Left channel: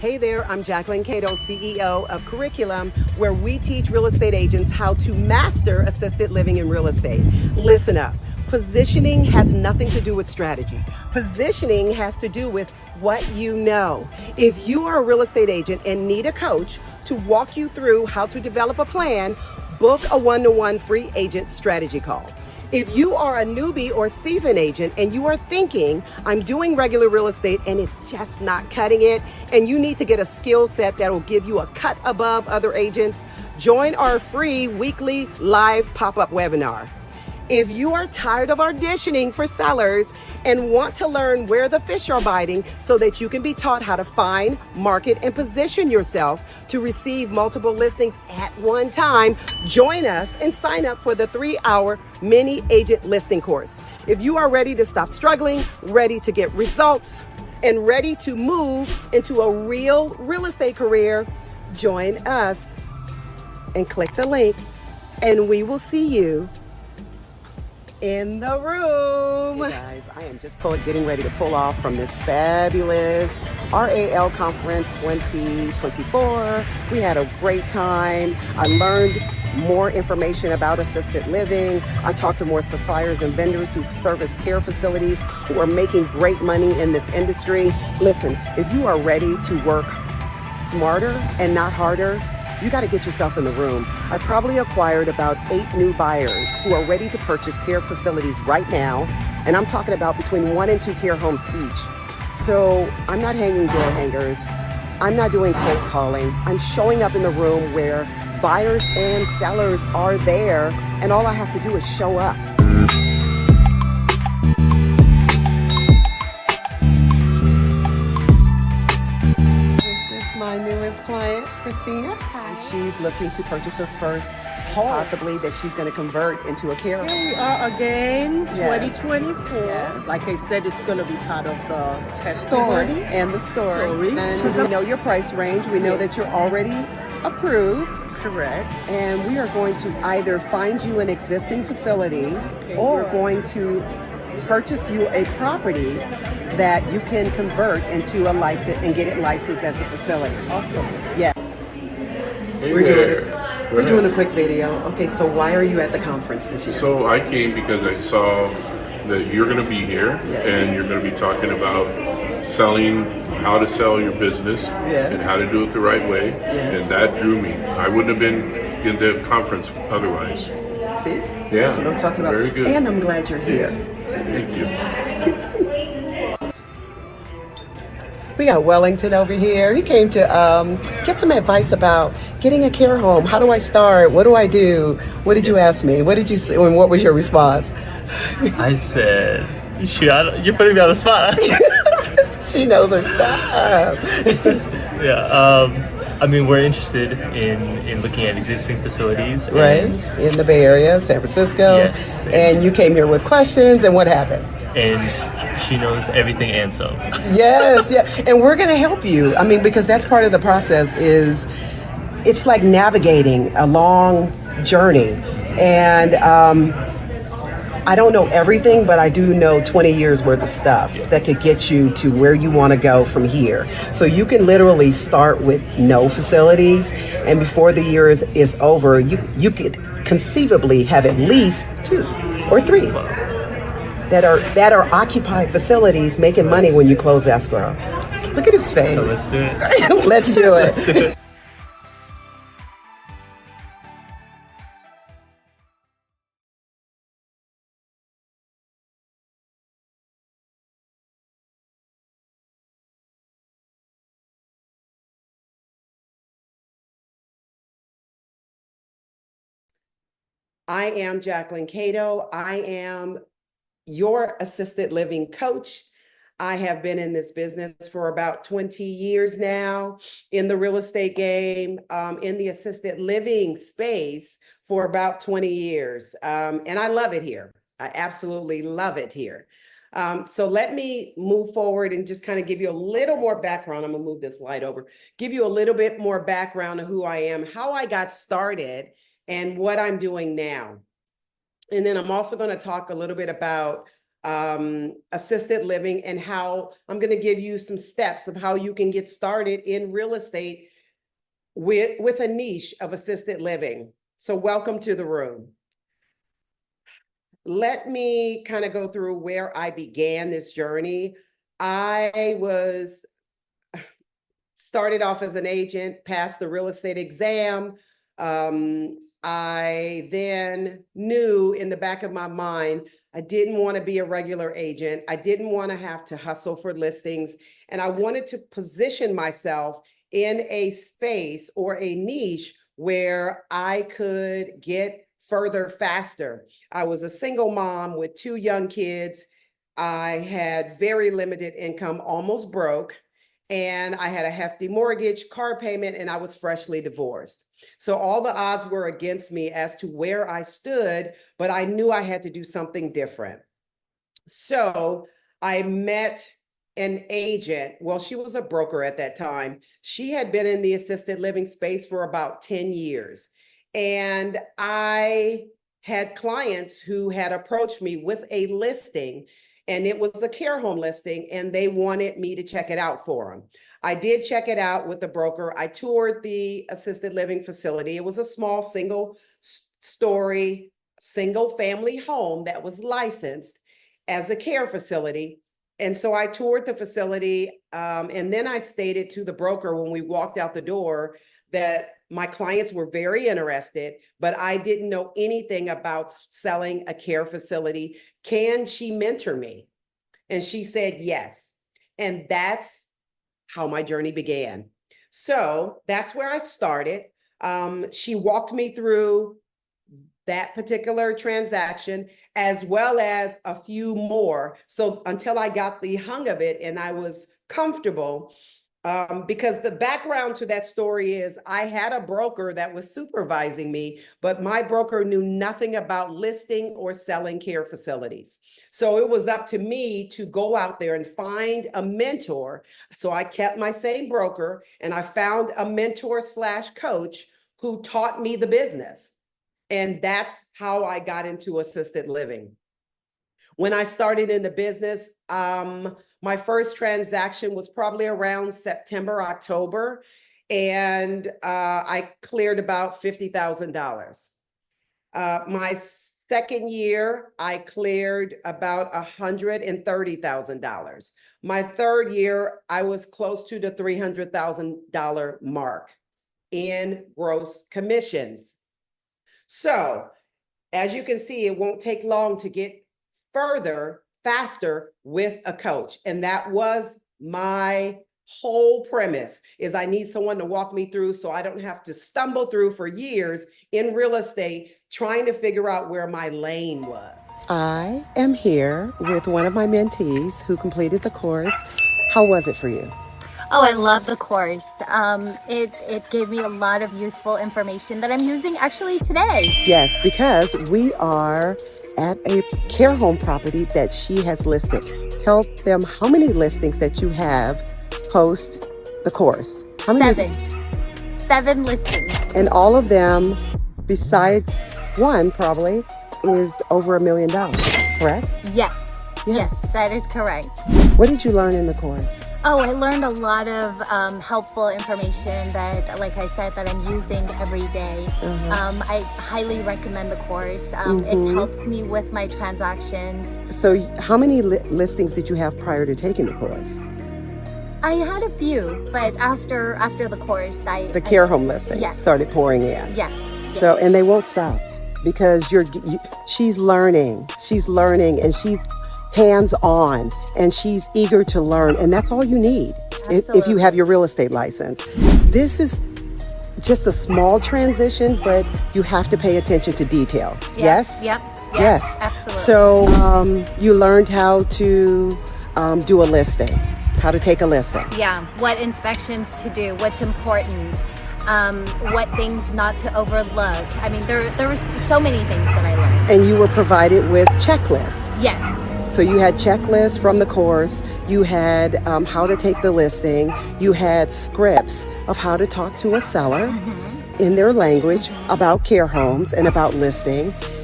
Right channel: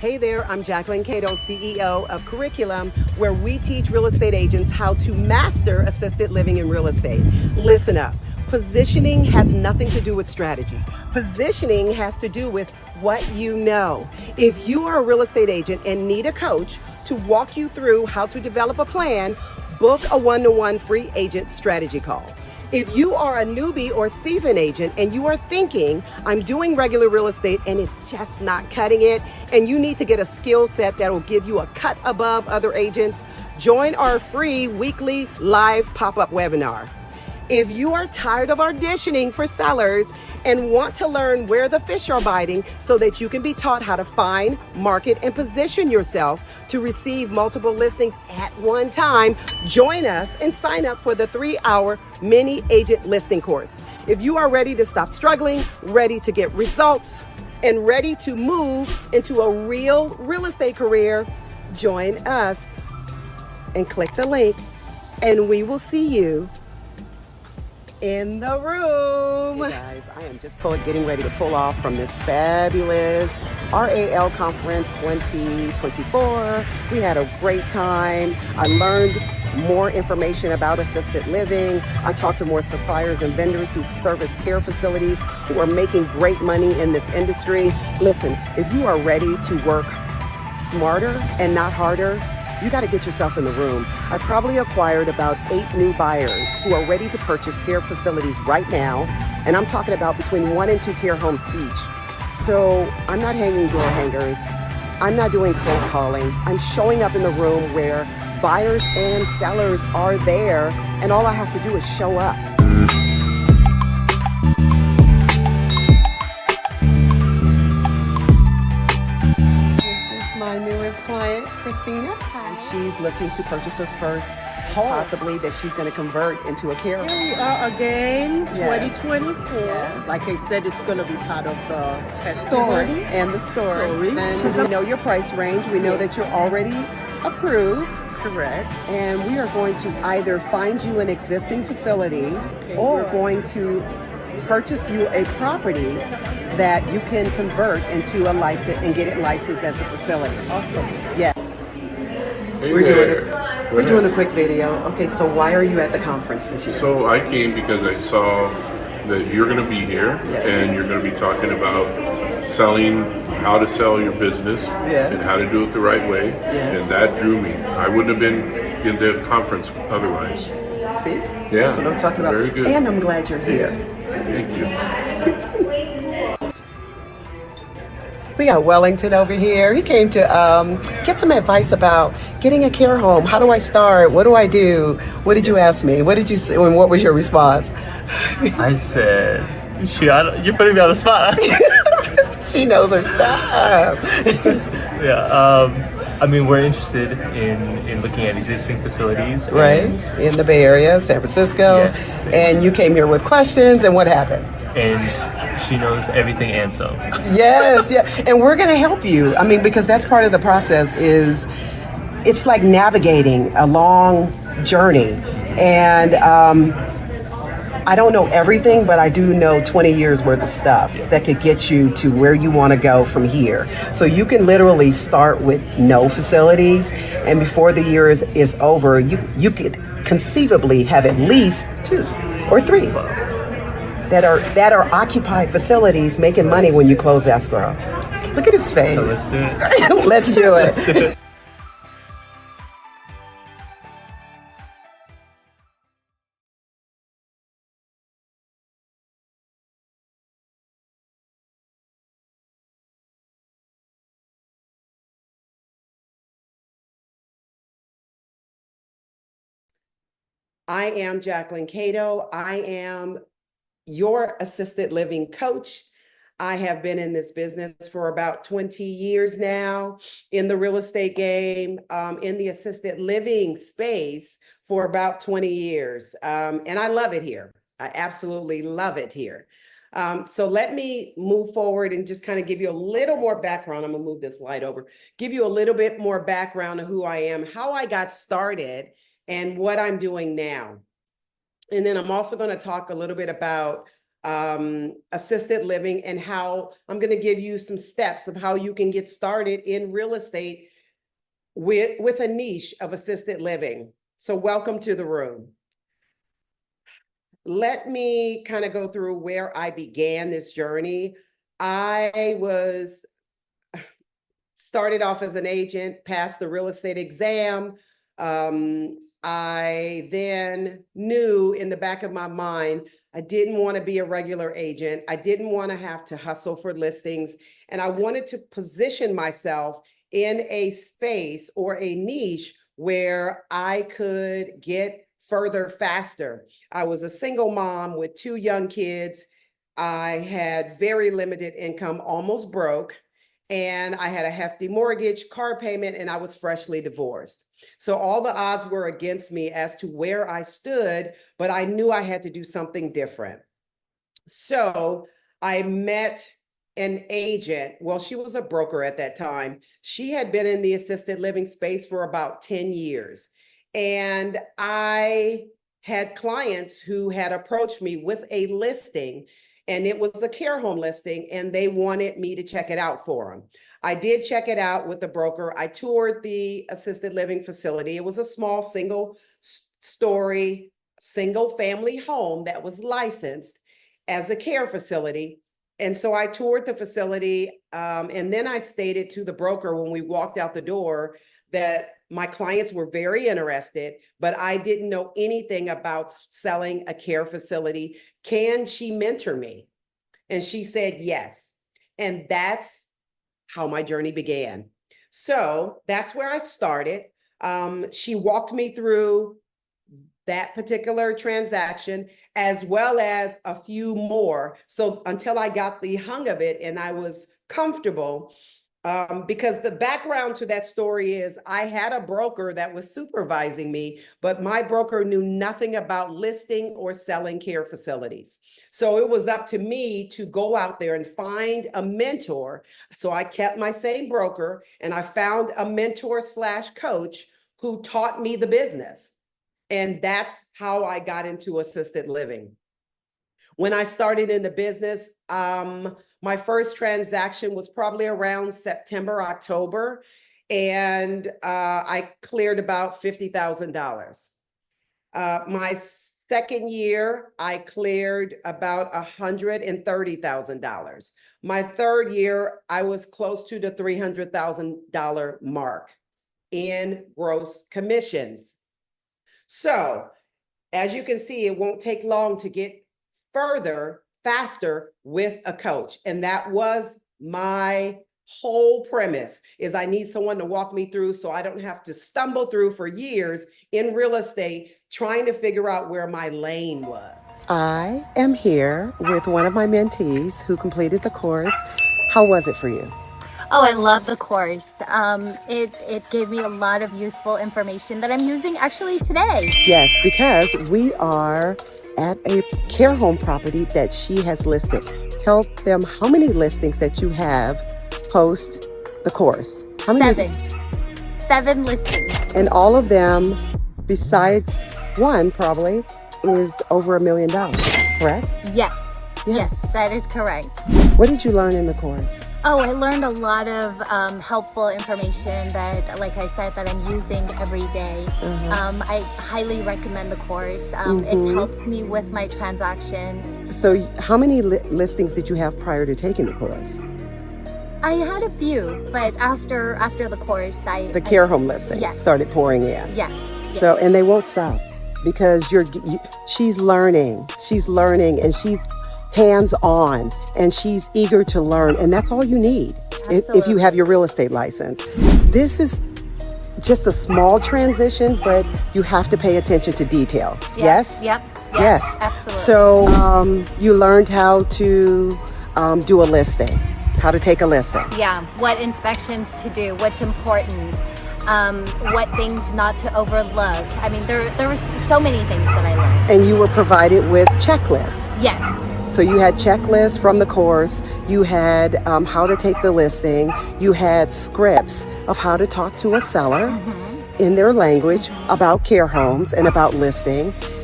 Hey there, I'm Jacquelyn Cato, CEO of Curriculum, where we teach real estate agents how to master assisted living in real estate. Listen up. Positioning has nothing to do with strategy. Positioning has to do with what you know. If you are a real estate agent and need a coach to walk you through how to develop a plan, book a one-to-one free agent strategy call. If you are a newbie or seasoned agent and you are thinking, I'm doing regular real estate and it's just not cutting it, and you need to get a skill set that will give you a cut above other agents, join our free weekly live pop-up webinar. If you are tired of auditioning for sellers and want to learn where the fish are biting so that you can be taught how to find, market, and position yourself to receive multiple listings at one time, join us and sign up for the 3-hour mini agent listing course. If you are ready to stop struggling, ready to get results, and ready to move into a real estate career, join us and click the link and we will see you in the room. Hey guys, I am just getting ready to pull off from this fabulous RAL Conference 2024. We had a great time. I learned more information about assisted living. I talked to more suppliers and vendors who service care facilities who are making great money in this industry. Listen, if you are ready to work smarter and not harder, you got to get yourself in the room. I probably acquired about 8 new buyers who are ready to purchase care facilities right now. And I'm talking about between 1 and 2 care homes each. So I'm not hanging door hangers. I'm not doing cold calling. I'm showing up in the room where buyers and sellers are there. And all I have to do is show up. My newest client, Christina. Hi. She's looking to purchase her first home, possibly that she's going to convert into a care home. Here we are again, Yes. 2024. Yes. Like I said, it's going to be part of the Story testimony. and the story. And She's we know your price range. We know that you're already approved. Correct. And we are going to either find you an existing facility or going to purchase you a property that you can convert into a license and get it licensed as a facility. Awesome. Yeah. Hey We're doing a quick video. Okay, so why are you at the conference this year? So I came because I saw that you're going to be here, Yes. and you're going to be talking about selling, how to sell your business, Yes. and how to do it the right way. Yes. And that drew me. I wouldn't have been in the conference otherwise. See? Yeah. That's what I'm talking about. Very good. And I'm glad you're here. Thank you. We got Wellington over here. He came to get some advice about getting a care home. How do I start? What do I do? What did you ask me? What did you say? And what was your response? I said, you're putting me on the spot. She knows her stuff. Yeah. I mean, we're interested in looking at existing facilities. Right? In the Bay Area, San Francisco. Yes. And you came here with questions, and what happened? And she knows everything and some. Yes, yeah. And we're going to help you. I mean, because that's part of the process is it's like navigating a long journey. And I don't know everything, but I do know 20 years worth of stuff that could get you to where you want to go from here. So you can literally start with no facilities, and before the year is over, you could conceivably have at least 2 or 3 that are occupied facilities making money when you close escrow. Look at his face. So let's do it. Let's do it. Let's do it. I am Jacquelyn Cato. I am your assisted living coach. I have been in this business for about 20 years now, in the real estate game, in the assisted living space for about 20 years. And I love it here. I absolutely love it here. So let me move forward and just kind of give you a little more background. I'm gonna move this slide over, give you a little bit more background of who I am, how I got started, and what I'm doing now. And then I'm also going to talk a little bit about assisted living, and how I'm going to give you some steps of how you can get started in real estate with a niche of assisted living. So welcome to the room. Let me kind of go through where I began this journey. I started off as an agent, passed the real estate exam. I then knew in the back of my mind, I didn't want to be a regular agent. I didn't want to have to hustle for listings. And I wanted to position myself in a space or a niche where I could get further faster. I was a single mom with 2 young kids. I had very limited income, almost broke, and I had a hefty mortgage, car payment, and I was freshly divorced. So all the odds were against me as to where I stood, but I knew I had to do something different. So I met an agent. Well, she was a broker at that time. She had been in the assisted living space for about 10 years. And I had clients who had approached me with a listing, and it was a care home listing, and they wanted me to check it out for them. I did check it out with the broker. I toured the assisted living facility. It was a small single-story, single-family home that was licensed as a care facility. And so I toured the facility, and then I stated to the broker when we walked out the door that my clients were very interested, but I didn't know anything about selling a care facility. Can she mentor me? And she said yes. And that's how my journey began. So that's where I started. She walked me through that particular transaction, as well as a few more. So until I got the hang of it and I was comfortable, because the background to that story is I had a broker that was supervising me, but my broker knew nothing about listing or selling care facilities. So it was up to me to go out there and find a mentor. So I kept my same broker, and I found a mentor / coach who taught me the business. And that's how I got into assisted living. When I started in the business, my first transaction was probably around September, October, and I cleared about $50,000. My second year, I cleared about $130,000. My third year, I was close to the $300,000 mark in gross commissions. So as you can see, it won't take long to get faster with a coach. And that was my whole premise, is I need someone to walk me through so I don't have to stumble through for years in real estate trying to figure out where my lane was. I am here with one of my mentees who completed the course. How was it for you? Oh, I love the course. It gave me a lot of useful information that I'm using actually today. Yes, because we are at a care home property that she has listed. Tell them how many listings that you have post the course. How many? 7 listings. And all of them, besides one probably, is over $1 million, correct? Yes. Yes, that is correct. What did you learn in the course? Oh, I learned a lot of helpful information that, like I said, that I'm using every day. I highly recommend the course. It's helped me with my transactions. So how many listings did you have prior to taking the course? I had a few, but after the course, the care home listings started pouring in. Yes. So, and they won't stop because she's learning, and she's hands-on, and she's eager to learn, and that's all you need if you have your real estate license. This is just a small transition, but you have to pay attention to detail. Yes? Yep. Yes. Absolutely. So you learned how to do a listing, how to take a listing. Yeah, what inspections to do, what's important, what things not to overlook. I mean, there were so many things that I learned. And you were provided with checklists. Yes. So you had checklists from the course, you had how to take the listing, you had scripts of how to talk to a seller in their language about care homes and about listing.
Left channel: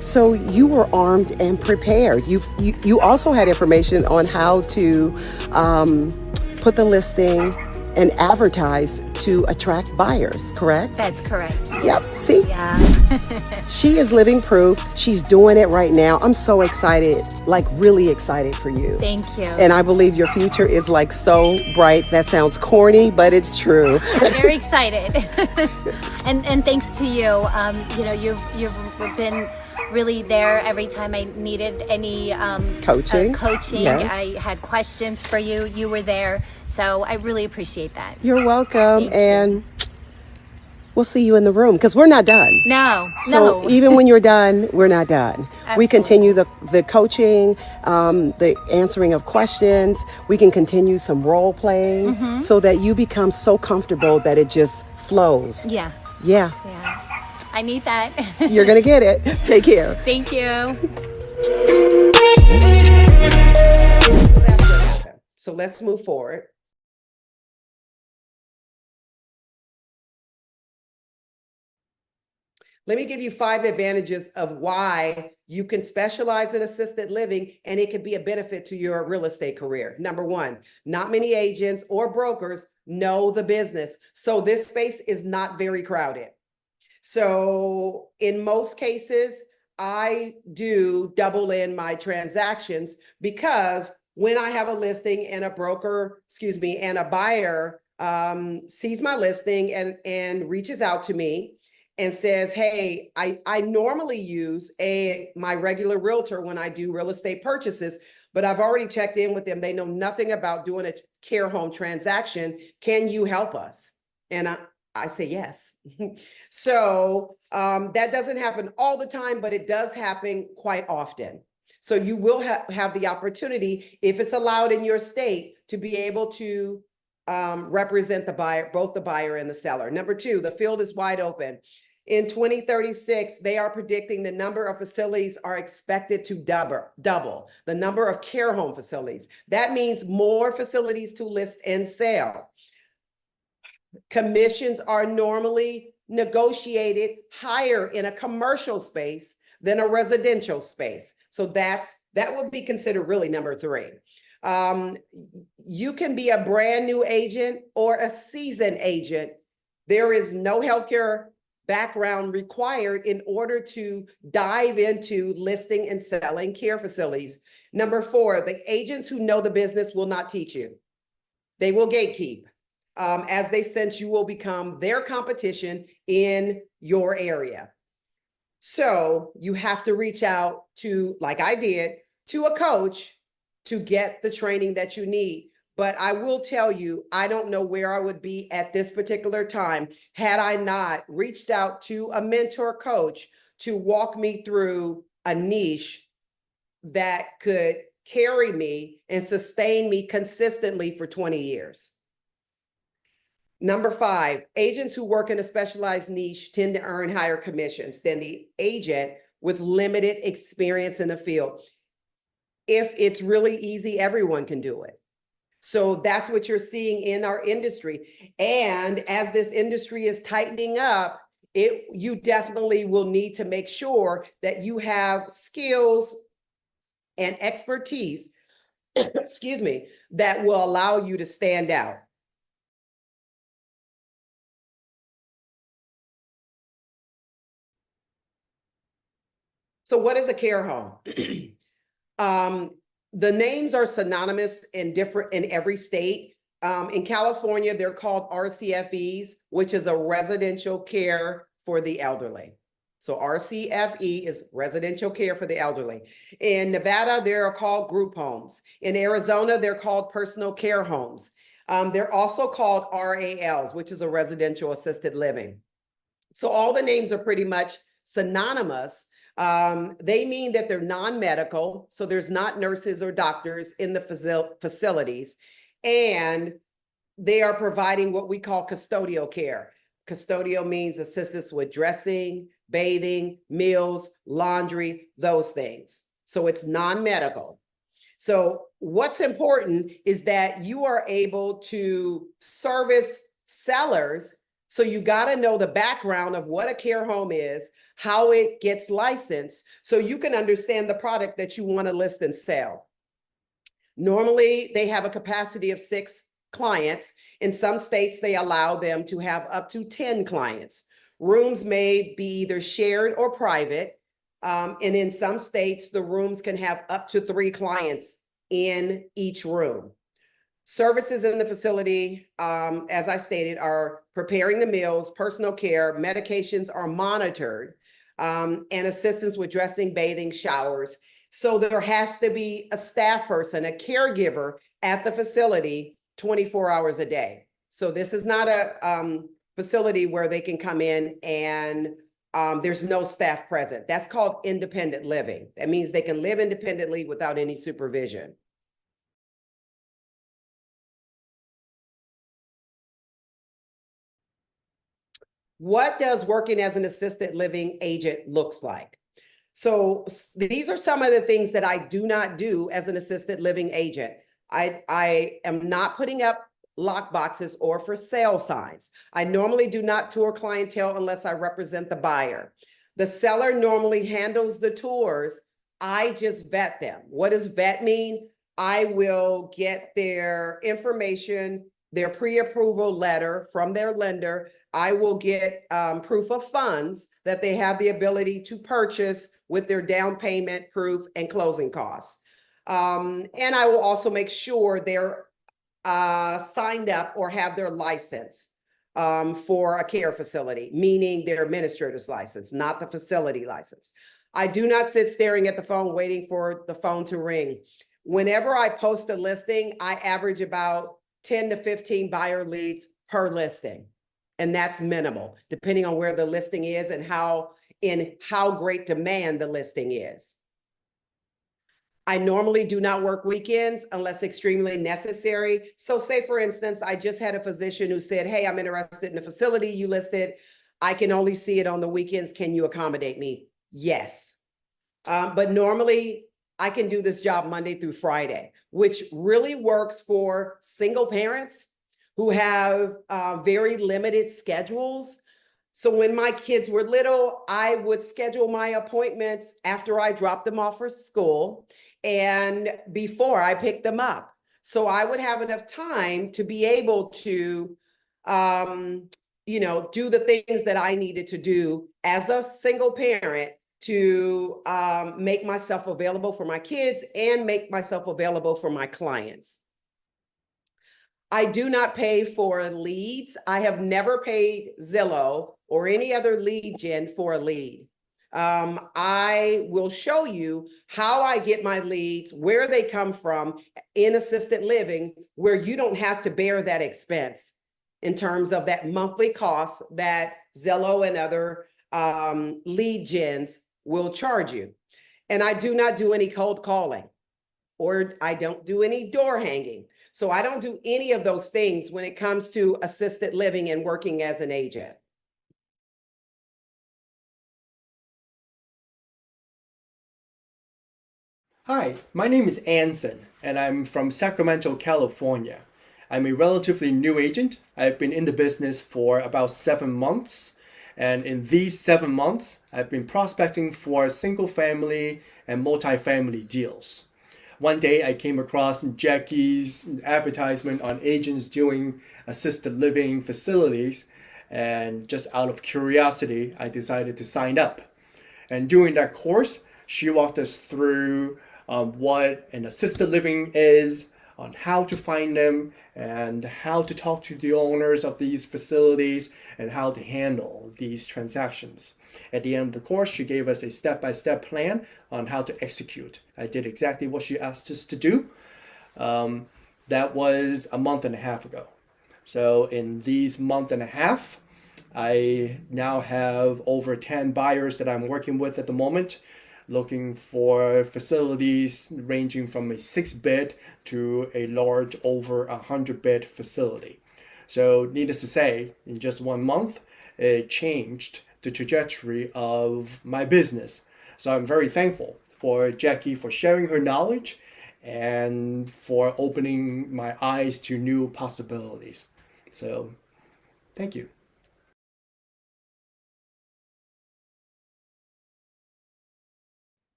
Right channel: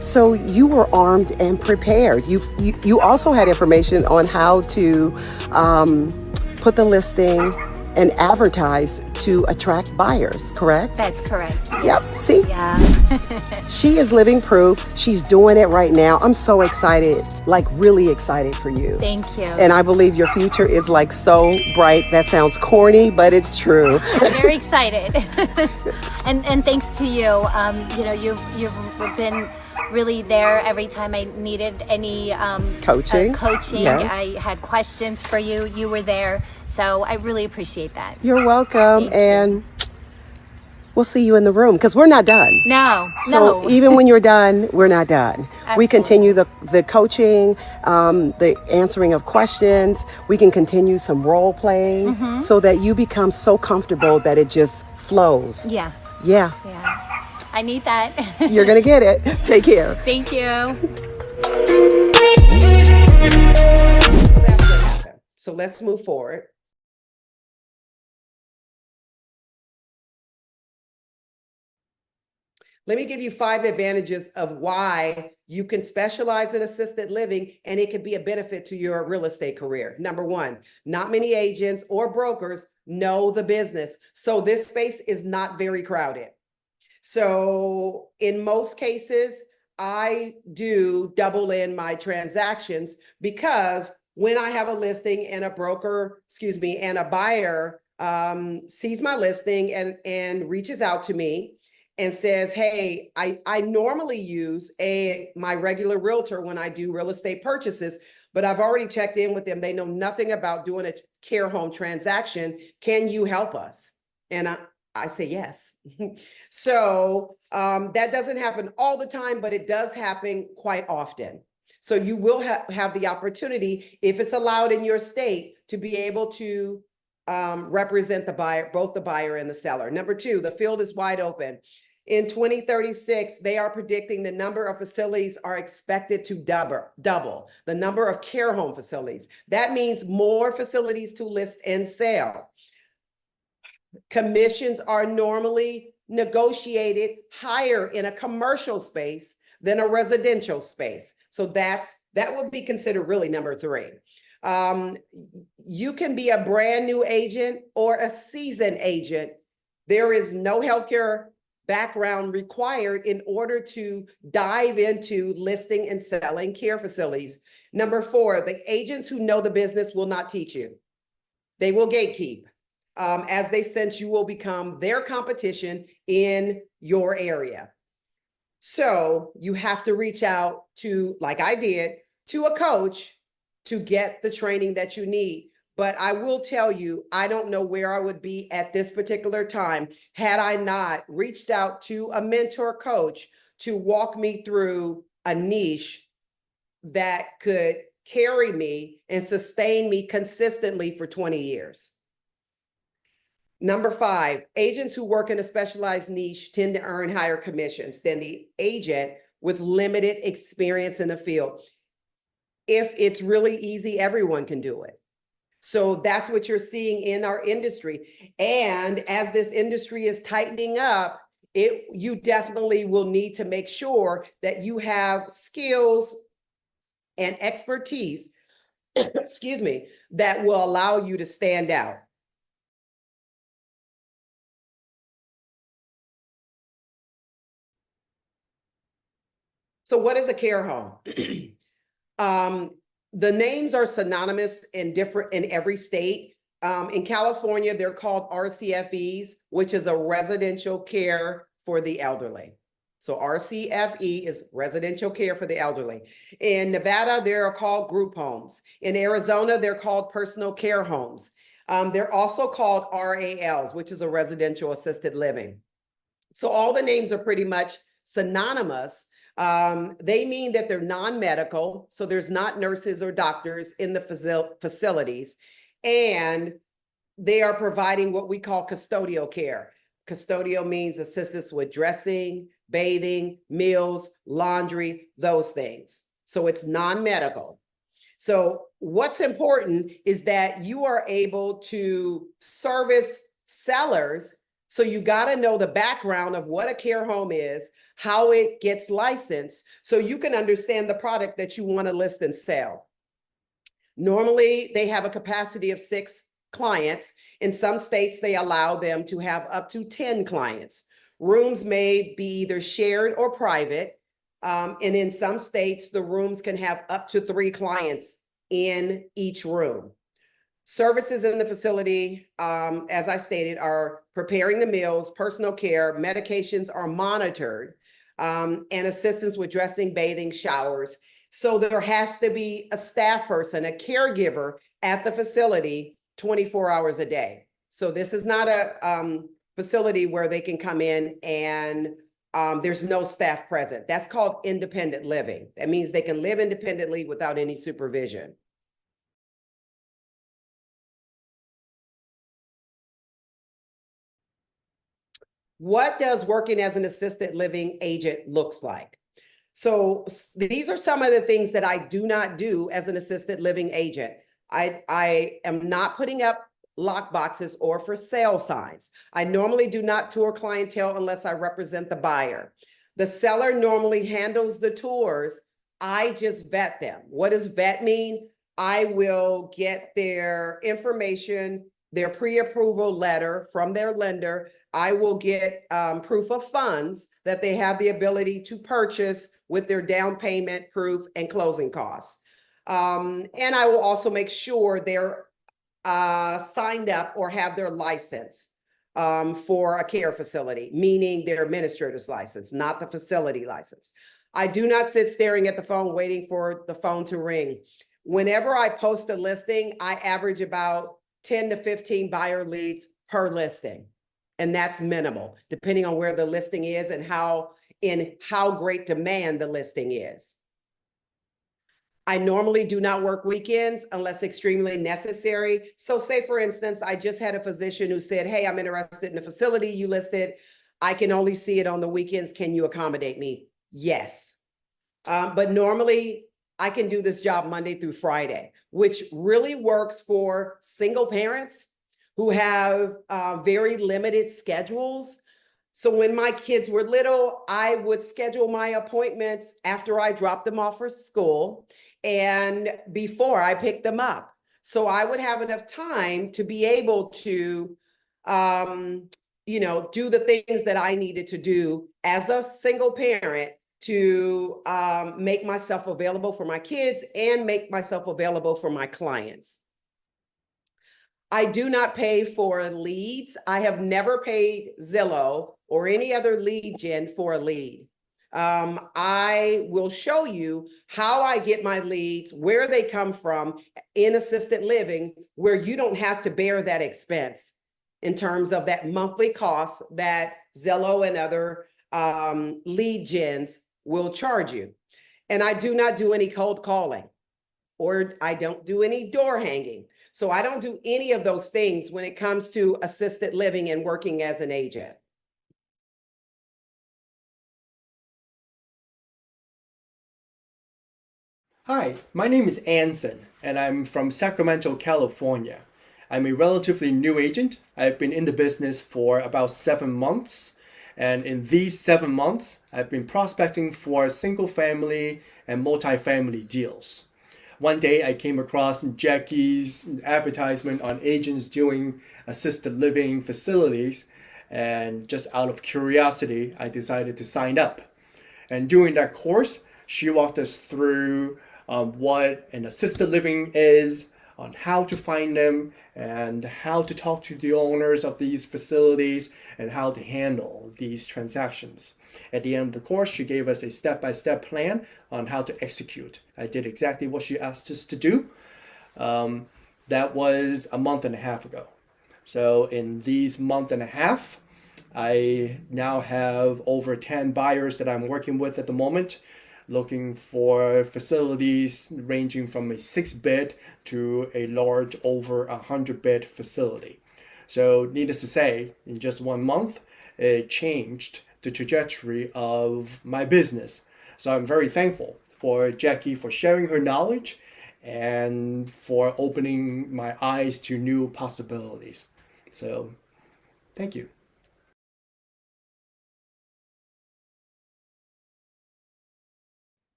So you were armed and prepared. You also had information on how to put the listing and advertise to attract buyers, correct? That's correct. Yep. See? Yeah. She is living proof. She's doing it right now. I'm so excited, like really excited for you. Thank you. And I believe your future is like so bright. That sounds corny, but it's true. I'm very excited. and thanks to you. You know, you've been really there every time I needed any coaching. Yes. I had questions for you. You were there. So I really appreciate that. You're welcome. And we'll see you in the room because we're not done. No. Even when you're done, we're not done. Absolutely. We continue the coaching, the answering of questions. We can continue some role playing so that you become so comfortable that it just flows. Yeah. I need that. You're going to get it. Take care. Thank you. So that's what happened. So let's move forward. Let me give you 5 advantages of why you can specialize in assisted living and it can be a benefit to your real estate career. Number 1, not many agents or brokers know the business. So this space is not very crowded. So in most cases, I do double in my transactions because when I have a listing and a buyer sees my listing and reaches out to me and says, hey, I normally use my regular realtor when I do real estate purchases, but I've already checked in with them. They know nothing about doing a care home transaction. Can you help us? And I say yes. So that doesn't happen all the time, but it does happen quite often. So you will have the opportunity, if it's allowed in your state, to be able to represent the buyer, both the buyer and the seller. Number 2, the field is wide open. In 2036, they are predicting the number of facilities are expected to double the number of care home facilities. That means more facilities to list and sell. Commissions are normally negotiated higher in a commercial space than a residential space. So that would be considered really number 3. You can be a brand new agent or a seasoned agent. There is no healthcare background required in order to dive into listing and selling care facilities. Number 4, the agents who know the business will not teach you. They will gatekeep. As they sense you will become their competition in your area. So you have to reach out to, like I did, to a coach to get the training that you need. But I will tell you, I don't know where I would be at this particular time had I not reached out to a mentor coach to walk me through a niche that could carry me and sustain me consistently for 20 years. Number 5, agents who work in a specialized niche tend to earn higher commissions than the agent with limited experience in the field. If it's really easy, everyone can do it. So that's what you're seeing in our industry. And as this industry is tightening up, you definitely will need to make sure that you have skills and expertise, excuse me, that will allow you to stand out. So what is a care home? The names are synonymous in every state. In California, they're called RCFEs, which is a residential care for the elderly. So RCFE is residential care for the elderly. In Nevada, they're called group homes. In Arizona, they're called personal care homes. They're also called RALs, which is a residential assisted living. So all the names are pretty much synonymous. They mean that they're non-medical, so there's not nurses or doctors in the facilities, and they are providing what we call custodial care. Custodial means assistance with dressing, bathing, meals, laundry, those things. So it's non-medical. So what's important is that you are able to service sellers. So you got to know the background of what a care home is, how it gets licensed, so you can understand the product that you want to list and sell. Normally, they have a capacity of 6 clients. In some states, they allow them to have up to 10 clients. Rooms may be either shared or private. And in some states, the rooms can have up to 3 clients in each room. Services in the facility, as I stated, are preparing the meals, personal care, medications are monitored, and assistance with dressing, bathing, showers. So there has to be a staff person, a caregiver at the facility 24 hours a day. So this is not a facility where they can come in and there's no staff present. That's called independent living. That means they can live independently without any supervision. What does working as an assisted living agent looks like? So these are some of the things that I do not do as an assisted living agent. I am not putting up lock boxes or for sale signs. I normally do not tour clientele unless I represent the buyer. The seller normally handles the tours. I just vet them. What does vet mean? I will get their information, their pre-approval letter from their lender. I will get proof of funds that they have the ability to purchase with their down payment proof and closing costs. And I will also make sure they're signed up or have their license for a care facility, meaning their administrator's license, not the facility license. I do not sit staring at the phone waiting for the phone to ring. Whenever I post a listing, I average about 10 to 15 buyer leads per listing. And that's minimal, depending on where the listing is and how great demand the listing is. I normally do not work weekends unless extremely necessary. So say, for instance, I just had a physician who said, hey, I'm interested in the facility you listed. I can only see it on the weekends. Can you accommodate me? Yes. But normally I can do this job Monday through Friday, which really works for single parents who have very limited schedules. So when my kids were little, I would schedule my appointments after I dropped them off for school and before I picked them up. So I would have enough time to be able to, do the things that I needed to do as a single parent to make myself available for my kids and make myself available for my clients. I do not pay for leads. I have never paid Zillow or any other lead gen for a lead. I will show you how I get my leads, where they come from in assisted living, where you don't have to bear that expense in terms of that monthly cost that Zillow and other lead gens will charge you. And I do not do any cold calling, or I don't do any door hanging. So I don't do any of those things when it comes to assisted living and working as an agent. Hi, my name is Anson, and I'm from Sacramento, California. I'm a relatively new agent. I've been in the business for about 7 months, and in these 7 months, I've been prospecting for single-family and multifamily deals. One day, I came across Jackie's advertisement on agents doing assisted living facilities, and just out of curiosity, I decided to sign up. And during that course, she walked us through what an assisted living is, on how to find them, and how to talk to the owners of these facilities, and how to handle these transactions. At the end of the course, she gave us a step-by-step plan on how to execute. I did exactly what she asked us to do. That was a month and a half ago. So in these month and a half, I now have over 10 buyers that I'm working with at the moment, looking for facilities ranging from a 6-bed to a large over 100-bed facility. So needless to say, in just 1 month, it changed the trajectory of my business. So I'm very thankful for Jackie for sharing her knowledge and for opening my eyes to new possibilities. So thank you.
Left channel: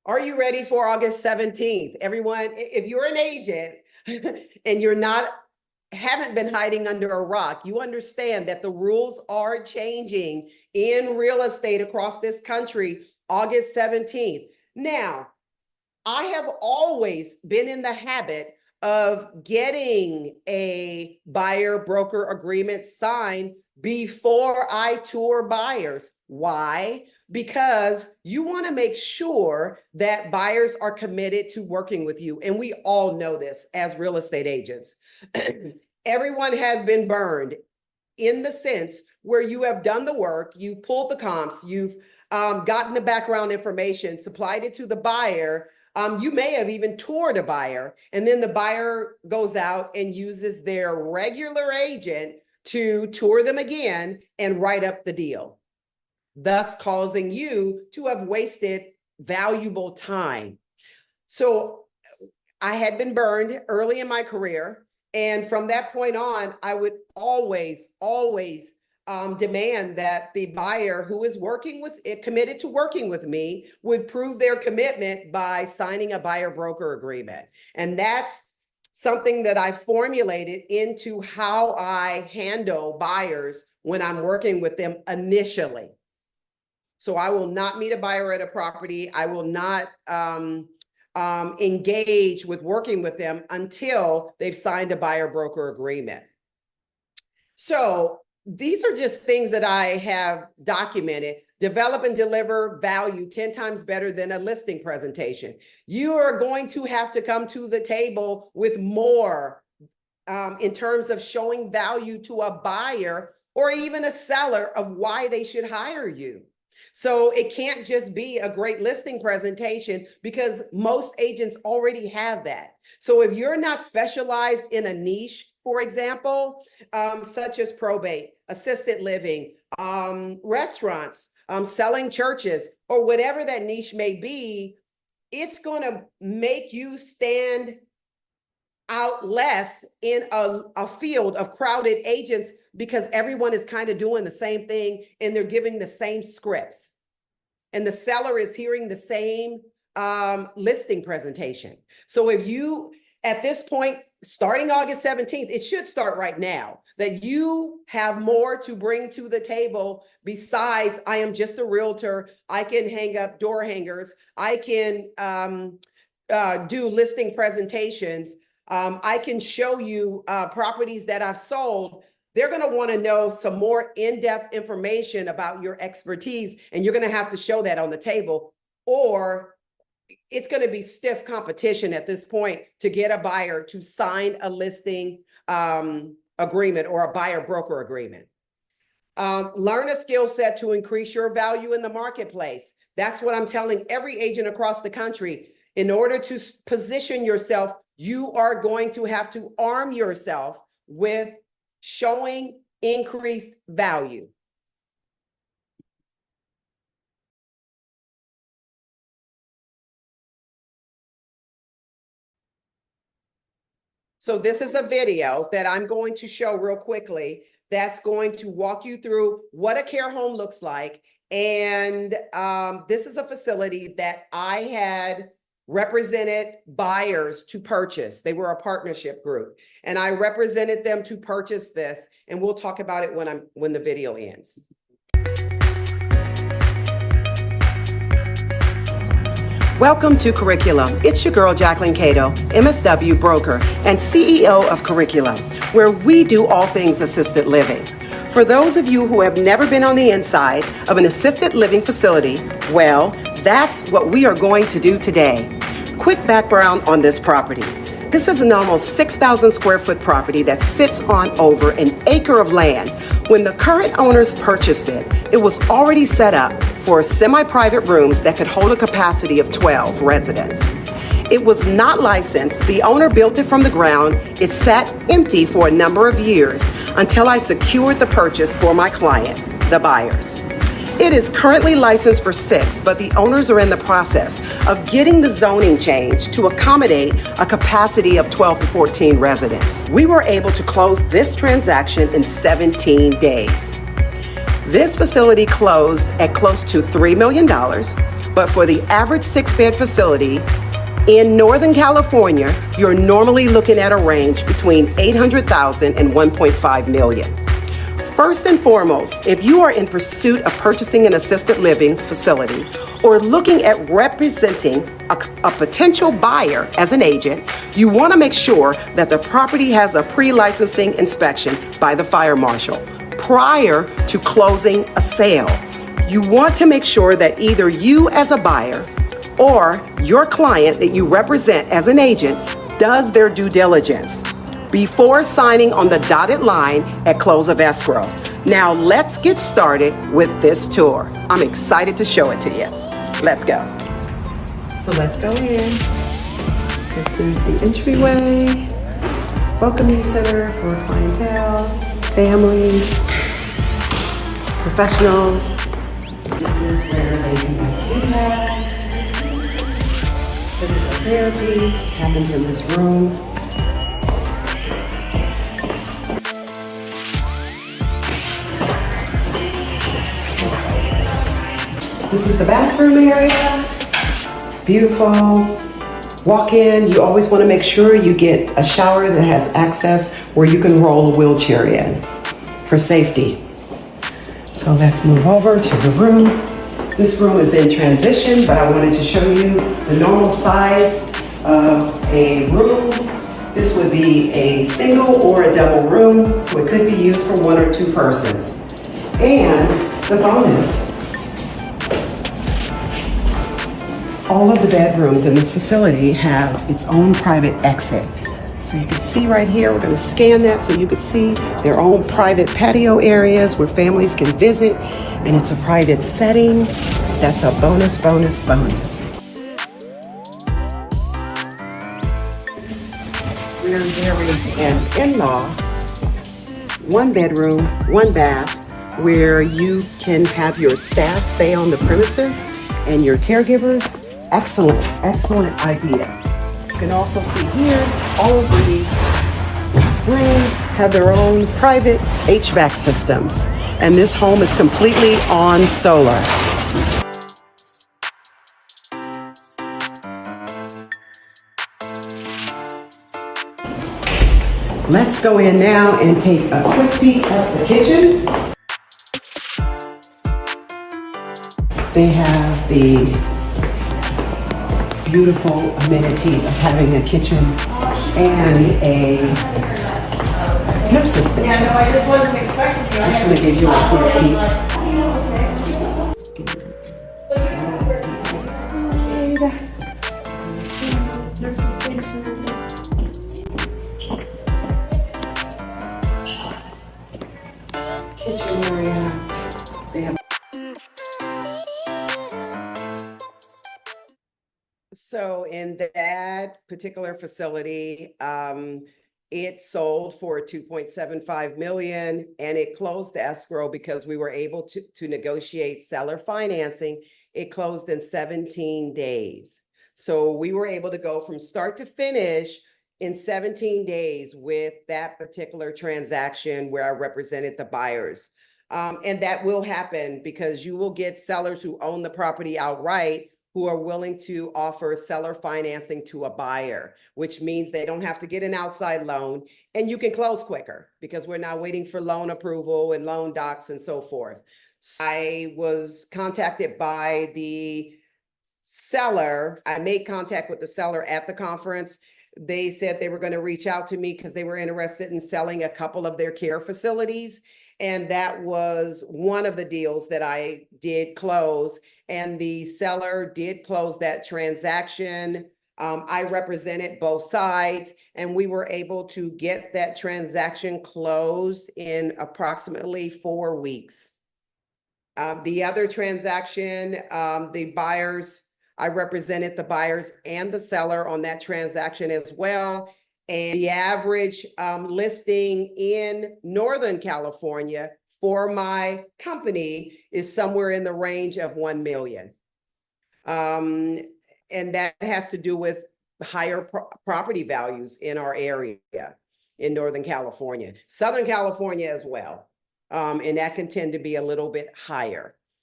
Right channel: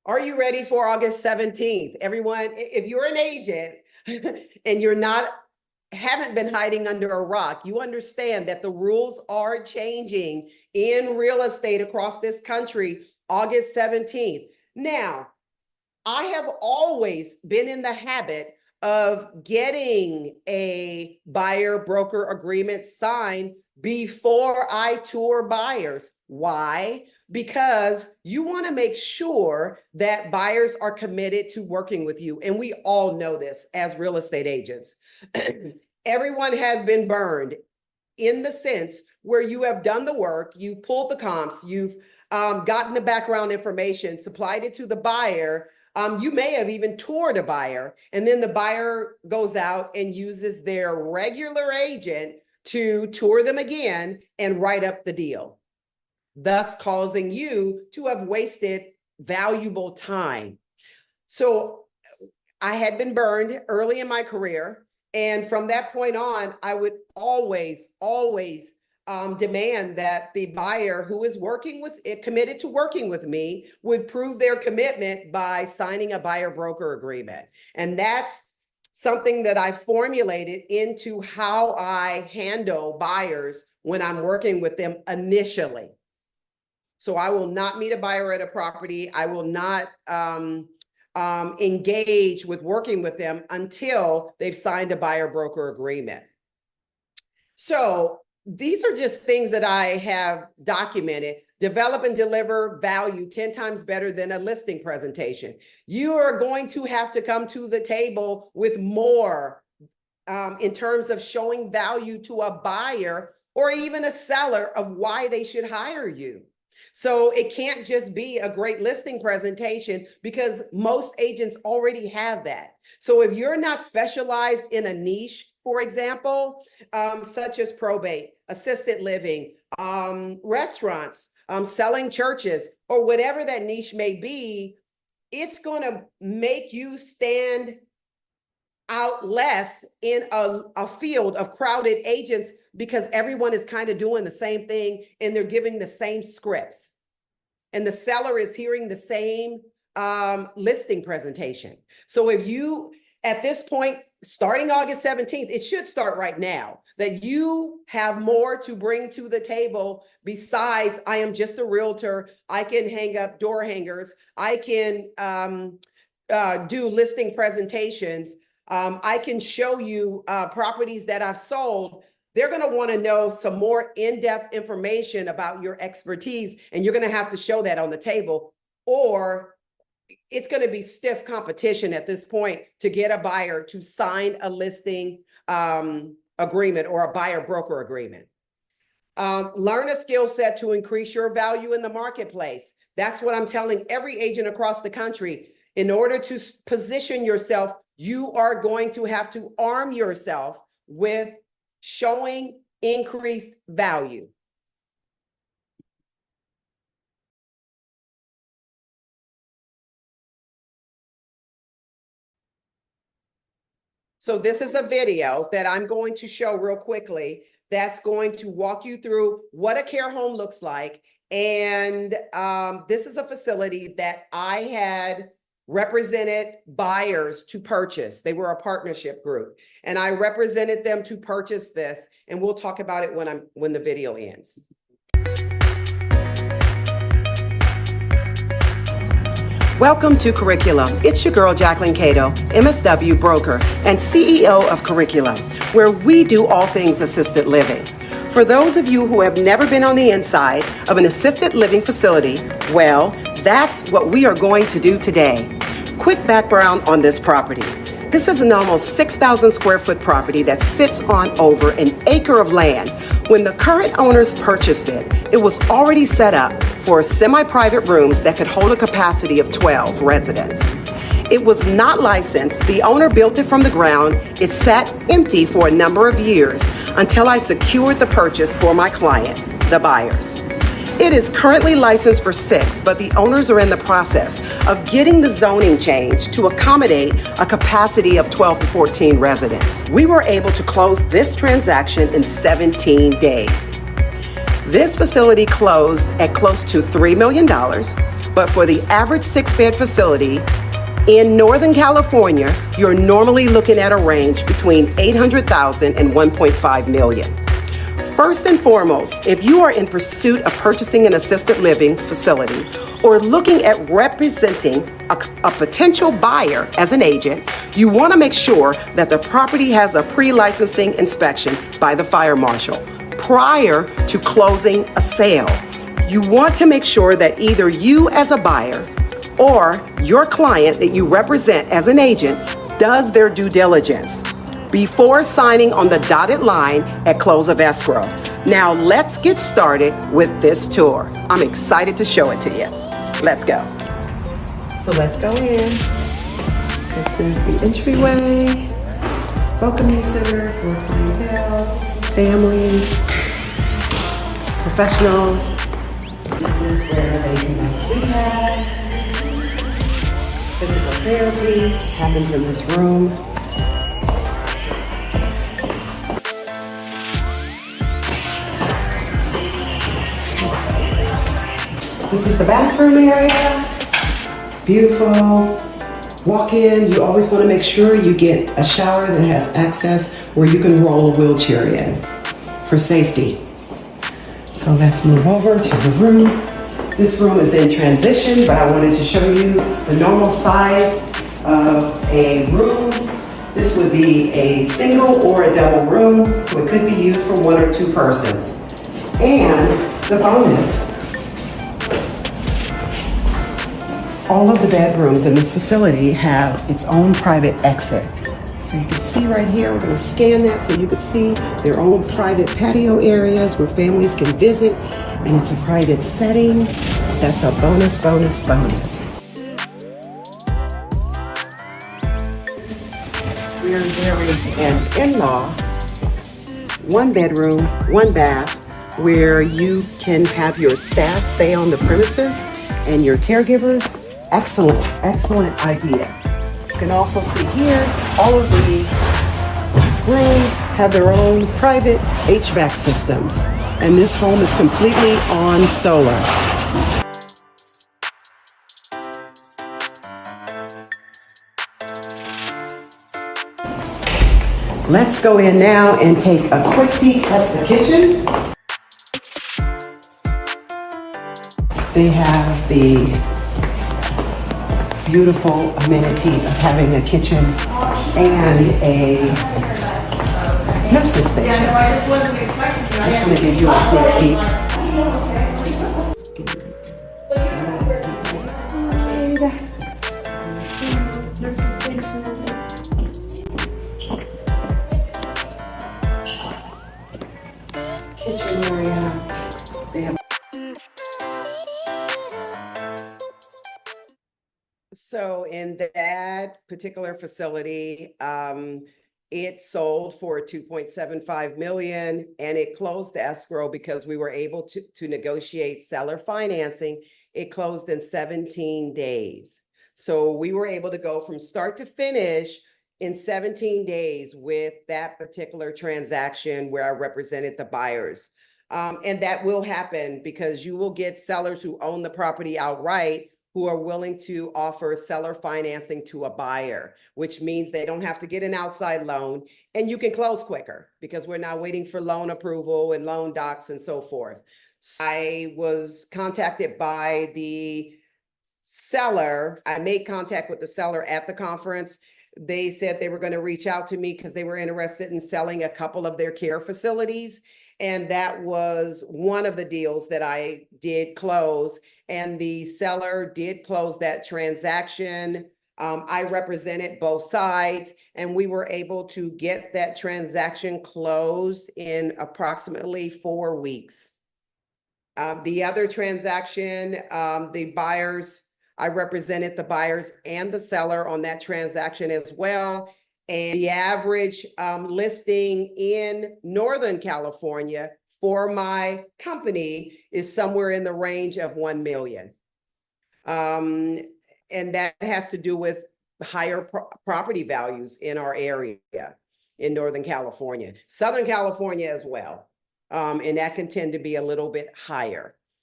Are you ready for August 17th? Everyone, if you're an agent and haven't been hiding under a rock, you understand that the rules are changing in real estate across this country, August 17th. Now, I have always been in the habit of getting a buyer broker agreement signed before I tour buyers. Why? Because you want to make sure that buyers are committed to working with you. And we all know this as real estate agents. Everyone has been burned in the sense where you have done the work, you've pulled the comps, you've gotten the background information, supplied it to the buyer. You may have even toured a buyer, and then the buyer goes out and uses their regular agent to tour them again and write up the deal, thus causing you to have wasted valuable time. So I had been burned early in my career. And from that point on, I would always demand that the buyer who is committed to working with me would prove their commitment by signing a buyer broker agreement. And that's something that I formulated into how I handle buyers when I'm working with them initially. So I will not meet a buyer at a property. I will not engage with working with them until they've signed a buyer broker agreement. So these are just things that I have documented. Develop and deliver value 10 times better than a listing presentation. You are going to have to come to the table with more in terms of showing value to a buyer or even a seller of why they should hire you. So it can't just be a great listing presentation because most agents already have that. So if you're not specialized in a niche, for example, such as probate, assisted living, restaurants, selling churches, or whatever that niche may be, it's going to make you stand out less in a field of crowded agents because everyone is kind of doing the same thing and they're giving the same scripts. And the seller is hearing the same listing presentation. So if you, at this point, starting August 17th, it should start right now, that you have more to bring to the table besides I am just a realtor, I can hang up door hangers, I can do listing presentations, I can show you properties that I've sold. They're going to want to know some more in-depth information about your expertise, and you're going to have to show that on the table, or it's going to be stiff competition at this point to get a buyer to sign a listing agreement or a buyer broker agreement. Learn a skill set to increase your value in the marketplace. That's what I'm telling every agent across the country. In order to position yourself, you are going to have to arm yourself with showing increased value. So this is a video that I'm going to show real quickly that's going to walk you through what a care home looks like. And this is a facility that I had represented buyers to purchase. They were a partnership group, and I represented them to purchase this. And we'll talk about it when the video ends. Welcome to Curriculum. It's your girl, Jacquelyn Cato, MSW broker and CEO of Curriculum, where we do all things assisted living. For those of you who have never been on the inside of an assisted living facility, well, that's what we are going to do today. Quick background on this property. This is an almost 6,000 square foot property that sits on over an acre of land. When the current owners purchased it, it was already set up for semi-private rooms that could hold a capacity of 12 residents. It was not licensed. The owner built it from the ground. It sat empty for a number of years until I secured the purchase for my client, the buyers. It is currently licensed for 6, but the owners are in the process of getting the zoning changed to accommodate a capacity of 12 to 14 residents. We were able to close this transaction in 17 days. This facility closed at close to $3 million But for the average 6-bed facility in Northern California, you're normally looking at a range between $800,000 and $1.5 million. First and foremost, if you are in pursuit of purchasing an assisted living facility or looking at representing a potential buyer as an agent, you want to make sure that the property has a pre-licensing inspection by the fire marshal prior to closing a sale. You want to make sure that either you as a buyer or your client that you represent as an agent does their due diligence before signing on the dotted line at close of escrow. Now let's get started with this tour. I'm excited to show it to you. Let's go. So let's go in. This is the entryway, welcoming center for clientele, families, professionals. This is where they can do rehab. Physical therapy happens in this room. This is the bathroom area. It's beautiful. Walk in, you always want to make sure you get a shower that has access where you can roll a wheelchair in for safety. So let's move over to the room. This room is in transition, but I wanted to show you the normal size of a room. This would be a single or a double room, so it could be used for 1 or 2 persons. And the bonus, all of the bedrooms in this facility have its own private exit. So you can see right here, we're going to scan that so you can see their own private patio areas where families can visit, and it's a private setting. That's a bonus, bonus, bonus. Where there is an in-law, 1 bedroom, 1 bath, where you can have your staff stay on the premises and your caregivers. Excellent, excellent idea. You can also see here, all of the rooms have their own private HVAC systems, and this home is completely on solar. Let's go in now and take a quick peek at the kitchen. They have the beautiful amenity of having a kitchen and a nurse's station. Just going to give you a sneak peek. Kitchen area. They have. So in that particular facility, it sold for $2.75 million, and it closed the escrow because we were able to negotiate seller financing. It closed in 17 days. So we were able to go from start to finish in 17 days with that particular transaction where I represented the buyers. And that will happen because you will get sellers who own the property outright who are willing to offer seller financing to a buyer, which means they don't have to get an outside loan, and you can close quicker because we're not waiting for loan approval and loan docs and so forth. So I was contacted by the seller. I made contact with the seller at the conference. They said they were going to reach out to me because they were interested in selling a couple of their care facilities. And that was one of the deals that I did close. And the seller did close that transaction. I represented both sides, and we were able to get that transaction closed in approximately 4 weeks. The other transaction, the buyers, I represented the buyers and the seller on that transaction as well. And the average listing in Northern California for my company is somewhere in the range of 1 million. And that has to do with higher property values in our area in Northern California, Southern California as well. And that can tend to be a little bit higher.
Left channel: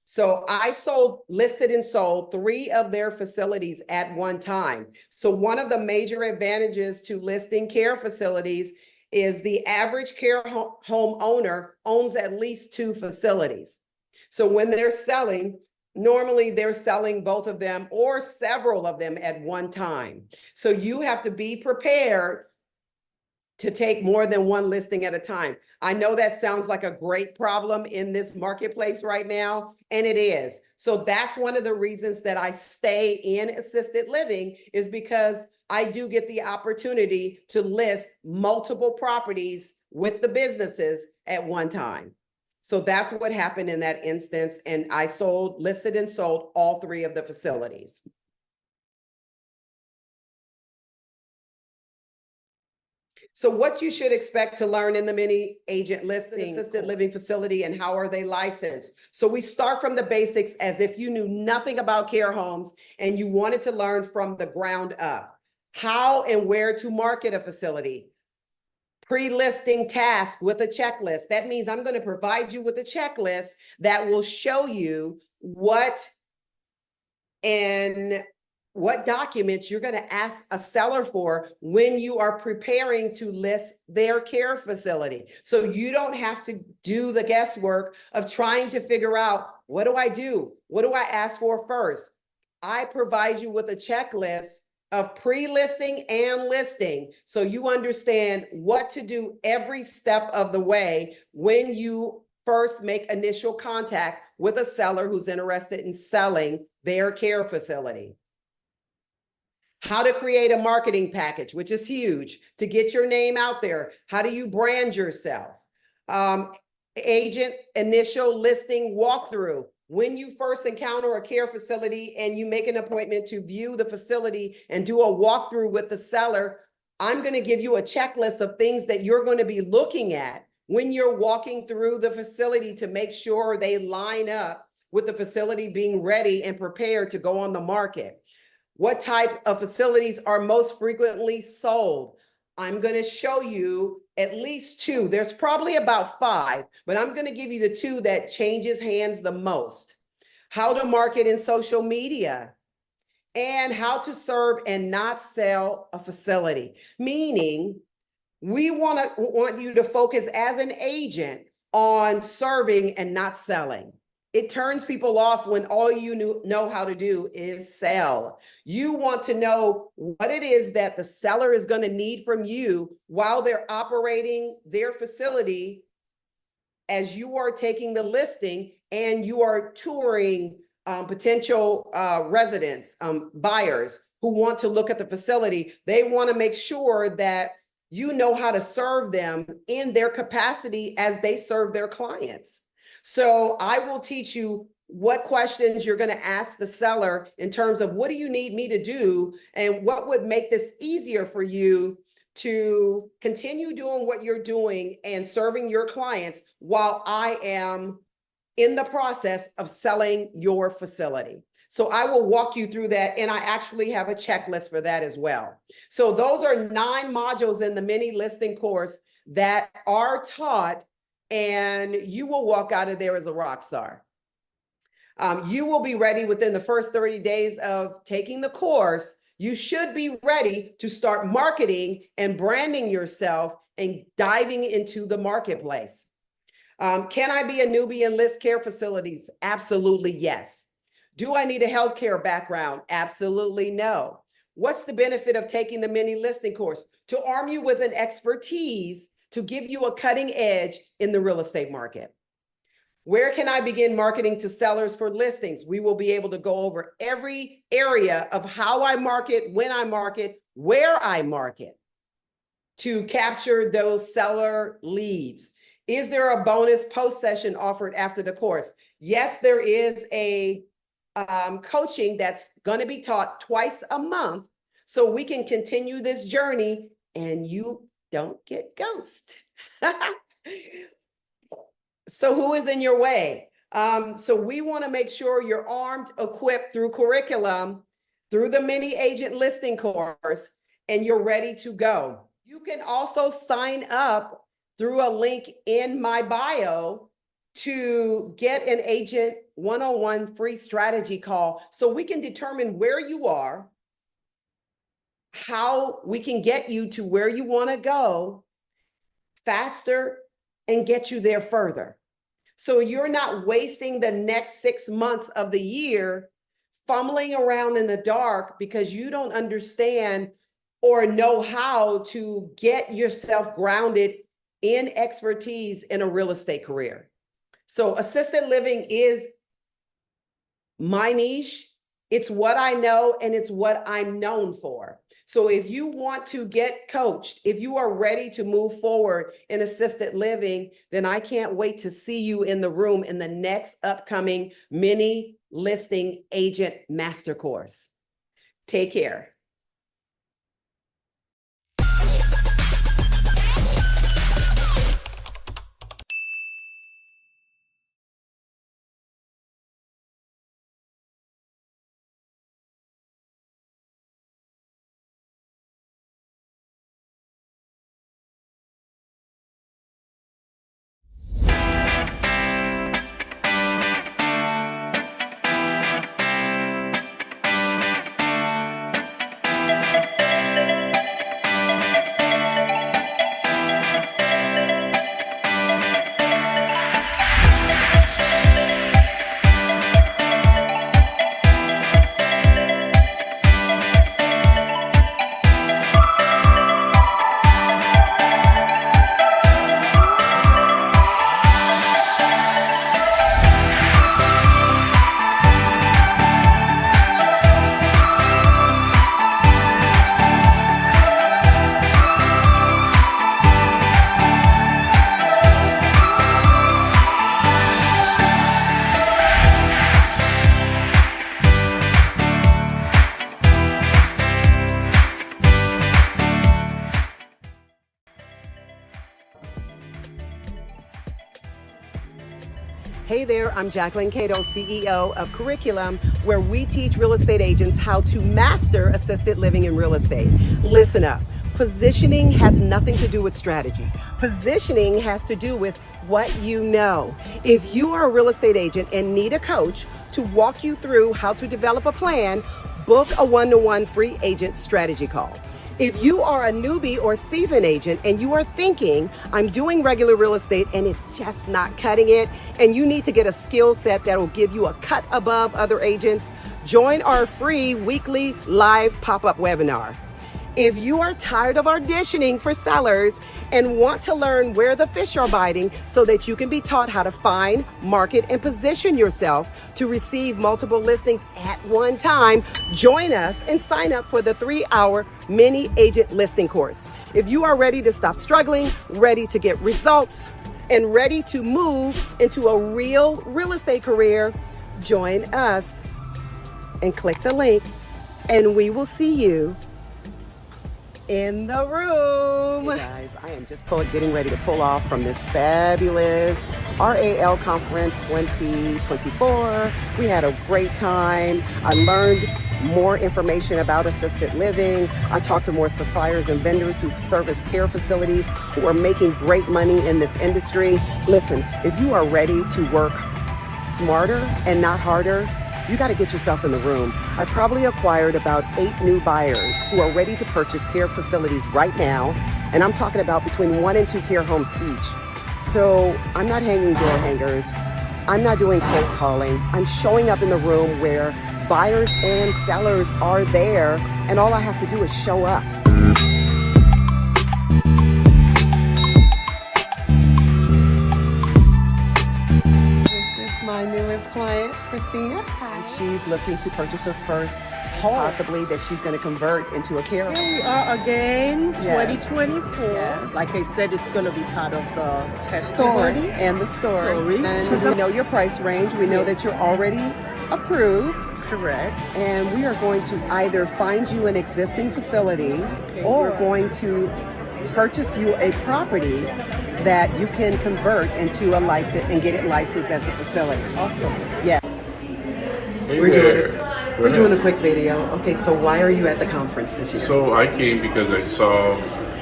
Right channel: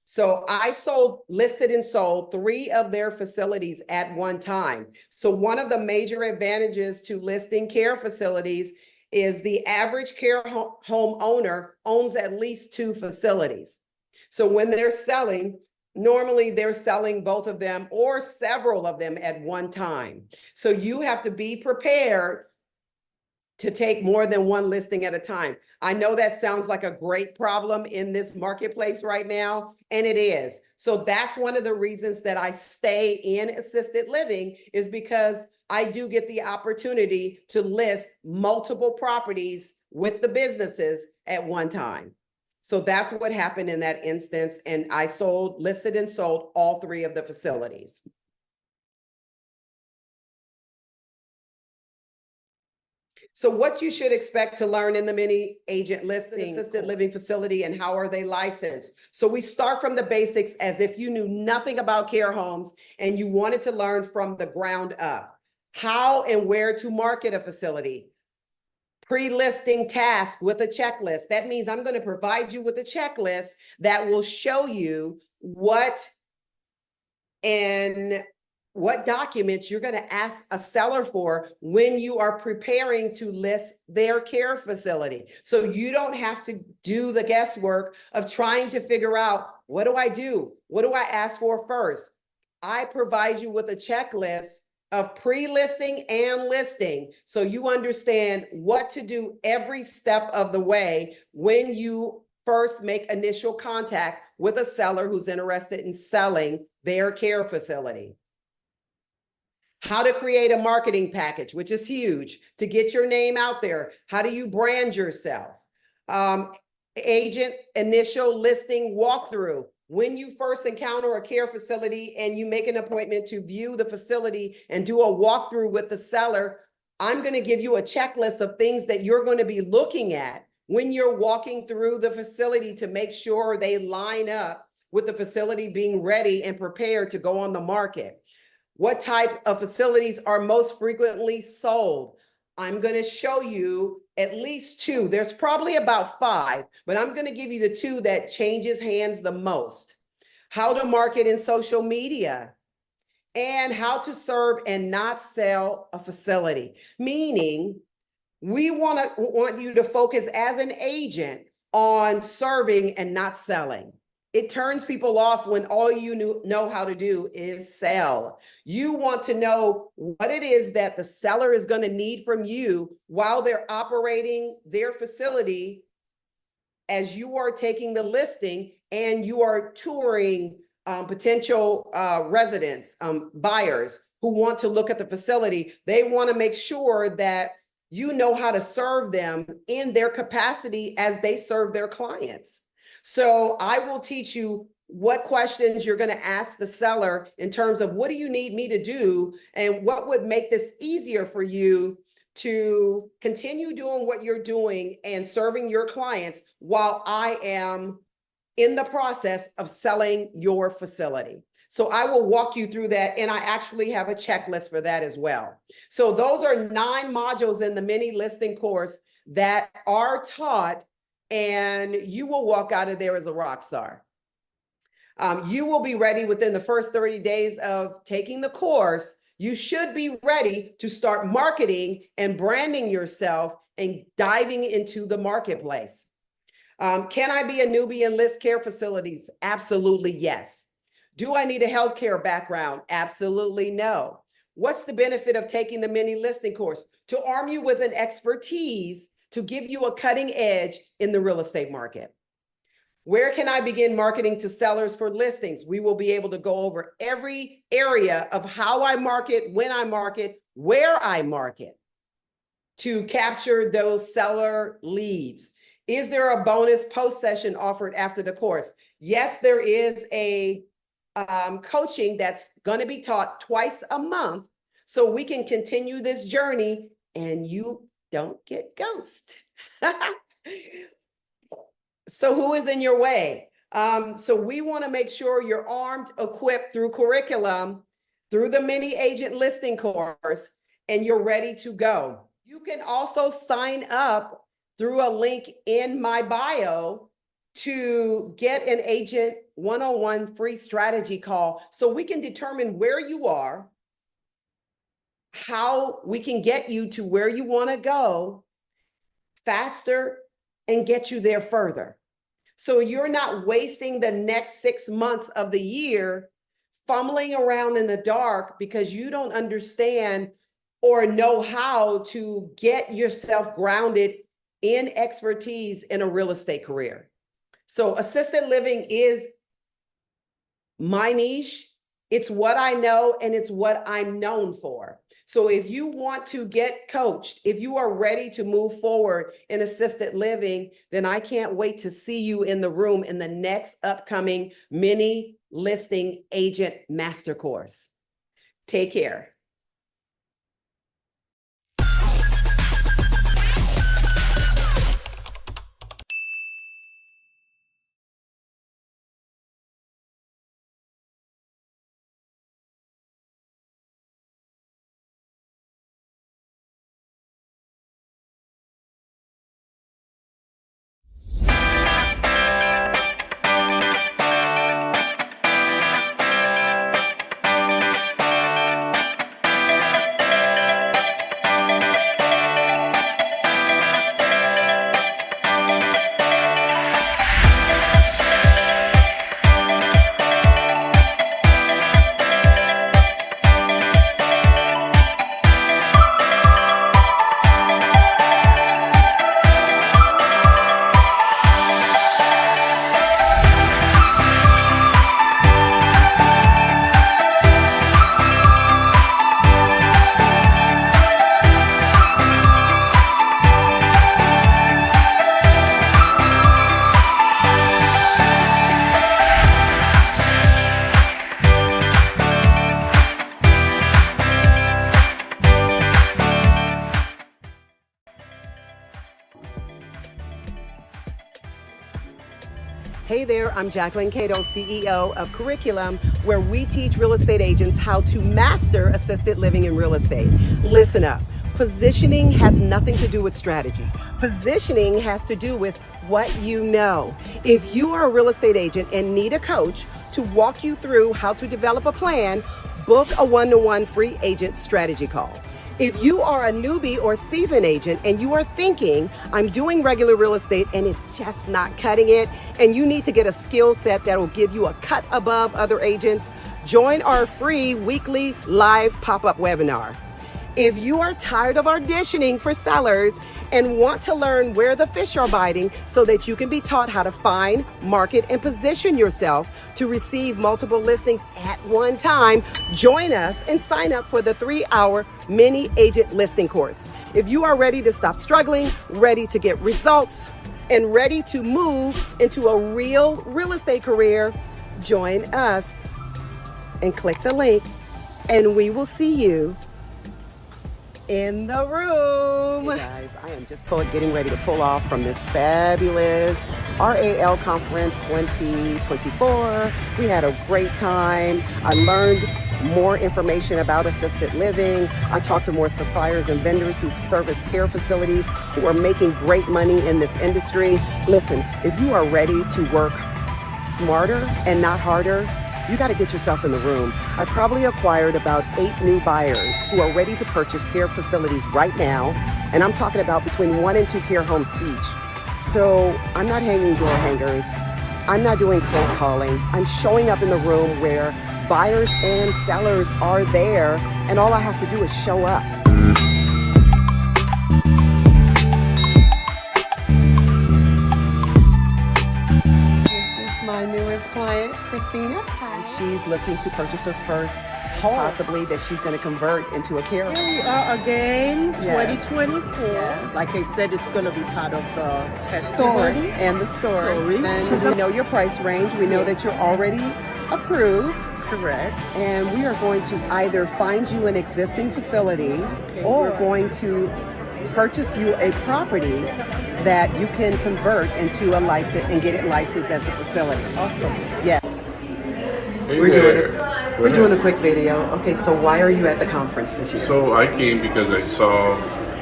So I listed and sold 3 of their facilities at one time. So one of the major advantages to listing care facilities is the average care home owner owns at least 2 facilities. So when they're selling, normally they're selling both of them or several of them at one time. So you have to be prepared to take more than one listing at a time. I know that sounds like a great problem in this marketplace right now, and it is. So that's one of the reasons that I stay in assisted living, is because I do get the opportunity to list multiple properties with the businesses at one time. So that's what happened in that instance. And I listed and sold all 3 of the facilities. So what you should expect to learn in the mini agent listing assisted living facility, and how are they licensed? So we start from the basics as if you knew nothing about care homes and you wanted to learn from the ground up. How and where to market a facility. Pre-listing task with a checklist. That means I'm going to provide you with a checklist that will show you what documents you're going to ask a seller for when you are preparing to list their care facility. So you don't have to do the guesswork of trying to figure out, what do I do? What do I ask for first? I provide you with a checklist of pre-listing and listing, so you understand what to do every step of the way when you first make initial contact with a seller who's interested in selling their care facility. How to create a marketing package, which is huge, to get your name out there. How do you brand yourself? Agent initial listing walkthrough. When you first encounter a care facility and you make an appointment to view the facility and do a walkthrough with the seller, I'm going to give you a checklist of things that you're going to be looking at when you're walking through the facility to make sure they line up with the facility being ready and prepared to go on the market. What type of facilities are most frequently sold? I'm going to show you at least 2. There's probably about 5, but I'm going to give you the 2 that changes hands the most. How to market in social media, and how to serve and not sell a facility. Meaning, we want you to focus as an agent on serving and not selling. It turns people off when all you know how to do is sell. You want to know what it is that the seller is going to need from you while they're operating their facility, as you are taking the listing and you are touring potential residents, buyers who want to look at the facility. They want to make sure that you know how to serve them in their capacity as they serve their clients. So I will teach you what questions you're going to ask the seller in terms of, what do you need me to do, and what would make this easier for you to continue doing what you're doing and serving your clients while I am in the process of selling your facility. So I will walk you through that, and I actually have a checklist for that as well. So those are 9 modules in the mini listing course that are taught, and you will walk out of there as a rock star. You will be ready within the first 30 days of taking the course. You should be ready to start marketing and branding yourself and diving into the marketplace. Can I be a newbie and list care facilities? Absolutely, yes. Do I need a healthcare background? Absolutely no. What's the benefit of taking the mini listing course? To arm you with an expertise to give you a cutting edge in the real estate market. Where can I begin marketing to sellers for listings? We will be able to go over every area of how I market, when I market, where I market to capture those seller leads. Is there a bonus post session offered after the course? Yes, there is a coaching that's going to be taught twice a month, so we can continue this journey and you don't get ghosted. So who is in your way? So we want to make sure you're armed, equipped through curriculum, through the mini agent listing course, and you're ready to go. You can also sign up through a link in my bio to get an agent one-on-one free strategy call so we can determine where you are, how we can get you to where you want to go faster and get you there further. So you're not wasting the next 6 months of the year fumbling around in the dark because you don't understand or know how to get yourself grounded in expertise in a real estate career. So assisted living is my niche. It's what I know and it's what I'm known for. So if you want to get coached, if you are ready to move forward in assisted living, then I can't wait to see you in the room in the next upcoming mini listing agent master course. Take care. Hey there, I'm Jacquelyn, CEO of Curriculum, where we teach real estate agents how to master assisted living in real estate. Listen up. Positioning has nothing to do with strategy. Positioning has to do with what you know. If you are a real estate agent and need a coach to walk you through how to develop a plan, book a one-to-one free agent strategy call. If you are a newbie or seasoned agent and you are thinking, I'm doing regular real estate and it's just not cutting it, and you need to get a skill set that will give you a cut above other agents, join our free weekly live pop-up webinar. If you are tired of auditioning for sellers and want to learn where the fish are biting so that you can be taught how to find, market, and position yourself to receive multiple listings at one time, join us and sign up for the 3-hour mini agent listing course. If you are ready to stop struggling, ready to get results, and ready to move into a real estate career, join us and click the link and we will see you in the room. Hey guys, I am just getting ready to pull off from this fabulous RAL Conference 2024. We had a great time. I learned more information about assisted living. I talked to more suppliers and vendors who service care facilities who are making great money in this industry. Listen, if you are ready to work smarter and not harder, you got to get yourself in the room. I probably acquired about 8 new buyers who are ready to purchase care facilities right now. And I'm talking about between 1 and 2 care homes each. So I'm not hanging door hangers. I'm not doing cold calling. I'm showing up in the room where buyers and sellers are there. And all I have to do is show up. My newest client, Christina. Hi. She's looking to purchase her first home, possibly that she's going to convert into a care home. Here we are again, Yes. 2024. Yes. Like I said, it's going to be part of the Story testimony. and the story. And She's we know your price range. We know that you're already approved. Correct. And we are going to either find you an existing facility or good. going to purchase you a property that you can convert into a license and get it licensed as a facility. Awesome. Yeah. Hey We're there. doing a quick video. Okay, so why are you at the conference this year? So I came because I saw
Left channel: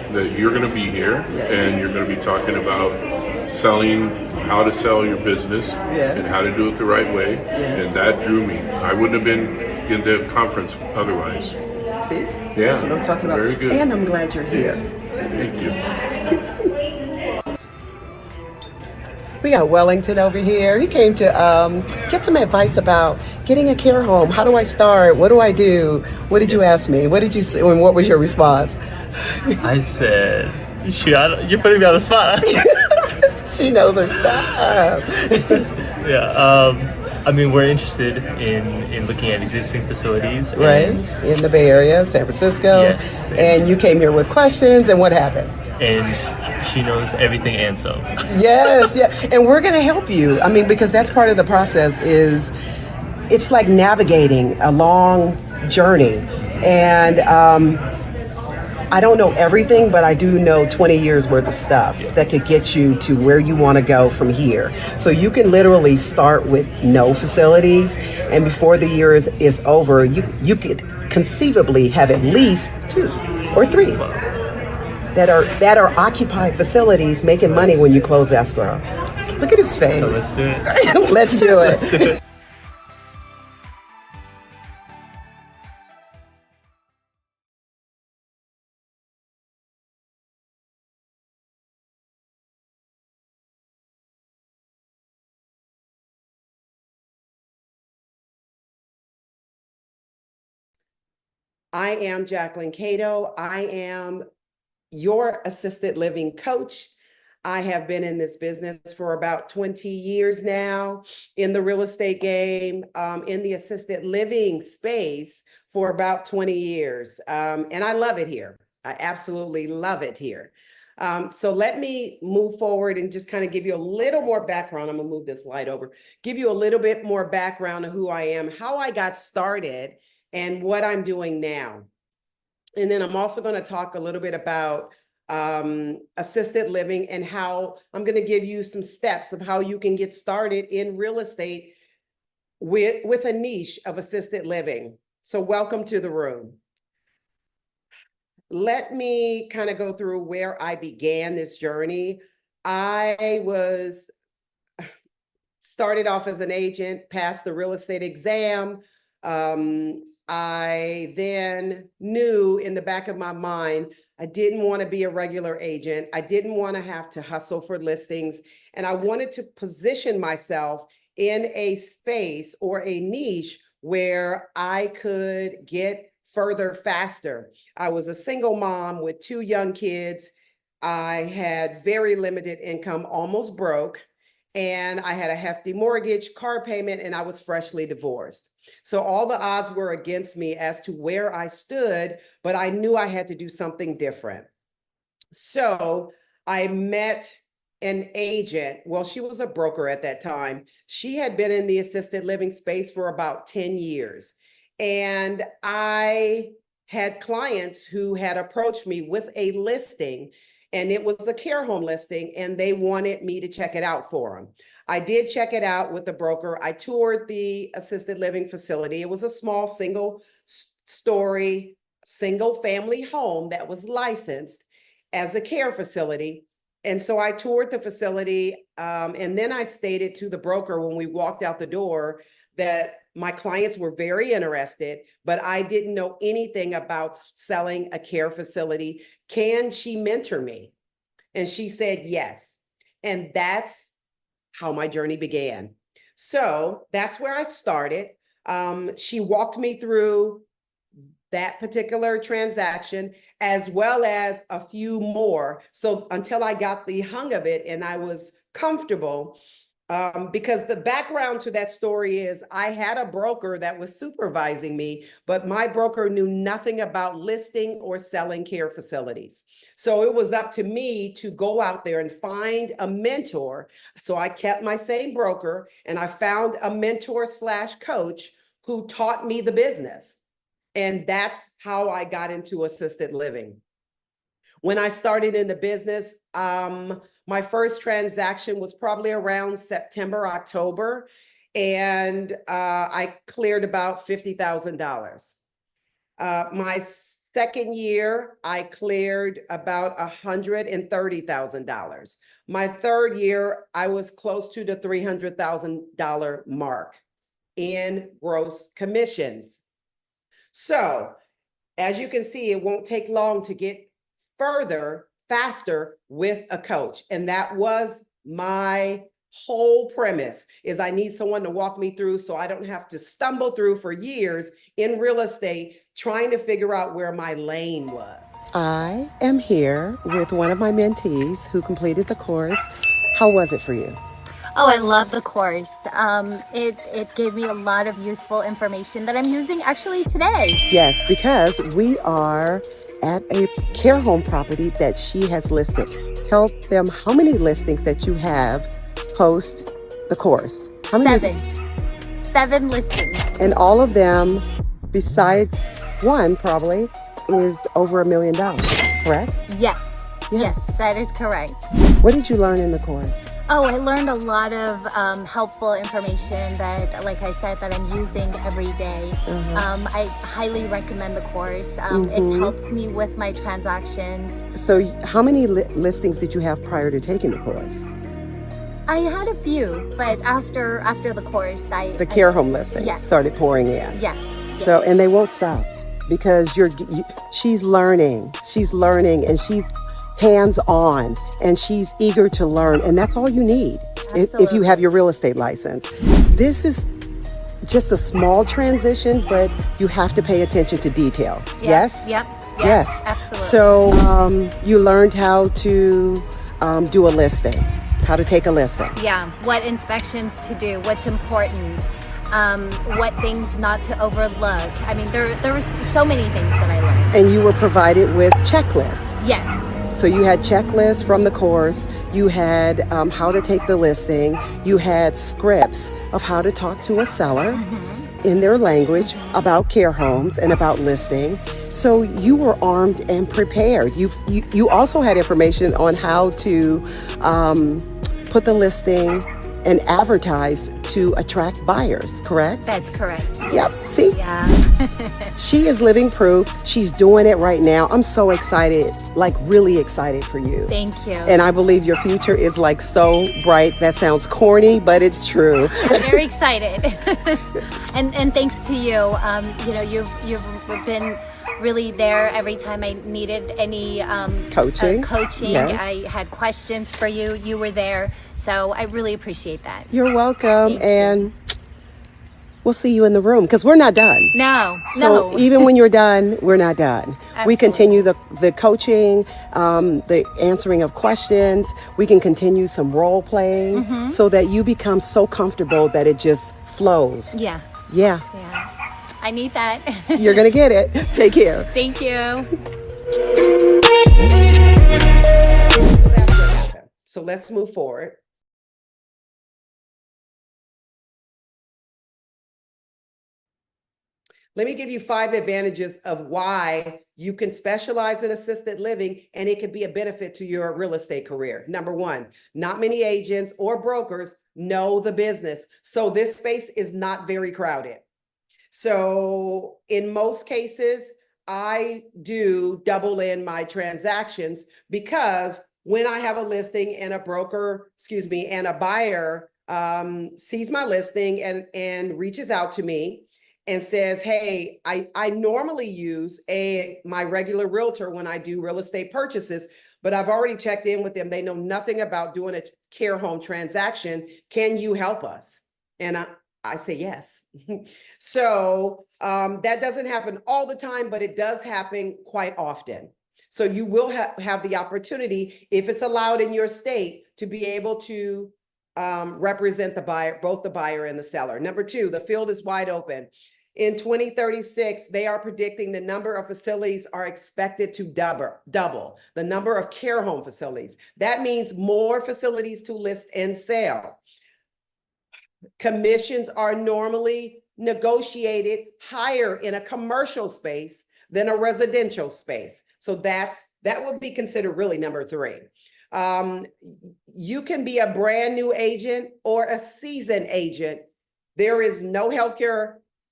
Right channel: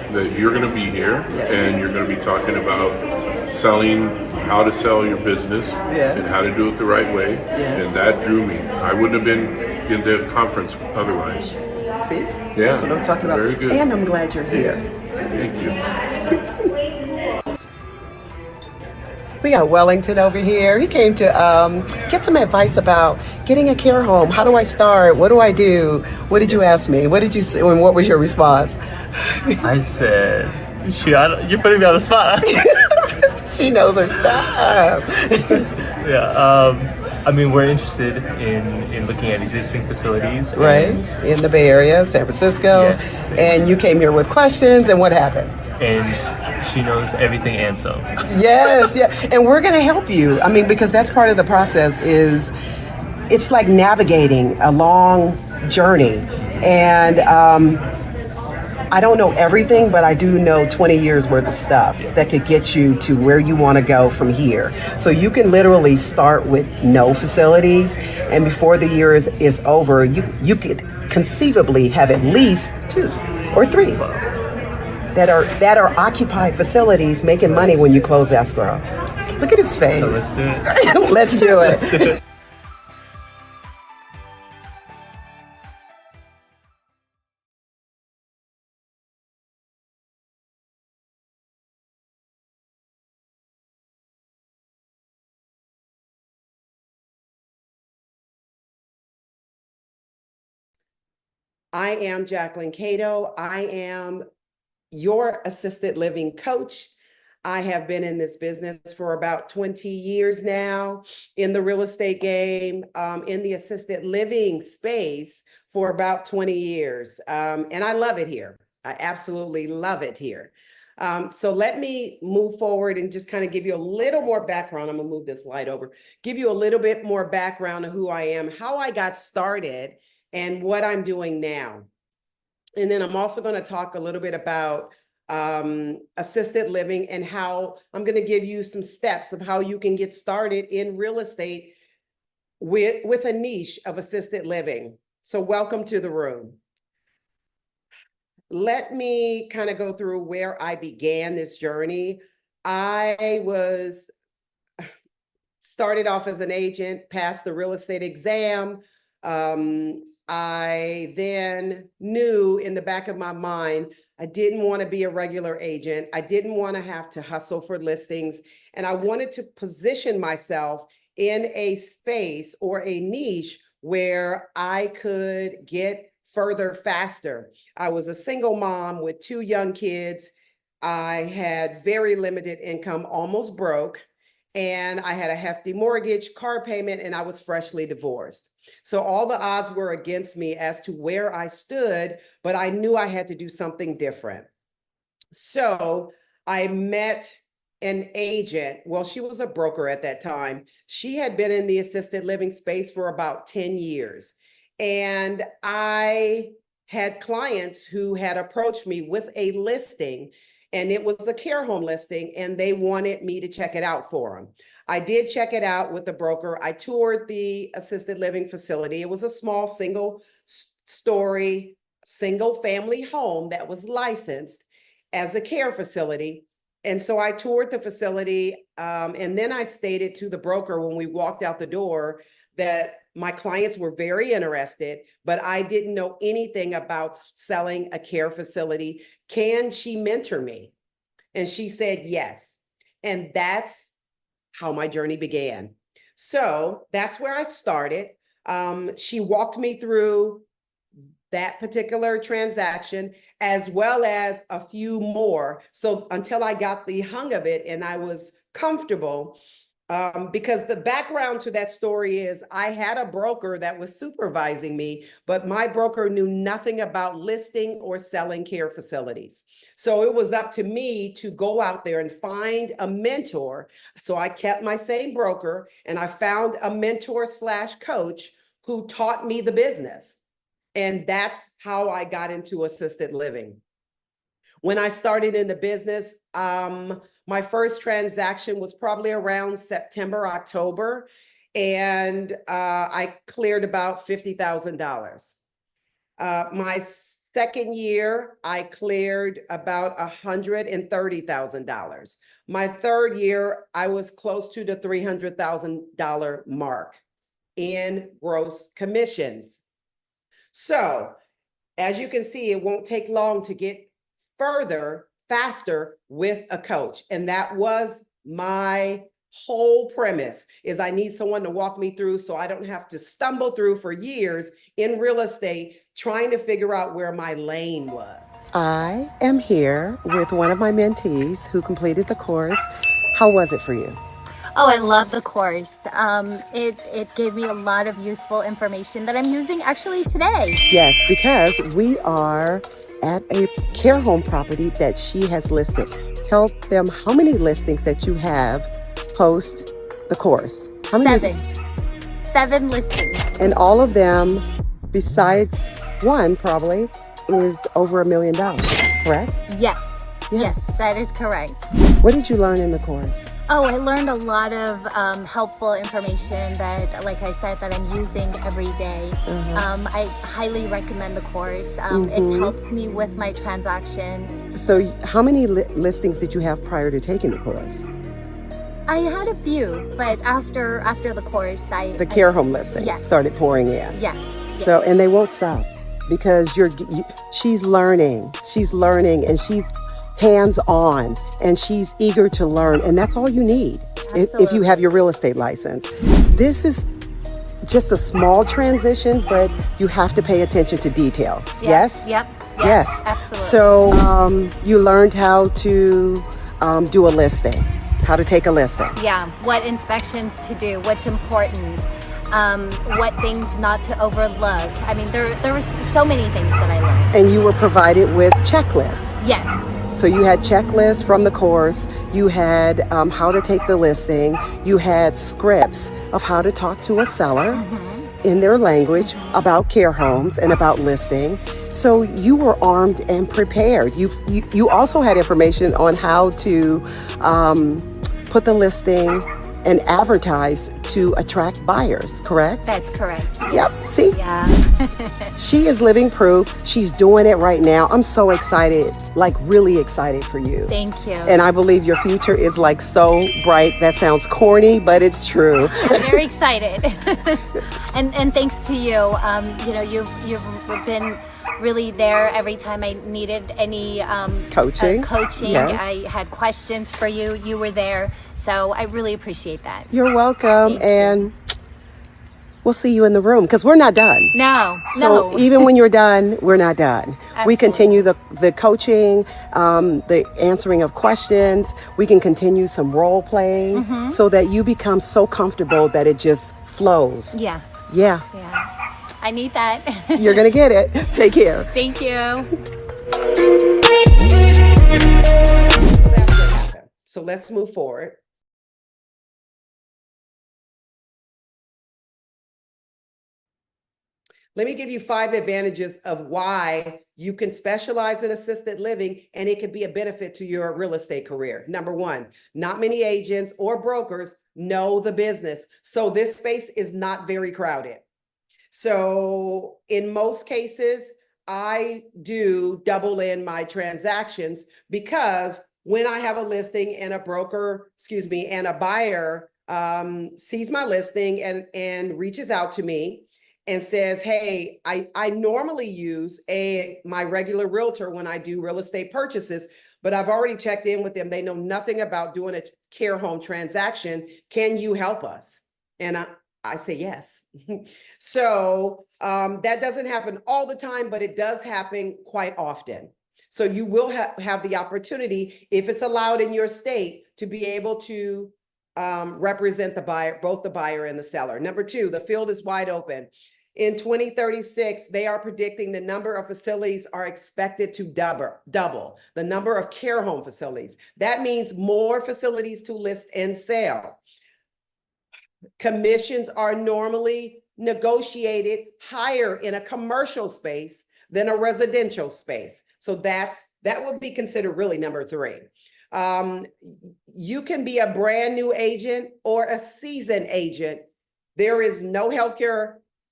that you're going to be here Yes. and you're going to be talking about selling, how to sell your business Yes. and how to do it the right way. Yes. And that drew me. I wouldn't have been in the conference otherwise. See? Yeah. That's what I'm talking about. Very good. And I'm glad you're here. Thank you. We got Wellington over here. He came to get some advice about getting a care home. How do I start? What do I do? What did you ask me? What did you say? And what was your response? I said, you're putting me on the spot. She knows her stuff. Yeah. I mean, we're interested in looking at existing facilities. Right? In the Bay Area, San Francisco. Yes. And you came here with questions, and what happened? And she knows everything and some. Yes, yeah. And we're going to help you. I mean, because that's part of the process is it's like navigating a long journey. And I don't know everything, but I do know 20 years worth of stuff that could get you to where you want to go from here. So you can literally start with no facilities, and before the year is over, you could conceivably have at least 2 or 3 that are occupied facilities making money when you close escrow. Look at his face. So let's do it. Let's do it. Let's do it. I am Jacquelyn Cato. I am your assisted living coach. I have been in this business for about 20 years now, in the real estate game, in the assisted living space for about 20 years. And I love it here. I absolutely love it here. So let me move forward and just kind of give you a little more background. I'm gonna move this light over, give you a little bit more background of who I am, how I got started, and what I'm doing now. And then I'm also going to talk a little bit about assisted living and how I'm going to give you some steps of how you can get started in real estate with a niche of assisted living. So welcome to the room. Let me kind of go through where I began this journey. I started off as an agent, passed the real estate exam. I then knew in the back of my mind, I didn't want to be a regular agent. I didn't want to have to hustle for listings. And I wanted to position myself in a space or a niche where I could get further faster. I was a single mom with 2 young kids. I had very limited income, almost broke. And I had a hefty mortgage, car payment, and I was freshly divorced. So all the odds were against me as to where I stood, but I knew I had to do something different. So I met an agent. Well, she was a broker at that time. She had been in the assisted living space for about 10 years. And I had clients who had approached me with a listing, and it was a care home listing, and they wanted me to check it out for them. I did check it out with the broker. I toured the assisted living facility. It was a small single-story, single-family home that was licensed as a care facility. And so I toured the facility, and then I stated to the broker when we walked out the door that my clients were very interested, but I didn't know anything about selling a care facility. Can she mentor me? And she said yes. And that's how my journey began. So that's where I started. She walked me through that particular transaction, as well as a few more. So until I got the hang of it and I was comfortable, because the background to that story is I had a broker that was supervising me, but my broker knew nothing about listing or selling care facilities. So it was up to me to go out there and find a mentor. So I kept my same broker and I found a mentor / coach who taught me the business. And that's how I got into assisted living. When I started in the business, my first transaction was probably around September, October, and I cleared about $50,000. My Second year, I cleared about $130,000. My third year, I was close to the $300,000 mark in gross commissions. So, as you can see, it won't take long to get further, faster with a coach. And that was my whole premise, is I need someone to walk me through so I don't have to stumble through for years in real estate trying to figure out where my lane was. I am here with one of my mentees who completed the course. How was it for you? Oh, I love the course. It gave me a lot of useful information that I'm using actually today. Yes, because we are at a care home property that she has listed. Tell them how many listings that you have post the course. How many? 7 listings. And all of them, besides one probably, is over $1 million, correct? Yes. Yes, that is correct. What did you learn in the course? Oh, I learned a lot of helpful information that, like I said, that I'm using every day. I highly recommend the course. It's helped me with my transactions. So how many listings did you have prior to taking the course? I had a few, but after the course, the care home listings started pouring in. Yes. So, and they won't stop because she's learning, and she's hands-on, and she's eager to learn, and that's all you need if you have your real estate license. This is just a small transition, but you have to pay attention to detail. Yes? Yep. Yes. Absolutely. So you learned how to do a listing, how to take a listing. Yeah, what inspections to do, what's important, what things not to overlook. I mean, there were so many things that I learned. And you were provided with checklists. Yes. So you had checklists from the course, you had how to take the listing, you had scripts of how to talk to a seller in their language about care homes and about listing. So you were armed and prepared. You also had information on how to put the listing and advertise to attract buyers, correct? That's correct. Yep, see? Yeah. She is living proof. She's doing it right now. I'm so excited, like really excited for you. Thank you. And I believe your future is like so bright. That sounds corny, but it's true. I'm very excited. and thanks to you. You've been really there every time I needed any coaching. Yes. I had questions for you. You were there. So I really appreciate that. You're welcome. And we'll see you in the room because we're not done. No. Even when you're done, we're not done. Absolutely. We continue the coaching, the answering of questions. We can continue some role playing so that you become so comfortable that it just flows. Yeah. I need that. You're going to get it. Take care. Thank you. So that's what happened. So let's move forward. Let me give you 5 advantages of why you can specialize in assisted living and it can be a benefit to your real estate career. Number 1, not many agents or brokers know the business. So this space is not very crowded. So in most cases, I do double in my transactions because when I have a listing and a buyer sees my listing and reaches out to me and says, hey, I normally use my regular realtor when I do real estate purchases, but I've already checked in with them. They know nothing about doing a care home transaction. Can you help us? And I say yes. So that doesn't happen all the time, but it does happen quite often. So you will have the opportunity, if it's allowed in your state, to be able to represent the buyer, both the buyer and the seller. Number 2, the field is wide open. In 2036, they are predicting the number of facilities are expected to double the number of care home facilities. That means more facilities to list and sell. Commissions are normally negotiated higher in a commercial space than a residential space. So that would be considered really number 3. You can be a brand new agent or a seasoned agent. There is no healthcare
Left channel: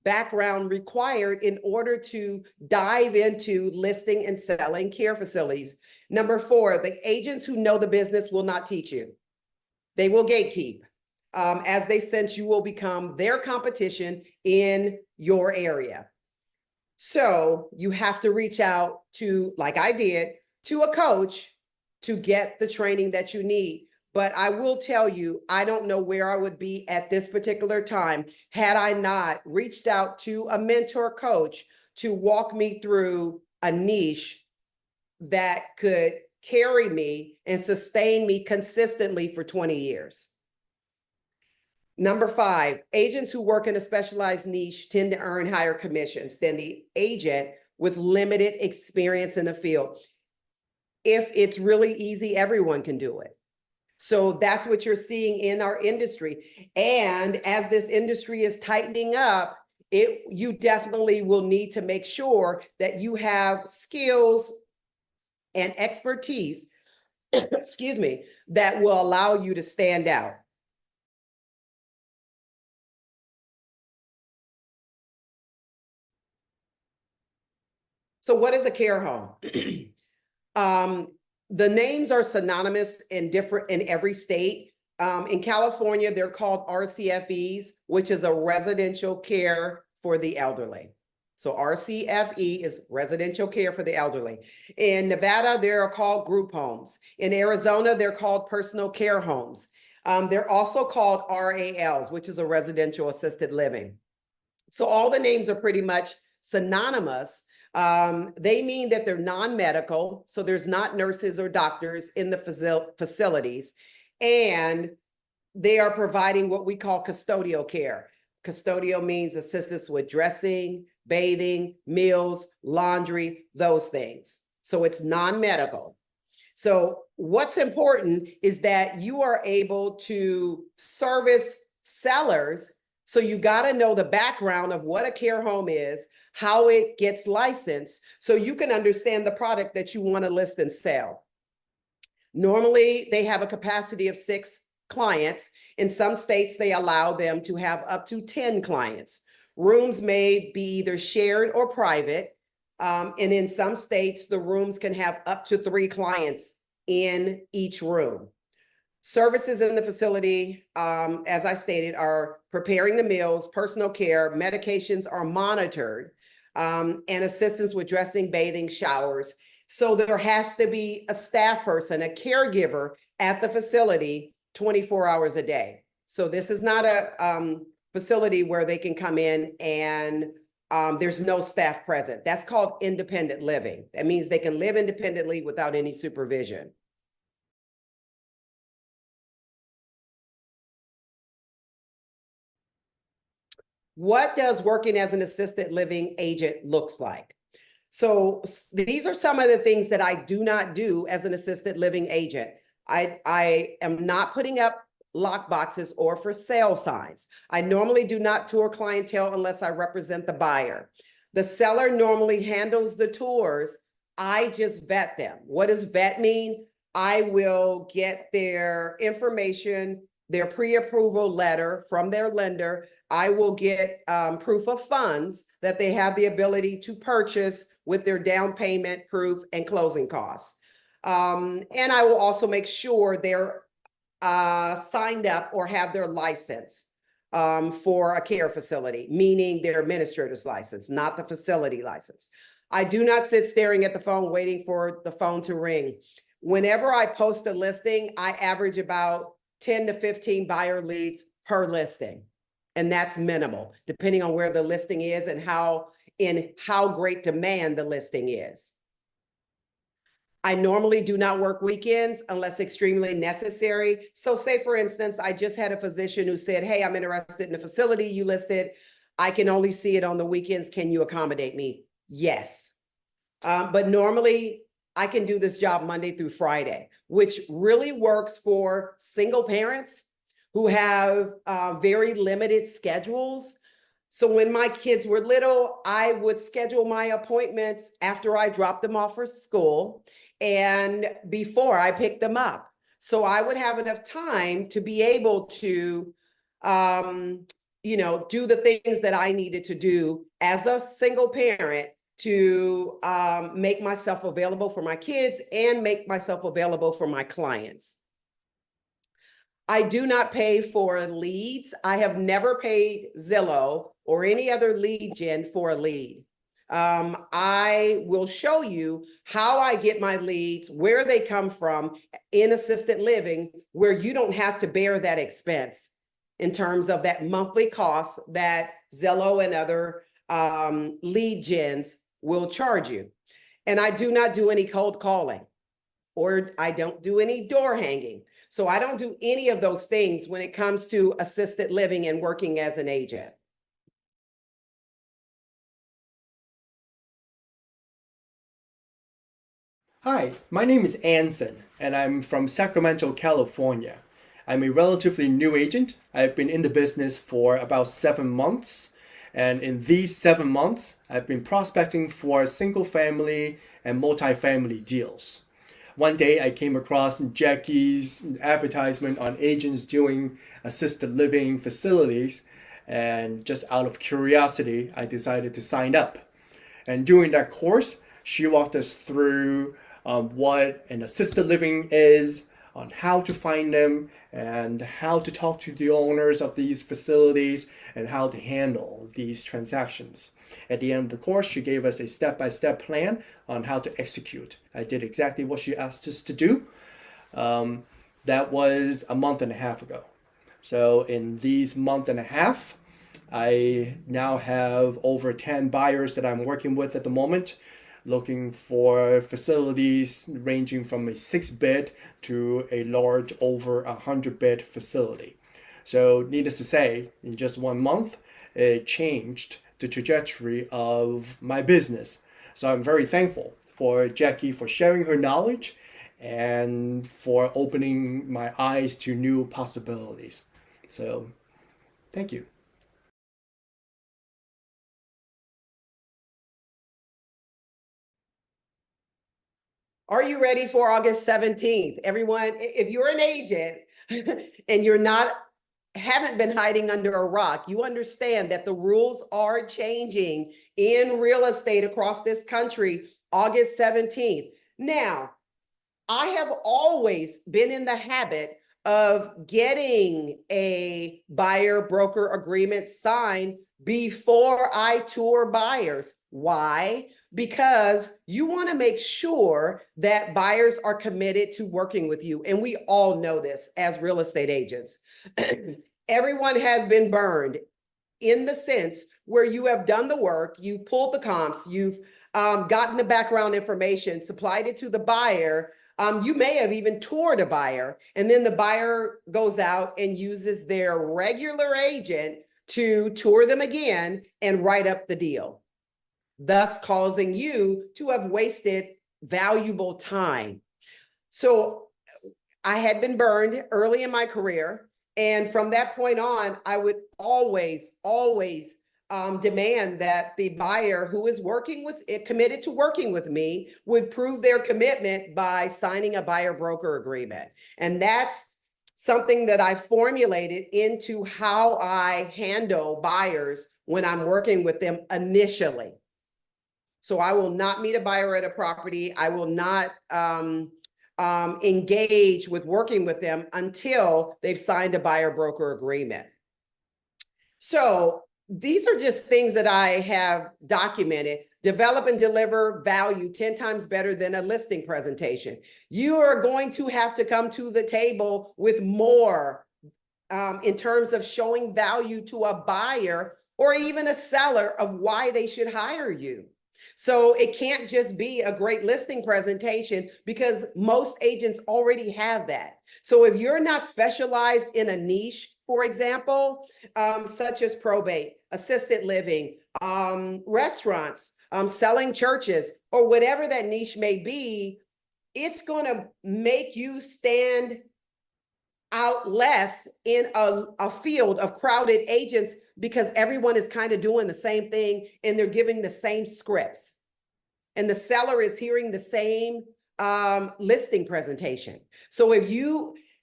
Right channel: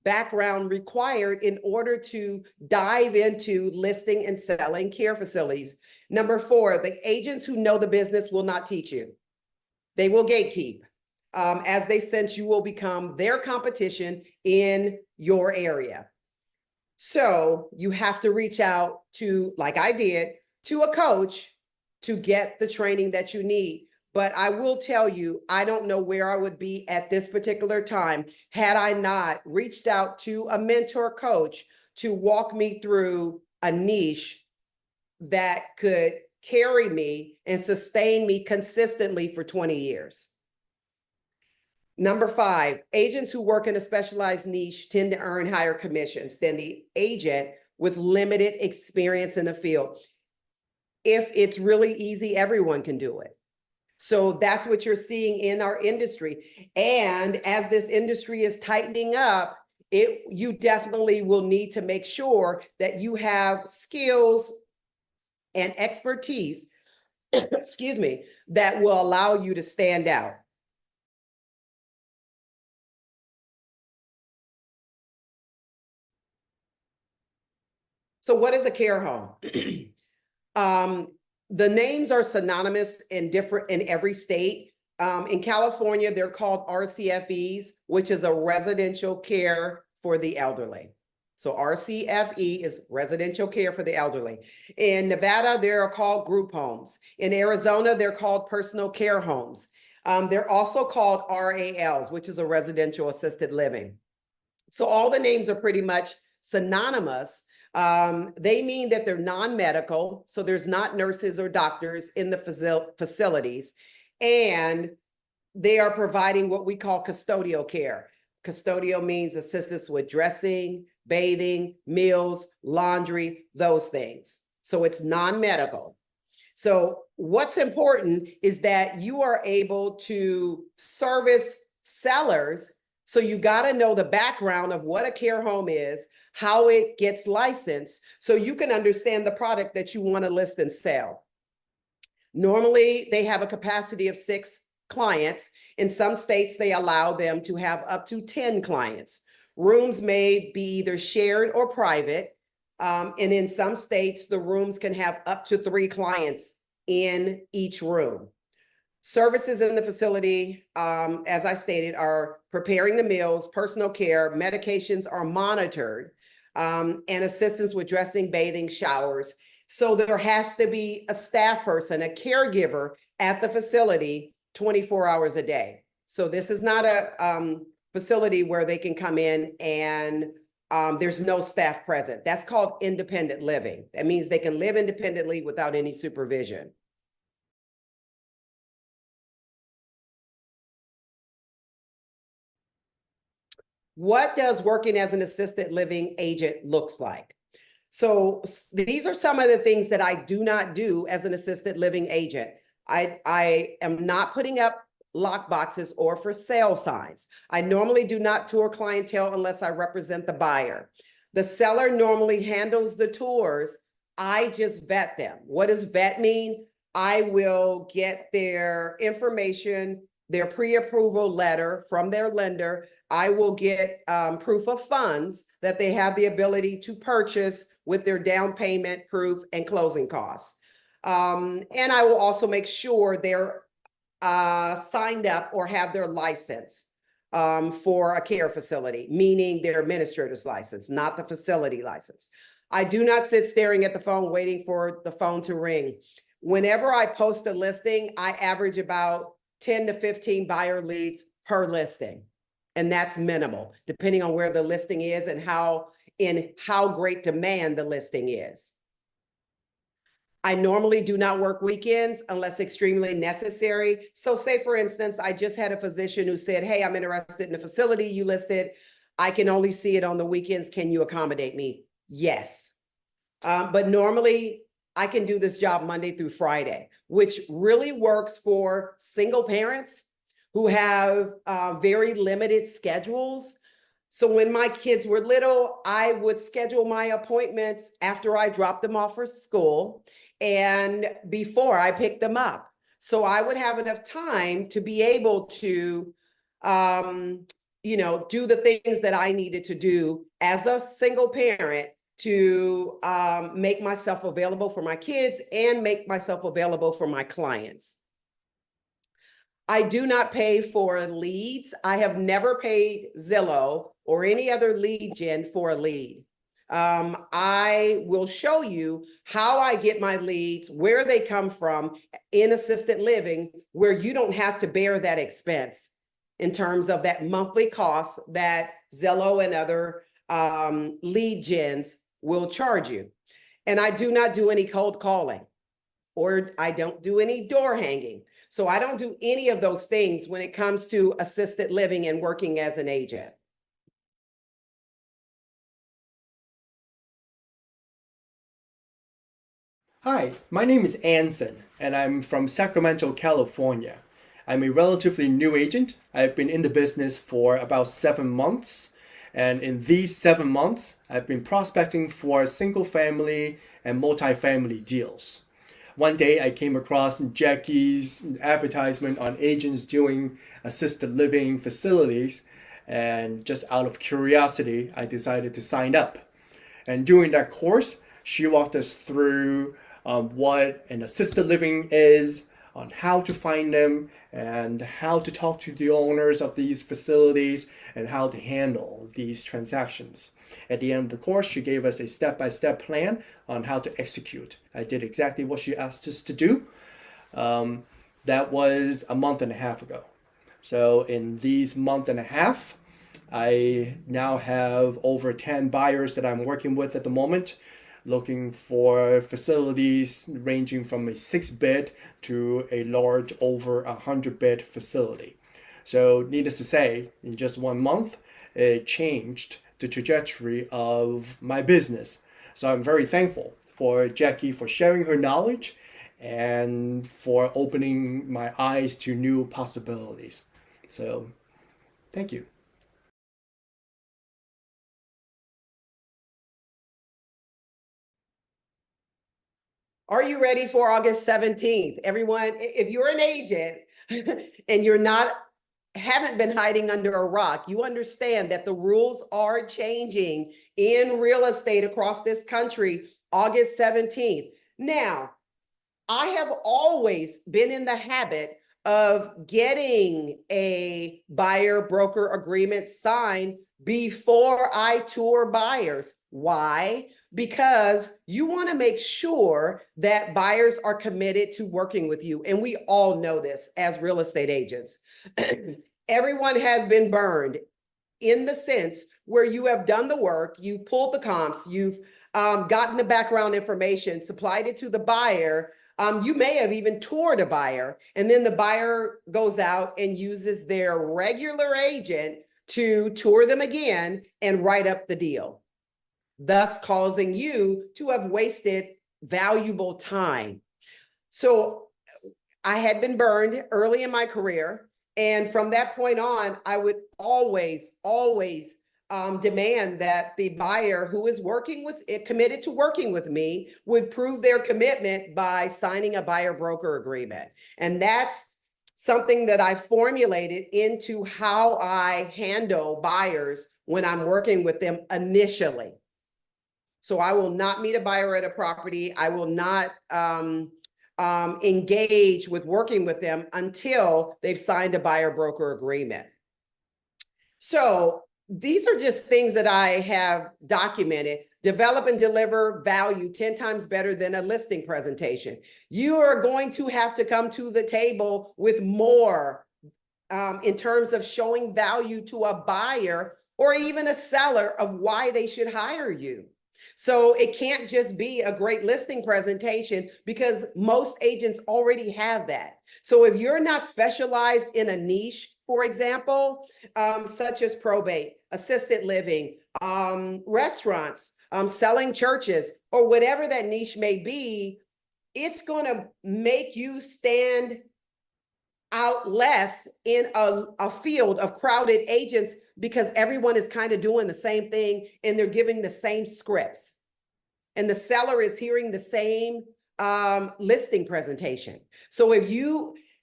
background required in order to dive into listing and selling care facilities. Number 4, the agents who know the business will not teach you. They will gatekeep, as they sense you will become their competition in your area. So you have to reach out to, like I did, to a coach to get the training that you need. But I will tell you, I don't know where I would be at this particular time had I not reached out to a mentor coach to walk me through a niche that could carry me and sustain me consistently for 20 years. Number 5, agents who work in a specialized niche tend to earn higher commissions than the agent with limited experience in the field. If it's really easy, everyone can do it. So that's what you're seeing in our industry. And as this industry is tightening up, you definitely will need to make sure that you have skills and expertise, excuse me, that will allow you to stand out. So what is a care home? The names are synonymous in every state. In California, they're called RCFEs, which is a residential care for the elderly. So RCFE is residential care for the elderly. In Nevada, they're called group homes. In Arizona, they're called personal care homes. They're also called RALs, which is a residential assisted living. So all the names are pretty much synonymous. They mean that they're non-medical, so there's not nurses or doctors in the facilities, and they are providing what we call custodial care. Custodial means assistance with dressing, bathing, meals, laundry, those things. So it's non-medical. So what's important is that you are able to service sellers. So you got to know the background of what a care home is, how it gets licensed, so you can understand the product that you want to list and sell. Normally, they have a capacity of 6 clients. In some states, they allow them to have up to 10 clients. Rooms may be either shared or private. And in some states, the rooms can have up to 3 clients in each room. Services in the facility, as I stated, are preparing the meals, personal care, medications are monitored, and assistance with dressing, bathing, showers. So there has to be a staff person, a caregiver at the facility 24 hours a day. So this is not a facility where they can come in and there's no staff present. That's called independent living. That means they can live independently without any supervision. What does working as an assisted living agent looks like? So these are some of the things that I do not do as an assisted living agent. I am not putting up lock boxes or for sale signs. I normally do not tour clientele unless I represent the buyer. The seller normally handles the tours. I just vet them. What does vet mean? I will get their information, their pre-approval letter from their lender. I will get proof of funds that they have the ability to purchase with their down payment proof and closing costs. And I will also make sure they're signed up or have their license for a care facility, meaning their administrator's license, not the facility license. I do not sit staring at the phone waiting for the phone to ring. Whenever I post a listing, I average about 10 to 15 buyer leads per listing. And that's minimal, depending on where the listing is and how great demand the listing is. I normally do not work weekends unless extremely necessary. So say, for instance, I just had a physician who said, hey, I'm interested in the facility you listed. I can only see it on the weekends. Can you accommodate me? Yes. But normally I can do this job Monday through Friday, which really works for single parents who have very limited schedules. So when my kids were little, I would schedule my appointments after I dropped them off for school and before I picked them up. So I would have enough time to be able to do the things that I needed to do as a single parent to make myself available for my kids and make myself available for my clients. I do not pay for leads. I have never paid Zillow or any other lead gen for a lead. I will show you how I get my leads, where they come from in assisted living, where you don't have to bear that expense in terms of that monthly cost that Zillow and other lead gens will charge you. And I do not do any cold calling, or I don't do any door hanging. So I don't do any of those things when it comes to assisted living and working as an agent. Hi, my name is Anson, and I'm from Sacramento, California. I'm a relatively new agent. I've been in the business for about 7 months, and in these 7 months, I've been prospecting for single family and multifamily deals. One day I came across Jackie's advertisement on agents doing assisted living facilities, and just out of curiosity, I decided to sign up. And during that course, she walked us through what an assisted living is, on how to find them, and how to talk to the owners of these facilities, and how to handle these transactions. At the end of the course, she gave us a step-by-step plan on how to execute. I did exactly what she asked us to do. That was a month and a half ago. So in these month and a half, I now have over 10 buyers that I'm working with at the moment, looking for facilities ranging from a 6-bed to a large over 100-bed facility. So needless to say, in just 1 month, it changed the trajectory of my business. So I'm very thankful for Jackie for sharing her knowledge and for opening my eyes to new possibilities. So thank you. Are you ready for August 17th? Everyone, if you're an agent and haven't been hiding under a rock, you understand that the rules are changing in real estate across this country, August 17th. Now, I have always been in the habit of getting a buyer broker agreement signed before I tour buyers. Why? Because you want to make sure that buyers are committed to working with you. And we all know this as real estate agents. Everyone has been burned in the sense where you have done the work, you've pulled the comps, you've gotten the background information, supplied it to the buyer. You may have even toured a buyer, and then the buyer goes out and uses their regular agent to tour them again and write up the deal, thus causing you to have wasted valuable time. So I had been burned early in my career. And from that point on, I would always demand that the buyer who is committed to working with me would prove their commitment by signing a buyer broker agreement. And that's something that I formulated into how I handle buyers when I'm working with them initially. So I will not meet a buyer at a property. I will not engage with working with them until they've signed a buyer broker agreement. So these are just things that I have documented. Develop and deliver value 10 times better than a listing presentation. You are going to have to come to the table with more in terms of showing value to a buyer or even a seller of why they should hire you. So it can't just be a great listing presentation, because most agents already have that. So if you're not specialized in a niche, for example, such as probate, assisted living, restaurants, selling churches, or whatever that niche may be, it's going to make you stand out less in a field of crowded agents, because everyone is kind of doing the same thing and they're giving the same scripts. And the seller is hearing the same listing presentation. So if you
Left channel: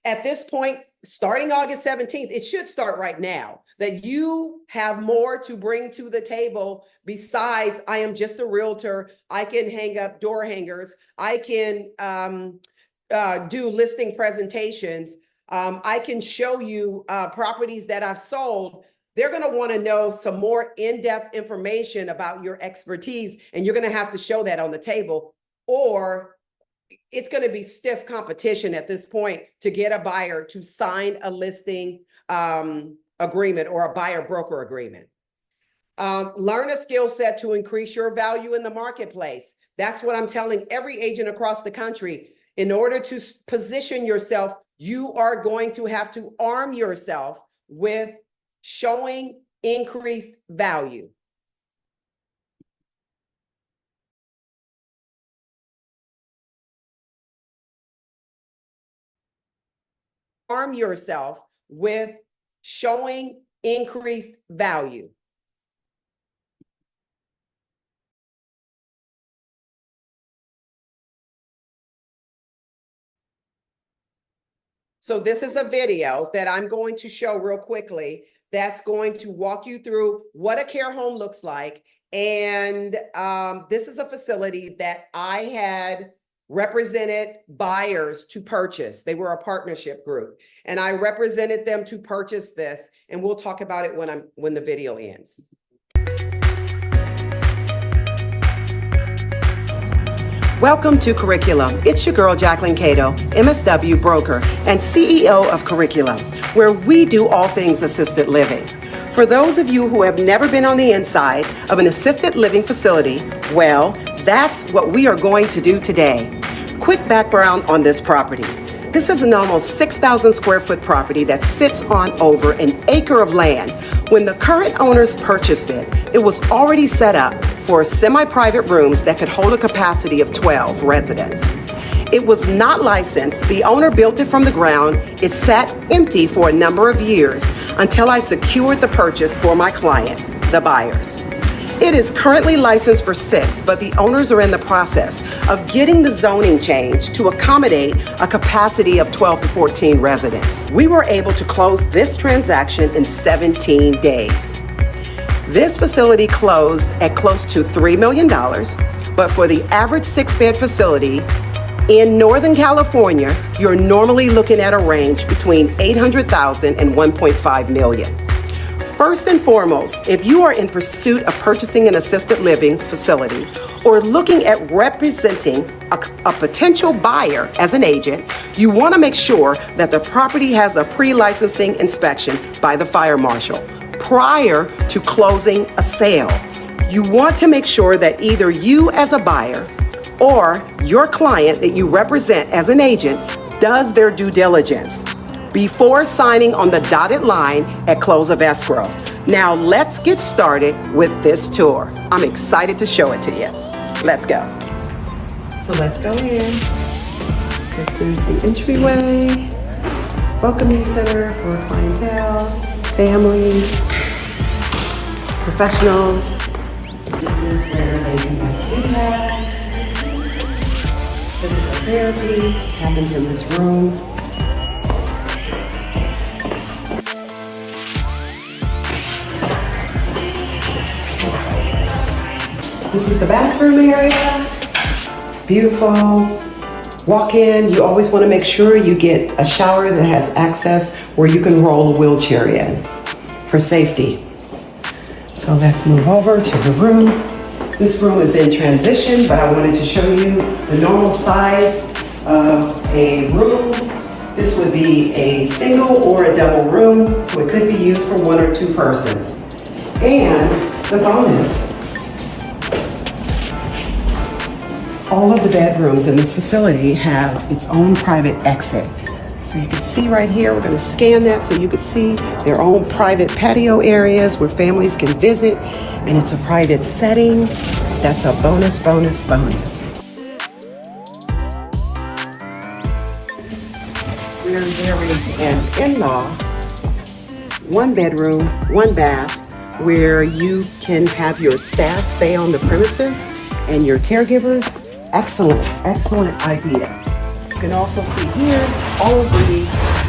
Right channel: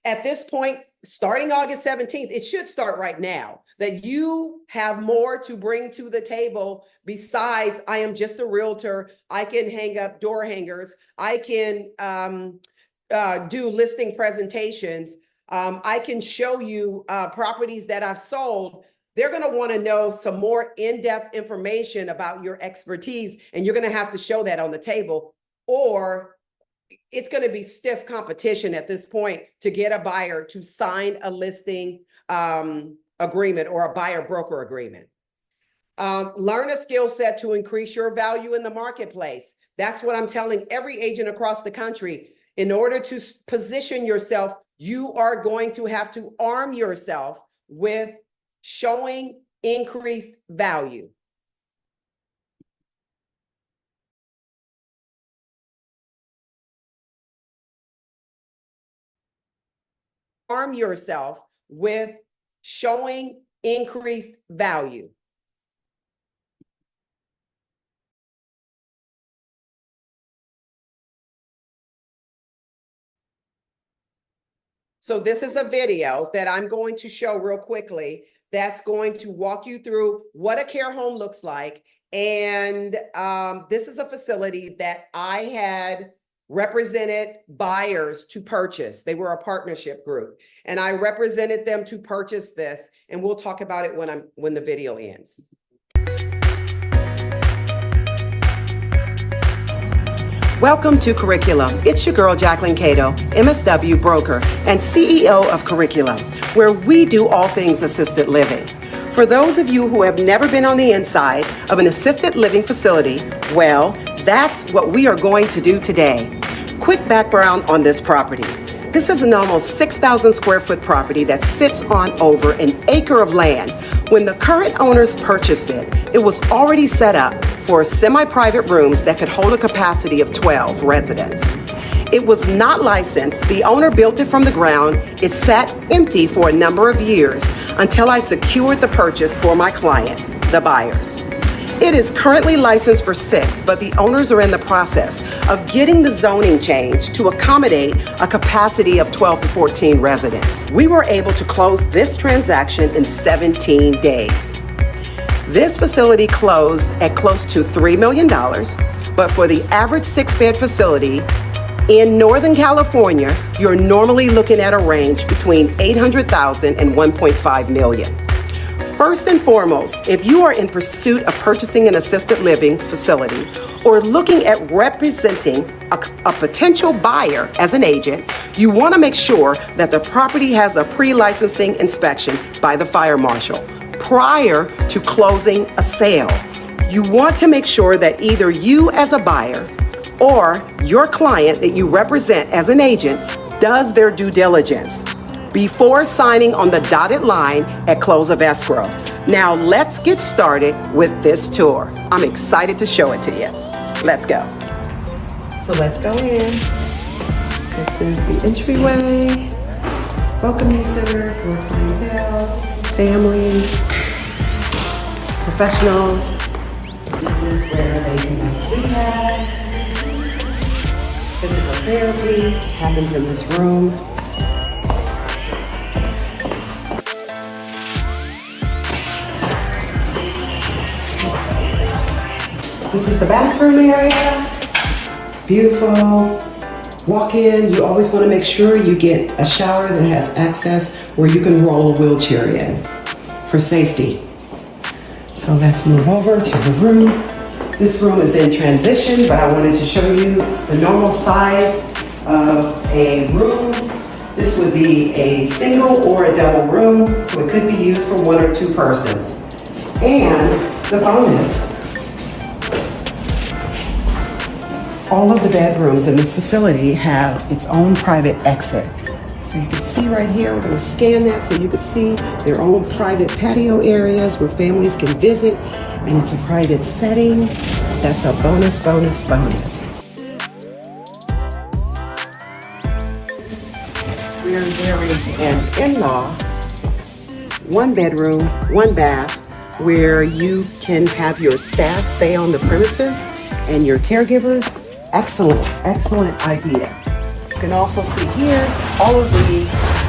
At this point, starting August 17th, it should start right now, that you have more to bring to the table besides I am just a realtor. I can hang up door hangers. I can do listing presentations. I can show you properties that I've sold. They're going to want to know some more in-depth information about your expertise, and you're going to have to show that on the table, or it's going to be stiff competition at this point to get a buyer to sign a listing agreement or a buyer broker agreement. Learn a skill set to increase your value in the marketplace. That's what I'm telling every agent across the country. In order to position yourself, you are going to have to arm yourself with showing increased value. Arm yourself with showing increased value. So this is a video that I'm going to show real quickly that's going to walk you through what a care home looks like. And this is a facility that I had represented buyers to purchase. They were a partnership group, and I represented them to purchase this. And we'll talk about it when the video ends. Welcome to Curriculum. It's your girl, Jacquelyn Cato, MSW broker and CEO of Curriculum, where we do all things assisted living. For those of you who have never been on the inside of an assisted living facility, well, that's what we are going to do today. Quick background on this property. This is an almost 6,000 square foot property that sits on over an acre of land. When the current owners purchased it, it was already set up for semi-private rooms that could hold a capacity of 12 residents. It was not licensed. The owner built it from the ground. It sat empty for a number of years until I secured the purchase for my client, the buyers. It is currently licensed for 6, but the owners are in the process of getting the zoning changed to accommodate a capacity of 12 to 14 residents. We were able to close this transaction in 17 days. This facility closed at close to $3 million, but for the average 6-bed facility in Northern California, you're normally looking at a range between $800,000 and $1.5 million. First and foremost, if you are in pursuit of purchasing an assisted living facility or looking at representing a potential buyer as an agent, you want to make sure that the property has a pre-licensing inspection by the fire marshal prior to closing a sale. You want to make sure that either you as a buyer or your client that you represent as an agent does their due diligence before signing on the dotted line at close of escrow. Now let's get started with this tour. I'm excited to show it to you. Let's go. So let's go in. This is the entryway, welcoming center for clientele, families, professionals. This is where they can do rehab, physical therapy happens in this room. This is the bathroom area. It's beautiful. Walk in. You always want to make sure you get a shower that has access where you can roll a wheelchair in for safety. So let's move over to the room. This room is in transition, but I wanted to show you the normal size of a room. This would be a single or a double room, so it could be used for 1 or 2 persons. And the bonus, all of the bedrooms in this facility have its own private exit. So you can see right here, we're going to scan that so you can see their own private patio areas where families can visit, and it's a private setting. That's a bonus, bonus, bonus. Where there is an in-law, 1 bedroom, 1 bath, where you can have your staff stay on the premises and your caregivers. Excellent, excellent idea. You can also see here all of the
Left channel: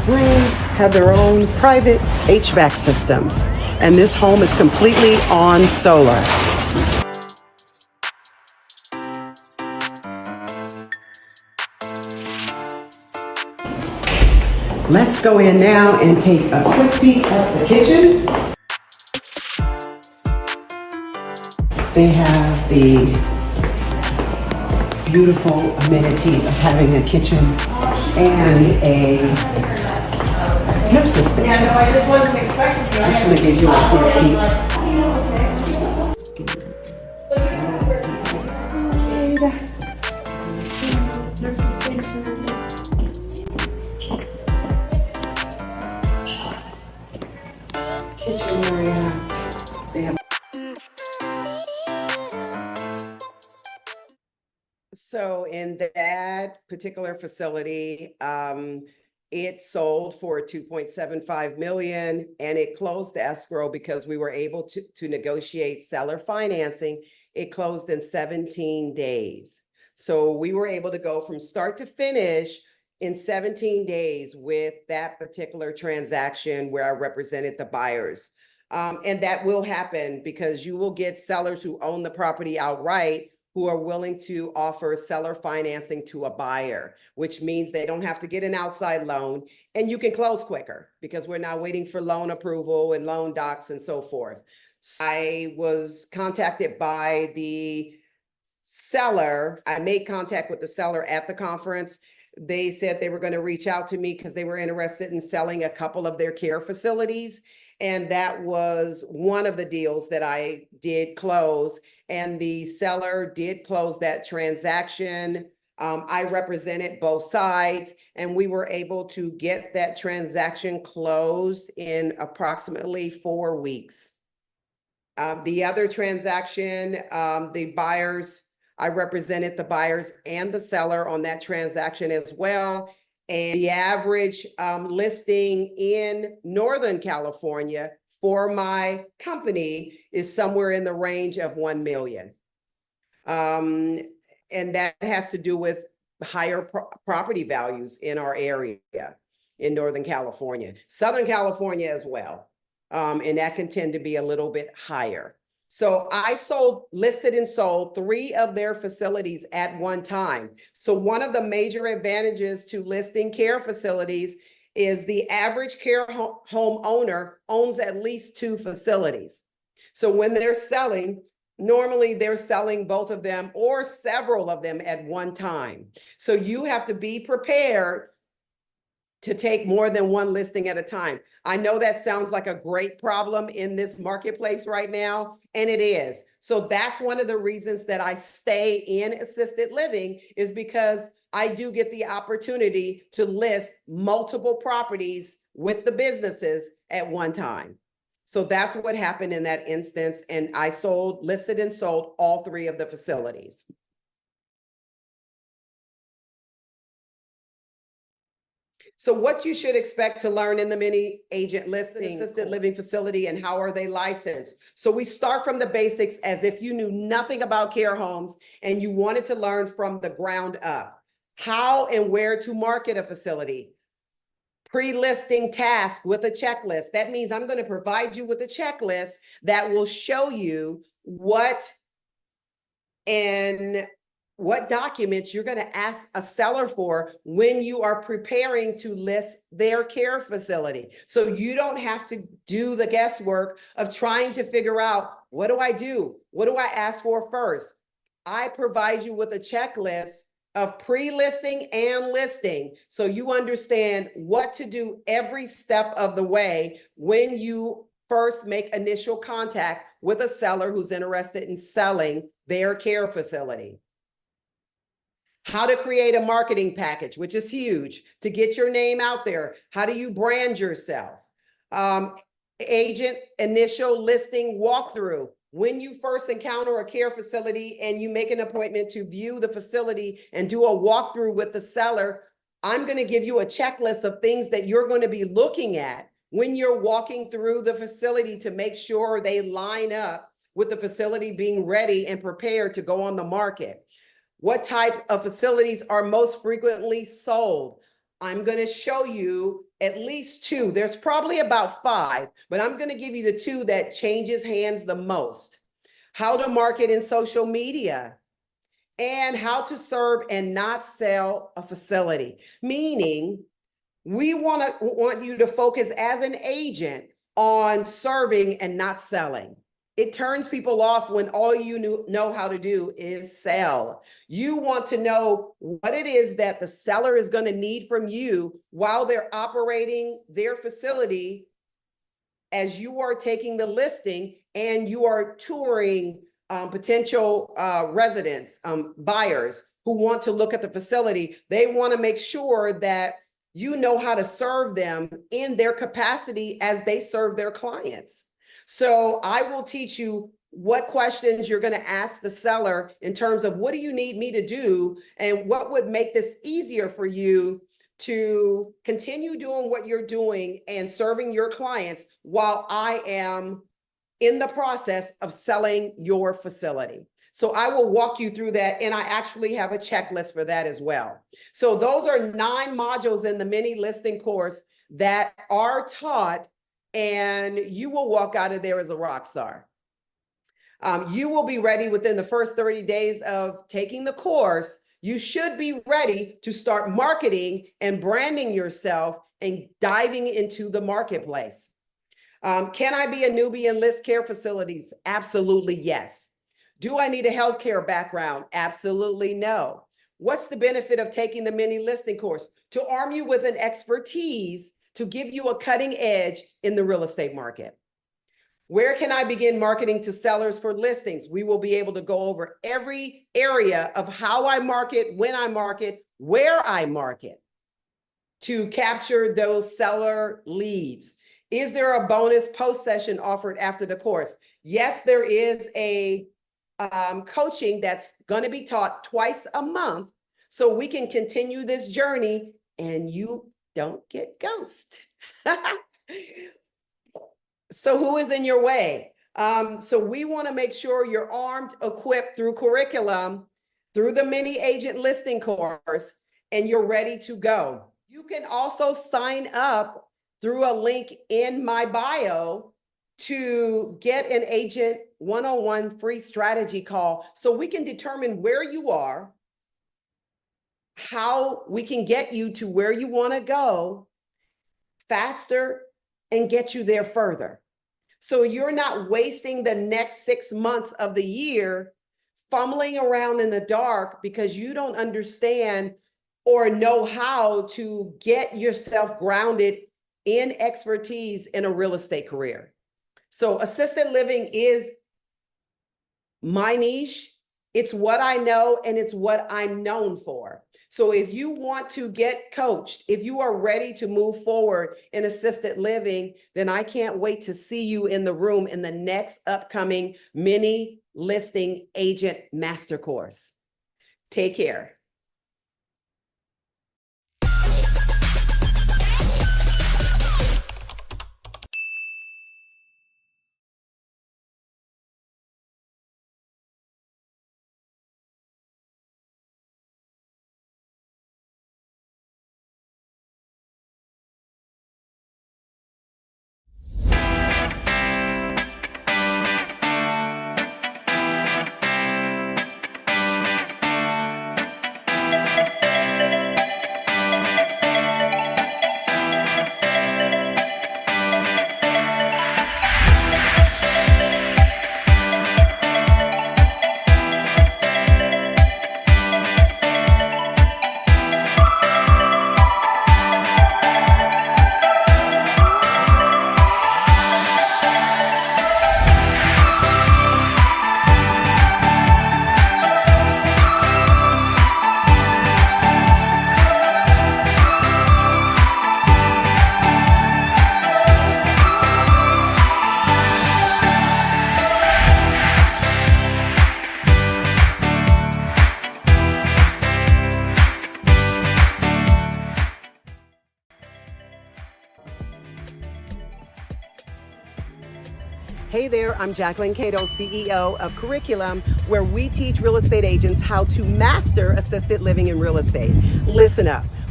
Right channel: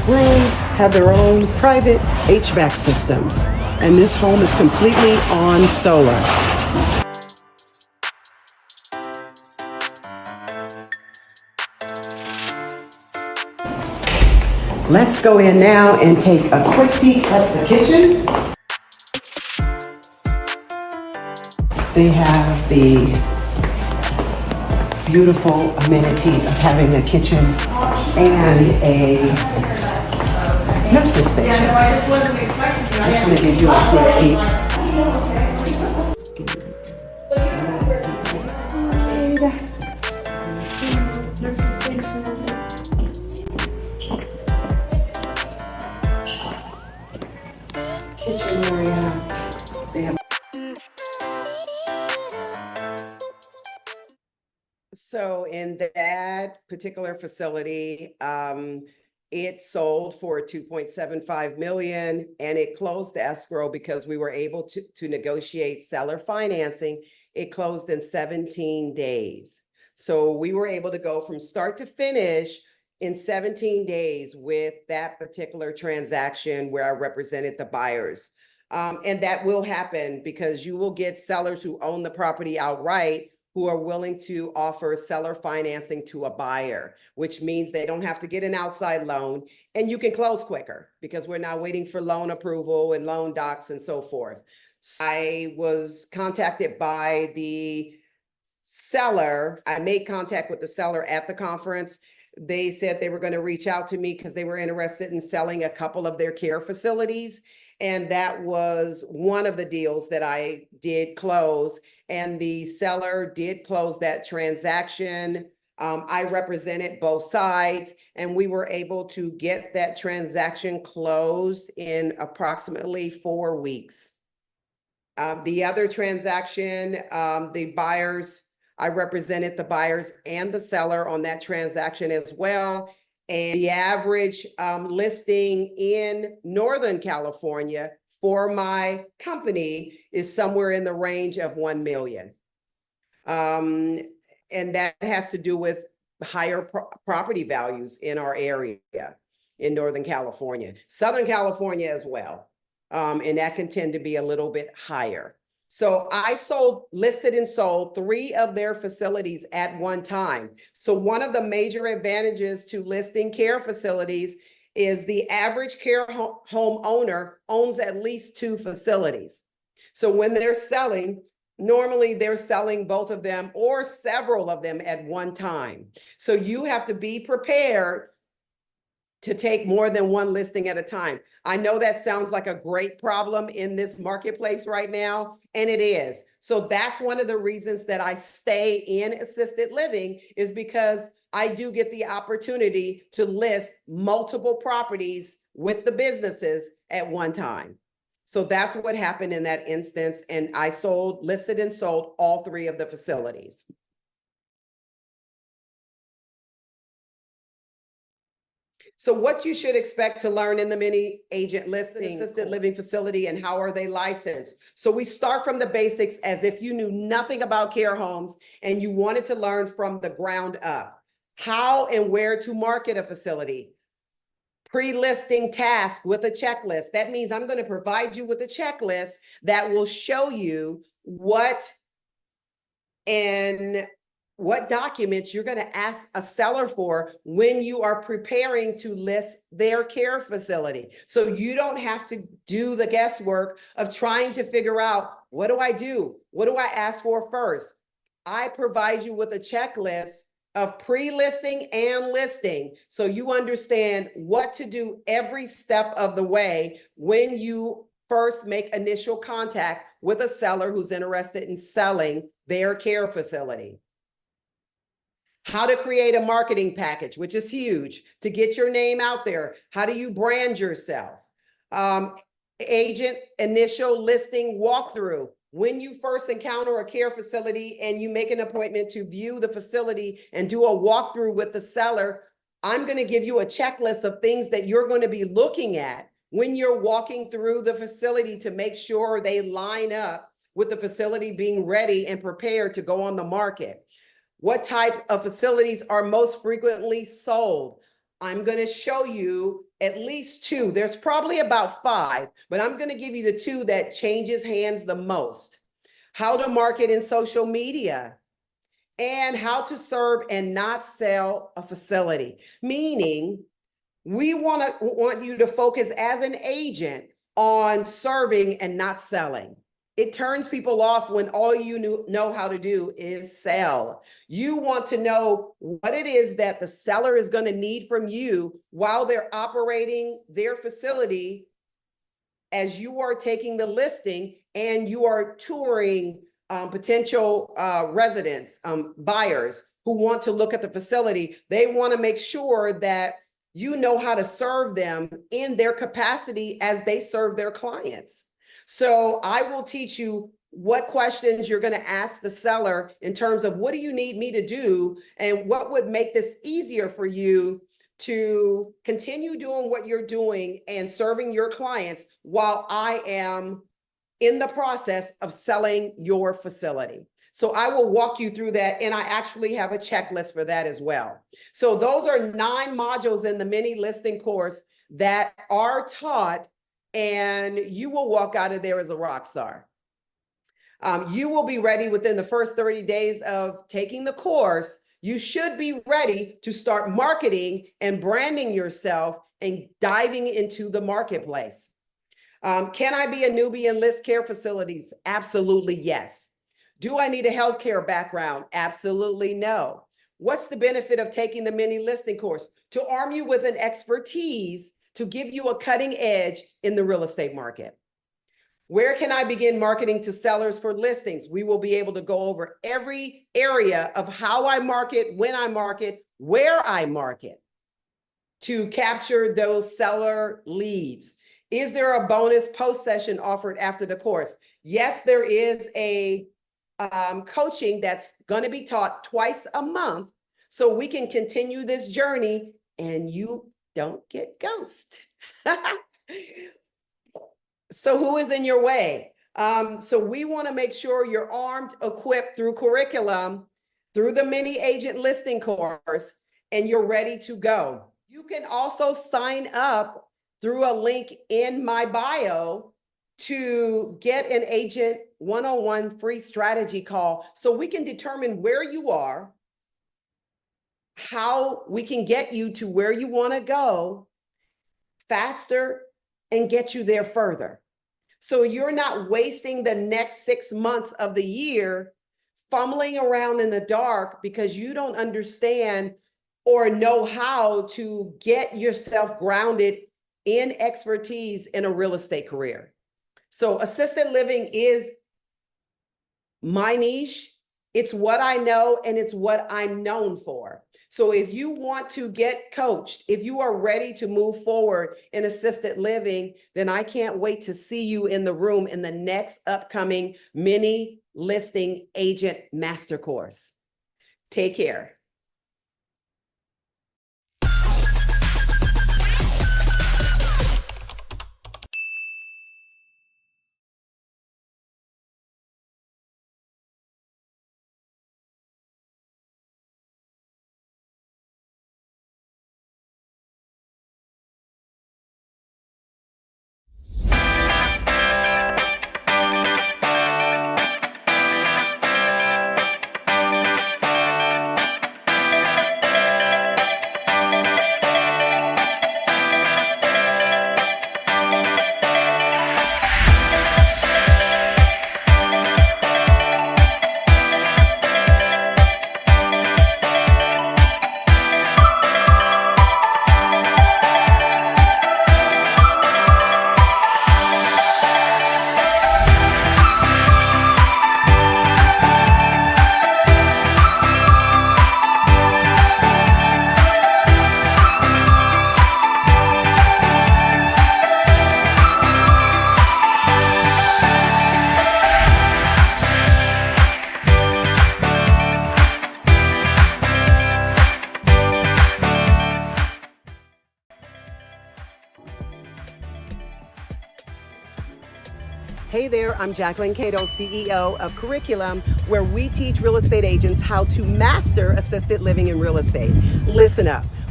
Rooms have their own private HVAC systems, and this home is completely on solar. Let's go in now and take a quick peek at the kitchen. They have the beautiful amenity of having a kitchen and a nurse's station. I'm just going to give you a sneak peek. Kitchen area. They have. So in that particular facility, it sold for 2.75 million and it closed the escrow because we were able to negotiate seller financing. It closed in 17 days. So we were able to go from start to finish in 17 days with that particular transaction where I represented the buyers. And that will happen because you will get sellers who own the property outright who are willing to offer seller financing to a buyer, which means they don't have to get an outside loan and you can close quicker because we're not waiting for loan approval and loan docs and so forth. So I was contacted by the seller. I made contact with the seller at the conference. They said they were going to reach out to me because they were interested in selling a couple of their care facilities. And that was one of the deals that I did close. And the seller did close that transaction. I represented both sides and we were able to get that transaction closed in approximately 4 weeks. The other transaction, the buyers, I represented the buyers and the seller on that transaction as well. And the average listing in Northern California for my company is somewhere in the range of 1 million. And that has to do with higher property values in our area in Northern California, Southern California as well. And that can tend to be a little bit higher. So I listed and sold 3 of their facilities at one time. So one of the major advantages to listing care facilities is the average care home owner owns at least 2 facilities. So when they're selling, normally they're selling both of them or several of them at one time. So you have to be prepared to take more than one listing at a time. I know that sounds like a great problem in this marketplace right now, and it is. So that's one of the reasons that I stay in assisted living is because I do get the opportunity to list multiple properties with the businesses at one time. So that's what happened in that instance. And I listed and sold all 3 of the facilities. So what you should expect to learn in the mini agent listing assisted living facility and how are they licensed? So we start from the basics as if you knew nothing about care homes and you wanted to learn from the ground up. How and where to market a facility. Pre-listing task with a checklist. That means I'm going to provide you with a checklist that will show you what documents you're going to ask a seller for when you are preparing to list their care facility. So you don't have to do the guesswork of trying to figure out, what do I do? What do I ask for first? I provide you with a checklist of pre-listing and listing so you understand what to do every step of the way when you first make initial contact with a seller who's interested in selling their care facility. How to create a marketing package, which is huge, to get your name out there. How do you brand yourself? Agent initial listing walkthrough. When you first encounter a care facility and you make an appointment to view the facility and do a walkthrough with the seller, I'm going to give you a checklist of things that you're going to be looking at when you're walking through the facility to make sure they line up with the facility being ready and prepared to go on the market. What type of facilities are most frequently sold? I'm going to show you at least two. There's probably about five, but I'm going to give you the two that changes hands the most. How to market in social media and how to serve and not sell a facility. Meaning, we want you to focus as an agent on serving and not selling. It turns people off when all you know how to do is sell. You want to know what it is that the seller is going to need from you while they're operating their facility as you are taking the listing and you are touring potential residents, buyers who want to look at the facility. They want to make sure that you know how to serve them in their capacity as they serve their clients. So I will teach you what questions you're going to ask the seller in terms of what do you need me to do and what would make this easier for you to continue doing what you're doing and serving your clients while I am in the process of selling your facility. So I will walk you through that, and I actually have a checklist for that as well. So those are 9 modules in the mini listing course that are taught, and you will walk out of there as a rock star. You will be ready within the first 30 days of taking the course. You should be ready to start marketing and branding yourself and diving into the marketplace. Can I be a newbie in list care facilities? Absolutely, yes. Do I need a healthcare background? Absolutely no. What's the benefit of taking the mini listing course? To arm you with an expertise to give you a cutting edge in the real estate market. Where can I begin marketing to sellers for listings? We will be able to go over every area of how I market, when I market, where I market to capture those seller leads. Is there a bonus post session offered after the course? Yes, there is a coaching that's going to be taught twice a month so we can continue this journey and you don't get ghosted. So who is in your way? So we want to make sure you're armed, equipped through curriculum, through the mini agent listing course, and you're ready to go. You can also sign up through a link in my bio to get an agent one-on-one free strategy call so we can determine where you are, how we can get you to where you want to go faster and get you there further. So you're not wasting the next 6 months of the year fumbling around in the dark because you don't understand or know how to get yourself grounded in expertise in a real estate career. So assisted living is my niche. It's what I know and it's what I'm known for. So if you want to get coached, if you are ready to move forward in assisted living, then I can't wait to see you in the room in the next upcoming mini listing agent master course. Take care. Hey there, I'm Jacquelyn, CEO of Curriculum, where we teach real estate agents how to master assisted living in real estate. Listen up.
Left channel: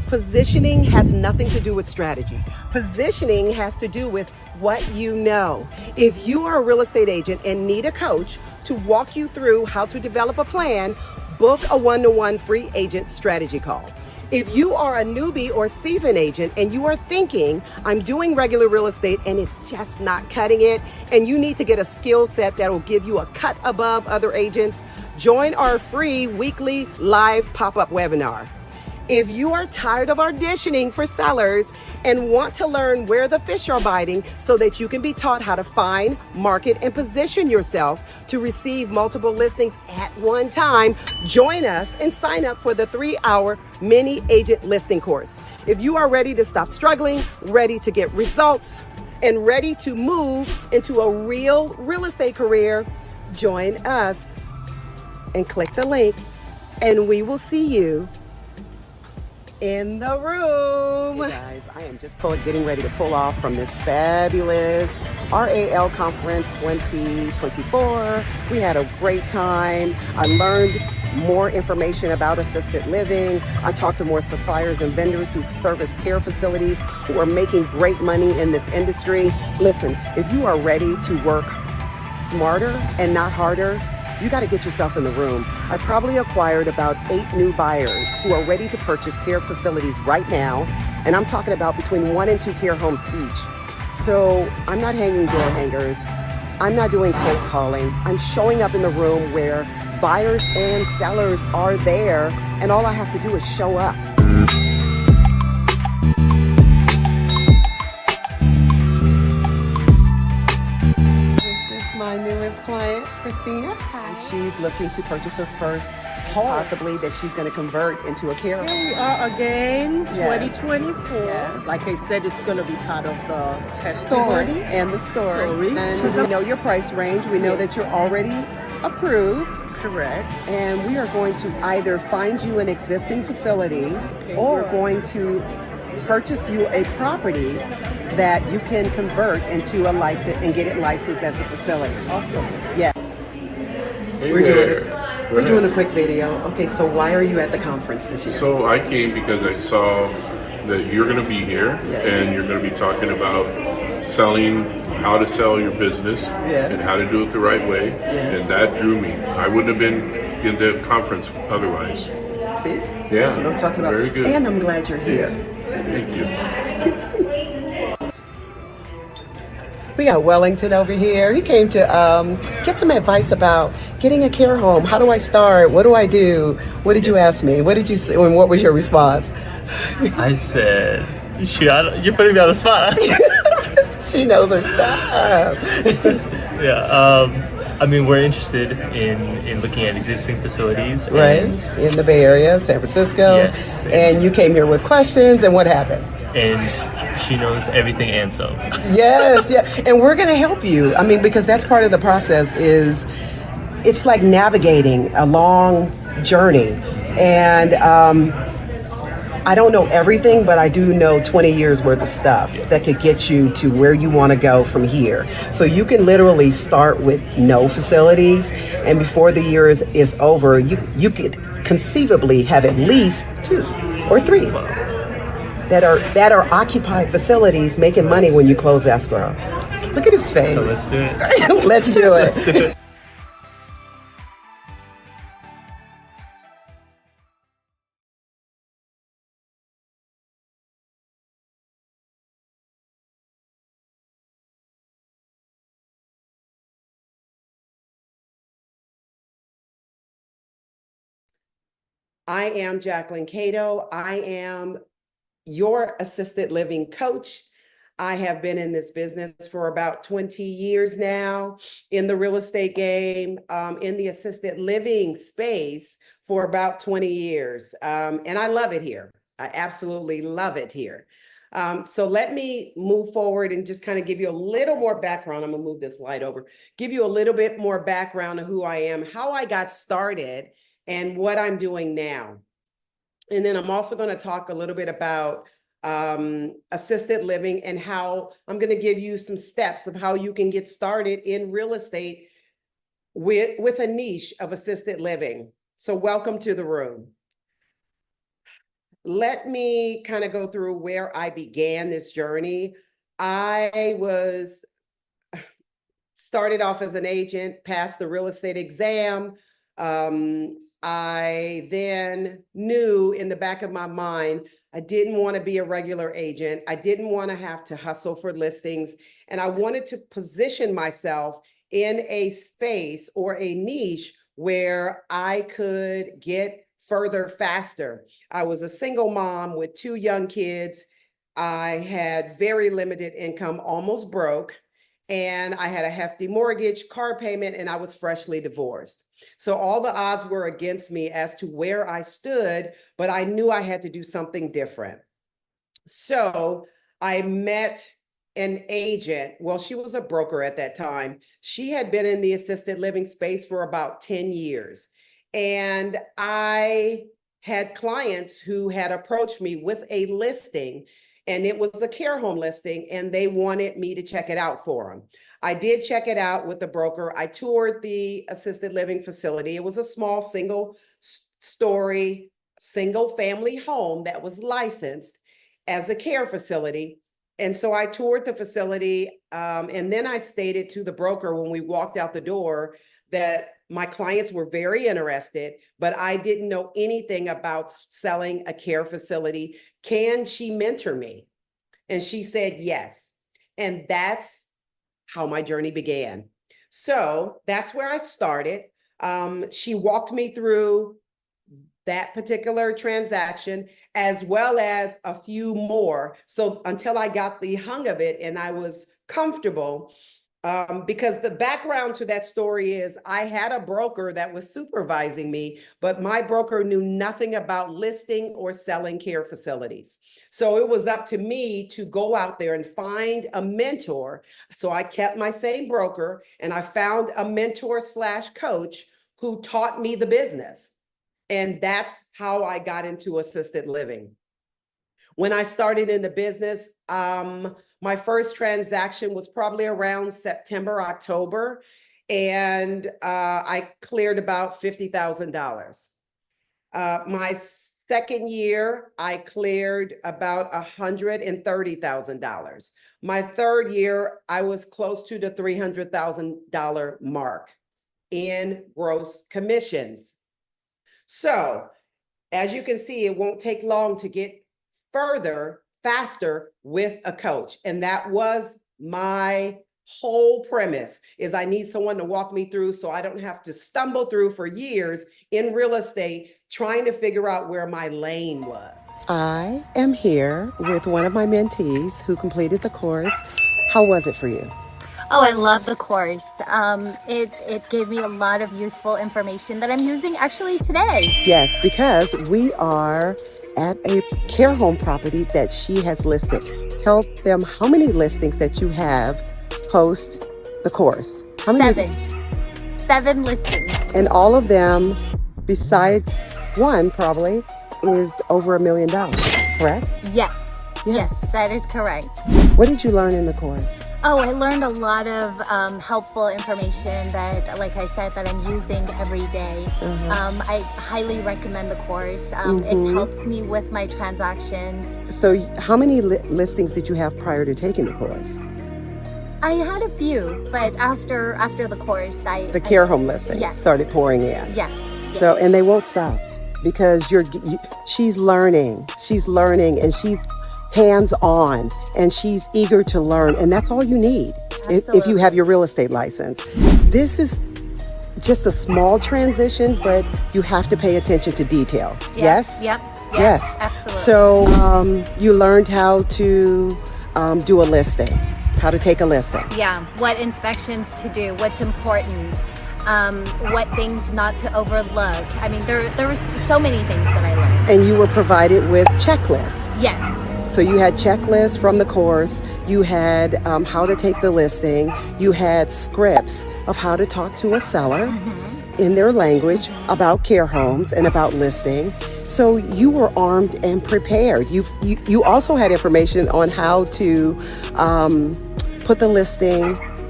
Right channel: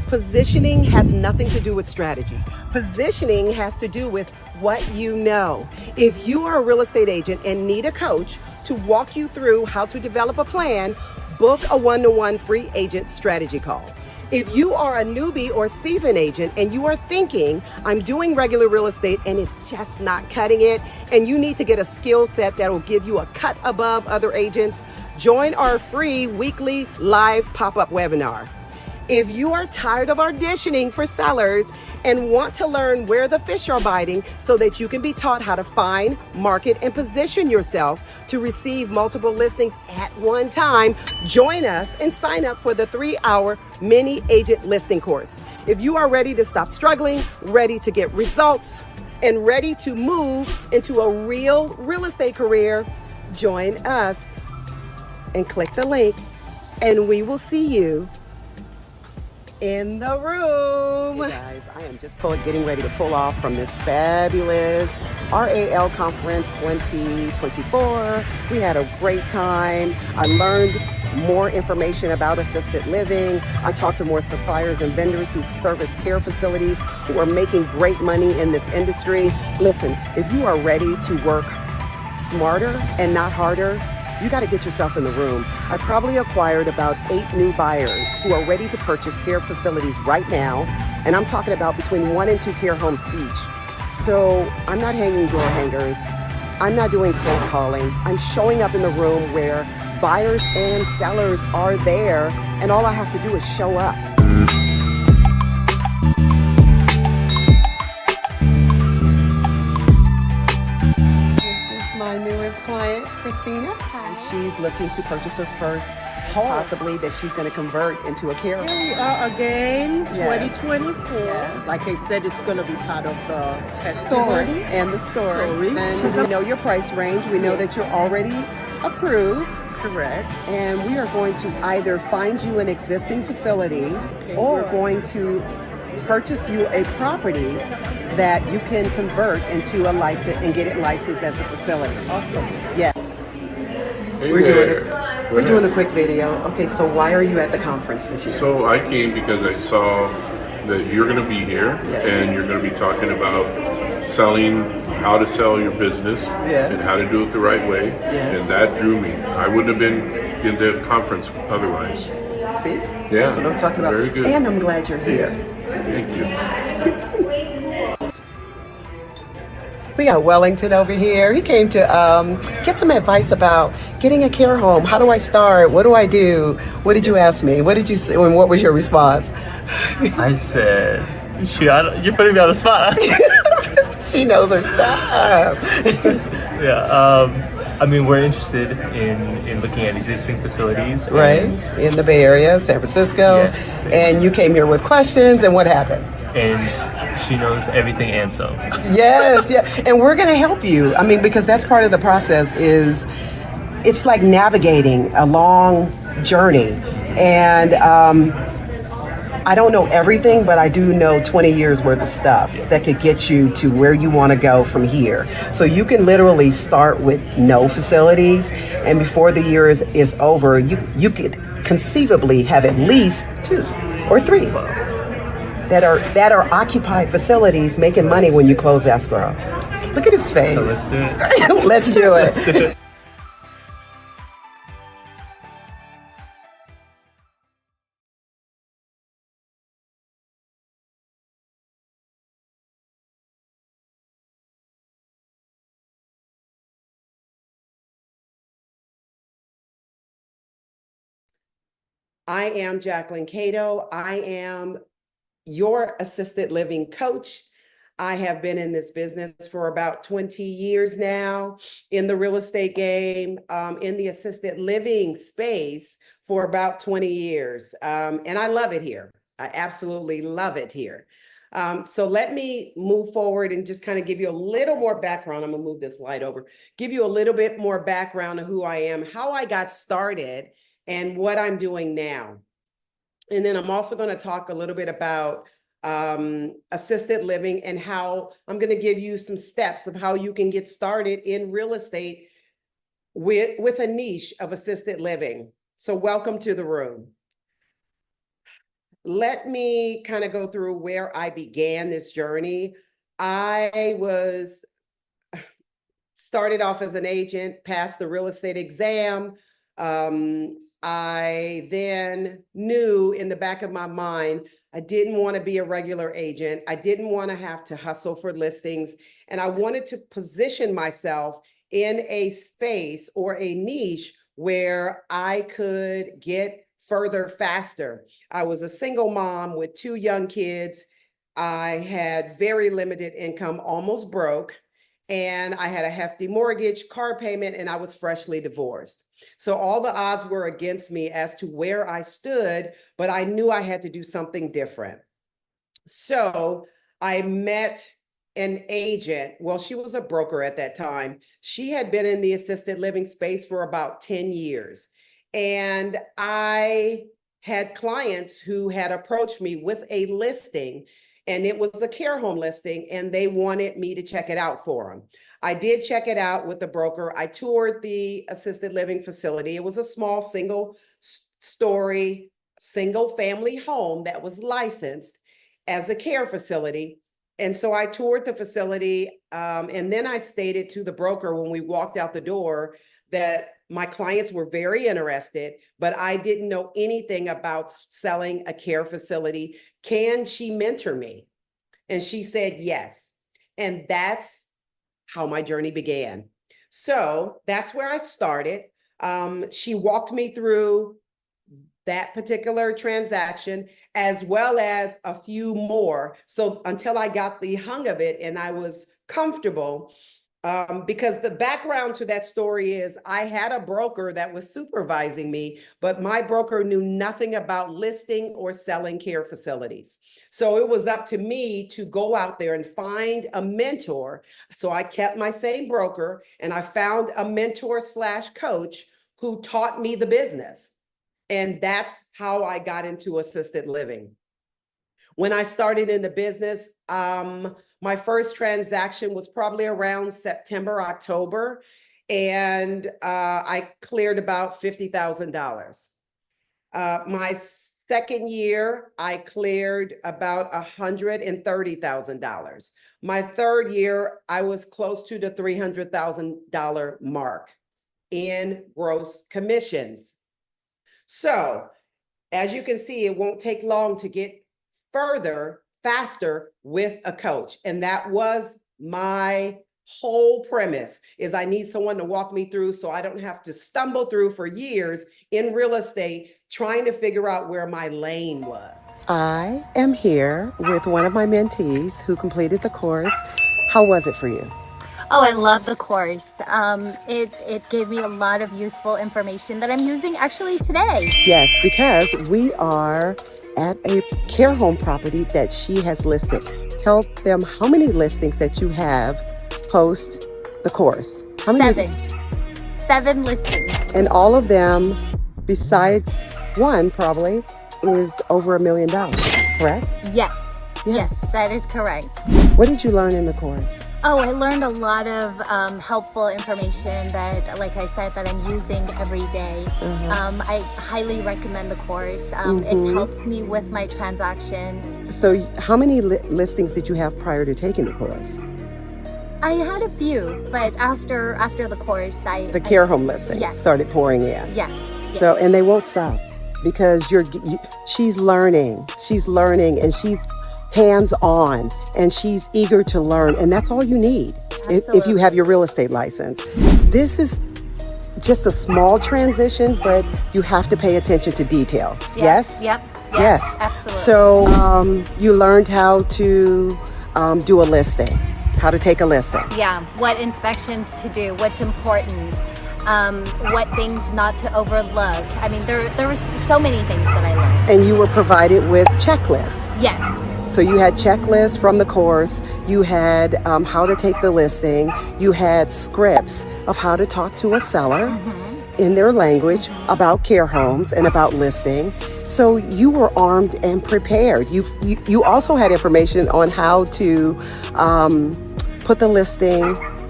Positioning has nothing to do with strategy. Positioning has to do with what you know. If you are a real estate agent and need a coach to walk you through how to develop a plan, book a one-to-one free agent strategy call. If you are a newbie or seasoned agent and you are thinking, I'm doing regular real estate and it's just not cutting it, and you need to get a skill set that will give you a cut above other agents, join our free weekly live pop-up webinar. If you are tired of auditioning for sellers and want to learn where the fish are biting so that you can be taught how to find, market, and position yourself to receive multiple listings at one time, join us and sign up for the 3-hour mini agent listing course. If you are ready to stop struggling, ready to get results, and ready to move into a real estate career, join us and click the link, and we will see you in the room. Hey guys, I am just getting ready to pull off from this fabulous RAL Conference 2024. We had a great time. I learned more information about assisted living. I talked to more suppliers and vendors who service care facilities who are making great money in this industry. Listen, if you are ready to work smarter and not harder, you got to get yourself in the room. I probably acquired about 8 new buyers who are ready to purchase care facilities right now. And I'm talking about between 1 and 2 care homes each. So I'm not hanging door hangers. I'm not doing cold calling. I'm showing up in the room where buyers and sellers are there. And all I have to do is show up. My newest client, Christina. Hi. She's looking to purchase her first home, possibly that she's going to convert into a care home. Here we are again, Yes. 2024. Yes. Like I said, it's going to be part of the Story testimony. and the story. And She's we know your price range. We know that you're already approved. Correct. And we are going to either find you an existing facility or good. going to purchase you a property that you can convert into a license and get it licensed as a facility. Awesome. Yeah. Hey We're doing it. there. We're doing a quick video. Okay, so why are you at the conference this year? So I came because I saw that you're going to be here Yes. and you're going to be talking about selling, how to sell your business Yes. and how to do it the right way. Yes. And that drew me. I wouldn't have been in the conference otherwise. See? Yeah. That's what I'm talking about. Very good. And I'm glad you're here. Thank you. We got Wellington over here. He came to get some advice about getting a care home. How do I start? What do I do? What did you ask me? What did you say? And what was your response? I said, you're putting me on the spot. She knows her stuff. Yeah. I mean, we're interested in looking at existing facilities. Right? In the Bay Area, San Francisco. Yes. And you came here with questions, and what happened? And she knows everything and some. Yes, yeah. And we're going to help you. I mean, because that's part of the process is it's like navigating a long journey. And I don't know everything, but I do know 20 years worth of stuff that could get you to where you want to go from here. So you can literally start with no facilities, and before the year is over, you could conceivably have at least 2 or 3 that are occupied facilities making money when you close escrow. Look at his face. So let's do it. Let's do it. Let's do it. I am Jacquelyn Cato. I am your assisted living coach. I have been in this business for about 20 years now, in the real estate game, in the assisted living space for about 20 years. And I love it here. I absolutely love it here. So let me move forward and just kind of give you a little more background. I'm gonna move this light over, give you a little bit more background of who I am, how I got started, and what I'm doing now. And then I'm also going to talk a little bit about assisted living and how I'm going to give you some steps of how you can get started in real estate with a niche of assisted living. So welcome to the room. let me kind of go through where I began this journey. I was started off as an agent, passed the real estate exam. I then knew in the back of my mind, I didn't want to be a regular agent. I didn't want to have to hustle for listings. And I wanted to position myself in a space or a niche where I could get further faster. I was a single mom with 2 young kids. I had very limited income, almost broke, and I had a hefty mortgage, car payment, and I was freshly divorced. So all the odds were against me as to where I stood, but I knew I had to do something different. So I met an agent. Well, she was a broker at that time. She had been in the assisted living space for about 10 years. And I had clients who had approached me with a listing, and it was a care home listing, and they wanted me to check it out for them. I did check it out with the broker. I toured the assisted living facility. It was a small single-story, single-family home that was licensed as a care facility. And so I toured the facility, and then I stated to the broker when we walked out the door that my clients were very interested, but I didn't know anything about selling a care facility. Can she mentor me? And she said yes. And that's how my journey began. So that's where I started. She walked me through that particular transaction, as well as a few more. So until I got the hang of it and I was comfortable, because the background to that story is I had a broker that was supervising me, but my broker knew nothing about listing or selling care facilities. So it was up to me to go out there and find a mentor. So I kept my same broker and I found a mentor / coach who taught me the business. And that's how I got into assisted living. When I started in the business, my first transaction was probably around September, October, and I cleared about $50,000. My second year, I cleared about $130,000. My third year, I was close to the $300,000 mark in gross commissions. So, as you can see, it won't take long to get further, faster with a coach. And that was my whole premise, is I need someone to walk me through so I don't have to stumble through for years in real estate trying to figure out where my lane was. I am here with one of my mentees who completed the course. How was it for you? Oh, I love the course. It gave me a lot of useful information that I'm using actually today. Yes, because we are at a care home property that she has listed. Tell them how many listings that you have post the course. How many? 7 listings. And all of them, besides one probably, is over $1 million, correct? Yes. Yes, that is correct. What did you learn in the course? Oh, I learned a lot of helpful information that, like I said, that I'm using every day. I highly recommend the course. It's helped me with my transactions. So how many listings did you have prior to taking the course? I had a few, but after the course, The care home listings started pouring in. Yes. So, and they won't stop because she's learning, and she's hands-on, and she's eager to learn, and that's all you need if you have your real estate license. This is just a small transition, but you have to pay attention to detail. Yes? Yes. Absolutely. So you learned how to do a listing, how to take a listing. Yeah, what inspections to do, what's important, what things not to overlook. I mean, there were so many things that I learned. And you were provided with checklists. Yes. So you had checklists from the course, you had how to take the listing, you had scripts of how to talk to a seller in their language about care homes and about listing. So you were armed and prepared. You also had information on how to put the listing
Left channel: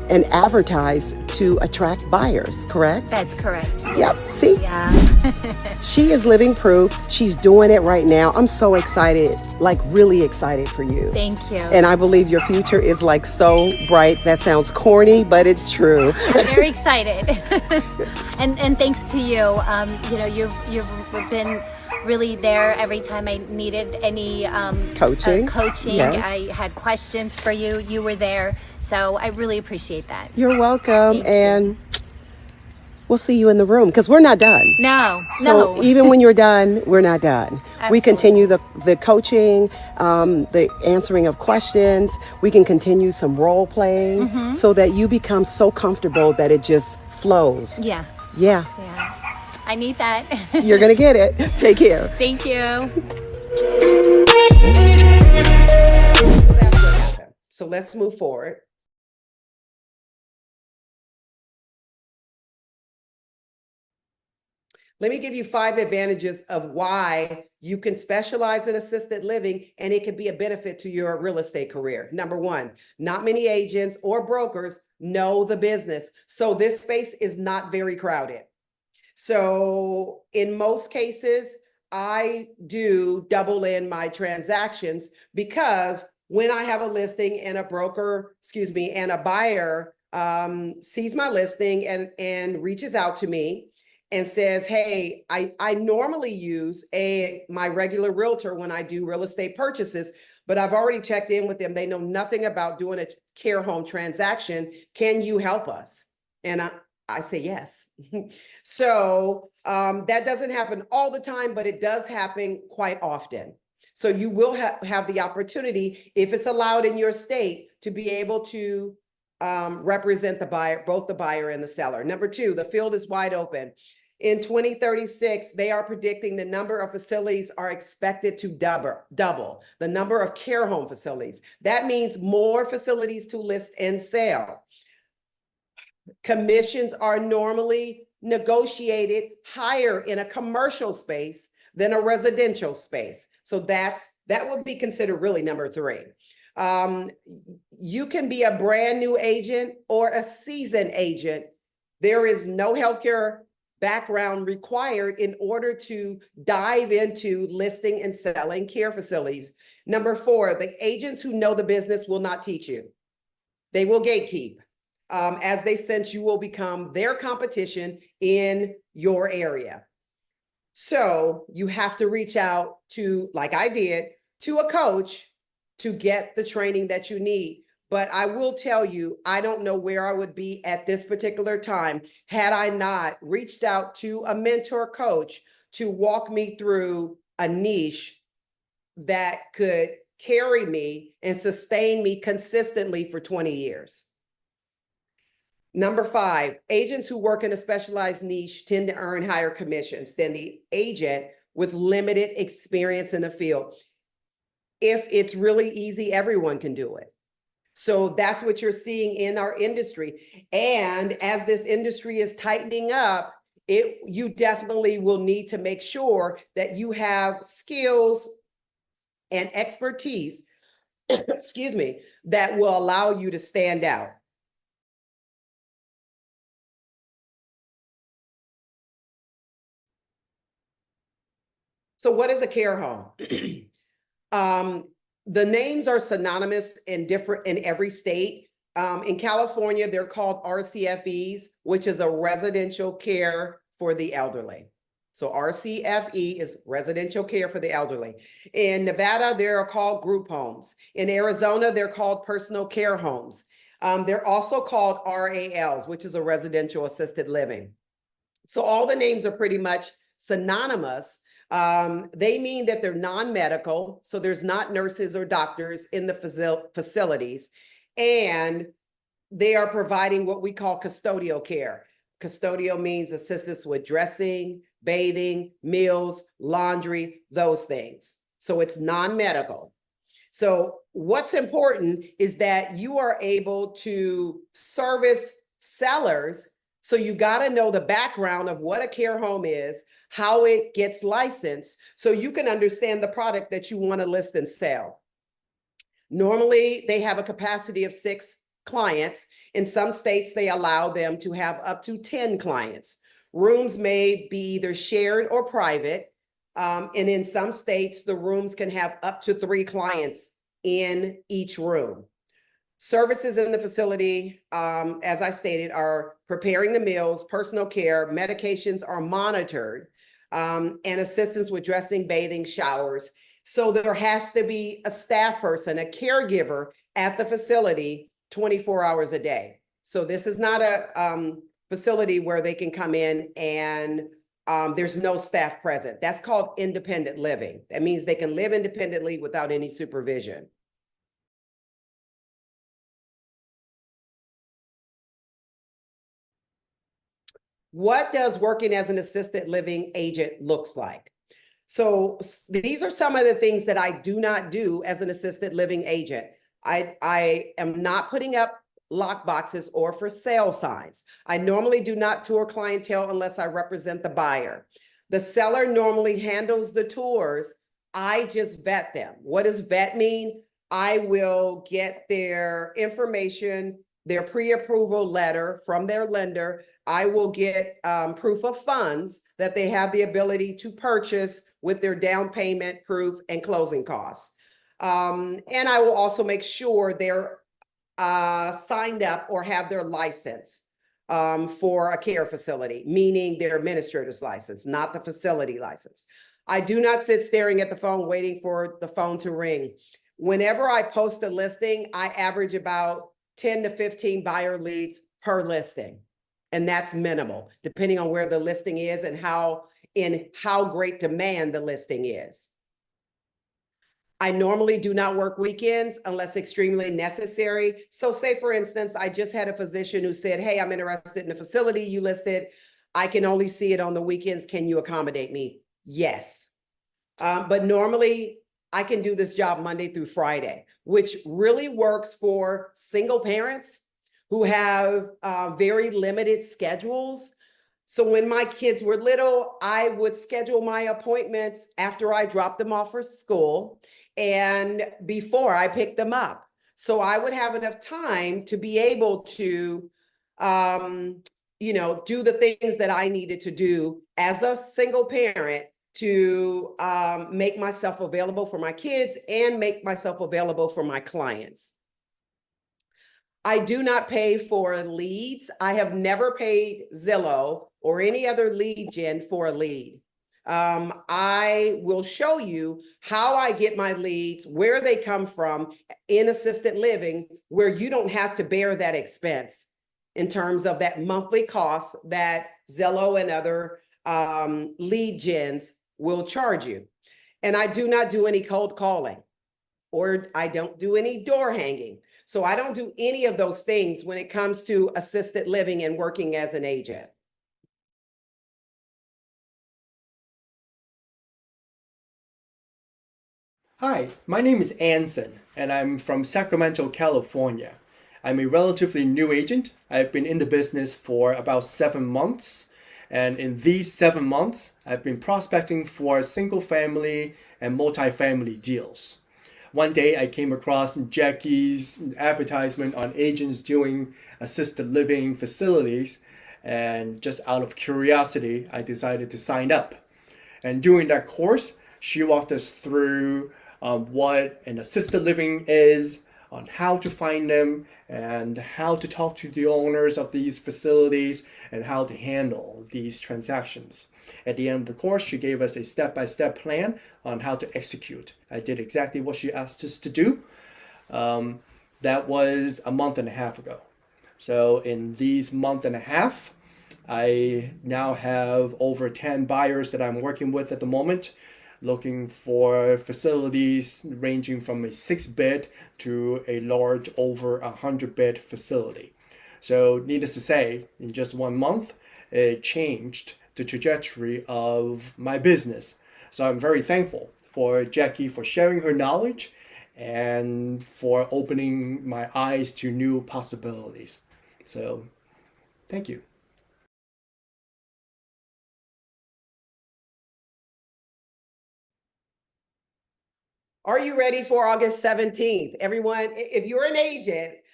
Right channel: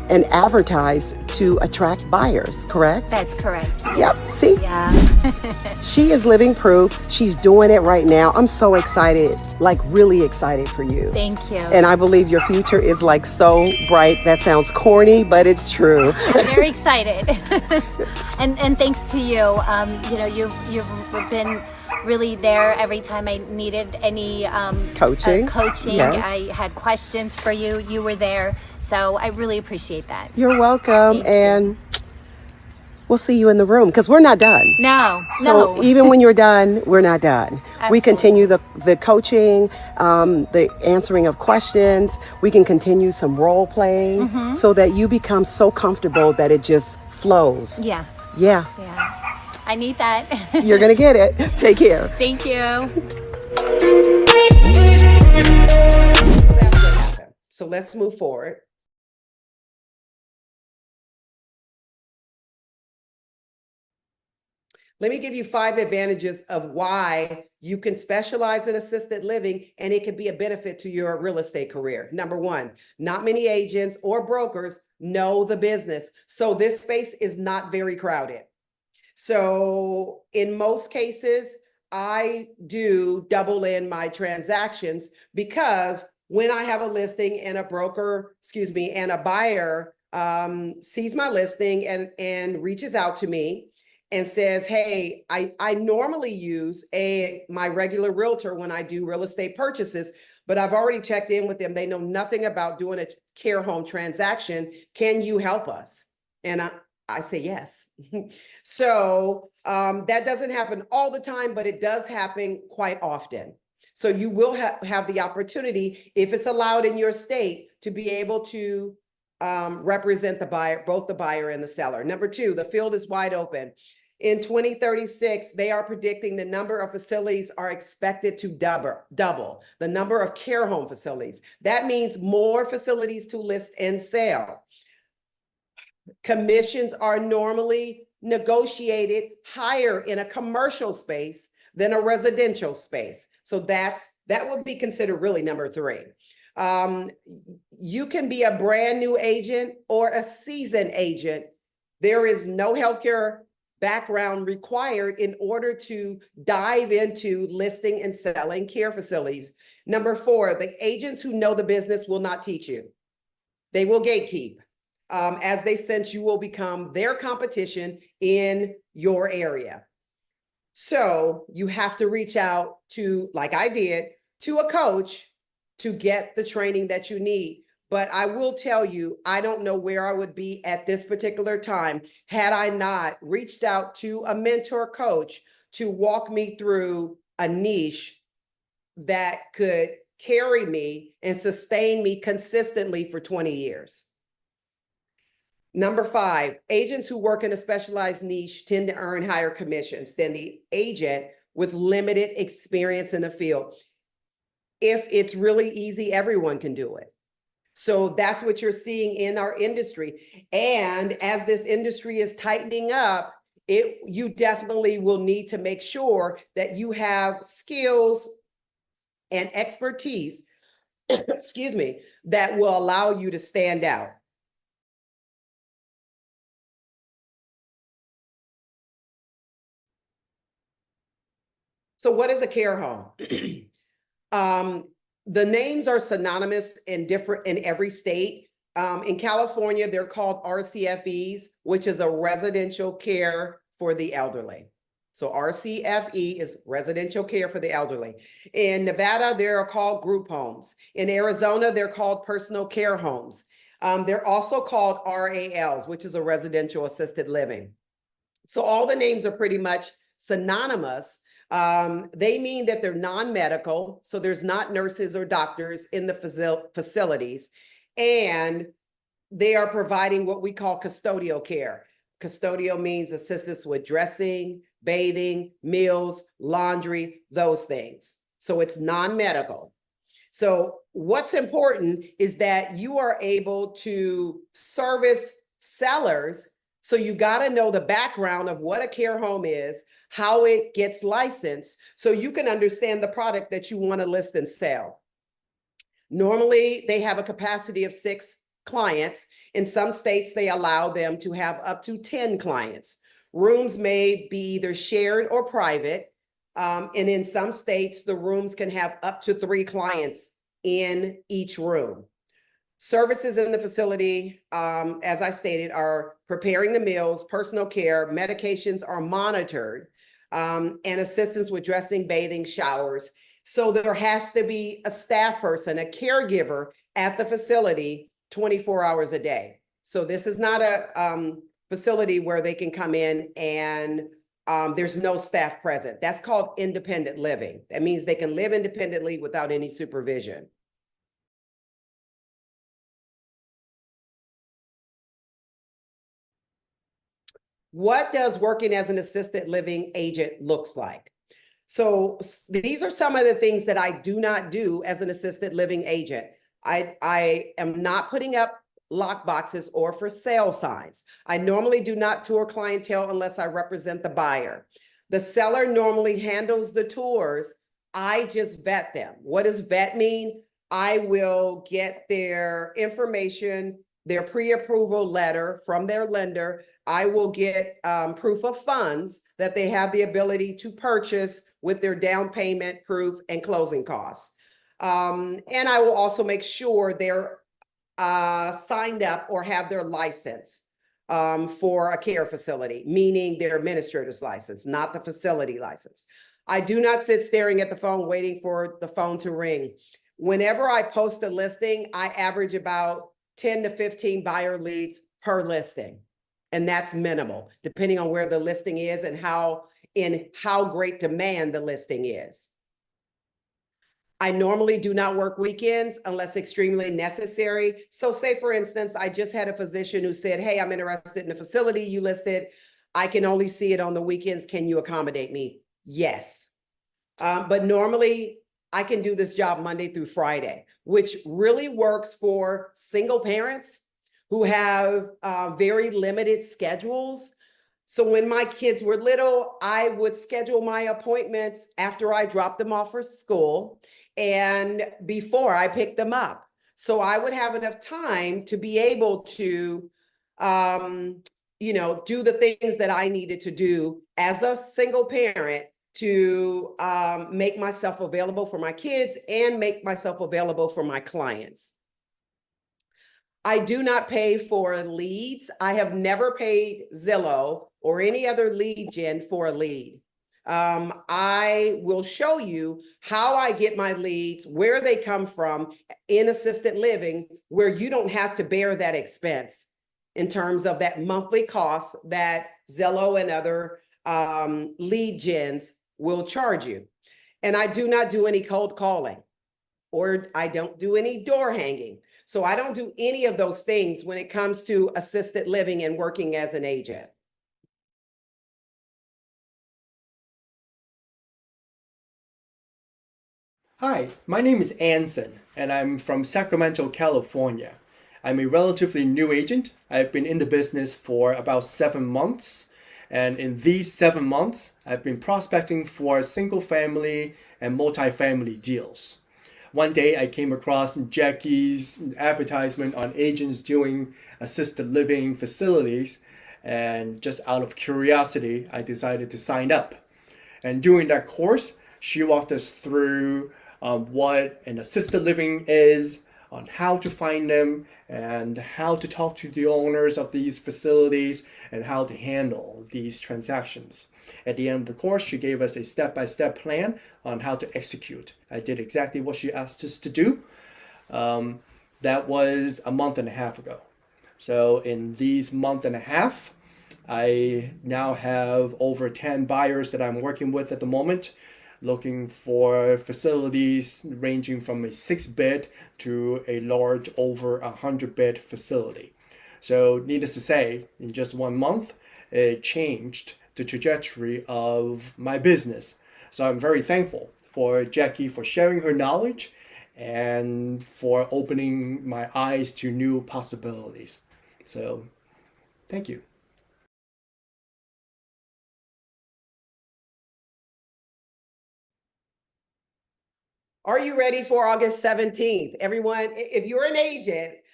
and advertise to attract buyers, correct? That's correct. Yep, see? Yeah. She is living proof. She's doing it right now. I'm so excited, like really excited for you. Thank you. And I believe your future is like so bright. That sounds corny, but it's true. I'm very excited. and thanks to you. You know, you've been really there every time I needed any Coaching. Yes. I had questions for you. You were there. So I really appreciate that. You're welcome. Thank you. And we'll see you in the room because we're not done. No. So even when you're done, we're not done. We continue the coaching, the answering of questions. We can continue some role playing so that you become so comfortable that it just flows. Yeah. Yeah. Yeah. I need that. You're going to get it. Take care. Thank you. That's what happened. So let's move forward. Let me give you 5 advantages of why you can specialize in assisted living and it can be a benefit to your real estate career. Number 1, not many agents or brokers know the business. So this space is not very crowded. So in most cases, I do double in my transactions because when I have a listing and a broker, and a buyer sees my listing and reaches out to me and says, hey, I normally use my regular realtor when I do real estate purchases, but I've already checked in with them. They know nothing about doing a care home transaction. Can you help us? And I say yes. So that doesn't happen all the time, but it does happen quite often. So you will have the opportunity, if it's allowed in your state, to be able to represent the buyer, both the buyer and the seller. Number 2, the field is wide open. In 2036, they are predicting the number of facilities are expected to double the number of care home facilities. That means more facilities to list and sell. Commissions are normally negotiated higher in a commercial space than a residential space. So that would be considered really number 3. You can be a brand new agent or a seasoned agent. There is no healthcare background required in order to dive into listing and selling care facilities. Number 4, the agents who know the business will not teach you. They will gatekeep. As they sense you will become their competition in your area. So you have to reach out to, like I did, to a coach to get the training that you need. But I will tell you, I don't know where I would be at this particular time had I not reached out to a mentor coach to walk me through a niche that could carry me and sustain me consistently for 20 years. Number 5, agents who work in a specialized niche tend to earn higher commissions than the agent with limited experience in the field. If it's really easy, everyone can do it. So that's what you're seeing in our industry. And as this industry is tightening up, you definitely will need to make sure that you have skills and expertise, that will allow you to stand out. So what is a care home? The names are synonymous in every state. In California, they're called RCFEs, which is a residential care for the elderly. So RCFE is residential care for the elderly. In Nevada, they're called group homes. In Arizona, they're called personal care homes. They're also called RALs, which is a residential assisted living. So all the names are pretty much synonymous. They mean that they're non-medical, so there's not nurses or doctors in the facilities, and they are providing what we call custodial care. Custodial means assistance with dressing, bathing, meals, laundry, those things. So it's non-medical. So what's important is that you are able to service sellers. So you got to know the background of what a care home is, how it gets licensed, so you can understand the product that you want to list and sell. Normally, they have a capacity of 6 clients. In some states, they allow them to have up to 10 clients. Rooms may be either shared or private. And in some states, the rooms can have up to 3 clients in each room. Services in the facility, as I stated, are preparing the meals, personal care, medications are monitored, and assistance with dressing, bathing, showers. So there has to be a staff person, a caregiver at the facility 24 hours a day. So this is not a facility where they can come in and there's no staff present. That's called independent living. That means they can live independently without any supervision. What does working as an assisted living agent looks like? So these are some of the things that I do not do as an assisted living agent. I am not putting up lock boxes or for sale signs. I normally do not tour clientele unless I represent the buyer. The seller normally handles the tours. I just vet them. What does vet mean? I will get their information, their pre-approval letter from their lender. I will get proof of funds that they have the ability to purchase with their down payment proof and closing costs. And I will also make sure they're signed up or have their license for a care facility, meaning their administrator's license, not the facility license. I do not sit staring at the phone waiting for the phone to ring. Whenever I post a listing, I average about 10 to 15 buyer leads per listing. And that's minimal, depending on where the listing is and how great demand the listing is. I normally do not work weekends unless extremely necessary. So say, for instance, I just had a physician who said, hey, I'm interested in the facility you listed. I can only see it on the weekends. Can you accommodate me? Yes. But normally I can do this job Monday through Friday, which really works for single parents who have very limited schedules. So when my kids were little, I would schedule my appointments after I dropped them off for school and before I picked them up. So I would have enough time to be able to, do the things that I needed to do as a single parent to make myself available for my kids and make myself available for my clients. I do not pay for leads. I have never paid Zillow or any other lead gen for a lead. I will show you how I get my leads, where they come from in assisted living, where you don't have to bear that expense in terms of that monthly cost that Zillow and other lead gens will charge you. And I do not do any cold calling, or I don't do any door hanging. So I don't do any of those things when it comes to assisted living and working as an agent. Hi, my name is Anson, and I'm from Sacramento, California. I'm a relatively new agent. I've been in the business for about 7 months, and in these 7 months, I've been prospecting for single family and multifamily deals. One day I came across Jackie's advertisement on agents doing assisted living facilities, and just out of curiosity, I decided to sign up. And during that course, she walked us through what an assisted living is, on how to find them, and how to talk to the owners of these facilities, and how to handle these transactions. At the end of the course, she gave us a step-by-step plan on how to execute. I did exactly what she asked us to do. That was a month and a half ago. So in these month and a half, I now have over 10 buyers that I'm working with at the moment, looking for facilities ranging from a 6-bed to a large over 100-bed facility. So needless to say, in just 1 month, it changed the trajectory of my business. So I'm very thankful for Jackie for sharing her knowledge and for opening my eyes to new possibilities. So thank you. Are you ready for August 17th? Everyone, if you're an agent,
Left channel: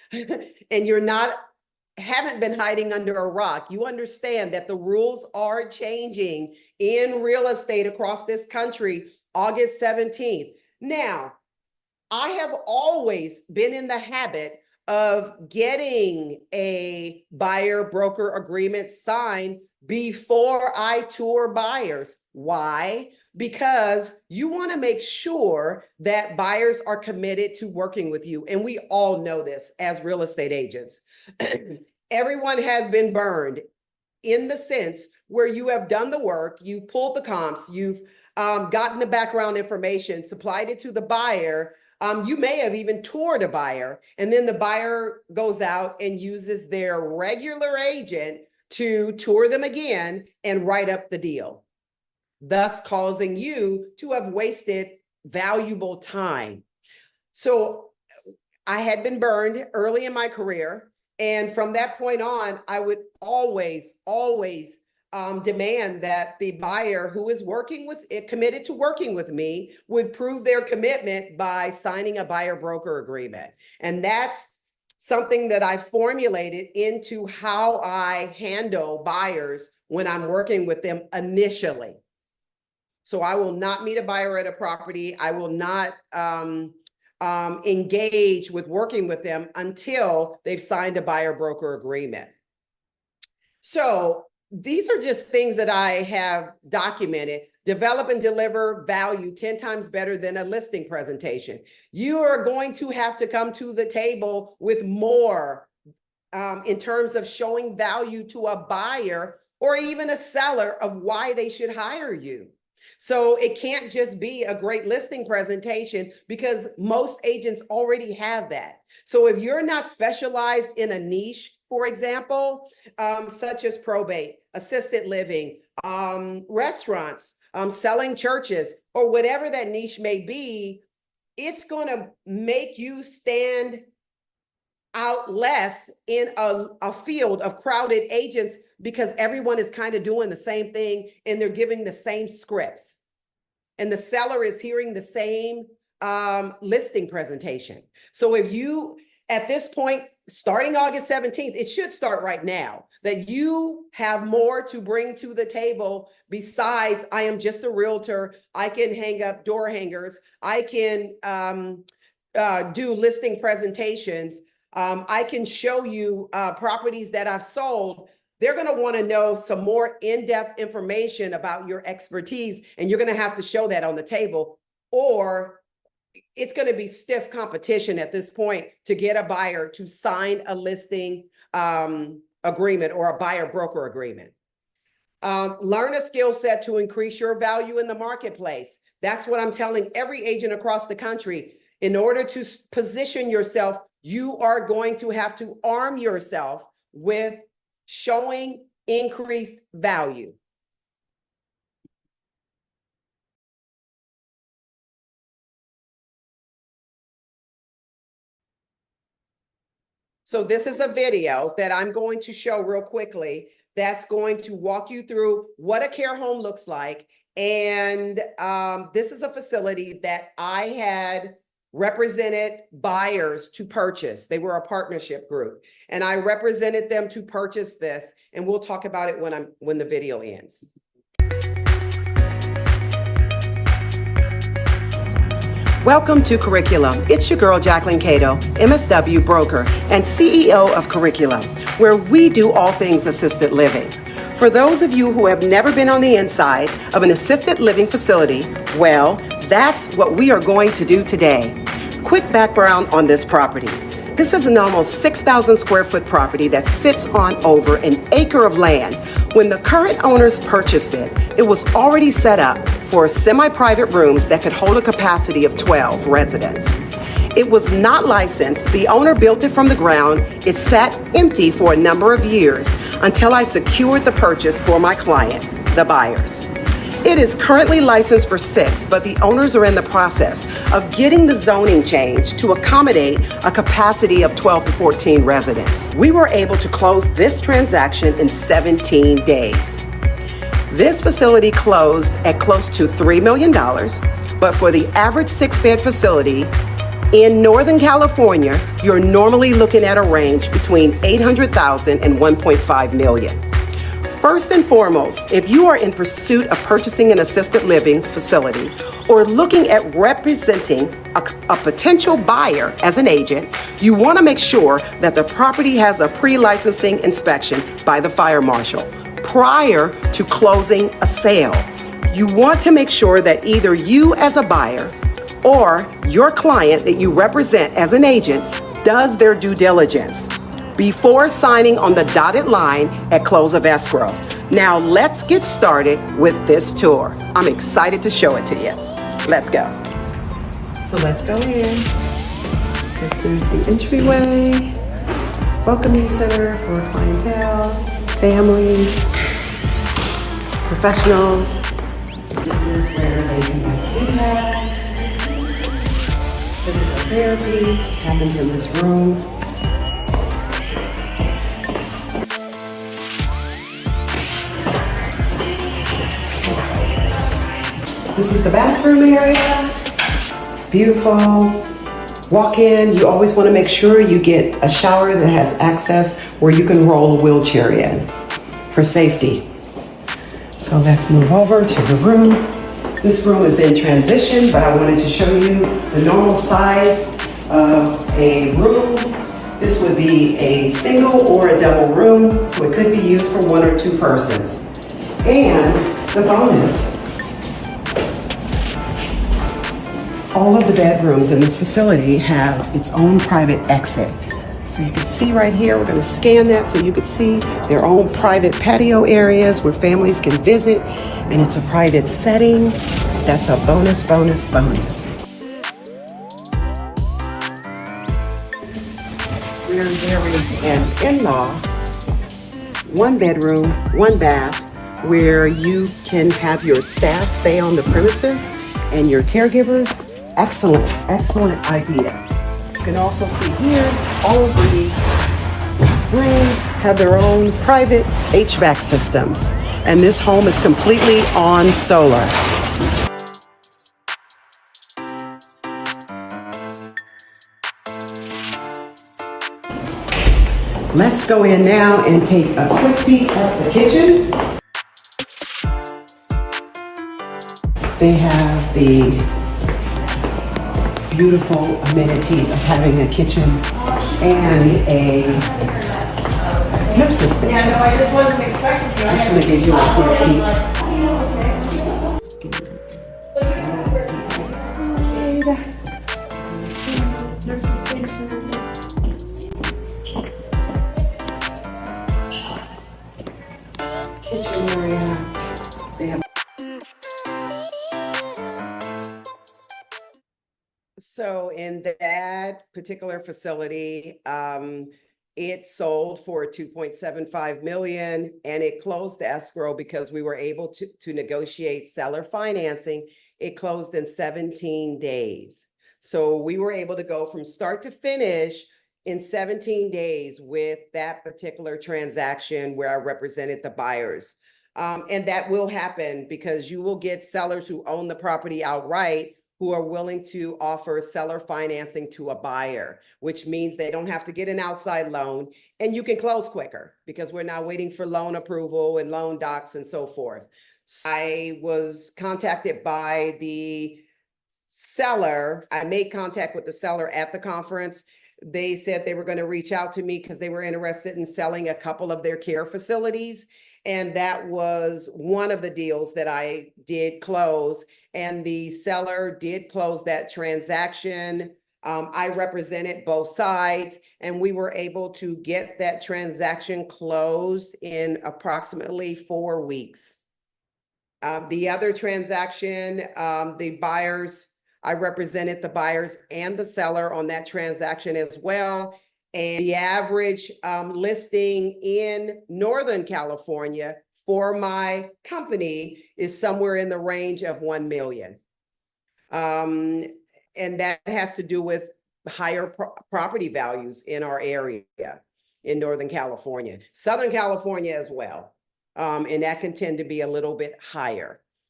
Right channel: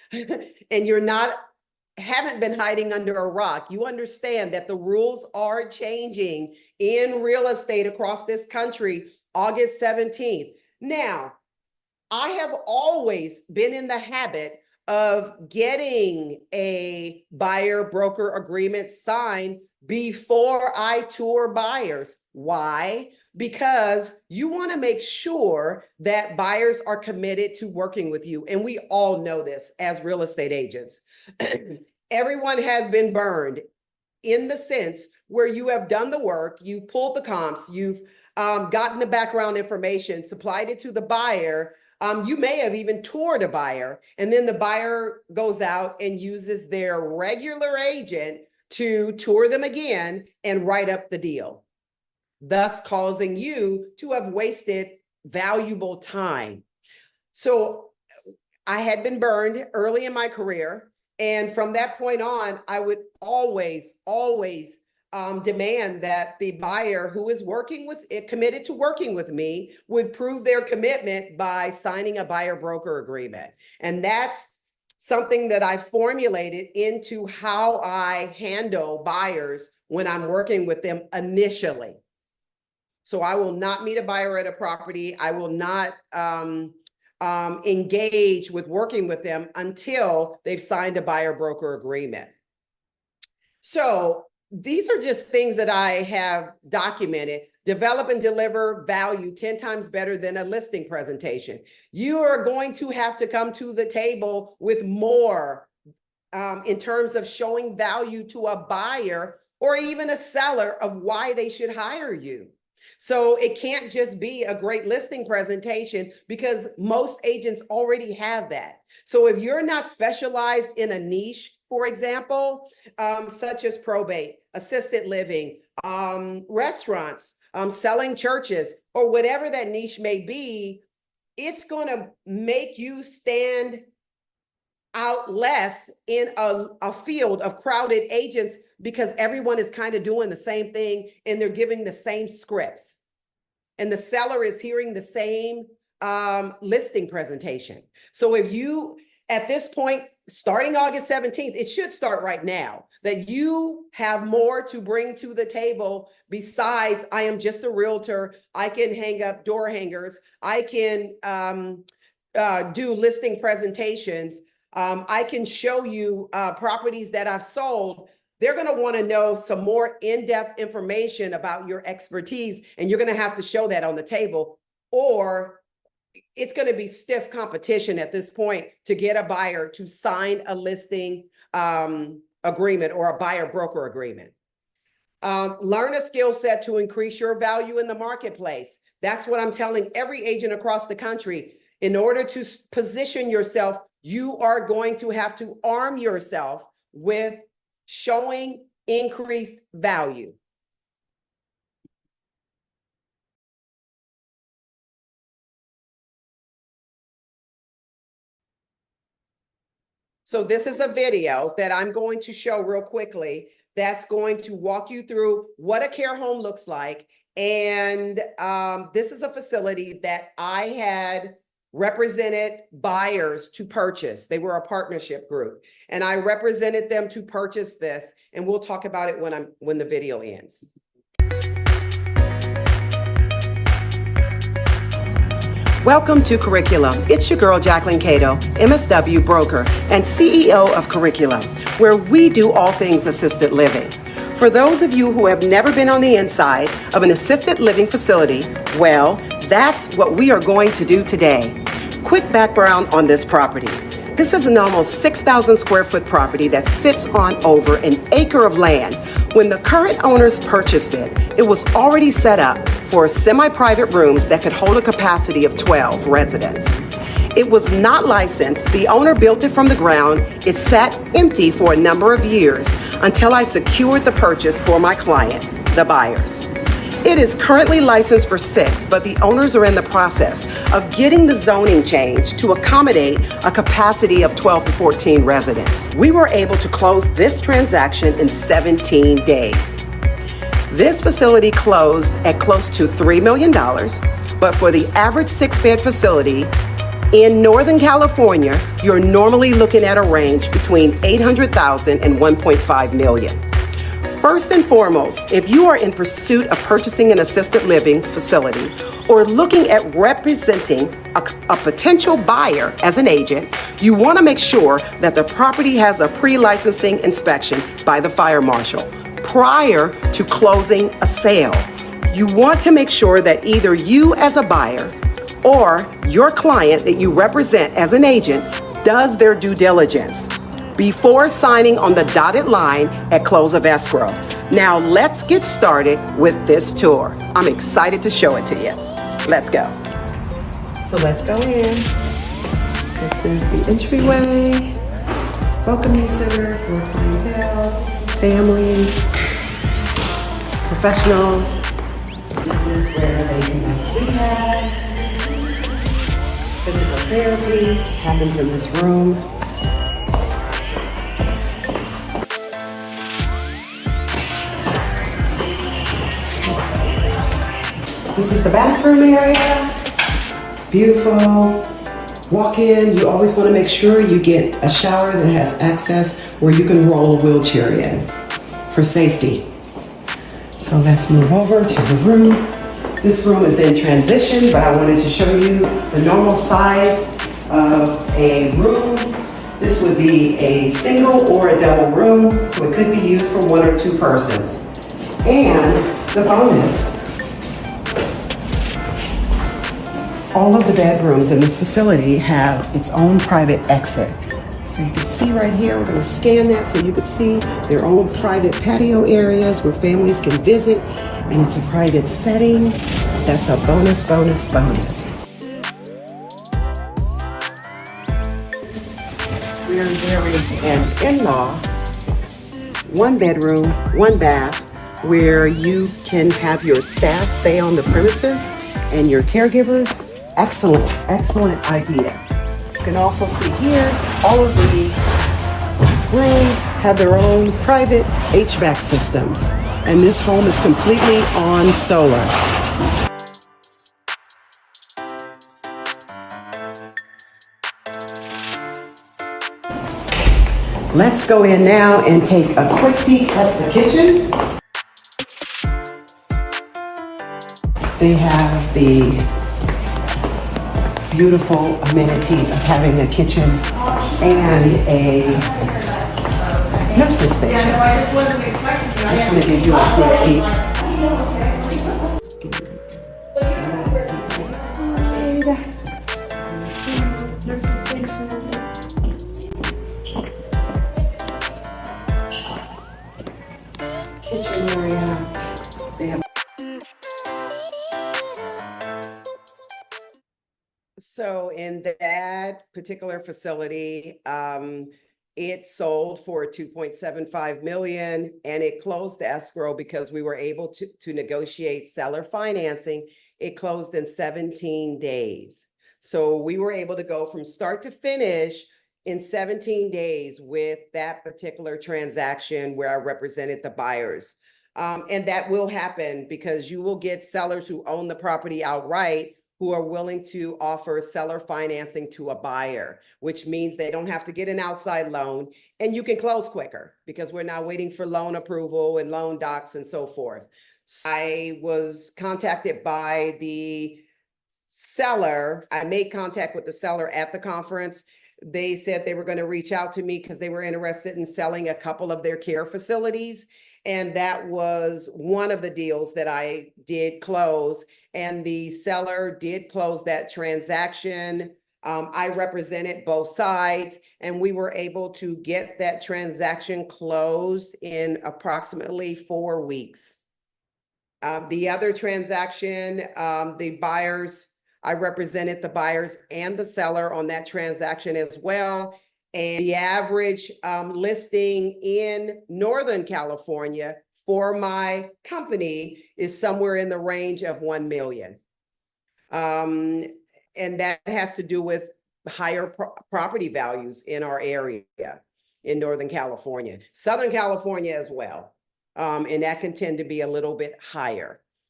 and haven't been hiding under a rock. You understand that the rules are changing in real estate across this country, August 17th. Now, I have always been in the habit of getting a buyer broker agreement signed before I tour buyers. Why? Because you want to make sure that buyers are committed to working with you. And we all know this as real estate agents. Everyone has been burned in the sense where you have done the work, you've pulled the comps, you've gotten the background information, supplied it to the buyer. You may have even toured a buyer, and then the buyer goes out and uses their regular agent to tour them again and write up the deal, thus causing you to have wasted valuable time. So I had been burned early in my career. And from that point on, I would always demand that the buyer who is committed to working with me would prove their commitment by signing a buyer broker agreement. And that's something that I formulated into how I handle buyers when I'm working with them initially. So I will not meet a buyer at a property. I will not engage with working with them until they've signed a buyer broker agreement. So these are just things that I have documented. Develop and deliver value 10 times better than a listing presentation. You are going to have to come to the table with more in terms of showing value to a buyer or even a seller of why they should hire you. So it can't just be a great listing presentation because most agents already have that. So if you're not specialized in a niche, for example, such as probate, assisted living, restaurants, selling churches, or whatever that niche may be, it's going to make you stand out less in a field of crowded agents because everyone is kind of doing the same thing and they're giving the same scripts. And the seller is hearing the same listing presentation. So if you, at this point, starting August 17th, it should start right now, that you have more to bring to the table besides I am just a realtor, I can hang up door hangers, I can do listing presentations, I can show you properties that I've sold. They're going to want to know some more in-depth information about your expertise, and you're going to have to show that on the table, or it's going to be stiff competition at this point to get a buyer to sign a listing agreement or a buyer broker agreement. Learn a skill set to increase your value in the marketplace. That's what I'm telling every agent across the country. In order to position yourself, you are going to have to arm yourself with showing increased value. So this is a video that I'm going to show real quickly that's going to walk you through what a care home looks like. And this is a facility that I had represented buyers to purchase. They were a partnership group, and I represented them to purchase this. And we'll talk about it when the video ends. Welcome to Curriculum. It's your girl, Jacquelyn Cato, MSW broker and CEO of Curriculum, where we do all things assisted living. For those of you who have never been on the inside of an assisted living facility, well, that's what we are going to do today. Quick background on this property. This is an almost 6,000 square foot property that sits on over an acre of land. When the current owners purchased it, it was already set up for semi-private rooms that could hold a capacity of 12 residents. It was not licensed. The owner built it from the ground. It sat empty for a number of years until I secured the purchase for my client, the buyers. It is currently licensed for 6, but the owners are in the process of getting the zoning changed to accommodate a capacity of 12 to 14 residents. We were able to close this transaction in 17 days. This facility closed at close to $3 million, but for the average 6-bed facility, In Northern California, you're normally looking at a range between 800,000 and 1.5 million. First and foremost, if you are in pursuit of purchasing an assisted living facility or looking at representing a potential buyer as an agent, you want to make sure that the property has a pre-licensing inspection by the fire marshal prior to closing a sale. You want to make sure that either you as a buyer or your client that you represent as an agent does their due diligence before signing on the dotted line at close of escrow. Now let's get started with this tour. I'm excited to show it to you. Let's go. So let's go in. This is the entryway, welcoming center for clientele, families, professionals. This is where they can do rehab, physical therapy happens in this room. This is the bathroom area. It's beautiful. Walk in, you always want to make sure you get a shower that has access where you can roll a wheelchair in for safety. So let's move over to the room. This room is in transition, but I wanted to show you the normal size of a room. This would be a single or a double room, so it could be used for 1 or 2 persons. And the bonus, all of the bedrooms in this facility have its own private exit. So you can see right here, we're going to scan that so you can see their own private patio areas where families can visit, and it's a private setting. That's a bonus, bonus, bonus. Where there is an in-law, 1 bedroom, 1 bath, where you can have your staff stay on the premises and your caregivers. Excellent, excellent idea. You can also see here, all of the rooms have their own private HVAC systems, and this home is completely on solar. Let's go in now and take a quick peek at the kitchen. They have the beautiful amenity of having a kitchen and a nurse's station. Just going to give you a sneak peek. Nurse's station. Kitchen area. They have. So in that particular facility, it sold for 2.75 million, and it closed the escrow because we were able to negotiate seller financing. It closed in 17 days. So we were able to go from start to finish in 17 days with that particular transaction where I represented the buyers. And that will happen because you will get sellers who own the property outright who are willing to offer seller financing to a buyer, which means they don't have to get an outside loan, and you can close quicker because we're not waiting for loan approval and loan docs and so forth. So I was contacted by the seller. I made contact with the seller at the conference. They said they were going to reach out to me because they were interested in selling a couple of their care facilities. And that was one of the deals that I did close. And the seller did close that transaction. I represented both sides, and we were able to get that transaction closed in approximately 4 weeks. The other transaction, the buyers, I represented the buyers and the seller on that transaction as well. And the average listing in Northern California for my company is somewhere in the range of 1 million. And that has to do with higher property values in our area in Northern California, Southern California as well. And that can tend to be a little bit higher.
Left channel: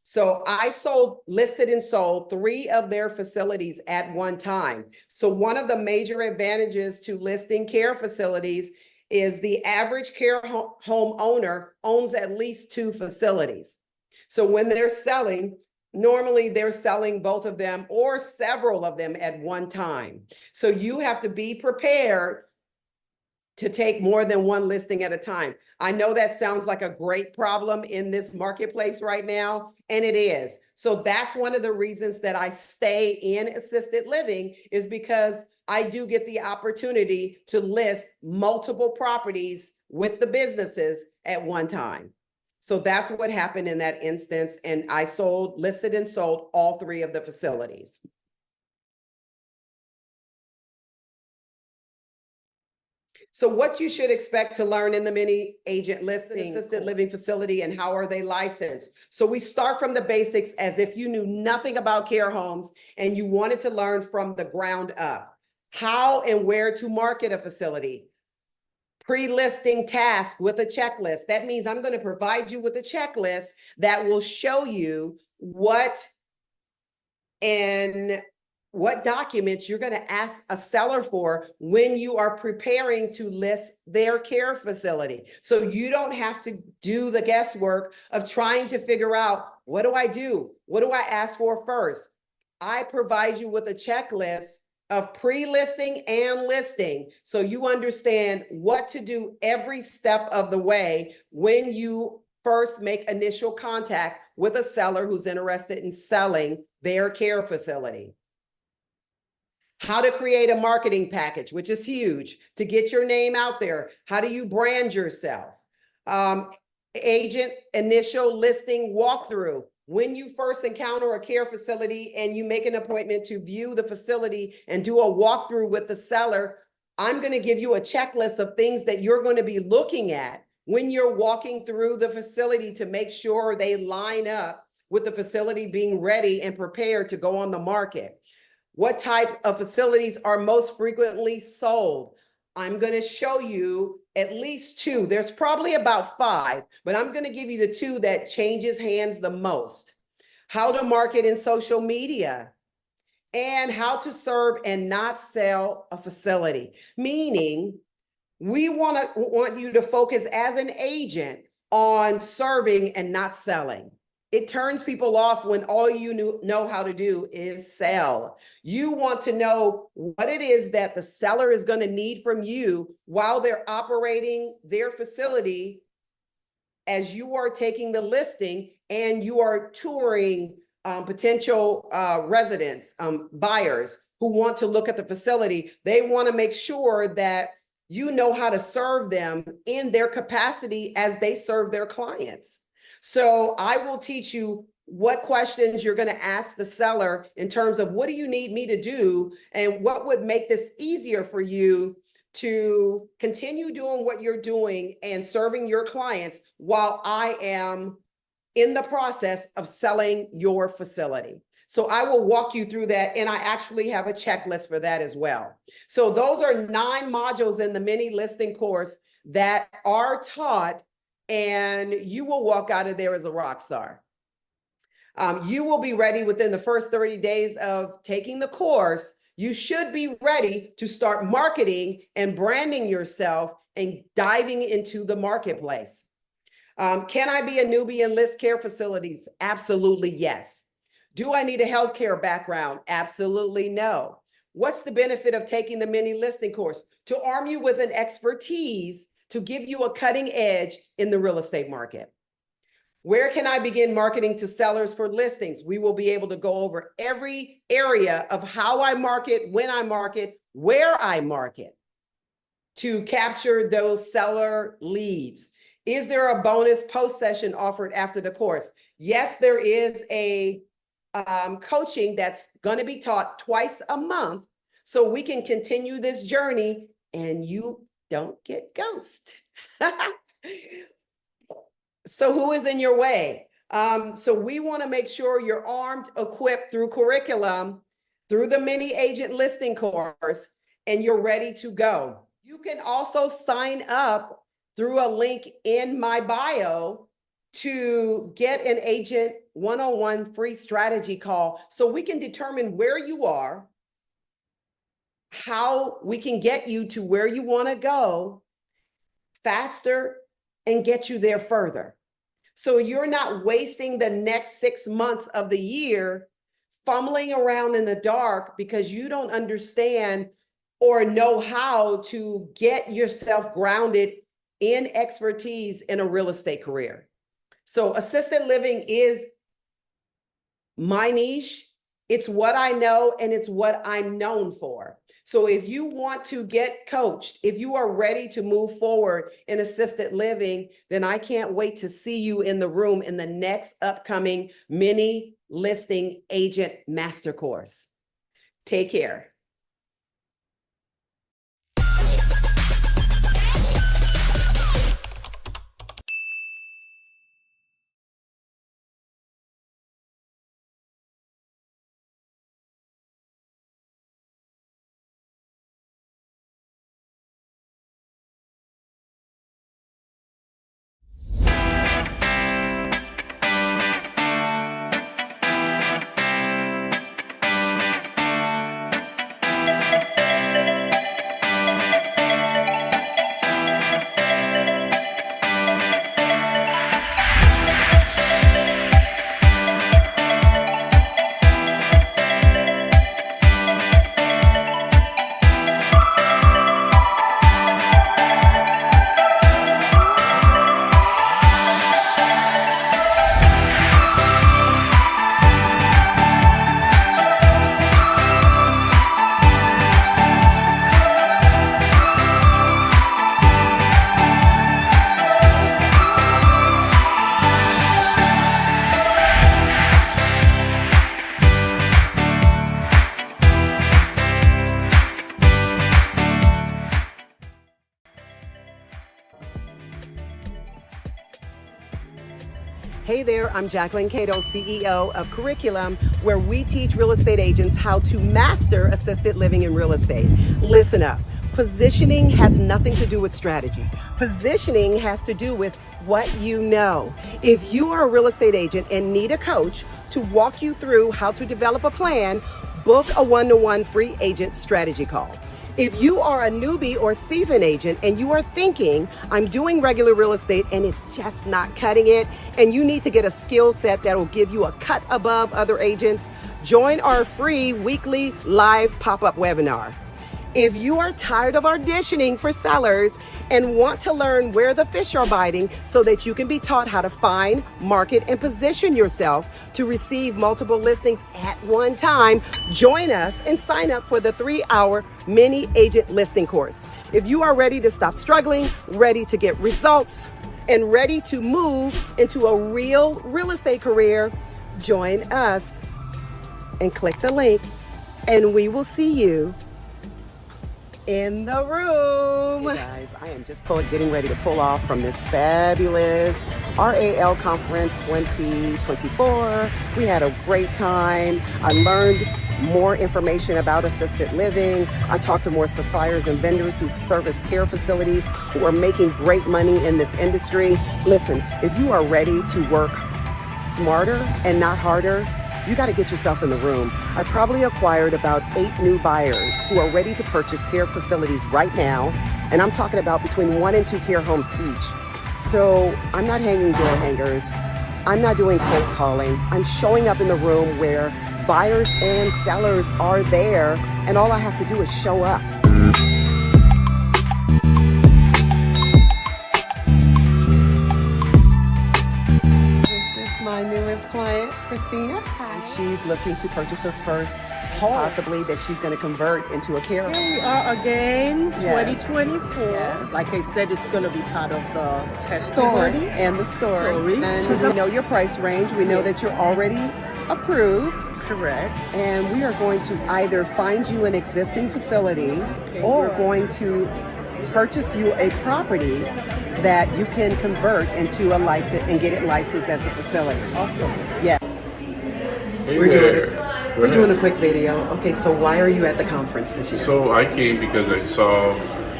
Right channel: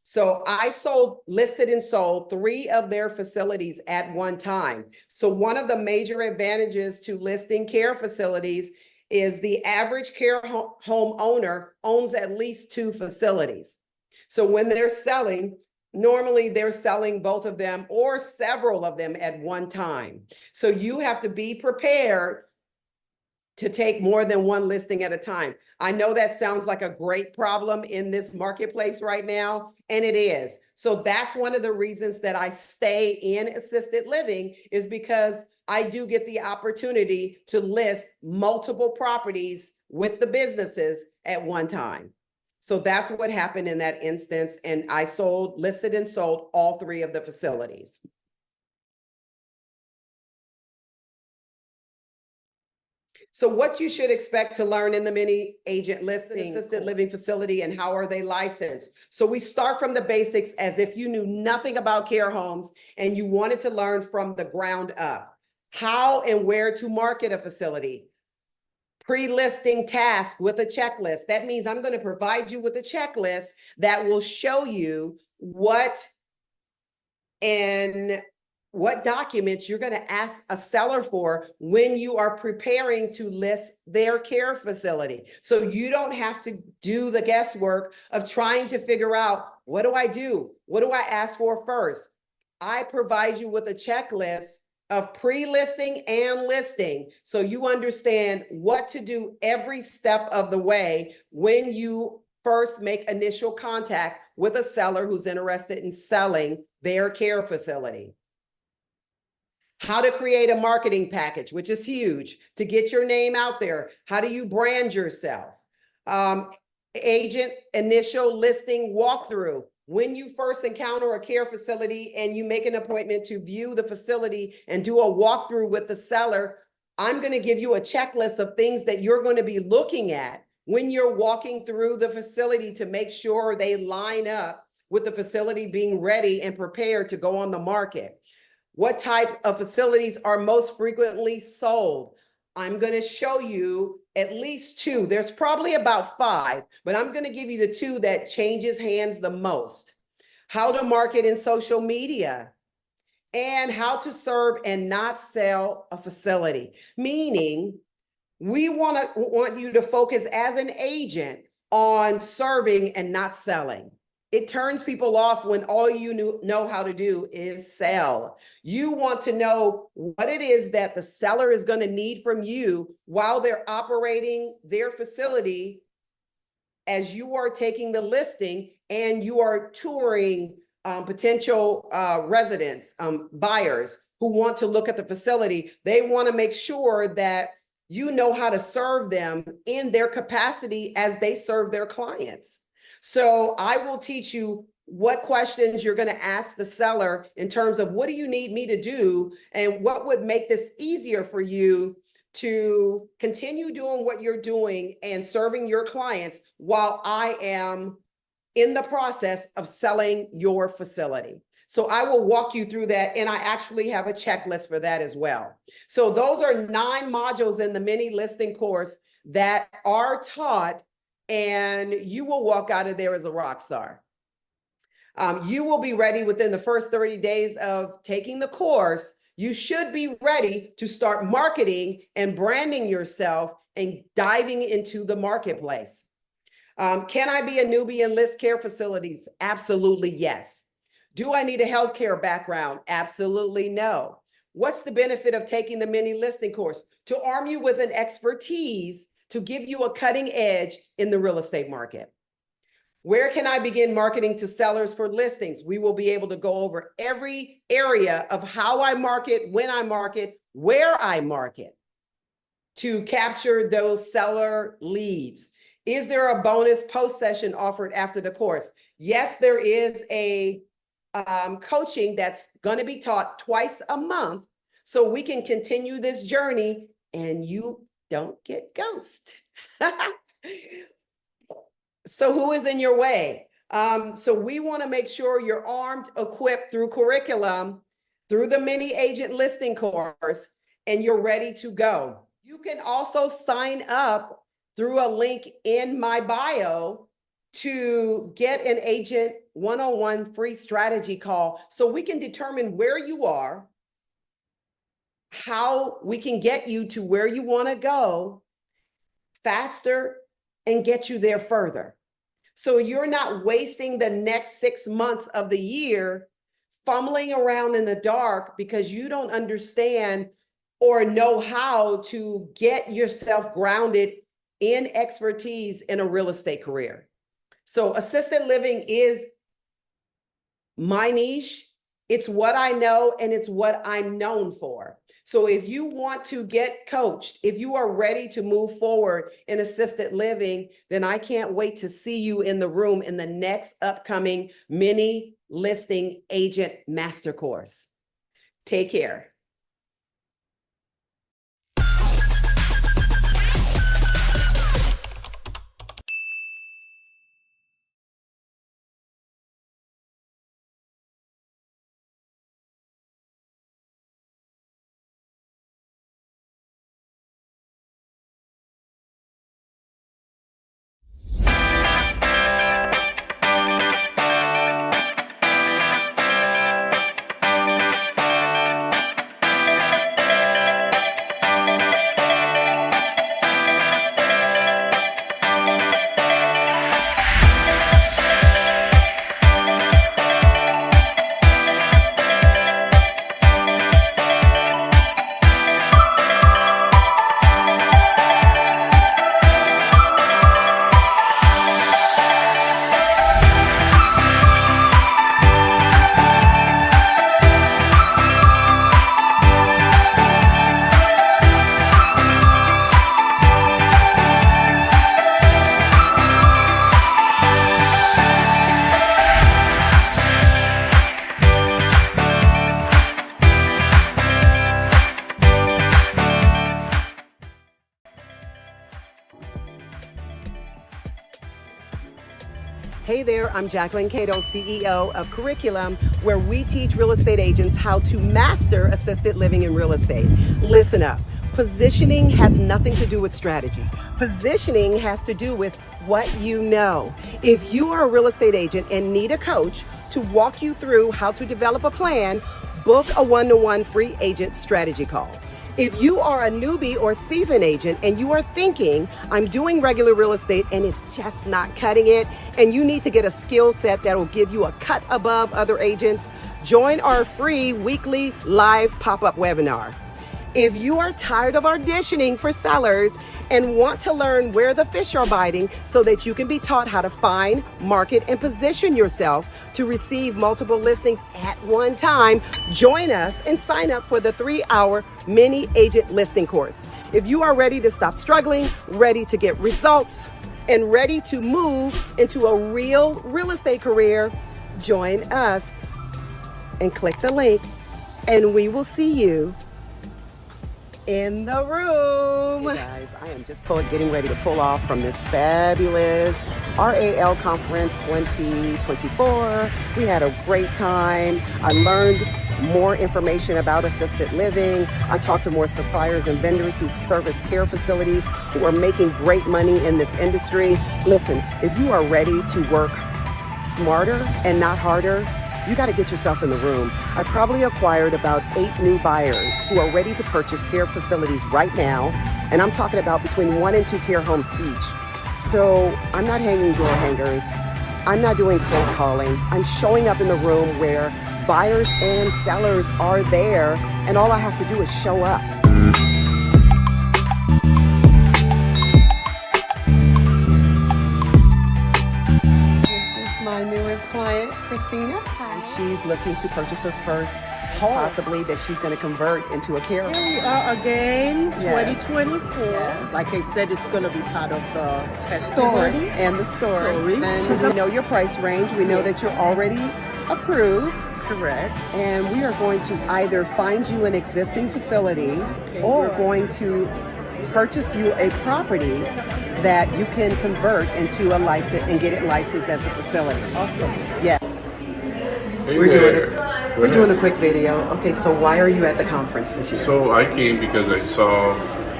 So I listed and sold 3 of their facilities at one time. So one of the major advantages to listing care facilities is the average care home owner owns at least 2 facilities. So when they're selling, normally they're selling both of them or several of them at one time. So you have to be prepared to take more than one listing at a time. I know that sounds like a great problem in this marketplace right now, and it is. So that's one of the reasons that I stay in assisted living, is because I do get the opportunity to list multiple properties with the businesses at one time. So that's what happened in that instance. And I listed and sold all 3 of the facilities. So what you should expect to learn in the mini agent listing assisted living facility, and how are they licensed? So we start from the basics as if you knew nothing about care homes and you wanted to learn from the ground up. How and where to market a facility. Pre-listing task with a checklist. That means I'm going to provide you with a checklist that will show you what documents you're going to ask a seller for when you are preparing to list their care facility. So you don't have to do the guesswork of trying to figure out, what do I do? What do I ask for first? I provide you with a checklist of pre-listing and listing, so you understand what to do every step of the way when you first make initial contact with a seller who's interested in selling their care facility. How to create a marketing package, which is huge, to get your name out there. How do you brand yourself? Agent initial listing walkthrough. When you first encounter a care facility and you make an appointment to view the facility and do a walkthrough with the seller, I'm going to give you a checklist of things that you're going to be looking at when you're walking through the facility to make sure they line up with the facility being ready and prepared to go on the market. What type of facilities are most frequently sold? I'm going to show you at least 2. There's probably about 5, but I'm going to give you the 2 that changes hands the most. How to market in social media, and how to serve and not sell a facility. Meaning, we want you to focus as an agent on serving and not selling. It turns people off when all you know how to do is sell. You want to know what it is that the seller is going to need from you while they're operating their facility, as you are taking the listing and you are touring potential residents, buyers who want to look at the facility. They want to make sure that you know how to serve them in their capacity as they serve their clients. So I will teach you what questions you're going to ask the seller in terms of, what do you need me to do, and what would make this easier for you to continue doing what you're doing and serving your clients while I am in the process of selling your facility. So I will walk you through that, and I actually have a checklist for that as well. So those are 9 modules in the mini listing course that are taught, and you will walk out of there as a rock star. You will be ready within the first 30 days of taking the course. You should be ready to start marketing and branding yourself and diving into the marketplace. Can I be a newbie and list care facilities? Absolutely, yes. Do I need a healthcare background? Absolutely no. What's the benefit of taking the mini listing course? To arm you with an expertise to give you a cutting edge in the real estate market. Where can I begin marketing to sellers for listings? We will be able to go over every area of how I market, when I market, where I market to capture those seller leads. Is there a bonus post session offered after the course? Yes, there is a coaching that's going to be taught twice a month, so we can continue this journey and you don't get ghosted. So who is in your way? So we want to make sure you're armed, equipped through curriculum, through the mini agent listing course, and you're ready to go. You can also sign up through a link in my bio to get an agent one-on-one free strategy call so we can determine where you are, how we can get you to where you want to go faster and get you there further. So you're not wasting the next 6 months of the year fumbling around in the dark because you don't understand or know how to get yourself grounded in expertise in a real estate career. So assisted living is my niche. It's what I know and it's what I'm known for. So if you want to get coached, if you are ready to move forward in assisted living, then I can't wait to see you in the room in the next upcoming mini listing agent master course. Take care. Hey there, I'm Jacquelyn, CEO of Curriculum, where we teach real estate agents how to master assisted living in real estate. Listen up. Positioning has nothing to do with strategy. Positioning has to do with what you know. If you are a real estate agent and need a coach to walk you through how to develop a plan, book a one-to-one free agent strategy call. If you are a newbie or seasoned agent and you are thinking, I'm doing regular real estate and it's just not cutting it, and you need to get a skill set that will give you a cut above other agents, join our free weekly live pop-up webinar. If you are tired of auditioning for sellers and want to learn where the fish are biting so that you can be taught how to find, market, and position yourself to receive multiple listings at one time, join us and sign up for the 3-hour mini agent listing course. If you are ready to stop struggling, ready to get results, and ready to move into a real estate career, join us and click the link and we will see you in the room. Hey guys, I am just getting ready to pull off from this fabulous RAL Conference 2024. We had a great time. I learned more information about assisted living. I talked to more suppliers and vendors who service care facilities who are making great money in this industry. Listen, if you are ready to work smarter and not harder, you got to get yourself in the room. I probably acquired about 8 new buyers who are ready to purchase care facilities right now. And I'm talking about between 1 and 2 care homes each. So I'm not hanging door hangers. I'm not doing cold calling. I'm showing up in the room where buyers and sellers are there. And all I have to do is show up. My newest client, Christina. Hi. She's looking to purchase her first home, possibly that she's going to convert into a care home. Here we are again, Yes. 2024. Yes. Like I said, it's going to be part of the Story testimony. and the story. And She's we know your price range. We know that you're already approved. Correct. And we are going to either find you an existing facility or right. going to purchase you a property that you can convert into a license and get it licensed as a facility. Awesome. Yeah. Hey We're there. doing a quick video. Okay, so why are you at the conference this year? So I came because I saw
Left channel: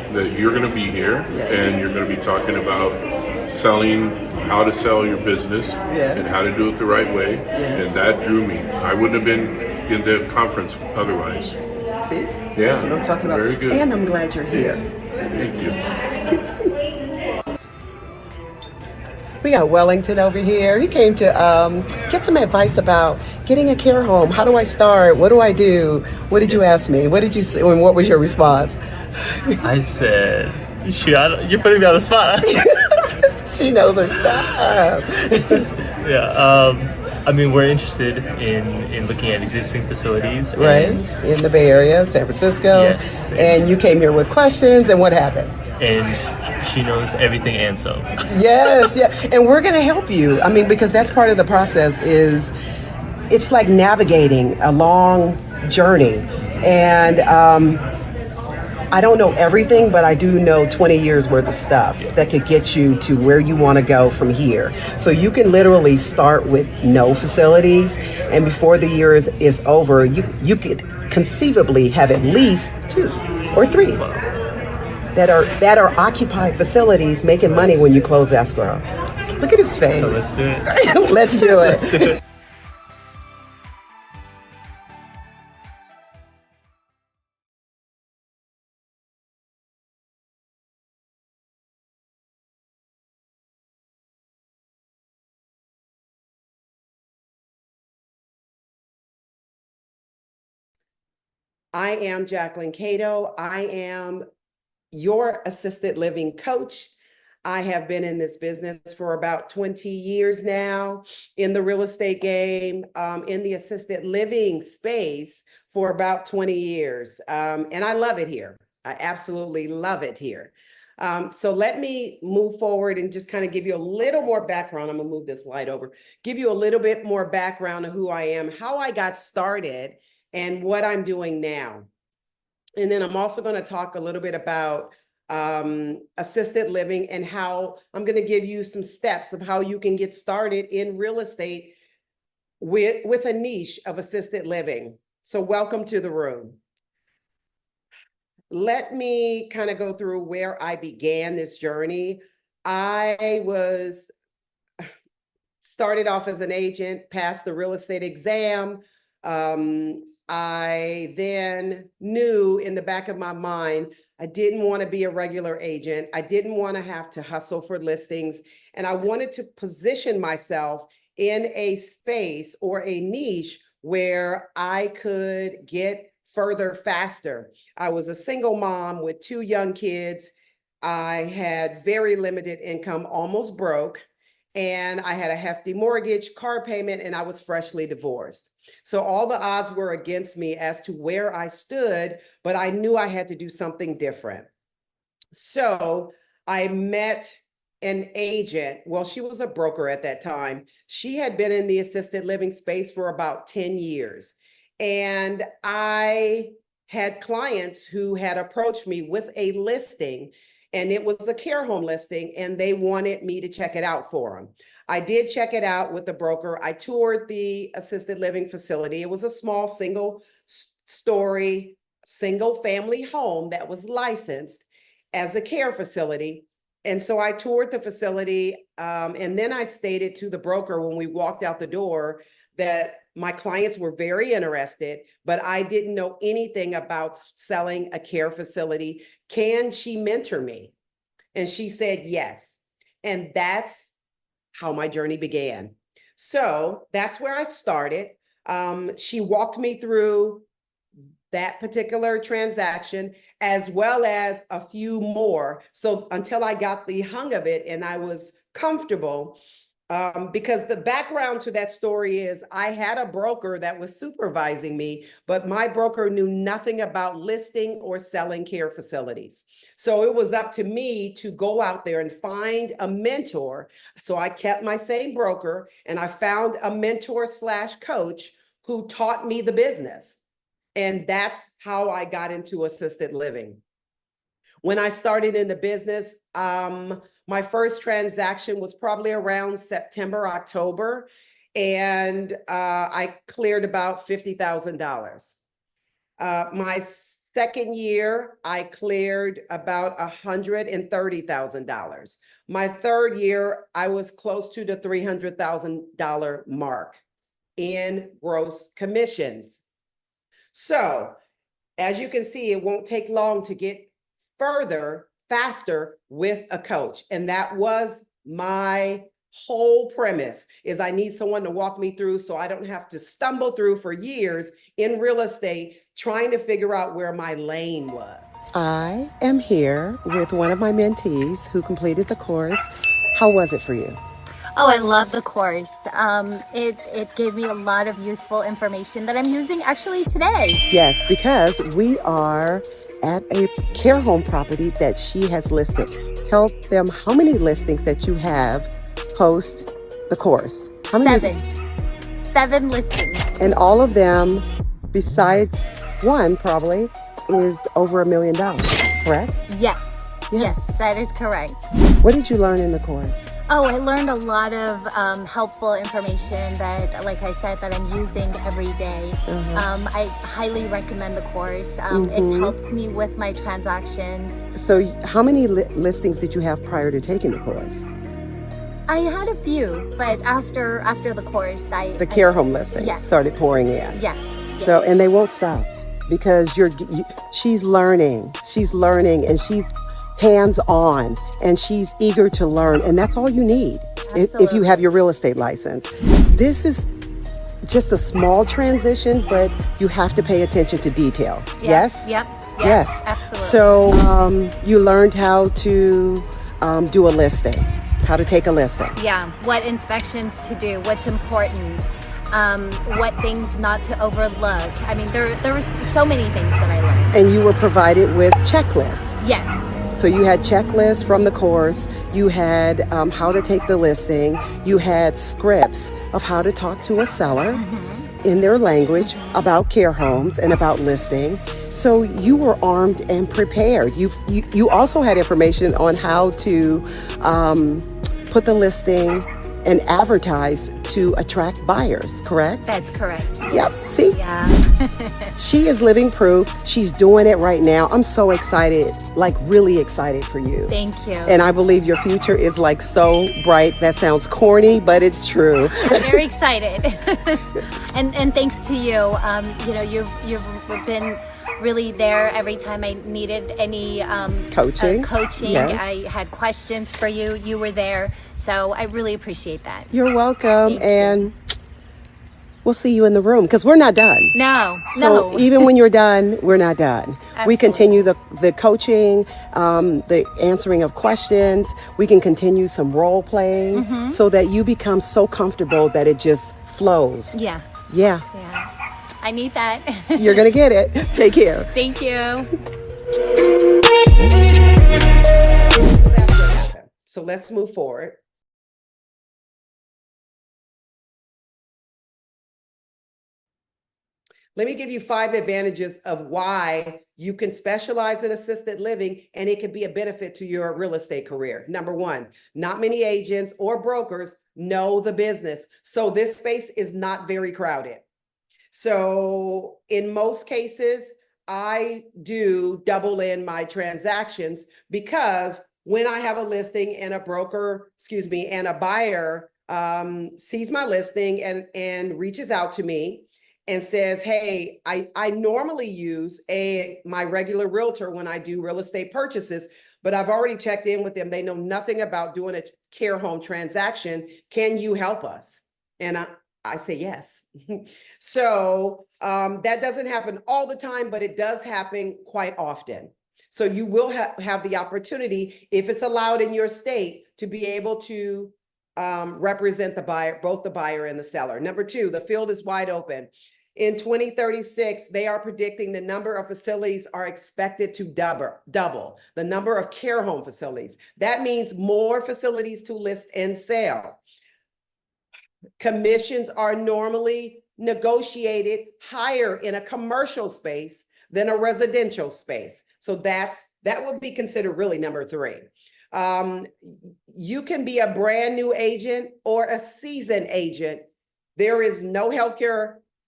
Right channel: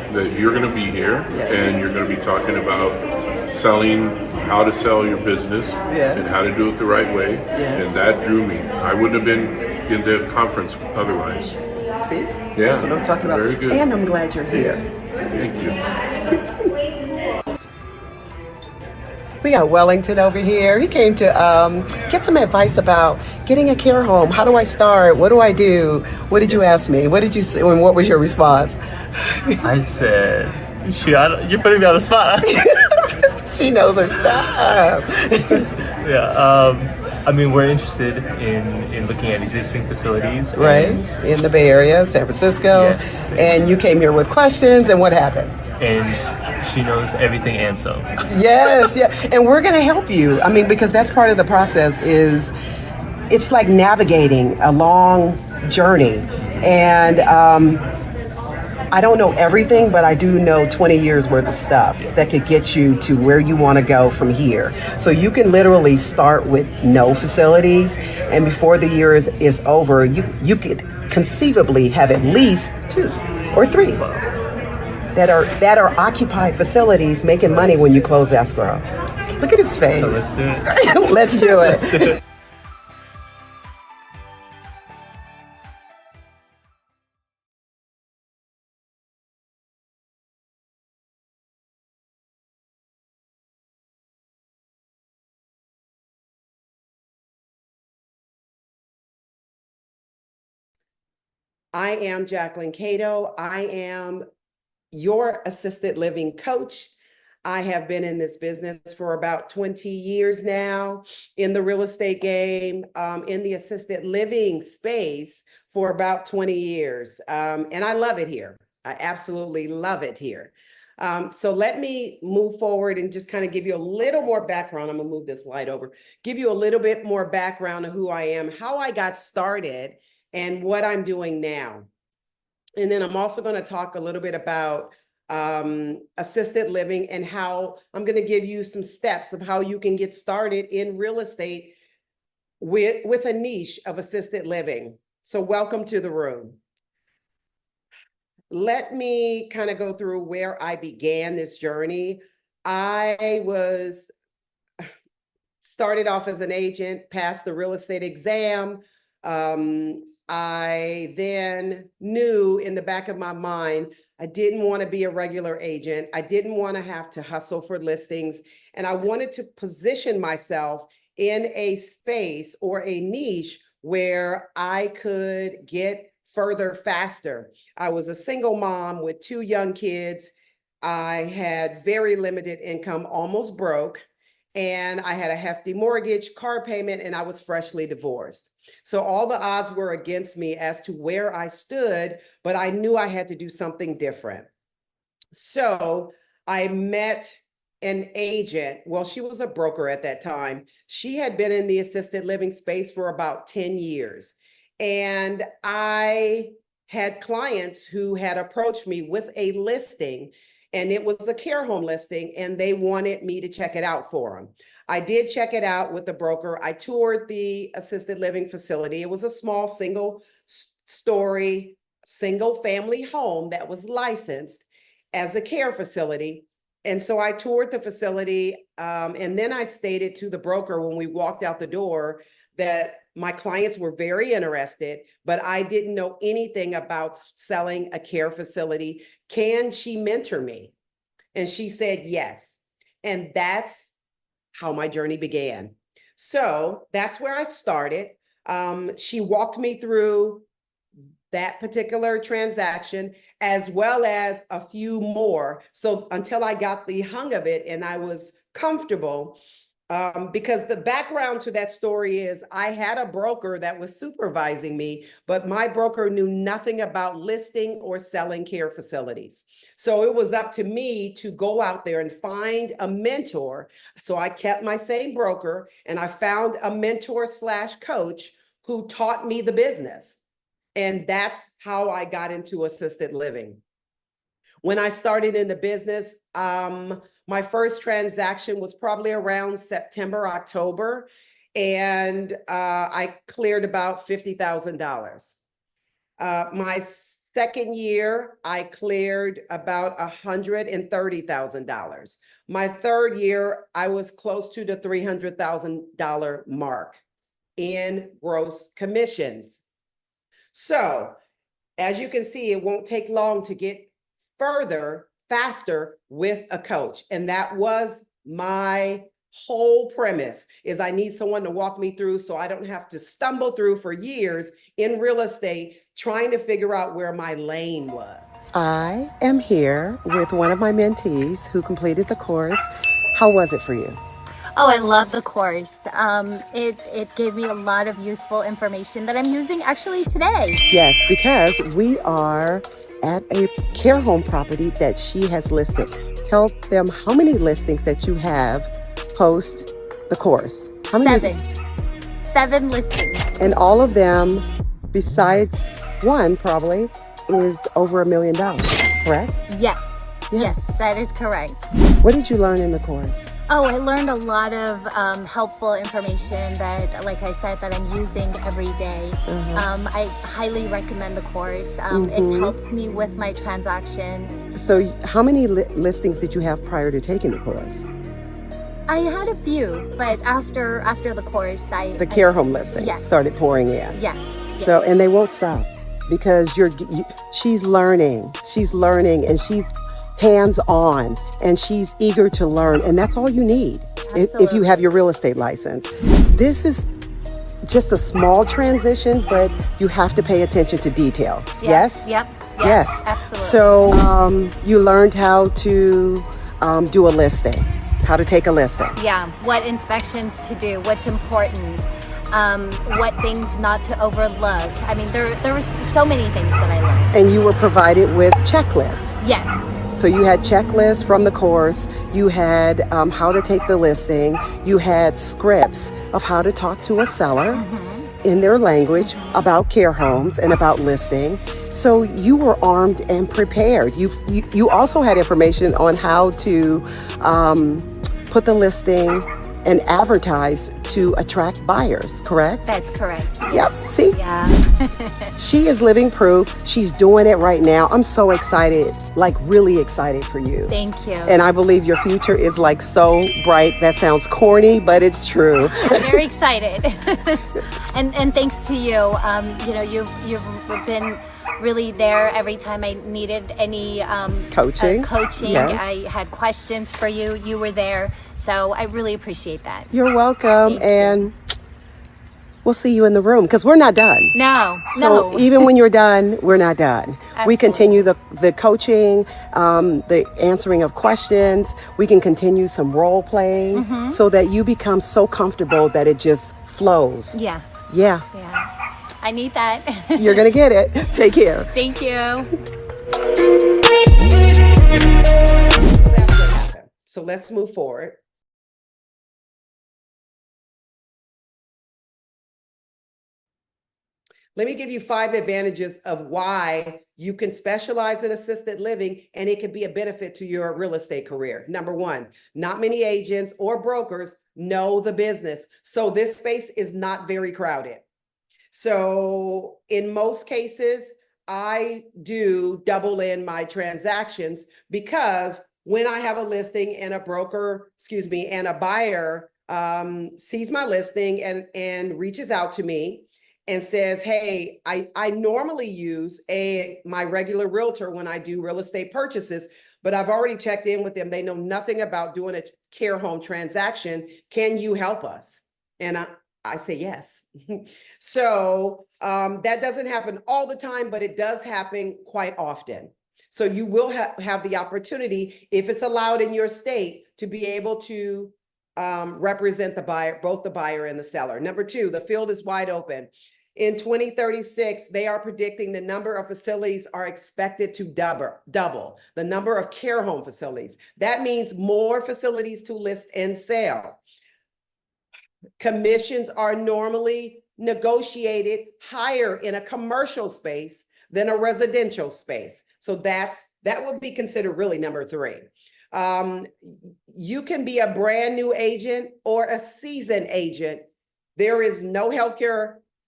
that you're going to be here and you're going to be talking about selling, how to sell your business and how to do it the right way. And that drew me. I wouldn't have been in the conference otherwise. See? Yeah. That's what I'm talking about. Very good. And I'm glad you're here. Thank you. We got Wellington over here. He came to get some advice about getting a care home. How do I start? What do I do? What did you ask me? What did you say? And what was your response? I said, you're putting me on the spot. She knows her stuff. Yeah. I mean, we're interested in looking at existing facilities. Right, in the Bay Area, San Francisco. Yes. And you came here with questions, and what happened? And she knows everything and some. Yes, yeah. And we're going to help you. I mean, because that's part of the process is it's like navigating a long journey. And I don't know everything, but I do know 20 years worth of stuff that could get you to where you want to go from here. So you can literally start with no facilities, and before the year is over, you could conceivably have at least 2 or 3 that are occupied facilities making money when you close escrow. Look at his face. So let's do it. Let's do it. Let's do it. I am Jacquelyn Cato. I am your assisted living coach. I have been in this business for about 20 years now, in the real estate game, in the assisted living space for about 20 years. And I love it here. I absolutely love it here. So let me move forward and just kind of give you a little more background. I'm gonna move this light over, give you a little bit more background of who I am, how I got started, and what I'm doing now. And then I'm also going to talk a little bit about assisted living and how I'm going to give you some steps of how you can get started in real estate with a niche of assisted living. So welcome to the room. Let me kind of go through where I began this journey. I started off as an agent, passed the real estate exam. I then knew in the back of my mind, I didn't want to be a regular agent. I didn't want to have to hustle for listings. And I wanted to position myself in a space or a niche where I could get further faster. I was a single mom with 2 young kids. I had very limited income, almost broke. And I had a hefty mortgage, car payment, and I was freshly divorced. So all the odds were against me as to where I stood, but I knew I had to do something different. So I met an agent. Well, she was a broker at that time. She had been in the assisted living space for about 10 years. And I had clients who had approached me with a listing, and it was a care home listing, and they wanted me to check it out for them. I did check it out with the broker. I toured the assisted living facility. It was a small single-story, single-family home that was licensed as a care facility. And so I toured the facility, and then I stated to the broker when we walked out the door that my clients were very interested, but I didn't know anything about selling a care facility. Can she mentor me? And she said yes. And that's how my journey began. So that's where I started. She walked me through that particular transaction, as well as a few more. So until I got the hang of it and I was comfortable, because the background to that story is I had a broker that was supervising me, but my broker knew nothing about listing or selling care facilities. So it was up to me to go out there and find a mentor. So I kept my same broker and I found a mentor / coach who taught me the business. And that's how I got into assisted living. When I started in the business, my first transaction was probably around September, October, and I cleared about $50,000. My Second year, I cleared about $130,000. My third year, I was close to the $300,000 mark in gross commissions. So, as you can see, it won't take long to get further, faster with a coach. And that was my whole premise, is I need someone to walk me through so I don't have to stumble through for years in real estate trying to figure out where my lane was. I am here with one of my mentees who completed the course. How was it for you? Oh, I love the course. It gave me a lot of useful information that I'm using actually today. Yes, because we are at a care home property that she has listed. Tell them how many listings that you have post the course. How many? 7 listings. And all of them, besides one probably, is over $1 million, correct? Yes. Yes, that is correct. What did you learn in the course? Oh, I learned a lot of helpful information that, like I said, that I'm using every day. I highly recommend the course. It's helped me with my transactions. So how many listings did you have prior to taking the course? I had a few, but after the course, the care home listings started pouring in. Yes. So, and they won't stop because she's learning, and she's hands-on, and she's eager to learn, and that's all you need if you have your real estate license. This is just a small transition, but you have to pay attention to detail. Yes? Yep. Yes. Absolutely. So you learned how to do a listing, how to take a listing. Yeah, what inspections to do, what's important, what things not to overlook. I mean, there was so many things that I learned. And you were provided with checklists. Yes. So you had checklists from the course, you had how to take the listing, you had scripts of how to talk to a seller in their language about care homes and about listing. So you were armed and prepared. You also had information on how to put the listing and advertise to attract buyers, correct? That's correct. Yep, see? Yeah. She is living proof. She's doing it right now. I'm so excited, like really excited for you. Thank you. And I believe your future is like so bright. That sounds corny, but it's true. I'm very excited. and thanks to you. You've been really there every time I needed any coaching. Yes. I had questions for you. You were there. So I really appreciate that. You're welcome. And we'll see you in the room because we're not done. So even when you're done, we're not done. Absolutely. We continue the coaching, the answering of questions. We can continue some role playing so that you become so comfortable that it just flows. Yeah. I need that. You're going to get it. Take care. Thank you. That's what happened. So let's move forward. Let me give you 5 advantages of why you can specialize in assisted living and it can be a benefit to your real estate career. Number 1, not many agents or brokers know the business. So this space is not very crowded. So in most cases, I do double in my transactions because when I have a listing and a buyer sees my listing and reaches out to me and says, hey, I normally use my regular realtor when I do real estate purchases, but I've already checked in with them. They know nothing about doing a care home transaction. Can you help us? And I say yes. So that doesn't happen all the time, but it does happen quite often. So you will have the opportunity, if it's allowed in your state, to be able to represent the buyer, both the buyer and the seller. Number 2, the field is wide open. In 2036, they are predicting the number of facilities are expected to double the number of care home facilities. That means more facilities to list and sell. Commissions are normally negotiated higher in a commercial space than a residential space. So that would be considered really number 3. You can be a brand new agent or a seasoned agent. There is no healthcare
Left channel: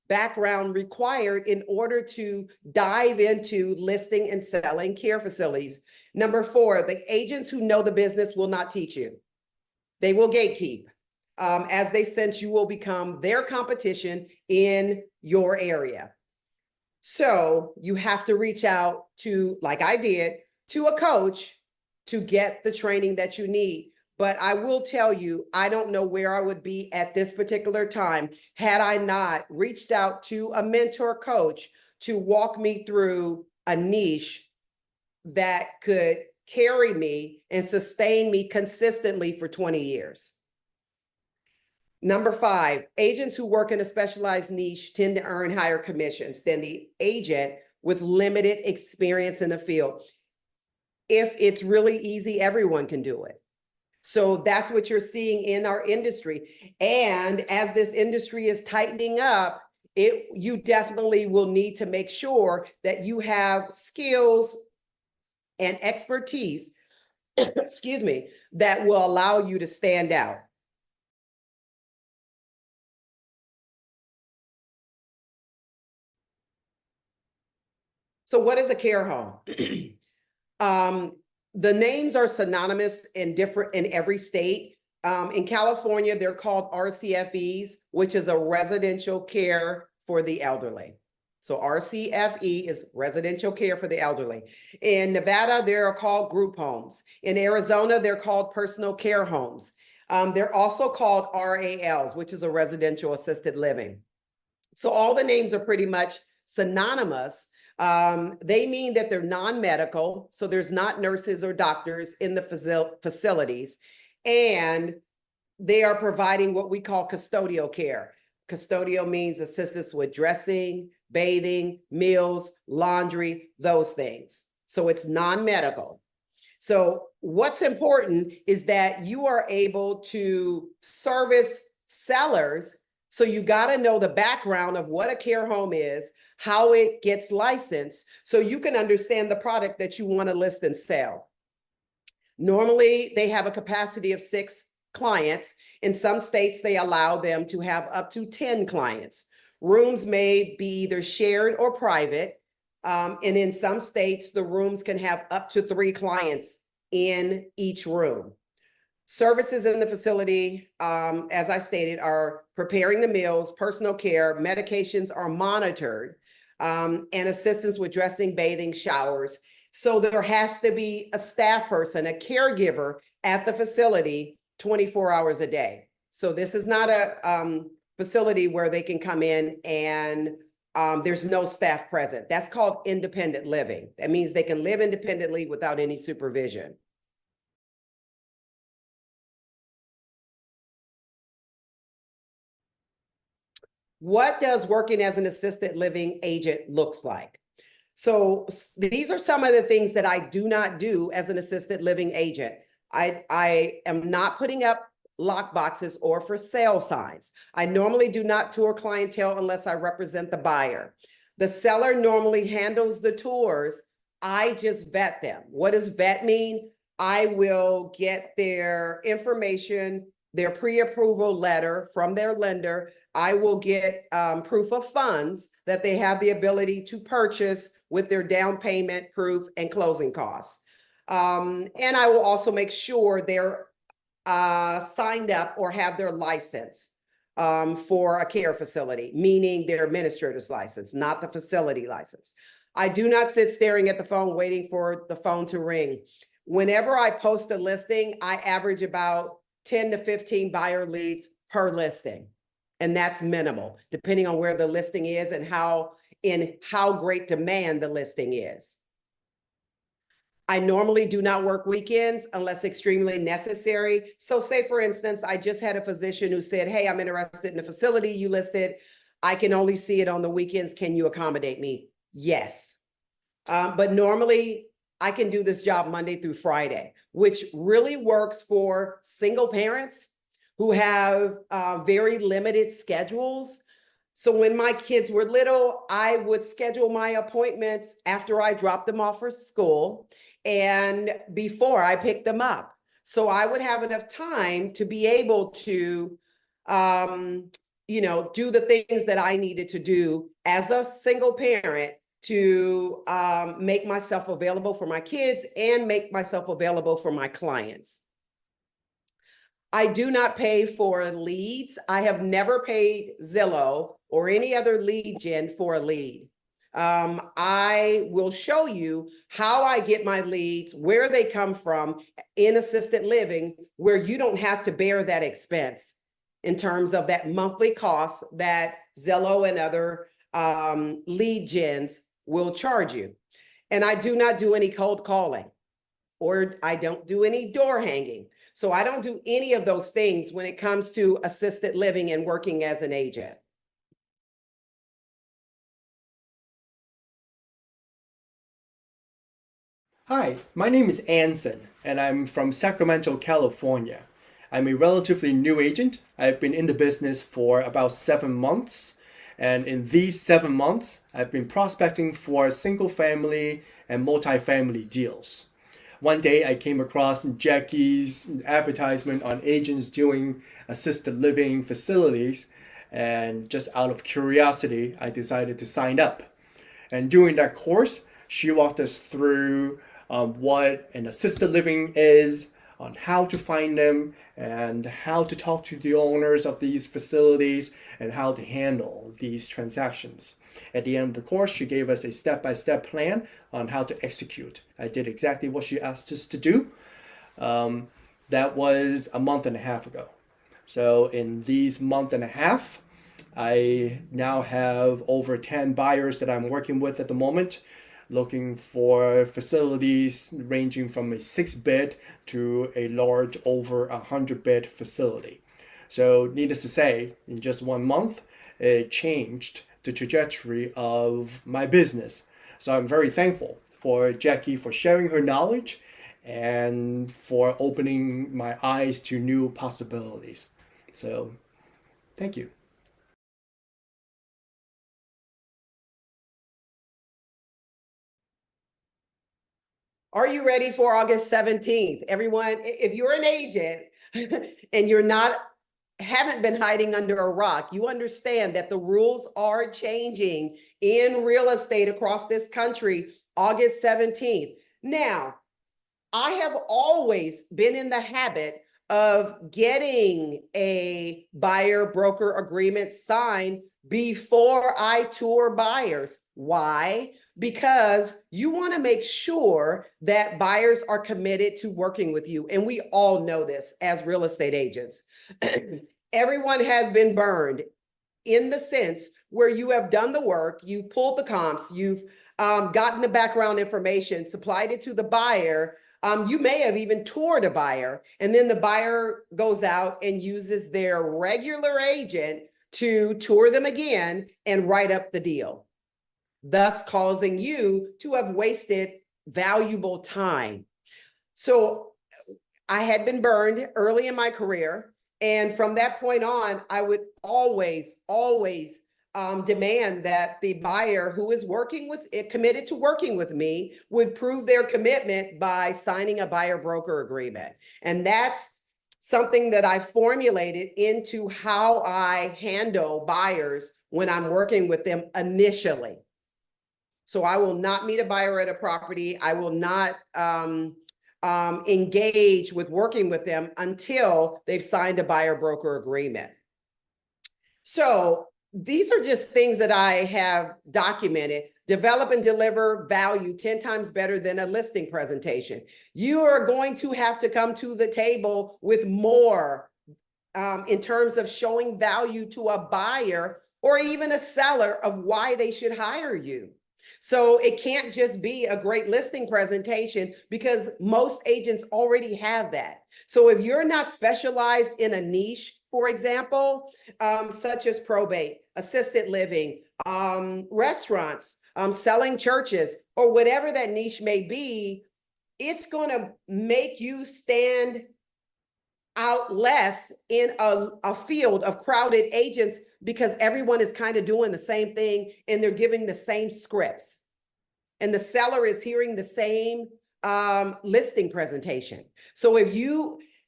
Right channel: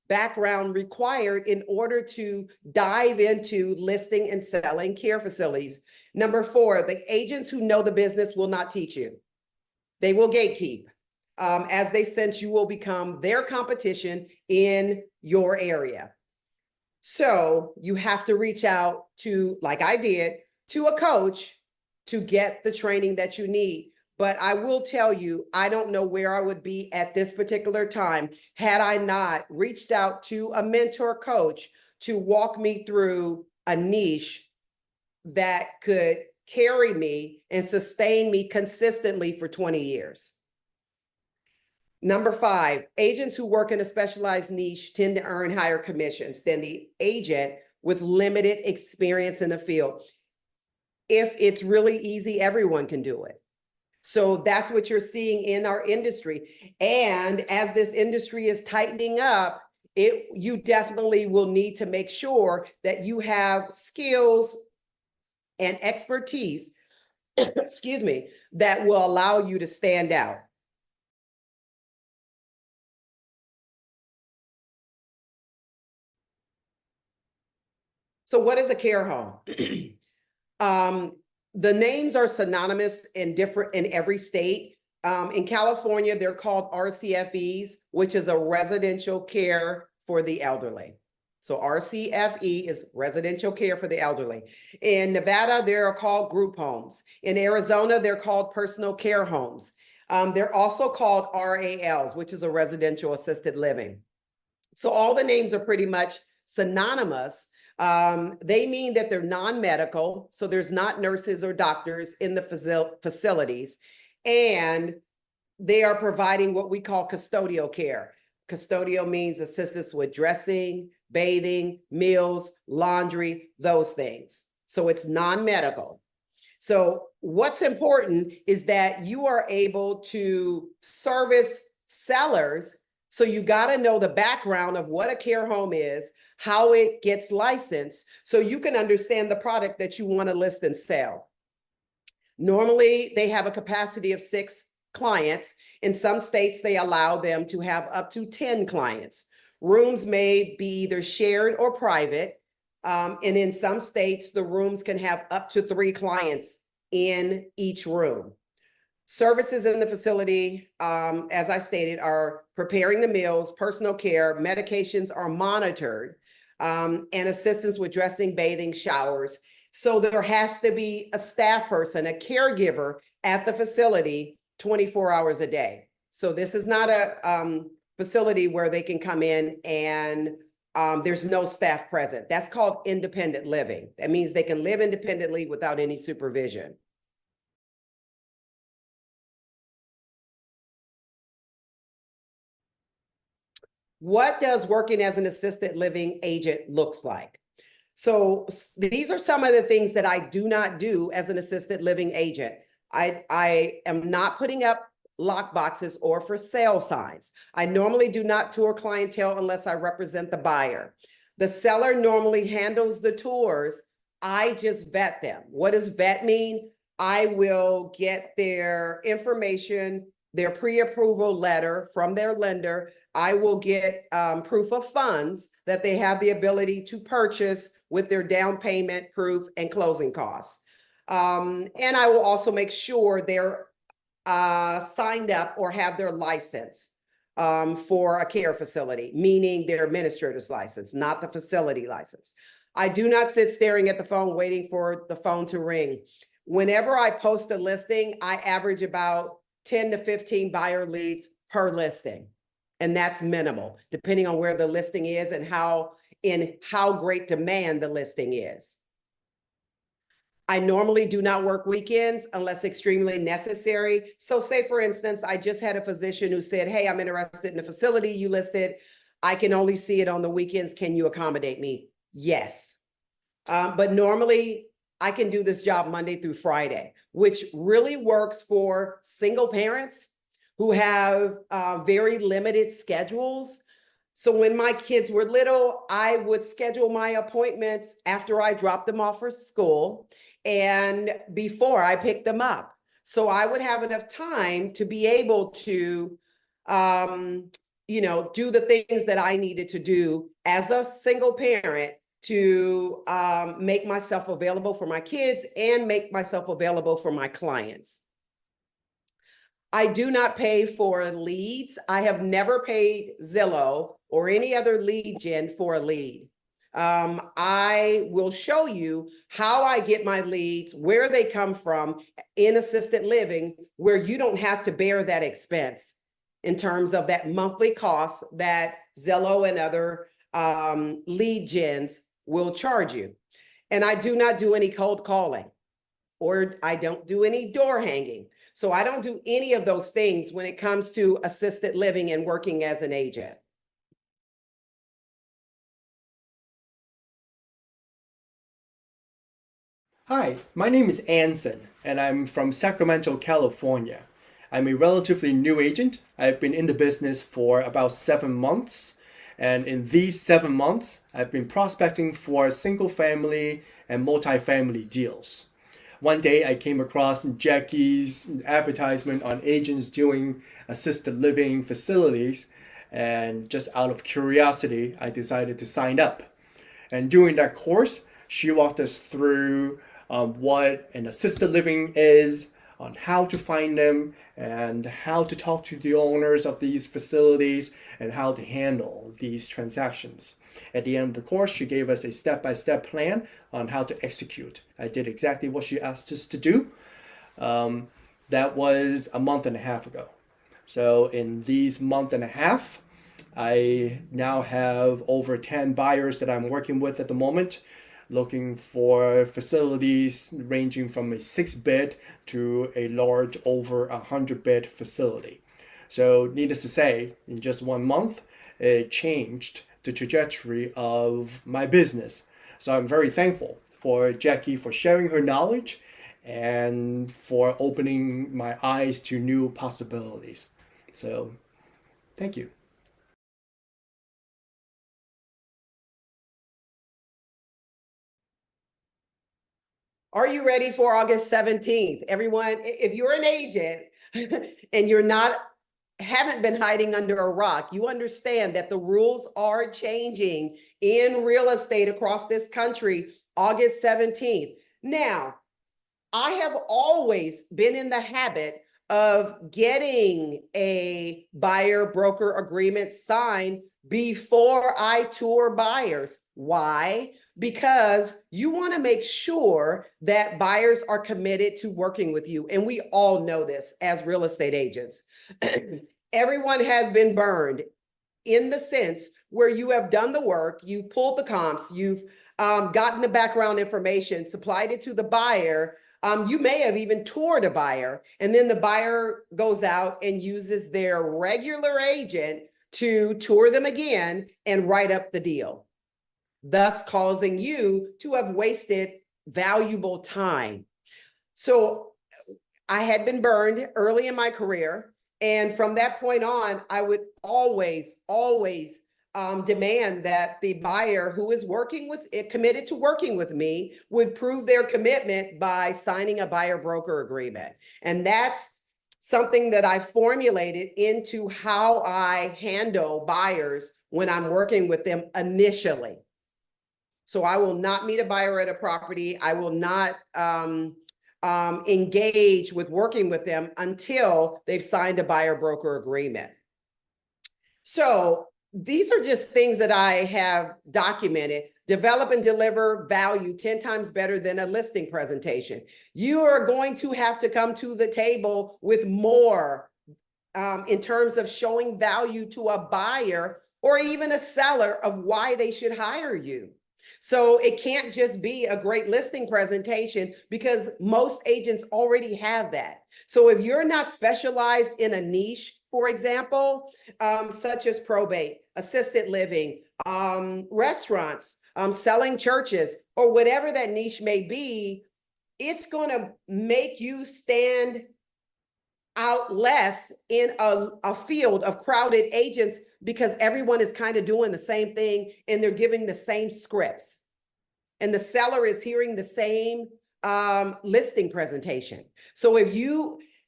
background required in order to dive into listing and selling care facilities. Number 4, the agents who know the business will not teach you. They will gatekeep. As they sense you will become their competition in your area. So you have to reach out to, like I did, to a coach to get the training that you need. But I will tell you, I don't know where I would be at this particular time had I not reached out to a mentor coach to walk me through a niche that could carry me and sustain me consistently for 20 years. Number 5, agents who work in a specialized niche tend to earn higher commissions than the agent with limited experience in the field. If it's really easy, everyone can do it. So that's what you're seeing in our industry. And as this industry is tightening up, you definitely will need to make sure that you have skills and expertise, excuse me, that will allow you to stand out. So what is a care home? The names are synonymous in every state. In California, they're called RCFEs, which is a residential care for the elderly. So RCFE is residential care for the elderly. In Nevada, they're called group homes. In Arizona, they're called personal care homes. They're also called RALs, which is a residential assisted living. So all the names are pretty much synonymous. They mean that they're non-medical, so there's not nurses or doctors in the facilities, and they are providing what we call custodial care. Custodial means assistance with dressing, bathing, meals, laundry, those things. So it's non-medical. So what's important is that you are able to service sellers. So you got to know the background of what a care home is, how it gets licensed, so you can understand the product that you want to list and sell. Normally, they have a capacity of 6 clients. In some states, they allow them to have up to 10 clients. Rooms may be either shared or private. And in some states, the rooms can have up to 3 clients in each room. Services in the facility, as I stated, are preparing the meals, personal care, medications are monitored, and assistance with dressing, bathing, showers. So there has to be a staff person, a caregiver at the facility 24 hours a day. So this is not a facility where they can come in and there's no staff present. That's called independent living. That means they can live independently without any supervision. What does working as an assisted living agent looks like? So these are some of the things that I do not do as an assisted living agent. I am not putting up lock boxes or for sale signs. I normally do not tour clientele unless I represent the buyer. The seller normally handles the tours. I just vet them. What does vet mean? I will get their information, their pre-approval letter from their lender. I will get proof of funds that they have the ability to purchase with their down payment proof and closing costs. And I will also make sure they're signed up or have their license for a care facility, meaning their administrator's license, not the facility license. I do not sit staring at the phone waiting for the phone to ring. Whenever I post a listing, I average about 10 to 15 buyer leads per listing. And that's minimal, depending on where the listing is and how great demand the listing is. I normally do not work weekends unless extremely necessary. So say, for instance, I just had a physician who said, hey, I'm interested in the facility you listed. I can only see it on the weekends. Can you accommodate me? Yes. But normally I can do this job Monday through Friday, which really works for single parents who have very limited schedules. So when my kids were little, I would schedule my appointments after I dropped them off for school and before I picked them up. So I would have enough time to be able to do the things that I needed to do as a single parent to make myself available for my kids and make myself available for my clients. I do not pay for leads. I have never paid Zillow or any other lead gen for a lead. I will show you how I get my leads, where they come from in assisted living, where you don't have to bear that expense in terms of that monthly cost that Zillow and other lead gens will charge you. And I do not do any cold calling, or I don't do any door hanging. So I don't do any of those things when it comes to assisted living and working as an agent. Hi, my name is Anson, and I'm from Sacramento, California. I'm a relatively new agent. I've been in the business for about 7 months, and in these 7 months, I've been prospecting for single-family and multifamily deals. One day, I came across Jackie's advertisement on agents doing assisted living facilities, and just out of curiosity, I decided to sign up. And during that course, she walked us through what an assisted living is, on how to find them, and how to talk to the owners of these facilities, and how to handle these transactions. At the end of the course, she gave us a step-by-step plan on how to execute. I did exactly what she asked us to do. That was a month and a half ago. So in these month and a half, I now have over 10 buyers that I'm working with at the moment, looking for facilities ranging from a 6-bed to a large over 100-bed facility. So needless to say, in just 1 month, it changed the trajectory of my business. So I'm very thankful for Jackie for sharing her knowledge and for opening my eyes to new possibilities. So thank you. Are you ready for August 17th? Everyone, if you're an agent and haven't been hiding under a rock, you understand that the rules are changing in real estate across this country, August 17th. Now, I have always been in the habit of getting a buyer broker agreement signed before I tour buyers. Why? Because you want to make sure that buyers are committed to working with you. And we all know this as real estate agents. Everyone has been burned in the sense where you have done the work, you've pulled the comps, you've gotten the background information, supplied it to the buyer. You may have even toured a buyer, and then the buyer goes out and uses their regular agent to tour them again and write up the deal, thus causing you to have wasted valuable time. So I had been burned early in my career. And from that point on, I would always demand that the buyer who is committed to working with me would prove their commitment by signing a buyer broker agreement. And that's something that I formulated into how I handle buyers when I'm working with them initially. So I will not meet a buyer at a property. I will not engage with working with them until they've signed a buyer broker agreement. So these are just things that I have documented. Develop and deliver value 10 times better than a listing presentation. You are going to have to come to the table with more in terms of showing value to a buyer or even a seller of why they should hire you. So it can't just be a great listing presentation because most agents already have that. So if you're not specialized in a niche, for example, such as probate, assisted living, restaurants, selling churches, or whatever that niche may be, it's going to make you stand out less in a field of crowded agents because everyone is kind of doing the same thing and they're giving the same scripts. And the seller is hearing the same listing presentation. So if you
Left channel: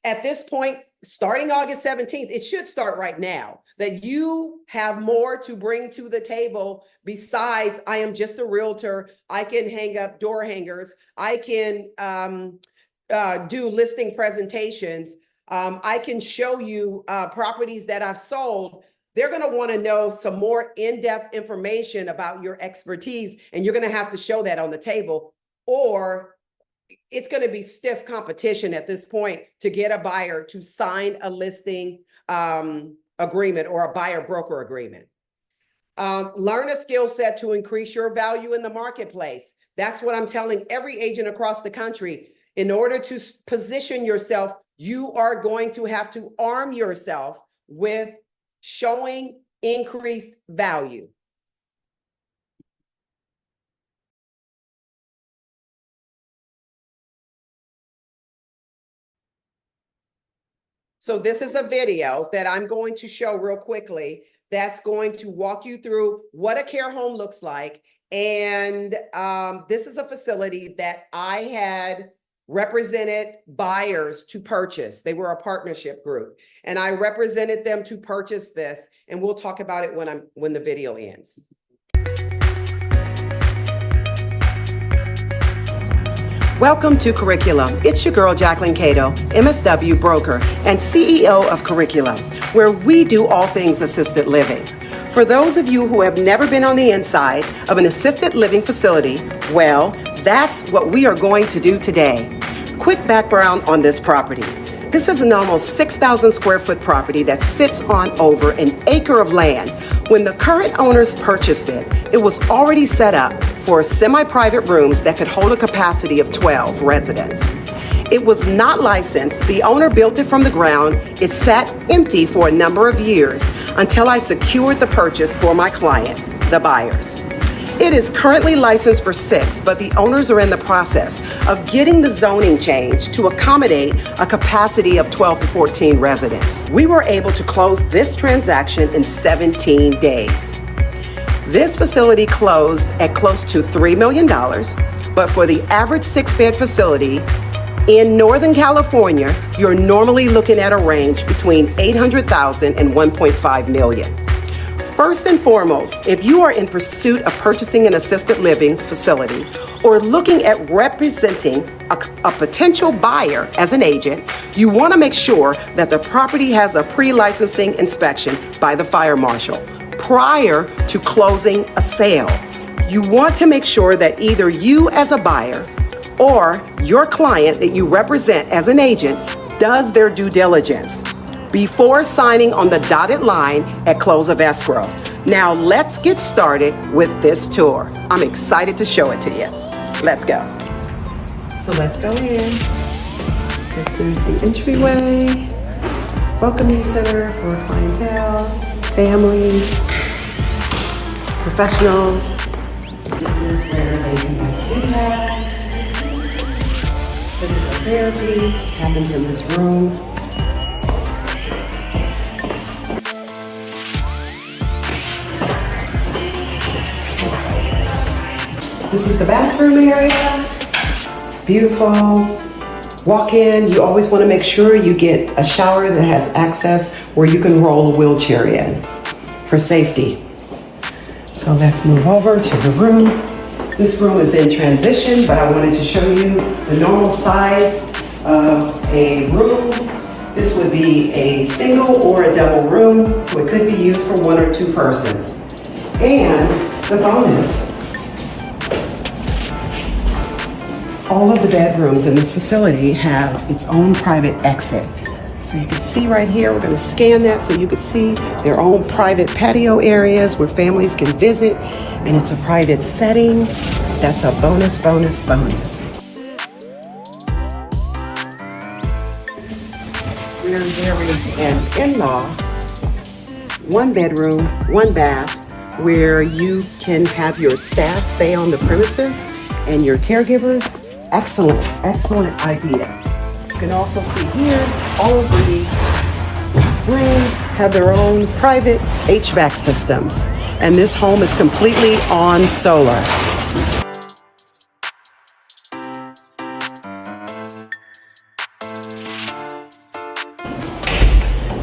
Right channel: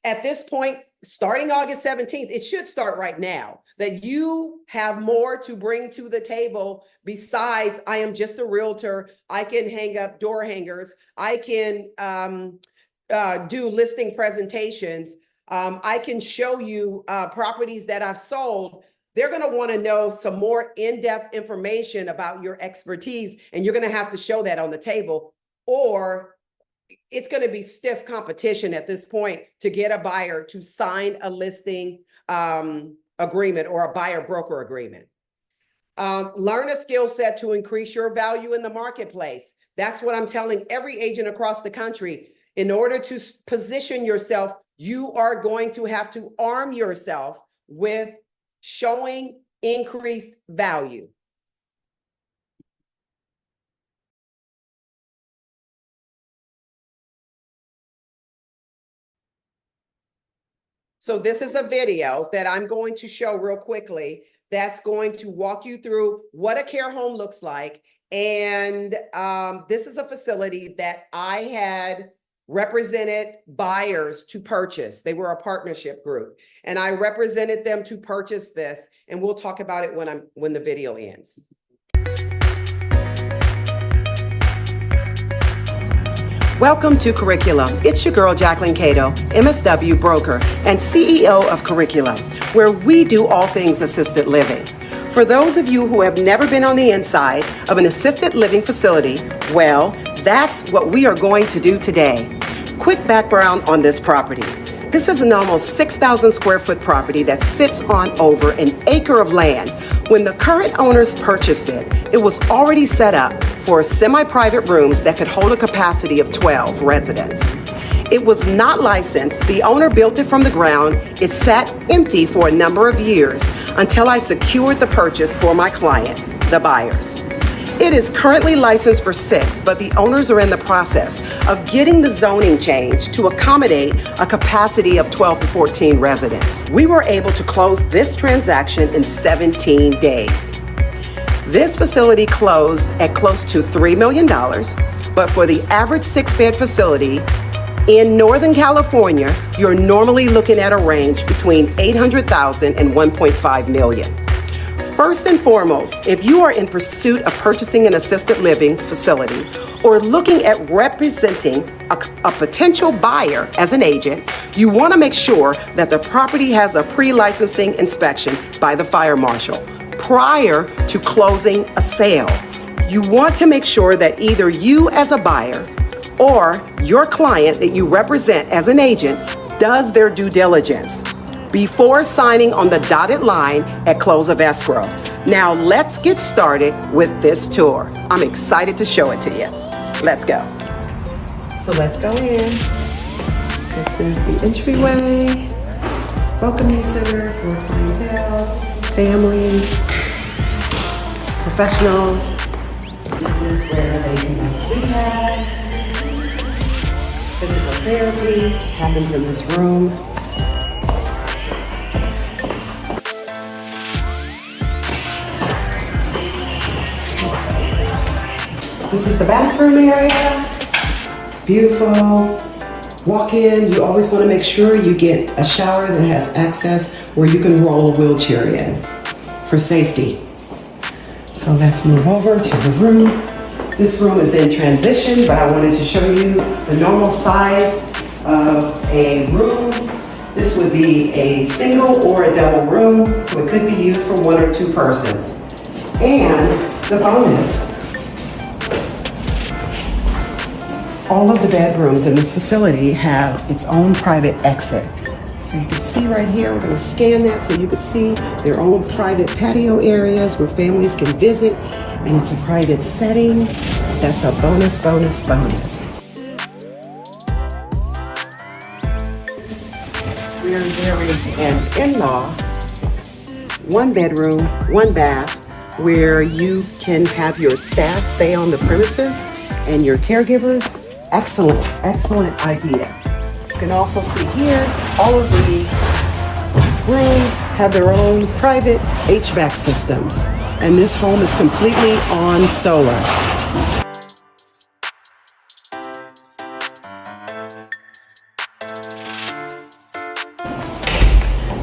At this point, starting August 17th, it should start right now, that you have more to bring to the table besides I am just a realtor. I can hang up door hangers. I can do listing presentations. I can show you properties that I've sold. They're going to want to know some more in-depth information about your expertise, and you're going to have to show that on the table, or it's going to be stiff competition at this point to get a buyer to sign a listing agreement or a buyer broker agreement. Learn a skill set to increase your value in the marketplace. That's what I'm telling every agent across the country. In order to position yourself, you are going to have to arm yourself with showing increased value. So this is a video that I'm going to show real quickly that's going to walk you through what a care home looks like. And this is a facility that I had represented buyers to purchase. They were a partnership group, and I represented them to purchase this. And we'll talk about it when the video ends. Welcome to Curriculum. It's your girl, Jacquelyn Cato, MSW broker and CEO of Curriculum, where we do all things assisted living. For those of you who have never been on the inside of an assisted living facility, well, that's what we are going to do today. Quick background on this property. This is an almost 6,000 square foot property that sits on over an acre of land. When the current owners purchased it, it was already set up for semi-private rooms that could hold a capacity of 12 residents. It was not licensed. The owner built it from the ground. It sat empty for a number of years until I secured the purchase for my client, the buyers. It is currently licensed for 6, but the owners are in the process of getting the zoning changed to accommodate a capacity of 12 to 14 residents. We were able to close this transaction in 17 days. This facility closed at close to $3 million, but for the average 6-bed facility in Northern California, you're normally looking at a range between $800,000 and $1.5 million. First and foremost, if you are in pursuit of purchasing an assisted living facility or looking at representing a potential buyer as an agent, you want to make sure that the property has a pre-licensing inspection by the fire marshal prior to closing a sale. You want to make sure that either you as a buyer or your client that you represent as an agent does their due diligence before signing on the dotted line at close of escrow. Now let's get started with this tour. I'm excited to show it to you. Let's go. So let's go in. This is the entryway, welcoming center for clientele, families, professionals. This is where they can do rehab, physical therapy happens in this room. This is the bathroom area. It's beautiful. Walk in, you always want to make sure you get a shower that has access where you can roll a wheelchair in for safety. So let's move over to the room. This room is in transition, but I wanted to show you the normal size of a room. This would be a single or a double room, so it could be used for 1 or 2 persons. And the bonus, all of the bedrooms in this facility have its own private exit. So you can see right here, we're going to scan that so you can see their own private patio areas where families can visit, and it's a private setting. That's a bonus, bonus, bonus. Where there is an in-law, 1 bedroom, 1 bath, where you can have your staff stay on the premises and your caregivers. Excellent, excellent idea. You can also see here, all of the rooms have their own private HVAC systems, and this home is completely on solar.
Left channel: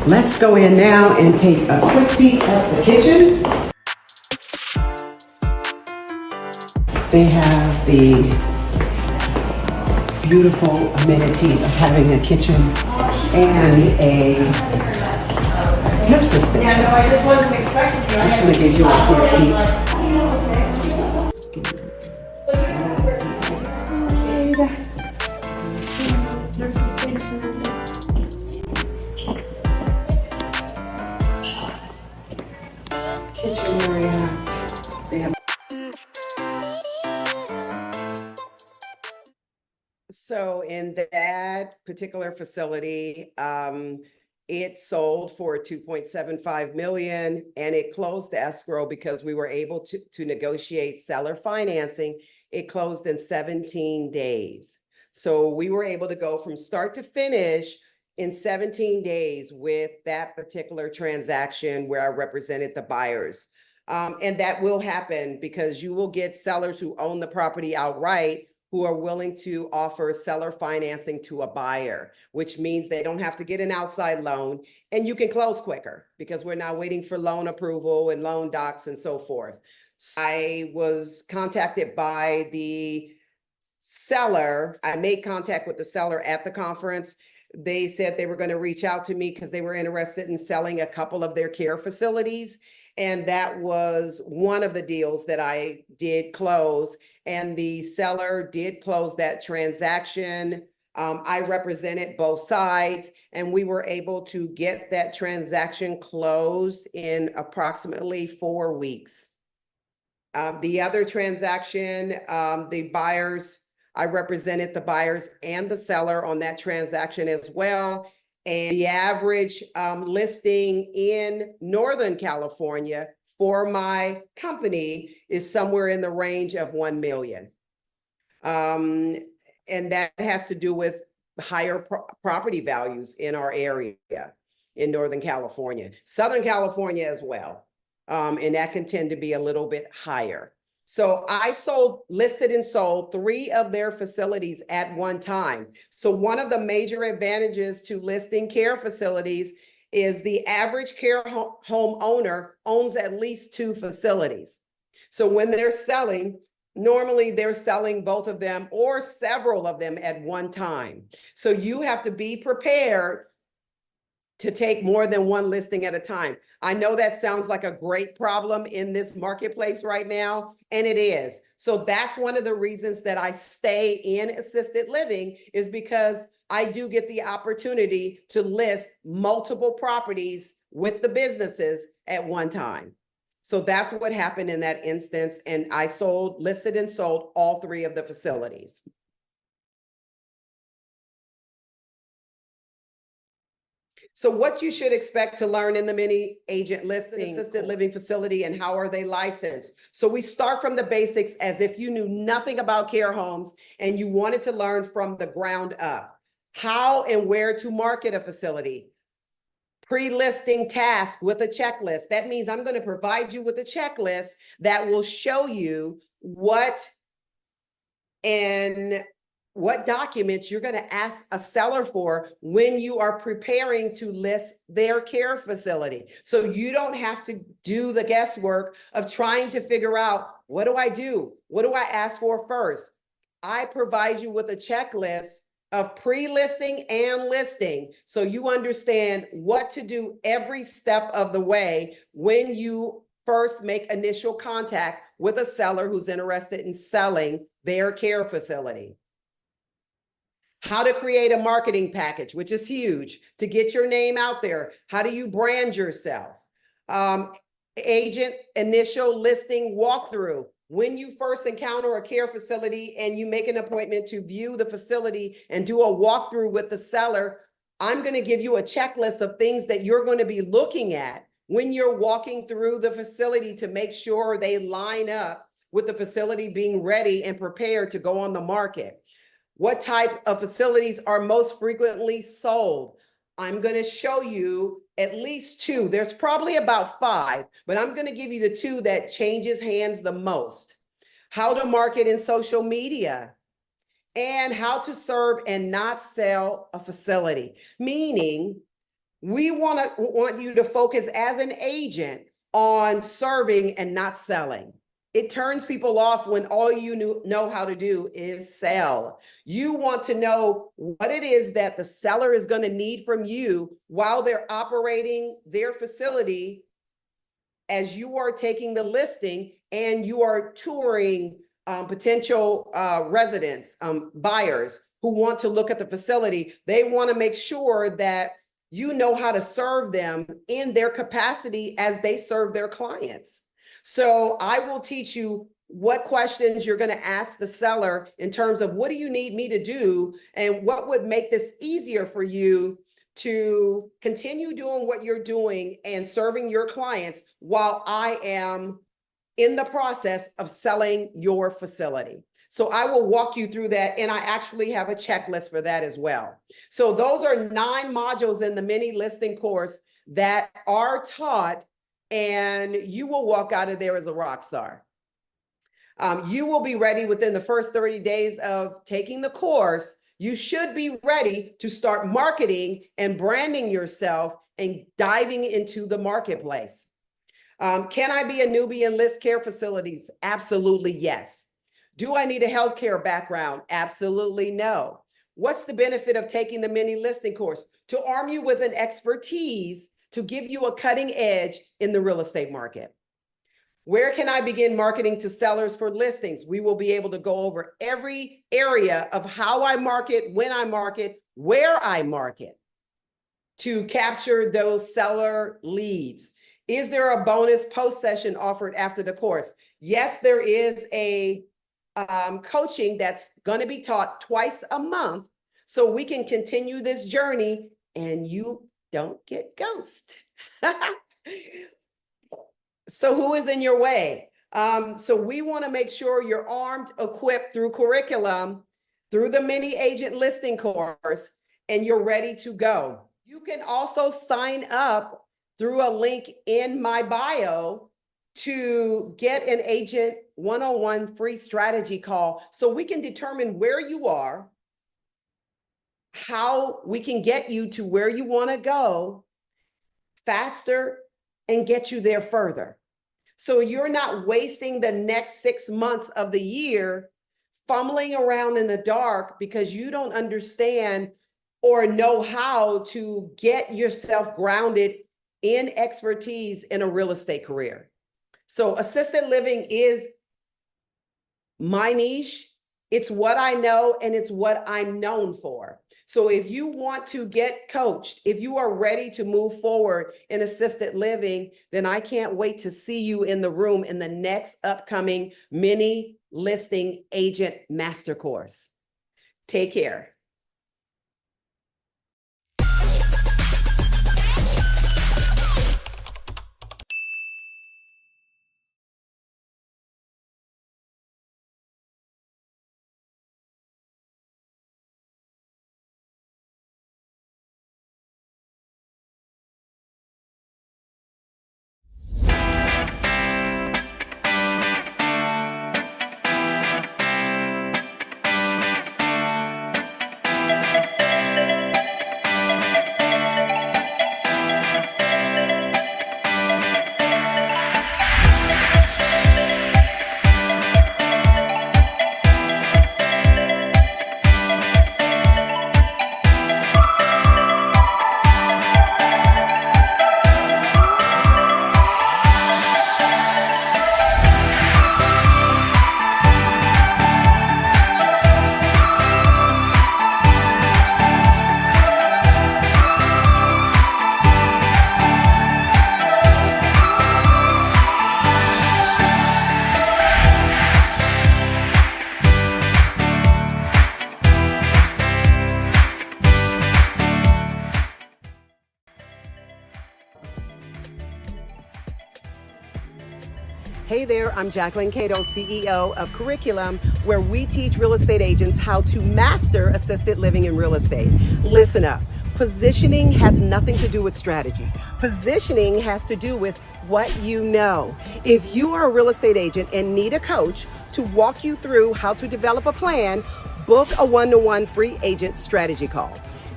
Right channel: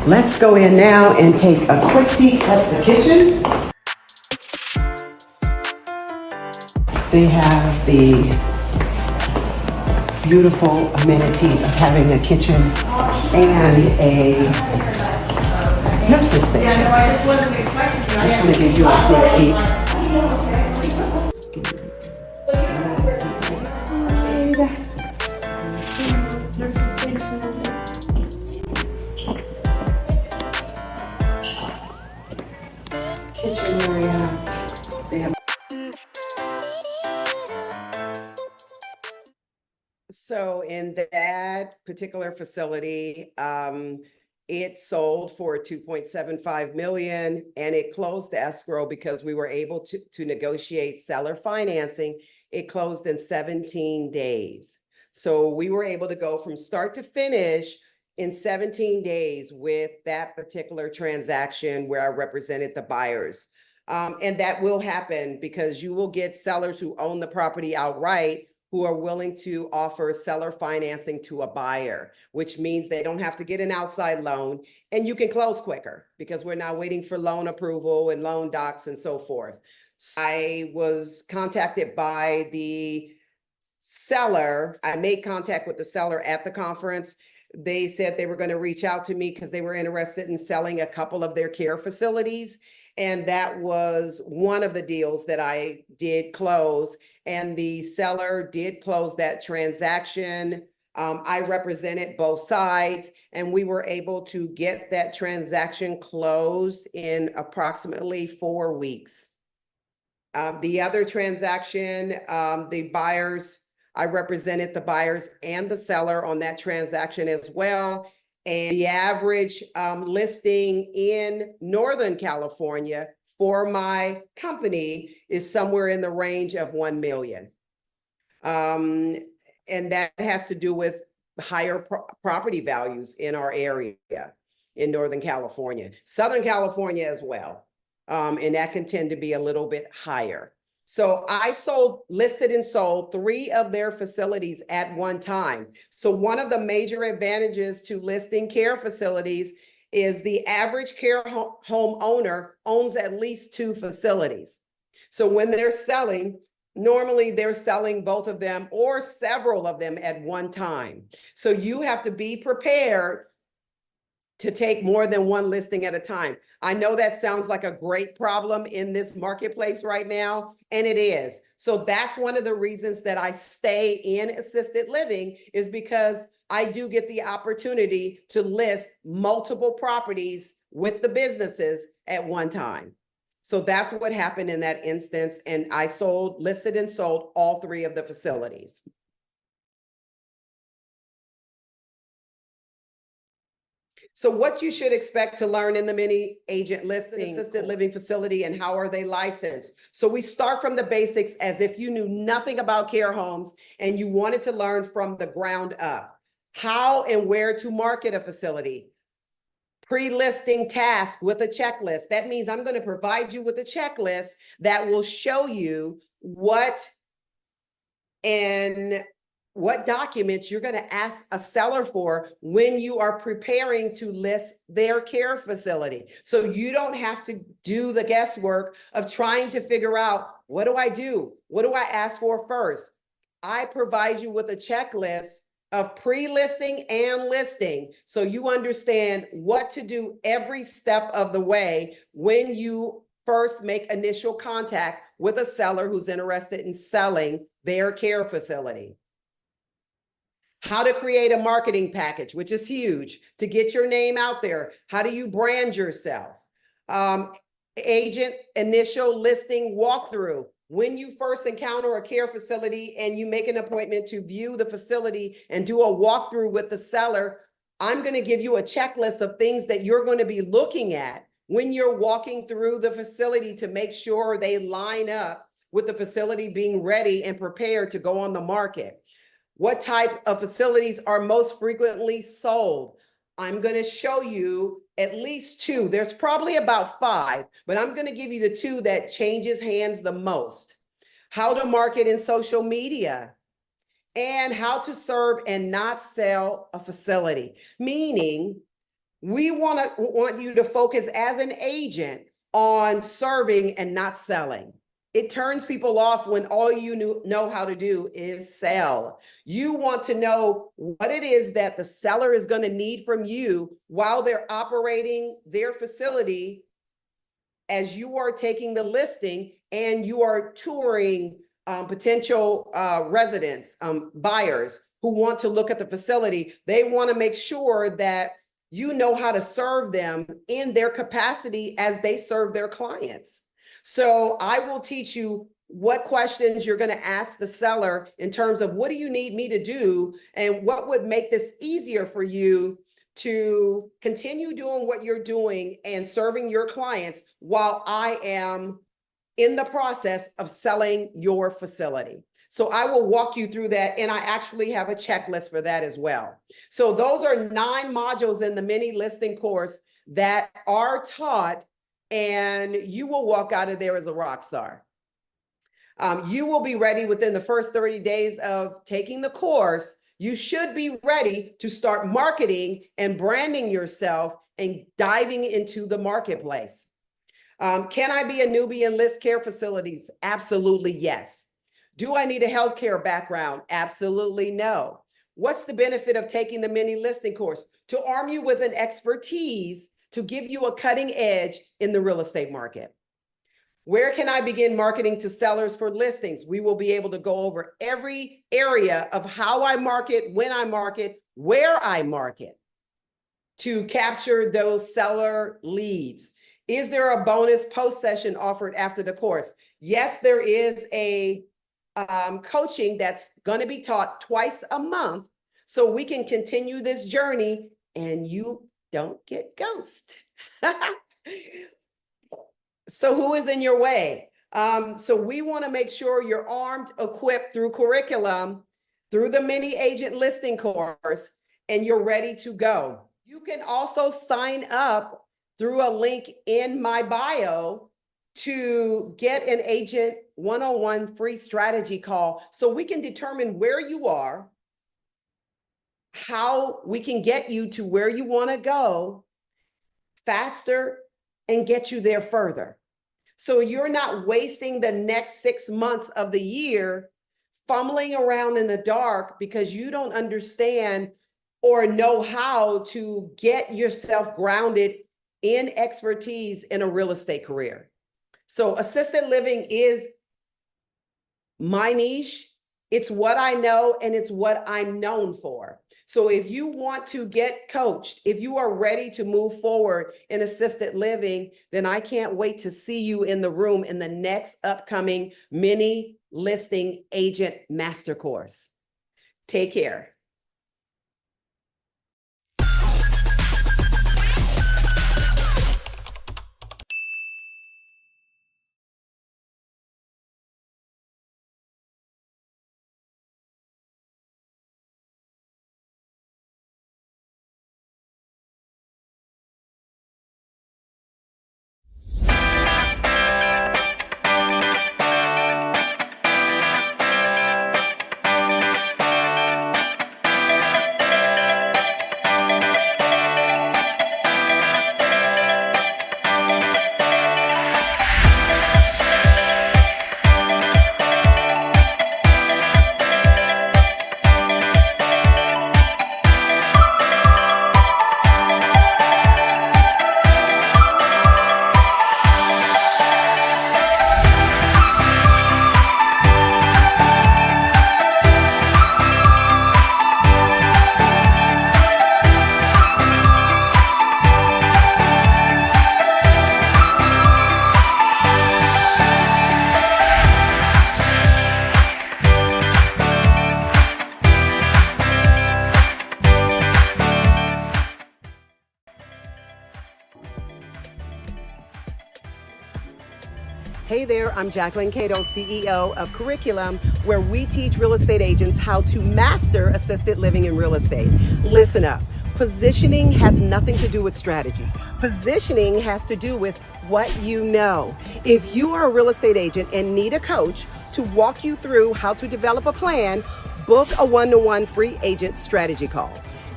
Let's go in now and take a quick peek at the kitchen. They have the beautiful amenity of having a kitchen and a nurse's station. Just going to give you a sneak peek. Kitchen area. They have. So in that particular facility, it sold for 2.75 million and it closed the escrow because we were able to negotiate seller financing. It closed in 17 days. So we were able to go from start to finish in 17 days with that particular transaction where I represented the buyers. And that will happen because you will get sellers who own the property outright who are willing to offer seller financing to a buyer, which means they don't have to get an outside loan and you can close quicker because we're not waiting for loan approval and loan docs and so forth. So I was contacted by the seller. I made contact with the seller at the conference. They said they were going to reach out to me because they were interested in selling a couple of their care facilities. And that was one of the deals that I did close. And the seller did close that transaction. I represented both sides and we were able to get that transaction closed in approximately 4 weeks. The other transaction, the buyers, I represented the buyers and the seller on that transaction as well. And the average listing in Northern California for my company is somewhere in the range of 1 million. And that has to do with higher property values in our area in Northern California, Southern California as well. And that can tend to be a little bit higher. So I listed and sold 3 of their facilities at one time. So one of the major advantages to listing care facilities is the average care home owner owns at least 2 facilities. So when they're selling, normally they're selling both of them or several of them at one time. So you have to be prepared to take more than one listing at a time. I know that sounds like a great problem in this marketplace right now, and it is. So that's one of the reasons that I stay in assisted living is because I do get the opportunity to list multiple properties with the businesses at one time. So that's what happened in that instance. And I listed and sold all 3 of the facilities. So what you should expect to learn in the mini agent listing assisted living facility and how are they licensed? So we start from the basics as if you knew nothing about care homes and you wanted to learn from the ground up. How and where to market a facility. Pre-listing task with a checklist. That means I'm going to provide you with a checklist that will show you what documents you're going to ask a seller for when you are preparing to list their care facility. So you don't have to do the guesswork of trying to figure out, what do I do? What do I ask for first? I provide you with a checklist of pre-listing and listing so you understand what to do every step of the way when you first make initial contact with a seller who's interested in selling their care facility. How to create a marketing package, which is huge, to get your name out there. How do you brand yourself? Agent initial listing walkthrough. When you first encounter a care facility and you make an appointment to view the facility and do a walkthrough with the seller, I'm going to give you a checklist of things that you're going to be looking at when you're walking through the facility to make sure they line up with the facility being ready and prepared to go on the market. What type of facilities are most frequently sold? I'm going to show you at least 2. There's probably about 5, but I'm going to give you the 2 that changes hands the most. How to market in social media and how to serve and not sell a facility. Meaning We want you to focus as an agent on serving and not selling. It turns people off when all you know how to do is sell. You want to know what it is that the seller is going to need from you while they're operating their facility as you are taking the listing and you are touring potential residents, buyers who want to look at the facility. They want to make sure that you know how to serve them in their capacity as they serve their clients. So I will teach you what questions you're going to ask the seller in terms of what do you need me to do and what would make this easier for you to continue doing what you're doing and serving your clients while I am in the process of selling your facility. So I will walk you through that, and I actually have a checklist for that as well. So those are 9 modules in the mini listing course that are taught, and you will walk out of there as a rock star. You will be ready within the first 30 days of taking the course. You should be ready to start marketing and branding yourself and diving into the marketplace. Can I be a newbie in list care facilities? Absolutely, yes. Do I need a healthcare background? Absolutely no. What's the benefit of taking the mini listing course? To arm you with an expertise to give you a cutting edge in the real estate market. Where can I begin marketing to sellers for listings? We will be able to go over every area of how I market, when I market, where I market to capture those seller leads. Is there a bonus post session offered after the course? Yes, there is a coaching that's going to be taught twice a month so we can continue this journey and you don't get ghosted. So who is in your way? So we want to make sure you're armed, equipped through curriculum, through the mini agent listing course, and you're ready to go. You can also sign up through a link in my bio to get an agent one-on-one free strategy call so we can determine where you are, how we can get you to where you want to go faster and get you there further. So you're not wasting the next 6 months of the year fumbling around in the dark because you don't understand or know how to get yourself grounded in expertise in a real estate career. So assisted living is my niche. It's what I know and it's what I'm known for. So if you want to get coached, if you are ready to move forward in assisted living, then I can't wait to see you in the room in the next upcoming mini listing agent master course. Take care. Hey there, I'm Jacquelyn, CEO of Curriculum, where we teach real estate agents how to master assisted living in real estate. Listen up. Positioning has nothing to do with strategy. Positioning has to do with what you know. If you are a real estate agent and need a coach to walk you through how to develop a plan, book a one-to-one free agent strategy call.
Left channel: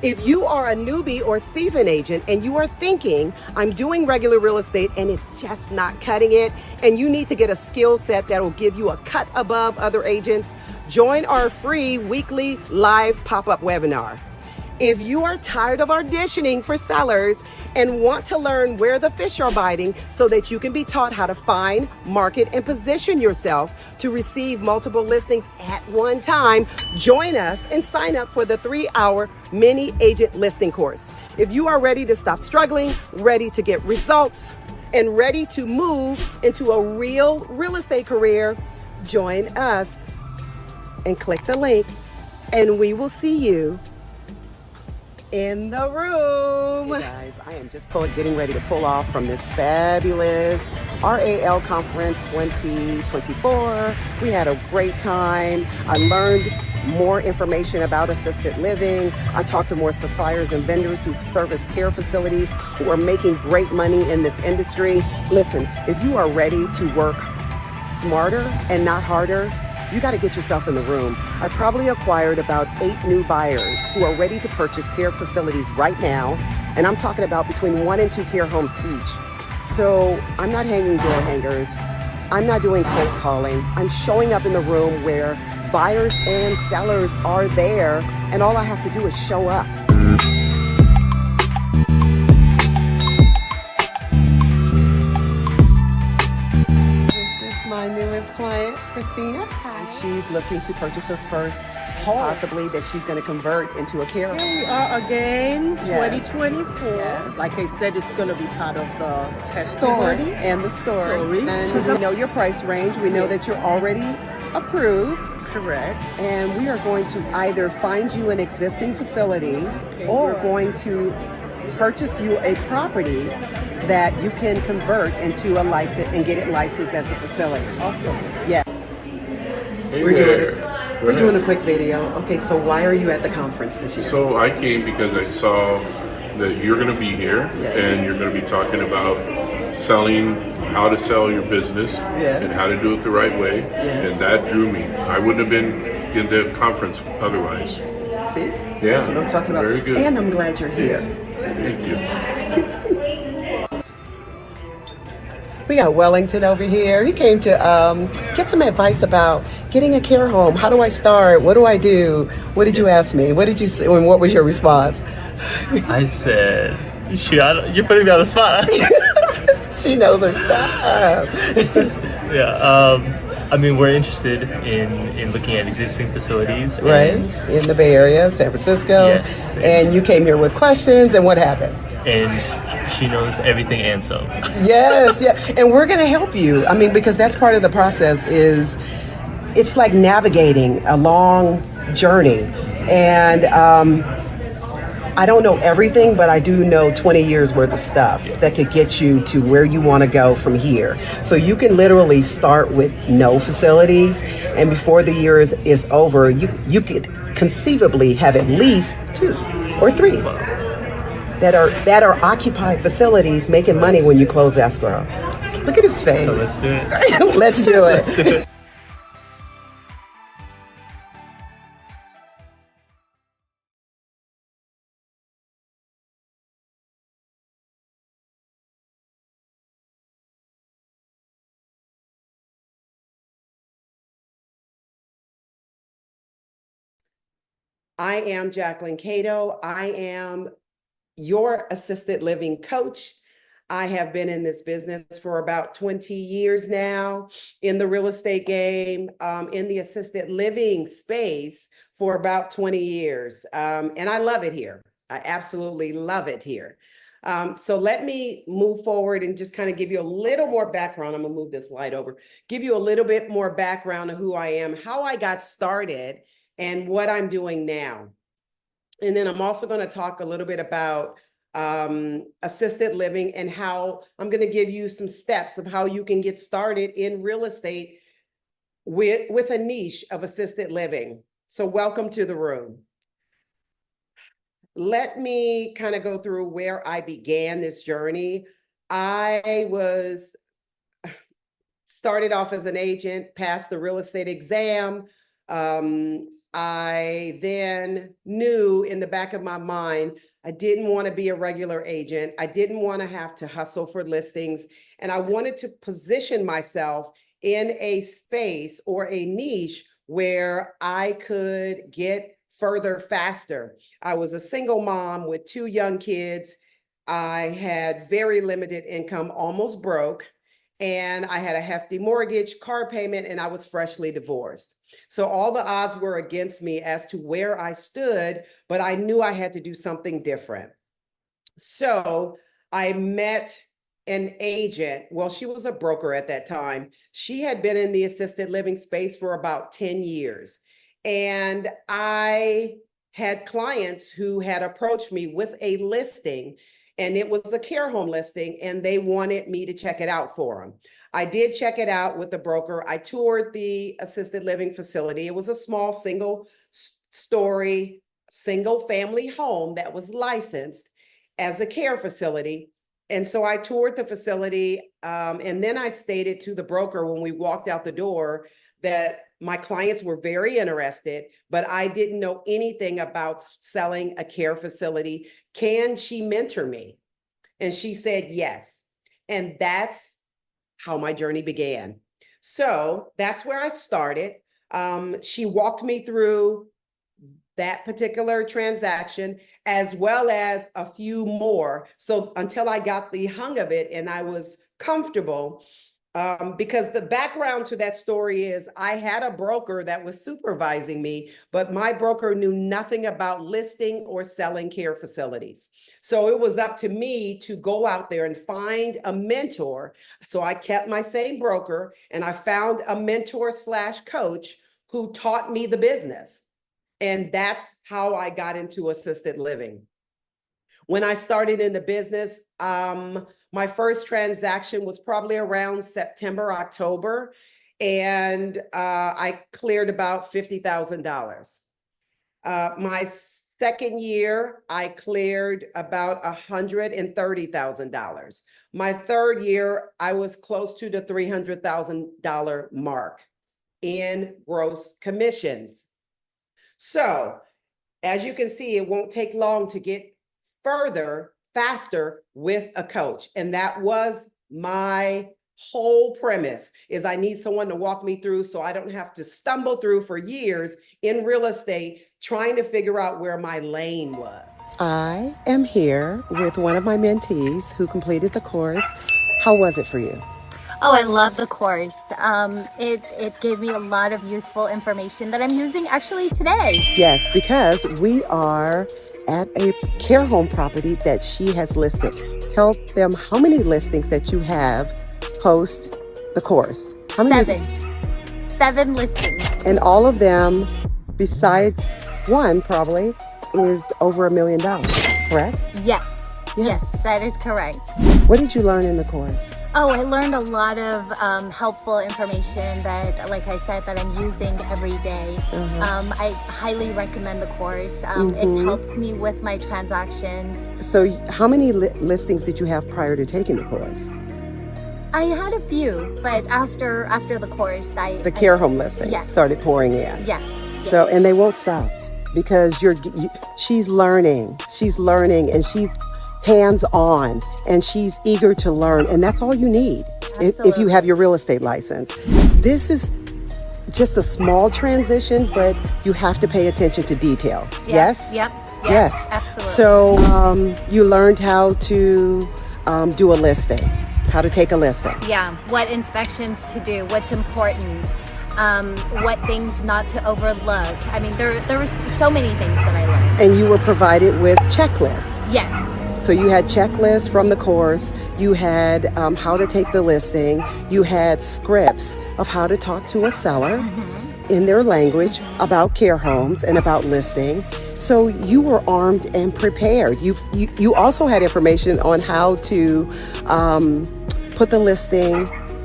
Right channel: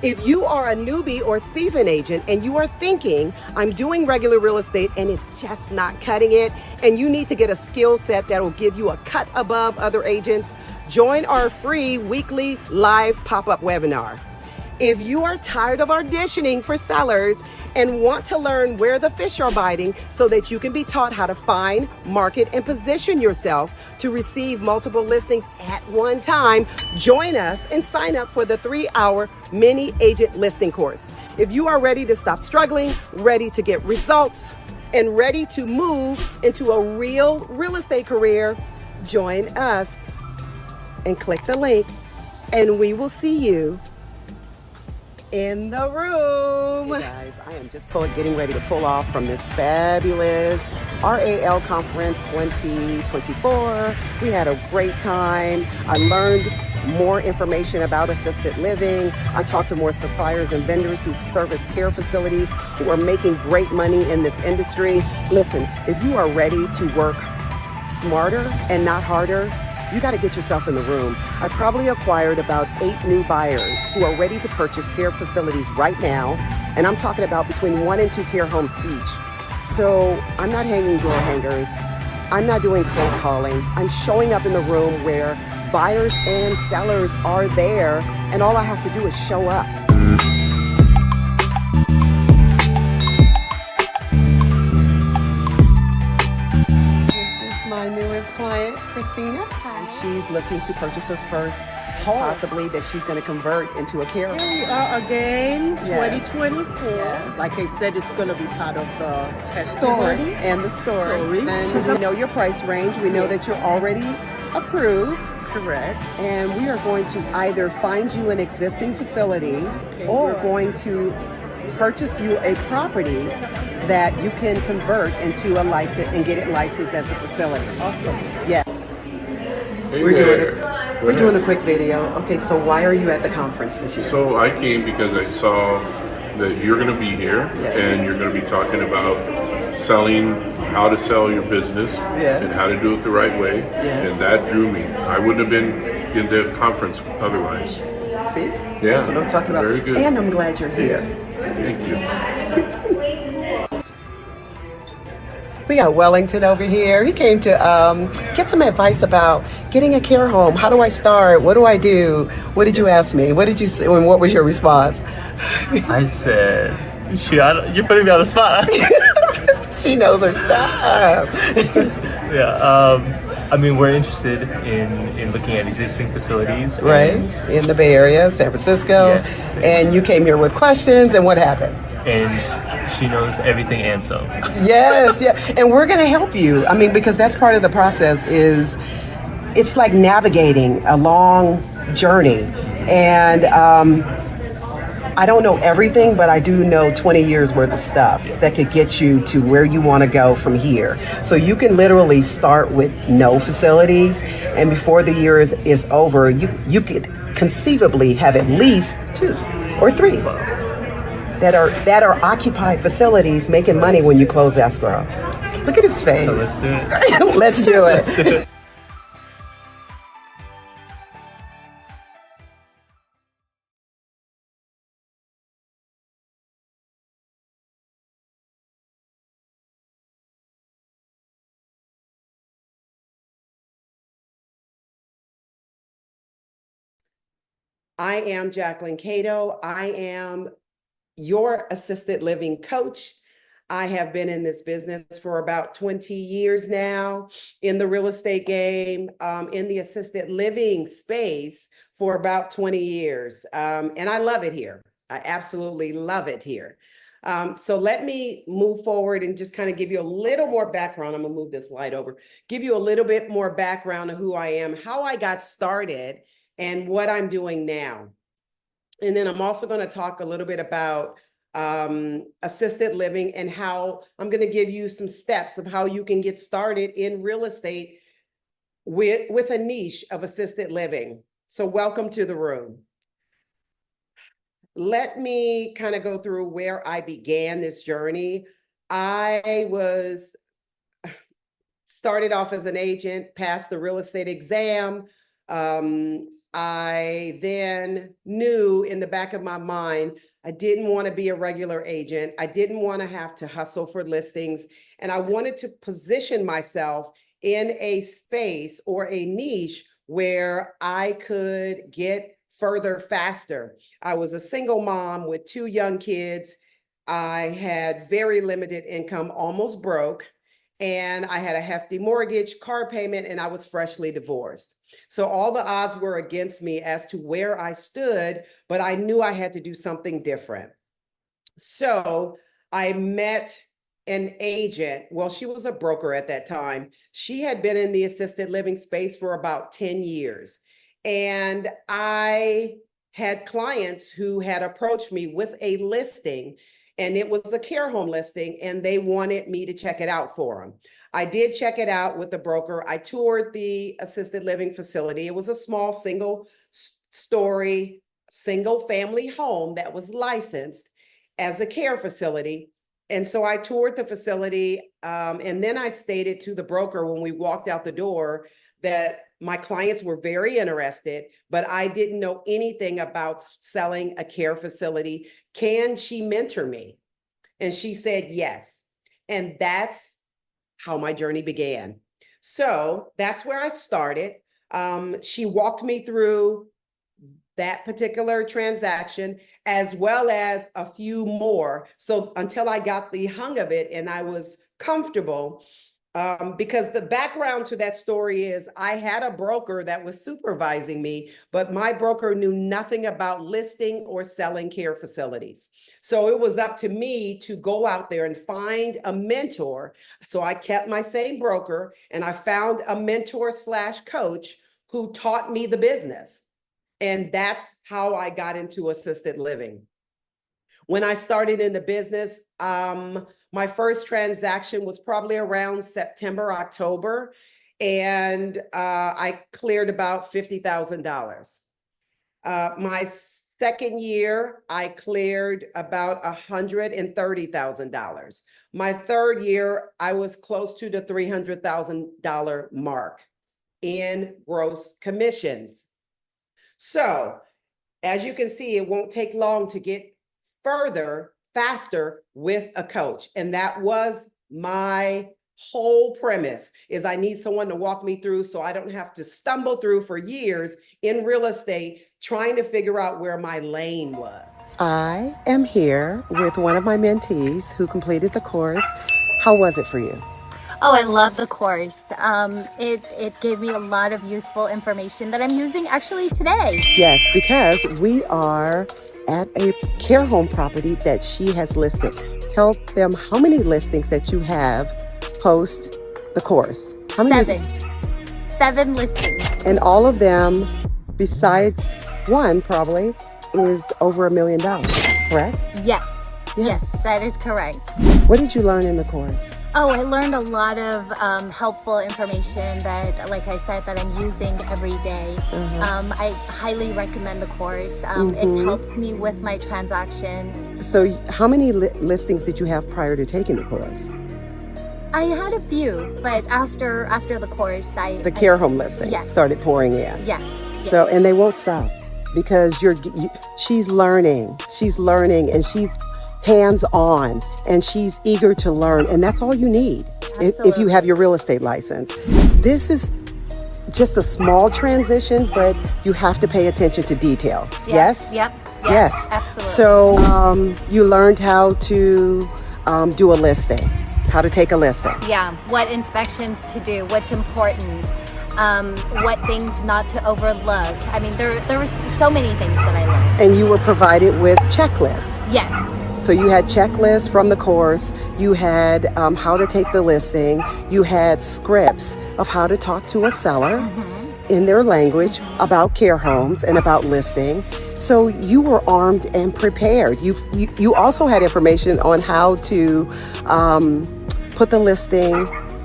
If you are a newbie or seasoned agent and you are thinking, I'm doing regular real estate and it's just not cutting it, and you need to get a skill set that will give you a cut above other agents, join our free weekly live pop-up webinar. If you are tired of auditioning for sellers and want to learn where the fish are biting so that you can be taught how to find, market, and position yourself to receive multiple listings at one time, join us and sign up for the 3-hour mini agent listing course. If you are ready to stop struggling, ready to get results, and ready to move into a real estate career, join us and click the link, and we will see you in the room. Hey guys, I am just getting ready to pull off from this fabulous RAL Conference 2024. We had a great time. I learned more information about assisted living. I talked to more suppliers and vendors who service care facilities who are making great money in this industry. Listen, if you are ready to work smarter and not harder, you got to get yourself in the room. I probably acquired about 8 new buyers who are ready to purchase care facilities right now. And I'm talking about between 1 and 2 care homes each. So I'm not hanging door hangers. I'm not doing cold calling. I'm showing up in the room where buyers and sellers are there. And all I have to do is show up. My newest client, Christina. Hi. She's looking to purchase her first home, possibly that she's going to convert into a care home. Here we are again, Yes. 2024. Yes. Like I said, it's going to be part of the Story testimony. and the story. And She's we know your price range. We know that you're already approved. Correct. And we are going to either find you an existing facility or good. going to purchase you a property that you can convert into a license and get it licensed as a facility. Awesome. Yeah. Hey We're doing there. it. We're doing a quick video. Okay, so why are you at the conference this year? So I came because I saw that you're going to be here, Yes. and you're going to be talking about selling, how to sell your business, Yes. and how to do it the right way. Yes. And that drew me. I wouldn't have been in the conference otherwise. See? Yeah. That's what I'm talking about. Very good. And I'm glad you're here. Thank you. We got Wellington over here. He came to get some advice about getting a care home. How do I start? What do I do? What did you ask me? What did you say? And what was your response? I said, you're putting me on the spot. She knows her stuff. Yeah. I mean, we're interested in looking at existing facilities. Right? In the Bay Area, San Francisco. Yes. And you came here with questions, and what happened? And she knows everything and some. Yes, yeah. And we're going to help you. I mean, because that's part of the process is it's like navigating a long journey. And I don't know everything, but I do know 20 years worth of stuff that could get you to where you want to go from here. So you can literally start with no facilities, and before the year is over, you could conceivably have at least 2 or 3 that are occupied facilities making money when you close escrow. Look at his face. So let's do it. Let's do it. Let's do it. I am Jacquelyn Cato. I am your assisted living coach. I have been in this business for about 20 years now, in the real estate game, in the assisted living space for about 20 years. And I love it here. I absolutely love it here. So let me move forward and just kind of give you a little more background. I'm gonna move this slide over, give you a little bit more background of who I am, how I got started, and what I'm doing now. And then I'm also going to talk a little bit about assisted living and how I'm going to give you some steps of how you can get started in real estate with a niche of assisted living. So welcome to the room. Let me kind of go through where I began this journey. I started off as an agent, passed the real estate exam, I then knew in the back of my mind, I didn't want to be a regular agent. I didn't want to have to hustle for listings. And I wanted to position myself in a space or a niche where I could get further faster. I was a single mom with 2 young kids. I had very limited income, almost broke, and I had a hefty mortgage, car payment, and I was freshly divorced. So all the odds were against me as to where I stood, but I knew I had to do something different. So I met an agent. Well, she was a broker at that time. She had been in the assisted living space for about 10 years. And I had clients who had approached me with a listing, and it was a care home listing, and they wanted me to check it out for them. I did check it out with the broker. I toured the assisted living facility. It was a small single-story, single-family home that was licensed as a care facility. And so I toured the facility, and then I stated to the broker when we walked out the door that my clients were very interested, but I didn't know anything about selling a care facility. Can she mentor me? And she said yes. And that's how my journey began. So that's where I started. She walked me through that particular transaction, as well as a few more. So until I got the hang of it and I was comfortable, because the background to that story is I had a broker that was supervising me, but my broker knew nothing about listing or selling care facilities. So it was up to me to go out there and find a mentor. So I kept my same broker and I found a mentor / coach who taught me the business. And that's how I got into assisted living. When I started in the business, my first transaction was probably around September, October, and I cleared about $50,000. My second year, I cleared about $130,000. My third year, I was close to the $300,000 mark in gross commissions. So, as you can see, it won't take long to get further, faster with a coach. And that was my whole premise, is I need someone to walk me through so I don't have to stumble through for years in real estate trying to figure out where my lane was. I am here with one of my mentees who completed the course. How was it for you? Oh, I love the course. It gave me a lot of useful information that I'm using actually today. Yes, because we are at a care home property that she has listed. Tell them how many listings that you have post the course. How many? 7 listings. And all of them, besides one probably, is over $1 million, correct? Yes. Yes, that is correct. What did you learn in the course? Oh, I learned a lot of helpful information that, like I said, that I'm using every day. I highly recommend the course. It's helped me with my transactions. So how many listings did you have prior to taking the course? I had a few, but after the course, The care home listings started pouring in. Yes. So, and they won't stop because she's learning, and she's hands-on, and she's eager to learn, and that's all you need if you have your real estate license. This is just a small transition, but you have to pay attention to detail. Yes? Yes. Absolutely. So you learned how to do a listing, how to take a listing. Yeah, what inspections to do, what's important, what things not to overlook. I mean, there were so many things that I learned. And you were provided with checklists. Yes. So you had checklists from the course, you had how to take the listing, you had scripts of how to talk to a seller in their language about care homes and about listing. So you were armed and prepared. You also had information on how to put the listing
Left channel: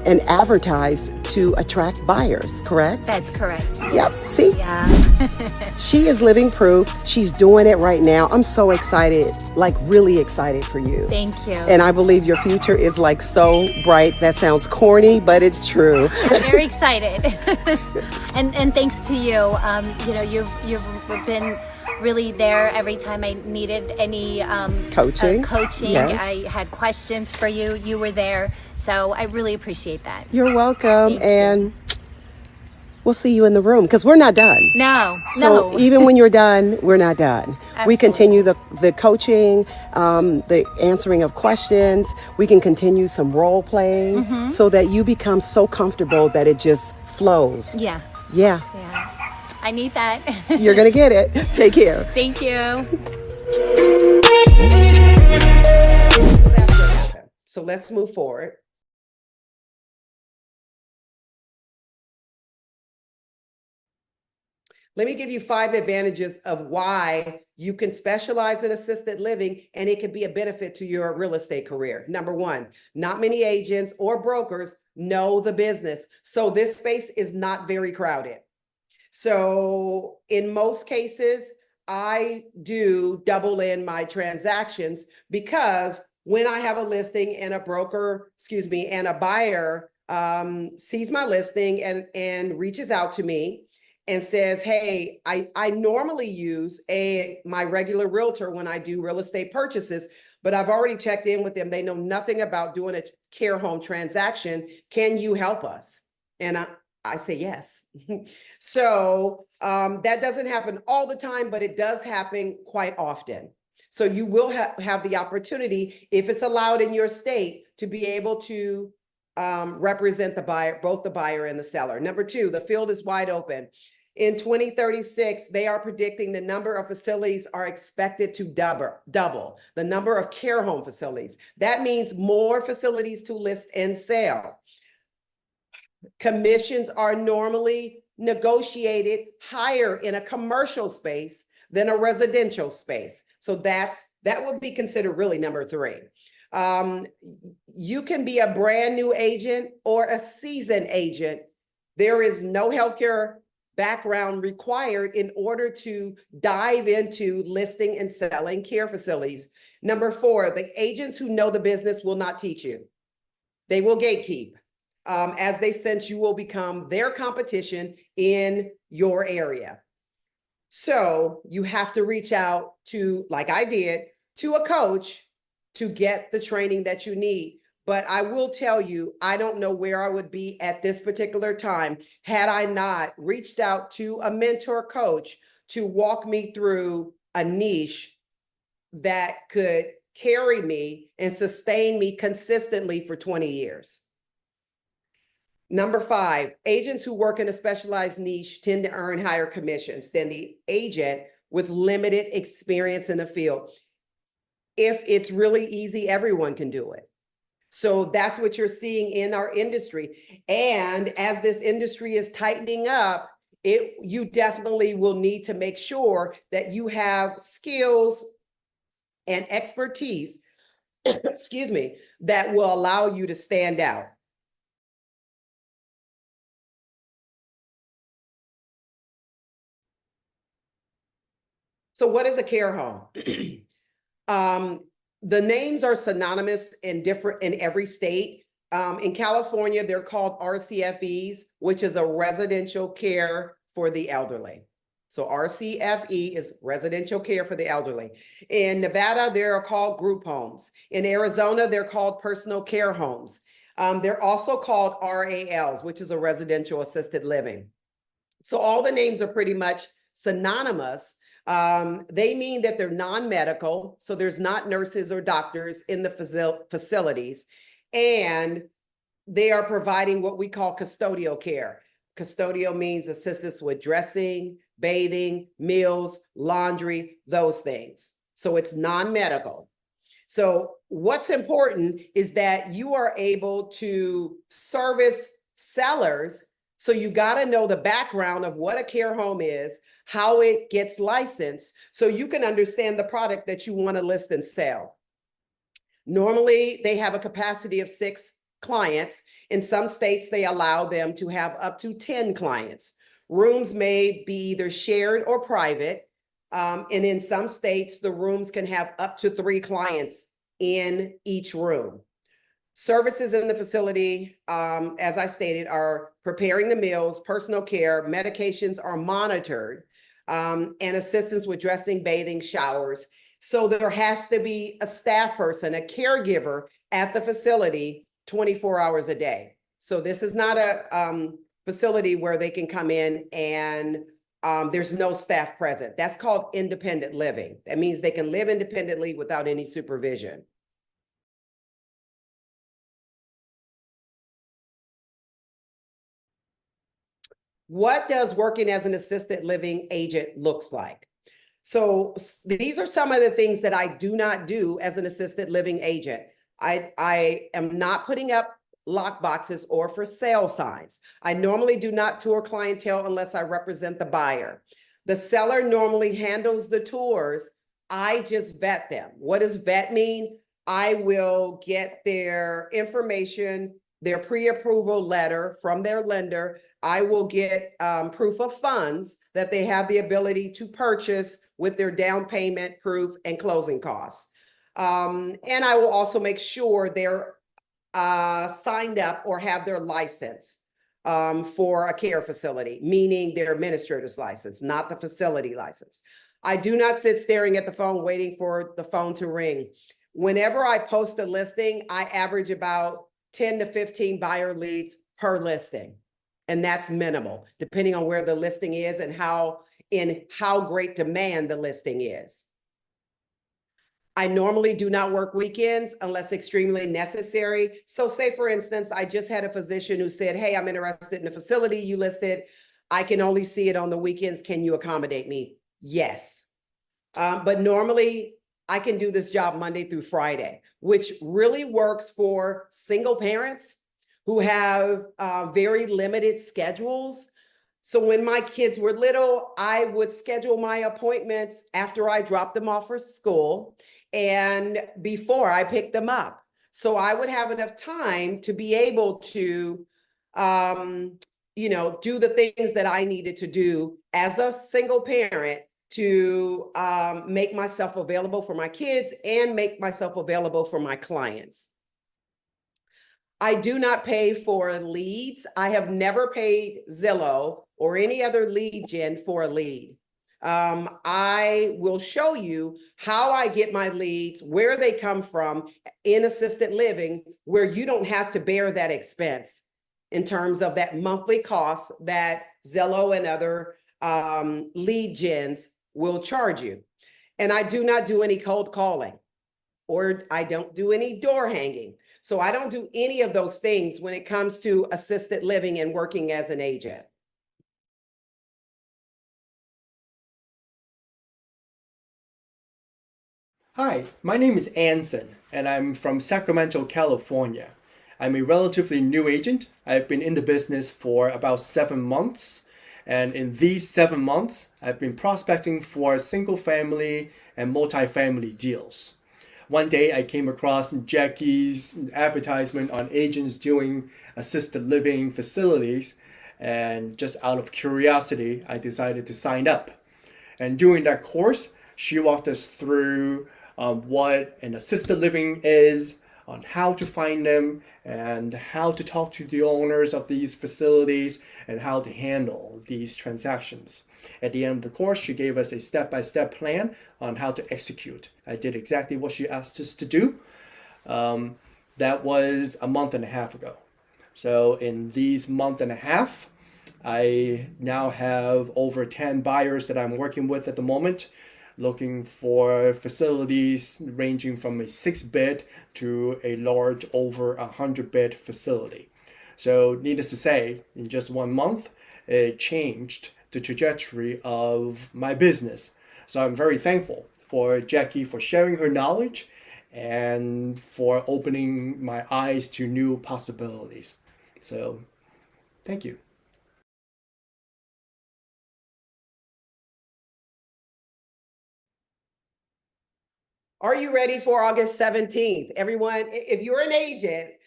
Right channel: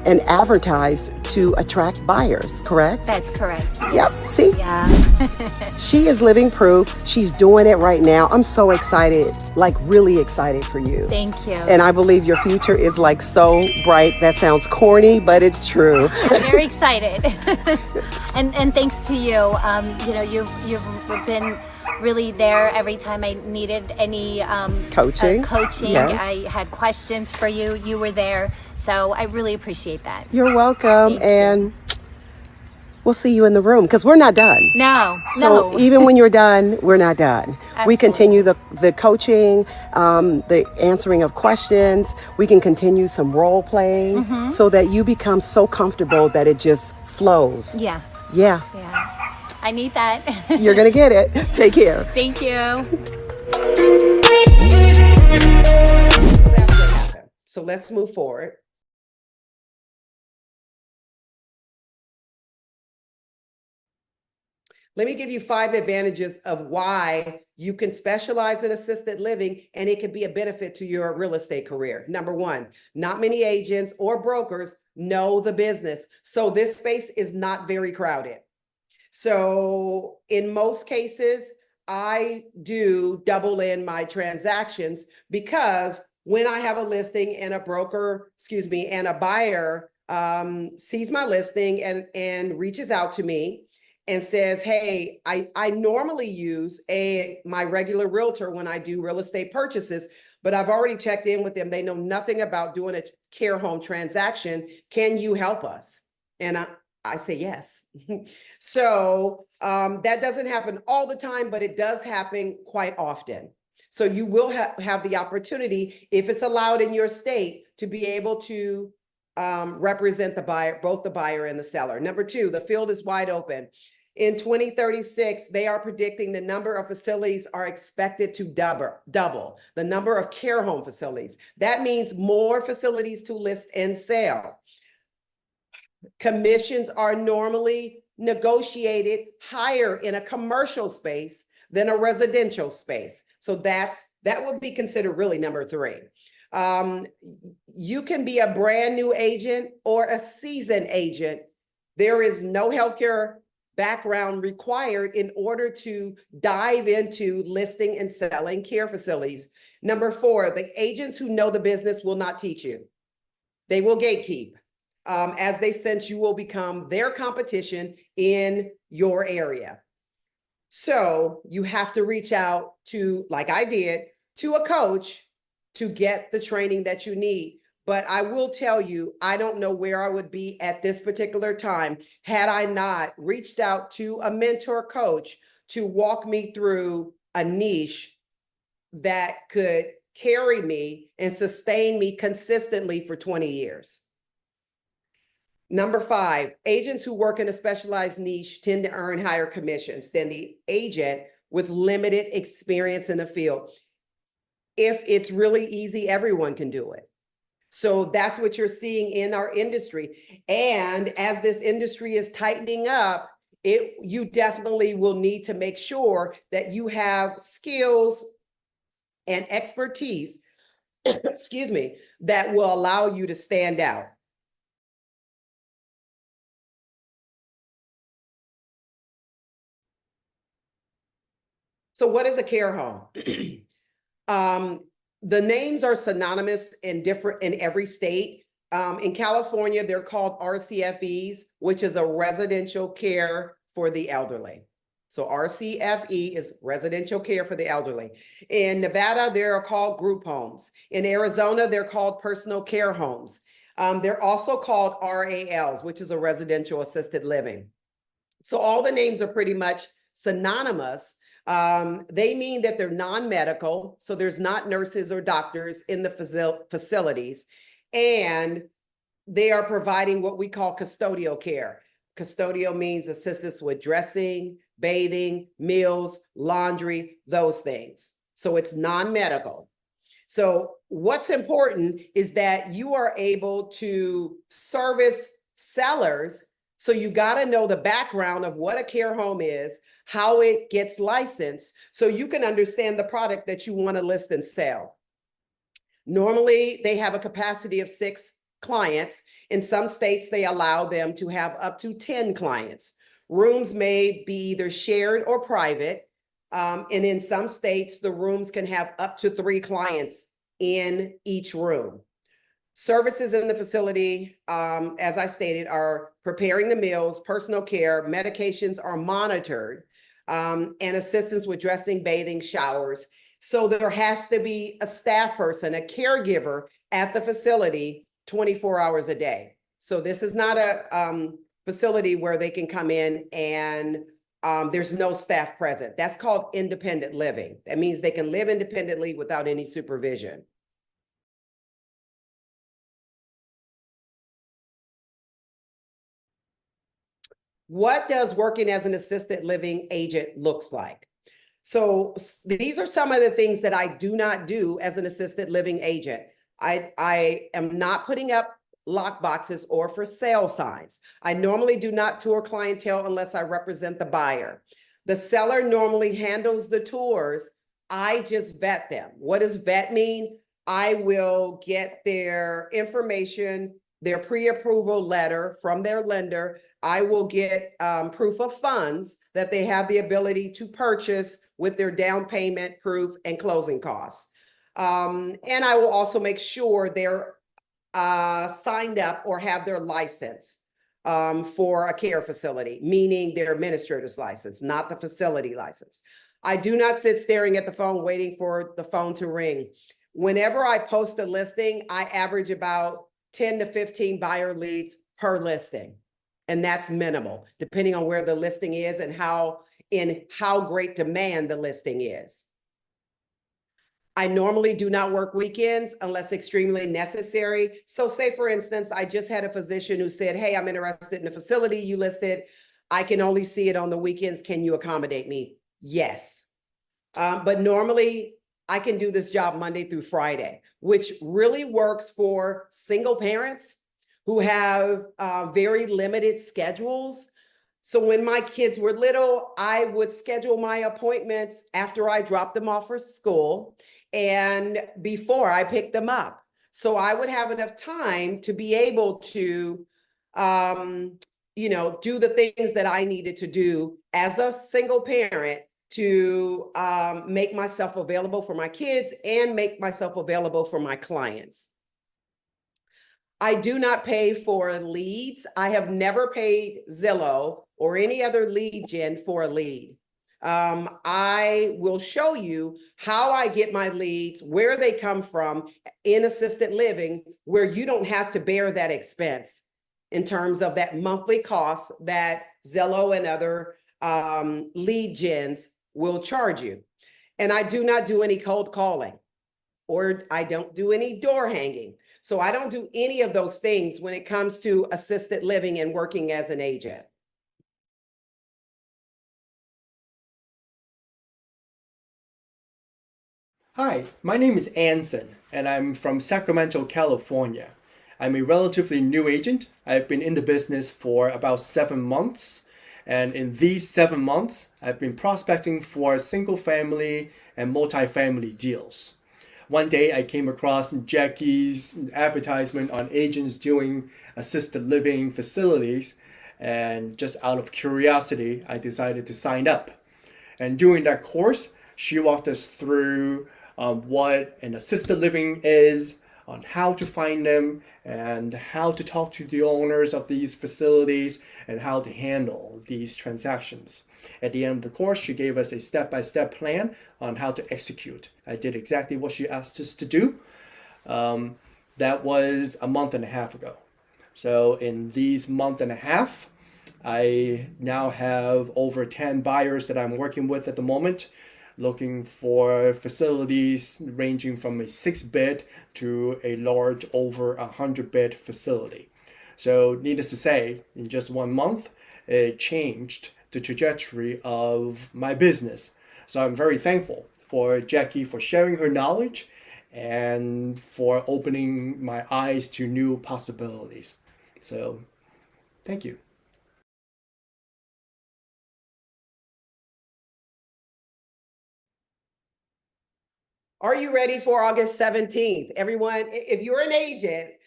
and advertise to attract buyers, correct? That's correct. Yep, see? Yeah. She is living proof. She's doing it right now. I'm so excited, like really excited for you. Thank you. And I believe your future is like so bright. That sounds corny, but it's true. I'm very excited. and thanks to you. You know, you've been really there every time I needed any coaching. Yes. I had questions for you. You were there. So I really appreciate that. You're welcome. And we'll see you in the room because we're not done. No. Even when you're done, we're not done. Absolutely. We continue the coaching, the answering of questions. We can continue some role playing so that you become so comfortable that it just flows. Yeah. I need that. You're going to get it. Take care. Thank you. That's what happened. So let's move forward. Let me give you 5 advantages of why you can specialize in assisted living and it can be a benefit to your real estate career. Number 1, not many agents or brokers know the business. So this space is not very crowded. So in most cases, I do double in my transactions because when I have a listing and a broker, and a buyer sees my listing and reaches out to me and says, hey, I normally use my regular realtor when I do real estate purchases, but I've already checked in with them. They know nothing about doing a care home transaction. Can you help us? And I say yes. So that doesn't happen all the time, but it does happen quite often. So you will have the opportunity, if it's allowed in your state, to be able to represent the buyer, both the buyer and the seller. Number 2, the field is wide open. In 2036, they are predicting the number of facilities are expected to double the number of care home facilities. That means more facilities to list and sell. Commissions are normally negotiated higher in a commercial space than a residential space. So that would be considered really number 3. You can be a brand new agent or a seasoned agent. There is no healthcare background required in order to dive into listing and selling care facilities. Number 4, the agents who know the business will not teach you. They will gatekeep. As they sense you will become their competition in your area. So you have to reach out to, like I did, to a coach to get the training that you need. But I will tell you, I don't know where I would be at this particular time had I not reached out to a mentor coach to walk me through a niche that could carry me and sustain me consistently for 20 years. Number 5, agents who work in a specialized niche tend to earn higher commissions than the agent with limited experience in the field. If it's really easy, everyone can do it. So that's what you're seeing in our industry. And as this industry is tightening up, you definitely will need to make sure that you have skills and expertise, that will allow you to stand out. So what is a care home? The names are synonymous in every state. In California, they're called RCFEs, which is a residential care for the elderly. So RCFE is residential care for the elderly. In Nevada, they're called group homes. In Arizona, they're called personal care homes. They're also called RALs, which is a residential assisted living. So all the names are pretty much synonymous. They mean that they're non-medical, so there's not nurses or doctors in the facilities, and they are providing what we call custodial care. Custodial means assistance with dressing, bathing, meals, laundry, those things. So it's non-medical. So what's important is that you are able to service sellers. So you got to know the background of what a care home is, how it gets licensed, so you can understand the product that you want to list and sell. Normally, they have a capacity of 6 clients. In some states, they allow them to have up to 10 clients. Rooms may be either shared or private. And in some states, the rooms can have up to 3 clients in each room. Services in the facility, as I stated, are preparing the meals, personal care, medications are monitored, and assistance with dressing, bathing, showers. So there has to be a staff person, a caregiver at the facility 24 hours a day. So this is not a facility where they can come in and there's no staff present. That's called independent living. That means they can live independently without any supervision. What does working as an assisted living agent looks like? So these are some of the things that I do not do as an assisted living agent. I am not putting up lock boxes or for sale signs. I normally do not tour clientele unless I represent the buyer. The seller normally handles the tours. I just vet them. What does vet mean? I will get their information, their pre-approval letter from their lender. I will get proof of funds that they have the ability to purchase with their down payment proof and closing costs. And I will also make sure they're signed up or have their license for a care facility, meaning their administrator's license, not the facility license. I do not sit staring at the phone waiting for the phone to ring. Whenever I post a listing, I average about 10 to 15 buyer leads per listing. And that's minimal, depending on where the listing is and how great demand the listing is. I normally do not work weekends unless extremely necessary. So say, for instance, I just had a physician who said, hey, I'm interested in the facility you listed. I can only see it on the weekends. Can you accommodate me? Yes. But normally I can do this job Monday through Friday, which really works for single parents who have very limited schedules. So when my kids were little, I would schedule my appointments after I dropped them off for school and before I picked them up. So I would have enough time to be able to, do the things that I needed to do as a single parent to make myself available for my kids and make myself available for my clients. I do not pay for leads. I have never paid Zillow or any other lead gen for a lead. I will show you how I get my leads, where they come from in assisted living, where you don't have to bear that expense in terms of that monthly cost that Zillow and other lead gens will charge you. And I do not do any cold calling, or I don't do any door hanging. So I don't do any of those things when it comes to assisted living and working as an agent. Hi, my name is Anson, and I'm from Sacramento, California. I'm a relatively new agent. I've been in the business for about 7 months, and in these 7 months, I've been prospecting for single family and multifamily deals. One day I came across Jackie's advertisement on agents doing assisted living facilities, and just out of curiosity, I decided to sign up. And during that course, she walked us through what an assisted living is, on how to find them, and how to talk to the owners of these facilities, and how to handle these transactions. At the end of the course, she gave us a step-by-step plan on how to execute. I did exactly what she asked us to do. That was a month and a half ago. So in these month and a half, I now have over 10 buyers that I'm working with at the moment, looking for facilities ranging from a 6-bed to a large over 100-bed facility. So needless to say, in just 1 month, it changed the trajectory of my business. So I'm very thankful for Jackie for sharing her knowledge and for opening my eyes to new possibilities. So thank you. Are you ready for August 17th? Everyone, if you're an agent,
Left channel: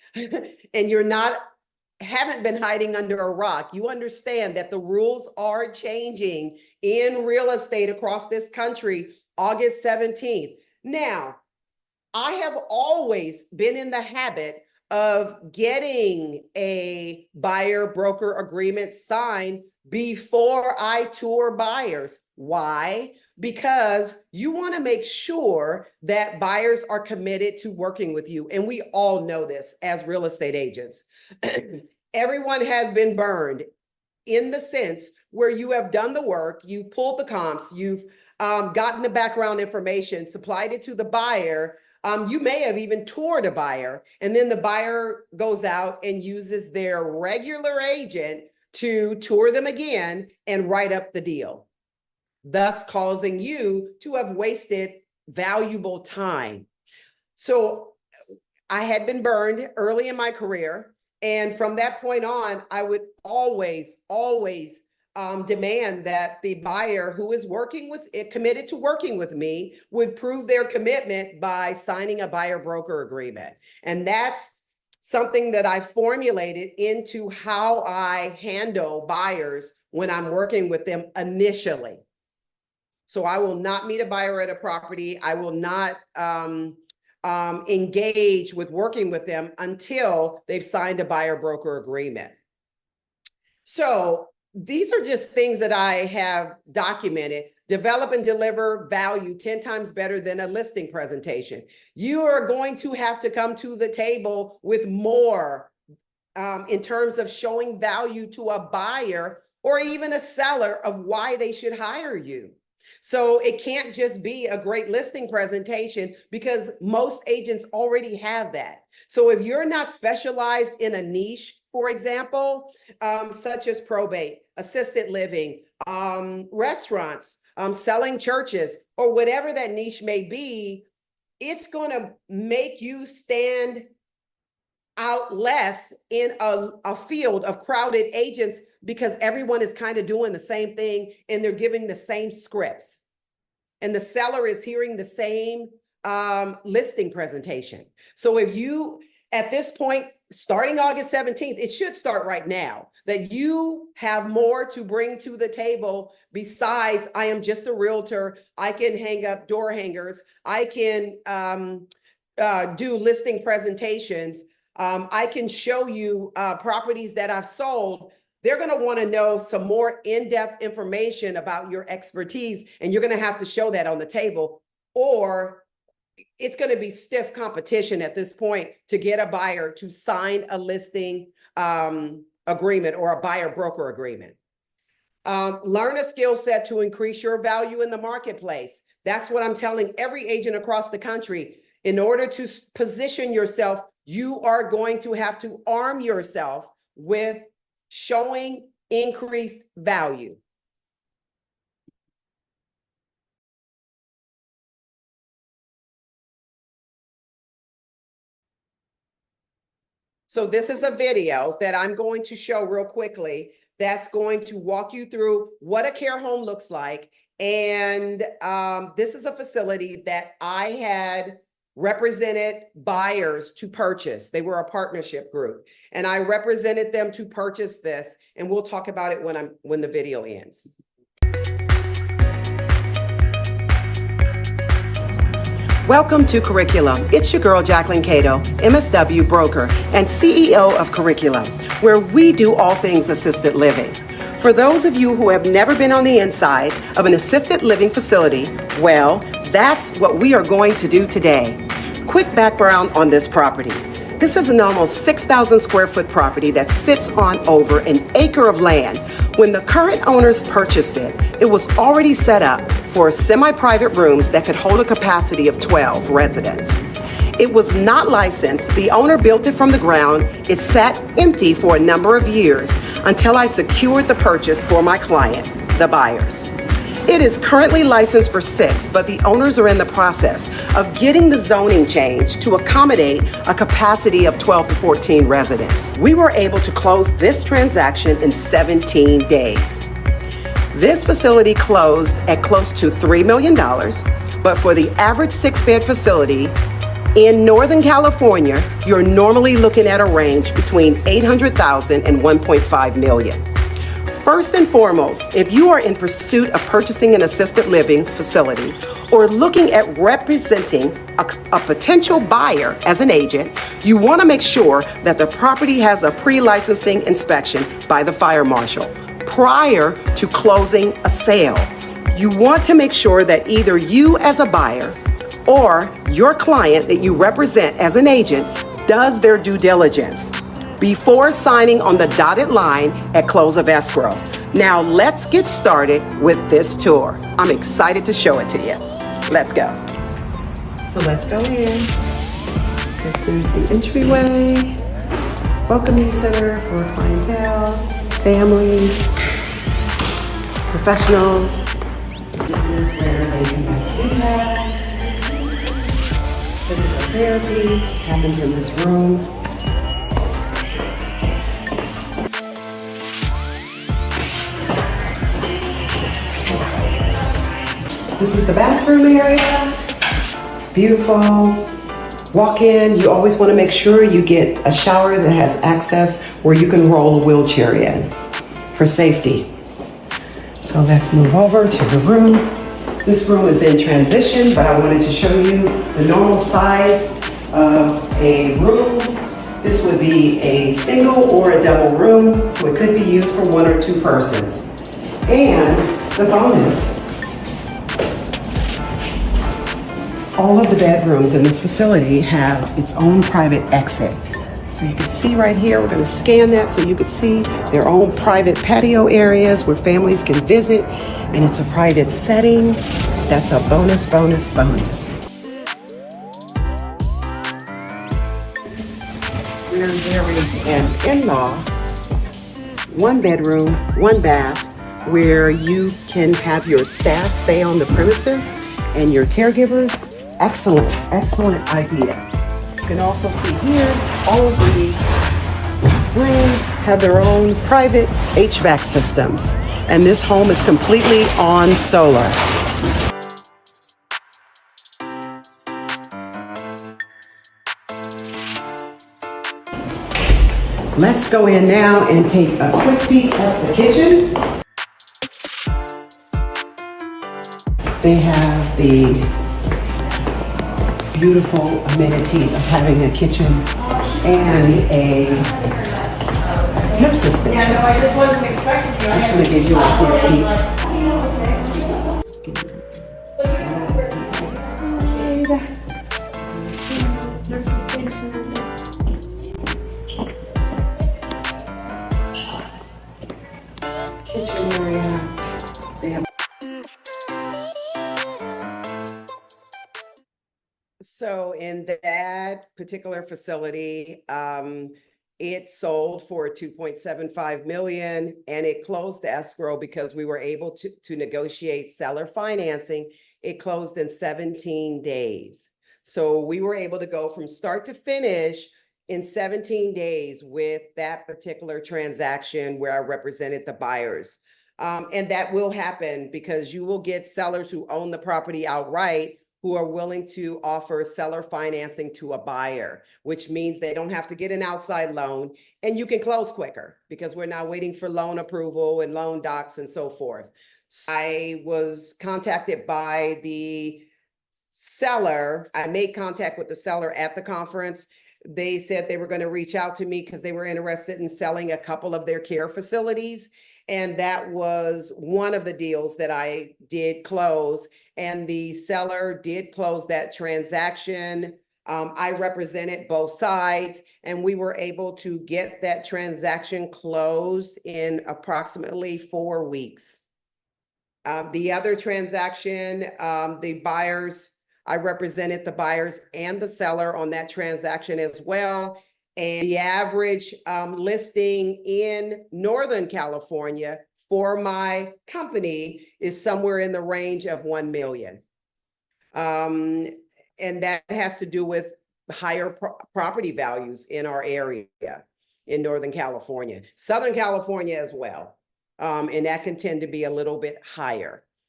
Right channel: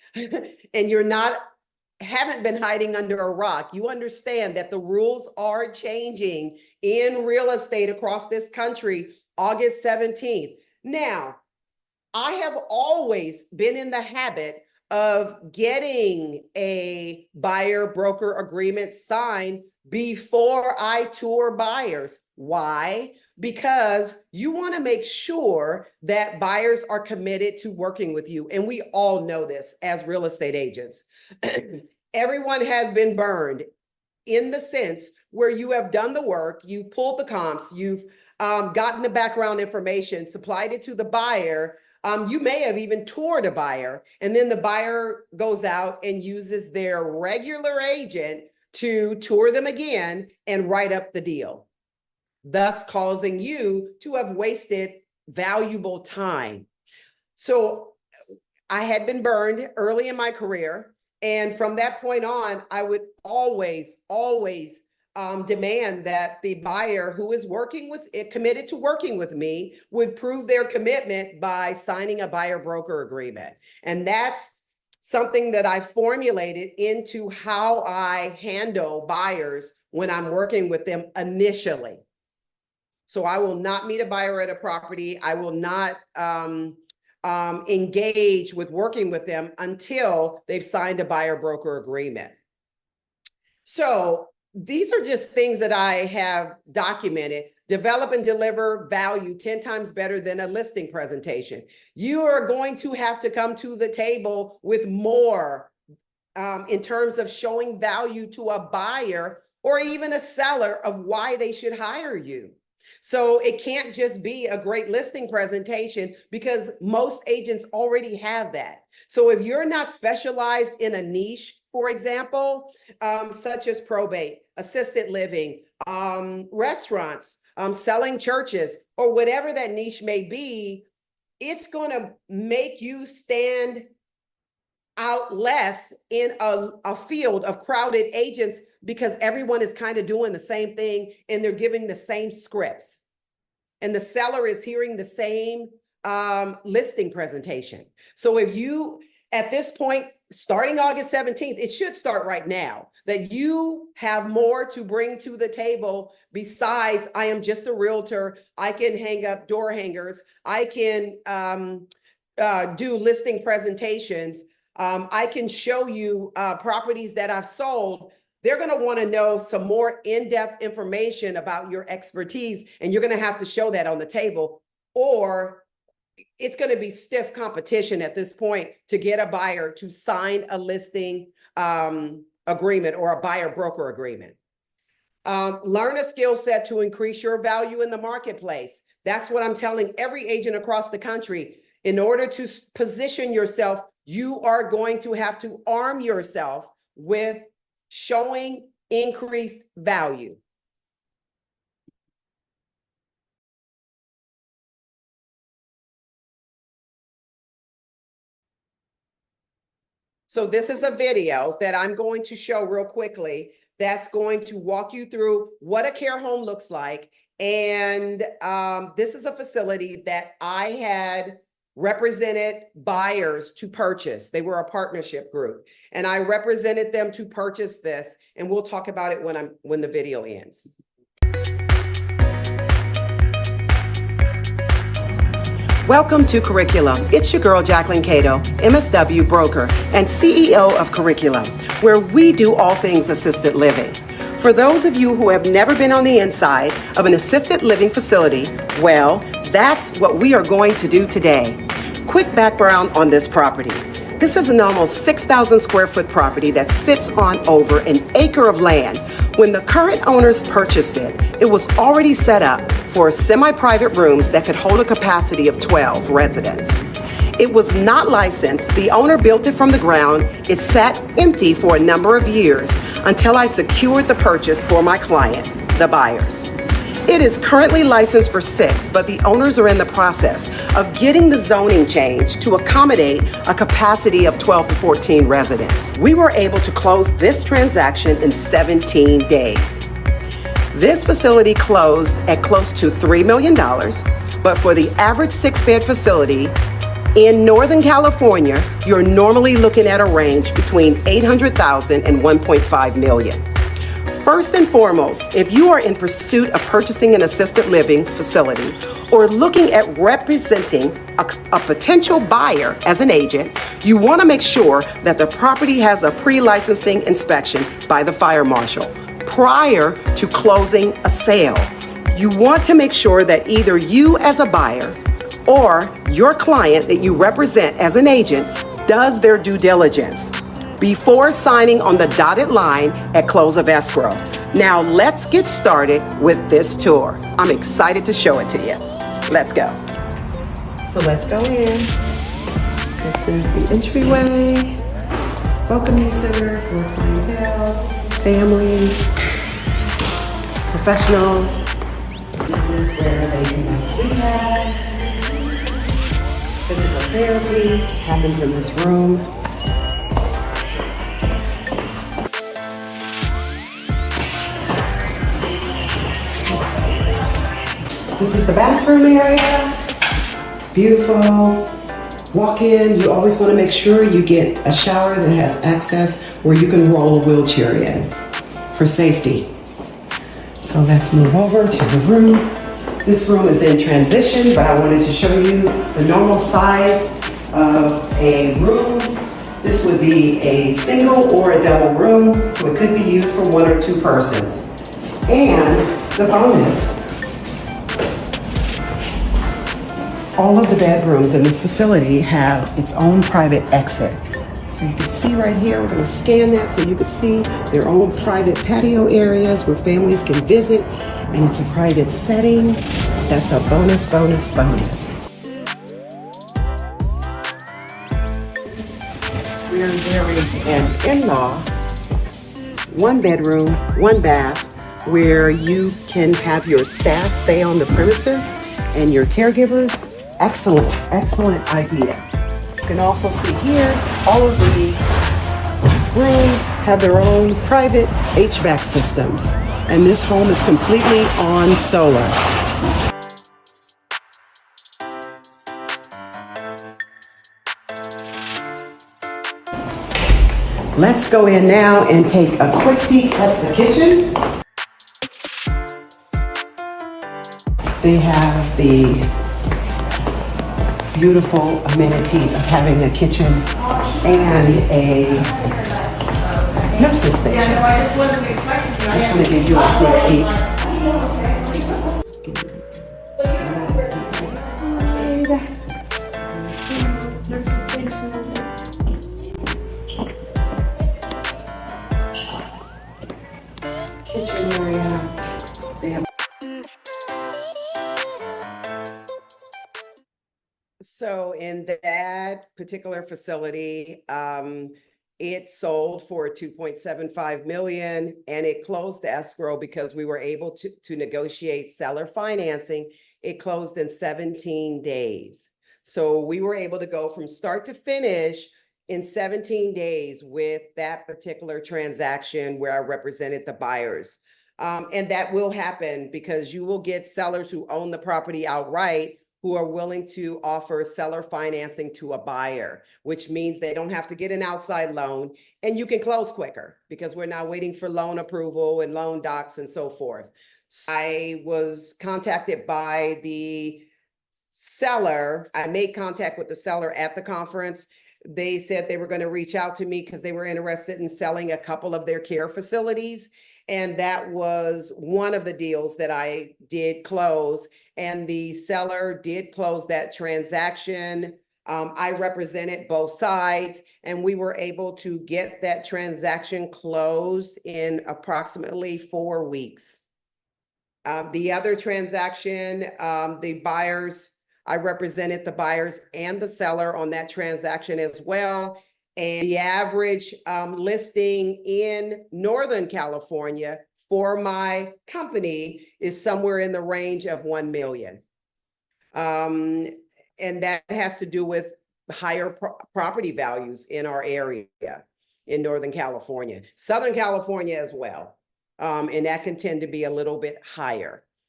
and haven't been hiding under a rock. You understand that the rules are changing in real estate across this country, August 17th. Now, I have always been in the habit of getting a buyer broker agreement signed before I tour buyers. Why? Because you want to make sure that buyers are committed to working with you. And we all know this as real estate agents. Everyone has been burned in the sense where you have done the work, you've pulled the comps, you've gotten the background information, supplied it to the buyer. You may have even toured a buyer, and then the buyer goes out and uses their regular agent to tour them again and write up the deal, thus causing you to have wasted valuable time. So I had been burned early in my career. And from that point on, I would always demand that the buyer who is committed to working with me would prove their commitment by signing a buyer broker agreement. And that's something that I formulated into how I handle buyers when I'm working with them initially. So I will not meet a buyer at a property. I will not engage with working with them until they've signed a buyer broker agreement. So these are just things that I have documented. Develop and deliver value 10 times better than a listing presentation. You are going to have to come to the table with more in terms of showing value to a buyer or even a seller of why they should hire you. So it can't just be a great listing presentation because most agents already have that. So if you're not specialized in a niche, for example, such as probate, assisted living, restaurants, selling churches, or whatever that niche may be, it's going to make you stand out less in a field of crowded agents because everyone is kind of doing the same thing and they're giving the same scripts. And the seller is hearing the same listing presentation. So if you, at this point, starting August 17th, it should start right now, that you have more to bring to the table besides I am just a realtor, I can hang up door hangers, I can do listing presentations, I can show you properties that I've sold. They're going to want to know some more in-depth information about your expertise, and you're going to have to show that on the table, or it's going to be stiff competition at this point to get a buyer to sign a listing agreement or a buyer broker agreement. Learn a skill set to increase your value in the marketplace. That's what I'm telling every agent across the country. In order to position yourself, you are going to have to arm yourself with showing increased value. So this is a video that I'm going to show real quickly that's going to walk you through what a care home looks like. And this is a facility that I had represented buyers to purchase. They were a partnership group, and I represented them to purchase this. And we'll talk about it when the video ends. Welcome to Curriculum. It's your girl, Jacquelyn Cato, MSW broker and CEO of Curriculum, where we do all things assisted living. For those of you who have never been on the inside of an assisted living facility, well, that's what we are going to do today. Quick background on this property. This is an almost 6,000 square foot property that sits on over an acre of land. When the current owners purchased it, it was already set up for semi-private rooms that could hold a capacity of 12 residents. It was not licensed. The owner built it from the ground. It sat empty for a number of years until I secured the purchase for my client, the buyers. It is currently licensed for 6, but the owners are in the process of getting the zoning changed to accommodate a capacity of 12 to 14 residents. We were able to close this transaction in 17 days. This facility closed at close to $3 million, but for the average 6-bed facility, In Northern California, you're normally looking at a range between 800,000 and 1.5 million. First and foremost, if you are in pursuit of purchasing an assisted living facility or looking at representing a potential buyer as an agent, you want to make sure that the property has a pre-licensing inspection by the fire marshal prior to closing a sale. You want to make sure that either you as a buyer or your client that you represent as an agent does their due diligence before signing on the dotted line at close of escrow. Now let's get started with this tour. I'm excited to show it to you. Let's go. So let's go in. This is the entryway, welcoming center for clientele, families, professionals. This is where they can do rehab. Physical therapy happens in this room. This is the bathroom area. It's beautiful. Walk in. You always want to make sure you get a shower that has access where you can roll a wheelchair in for safety. So let's move over to the room. This room is in transition, but I wanted to show you the normal size of a room. This would be a single or a double room, so it could be used for 1 or 2 persons. And the bonus, all of the bedrooms in this facility have its own private exit. So you can see right here, we're going to scan that so you can see their own private patio areas where families can visit, and it's a private setting. That's a bonus, bonus, bonus. Where there is an in-law, 1 bedroom, 1 bath, where you can have your staff stay on the premises and your caregivers. Excellent, excellent idea. You can also see here, all of the rooms have their own private HVAC systems, and this home is completely on solar. Let's go in now and take a quick peek at the kitchen. They have the beautiful amenity of having a kitchen and a nurse's station. Just going to give you a sneak peek. Nurse's station. Kitchen area. They have. So in that particular facility, it sold for 2.75 million, and it closed the escrow because we were able to negotiate seller financing. It closed in 17 days. So we were able to go from start to finish in 17 days with that particular transaction where I represented the buyers. And that will happen because you will get sellers who own the property outright who are willing to offer seller financing to a buyer, which means they don't have to get an outside loan, and you can close quicker because we're not waiting for loan approval and loan docs and so forth. So I was contacted by the seller. I made contact with the seller at the conference. They said they were going to reach out to me because they were interested in selling a couple of their care facilities. And that was one of the deals that I did close. And the seller did close that transaction. I represented both sides, and we were able to get that transaction closed in approximately 4 weeks. The other transaction, the buyers, I represented the buyers and the seller on that transaction as well. And the average listing in Northern California for my company is somewhere in the range of 1 million. And that has to do with higher property values in our area in Northern California, Southern California as well. And that can tend to be a little bit higher.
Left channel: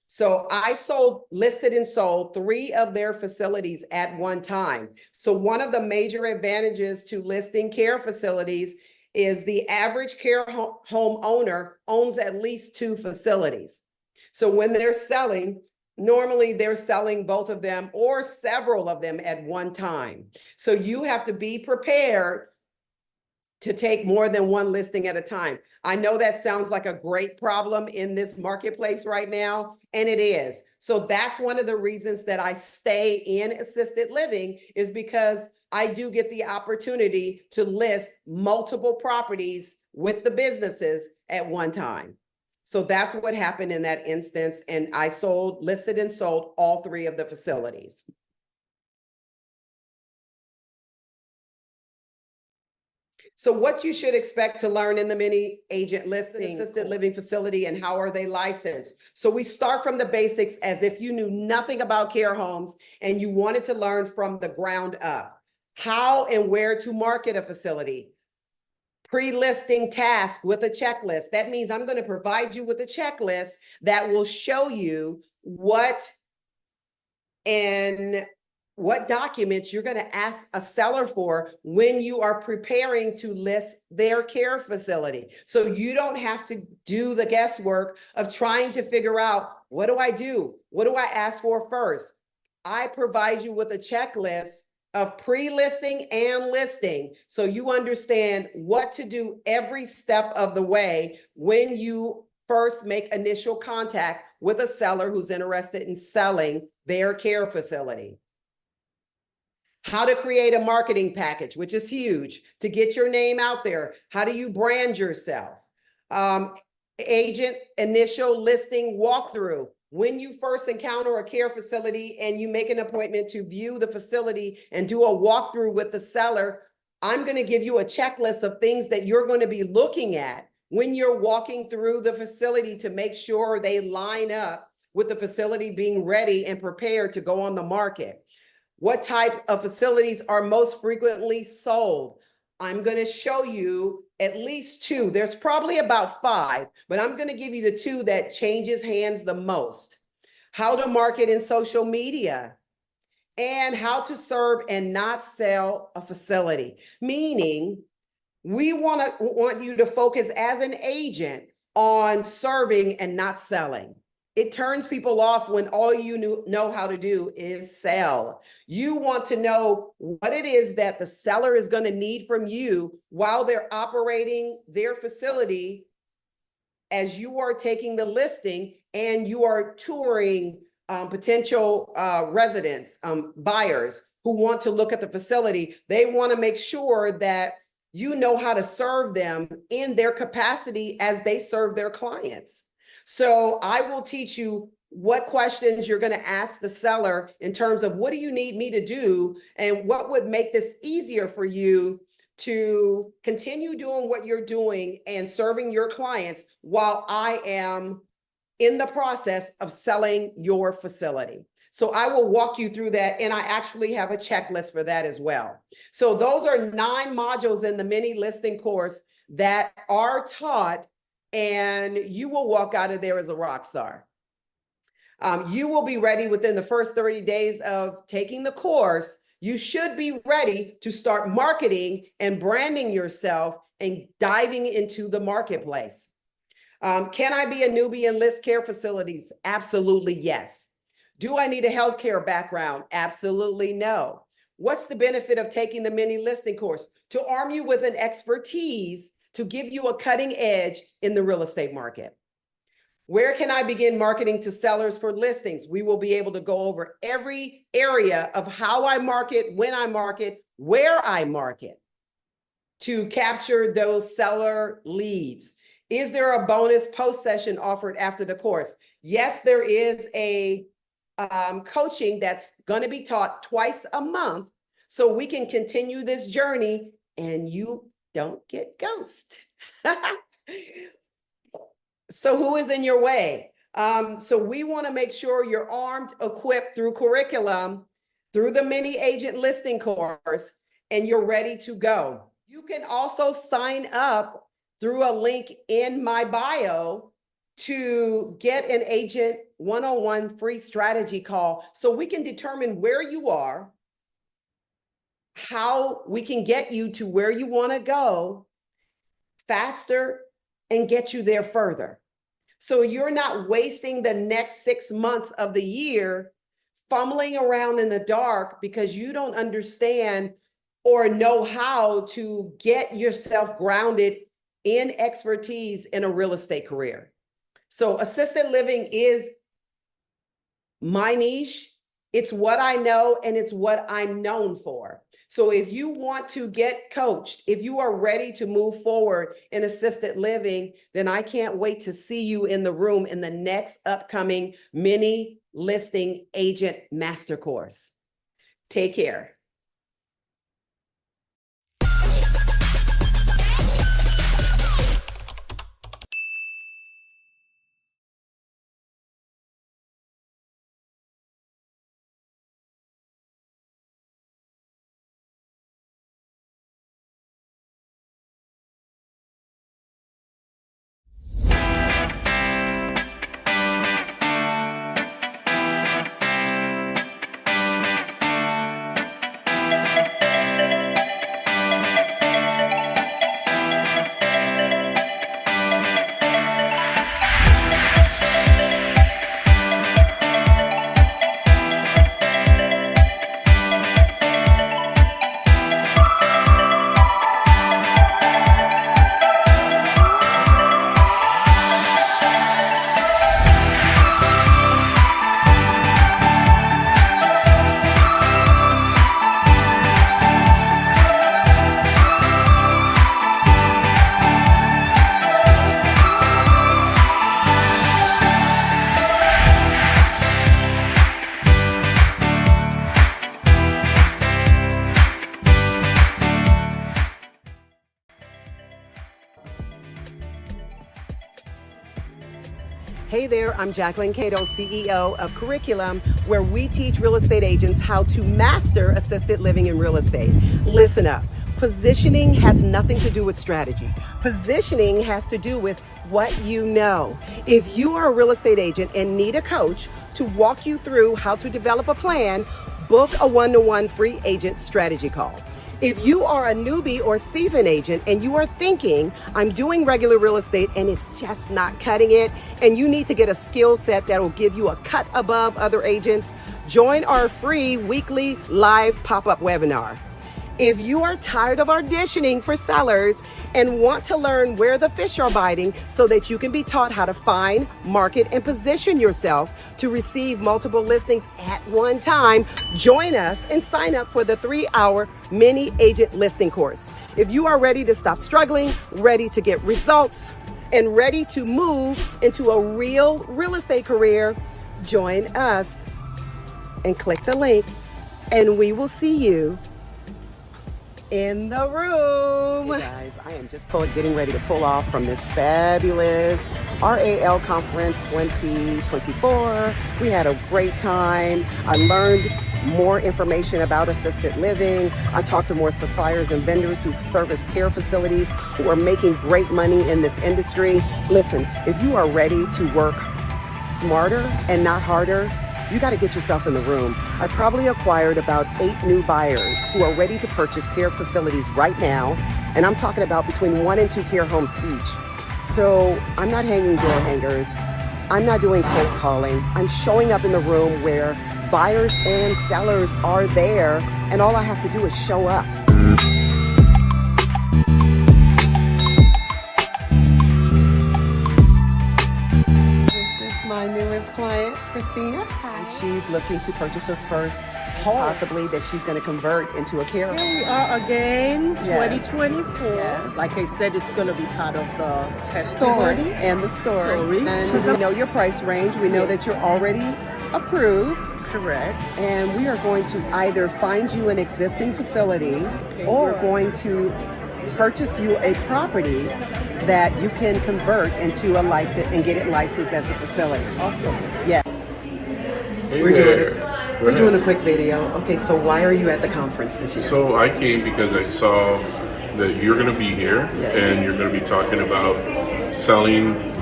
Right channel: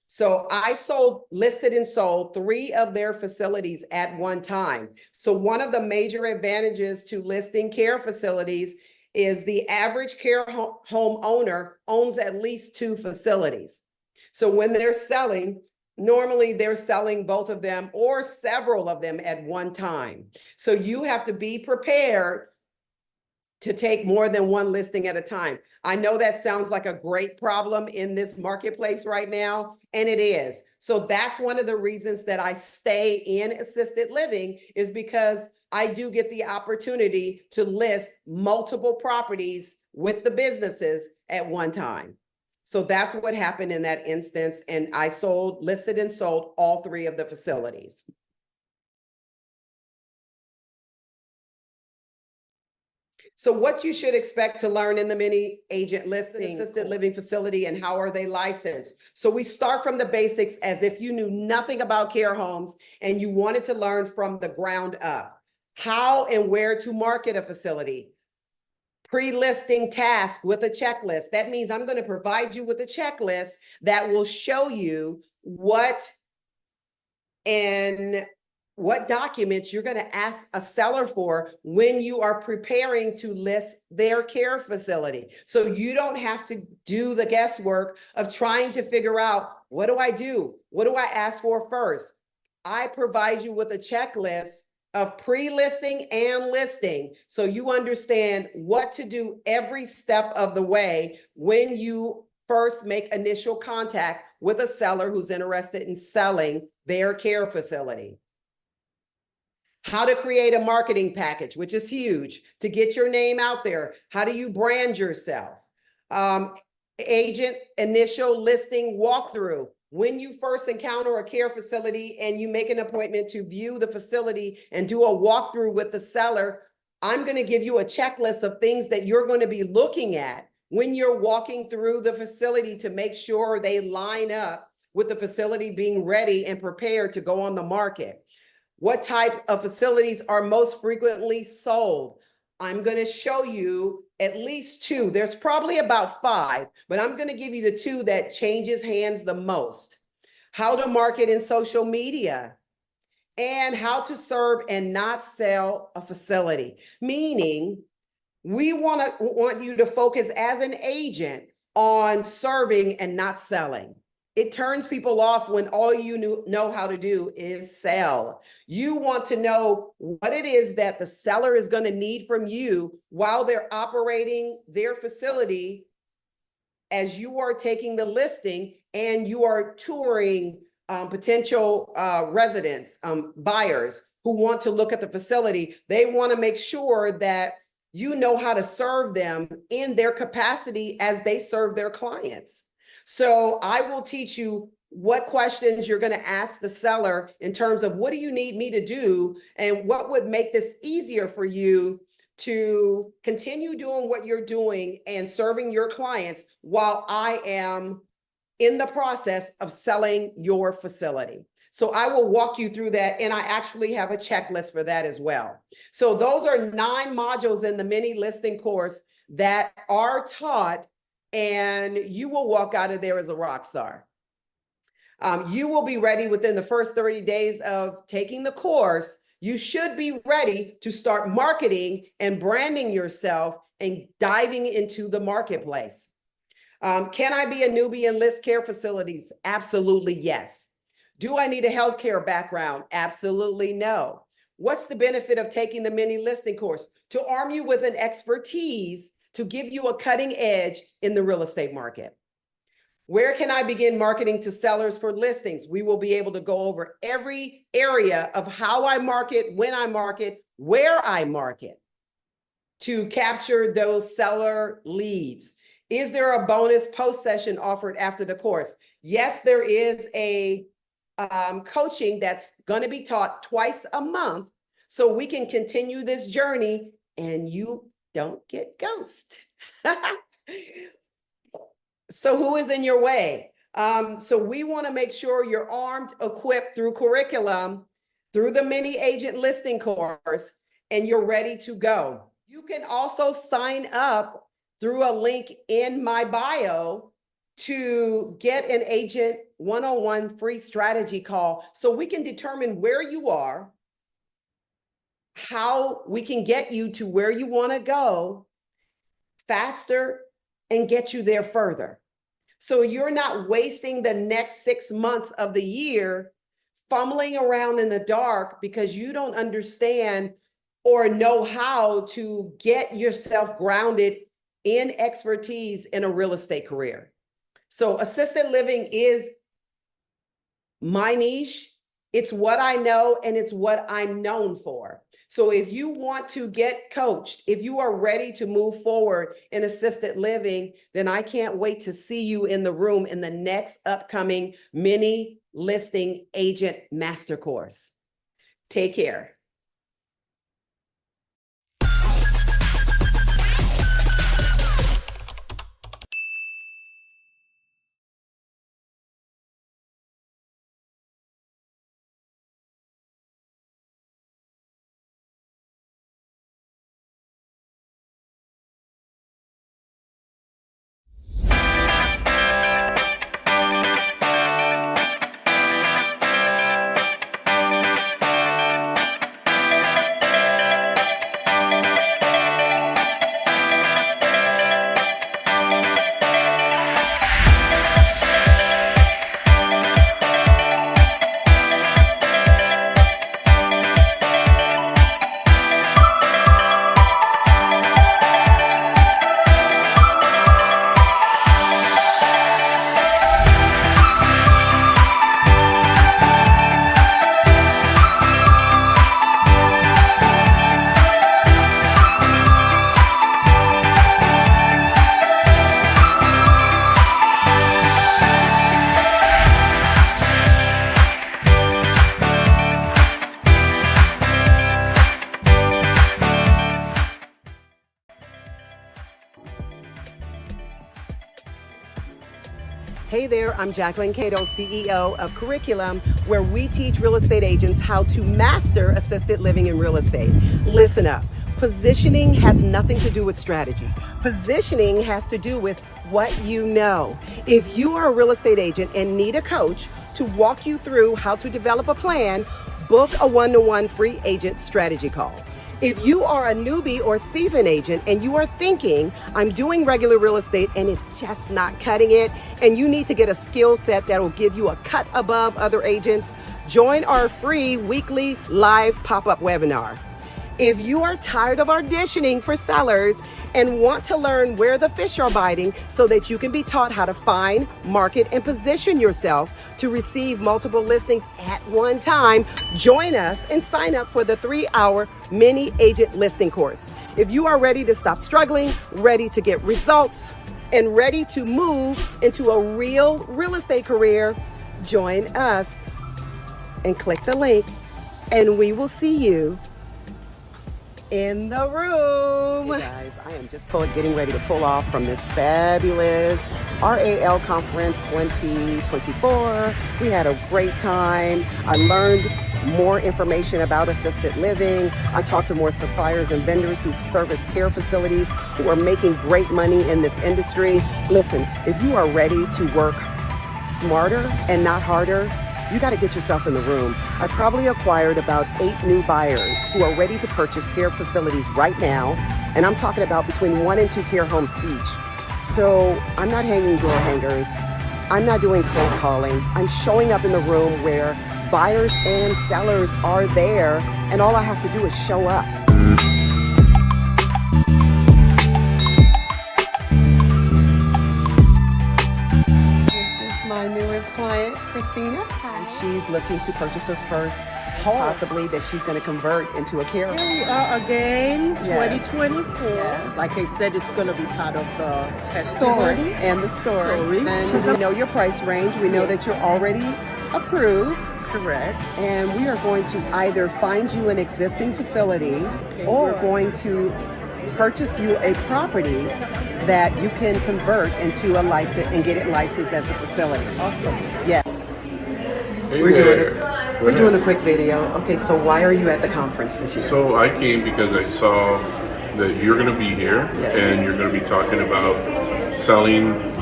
So I listed and sold 3 of their facilities at one time. So one of the major advantages to listing care facilities is the average care home owner owns at least 2 facilities. So when they're selling, normally they're selling both of them or several of them at one time. So you have to be prepared to take more than one listing at a time. I know that sounds like a great problem in this marketplace right now, and it is. So that's one of the reasons that I stay in assisted living, is because I do get the opportunity to list multiple properties with the businesses at one time. So that's what happened in that instance. And I listed and sold all 3 of the facilities. So what you should expect to learn in the mini agent listing assisted living facility, and how are they licensed? So we start from the basics as if you knew nothing about care homes and you wanted to learn from the ground up. How and where to market a facility. Pre-listing task with a checklist. That means I'm going to provide you with a checklist that will show you what documents you're going to ask a seller for when you are preparing to list their care facility. So you don't have to do the guesswork of trying to figure out, what do I do? What do I ask for first? I provide you with a checklist of pre-listing and listing, so you understand what to do every step of the way when you first make initial contact with a seller who's interested in selling their care facility. How to create a marketing package, which is huge, to get your name out there. How do you brand yourself? Agent initial listing walkthrough. When you first encounter a care facility and you make an appointment to view the facility and do a walkthrough with the seller, I'm going to give you a checklist of things that you're going to be looking at when you're walking through the facility to make sure they line up with the facility being ready and prepared to go on the market. What type of facilities are most frequently sold? I'm going to show you at least 2. There's probably about 5, but I'm going to give you the 2 that changes hands the most. How to market in social media, and how to serve and not sell a facility. Meaning, we want you to focus as an agent on serving and not selling. It turns people off when all you know how to do is sell. You want to know what it is that the seller is going to need from you while they're operating their facility, as you are taking the listing and you are touring potential residents, buyers who want to look at the facility. They want to make sure that you know how to serve them in their capacity as they serve their clients. So I will teach you what questions you're going to ask the seller in terms of, what do you need me to do, and what would make this easier for you to continue doing what you're doing and serving your clients while I am in the process of selling your facility. So I will walk you through that, and I actually have a checklist for that as well. So those are 9 modules in the mini listing course that are taught, and you will walk out of there as a rock star. You will be ready within the first 30 days of taking the course. You should be ready to start marketing and branding yourself and diving into the marketplace. Can I be a newbie and list care facilities? Absolutely, yes. Do I need a healthcare background? Absolutely no. What's the benefit of taking the mini listing course? To arm you with an expertise to give you a cutting edge in the real estate market. Where can I begin marketing to sellers for listings? We will be able to go over every area of how I market, when I market, where I market to capture those seller leads. Is there a bonus post session offered after the course? Yes, there is a coaching that's going to be taught twice a month, so we can continue this journey and you don't get ghosted. So who is in your way? So we want to make sure you're armed, equipped through curriculum, through the mini agent listing course, and you're ready to go. You can also sign up through a link in my bio to get an agent one-on-one free strategy call so we can determine where you are, how we can get you to where you want to go faster and get you there further. So you're not wasting the next 6 months of the year fumbling around in the dark because you don't understand or know how to get yourself grounded in expertise in a real estate career. So assisted living is my niche. It's what I know and it's what I'm known for. So if you want to get coached, if you are ready to move forward in assisted living, then I can't wait to see you in the room in the next upcoming mini listing agent master course. Take care. Hey there, I'm Jacquelyn, CEO of Curriculum, where we teach real estate agents how to master assisted living in real estate. Listen up. Positioning has nothing to do with strategy. Positioning has to do with what you know. If you are a real estate agent and need a coach to walk you through how to develop a plan, book a one-to-one free agent strategy call. If you are a newbie or seasoned agent and you are thinking, I'm doing regular real estate and it's just not cutting it, and you need to get a skill set that will give you a cut above other agents, join our free weekly live pop-up webinar. If you are tired of auditioning for sellers and want to learn where the fish are biting so that you can be taught how to find, market, and position yourself to receive multiple listings at one time, join us and sign up for the 3-hour mini agent listing course. If you are ready to stop struggling, ready to get results, and ready to move into a real estate career, join us and click the link and we will see you in the room. Hey guys, I am just getting ready to pull off from this fabulous RAL Conference 2024. We had a great time. I learned more information about assisted living. I talked to more suppliers and vendors who service care facilities who are making great money in this industry. Listen, if you are ready to work smarter and not harder, you got to get yourself in the room. I probably acquired about 8 new buyers who are ready to purchase care facilities right now. And I'm talking about between 1 and 2 care homes each. So I'm not hanging door hangers. I'm not doing cold calling. I'm showing up in the room where buyers and sellers are there. And all I have to do is show up. My newest client, Christina. Hi. And she's looking to purchase her first home, possibly that she's going to convert into a care home. Here we are again, Yes. 2024. Yes. Like I said, it's going to be part of the Story testimony. and the story. And She's we know your price range. We know that you're already approved. Correct. And we are going to either find you an existing facility or right. going to purchase you a property that you can convert into a license and get it licensed as a facility. Awesome. Yeah. Hey We're there. doing a quick video. Okay, so why are you at the conference this year? So I came because I saw that you're going to be here Yes. and you're going to be talking about selling,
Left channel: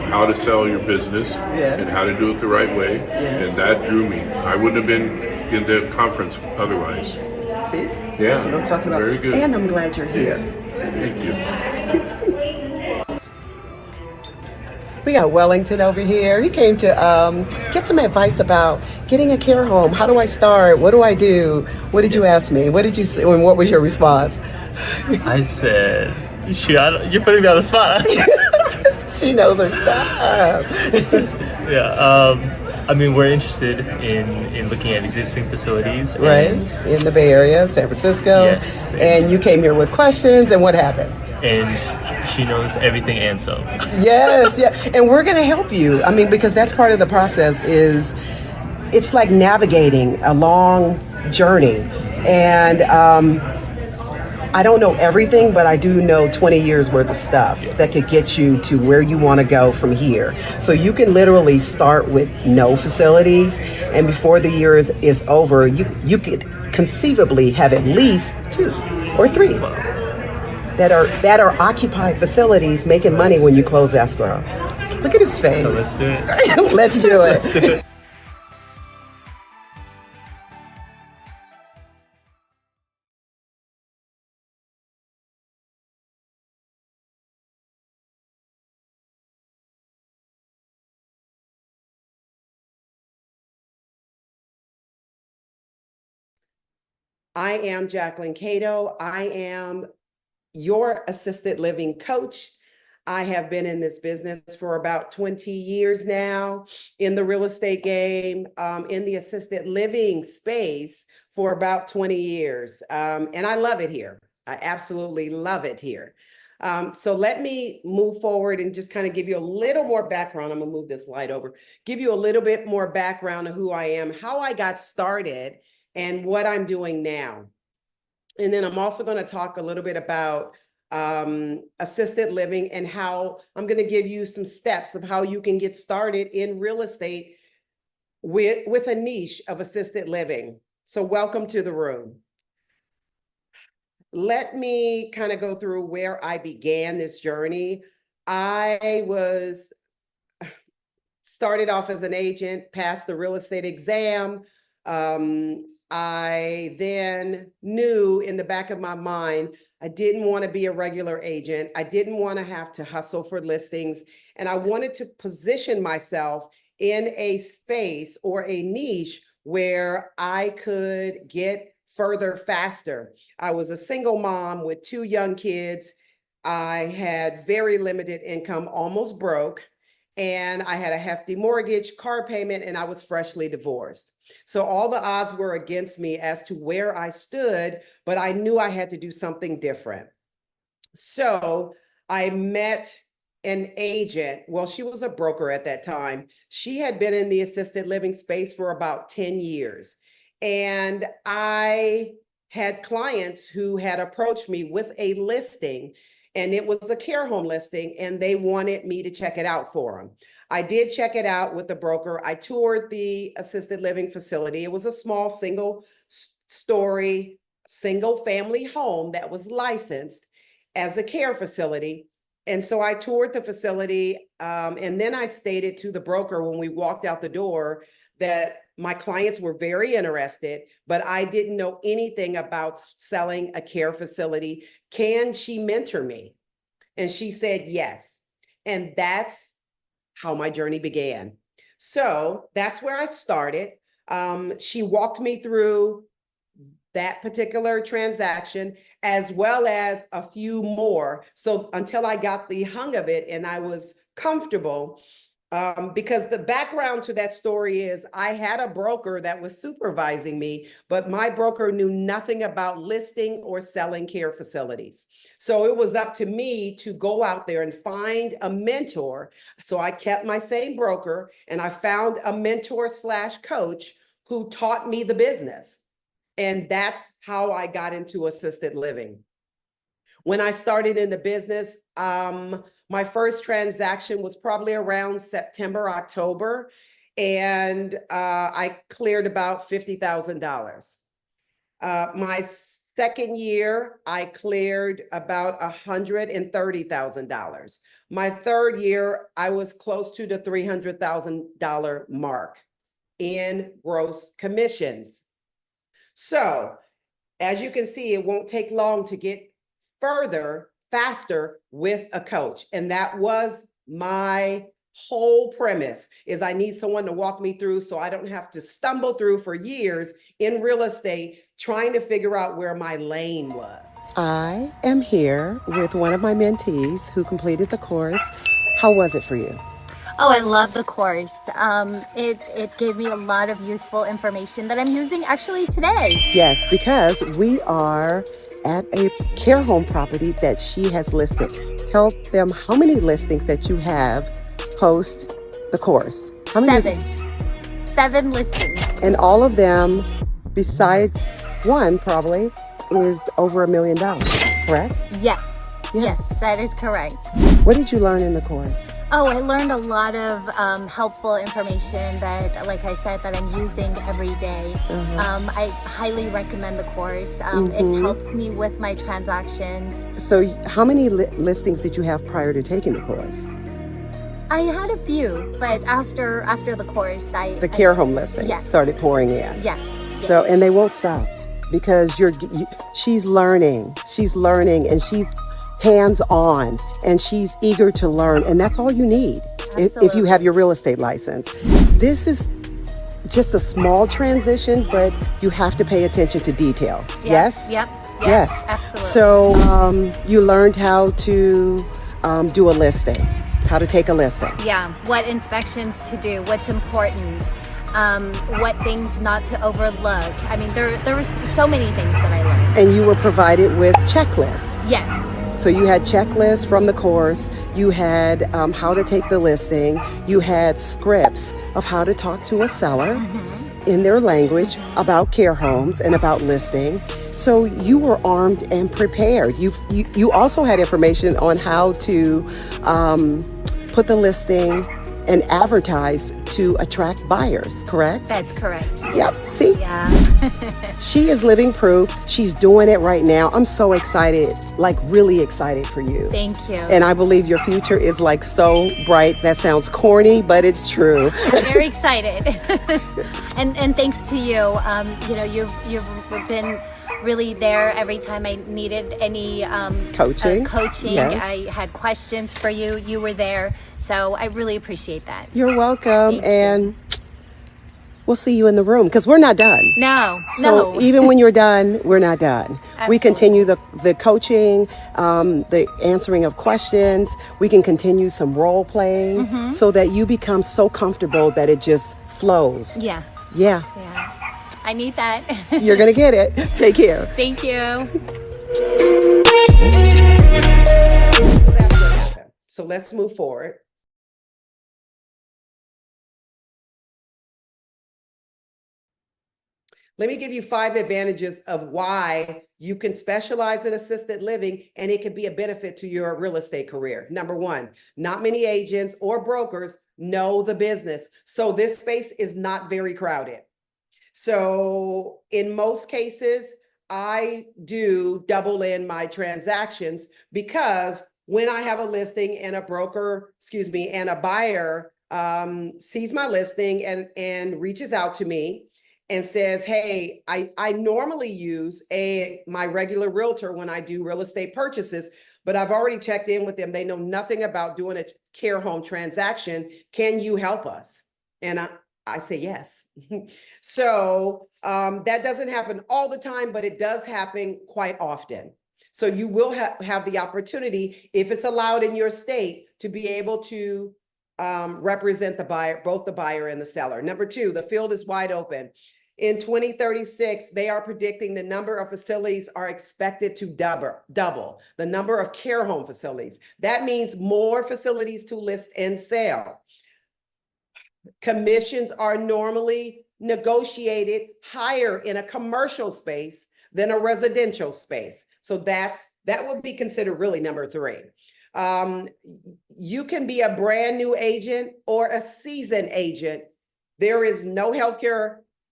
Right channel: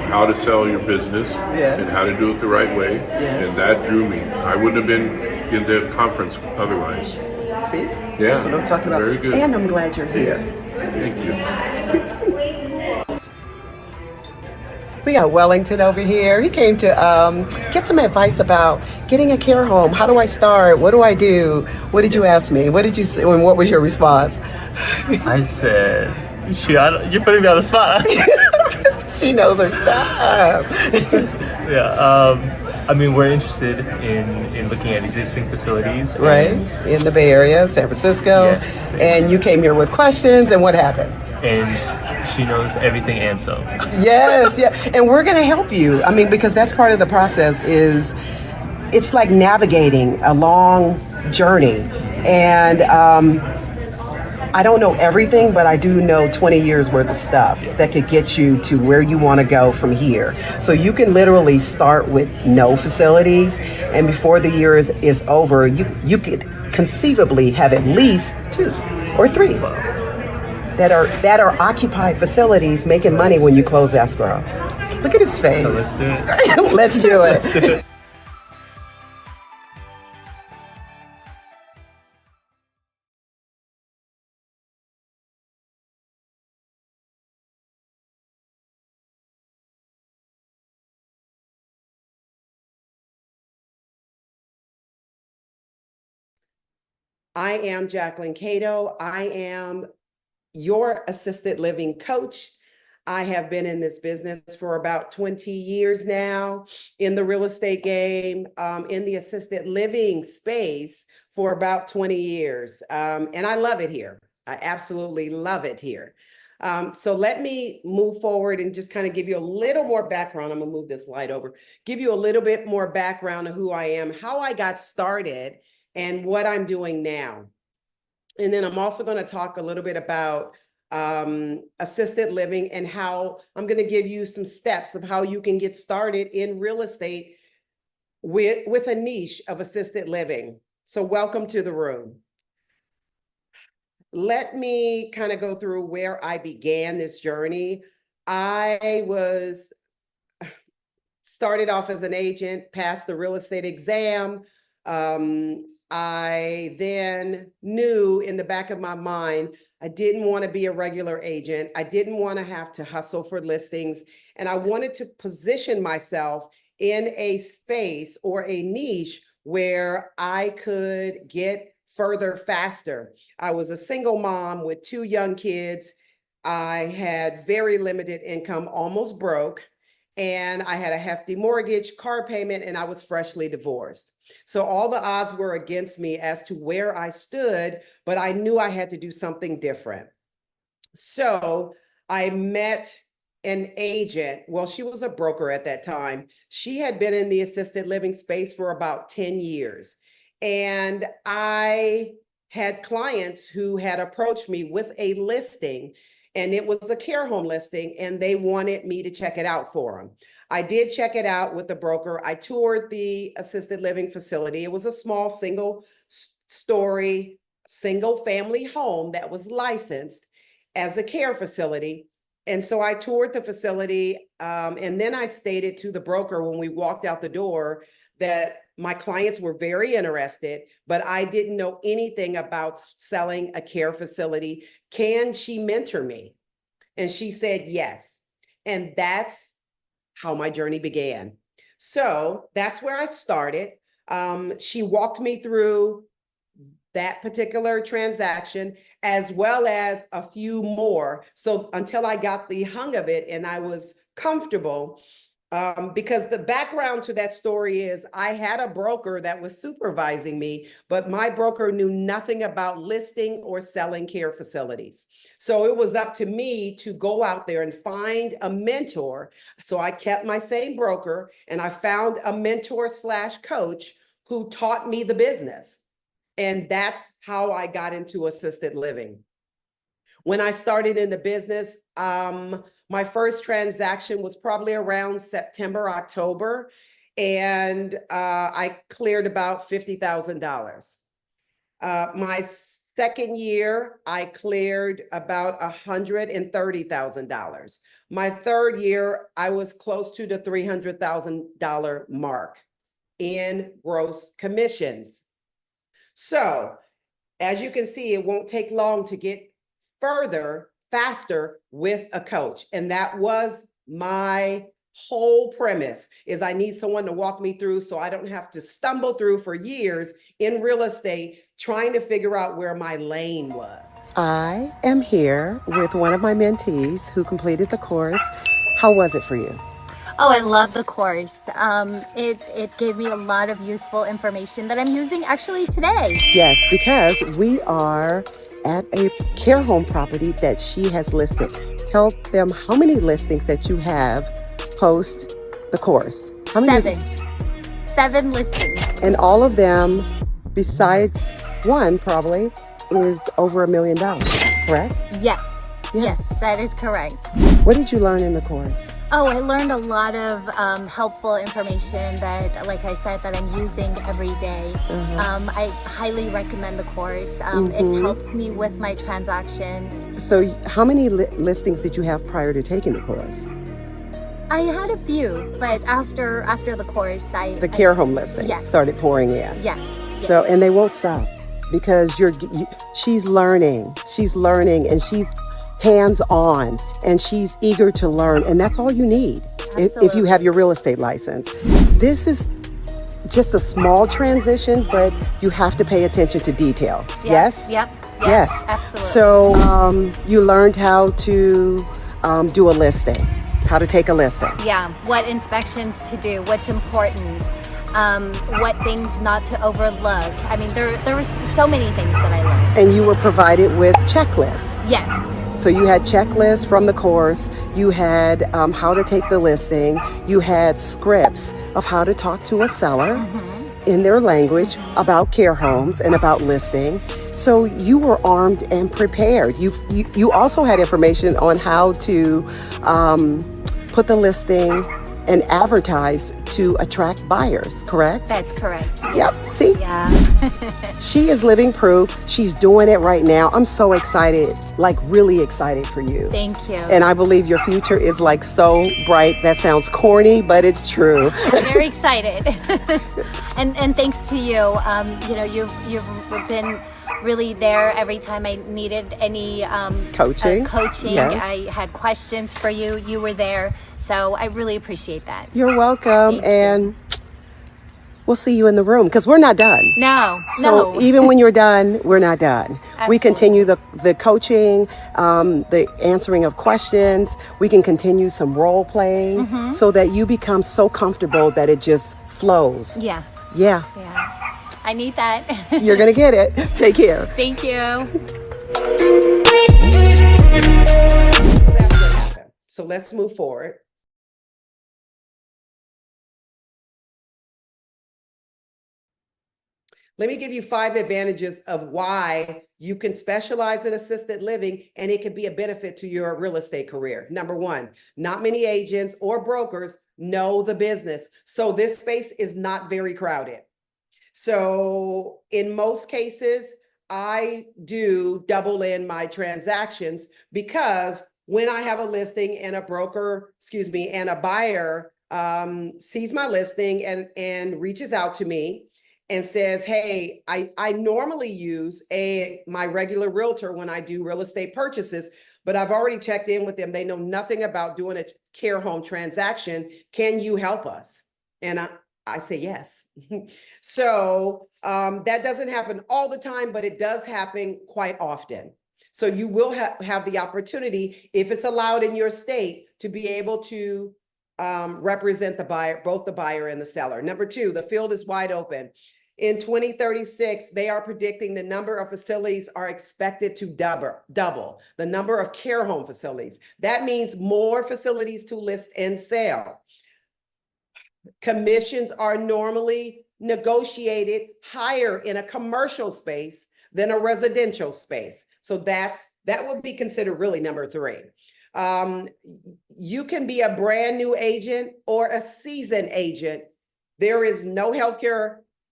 how to sell your business and how to do it the right way. And that drew me. I wouldn't have been in the conference otherwise. See? Yeah, that's what I'm talking about. very good. And I'm glad you're here. Thank you. We got Wellington over here. He came to get some advice about getting a care home. How do I start? What do I do? What did you ask me? What did you say? And what was your response? I said, you're putting me on the spot. She knows her stuff. Yeah. I mean, we're interested in looking at existing facilities. Right. In the Bay Area, San Francisco. Yes. And you came here with questions, and what happened? And she knows everything and some. Yes, yeah. And we're going to help you. I mean, because that's part of the process is it's like navigating a long journey. And I don't know everything, but I do know 20 years worth of stuff that could get you to where you want to go from here. So you can literally start with no facilities, and before the year is over, you could conceivably have at least 2 or 3 that are occupied facilities making money when you close escrow. Look at his face. So let's do it. Let's do it. Let's do it. I am Jacquelyn Cato. I am your assisted living coach. I have been in this business for about 20 years now, in the real estate game, in the assisted living space for about 20 years. And I love it here. I absolutely love it here. So let me move forward and just kind of give you a little more background. I'm gonna move this light over, give you a little bit more background of who I am, how I got started, and what I'm doing now. And then I'm also going to talk a little bit about assisted living and how I'm going to give you some steps of how you can get started in real estate with a niche of assisted living. So welcome to the room. Let me kind of go through where I began this journey. I started off as an agent, passed the real estate exam. I then knew in the back of my mind, I didn't want to be a regular agent. I didn't want to have to hustle for listings. And I wanted to position myself in a space or a niche where I could get further faster. I was a single mom with 2 young kids. I had very limited income, almost broke. And I had a hefty mortgage, car payment, and I was freshly divorced. So all the odds were against me as to where I stood, but I knew I had to do something different. So I met an agent. Well, she was a broker at that time. She had been in the assisted living space for about 10 years. And I had clients who had approached me with a listing, and it was a care home listing, and they wanted me to check it out for them. I did check it out with the broker. I toured the assisted living facility. It was a small single-story, single-family home that was licensed as a care facility. And so I toured the facility, and then I stated to the broker when we walked out the door that my clients were very interested, but I didn't know anything about selling a care facility. Can she mentor me? And she said yes. And that's how my journey began. So that's where I started. She walked me through that particular transaction, as well as a few more. So until I got the hang of it and I was comfortable, because the background to that story is I had a broker that was supervising me, but my broker knew nothing about listing or selling care facilities. So it was up to me to go out there and find a mentor. So I kept my same broker and I found a mentor / coach who taught me the business. And that's how I got into assisted living. When I started in the business, my first transaction was probably around September, October, and I cleared about $50,000. My second year, I cleared about $130,000. My third year, I was close to the $300,000 mark in gross commissions. So as you can see, it won't take long to get further, faster with a coach. And that was my whole premise, is I need someone to walk me through so I don't have to stumble through for years in real estate trying to figure out where my lane was. I am here with one of my mentees who completed the course. How was it for you? Oh, I love the course. It gave me a lot of useful information that I'm using actually today. Yes, because we are at a care home property that she has listed. Tell them how many listings that you have post the course. How many? 7 listings. And all of them, besides one probably, is over $1 million, correct? Yes. Yes, that is correct. What did you learn in the course? Oh, I learned a lot of helpful information that, like I said, that I'm using every day. I highly recommend the course. It's helped me with my transactions. So how many listings did you have prior to taking the course? I had a few, but after the course, the care home listings started pouring in. Yes. So, and they won't stop because she's learning, and she's hands-on, and she's eager to learn, and that's all you need if you have your real estate license. This is just a small transition, but you have to pay attention to detail. Yes? Yes. Absolutely. So you learned how to do a listing, how to take a listing. Yeah, what inspections to do, what's important, what things not to overlook. I mean, there was so many things that I learned. And you were provided with checklists. Yes. So you had checklists from the course, you had how to take the listing, you had scripts of how to talk to a seller in their language about care homes and about listing. So you were armed and prepared. You also had information on how to put the listing and advertise to attract buyers, correct? That's correct. Yep, see? Yeah. She is living proof. She's doing it right now. I'm so excited, like really excited for you. Thank you. And I believe your future is like so bright. That sounds corny, but it's true. I'm very excited. and thanks to you. You've been really there every time I needed any coaching. Yes. I had questions for you. You were there. So I really appreciate that. You're welcome. And we'll see you in the room because we're not done. No. Even when you're done, we're not done. Absolutely. We continue the coaching, the answering of questions. We can continue some role playing so that you become so comfortable that it just flows. Yeah. I need that. You're going to get it. Take care. Thank you. That's what happened. So let's move forward. Let me give you 5 advantages of why you can specialize in assisted living and it can be a benefit to your real estate career. Number 1, not many agents or brokers know the business. So this space is not very crowded. So in most cases, I do double in my transactions because when I have a listing and a buyer sees my listing and reaches out to me and says, hey, I normally use my regular realtor when I do real estate purchases, but I've already checked in with them. They know nothing about doing a care home transaction. Can you help us? And I say yes. So that doesn't happen all the time, but it does happen quite often. So you will have the opportunity, if it's allowed in your state, to be able to represent the buyer, both the buyer and the seller. Number 2, the field is wide open. In 2036, they are predicting the number of facilities are expected to double the number of care home facilities. That means more facilities to list and sell. Commissions are normally negotiated higher in a commercial space than a residential space. So that would be considered really number 3. You can be a brand new agent or a seasoned agent. There is no healthcare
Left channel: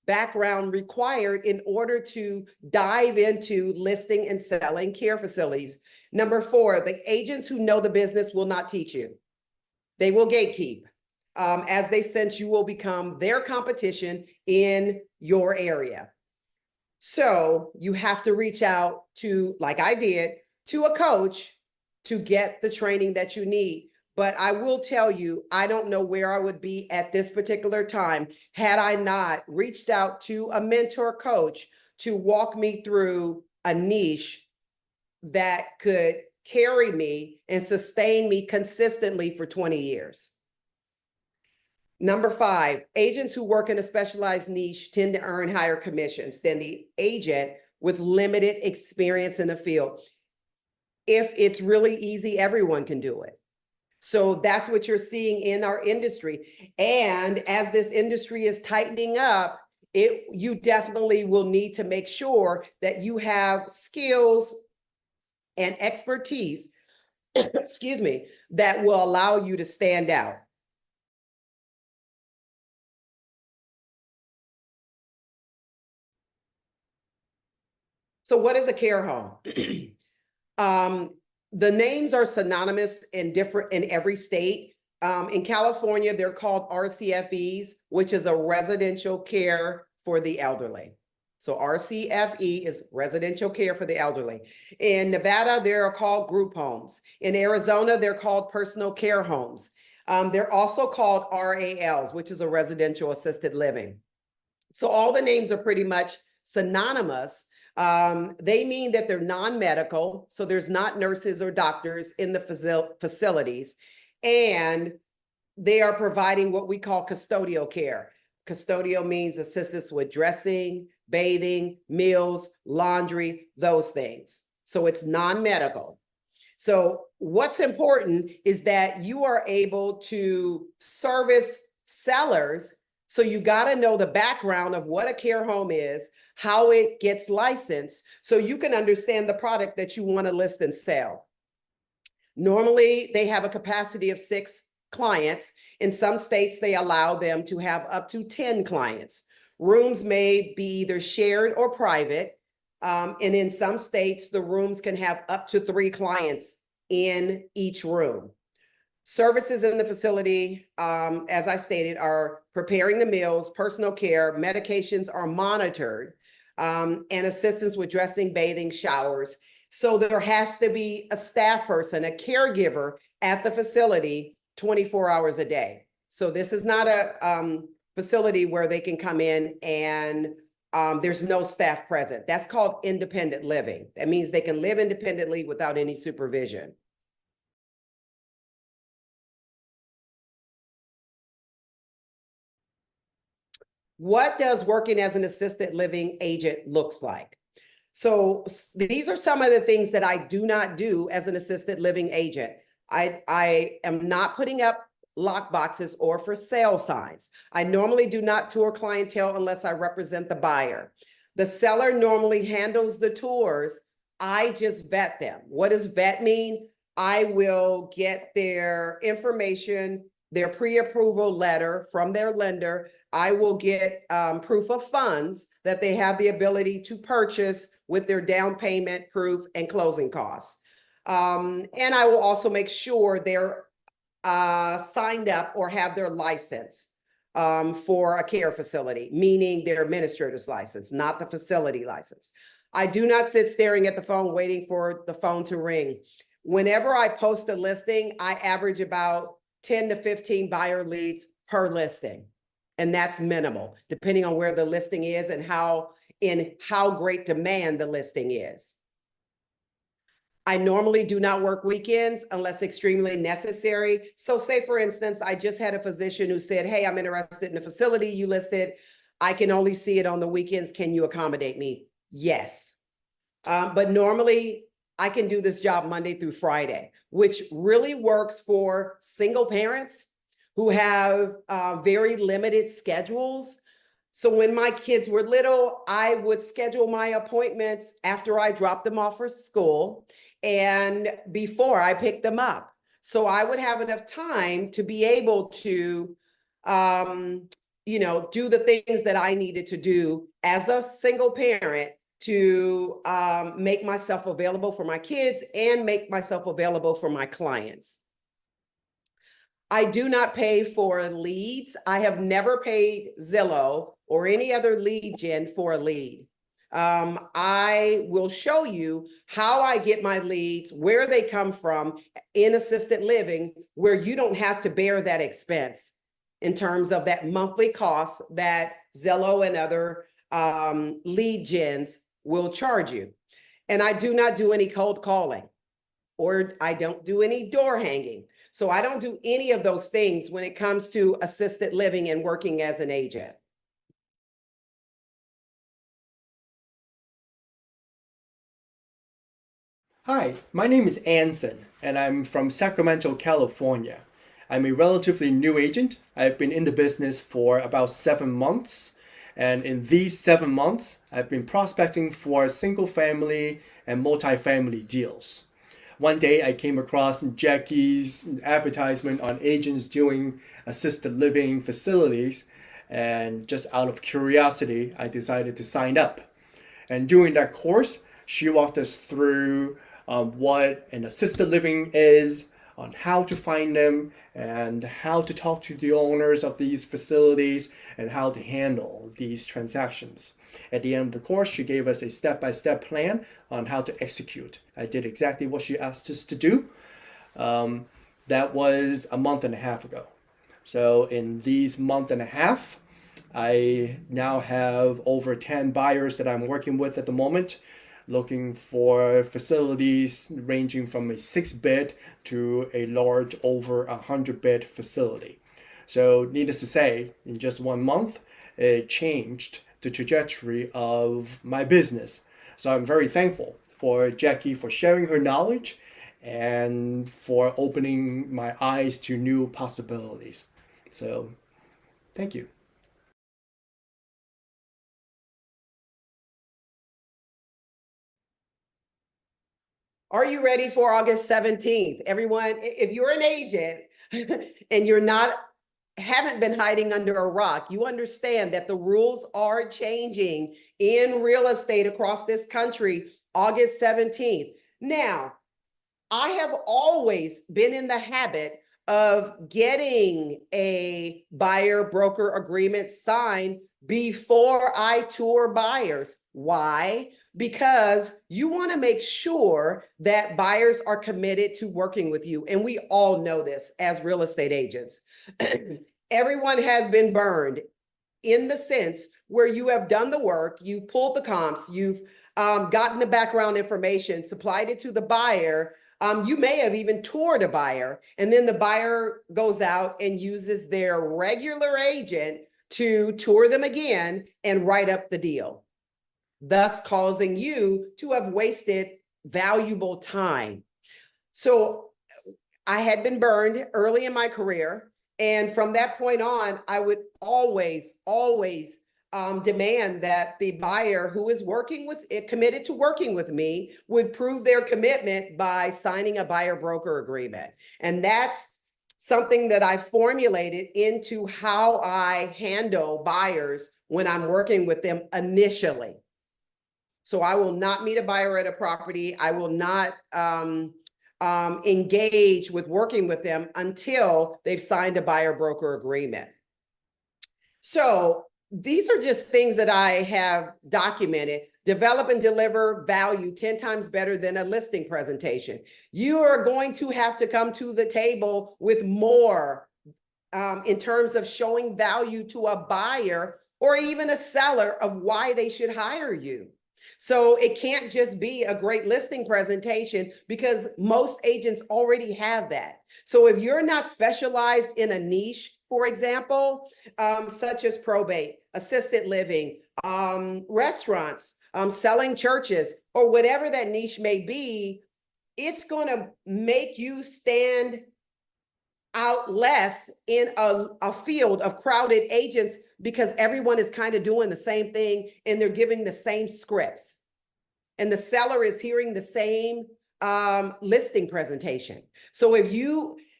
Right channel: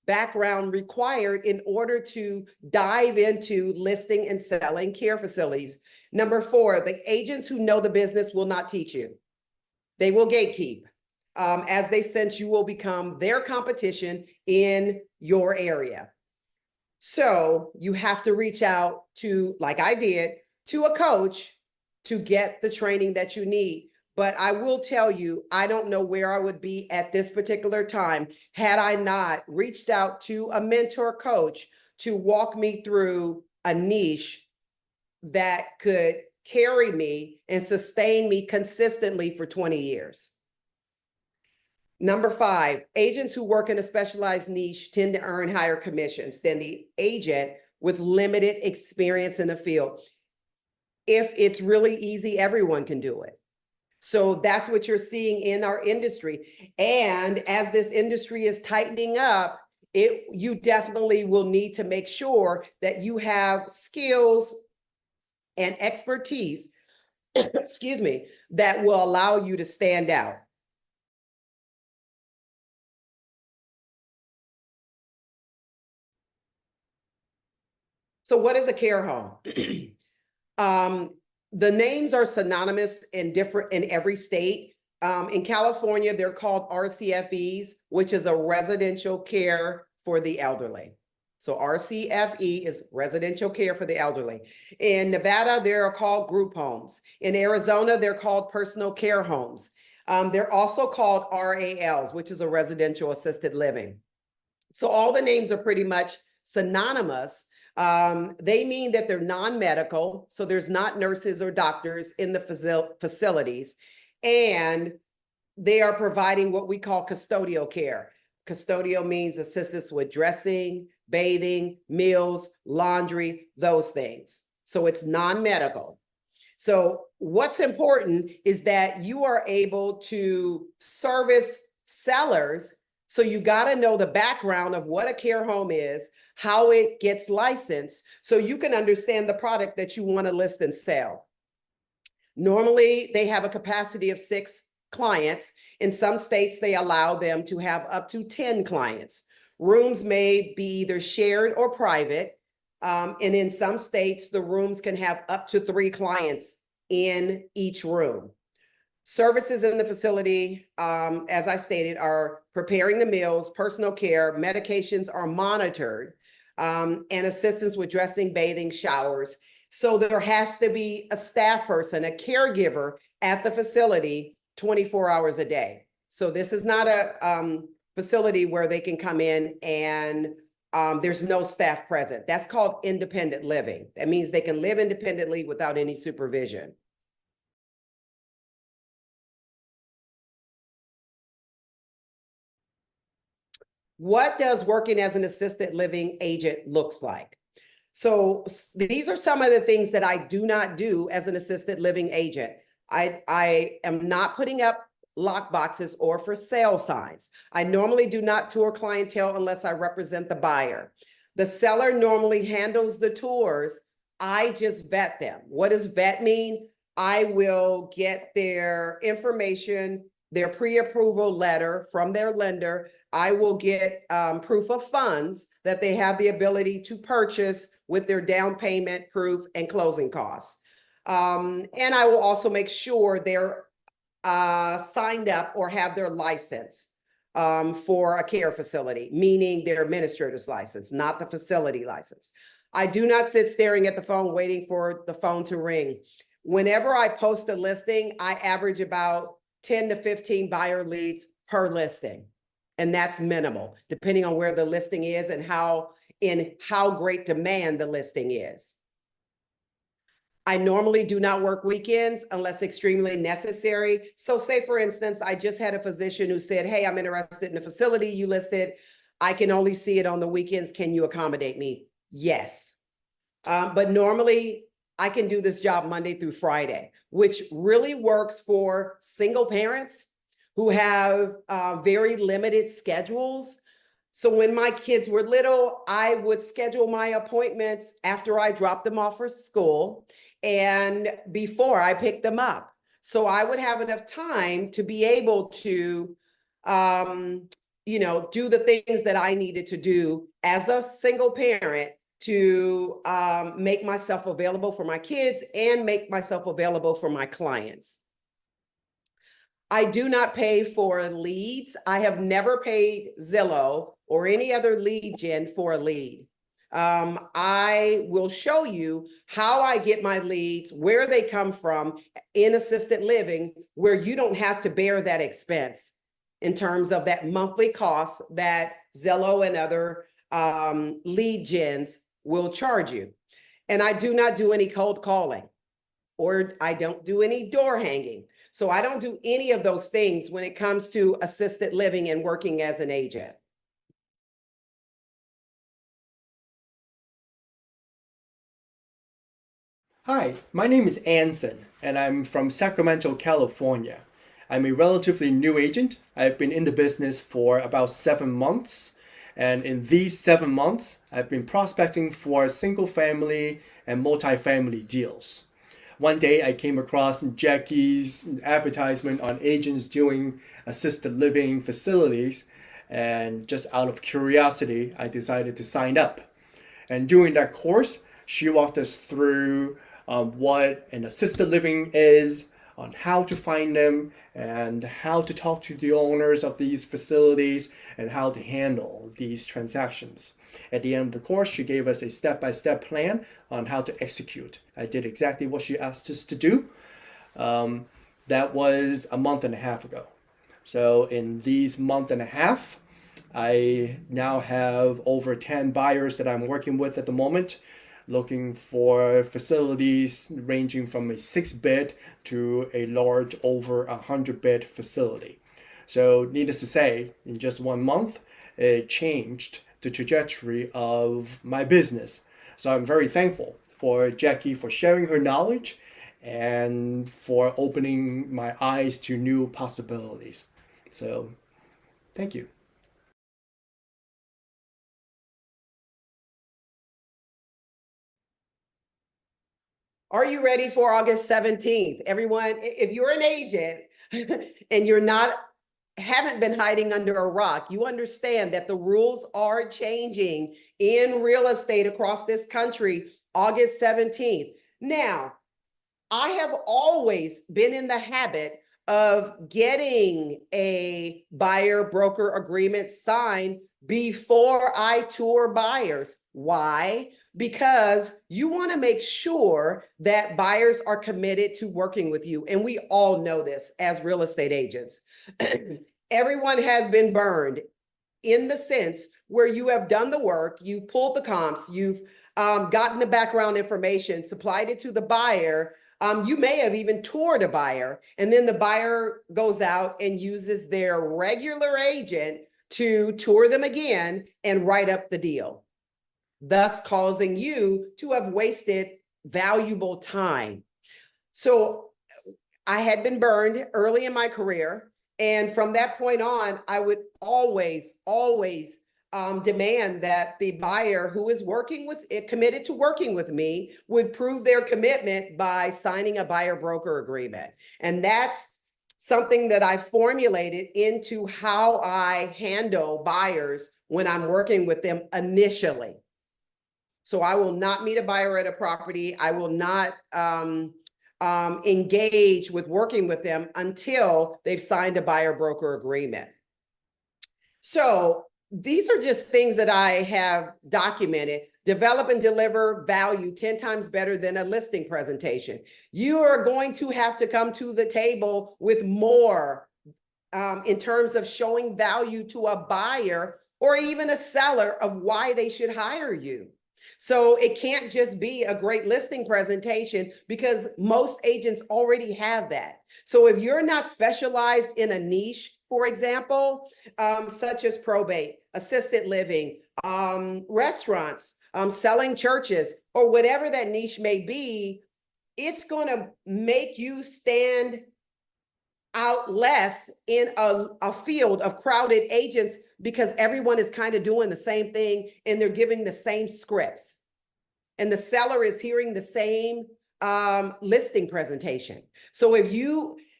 background required in order to dive into listing and selling care facilities. Number 4, the agents who know the business will not teach you. They will gatekeep. As they sense you will become their competition in your area. So you have to reach out to, like I did, to a coach to get the training that you need. But I will tell you, I don't know where I would be at this particular time had I not reached out to a mentor coach to walk me through a niche that could carry me and sustain me consistently for 20 years. Number 5, agents who work in a specialized niche tend to earn higher commissions than the agent with limited experience in the field. If it's really easy, everyone can do it. So that's what you're seeing in our industry. And as this industry is tightening up, you definitely will need to make sure that you have skills and expertise, excuse me, that will allow you to stand out. So what is a care home? The names are synonymous in every state. In California, they're called RCFEs, which is a residential care for the elderly. So RCFE is residential care for the elderly. In Nevada, they're called group homes. In Arizona, they're called personal care homes. They're also called RALs, which is a residential assisted living. So all the names are pretty much synonymous. They mean that they're non-medical, so there's not nurses or doctors in the facilities, and they are providing what we call custodial care. Custodial means assistance with dressing, bathing, meals, laundry, those things. So it's non-medical. So what's important is that you are able to service sellers. So you got to know the background of what a care home is, how it gets licensed, so you can understand the product that you want to list and sell. Normally, they have a capacity of 6 clients. In some states, they allow them to have up to 10 clients. Rooms may be either shared or private. And in some states, the rooms can have up to 3 clients in each room. Services in the facility, as I stated, are preparing the meals, personal care, medications are monitored, and assistance with dressing, bathing, showers. So there has to be a staff person, a caregiver at the facility 24 hours a day. So this is not a facility where they can come in and there's no staff present. That's called independent living. That means they can live independently without any supervision. What does working as an assisted living agent looks like? So these are some of the things that I do not do as an assisted living agent. I am not putting up lock boxes or for sale signs. I normally do not tour clientele unless I represent the buyer. The seller normally handles the tours. I just vet them. What does vet mean? I will get their information, their pre-approval letter from their lender. I will get proof of funds that they have the ability to purchase with their down payment proof and closing costs. And I will also make sure they're signed up or have their license for a care facility, meaning their administrator's license, not the facility license. I do not sit staring at the phone waiting for the phone to ring. Whenever I post a listing, I average about 10 to 15 buyer leads per listing. And that's minimal, depending on where the listing is and how great demand the listing is. I normally do not work weekends unless extremely necessary. So say, for instance, I just had a physician who said, hey, I'm interested in a facility you listed. I can only see it on the weekends. Can you accommodate me? Yes. But normally I can do this job Monday through Friday, which really works for single parents who have very limited schedules. So when my kids were little, I would schedule my appointments after I dropped them off for school and before I picked them up. So I would have enough time to be able to do the things that I needed to do as a single parent to make myself available for my kids and make myself available for my clients. I do not pay for leads. I have never paid Zillow or any other lead gen for a lead. I will show you how I get my leads, where they come from in assisted living, where you don't have to bear that expense in terms of that monthly cost that Zillow and other lead gens will charge you. And I do not do any cold calling, or I don't do any door hanging. So I don't do any of those things when it comes to assisted living and working as an agent. Hi, my name is Anson, and I'm from Sacramento, California. I'm a relatively new agent. I've been in the business for about 7 months, and in these 7 months, I've been prospecting for single-family and multifamily deals. One day, I came across Jackie's advertisement on agents doing assisted living facilities, and just out of curiosity, I decided to sign up. And during that course, she walked us through what an assisted living is, on how to find them, and how to talk to the owners of these facilities, and how to handle these transactions. At the end of the course, she gave us a step-by-step plan on how to execute. I did exactly what she asked us to do. That was a month and a half ago. So in these month and a half, I now have over 10 buyers that I'm working with at the moment, looking for facilities ranging from a 6-bed to a large over 100-bed facility. So needless to say, in just 1 month, it changed the trajectory of my business. So I'm very thankful for Jackie for sharing her knowledge and for opening my eyes to new possibilities. So thank you. Are you ready for August 17th? Everyone, if you're an agent and haven't been hiding under a rock, you understand that the rules are changing in real estate across this country, August 17th. Now, I have always been in the habit of getting a buyer broker agreement signed before I tour buyers. Why? Because you want to make sure that buyers are committed to working with you. And we all know this as real estate agents. Everyone has been burned in the sense where you have done the work, you've pulled the comps, you've gotten the background information, supplied it to the buyer. You may have even toured a buyer, and then the buyer goes out and uses their regular agent to tour them again and write up the deal, thus causing you to have wasted valuable time. So I had been burned early in my career. And from that point on, I would always demand that the buyer who is committed to working with me would prove their commitment by signing a buyer broker agreement. And that's something that I formulated into how I handle buyers when I'm working with them initially. So I will not meet a buyer at a property. I will not engage with working with them until they've signed a buyer broker agreement. So these are just things that I have documented. Develop and deliver value 10 times better than a listing presentation. You are going to have to come to the table with more in terms of showing value to a buyer or even a seller of why they should hire you. So it can't just be a great listing presentation because most agents already have that. So if you're not specialized in a niche, for example, such as probate, assisted living, restaurants, selling churches, or whatever that niche may be, it's going to make you stand out less in a field of crowded agents because everyone is kind of doing the same thing and they're giving the same scripts. And the seller is hearing the same listing presentation. So if you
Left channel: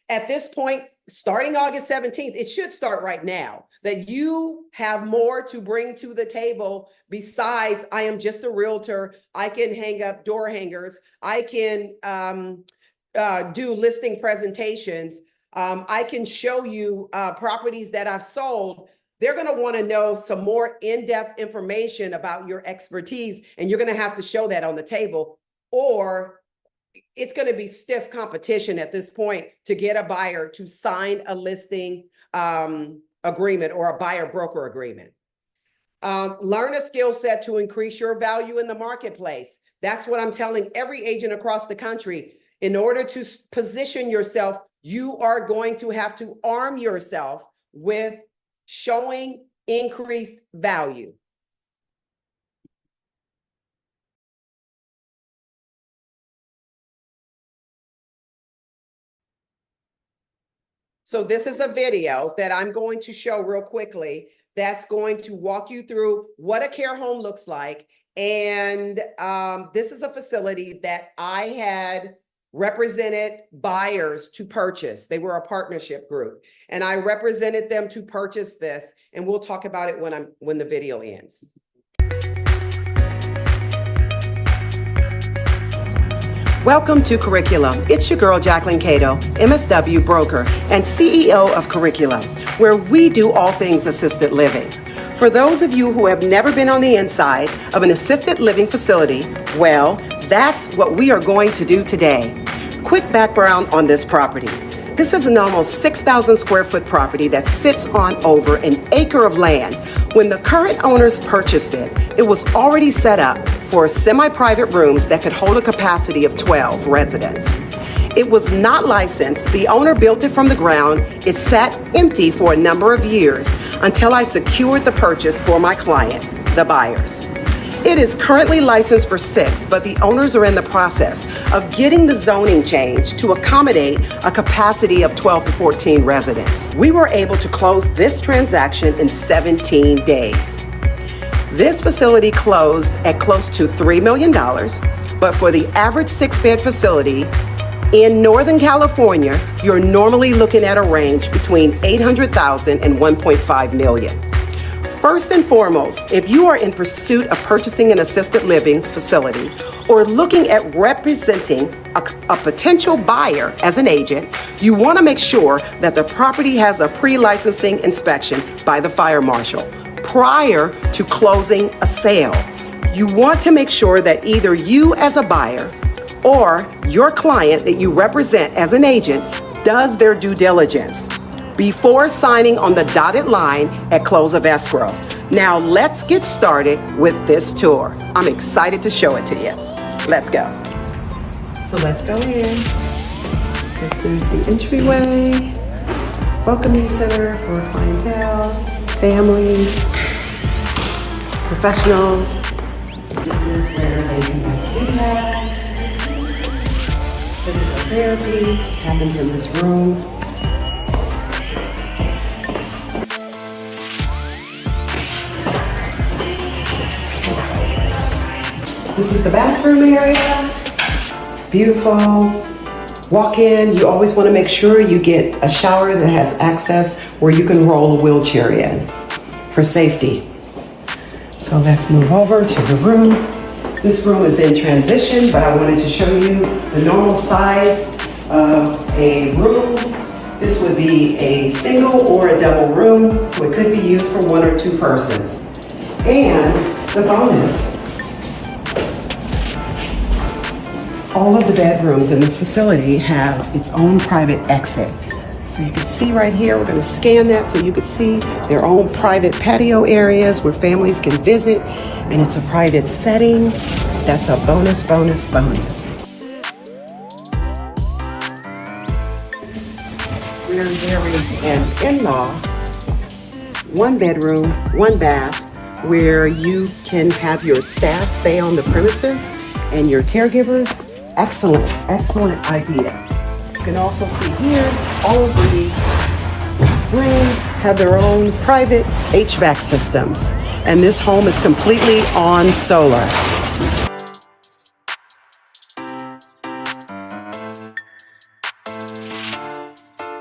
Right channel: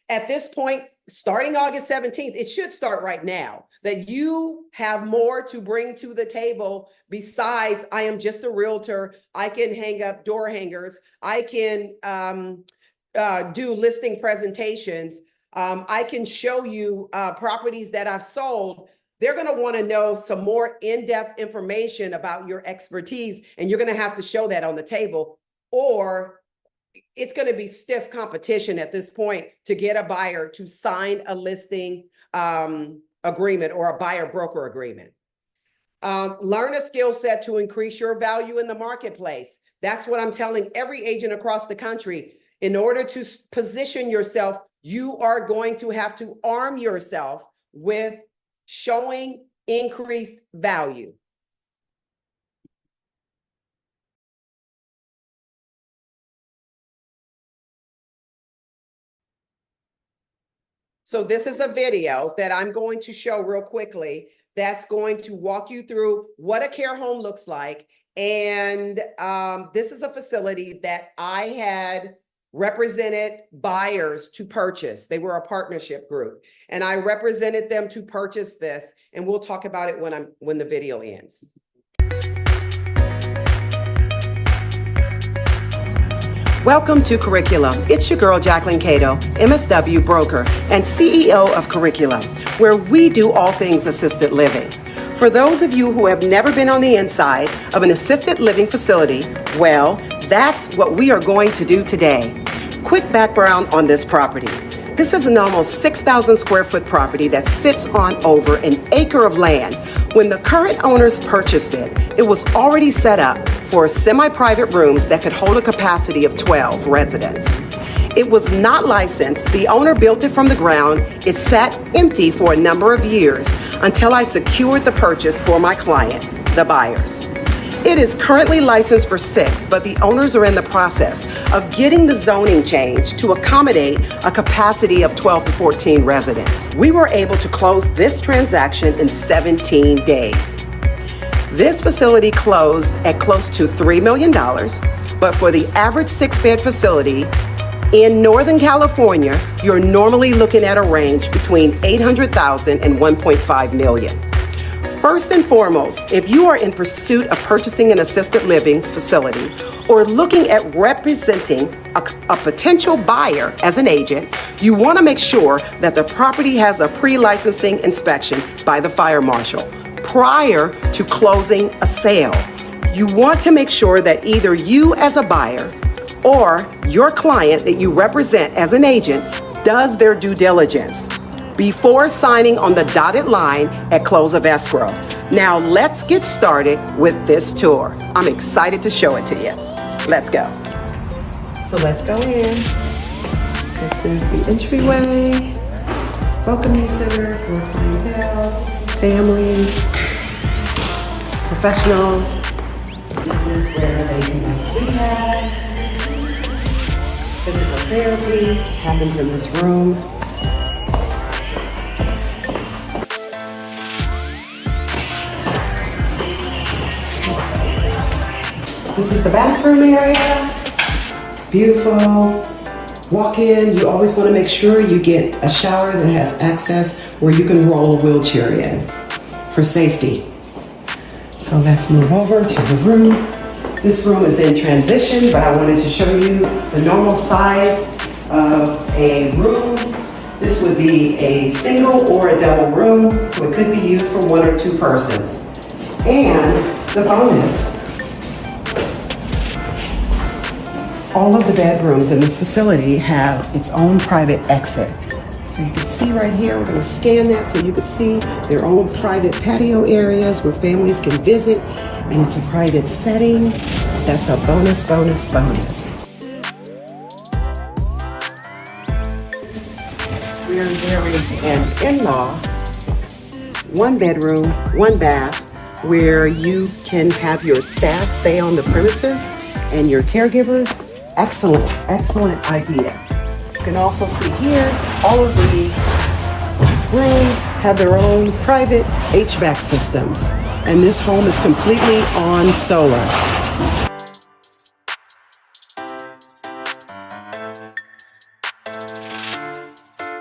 At this point, starting August 17th, it should start right now, that you have more to bring to the table besides I am just a realtor. I can hang up door hangers. I can do listing presentations. I can show you properties that I've sold. They're going to want to know some more in-depth information about your expertise, and you're going to have to show that on the table, or it's going to be stiff competition at this point to get a buyer to sign a listing agreement or a buyer broker agreement. Learn a skill set to increase your value in the marketplace. That's what I'm telling every agent across the country. In order to position yourself, you are going to have to arm yourself with showing increased value. So this is a video that I'm going to show real quickly that's going to walk you through what a care home looks like. And this is a facility that I had represented buyers to purchase. They were a partnership group, and I represented them to purchase this. And we'll talk about it when the video ends. Welcome to Curriculum. It's your girl, Jacquelyn Cato, MSW broker and CEO of Curriculum, where we do all things assisted living. For those of you who have never been on the inside of an assisted living facility, well, that's what we are going to do today. Quick background on this property. This is an almost 6,000 square foot property that sits on over an acre of land. When the current owners purchased it, it was already set up for semi-private rooms that could hold a capacity of 12 residents. It was not licensed. The owner built it from the ground. It sat empty for a number of years until I secured the purchase for my client, the buyers. It is currently licensed for 6, but the owners are in the process of getting the zoning changed to accommodate a capacity of 12 to 14 residents. We were able to close this transaction in 17 days. This facility closed at close to $3 million, but for the average 6-bed facility in Northern California, you're normally looking at a range between $800,000 and $1.5 million. First and foremost, if you are in pursuit of purchasing an assisted living facility or looking at representing a potential buyer as an agent, you want to make sure that the property has a pre-licensing inspection by the fire marshal prior to closing a sale. You want to make sure that either you as a buyer or your client that you represent as an agent does their due diligence before signing on the dotted line at close of escrow. Now let's get started with this tour. I'm excited to show it to you. Let's go. So let's go in. This is the entryway, welcoming center for clientele, families, professionals. This is where they can do rehab, physical therapy happens in this room. This is the bathroom area. It's beautiful. Walk in. You always want to make sure you get a shower that has access where you can roll a wheelchair in for safety. So let's move over to the room. This room is in transition, but I wanted to show you the normal size of a room. This would be a single or a double room, so it could be used for 1 or 2 persons. And the bonus, all of the bedrooms in this facility have its own private exit. So you can see right here, we're going to scan that so you can see their own private patio areas where families can visit, and it's a private setting. That's a bonus, bonus, bonus. Where there is an in-law, 1 bedroom, 1 bath, where you can have your staff stay on the premises and your caregivers. Excellent, excellent idea. You can also see here, all of the rooms have their own private HVAC systems, and this home is completely on solar.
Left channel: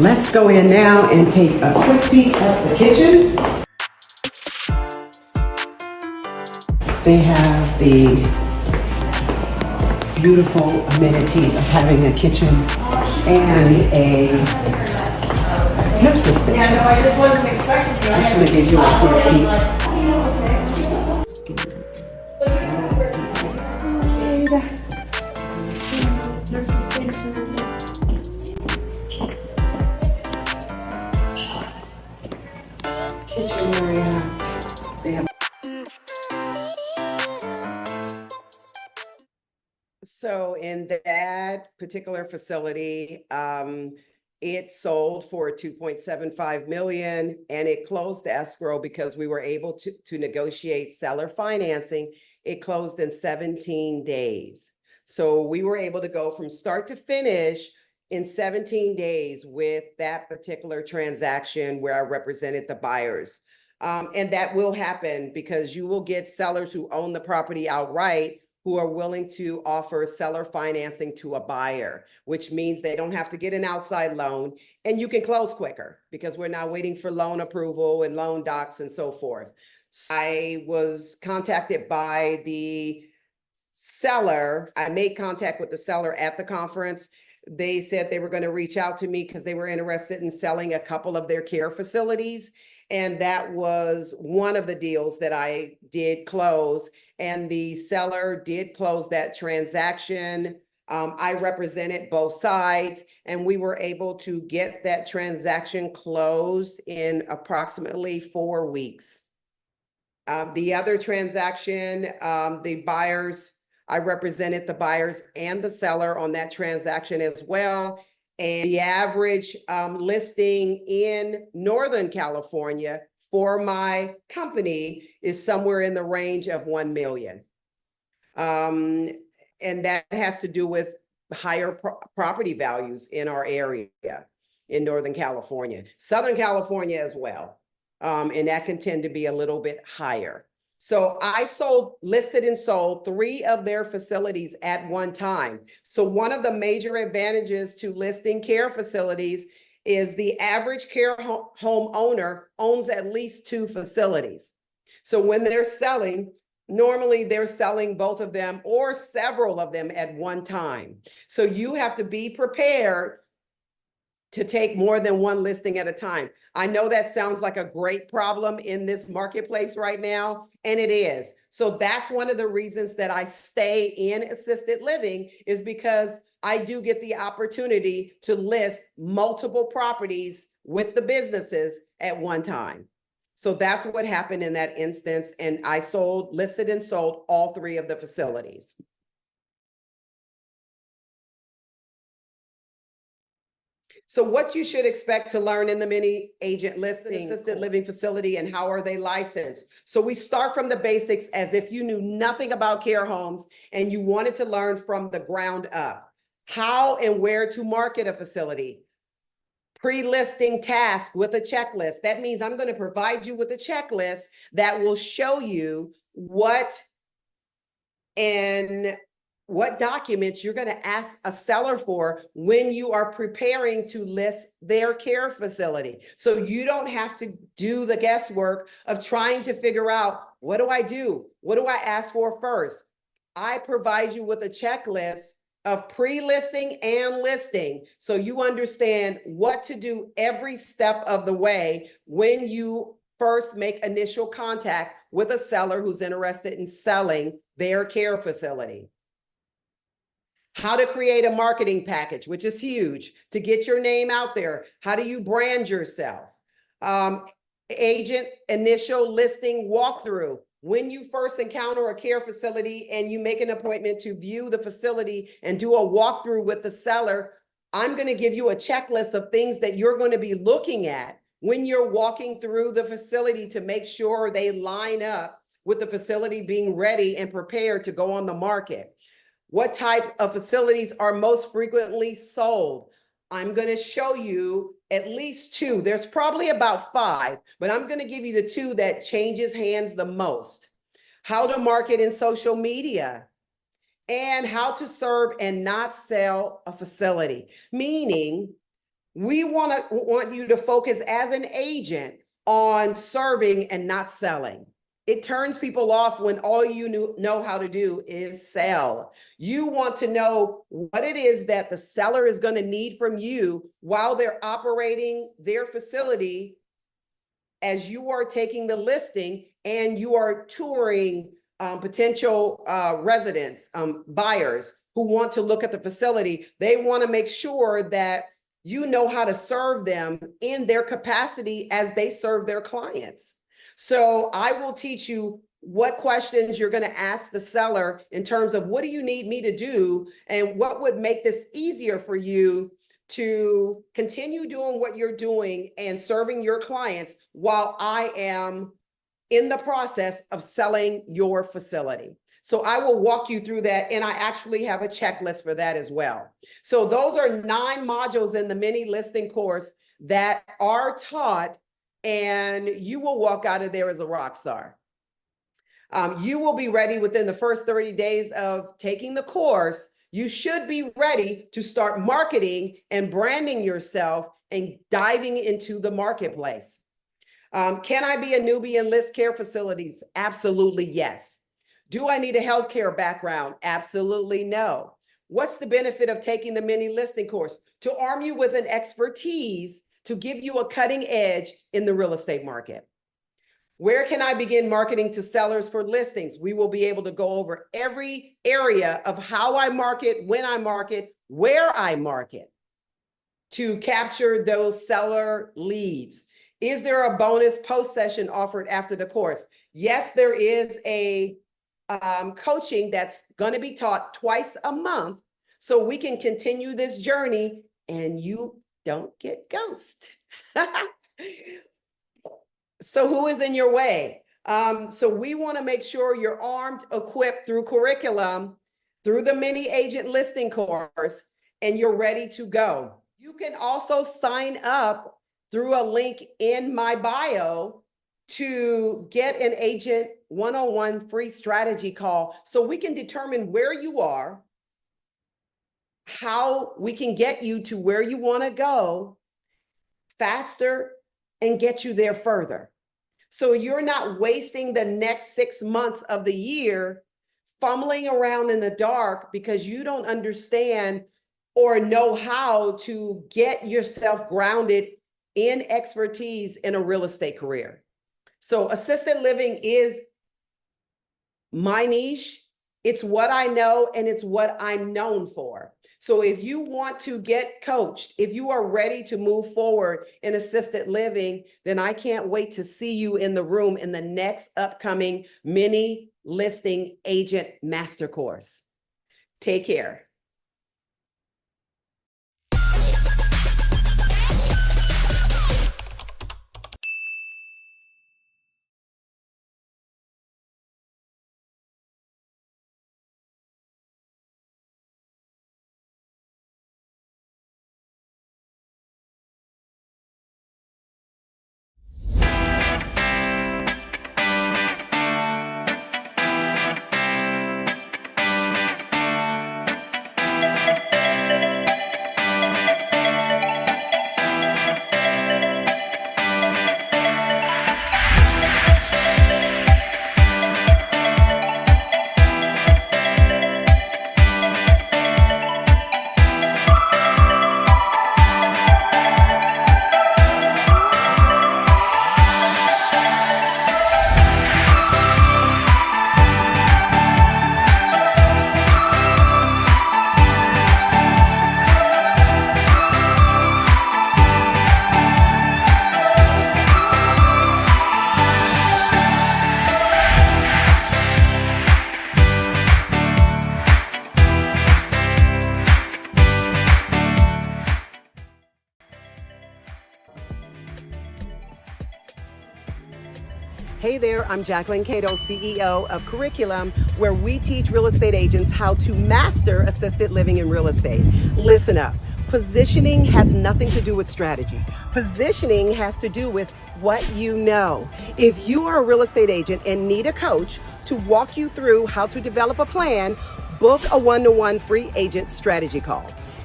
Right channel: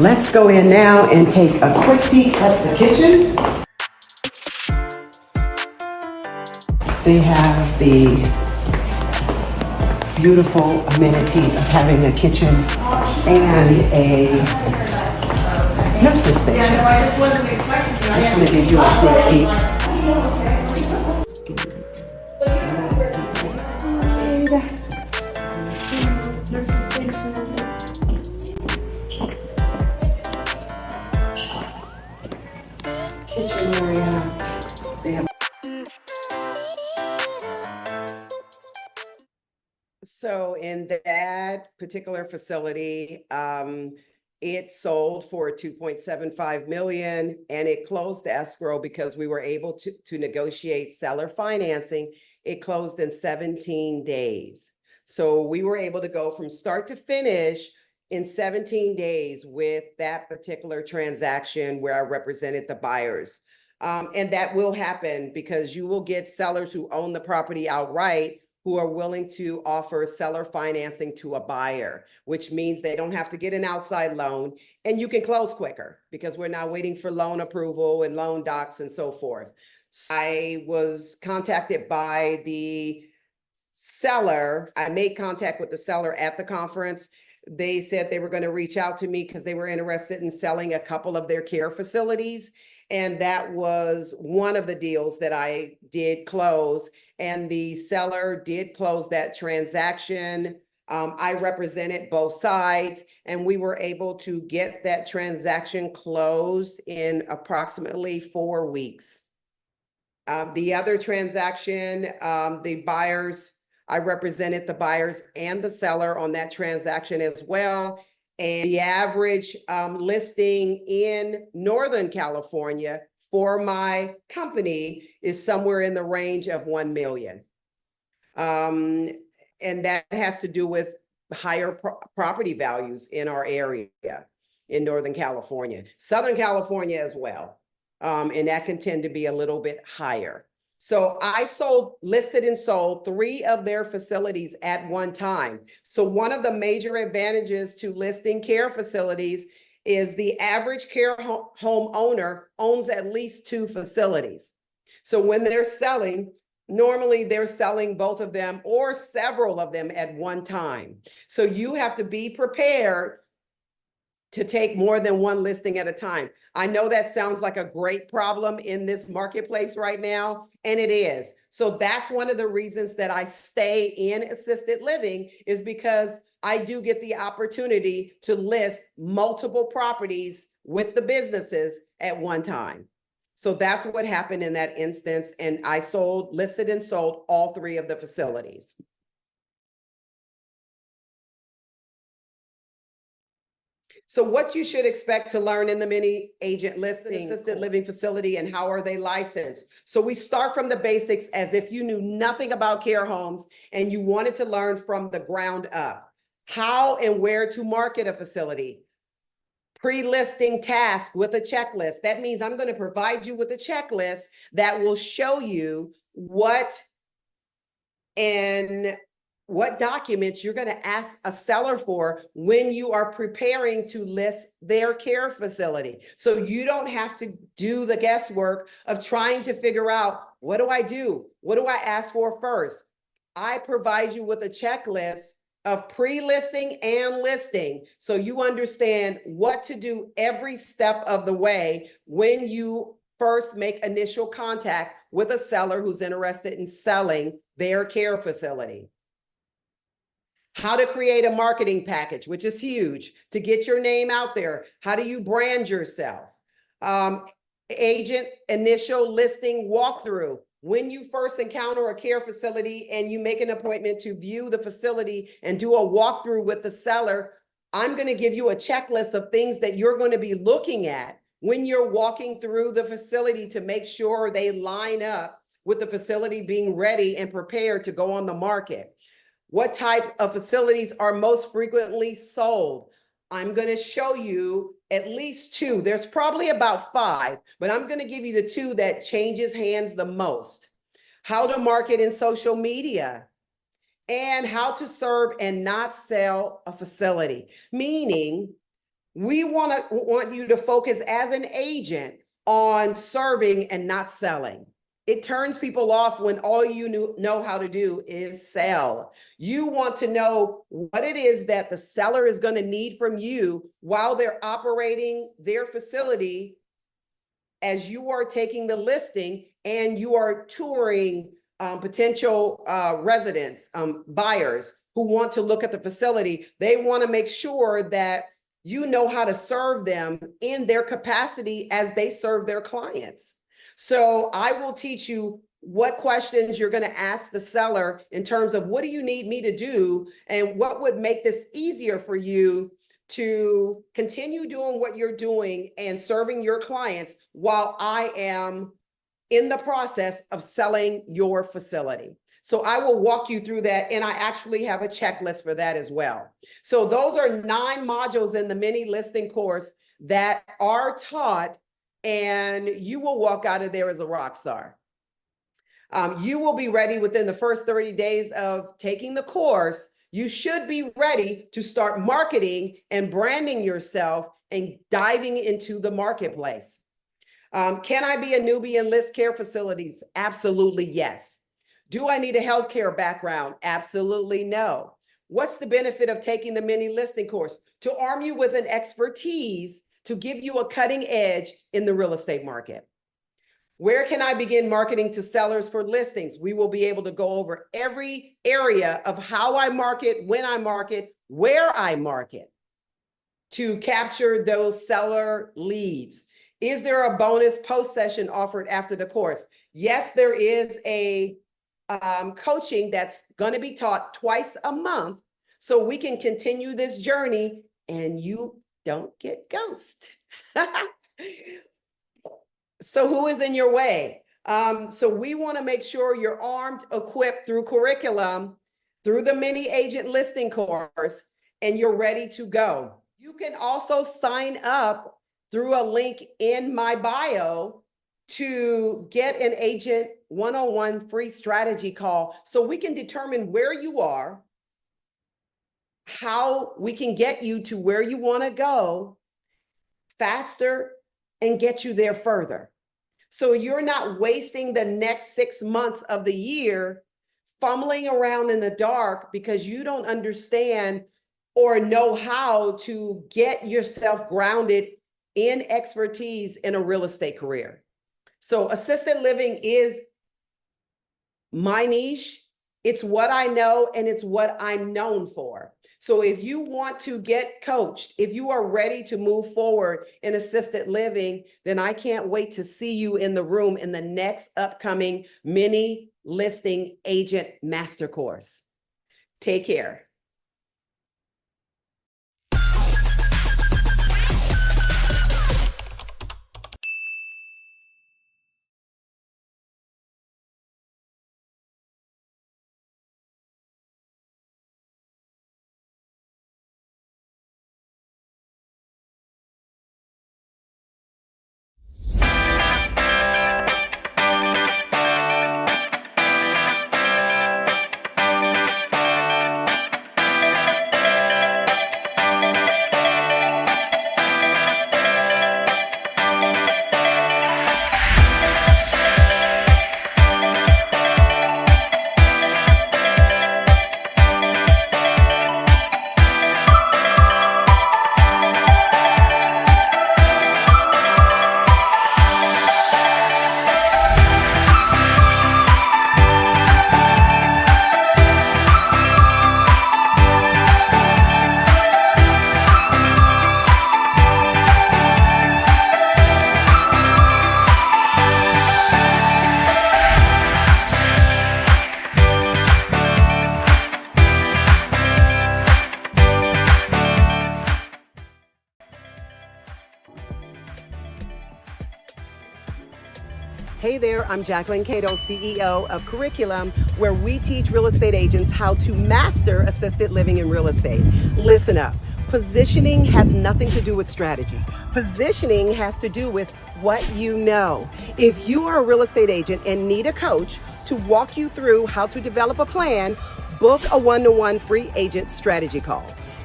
Let's go in now and take a quick peek at the kitchen. They have the beautiful amenity of having a kitchen and a nurse's station. Just going to give you a sneak peek. Kitchen area. They have. So in that particular facility, it sold for 2.75 million and it closed the escrow because we were able to negotiate seller financing. It closed in 17 days. So we were able to go from start to finish in 17 days with that particular transaction where I represented the buyers. And that will happen because you will get sellers who own the property outright who are willing to offer seller financing to a buyer, which means they don't have to get an outside loan and you can close quicker because we're not waiting for loan approval and loan docs and so forth. So I was contacted by the seller. I made contact with the seller at the conference. They said they were going to reach out to me because they were interested in selling a couple of their care facilities. And that was one of the deals that I did close. And the seller did close that transaction. I represented both sides and we were able to get that transaction closed in approximately 4 weeks. The other transaction, the buyers, I represented the buyers and the seller on that transaction as well. And the average listing in Northern California for my company is somewhere in the range of 1 million. And that has to do with higher property values in our area in Northern California, Southern California as well. And that can tend to be a little bit higher. So I listed and sold 3 of their facilities at one time. So one of the major advantages to listing care facilities is the average care home owner owns at least 2 facilities. So when they're selling, normally they're selling both of them or several of them at one time. So you have to be prepared to take more than one listing at a time. I know that sounds like a great problem in this marketplace right now, and it is. So that's one of the reasons that I stay in assisted living is because I do get the opportunity to list multiple properties with the businesses at one time. So that's what happened in that instance. And I listed and sold all 3 of the facilities. So what you should expect to learn in the mini agent listing assisted living facility and how are they licensed? So we start from the basics as if you knew nothing about care homes and you wanted to learn from the ground up. How and where to market a facility. Pre-listing task with a checklist. That means I'm going to provide you with a checklist that will show you what documents you're going to ask a seller for when you are preparing to list their care facility. So you don't have to do the guesswork of trying to figure out, what do I do? What do I ask for first? I provide you with a checklist of pre-listing and listing so you understand what to do every step of the way when you first make initial contact with a seller who's interested in selling their care facility. How to create a marketing package, which is huge, to get your name out there. How do you brand yourself? Agent initial listing walkthrough. When you first encounter a care facility and you make an appointment to view the facility and do a walkthrough with the seller, I'm going to give you a checklist of things that you're going to be looking at when you're walking through the facility to make sure they line up with the facility being ready and prepared to go on the market. What type of facilities are most frequently sold? I'm going to show you at least 2. There's probably about 5, but I'm going to give you the 2 that changes hands the most. How to market in social media and how to serve and not sell a facility. Meaning We want you to focus as an agent on serving and not selling. It turns people off when all you know how to do is sell. You want to know what it is that the seller is going to need from you while they're operating their facility as you are taking the listing and you are touring potential residents, buyers who want to look at the facility. They want to make sure that you know how to serve them in their capacity as they serve their clients. So I will teach you what questions you're going to ask the seller in terms of what do you need me to do and what would make this easier for you to continue doing what you're doing and serving your clients while I am in the process of selling your facility. So I will walk you through that, and I actually have a checklist for that as well. So those are 9 modules in the mini listing course that are taught, and you will walk out of there as a rock star. You will be ready within the first 30 days of taking the course. You should be ready to start marketing and branding yourself and diving into the marketplace. Can I be a newbie in list care facilities? Absolutely, yes. Do I need a healthcare background? Absolutely no. What's the benefit of taking the mini listing course? To arm you with an expertise to give you a cutting edge in the real estate market. Where can I begin marketing to sellers for listings? We will be able to go over every area of how I market, when I market, where I market to capture those seller leads. Is there a bonus post session offered after the course? Yes, there is a coaching that's going to be taught twice a month so we can continue this journey and you don't get ghosted. So who is in your way? So we want to make sure you're armed, equipped through curriculum, through the mini agent listing course, and you're ready to go. You can also sign up through a link in my bio to get an agent one-on-one free strategy call so we can determine where you are, how we can get you to where you want to go faster and get you there further. So you're not wasting the next 6 months of the year fumbling around in the dark because you don't understand or know how to get yourself grounded in expertise in a real estate career. So assisted living is my niche. It's what I know and it's what I'm known for. So if you want to get coached, if you are ready to move forward in assisted living, then I can't wait to see you in the room in the next upcoming mini listing agent master course. Take care. Hey there, I'm Jacquelyn, CEO of Curriculum, where we teach real estate agents how to master assisted living in real estate. Listen up. Positioning has nothing to do with strategy. Positioning has to do with what you know. If you are a real estate agent and need a coach to walk you through how to develop a plan, book a one-to-one free agent strategy call.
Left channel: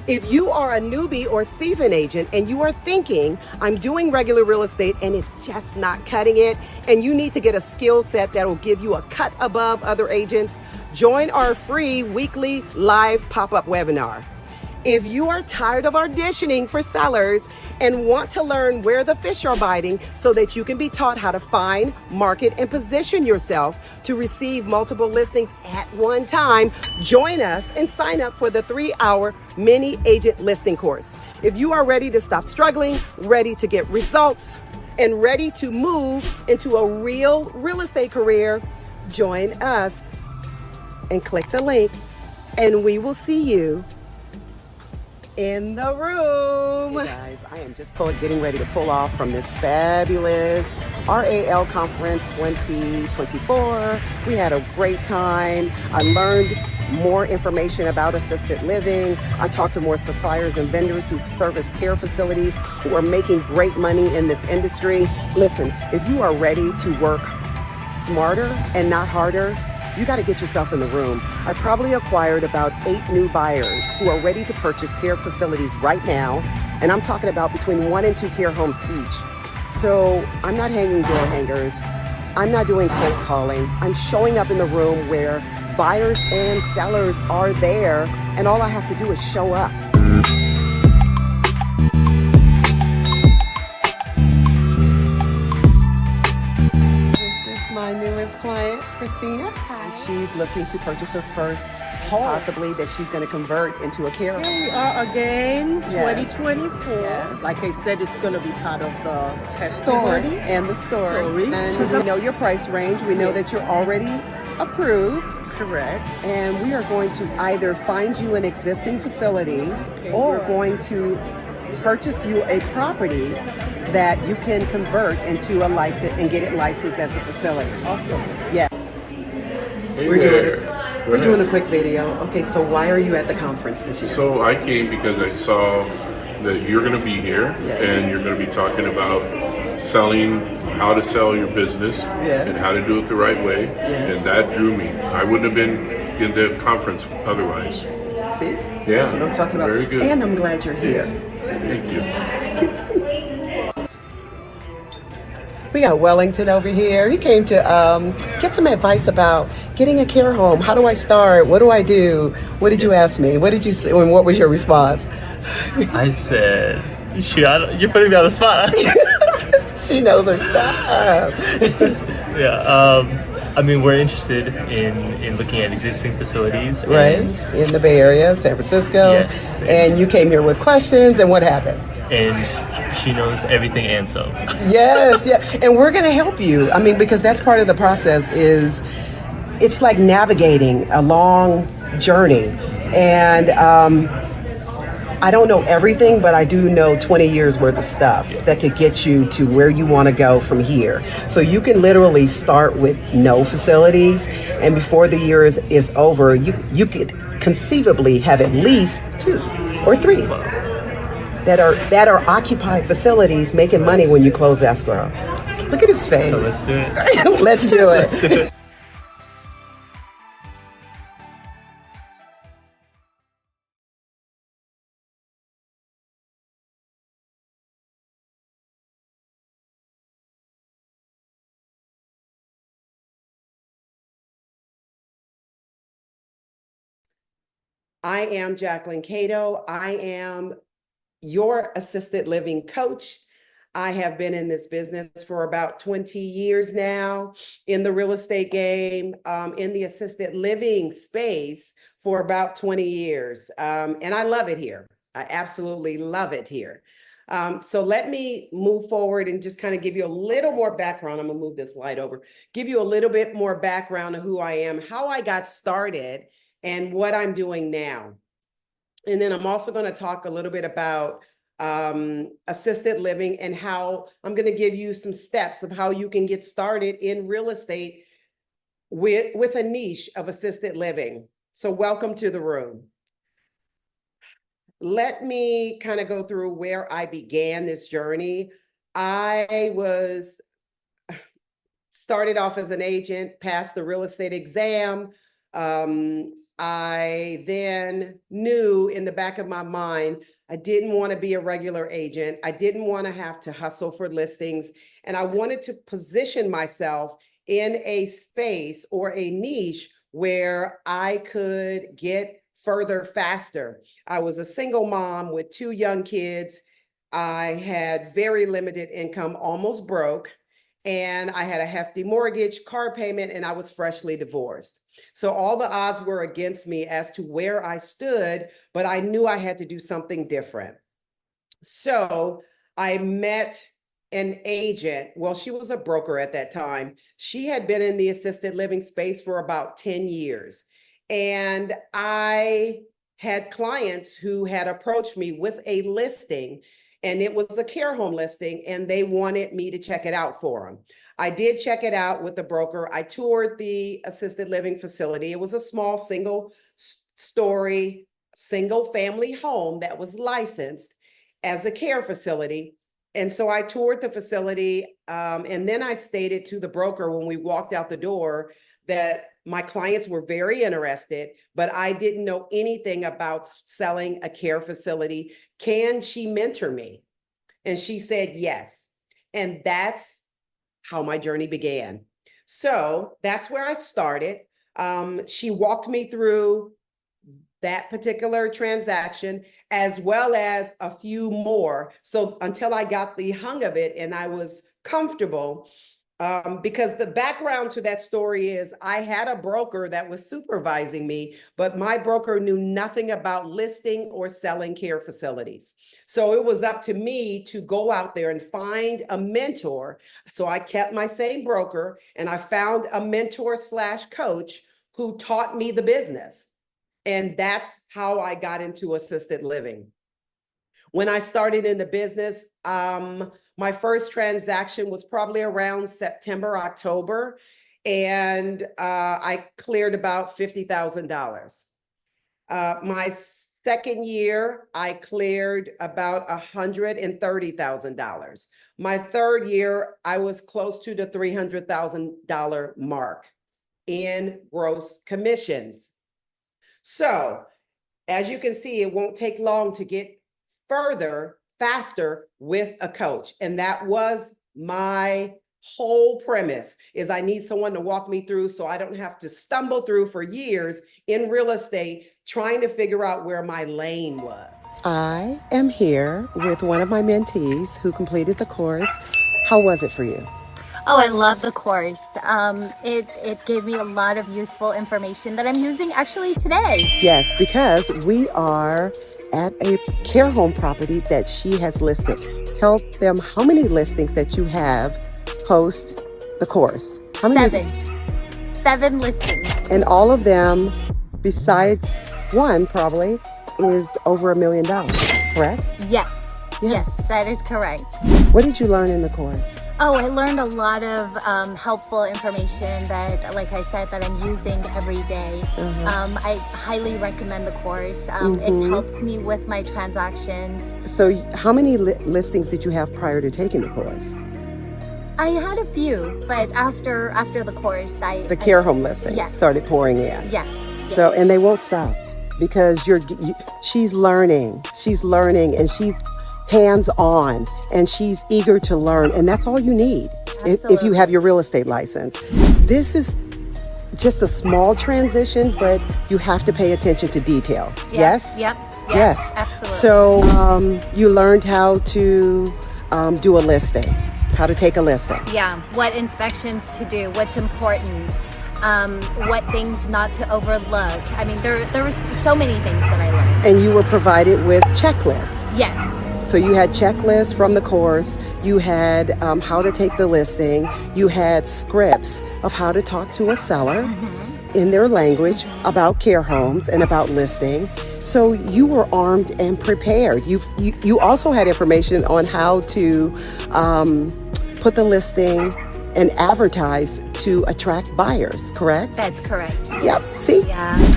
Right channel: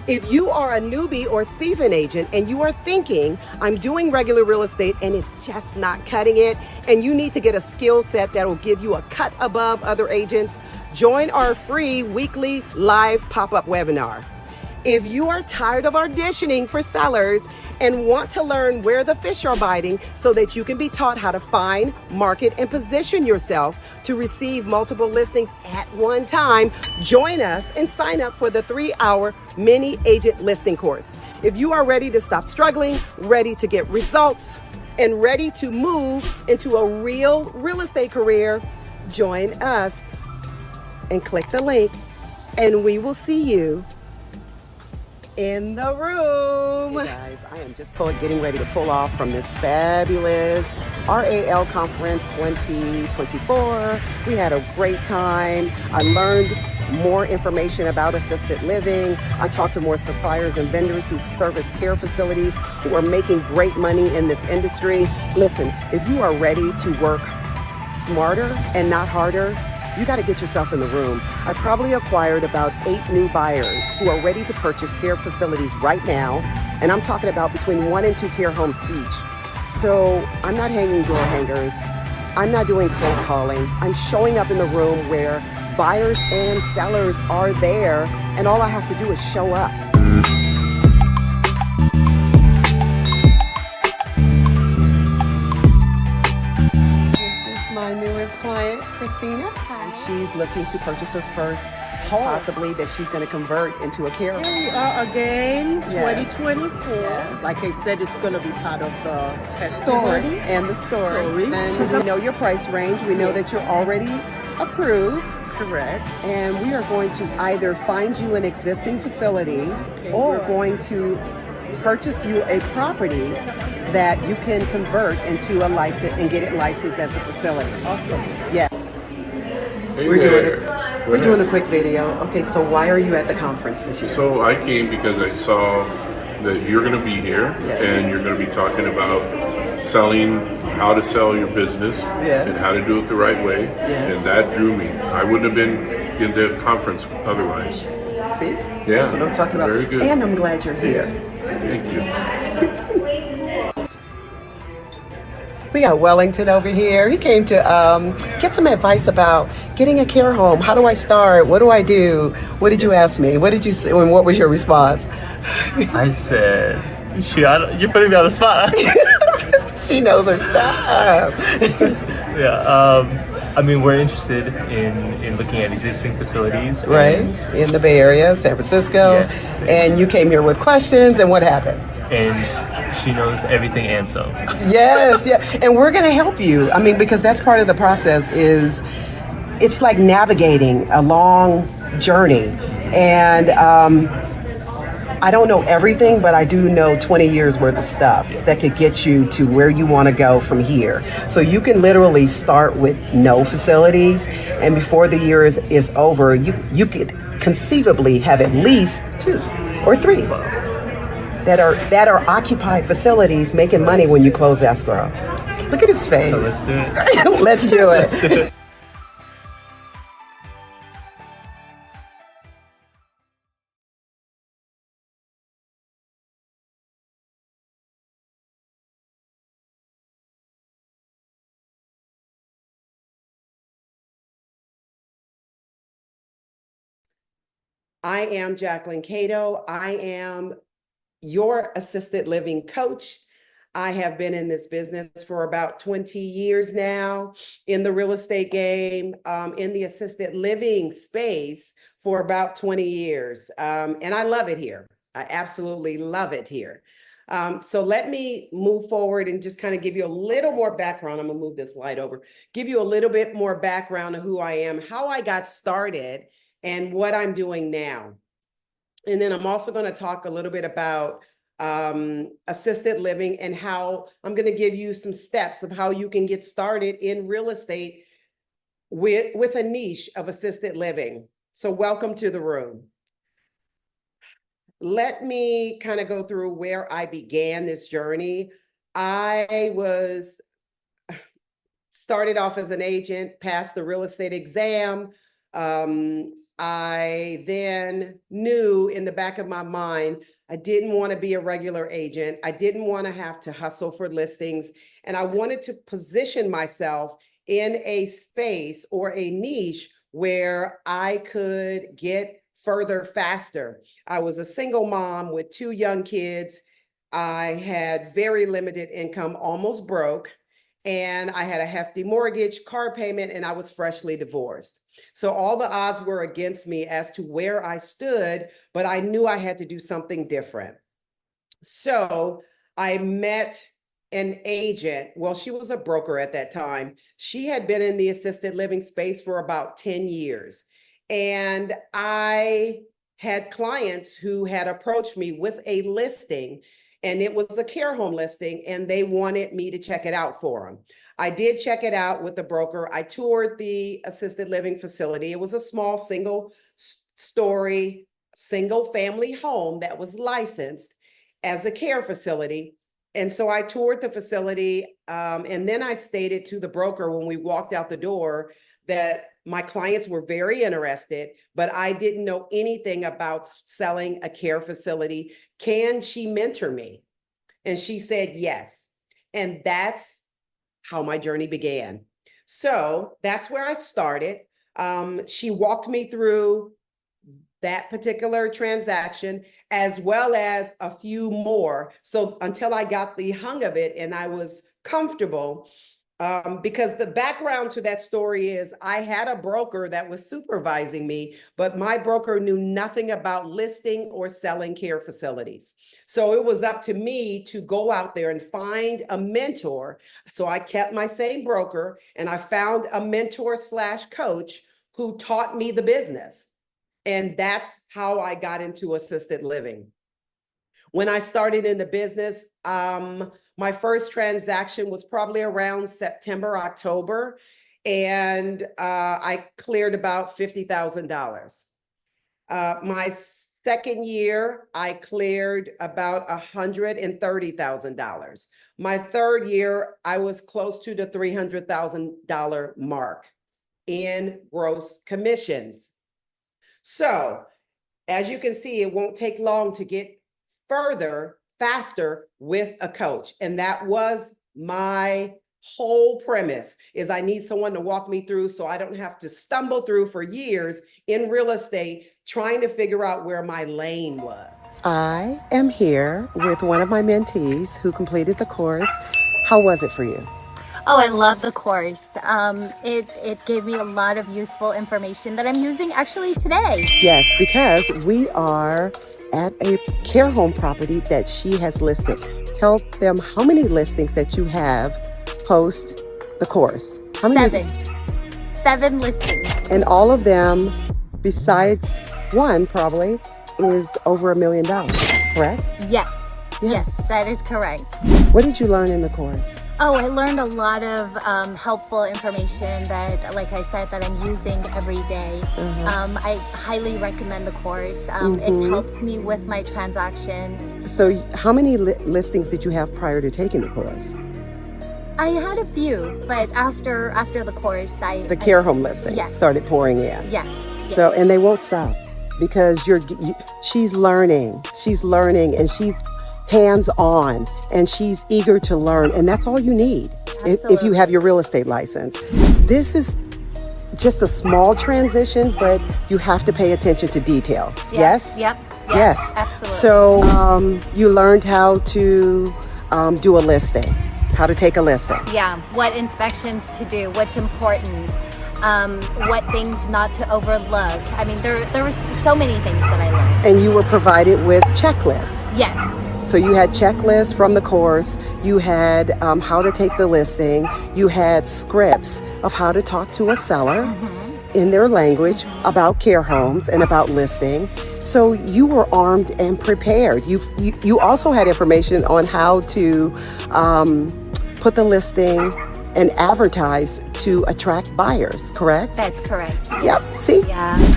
If you are a newbie or seasoned agent and you are thinking, I'm doing regular real estate and it's just not cutting it, and you need to get a skill set that will give you a cut above other agents, join our free weekly live pop-up webinar. If you are tired of auditioning for sellers and want to learn where the fish are biting so that you can be taught how to find, market, and position yourself to receive multiple listings at one time, join us and sign up for the 3-hour mini agent listing course. If you are ready to stop struggling, ready to get results, and ready to move into a real estate career, join us and click the link, and we will see you in the room. Hey guys, I am just getting ready to pull off from this fabulous RAL Conference 2024. We had a great time. I learned more information about assisted living. I talked to more suppliers and vendors who service care facilities who are making great money in this industry. Listen, if you are ready to work smarter and not harder, you got to get yourself in the room. I probably acquired about 8 new buyers who are ready to purchase care facilities right now. And I'm talking about between 1 and 2 care homes each. So I'm not hanging door hangers. I'm not doing cold calling. I'm showing up in the room where buyers and sellers are there. And all I have to do is show up. My newest client, Christina. Hi. She's looking to purchase her first home, possibly that she's going to convert into a care home. Here we are again, Yes. 2024. Yes. Like I said, it's going to be part of the Story testimony. and the story. And She's we know your price range. We know that you're already approved. Correct. And we are going to either find you an existing facility or good. going to purchase you a property that you can convert into a license and get it licensed as a facility. Awesome. Yeah. Hey We're doing there. it. We're doing a quick video. Okay, so why are you at the conference this year? So I came because I saw that you're going to be here Yes. and you're going to be talking about selling, how to sell your business Yes. and how to do it the right way. Yes. And that drew me. I wouldn't have been in the conference otherwise. See? Yeah. That's what I'm talking about. Very good. And I'm glad you're here. Thank you. We got Wellington over here. He came to get some advice about getting a care home. How do I start? What do I do? What did you ask me? What did you say? And what was your response? I said, you're putting me on the spot. She knows her stuff. Yeah. I mean, we're interested in looking at existing facilities. Right? In the Bay Area, San Francisco. Yes. And you came here with questions, and what happened? And she knows everything and some. Yes, yeah. And we're going to help you. I mean, because that's part of the process is it's like navigating a long journey. And I don't know everything, but I do know 20 years worth of stuff that could get you to where you want to go from here. So you can literally start with no facilities, and before the year is over, you could conceivably have at least 2 or 3 that are occupied facilities making money when you close escrow. Look at his face. So let's do it. Let's do it. Let's do it. I am Jacquelyn Cato. I am your assisted living coach. I have been in this business for about 20 years now, in the real estate game, in the assisted living space for about 20 years. And I love it here. I absolutely love it here. So let me move forward and just kind of give you a little more background. I'm gonna move this light over, give you a little bit more background of who I am, how I got started, and what I'm doing now. And then I'm also going to talk a little bit about assisted living and how I'm going to give you some steps of how you can get started in real estate with a niche of assisted living. So welcome to the room. Let me kind of go through where I began this journey. I started off as an agent, passed the real estate exam, I then knew in the back of my mind, I didn't want to be a regular agent. I didn't want to have to hustle for listings. And I wanted to position myself in a space or a niche where I could get further faster. I was a single mom with 2 young kids. I had very limited income, almost broke, and I had a hefty mortgage, car payment, and I was freshly divorced. So all the odds were against me as to where I stood, but I knew I had to do something different. So I met an agent. Well, she was a broker at that time. She had been in the assisted living space for about 10 years. And I had clients who had approached me with a listing, and it was a care home listing, and they wanted me to check it out for them. I did check it out with the broker. I toured the assisted living facility. It was a small single-story, single-family home that was licensed as a care facility. And so I toured the facility, and then I stated to the broker when we walked out the door that my clients were very interested, but I didn't know anything about selling a care facility. Can she mentor me? And she said yes. And that's how my journey began. So that's where I started. She walked me through that particular transaction, as well as a few more. So until I got the hang of it and I was comfortable, because the background to that story is I had a broker that was supervising me, but my broker knew nothing about listing or selling care facilities. So it was up to me to go out there and find a mentor. So I kept my same broker and I found a mentor / coach who taught me the business. And that's how I got into assisted living. When I started in the business, my first transaction was probably around September, October, and I cleared about $50,000. My second year, I cleared about $130,000. My third year, I was close to the $300,000 mark in gross commissions. So, as you can see, it won't take long to get further, faster with a coach. And that was my whole premise, is I need someone to walk me through so I don't have to stumble through for years in real estate trying to figure out where my lane was. I am here with one of my mentees who completed the course. How was it for you? Oh, I love the course. It gave me a lot of useful information that I'm using actually today. Yes, because we are at a care home property that she has listed. Tell them how many listings that you have post the course. How many? 7 listings. And all of them, besides one probably, is over $1 million, correct? Yes. Yes, that is correct. What did you learn in the course? Oh, I learned a lot of helpful information that, like I said, that I'm using every day. I highly recommend the course. It's helped me with my transactions. So how many listings did you have prior to taking the course? I had a few, but after the course, the care home listings started pouring in. Yes. So, and they won't stop because she's learning, and she's hands-on, and she's eager to learn, and that's all you need if you have your real estate license. This is just a small transition, but you have to pay attention to detail. Yes? Yes. Absolutely. So you learned how to do a listing, how to take a listing. Yeah, what inspections to do, what's important, what things not to overlook. I mean, there were so many things that I learned. And you were provided with checklists. Yes. So you had checklists from the course, you had how to take the listing, you had scripts of how to talk to a seller in their language about care homes and about listing. So you were armed and prepared. You also had information on how to put the listing and advertise to attract buyers, correct? That's correct. Yep, see? Yeah.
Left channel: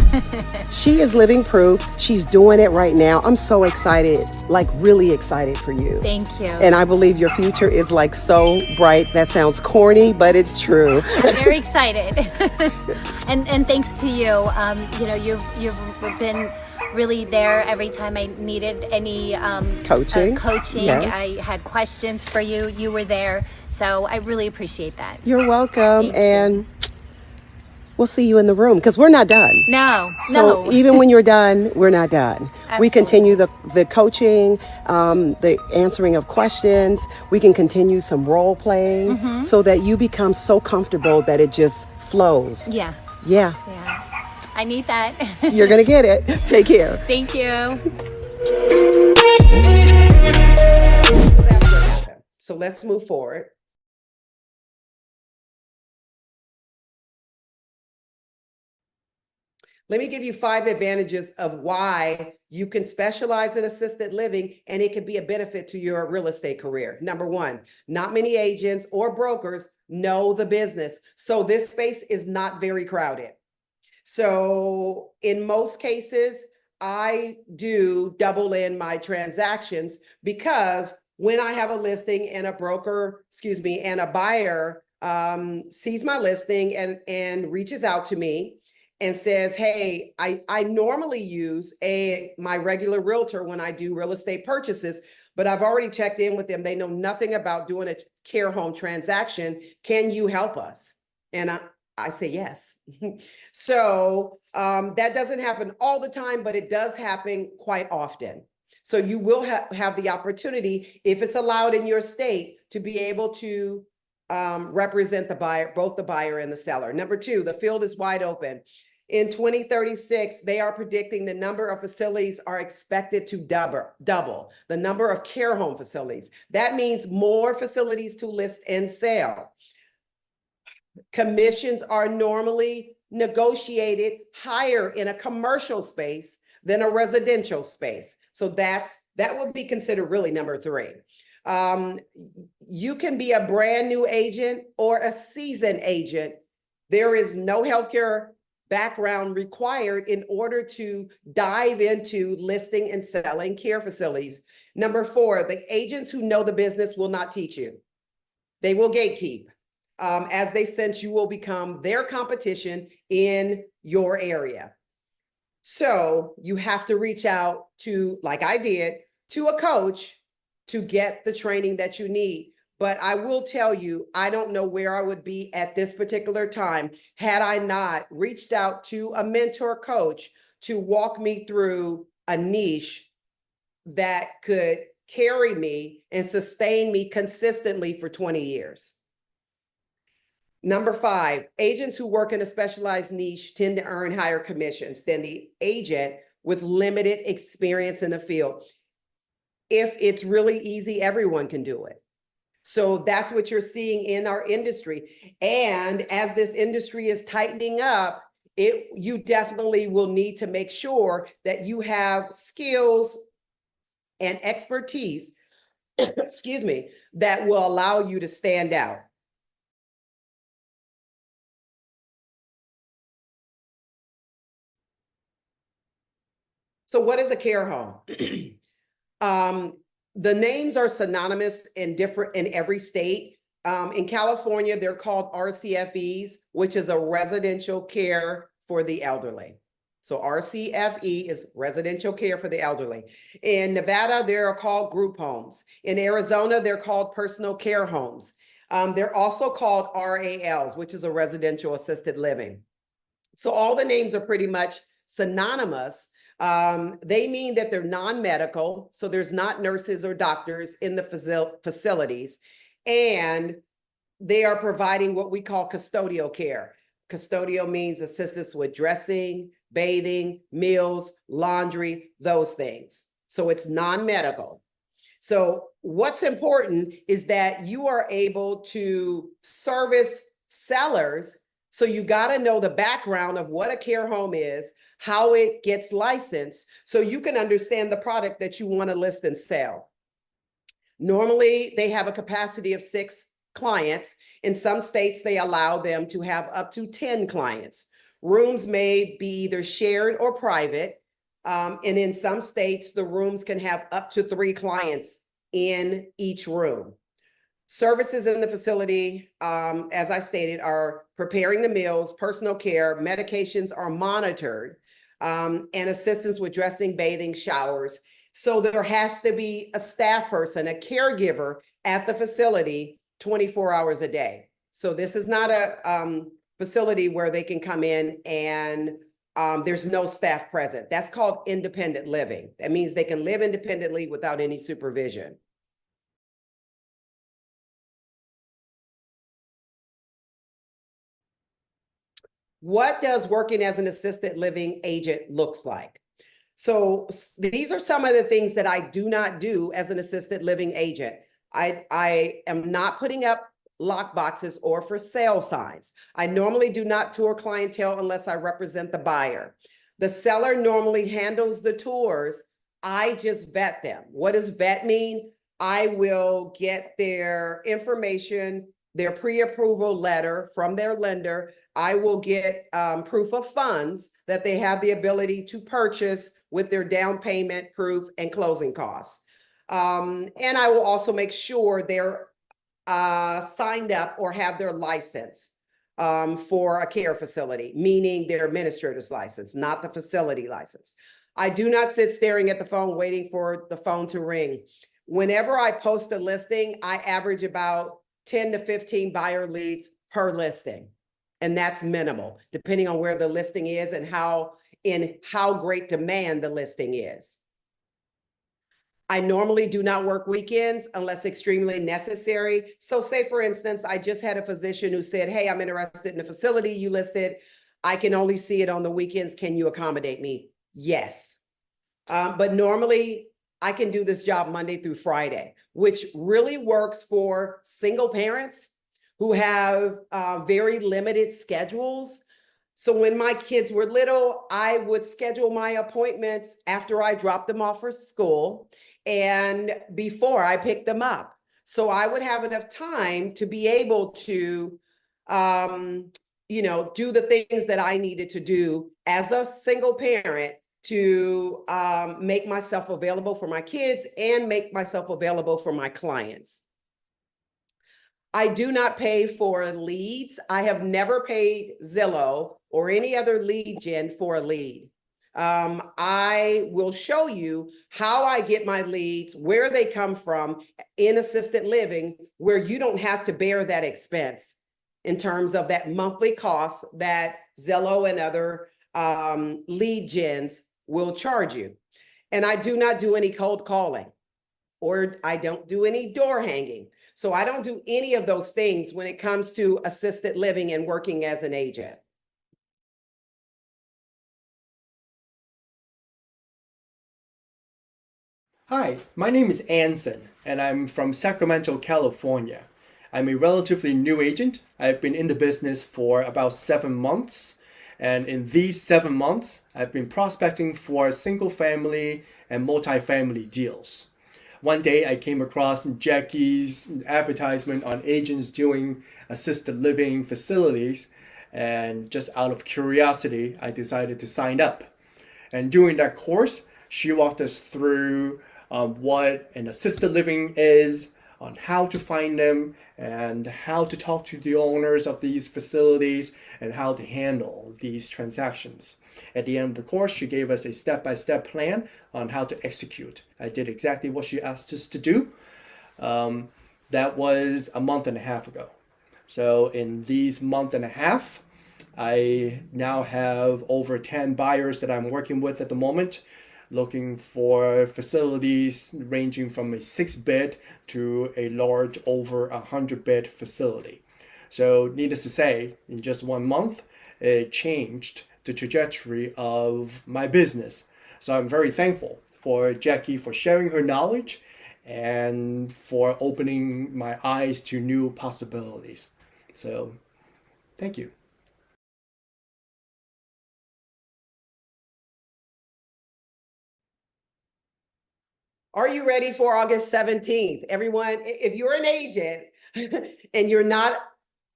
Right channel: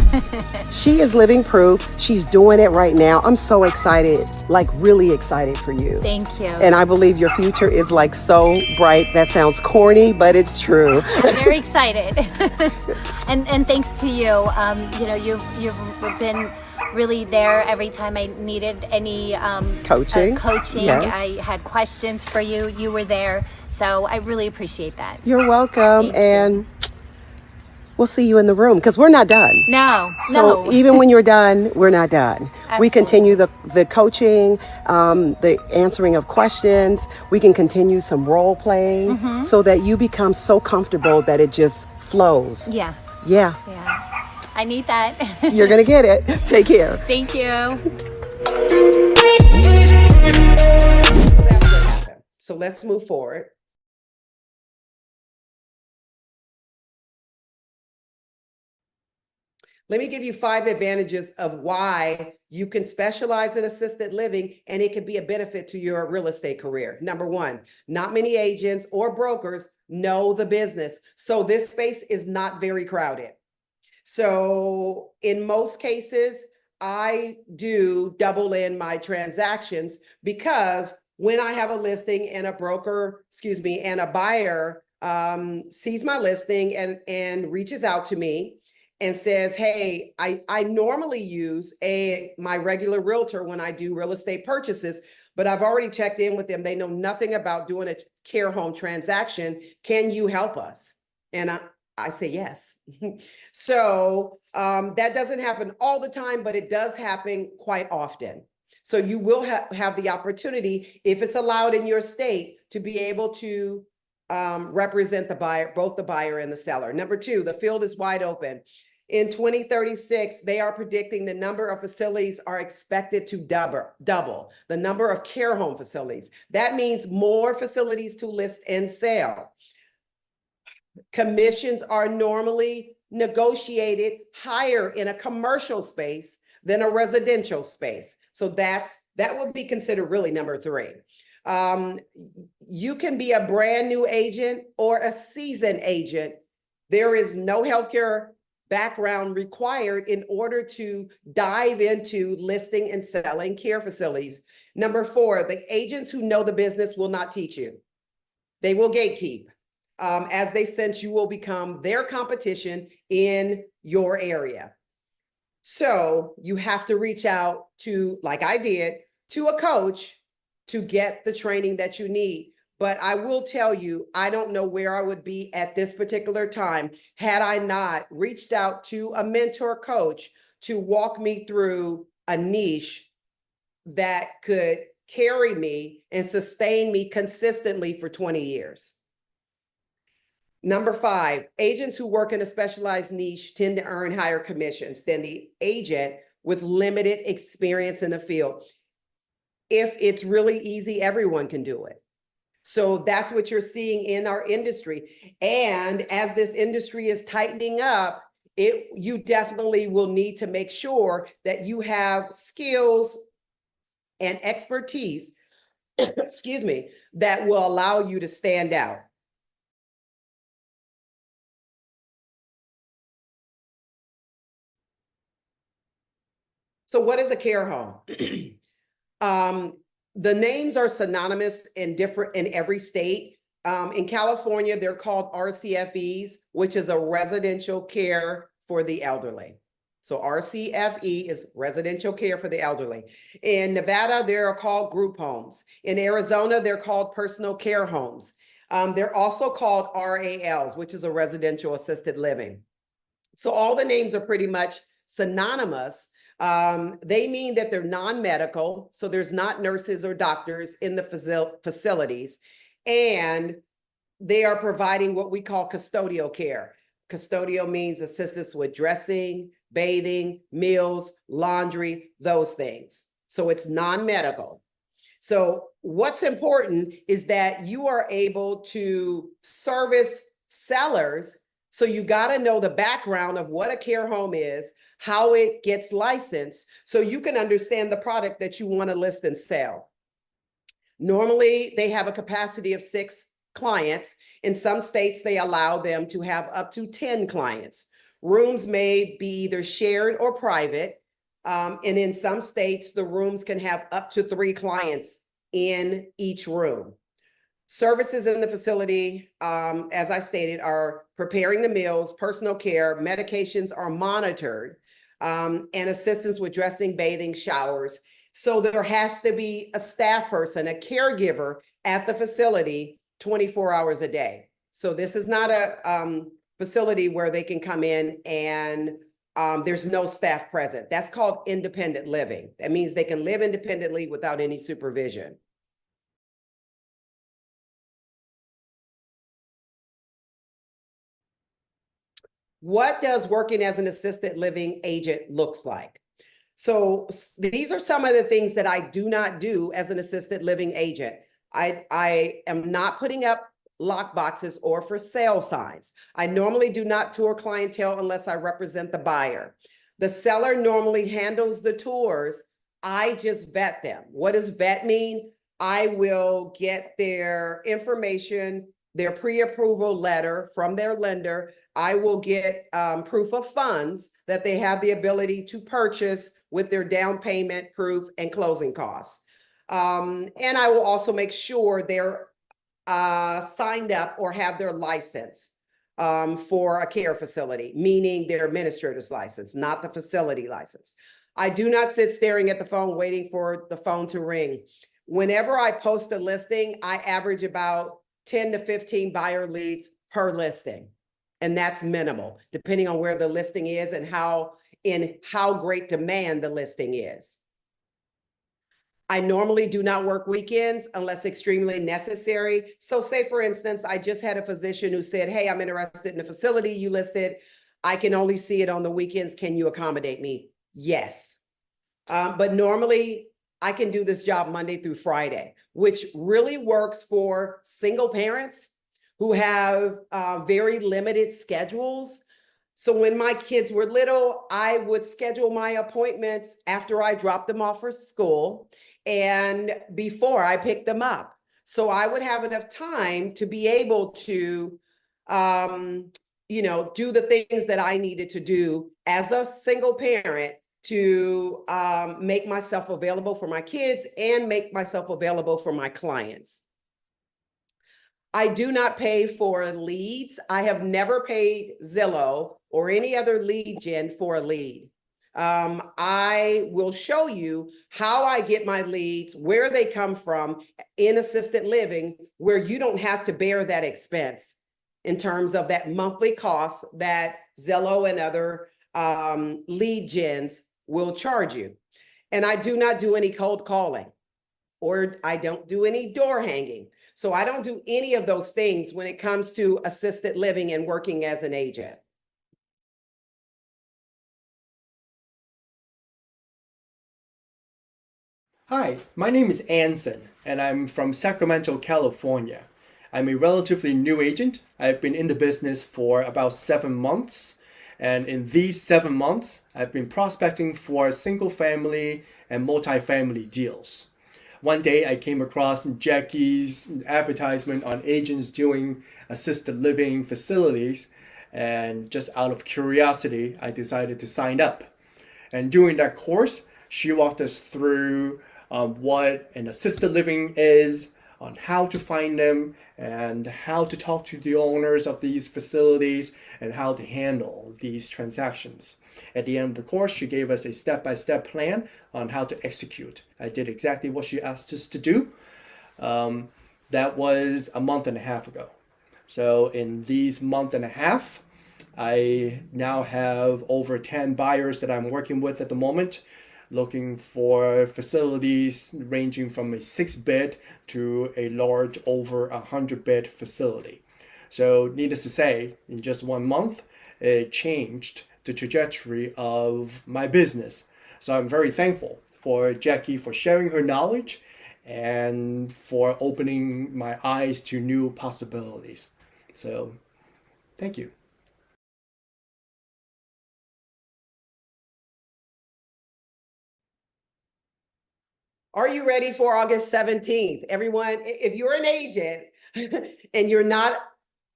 She is living proof. She's doing it right now. I'm so excited, like really excited for you. Thank you. And I believe your future is like so bright. That sounds corny, but it's true. I'm very excited. and thanks to you. You know, you've been really there every time I needed any coaching. Yes. I had questions for you. You were there. So I really appreciate that. You're welcome. And we'll see you in the room because we're not done. No. Even when you're done, we're not done. Absolutely. We continue the coaching, the answering of questions. We can continue some role playing so that you become so comfortable that it just flows. Yeah. I need that. You're going to get it. Take care. Thank you. That's what happened. So let's move forward. Let me give you 5 advantages of why you can specialize in assisted living and it can be a benefit to your real estate career. Number 1, not many agents or brokers know the business. So this space is not very crowded. So in most cases, I do double in my transactions because when I have a listing and a buyer sees my listing and reaches out to me and says, hey, I normally use my regular realtor when I do real estate purchases, but I've already checked in with them. They know nothing about doing a care home transaction. Can you help us? And I say yes. So that doesn't happen all the time, but it does happen quite often. So you will have the opportunity, if it's allowed in your state, to be able to represent the buyer, both the buyer and the seller. Number 2, the field is wide open. In 2036, they are predicting the number of facilities are expected to double the number of care home facilities. That means more facilities to list and sell. Commissions are normally negotiated higher in a commercial space than a residential space. So that would be considered really number 3. You can be a brand new agent or a seasoned agent. There is no healthcare background required in order to dive into listing and selling care facilities. Number 4, the agents who know the business will not teach you. They will gatekeep. As they sense you will become their competition in your area. So you have to reach out to, like I did, to a coach to get the training that you need. But I will tell you, I don't know where I would be at this particular time had I not reached out to a mentor coach to walk me through a niche that could carry me and sustain me consistently for 20 years. Number 5, agents who work in a specialized niche tend to earn higher commissions than the agent with limited experience in the field. If it's really easy, everyone can do it. So that's what you're seeing in our industry. And as this industry is tightening up, you definitely will need to make sure that you have skills and expertise, excuse me, that will allow you to stand out. So what is a care home? The names are synonymous in every state. In California, they're called RCFEs, which is a residential care for the elderly. So RCFE is residential care for the elderly. In Nevada, they're called group homes. In Arizona, they're called personal care homes. They're also called RALs, which is a residential assisted living. So all the names are pretty much synonymous. They mean that they're non-medical, so there's not nurses or doctors in the facilities, and they are providing what we call custodial care. Custodial means assistance with dressing, bathing, meals, laundry, those things. So it's non-medical. So what's important is that you are able to service sellers. So you got to know the background of what a care home is, how it gets licensed, so you can understand the product that you want to list and sell. Normally, they have a capacity of 6 clients. In some states, they allow them to have up to 10 clients. Rooms may be either shared or private. And in some states, the rooms can have up to 3 clients in each room. Services in the facility, as I stated, are preparing the meals, personal care, medications are monitored, and assistance with dressing, bathing, showers. So there has to be a staff person, a caregiver at the facility 24 hours a day. So this is not a facility where they can come in and there's no staff present. That's called independent living. That means they can live independently without any supervision. What does working as an assisted living agent looks like? So these are some of the things that I do not do as an assisted living agent. I am not putting up lock boxes or for sale signs. I normally do not tour clientele unless I represent the buyer. The seller normally handles the tours. I just vet them. What does vet mean? I will get their information, their pre-approval letter from their lender. I will get proof of funds that they have the ability to purchase with their down payment proof and closing costs. And I will also make sure they're signed up or have their license for a care facility, meaning their administrator's license, not the facility license. I do not sit staring at the phone waiting for the phone to ring. Whenever I post a listing, I average about 10 to 15 buyer leads per listing. And that's minimal, depending on where the listing is and how great demand the listing is. I normally do not work weekends unless extremely necessary. So say, for instance, I just had a physician who said, hey, I'm interested in the facility you listed. I can only see it on the weekends. Can you accommodate me? Yes. But normally I can do this job Monday through Friday, which really works for single parents who have very limited schedules. So when my kids were little, I would schedule my appointments after I dropped them off for school and before I picked them up. So I would have enough time to be able to, do the things that I needed to do as a single parent to make myself available for my kids and make myself available for my clients. I do not pay for leads. I have never paid Zillow or any other lead gen for a lead. I will show you how I get my leads, where they come from in assisted living, where you don't have to bear that expense in terms of that monthly cost that Zillow and other lead gens will charge you. And I do not do any cold calling, or I don't do any door hanging. So I don't do any of those things when it comes to assisted living and working as an agent. Hi, my name is Anson, and I'm from Sacramento, California. I'm a relatively new agent. I've been in the business for about 7 months, and in these 7 months, I've been prospecting for single family and multifamily deals. One day I came across Jackie's advertisement on agents doing assisted living facilities, and just out of curiosity, I decided to sign up. And during that course, she walked us through what an assisted living is, on how to find them, and how to talk to the owners of these facilities, and how to handle these transactions. At the end of the course, she gave us a step-by-step plan on how to execute. I did exactly what she asked us to do. That was a month and a half ago. So in these month and a half, I now have over 10 buyers that I'm working with at the moment, looking for facilities ranging from a 6-bed to a large over 100-bed facility. So needless to say, in just 1 month, it changed the trajectory of my business. So I'm very thankful for Jackie for sharing her knowledge and for opening my eyes to new possibilities. So thank you. Are you ready for August 17th? Everyone, if you're an agent and you're not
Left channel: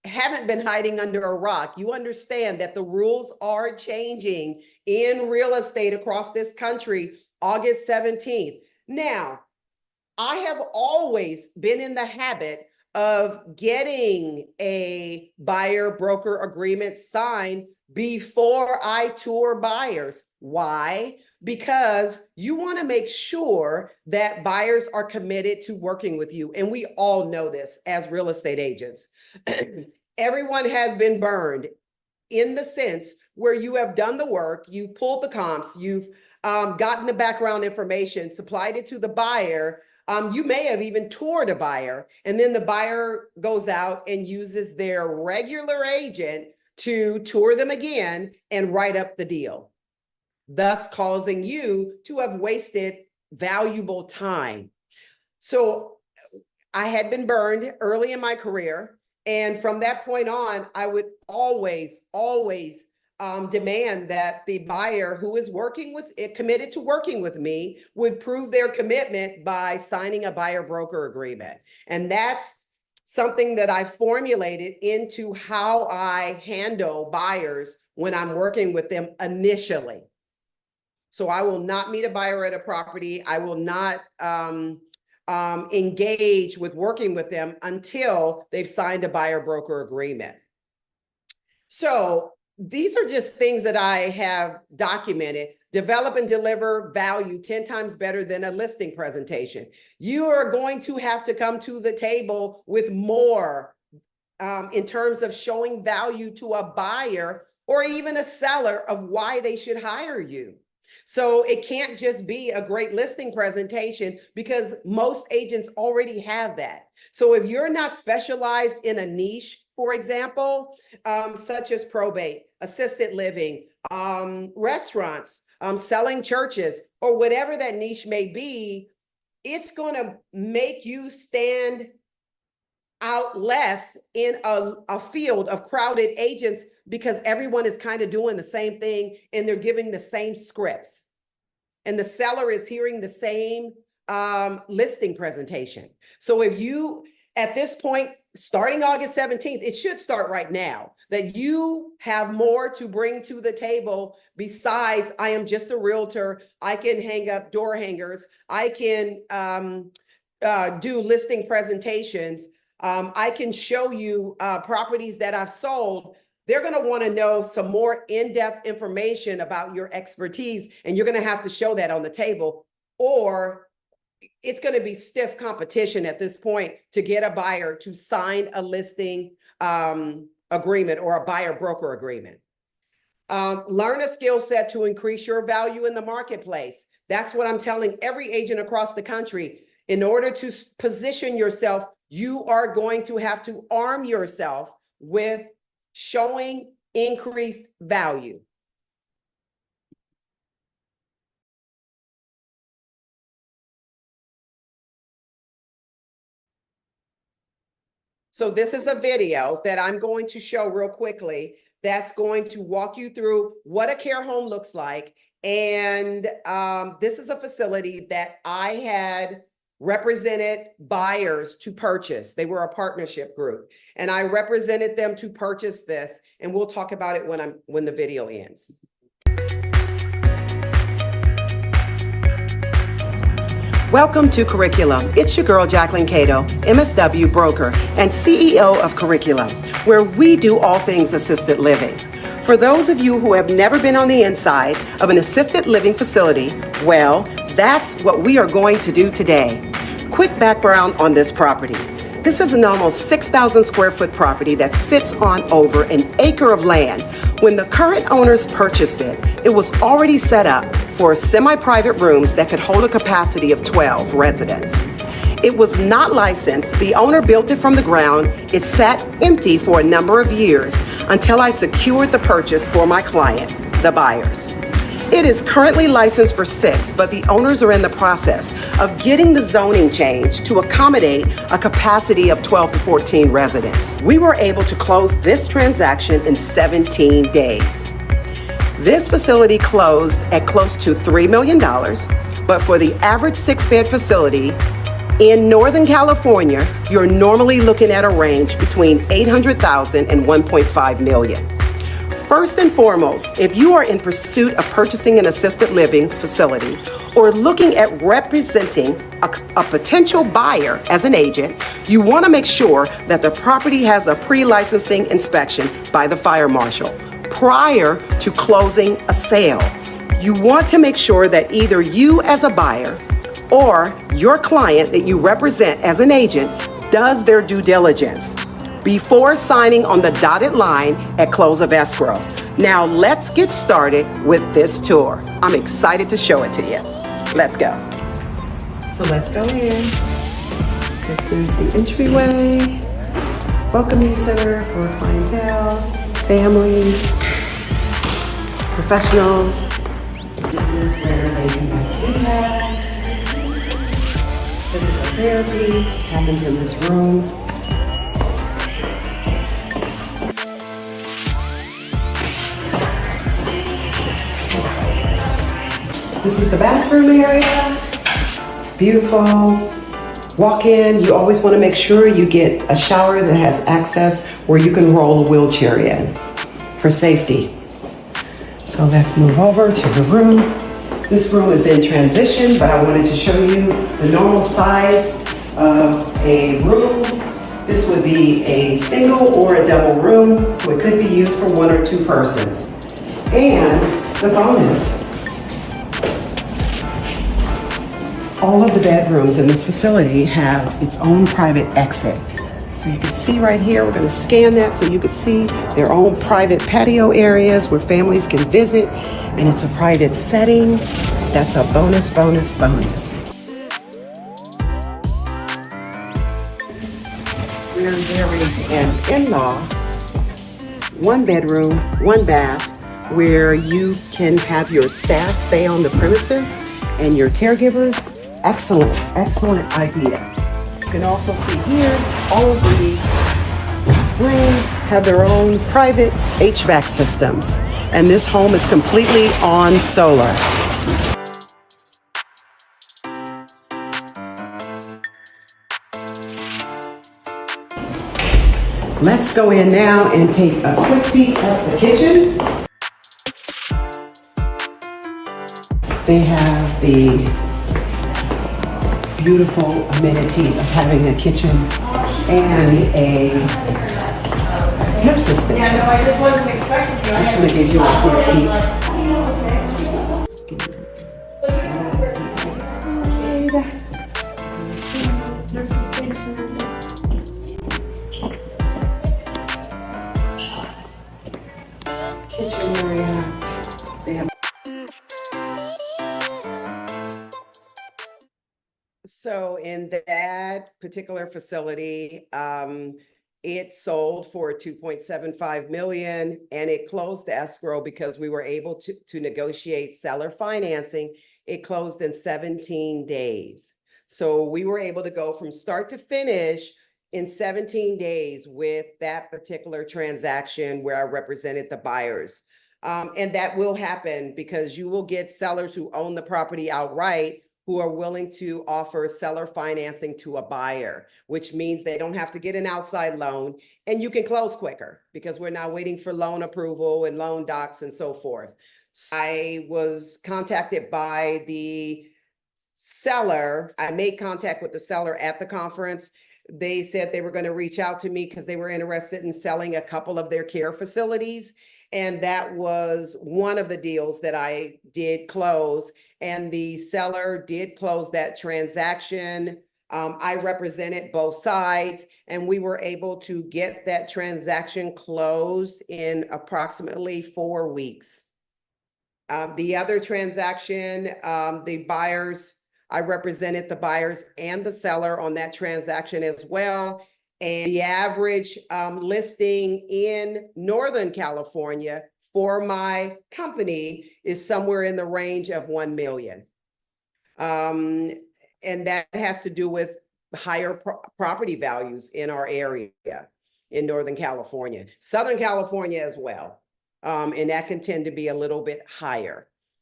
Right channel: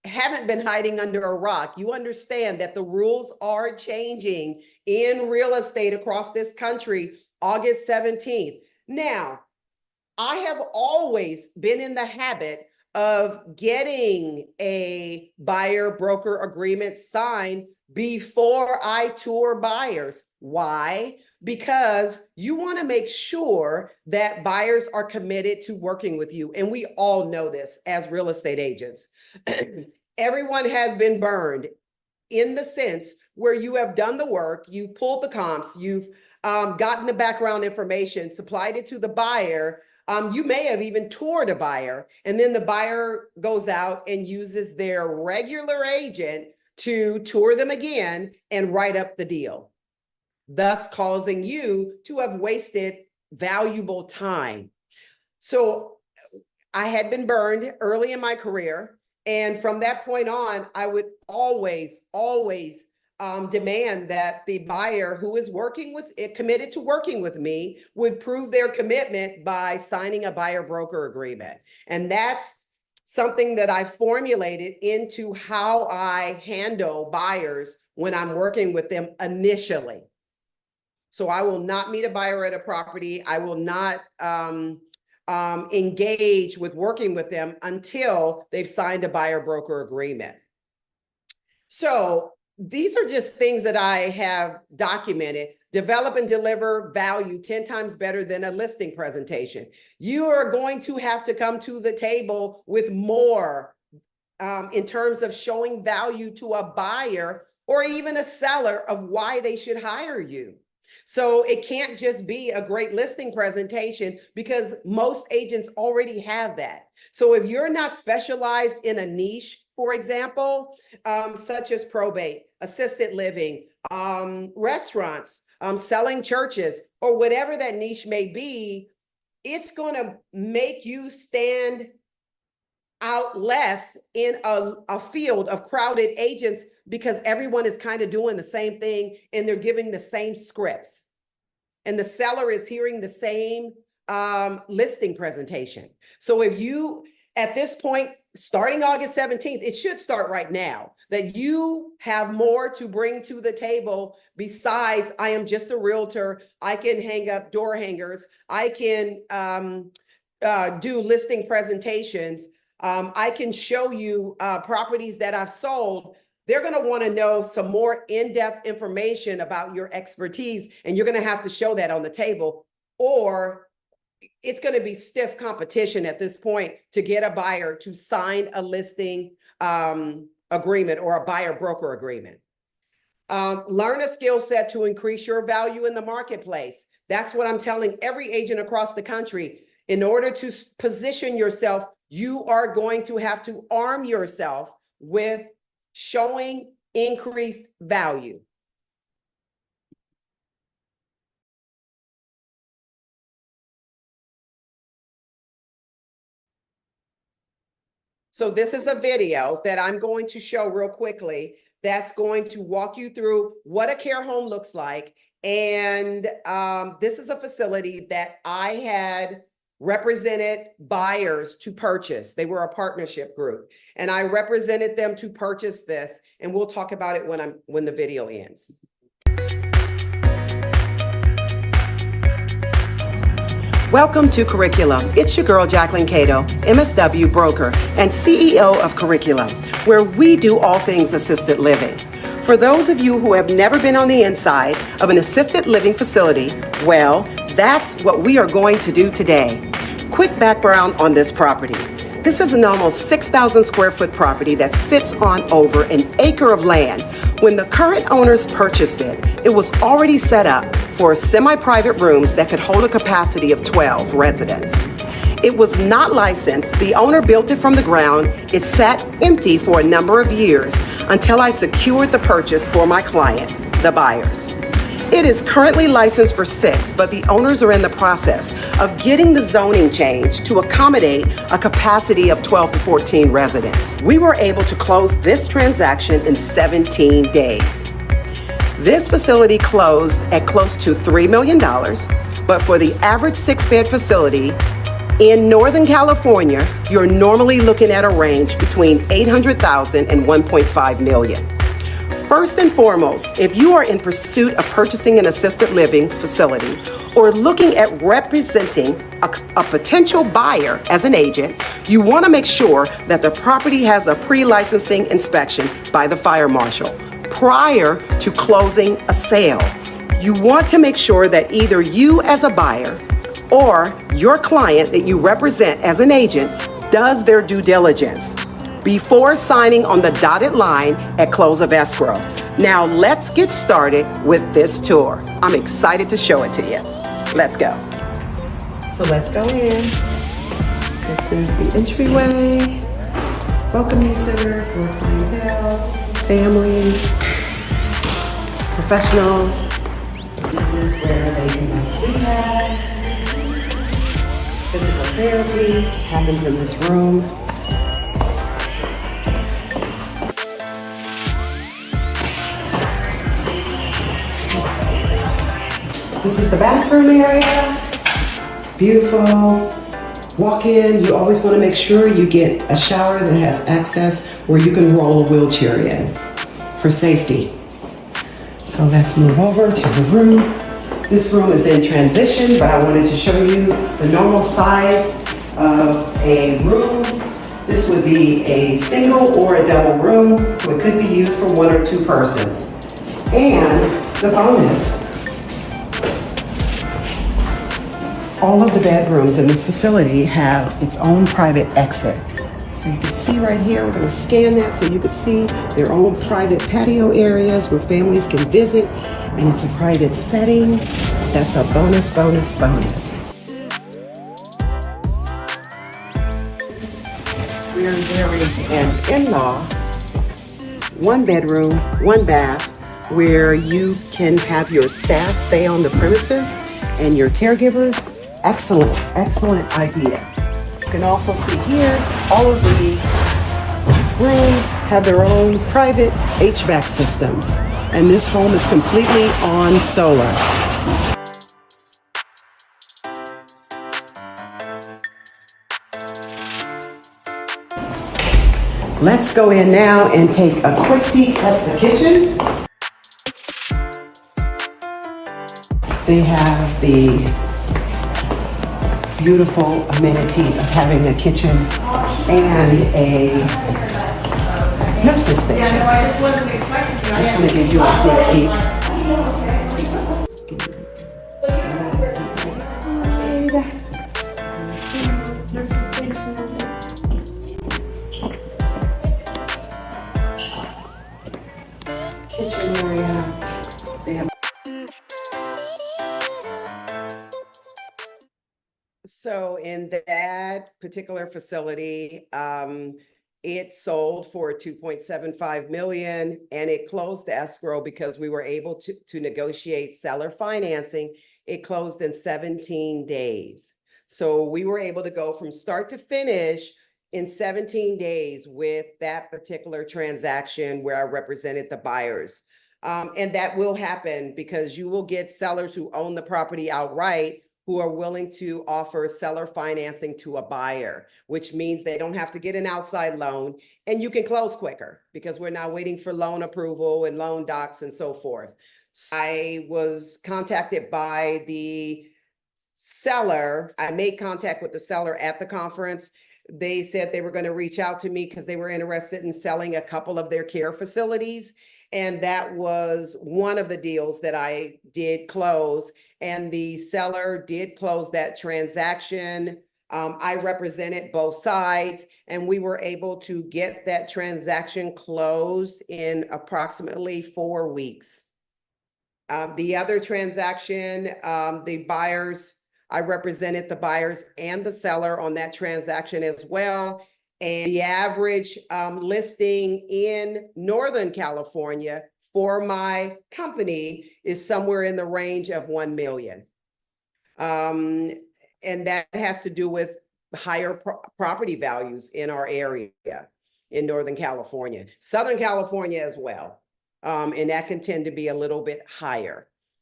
haven't been hiding under a rock. You understand that the rules are changing in real estate across this country, August 17th. Now, I have always been in the habit of getting a buyer broker agreement signed before I tour buyers. Why? Because you want to make sure that buyers are committed to working with you. And we all know this as real estate agents. Everyone has been burned in the sense where you have done the work, you've pulled the comps, you've gotten the background information, supplied it to the buyer. You may have even toured a buyer, and then the buyer goes out and uses their regular agent to tour them again and write up the deal, thus causing you to have wasted valuable time. So I had been burned early in my career. And from that point on, I would always demand that the buyer who is committed to working with me would prove their commitment by signing a buyer broker agreement. And that's something that I formulated into how I handle buyers when I'm working with them initially. So I will not meet a buyer at a property. I will not engage with working with them until they've signed a buyer broker agreement. So these are just things that I have documented. Develop and deliver value 10 times better than a listing presentation. You are going to have to come to the table with more in terms of showing value to a buyer or even a seller of why they should hire you. So it can't just be a great listing presentation because most agents already have that. So if you're not specialized in a niche, for example, such as probate, assisted living, restaurants, selling churches, or whatever that niche may be, it's going to make you stand out less in a field of crowded agents because everyone is kind of doing the same thing and they're giving the same scripts. And the seller is hearing the same listing presentation. So if you, at this point, starting August 17th, it should start right now, that you have more to bring to the table besides I am just a realtor, I can hang up door hangers, I can do listing presentations, I can show you properties that I've sold. They're going to want to know some more in-depth information about your expertise, and you're going to have to show that on the table, or it's going to be stiff competition at this point to get a buyer to sign a listing agreement or a buyer broker agreement. Learn a skill set to increase your value in the marketplace. That's what I'm telling every agent across the country. In order to position yourself, you are going to have to arm yourself with showing increased value. So this is a video that I'm going to show real quickly that's going to walk you through what a care home looks like. And this is a facility that I had represented buyers to purchase. They were a partnership group, and I represented them to purchase this. And we'll talk about it when the video ends. Welcome to Curriculum. It's your girl, Jacquelyn Cato, MSW broker and CEO of Curriculum, where we do all things assisted living. For those of you who have never been on the inside of an assisted living facility, well, that's what we are going to do today. Quick background on this property. This is an almost 6,000 square foot property that sits on over an acre of land. When the current owners purchased it, it was already set up for semi-private rooms that could hold a capacity of 12 residents. It was not licensed. The owner built it from the ground. It sat empty for a number of years until I secured the purchase for my client, the buyers. It is currently licensed for 6, but the owners are in the process of getting the zoning changed to accommodate a capacity of 12 to 14 residents. We were able to close this transaction in 17 days. This facility closed at close to $3 million, but for the average 6-bed facility, In Northern California, you're normally looking at a range between 800,000 and 1.5 million. First and foremost, if you are in pursuit of purchasing an assisted living facility or looking at representing a potential buyer as an agent, you want to make sure that the property has a pre-licensing inspection by the fire marshal prior to closing a sale. You want to make sure that either you as a buyer or your client that you represent as an agent does their due diligence before signing on the dotted line at close of escrow. Now let's get started with this tour. I'm excited to show it to you. Let's go. So let's go in. This is the entryway, welcoming center for clientele, families, professionals. This is where they can do rehab, physical therapy happens in this room. This is the bathroom area. It's beautiful. Walk in, you always want to make sure you get a shower that has access where you can roll a wheelchair in for safety. So let's move over to the room. This room is in transition, but I wanted to show you the normal size of a room. This would be a single or a double room, so it could be used for 1 or 2 persons. And the bonus, all of the bedrooms in this facility have its own private exit. So you can see right here, we're going to scan that so you can see their own private patio areas where families can visit, and it's a private setting. That's a bonus, bonus, bonus. Where there is an in-law, 1 bedroom, 1 bath, where you can have your staff stay on the premises and your caregivers. Excellent, excellent idea. You can also see here, all of the rooms have their own private HVAC systems, and this home is completely on solar. Let's go in now and take a quick peek at the kitchen. They have the beautiful amenity of having a kitchen and a nurse's station. Just going to give you a sneak peek. Nurse's station. Kitchen area. They have. So in that particular facility, it sold for 2.75 million, and it closed the escrow because we were able to negotiate seller financing. It closed in 17 days. So we were able to go from start to finish in 17 days with that particular transaction where I represented the buyers. And that will happen because you will get sellers who own the property outright who are willing to offer seller financing to a buyer, which means they don't have to get an outside loan, and you can close quicker because we're not waiting for loan approval and loan docs and so forth. So I was contacted by the seller. I made contact with the seller at the conference. They said they were going to reach out to me because they were interested in selling a couple of their care facilities. And that was one of the deals that I did close. And the seller did close that transaction. I represented both sides, and we were able to get that transaction closed in approximately 4 weeks. The other transaction, the buyers, I represented the buyers and the seller on that transaction as well. And the average listing in Northern California for my company is somewhere in the range of 1 million. And that has to do with higher property values in our area in Northern California, Southern California as well. And that can tend to be a little bit higher.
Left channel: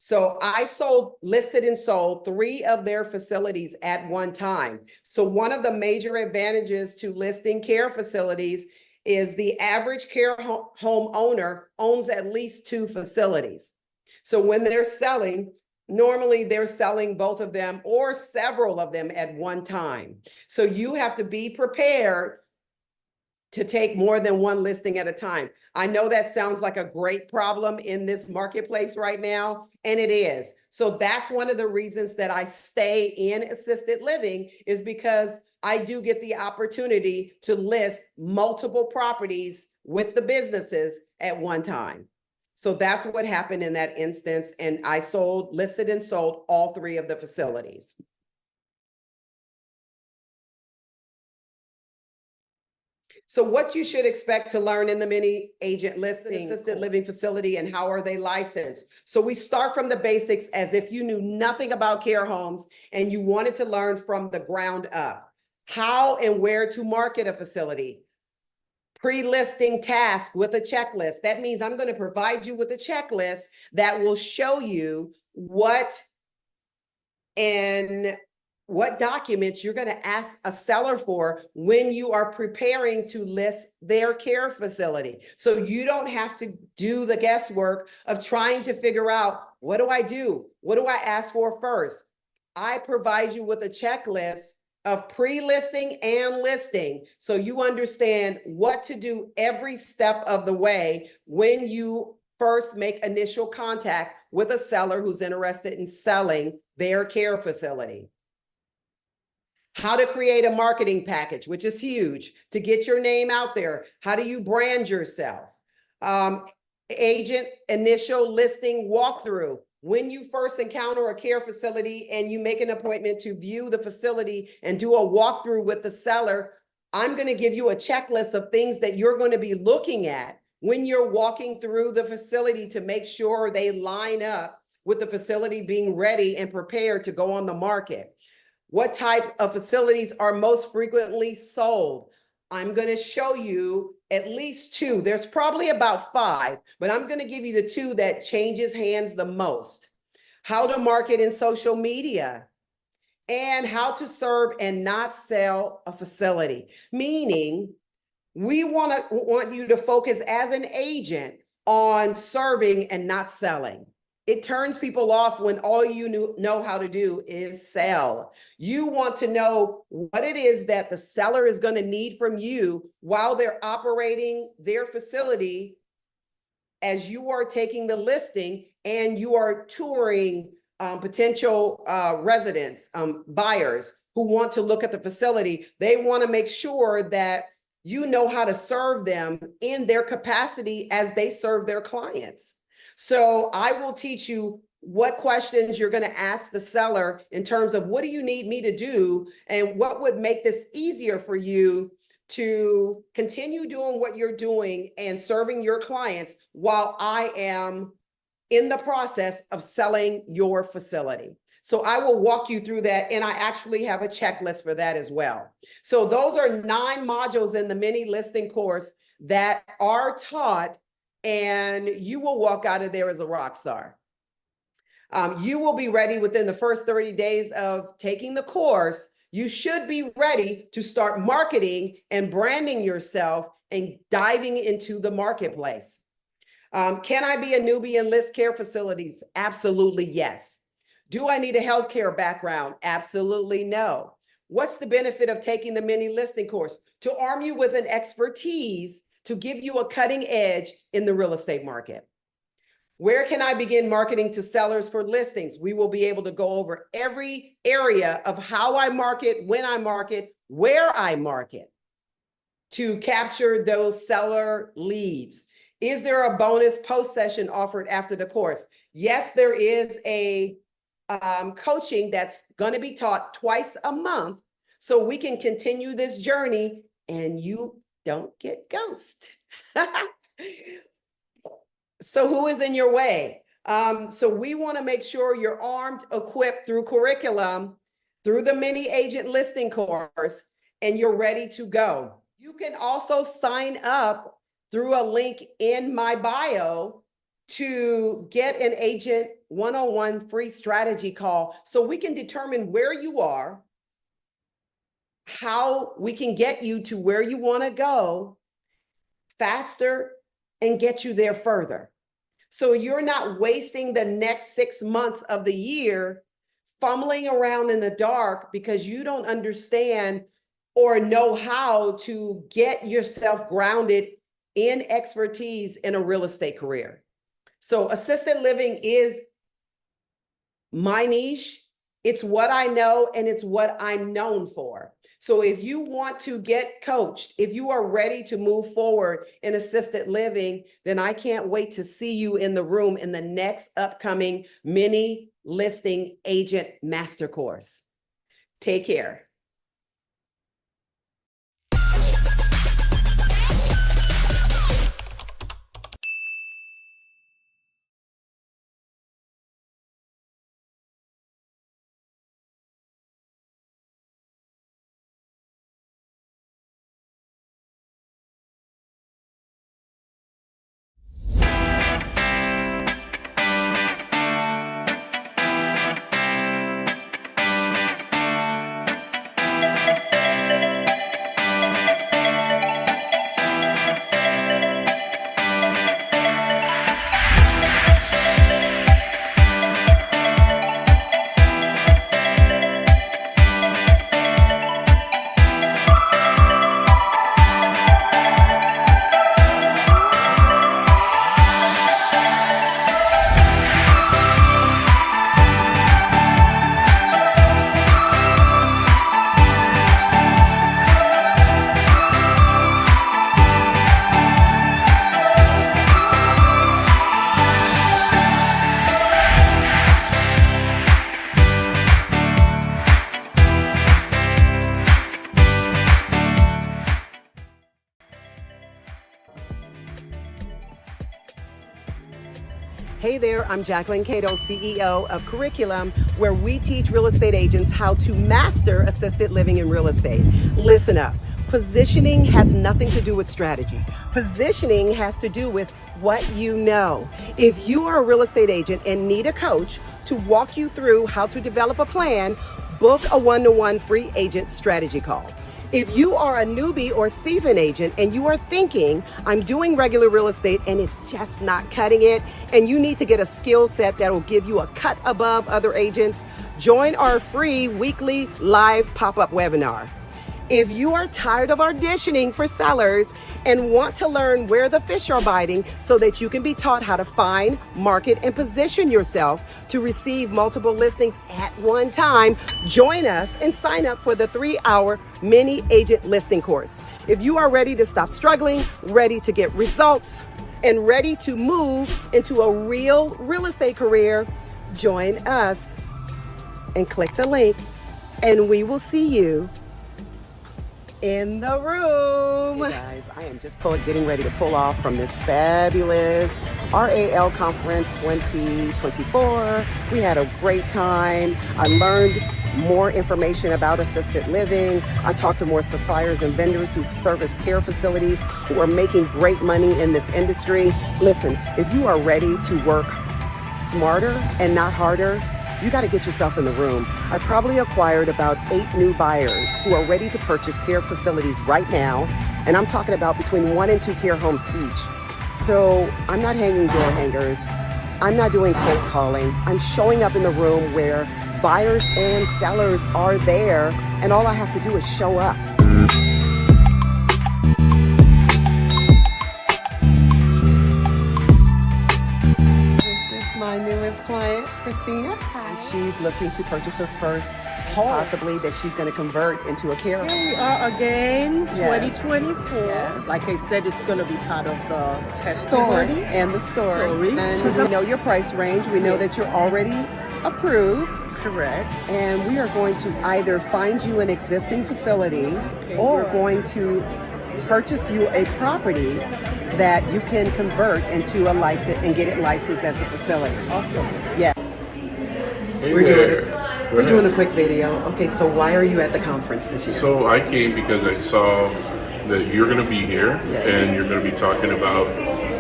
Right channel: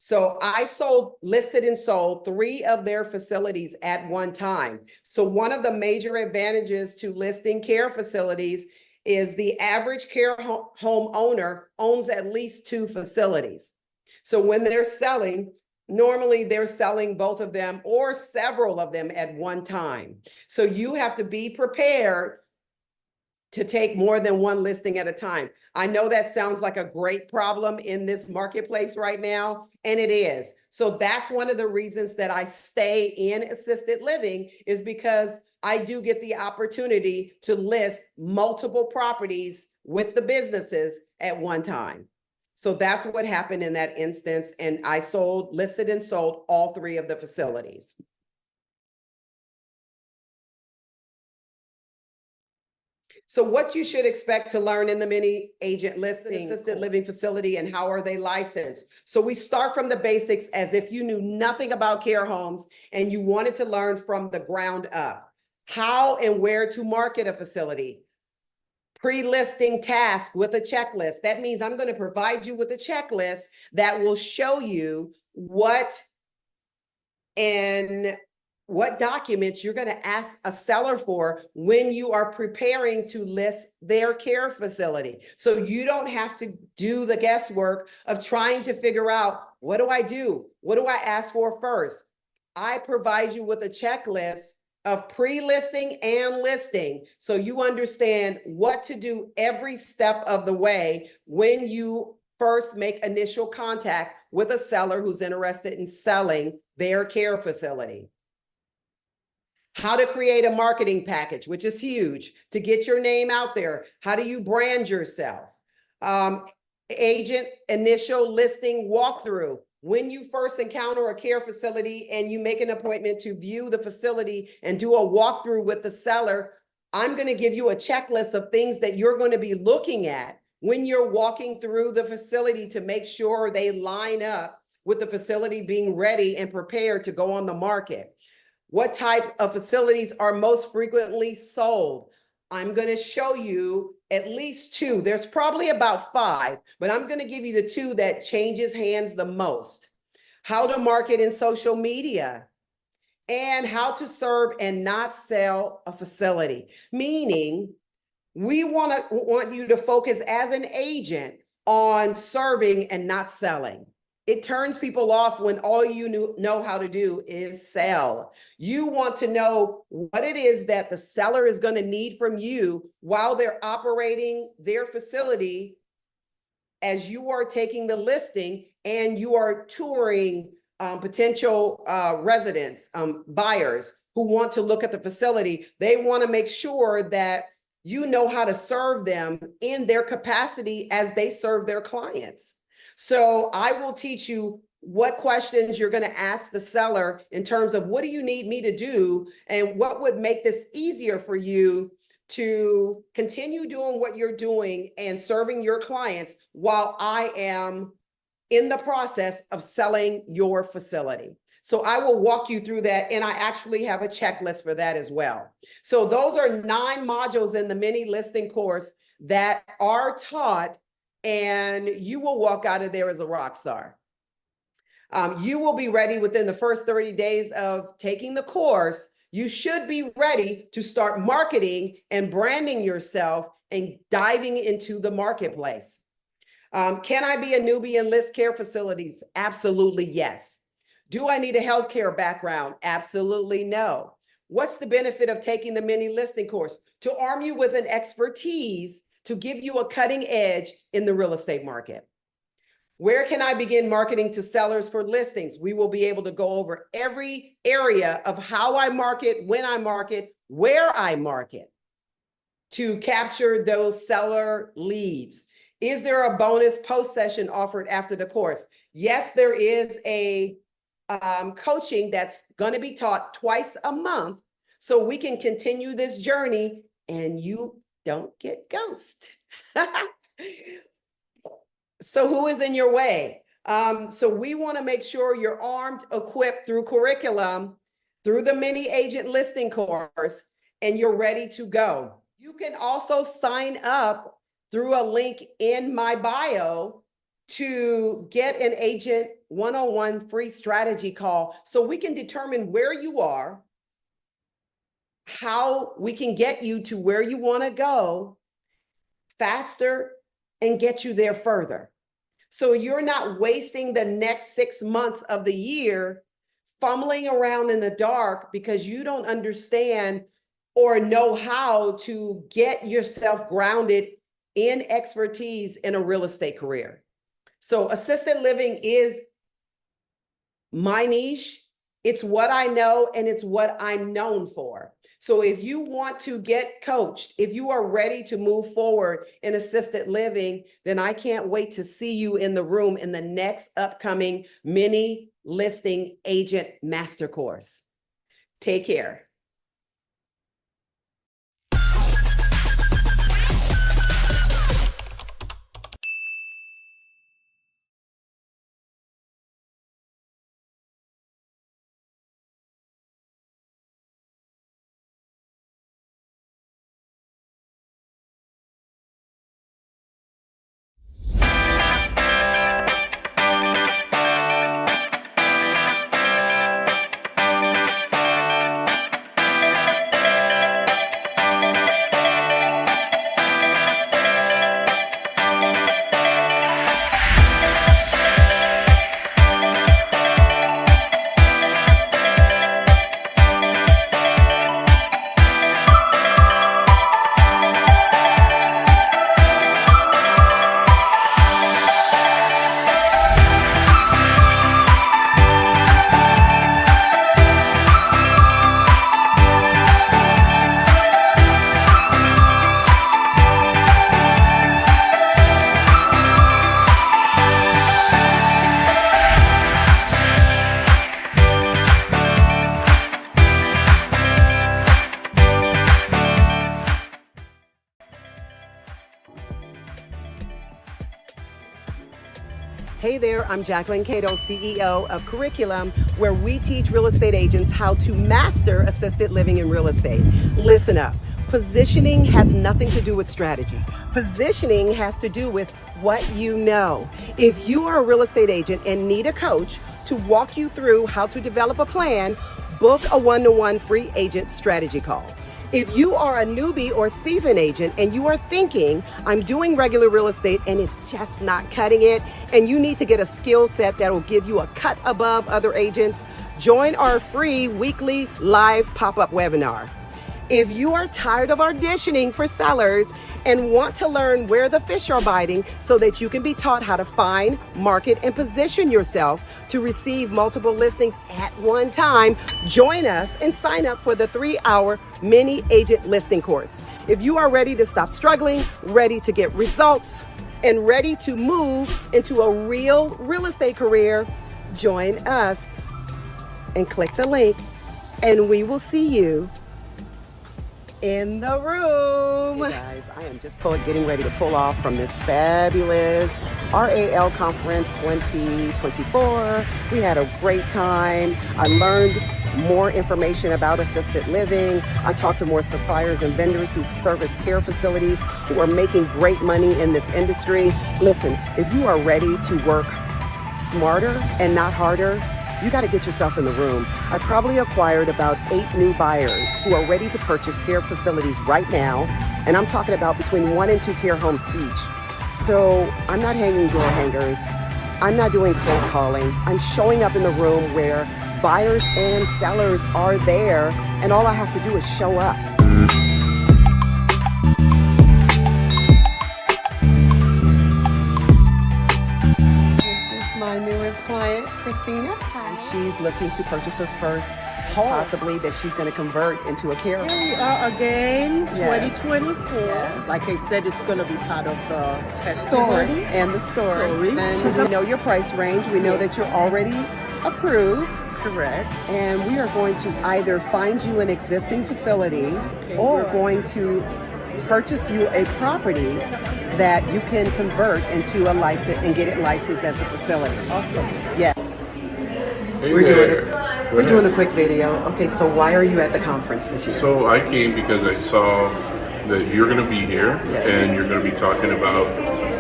So I listed and sold 3 of their facilities at one time. So one of the major advantages to listing care facilities is the average care home owner owns at least 2 facilities. So when they're selling, normally they're selling both of them or several of them at one time. So you have to be prepared to take more than one listing at a time. I know that sounds like a great problem in this marketplace right now, and it is. So that's one of the reasons that I stay in assisted living, is because I do get the opportunity to list multiple properties with the businesses at one time. So that's what happened in that instance. And I listed and sold all 3 of the facilities. So what you should expect to learn in the mini agent listing assisted living facility, and how are they licensed? So we start from the basics as if you knew nothing about care homes and you wanted to learn from the ground up. How and where to market a facility. Pre-listing task with a checklist. That means I'm going to provide you with a checklist that will show you what documents you're going to ask a seller for when you are preparing to list their care facility. So you don't have to do the guesswork of trying to figure out, what do I do? What do I ask for first? I provide you with a checklist of pre-listing and listing, so you understand what to do every step of the way when you first make initial contact with a seller who's interested in selling their care facility. How to create a marketing package, which is huge, to get your name out there. How do you brand yourself? Agent initial listing walkthrough. When you first encounter a care facility and you make an appointment to view the facility and do a walkthrough with the seller, I'm going to give you a checklist of things that you're going to be looking at when you're walking through the facility to make sure they line up with the facility being ready and prepared to go on the market. What type of facilities are most frequently sold? I'm going to show you at least 2. There's probably about 5, but I'm going to give you the 2 that changes hands the most. How to market in social media, and how to serve and not sell a facility. Meaning, we want you to focus as an agent on serving and not selling. It turns people off when all you know how to do is sell. You want to know what it is that the seller is going to need from you while they're operating their facility, as you are taking the listing and you are touring potential residents, buyers who want to look at the facility. They want to make sure that you know how to serve them in their capacity as they serve their clients. So I will teach you what questions you're going to ask the seller in terms of, what do you need me to do, and what would make this easier for you to continue doing what you're doing and serving your clients while I am in the process of selling your facility. So I will walk you through that, and I actually have a checklist for that as well. So those are 9 modules in the mini listing course that are taught, and you will walk out of there as a rock star. You will be ready within the first 30 days of taking the course. You should be ready to start marketing and branding yourself and diving into the marketplace. Can I be a newbie and list care facilities? Absolutely, yes. Do I need a healthcare background? Absolutely no. What's the benefit of taking the mini listing course? To arm you with an expertise to give you a cutting edge in the real estate market. Where can I begin marketing to sellers for listings? We will be able to go over every area of how I market, when I market, where I market to capture those seller leads. Is there a bonus post session offered after the course? Yes, there is a coaching that's going to be taught twice a month, so we can continue this journey and you don't get ghosted. So who is in your way? So we want to make sure you're armed, equipped through curriculum, through the mini agent listing course, and you're ready to go. You can also sign up through a link in my bio to get an agent one-on-one free strategy call so we can determine where you are, how we can get you to where you want to go faster and get you there further. So you're not wasting the next 6 months of the year fumbling around in the dark because you don't understand or know how to get yourself grounded in expertise in a real estate career. So assisted living is my niche. It's what I know and it's what I'm known for. So if you want to get coached, if you are ready to move forward in assisted living, then I can't wait to see you in the room in the next upcoming mini listing agent master course. Take care. Hey there, I'm Jacquelyn, CEO of Curriculum, where we teach real estate agents how to master assisted living in real estate. Listen up. Positioning has nothing to do with strategy. Positioning has to do with what you know. If you are a real estate agent and need a coach to walk you through how to develop a plan, book a one-to-one free agent strategy call. If you are a newbie or seasoned agent and you are thinking, I'm doing regular real estate and it's just not cutting it, and you need to get a skill set that will give you a cut above other agents, join our free weekly live pop-up webinar. If you are tired of auditioning for sellers and want to learn where the fish are biting so that you can be taught how to find, market, and position yourself to receive multiple listings at one time, join us and sign up for the 3-hour mini agent listing course. If you are ready to stop struggling, ready to get results, and ready to move into a real estate career, join us and click the link and we will see you in the room. Hey guys, I am just getting ready to pull off from this fabulous RAL Conference 2024. We had a great time. I learned more information about assisted living. I talked to more suppliers and vendors who service care facilities who are making great money in this industry. Listen, if you are ready to work smarter and not harder, you got to get yourself in the room. I probably acquired about 8 new buyers who are ready to purchase care facilities right now. And I'm talking about between 1 and 2 care homes each. So I'm not hanging door hangers. I'm not doing cold calling. I'm showing up in the room where buyers and sellers are there. And all I have to do is show up. My newest client, Christina. Hi. She's looking to purchase her first home, possibly that she's going to convert into a care home. Here we are again, Yes. 2024. Yes. Like I said, it's going to be part of the Story testimony. and the story. And She's we know your price range. We know that you're already approved. Correct. And we are going to either find you an existing facility or right. going to purchase you a property that you can convert into a license and get it licensed as a facility. Awesome. Yeah. Hey We're there. we're doing a quick video. Okay, so why are you at the conference this year? So I came because I saw that you're going to be here Yes. and you're going to be talking about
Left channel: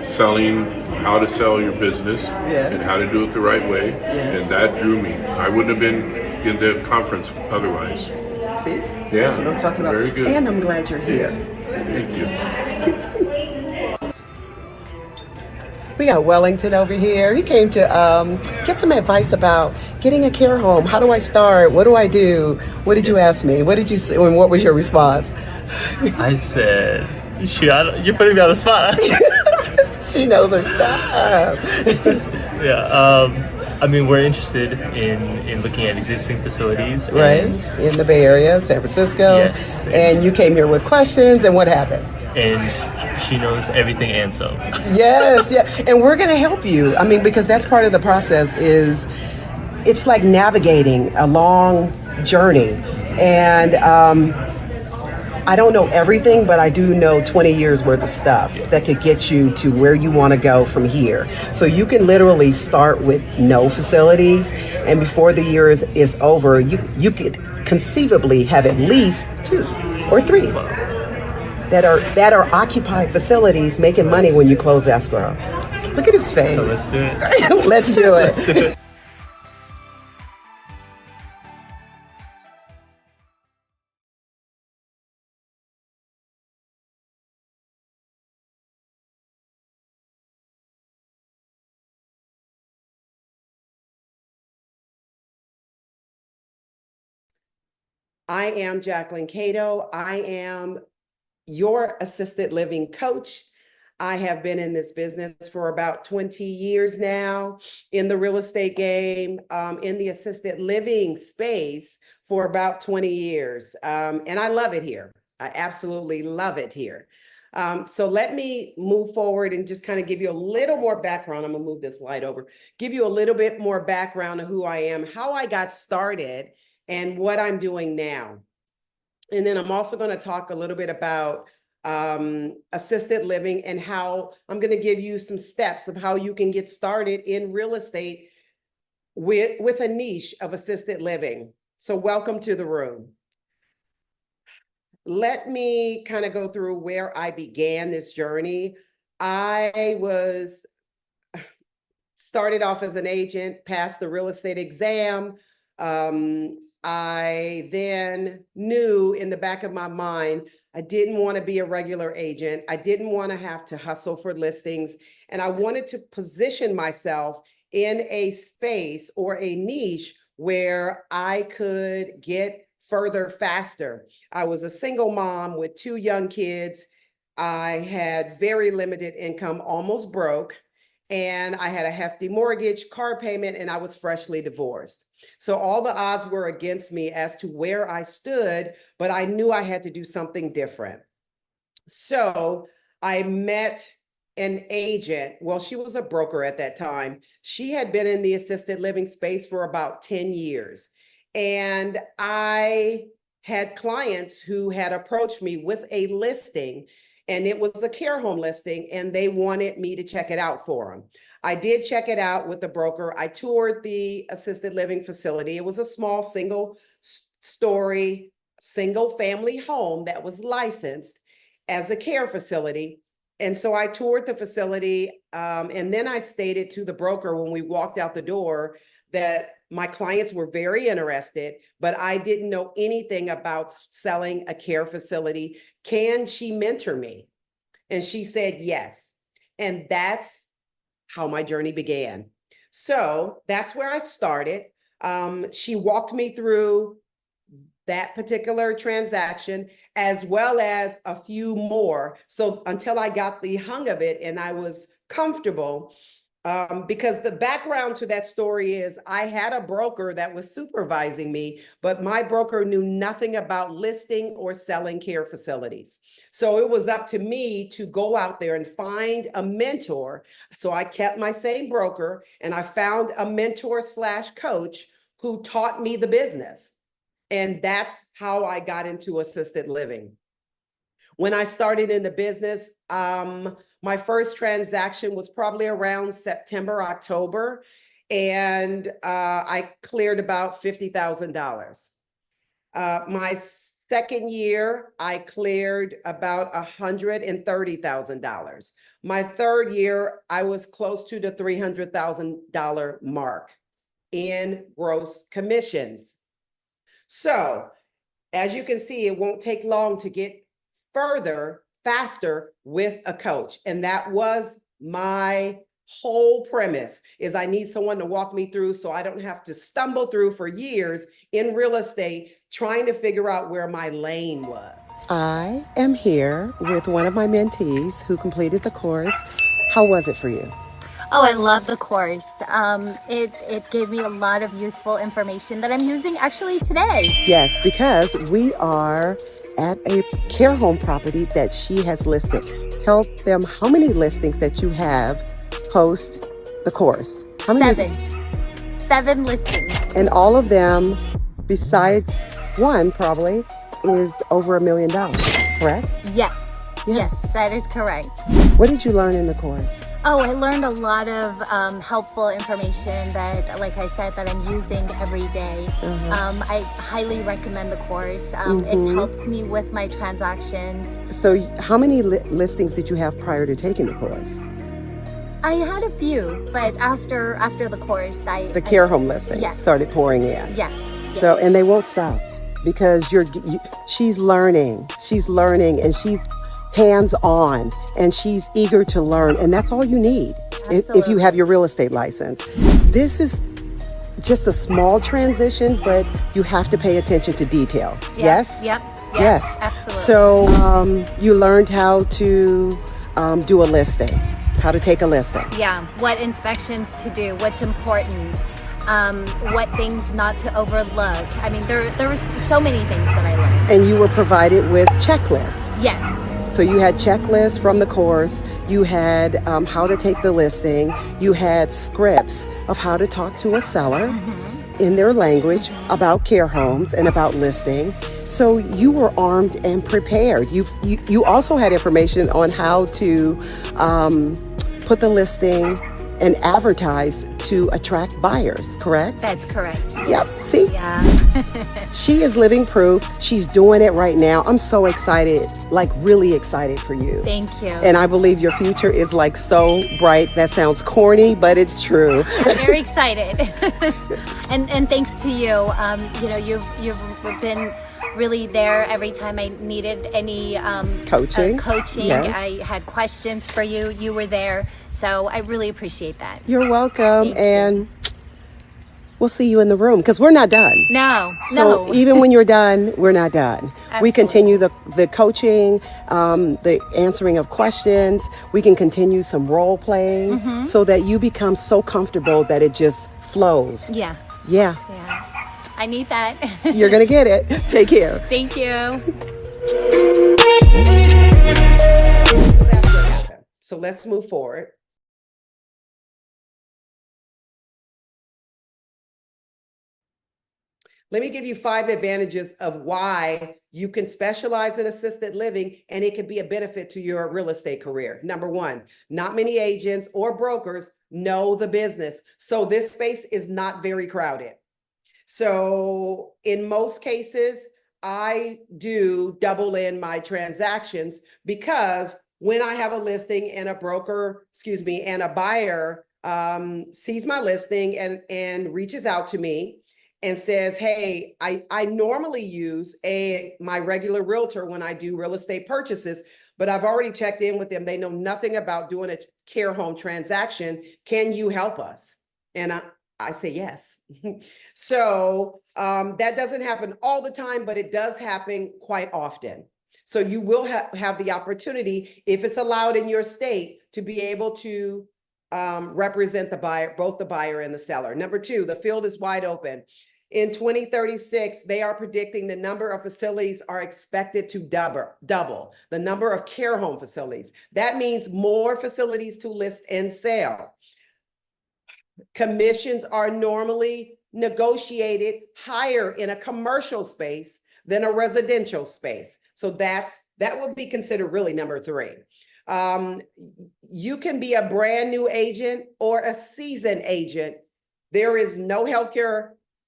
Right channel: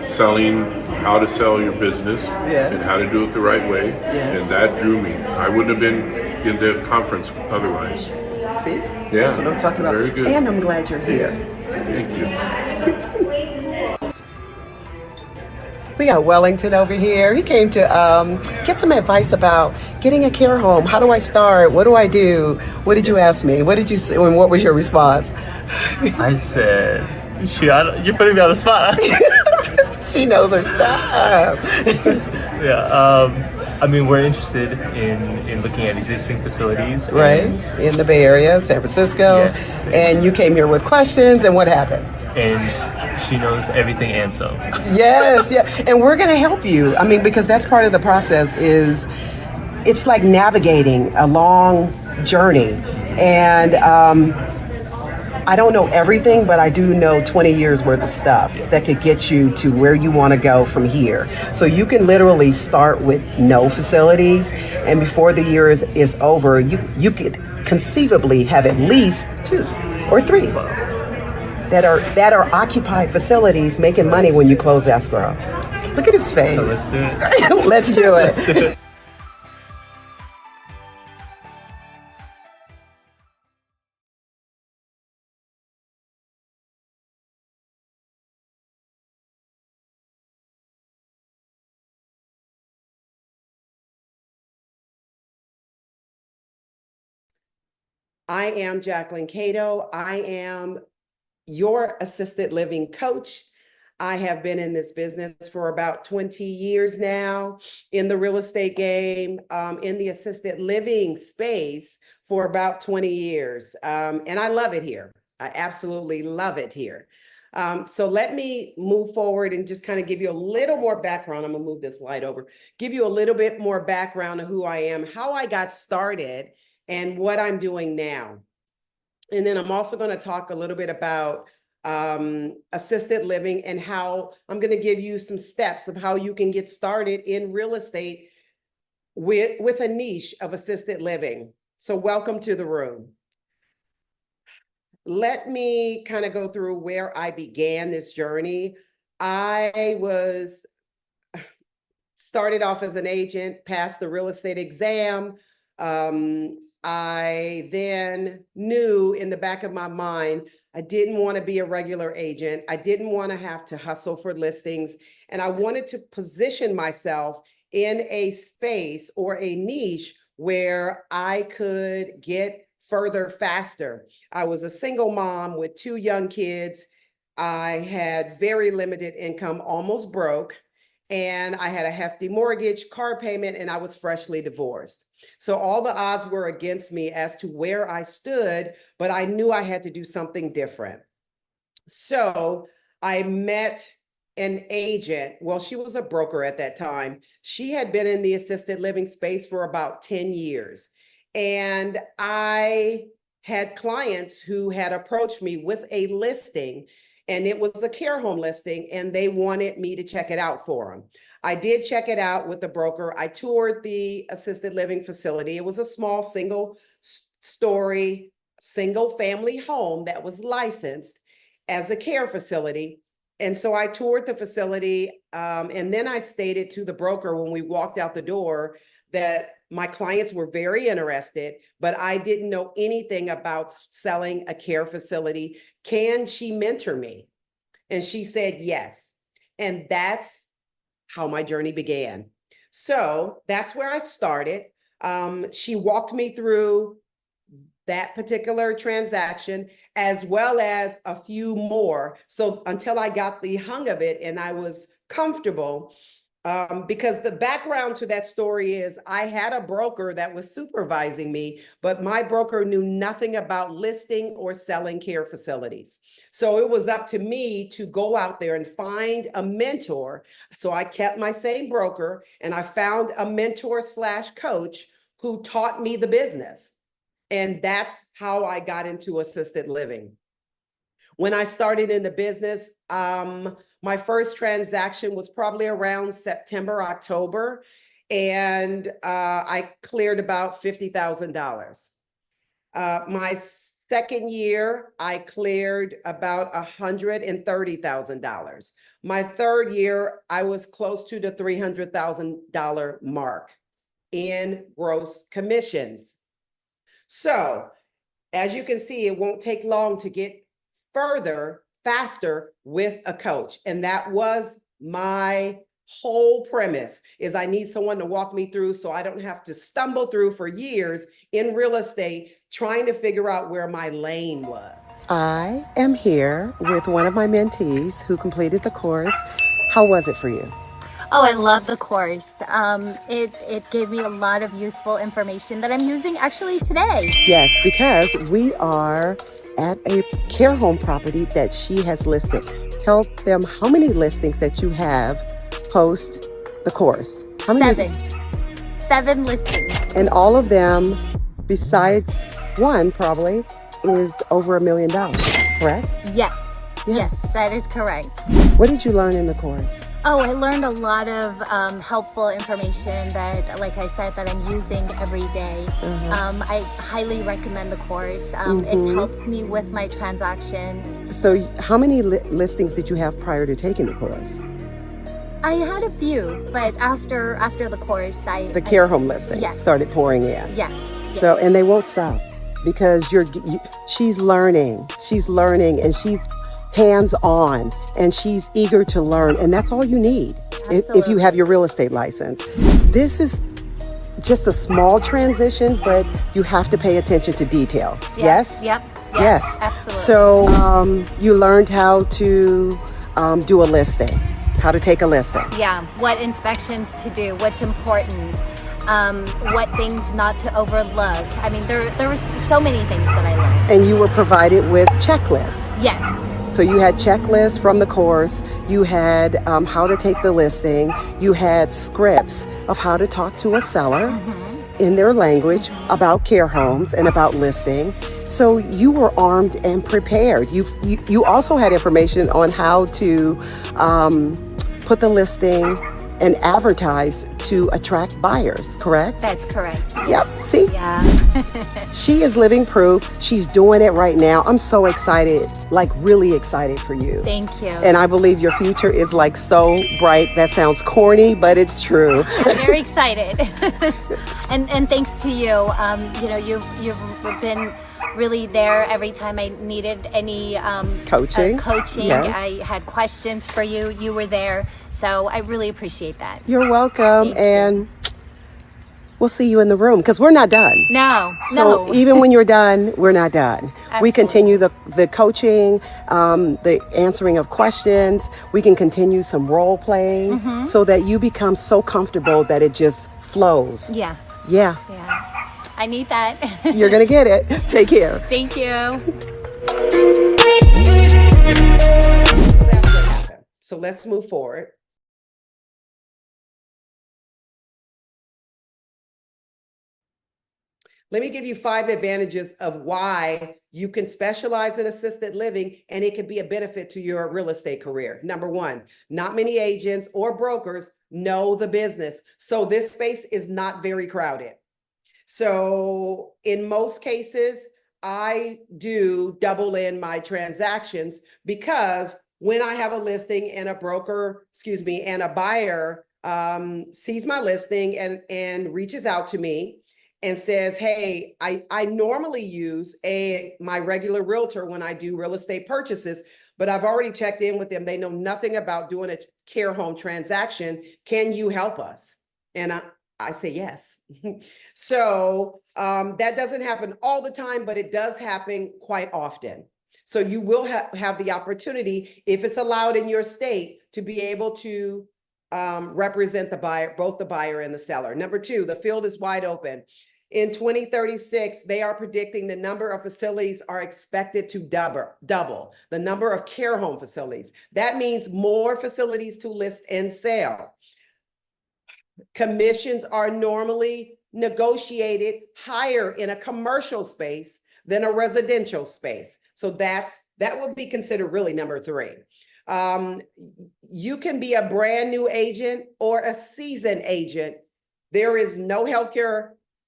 selling, how to sell your business and how to do it the right way. And that drew me. I wouldn't have been in the conference otherwise. See? Yeah, That's what I'm talking about. very good. And I'm glad you're here. Thank you. We got Wellington over here. He came to get some advice about getting a care home. How do I start? What do I do? What did you ask me? What did you say? And what was your response? I said, you're putting me on the spot. She knows her stuff. Yeah. I mean, we're interested in looking at existing facilities. Right. In the Bay Area, San Francisco. Yes. And you came here with questions, and what happened? And she knows everything and some. Yes, yeah. And we're going to help you. I mean, because that's part of the process is it's like navigating a long journey. And I don't know everything, but I do know 20 years worth of stuff that could get you to where you want to go from here. So you can literally start with no facilities, and before the year is over, you could conceivably have at least 2 or 3 that are occupied facilities making money when you close escrow. Look at his face. So let's do it. Let's do it. Let's do it. I am Jacquelyn Cato. I am your assisted living coach. I have been in this business for about 20 years now, in the real estate game, in the assisted living space for about 20 years. And I love it here. I absolutely love it here. So let me move forward and just kind of give you a little more background. I'm gonna move this light over, give you a little bit more background of who I am, how I got started, and what I'm doing now. And then I'm also going to talk a little bit about assisted living and how I'm going to give you some steps of how you can get started in real estate with a niche of assisted living. So welcome to the room. Let me kind of go through where I began this journey. I started off as an agent, passed the real estate exam. I then knew in the back of my mind, I didn't want to be a regular agent. I didn't want to have to hustle for listings. And I wanted to position myself in a space or a niche where I could get further faster. I was a single mom with 2 young kids. I had very limited income, almost broke. And I had a hefty mortgage, car payment, and I was freshly divorced. So all the odds were against me as to where I stood, but I knew I had to do something different. So I met an agent. Well, she was a broker at that time. She had been in the assisted living space for about 10 years. And I had clients who had approached me with a listing, and it was a care home listing, and they wanted me to check it out for them. I did check it out with the broker. I toured the assisted living facility. It was a small single-story, single-family home that was licensed as a care facility. And so I toured the facility, and then I stated to the broker when we walked out the door that my clients were very interested, but I didn't know anything about selling a care facility. Can she mentor me? And she said yes. And that's how my journey began. So that's where I started. She walked me through that particular transaction, as well as a few more. So until I got the hang of it and I was comfortable, because the background to that story is I had a broker that was supervising me, but my broker knew nothing about listing or selling care facilities. So it was up to me to go out there and find a mentor. So I kept my same broker and I found a mentor / coach who taught me the business. And that's how I got into assisted living. When I started in the business, my first transaction was probably around September, October, and I cleared about $50,000. My second year, I cleared about $130,000. My third year, I was close to the $300,000 mark in gross commissions. So as you can see, it won't take long to get further, faster with a coach. And that was my whole premise, is I need someone to walk me through so I don't have to stumble through for years in real estate trying to figure out where my lane was. I am here with one of my mentees who completed the course. How was it for you? Oh, I love the course. It gave me a lot of useful information that I'm using actually today. Yes, because we are at a care home property that she has listed. Tell them how many listings that you have post the course. How many? 7 listings. And all of them, besides one probably, is over $1 million, correct? Yes. Yes, that is correct. What did you learn in the course? Oh, I learned a lot of helpful information that, like I said, that I'm using every day. I highly recommend the course. It's helped me with my transactions. So how many listings did you have prior to taking the course? I had a few, but after the course, the care home listings started pouring in. Yes. So, and they won't stop because she's learning, and she's hands-on, and she's eager to learn, and that's all you need if you have your real estate license. This is just a small transition, but you have to pay attention to detail. Yes? Yep. Yes. Absolutely. So you learned how to do a listing, how to take a listing. Yeah, what inspections to do, what's important, what things not to overlook. I mean, there were so many things that I learned. And you were provided with checklists. Yes. So you had checklists from the course, you had how to take the listing, you had scripts of how to talk to a seller in their language about care homes and about listing. So you were armed and prepared. You also had information on how to put the listing and advertise to attract buyers, correct? That's correct. Yep, see? Yeah. She is living proof. She's doing it right now. I'm so excited, like really excited for you. Thank you. And I believe your future is like so bright. That sounds corny, but it's true. I'm very excited. and thanks to you. You've been really there every time I needed any coaching. Yes. I had questions for you. You were there. So I really appreciate that. You're welcome. And we'll see you in the room because we're not done. No. Even when you're done, we're not done. Absolutely. We continue the coaching, the answering of questions. We can continue some role playing so that you become so comfortable that it just flows. Yeah. I need that. You're going to get it. Take care. Thank you. That's what happened. So let's move forward. Let me give you 5 advantages of why you can specialize in assisted living and it can be a benefit to your real estate career. Number 1, not many agents or brokers know the business. So this space is not very crowded. So in most cases, I do double in my transactions because when I have a listing and and a buyer sees my listing and reaches out to me and says, hey, I normally use my regular realtor when I do real estate purchases, but I've already checked in with them. They know nothing about doing a care home transaction. Can you help us? And I say yes. So that doesn't happen all the time, but it does happen quite often. So you will have the opportunity, if it's allowed in your state, to be able to represent the buyer, both the buyer and the seller. Number 2, the field is wide open. In 2036, they are predicting the number of facilities are expected to double the number of care home facilities. That means more facilities to list and sell. Commissions are normally negotiated higher in a commercial space than a residential space. So that would be considered really number 3. You can be a brand new agent or a seasoned agent. There is no healthcare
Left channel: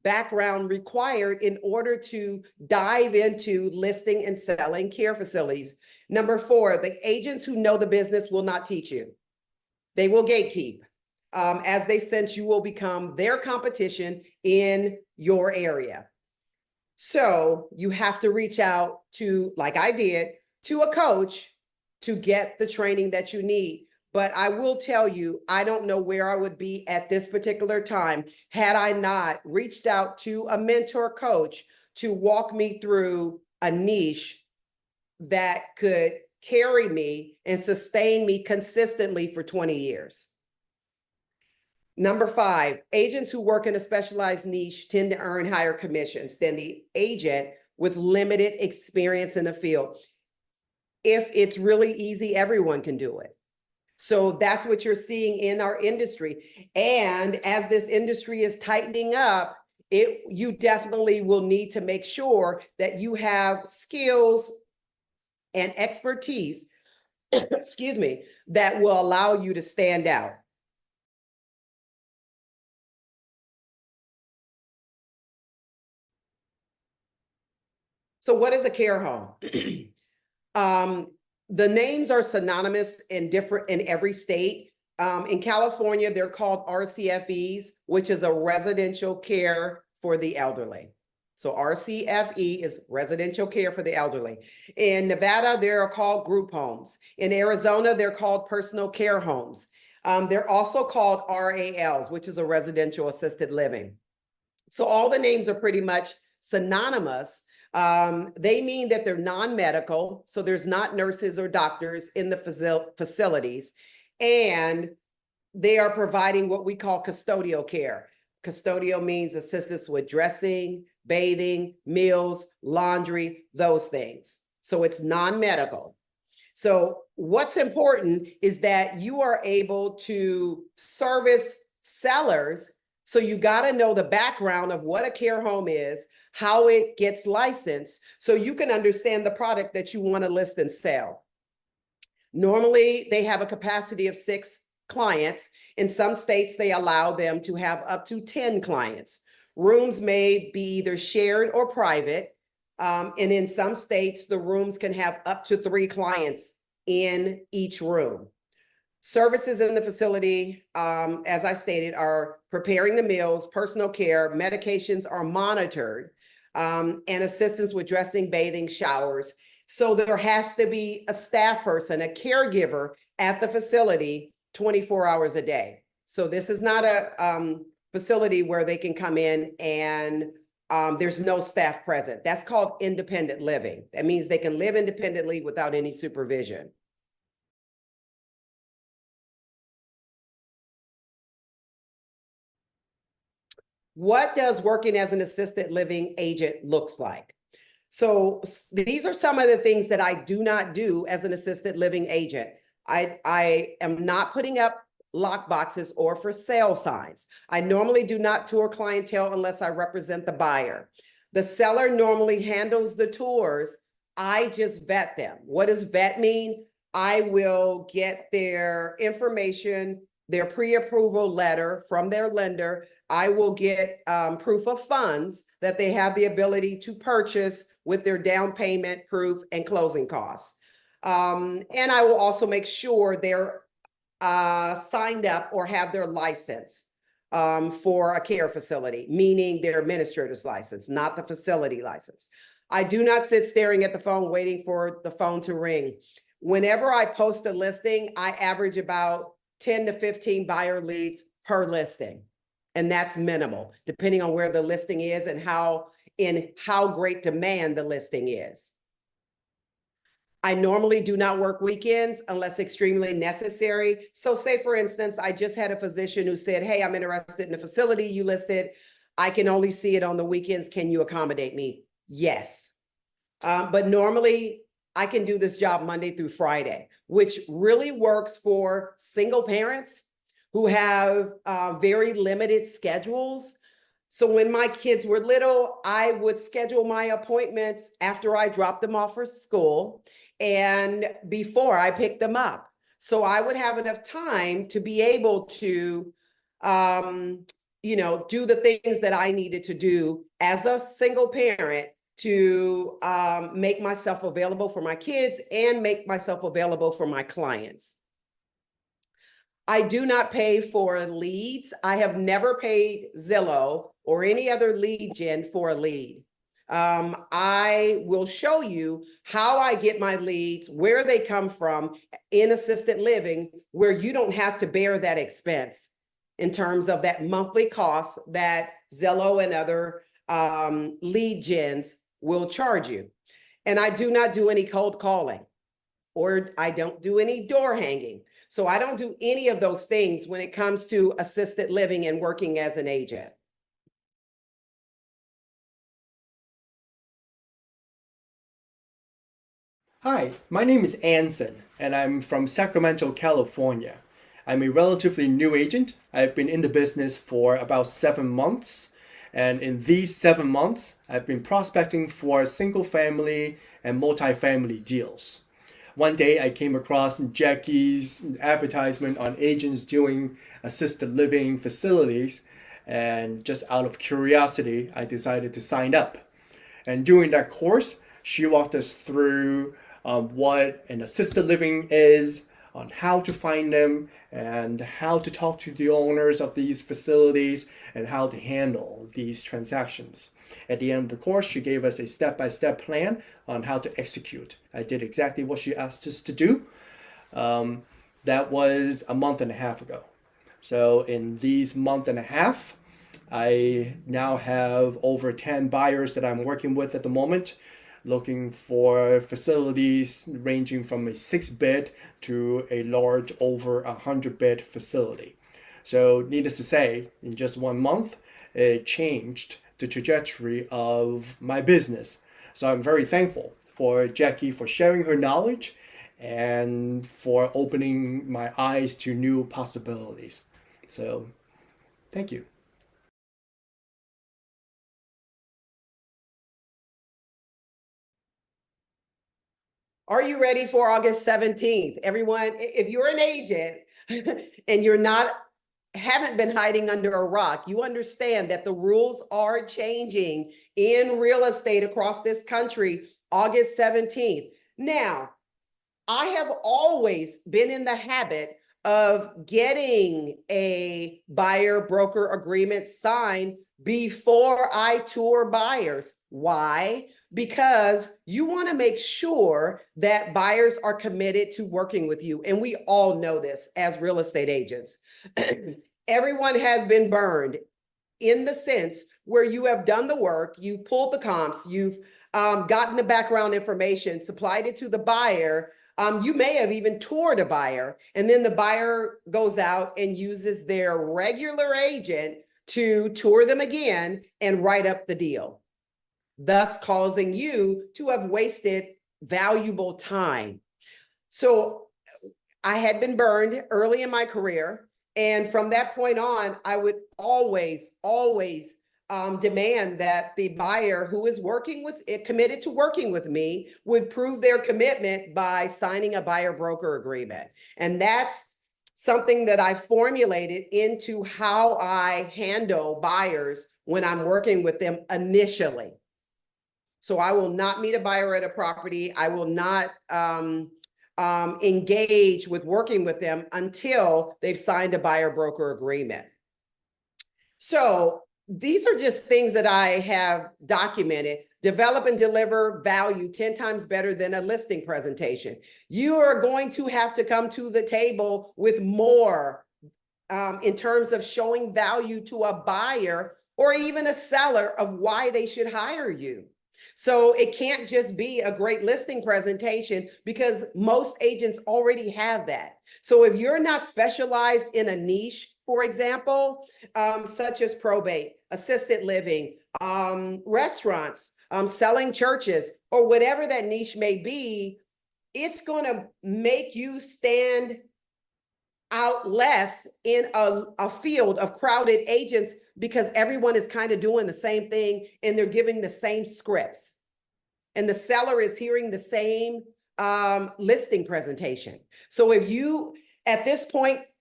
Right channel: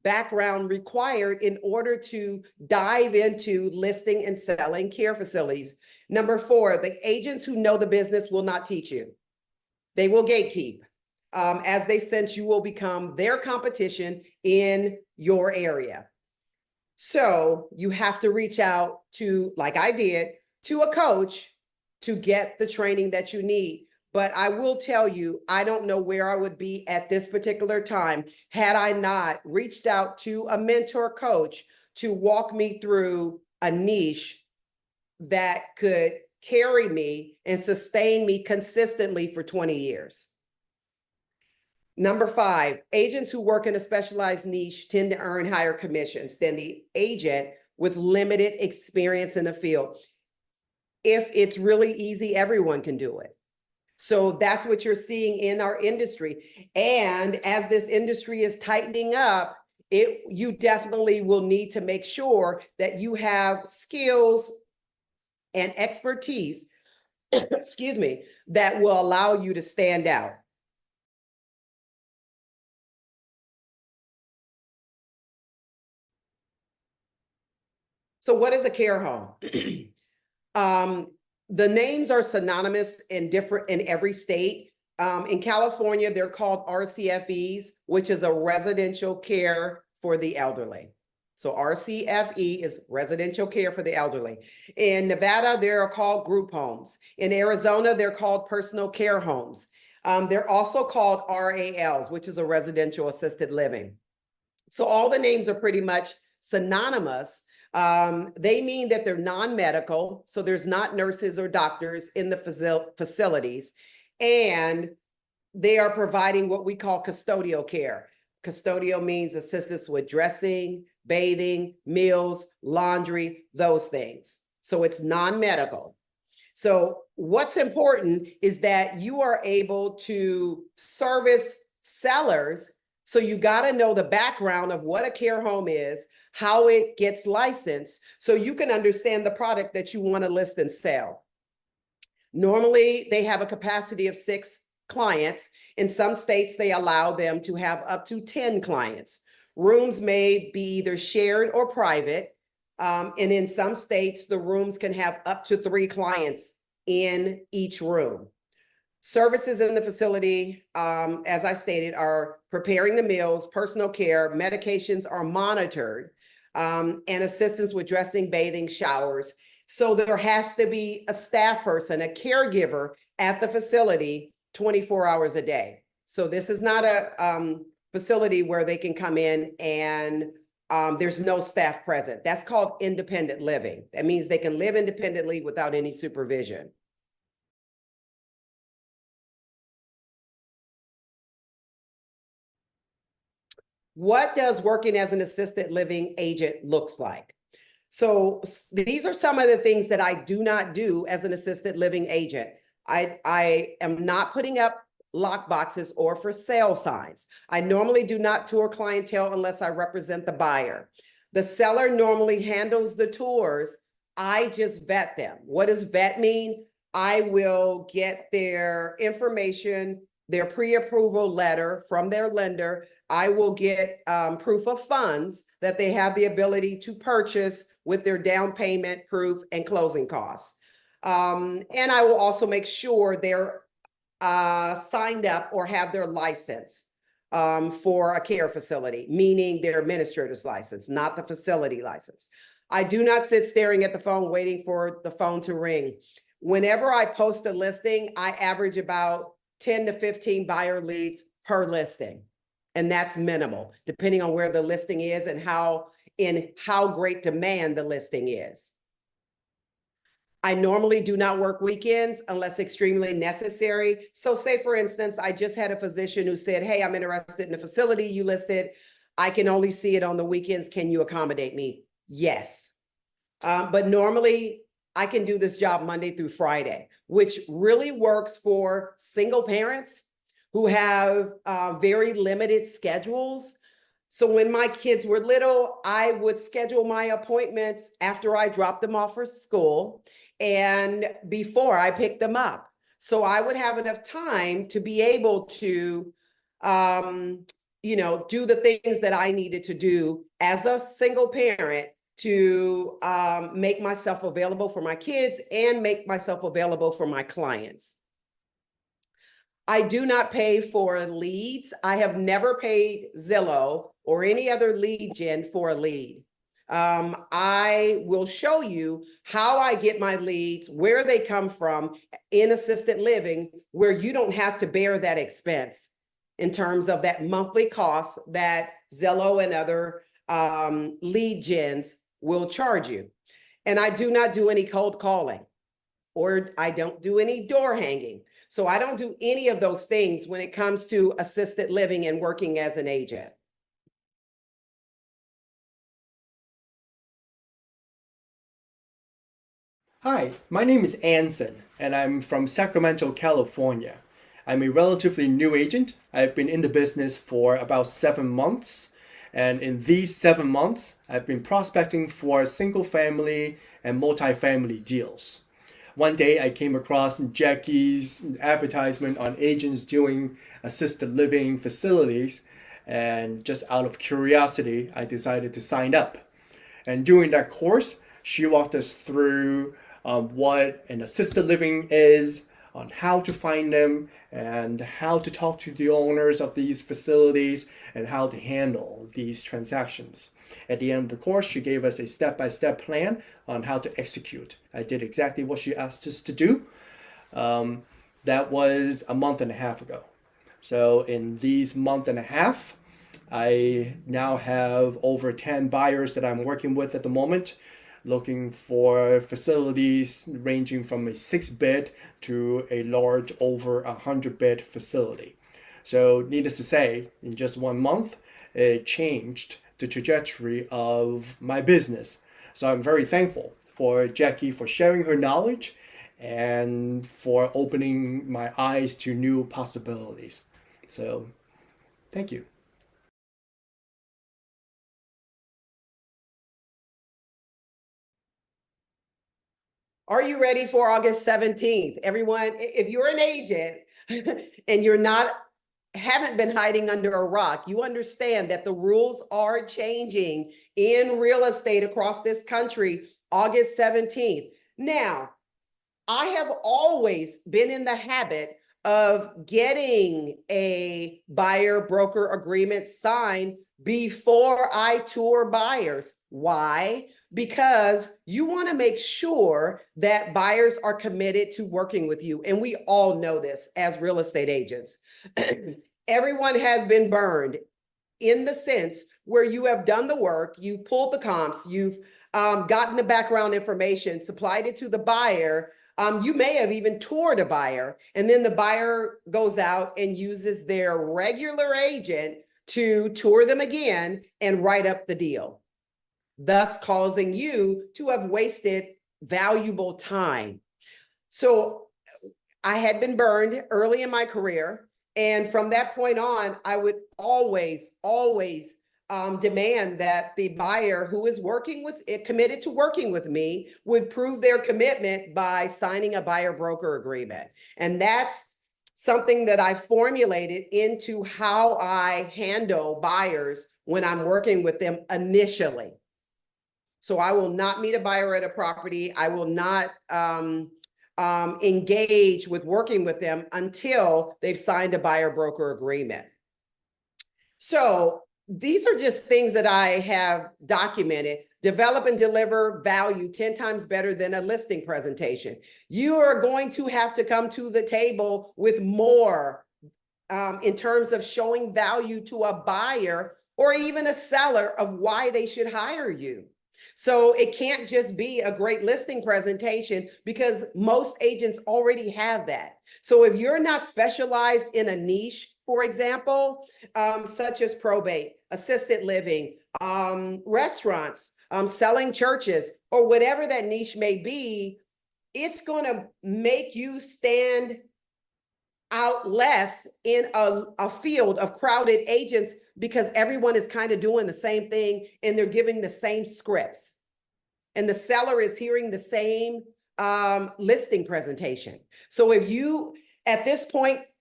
background required in order to dive into listing and selling care facilities. Number 4, the agents who know the business will not teach you. They will gatekeep. As they sense you will become their competition in your area. So you have to reach out to, like I did, to a coach to get the training that you need. But I will tell you, I don't know where I would be at this particular time had I not reached out to a mentor coach to walk me through a niche that could carry me and sustain me consistently for 20 years. Number 5, agents who work in a specialized niche tend to earn higher commissions than the agent with limited experience in the field. If it's really easy, everyone can do it. So that's what you're seeing in our industry. And as this industry is tightening up, you definitely will need to make sure that you have skills and expertise, excuse me, that will allow you to stand out. So what is a care home? The names are synonymous in every state. In California, they're called RCFEs, which is a residential care for the elderly. So RCFE is residential care for the elderly. In Nevada, they're called group homes. In Arizona, they're called personal care homes. They're also called RALs, which is a residential assisted living. So all the names are pretty much synonymous. They mean that they're non-medical, so there's not nurses or doctors in the facilities, and they are providing what we call custodial care. Custodial means assistance with dressing, bathing, meals, laundry, those things. So it's non-medical. So what's important is that you are able to service sellers. So you got to know the background of what a care home is, how it gets licensed, so you can understand the product that you want to list and sell. Normally, they have a capacity of 6 clients. In some states, they allow them to have up to 10 clients. Rooms may be either shared or private. And in some states, the rooms can have up to 3 clients in each room. Services in the facility, as I stated, are preparing the meals, personal care, medications are monitored, and assistance with dressing, bathing, showers. So there has to be a staff person, a caregiver at the facility 24 hours a day. So this is not a facility where they can come in and there's no staff present. That's called independent living. That means they can live independently without any supervision. What does working as an assisted living agent looks like? So these are some of the things that I do not do as an assisted living agent. I am not putting up lock boxes or for sale signs. I normally do not tour clientele unless I represent the buyer. The seller normally handles the tours. I just vet them. What does vet mean? I will get their information, their pre-approval letter from their lender. I will get proof of funds that they have the ability to purchase with their down payment proof and closing costs. And I will also make sure they're signed up or have their license for a care facility, meaning their administrator's license, not the facility license. I do not sit staring at the phone waiting for the phone to ring. Whenever I post a listing, I average about 10 to 15 buyer leads per listing. And that's minimal, depending on where the listing is and how great demand the listing is. I normally do not work weekends unless extremely necessary. So say, for instance, I just had a physician who said, hey, I'm interested in a facility you listed. I can only see it on the weekends. Can you accommodate me? Yes. But normally I can do this job Monday through Friday, which really works for single parents who have very limited schedules. So when my kids were little, I would schedule my appointments after I dropped them off for school and before I picked them up. So I would have enough time to be able to do the things that I needed to do as a single parent to make myself available for my kids and make myself available for my clients. I do not pay for leads. I have never paid Zillow or any other lead gen for a lead. I will show you how I get my leads, where they come from in assisted living, where you don't have to bear that expense in terms of that monthly cost that Zillow and other lead gens will charge you. And I do not do any cold calling, or I don't do any door hanging. So I don't do any of those things when it comes to assisted living and working as an agent. Hi, my name is Anson, and I'm from Sacramento, California. I'm a relatively new agent. I've been in the business for about 7 months, and in these 7 months, I've been prospecting for single-family and multifamily deals. One day, I came across Jackie's advertisement on agents doing assisted living facilities, and just out of curiosity, I decided to sign up. And during that course, she walked us through what an assisted living is, on how to find them, and how to talk to the owners of these facilities, and how to handle these transactions. At the end of the course, she gave us a step-by-step plan on how to execute. I did exactly what she asked us to do. That was a month and a half ago. So in these month and a half, I now have over 10 buyers that I'm working with at the moment, looking for facilities ranging from a 6-bed to a large over 100-bed facility. So needless to say, in just 1 month, it changed the trajectory of my business. So I'm very thankful for Jackie for sharing her knowledge and for opening my eyes to new possibilities. So thank you. Are you ready for August 17th? Everyone, if you're an agent and haven't been hiding under a rock, you understand that the rules are changing in real estate across this country, August 17th. Now, I have always been in the habit of getting a buyer broker agreement signed before I tour buyers. Why? Because you want to make sure that buyers are committed to working with you. And we all know this as real estate agents. Everyone has been burned in the sense where you have done the work, you've pulled the comps, you've gotten the background information, supplied it to the buyer. You may have even toured a buyer, and then the buyer goes out and uses their regular agent to tour them again and write up the deal, thus causing you to have wasted valuable time. So I had been burned early in my career. And from that point on, I would always demand that the buyer who is committed to working with me would prove their commitment by signing a buyer broker agreement. And that's something that I formulated into how I handle buyers when I'm working with them initially. So I will not meet a buyer at a property. I will not engage with working with them until they've signed a buyer broker agreement. So these are just things that I have documented. Develop and deliver value 10 times better than a listing presentation. You are going to have to come to the table with more in terms of showing value to a buyer or even a seller of why they should hire you. So it can't just be a great listing presentation because most agents already have that. So if you're not specialized in a niche, for example, such as probate, assisted living, restaurants, selling churches, or whatever that niche may be, it's going to make you stand out less in a field of crowded agents because everyone is kind of doing the same thing and they're giving the same scripts. And the seller is hearing the same listing presentation. So if you, at this point,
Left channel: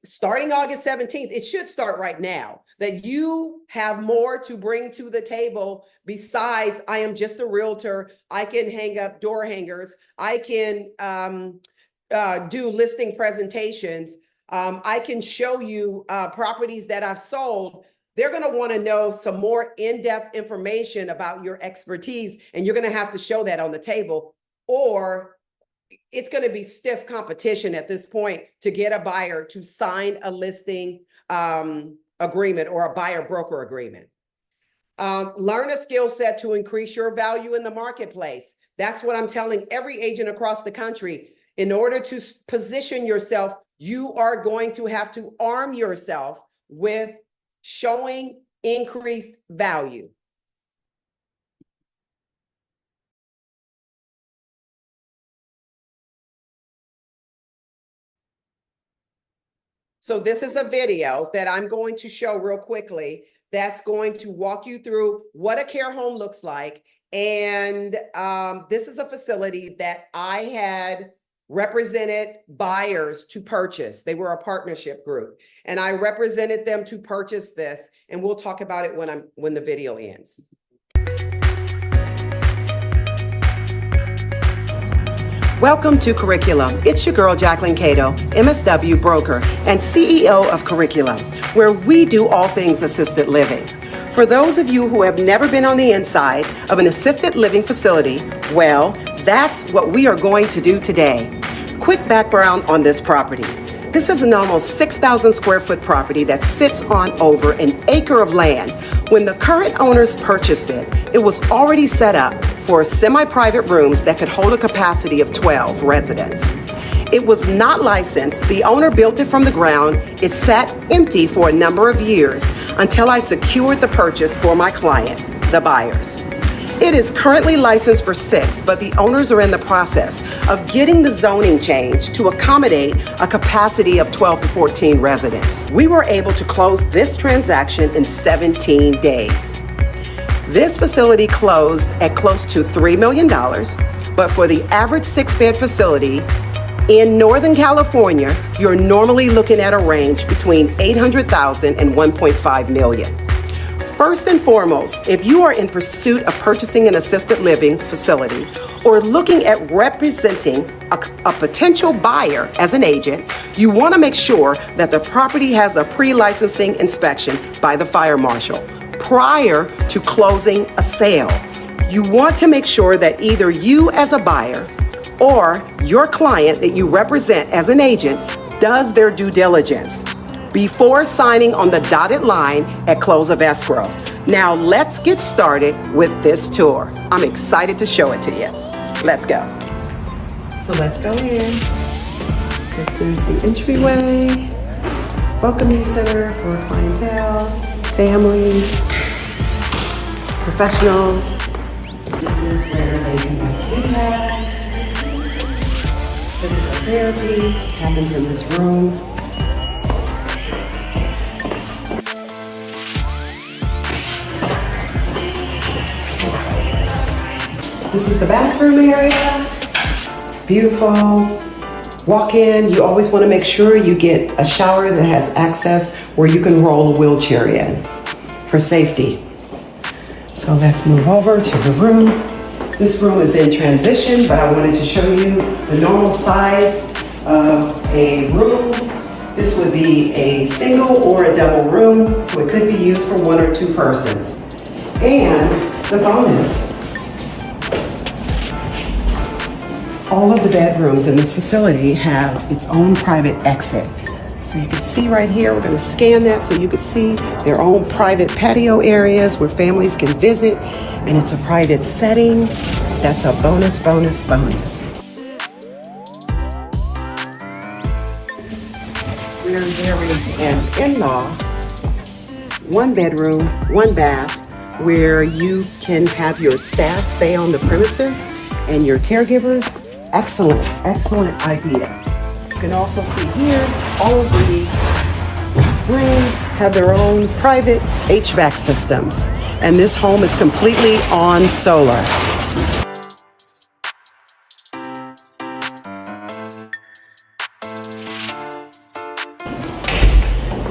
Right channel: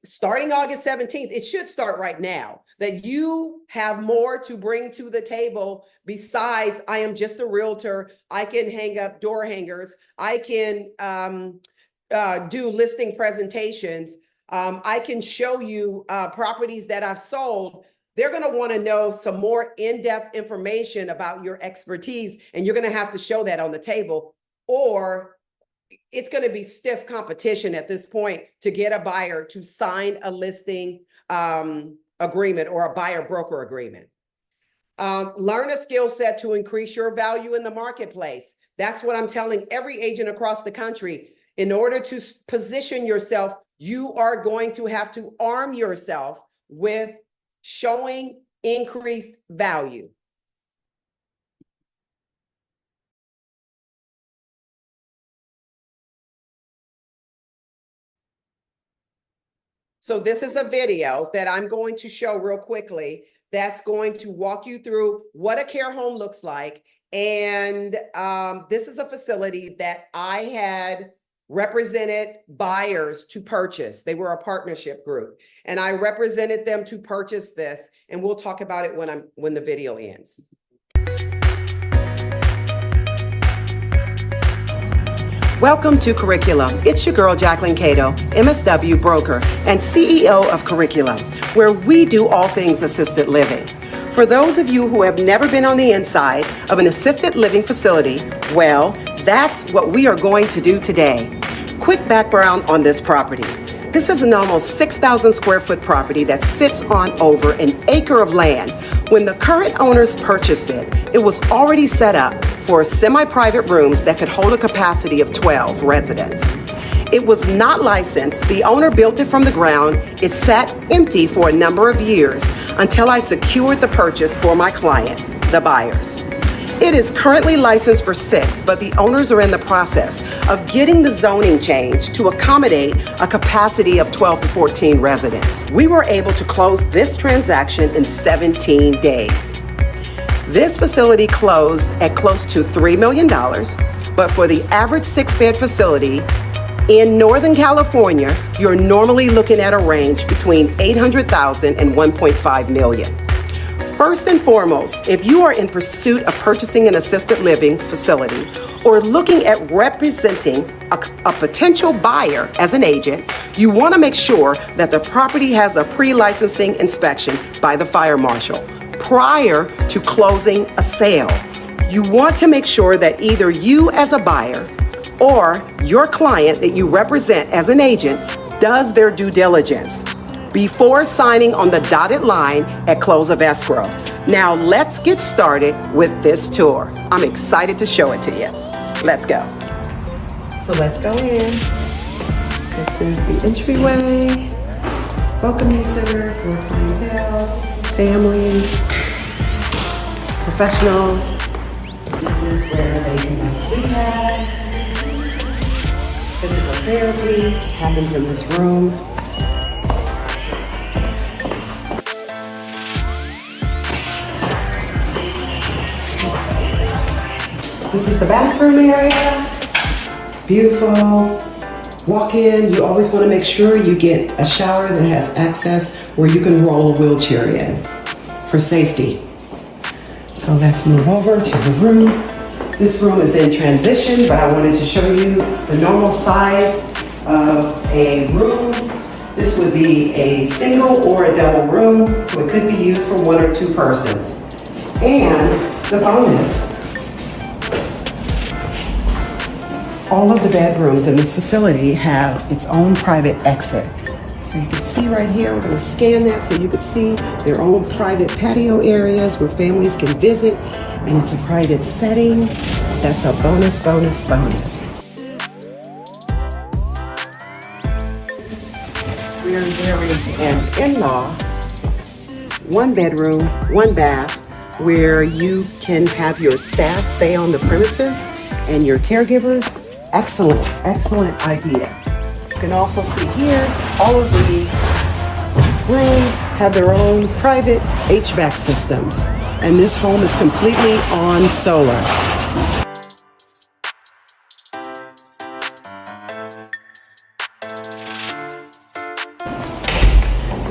starting August 17th, it should start right now, that you have more to bring to the table besides I am just a realtor. I can hang up door hangers. I can do listing presentations. I can show you properties that I've sold. They're going to want to know some more in-depth information about your expertise, and you're going to have to show that on the table, or it's going to be stiff competition at this point to get a buyer to sign a listing agreement or a buyer broker agreement. Learn a skill set to increase your value in the marketplace. That's what I'm telling every agent across the country. In order to position yourself, you are going to have to arm yourself with showing increased value. So this is a video that I'm going to show real quickly that's going to walk you through what a care home looks like. And this is a facility that I had represented buyers to purchase. They were a partnership group, and I represented them to purchase this. And we'll talk about it when the video ends. Welcome to Curriculum. It's your girl, Jacquelyn Cato, MSW broker and CEO of Curriculum, where we do all things assisted living. For those of you who have never been on the inside of an assisted living facility, well, that's what we are going to do today. Quick background on this property. This is an almost 6,000 square foot property that sits on over an acre of land. When the current owners purchased it, it was already set up for semi-private rooms that could hold a capacity of 12 residents. It was not licensed. The owner built it from the ground. It sat empty for a number of years until I secured the purchase for my client, the buyers. It is currently licensed for 6, but the owners are in the process of getting the zoning changed to accommodate a capacity of 12 to 14 residents. We were able to close this transaction in 17 days. This facility closed at close to $3 million, but for the average 6-bed facility in Northern California, you're normally looking at a range between $800,000 and $1.5 million. First and foremost, if you are in pursuit of purchasing an assisted living facility or looking at representing a potential buyer as an agent, you want to make sure that the property has a pre-licensing inspection by the fire marshal prior to closing a sale. You want to make sure that either you as a buyer or your client that you represent as an agent does their due diligence before signing on the dotted line at close of escrow. Now let's get started with this tour. I'm excited to show it to you. Let's go. So let's go in. This is the entryway, welcoming center for clientele, families, professionals. This is where they can do rehab, physical therapy happens in this room. This is the bathroom area. It's beautiful. Walk in. You always want to make sure you get a shower that has access where you can roll a wheelchair in for safety. So let's move over to the room. This room is in transition, but I wanted to show you the normal size of a room. This would be a single or a double room, so it could be used for 1 or 2 persons. And the bonus, all of the bedrooms in this facility have its own private exit. So you can see right here, we're going to scan that so you can see their own private patio areas where families can visit, and it's a private setting. That's a bonus, bonus, bonus. Where there is an in-law, 1 bedroom, 1 bath, where you can have your staff stay on the premises and your caregivers. Excellent, excellent idea. You can also see here, all of the rooms have their own private HVAC systems, and this home is completely on solar.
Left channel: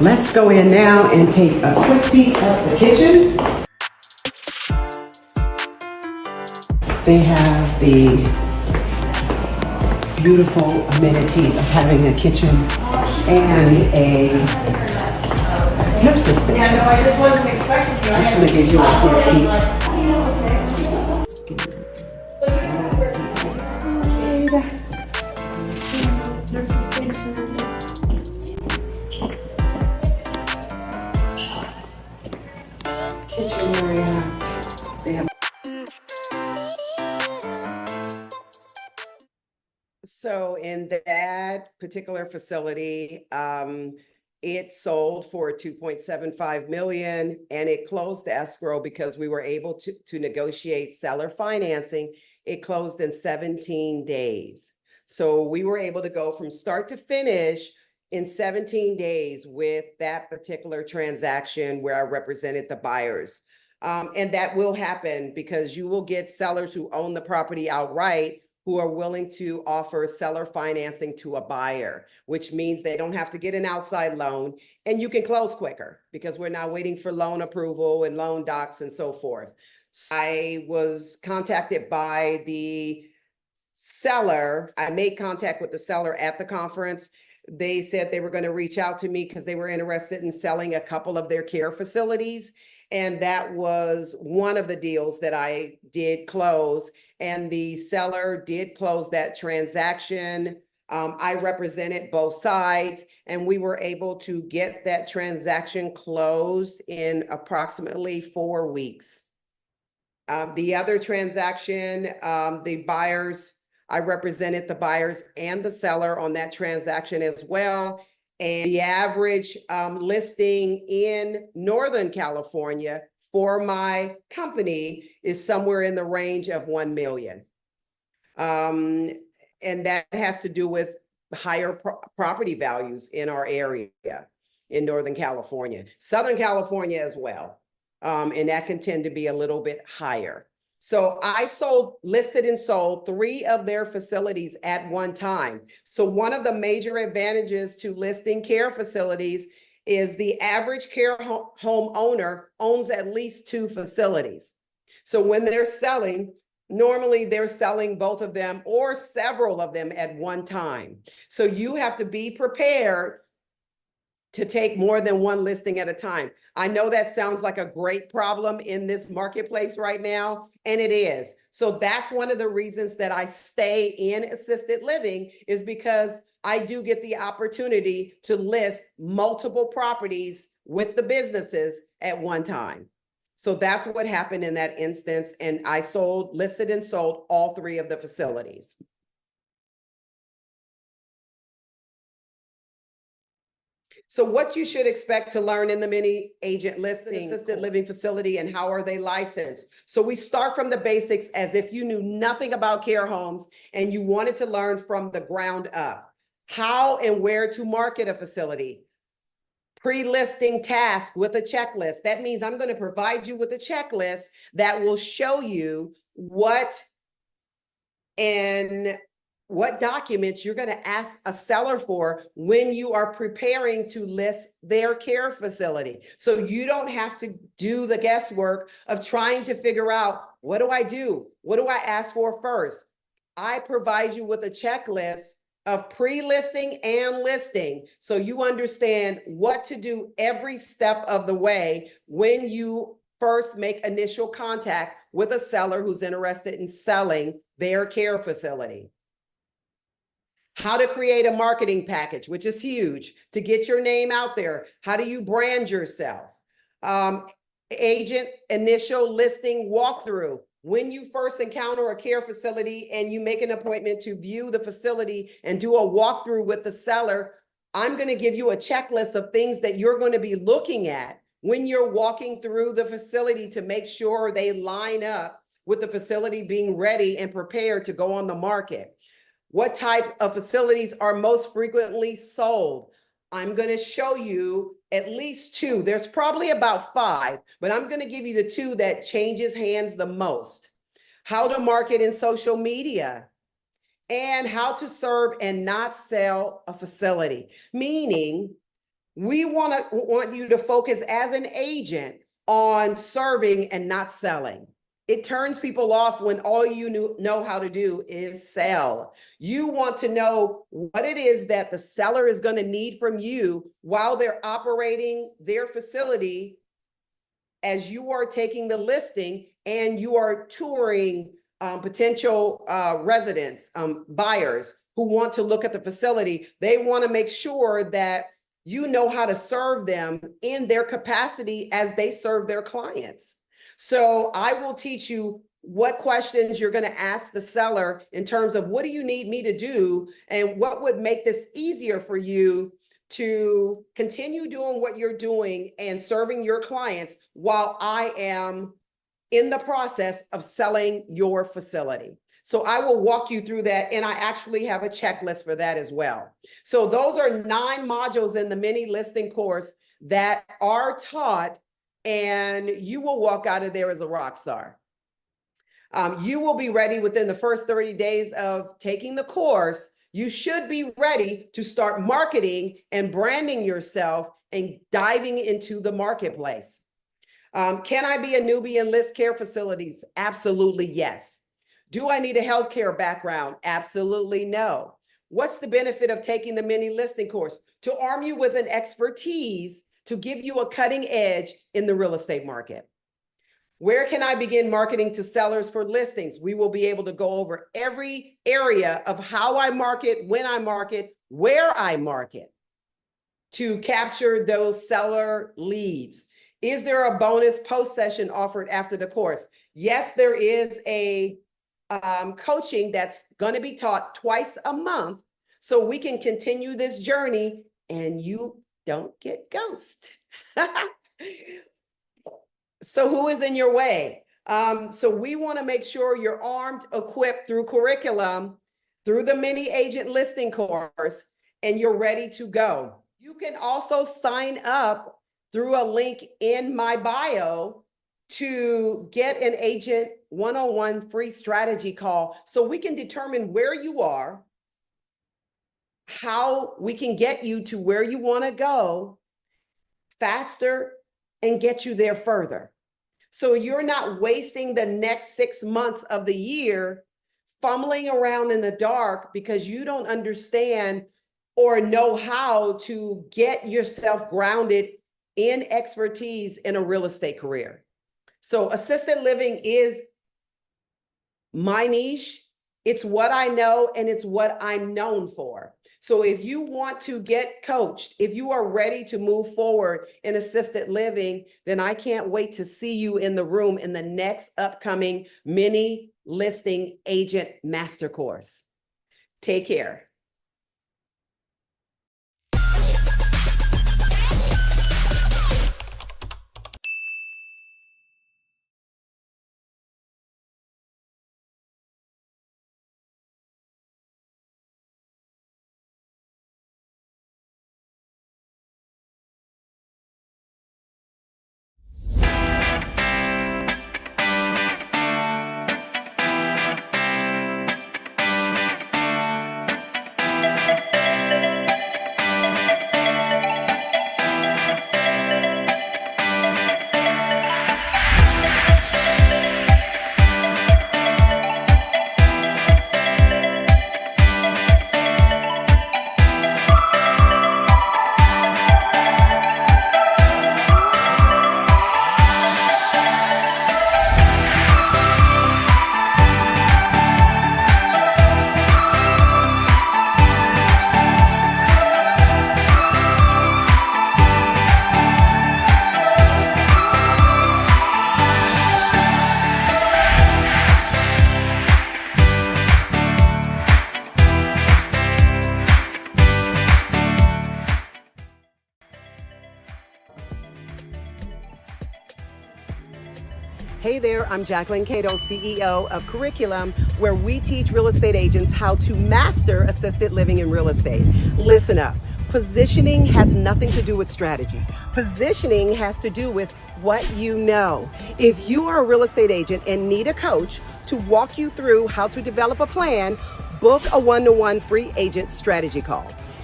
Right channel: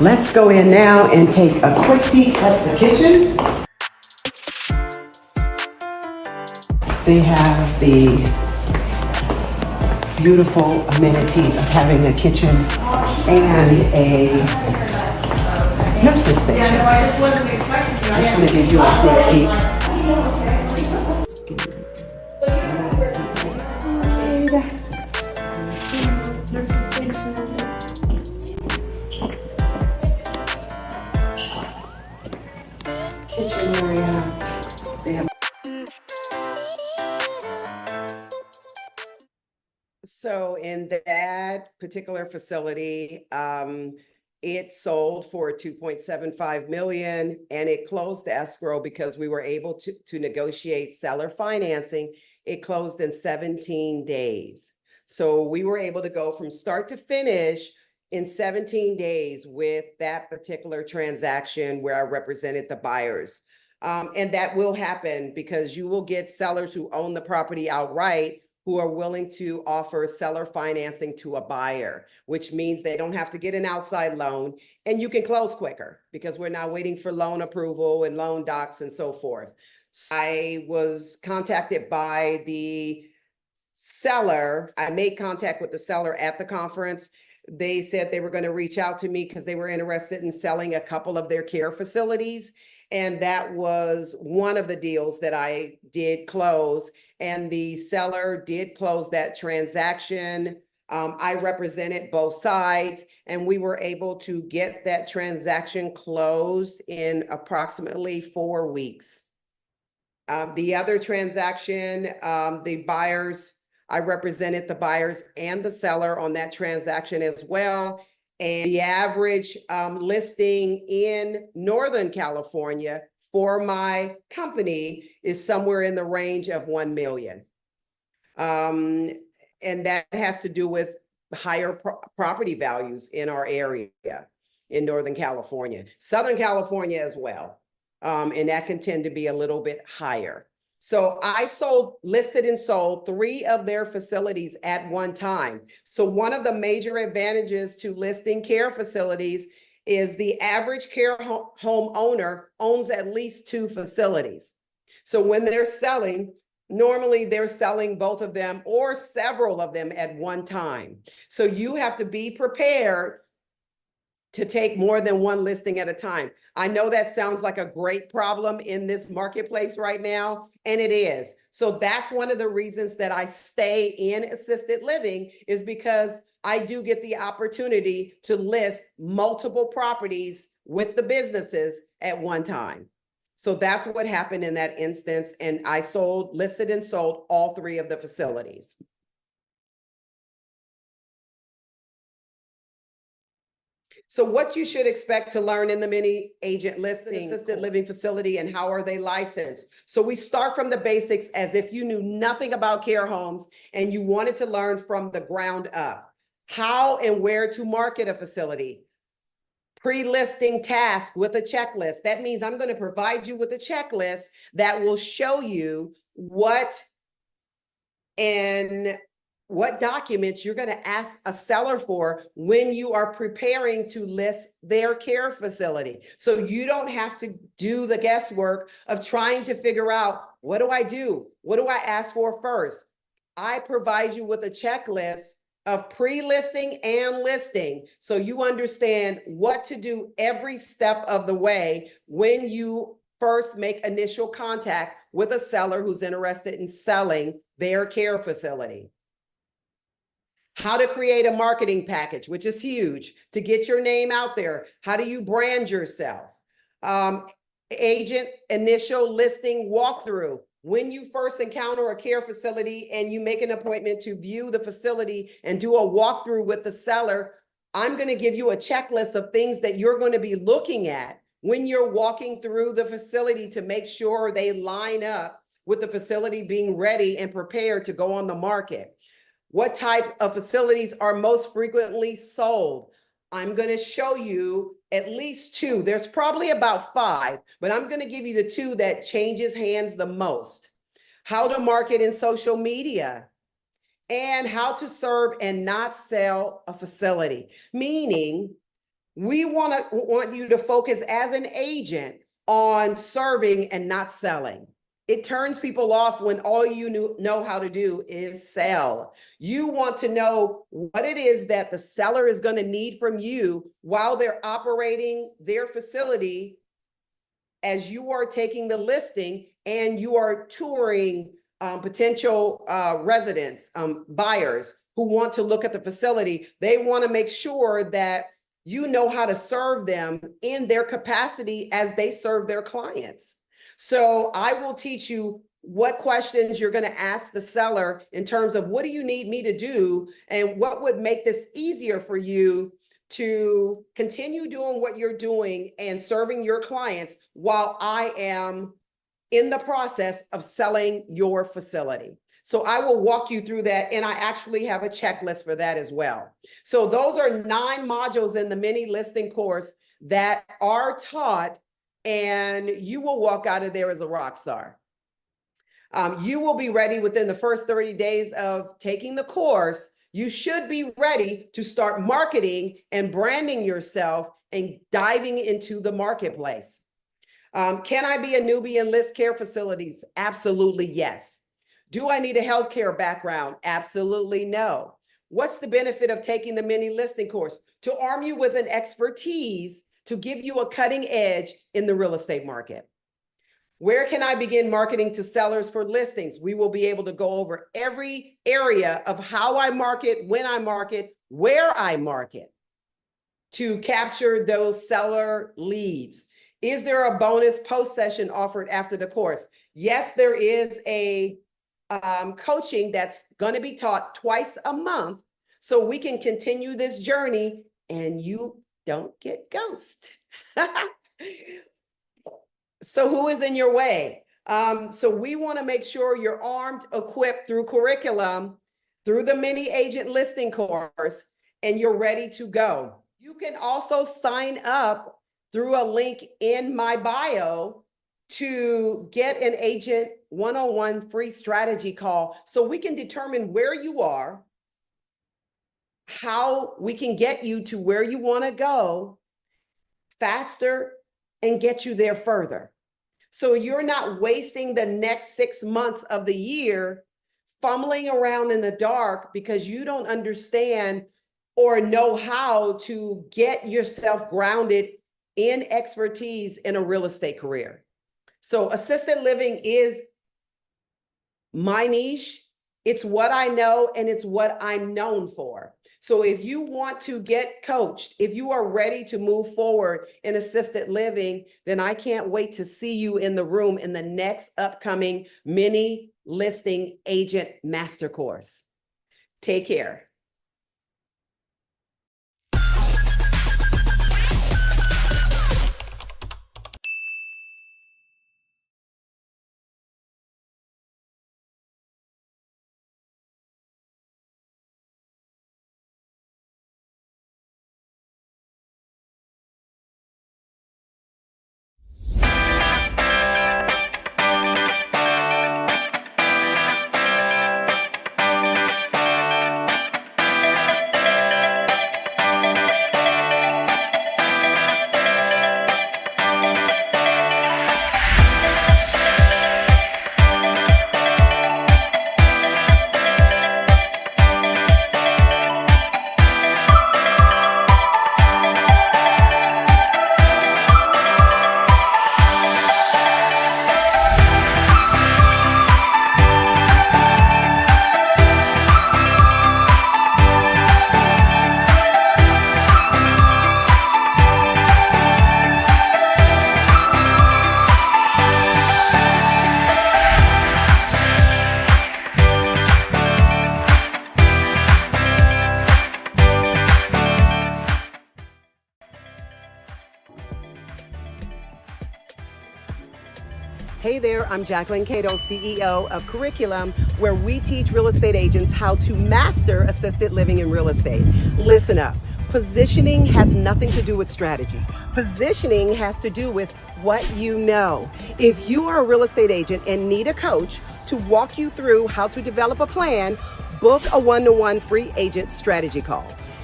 Let's go in now and take a quick peek at the kitchen. They have the beautiful amenity of having a kitchen and a hypnosis station. I'm just going to give you a sneak peek. Kitchen area. They have. So in that particular facility, it sold for 2.75 million and it closed the escrow because we were able to negotiate seller financing. It closed in 17 days. So we were able to go from start to finish in 17 days with that particular transaction where I represented the buyers. And that will happen because you will get sellers who own the property outright who are willing to offer seller financing to a buyer, which means they don't have to get an outside loan and you can close quicker because we're not waiting for loan approval and loan docs and so forth. So I was contacted by the seller. I made contact with the seller at the conference. They said they were going to reach out to me because they were interested in selling a couple of their care facilities. And that was one of the deals that I did close. And the seller did close that transaction. I represented both sides and we were able to get that transaction closed in approximately 4 weeks. The other transaction, the buyers, I represented the buyers and the seller on that transaction as well. And the average listing in Northern California for my company is somewhere in the range of 1 million. And that has to do with higher property values in our area in Northern California, Southern California as well. And that can tend to be a little bit higher. So I listed and sold 3 of their facilities at one time. So one of the major advantages to listing care facilities is the average care home owner owns at least 2 facilities. So when they're selling, normally they're selling both of them or several of them at one time. So you have to be prepared to take more than one listing at a time. I know that sounds like a great problem in this marketplace right now, and it is. So that's one of the reasons that I stay in assisted living is because I do get the opportunity to list multiple properties with the businesses at one time. So that's what happened in that instance. And I listed and sold all 3 of the facilities. So what you should expect to learn in the mini agent listing assisted living facility and how are they licensed? So we start from the basics as if you knew nothing about care homes and you wanted to learn from the ground up. How and where to market a facility. Pre-listing task with a checklist. That means I'm going to provide you with a checklist that will show you what documents you're going to ask a seller for when you are preparing to list their care facility. So you don't have to do the guesswork of trying to figure out, what do I do? What do I ask for first? I provide you with a checklist of pre-listing and listing so you understand what to do every step of the way when you first make initial contact with a seller who's interested in selling their care facility. How to create a marketing package, which is huge, to get your name out there. How do you brand yourself? Agent initial listing walkthrough. When you first encounter a care facility and you make an appointment to view the facility and do a walkthrough with the seller, I'm going to give you a checklist of things that you're going to be looking at when you're walking through the facility to make sure they line up with the facility being ready and prepared to go on the market. What type of facilities are most frequently sold? I'm going to show you at least 2. There's probably about 5, but I'm going to give you the 2 that changes hands the most. How to market in social media and how to serve and not sell a facility. Meaning We want you to focus as an agent on serving and not selling. It turns people off when all you know how to do is sell. You want to know what it is that the seller is going to need from you while they're operating their facility as you are taking the listing and you are touring potential residents, buyers who want to look at the facility. They want to make sure that you know how to serve them in their capacity as they serve their clients. So I will teach you what questions you're going to ask the seller in terms of what do you need me to do and what would make this easier for you to continue doing what you're doing and serving your clients while I am in the process of selling your facility. So I will walk you through that, and I actually have a checklist for that as well. So those are 9 modules in the mini listing course that are taught, and you will walk out of there as a rock star. You will be ready within the first 30 days of taking the course. You should be ready to start marketing and branding yourself and diving into the marketplace. Can I be a newbie in list care facilities? Absolutely, yes. Do I need a healthcare background? Absolutely no. What's the benefit of taking the mini listing course? To arm you with an expertise to give you a cutting edge in the real estate market. Where can I begin marketing to sellers for listings? We will be able to go over every area of how I market, when I market, where I market to capture those seller leads. Is there a bonus post session offered after the course? Yes, there is a coaching that's going to be taught twice a month so we can continue this journey and you don't get ghosted. So who is in your way? So we want to make sure you're armed, equipped through curriculum, through the mini agent listing course, and you're ready to go. You can also sign up through a link in my bio to get an agent one-on-one free strategy call so we can determine where you are, how we can get you to where you want to go faster and get you there further. So you're not wasting the next 6 months of the year fumbling around in the dark because you don't understand or know how to get yourself grounded in expertise in a real estate career. So assisted living is my niche. It's what I know and it's what I'm known for. So if you want to get coached, if you are ready to move forward in assisted living, then I can't wait to see you in the room in the next upcoming mini listing agent master course. Take care. Hey there, I'm Jacquelyn, CEO of Curriculum, where we teach real estate agents how to master assisted living in real estate. Listen up. Positioning has nothing to do with strategy. Positioning has to do with what you know. If you are a real estate agent and need a coach to walk you through how to develop a plan, book a one-to-one free agent strategy call.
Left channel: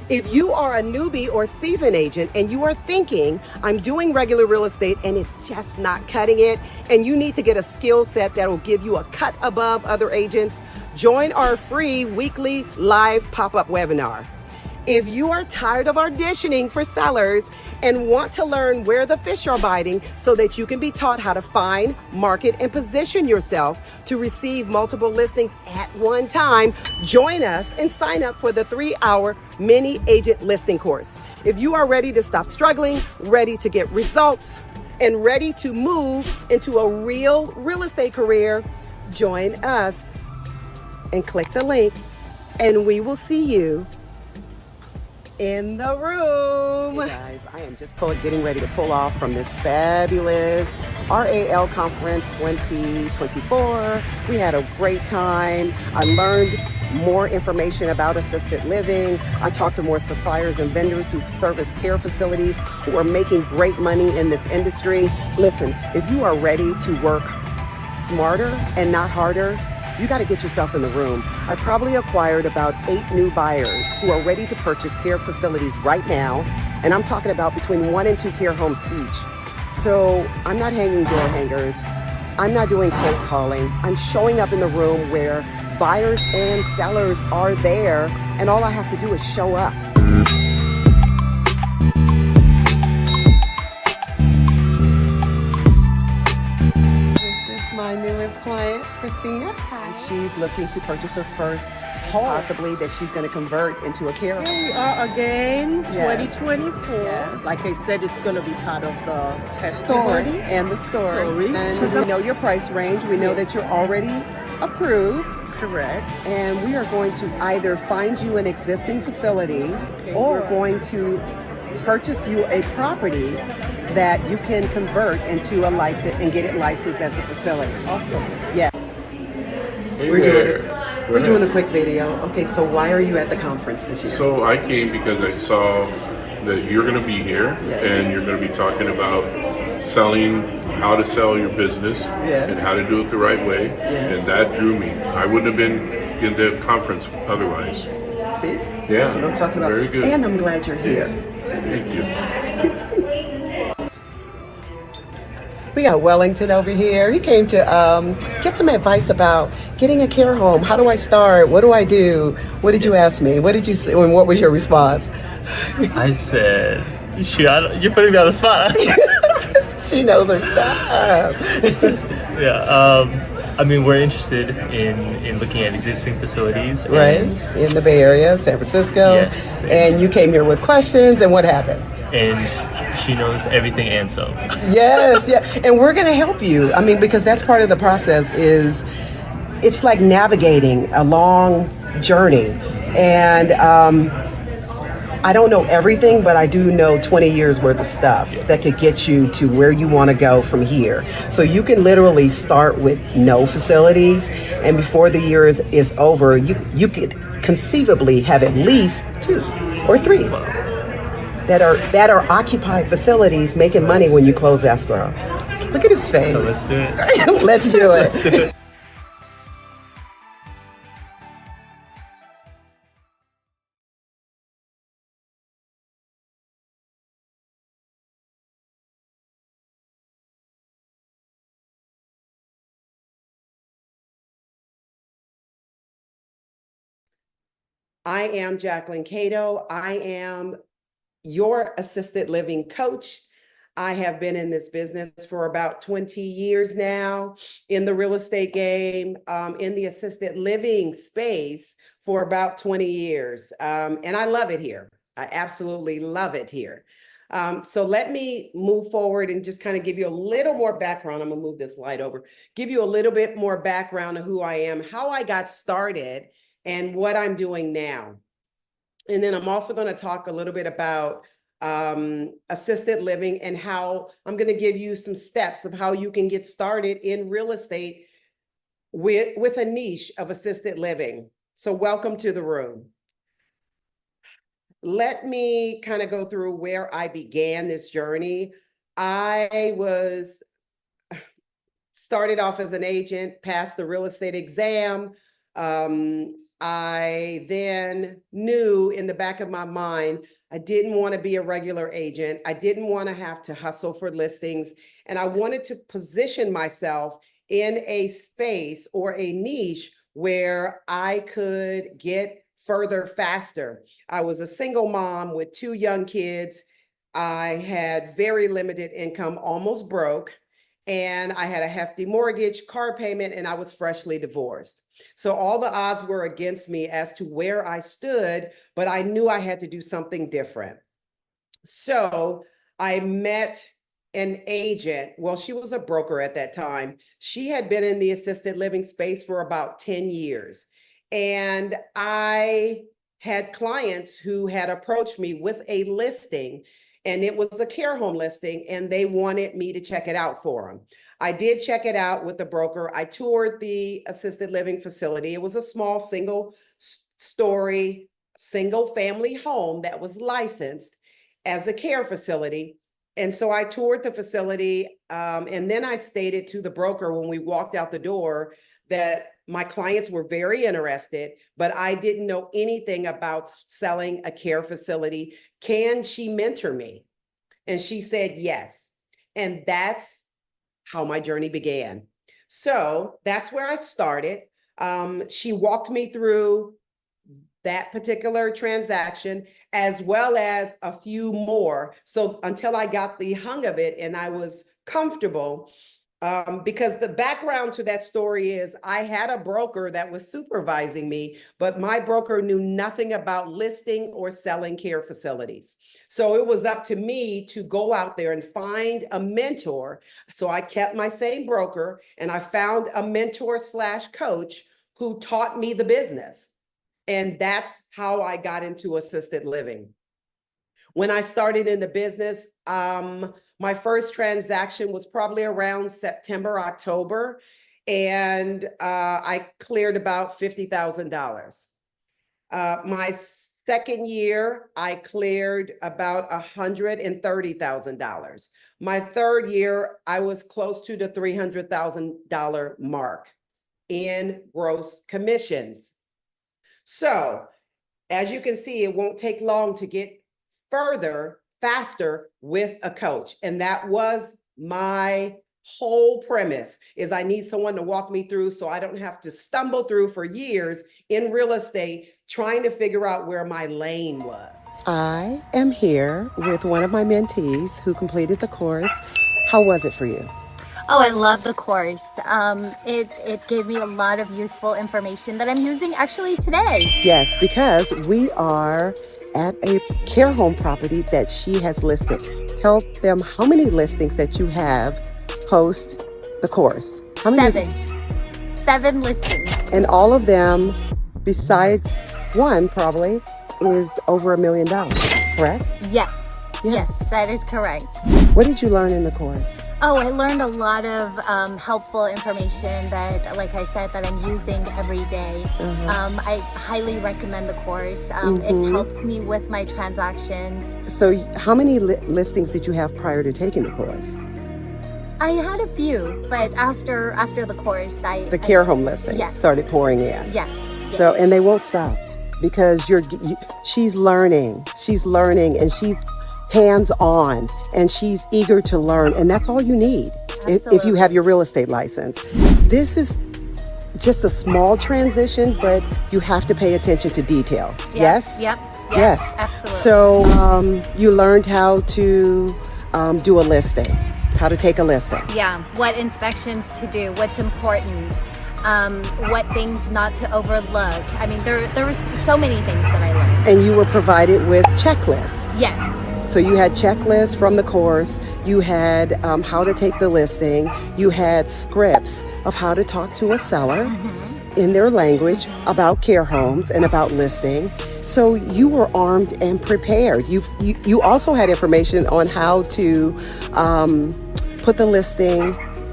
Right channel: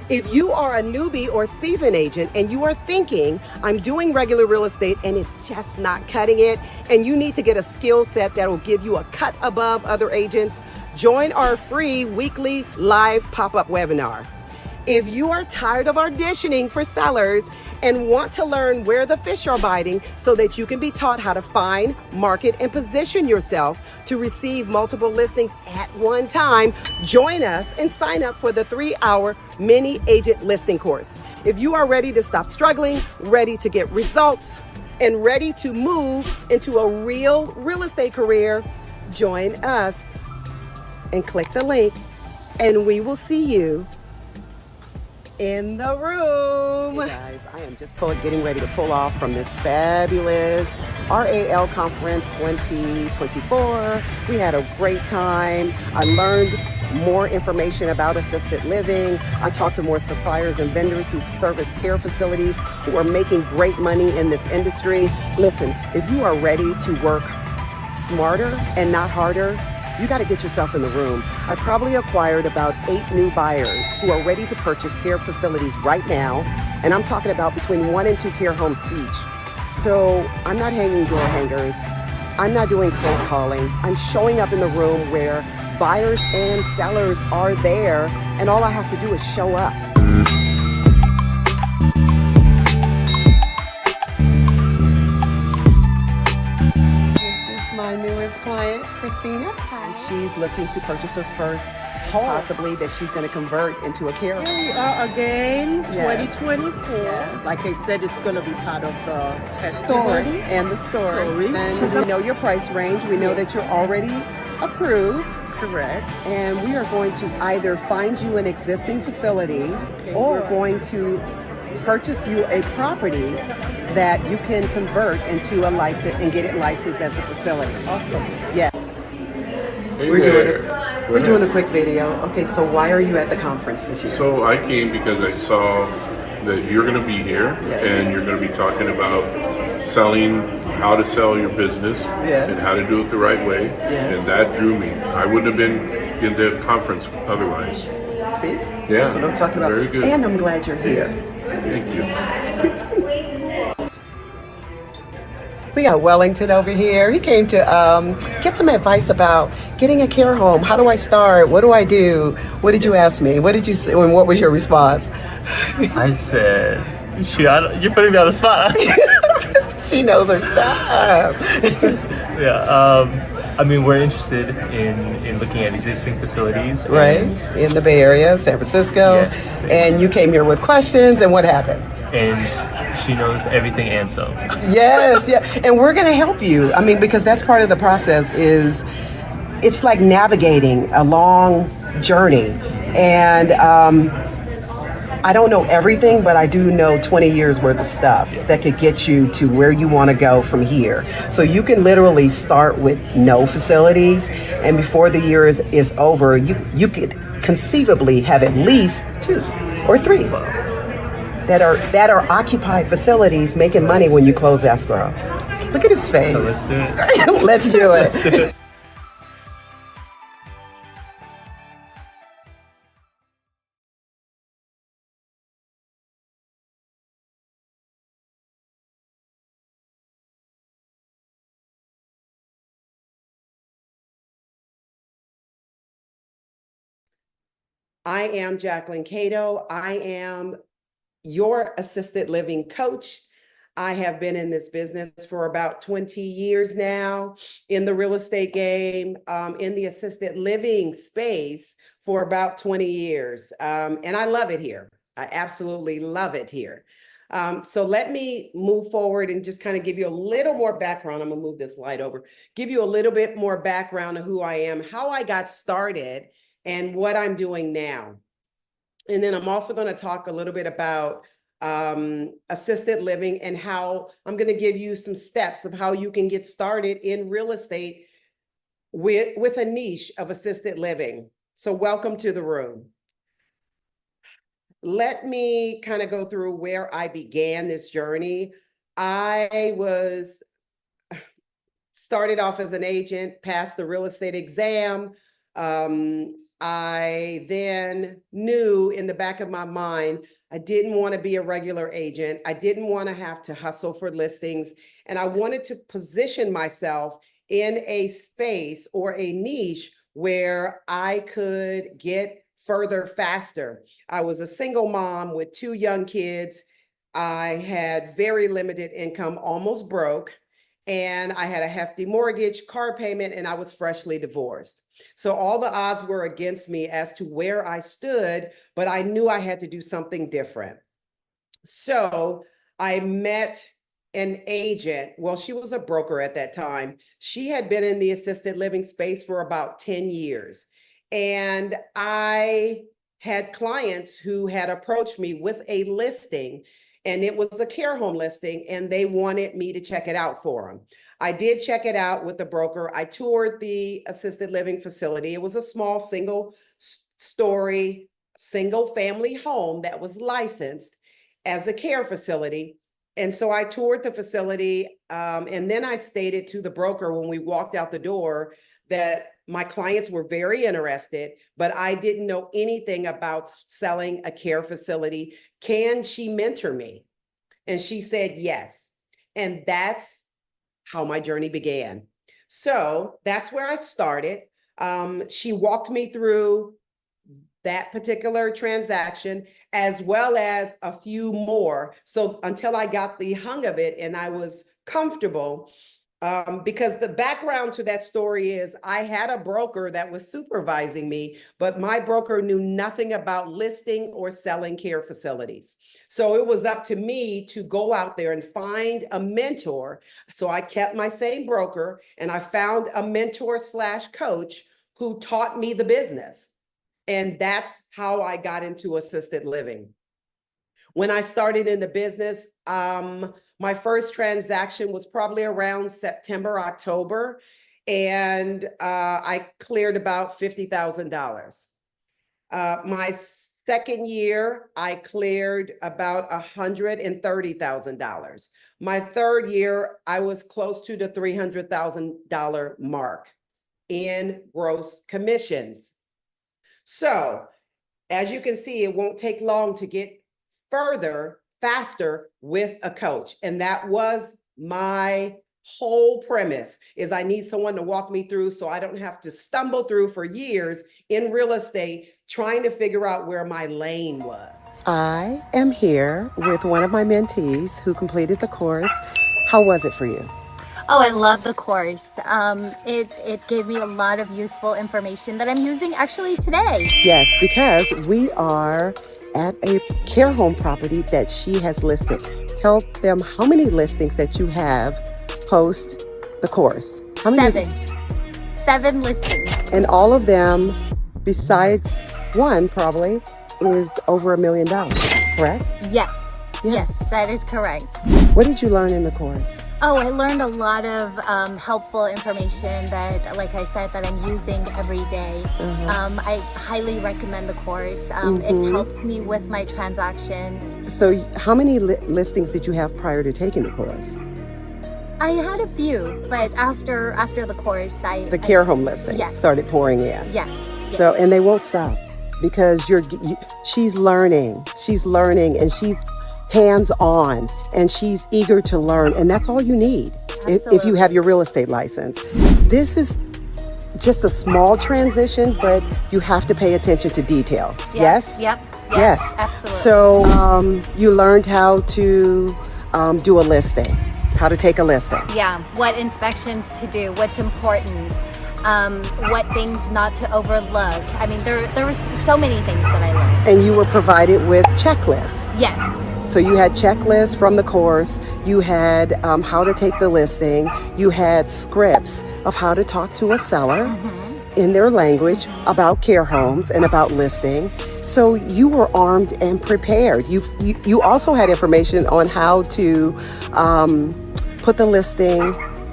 If you are a newbie or seasoned agent and you are thinking, I'm doing regular real estate and it's just not cutting it, and you need to get a skill set that will give you a cut above other agents, join our free weekly live pop-up webinar. If you are tired of auditioning for sellers and want to learn where the fish are biting so that you can be taught how to find, market, and position yourself to receive multiple listings at one time, join us and sign up for the 3-hour mini agent listing course. If you are ready to stop struggling, ready to get results, and ready to move into a real estate career, join us and click the link, and we will see you in the room. Hey guys, I am just getting ready to pull off from this fabulous RAL Conference 2024. We had a great time. I learned more information about assisted living. I talked to more suppliers and vendors who service care facilities who are making great money in this industry. Listen, if you are ready to work smarter and not harder, you got to get yourself in the room. I probably acquired about 8 new buyers who are ready to purchase care facilities right now. And I'm talking about between 1 and 2 care homes each. So I'm not hanging door hangers. I'm not doing cold calling. I'm showing up in the room where buyers and sellers are there. And all I have to do is show up. My newest client, Christina. Hi. She's looking to purchase her first home, possibly that she's going to convert into a care home. Here we are again, Yes. 2024. Yes. Like I said, it's going to be part of the Story testimony. and the story. And She's we know your price range. We know that you're already approved. Correct. And we are going to either find you an existing facility or good. going to purchase you a property that you can convert into a license and get it licensed as a facility. Awesome. Yeah. Hey We're doing it. there. We're doing a quick video. Okay, so why are you at the conference this year? So I came because I saw that you're going to be here, Yes. and you're going to be talking about selling, how to sell your business, Yes. and how to do it the right way. Yes. And that drew me. I wouldn't have been in the conference otherwise. See? Yeah. That's what I'm talking about. Very good. And I'm glad you're here. Thank you. We got Wellington over here. He came to get some advice about getting a care home. How do I start? What do I do? What did you ask me? What did you say? And what was your response? I said, you're putting me on the spot. She knows her stuff. Yeah. I mean, we're interested in looking at existing facilities. Right? In the Bay Area, San Francisco. Yes. And you came here with questions, and what happened? And she knows everything and some. Yes, yeah. And we're going to help you. I mean, because that's part of the process is it's like navigating a long journey. And I don't know everything, but I do know 20 years worth of stuff that could get you to where you want to go from here. So you can literally start with no facilities, and before the year is over, you could conceivably have at least 2 or 3 that are occupied facilities making money when you close escrow. Look at his face. So let's do it. Let's do it. Let's do it. I am Jacquelyn Cato. I am your assisted living coach. I have been in this business for about 20 years now, in the real estate game, in the assisted living space for about 20 years. And I love it here. I absolutely love it here. So let me move forward and just kind of give you a little more background. I'm gonna move this light over, give you a little bit more background of who I am, how I got started, and what I'm doing now. And then I'm also going to talk a little bit about assisted living and how I'm going to give you some steps of how you can get started in real estate with a niche of assisted living. So welcome to the room. Let me kind of go through where I began this journey. I started off as an agent, passed the real estate exam, I then knew in the back of my mind, I didn't want to be a regular agent. I didn't want to have to hustle for listings. And I wanted to position myself in a space or a niche where I could get further faster. I was a single mom with 2 young kids. I had very limited income, almost broke, and I had a hefty mortgage, car payment, and I was freshly divorced. So all the odds were against me as to where I stood, but I knew I had to do something different. So I met an agent. Well, she was a broker at that time. She had been in the assisted living space for about 10 years. And I had clients who had approached me with a listing, and it was a care home listing, and they wanted me to check it out for them. I did check it out with the broker. I toured the assisted living facility. It was a small single-story, single-family home that was licensed as a care facility. And so I toured the facility, and then I stated to the broker when we walked out the door that my clients were very interested, but I didn't know anything about selling a care facility. Can she mentor me? And she said yes. And that's how my journey began. So that's where I started. She walked me through that particular transaction, as well as a few more. So until I got the hang of it and I was comfortable, because the background to that story is I had a broker that was supervising me, but my broker knew nothing about listing or selling care facilities. So it was up to me to go out there and find a mentor. So I kept my same broker and I found a mentor / coach who taught me the business. And that's how I got into assisted living. When I started in the business, my first transaction was probably around September, October, and I cleared about $50,000. My second year, I cleared about $130,000. My third year, I was close to the $300,000 mark in gross commissions. So, as you can see, it won't take long to get further, faster with a coach. And that was my whole premise, is I need someone to walk me through so I don't have to stumble through for years in real estate trying to figure out where my lane was. I am here with one of my mentees who completed the course. How was it for you? Oh, I love the course. It gave me a lot of useful information that I'm using actually today. Yes, because we are at a care home property that she has listed. Tell them how many listings that you have post the course. How many? 7 listings. And all of them, besides one probably, is over $1 million, correct? Yes. Yes, that is correct. What did you learn in the course? Oh, I learned a lot of helpful information that, like I said, that I'm using every day. I highly recommend the course. It's helped me with my transactions. So how many listings did you have prior to taking the course? I had a few, but after the course, The care home listings started pouring in. Yes. So, and they won't stop because she's learning, and she's hands-on, and she's eager to learn, and that's all you need if you have your real estate license. This is just a small transition, but you have to pay attention to detail. Yes? Yes. Absolutely. So you learned how to do a listing, how to take a listing. Yeah, what inspections to do, what's important, what things not to overlook. I mean, there were so many things that I learned. And you were provided with checklists. Yes. So you had checklists from the course, you had how to take the listing, you had scripts of how to talk to a seller in their language about care homes and about listing. So you were armed and prepared. You also had information on how to put the listing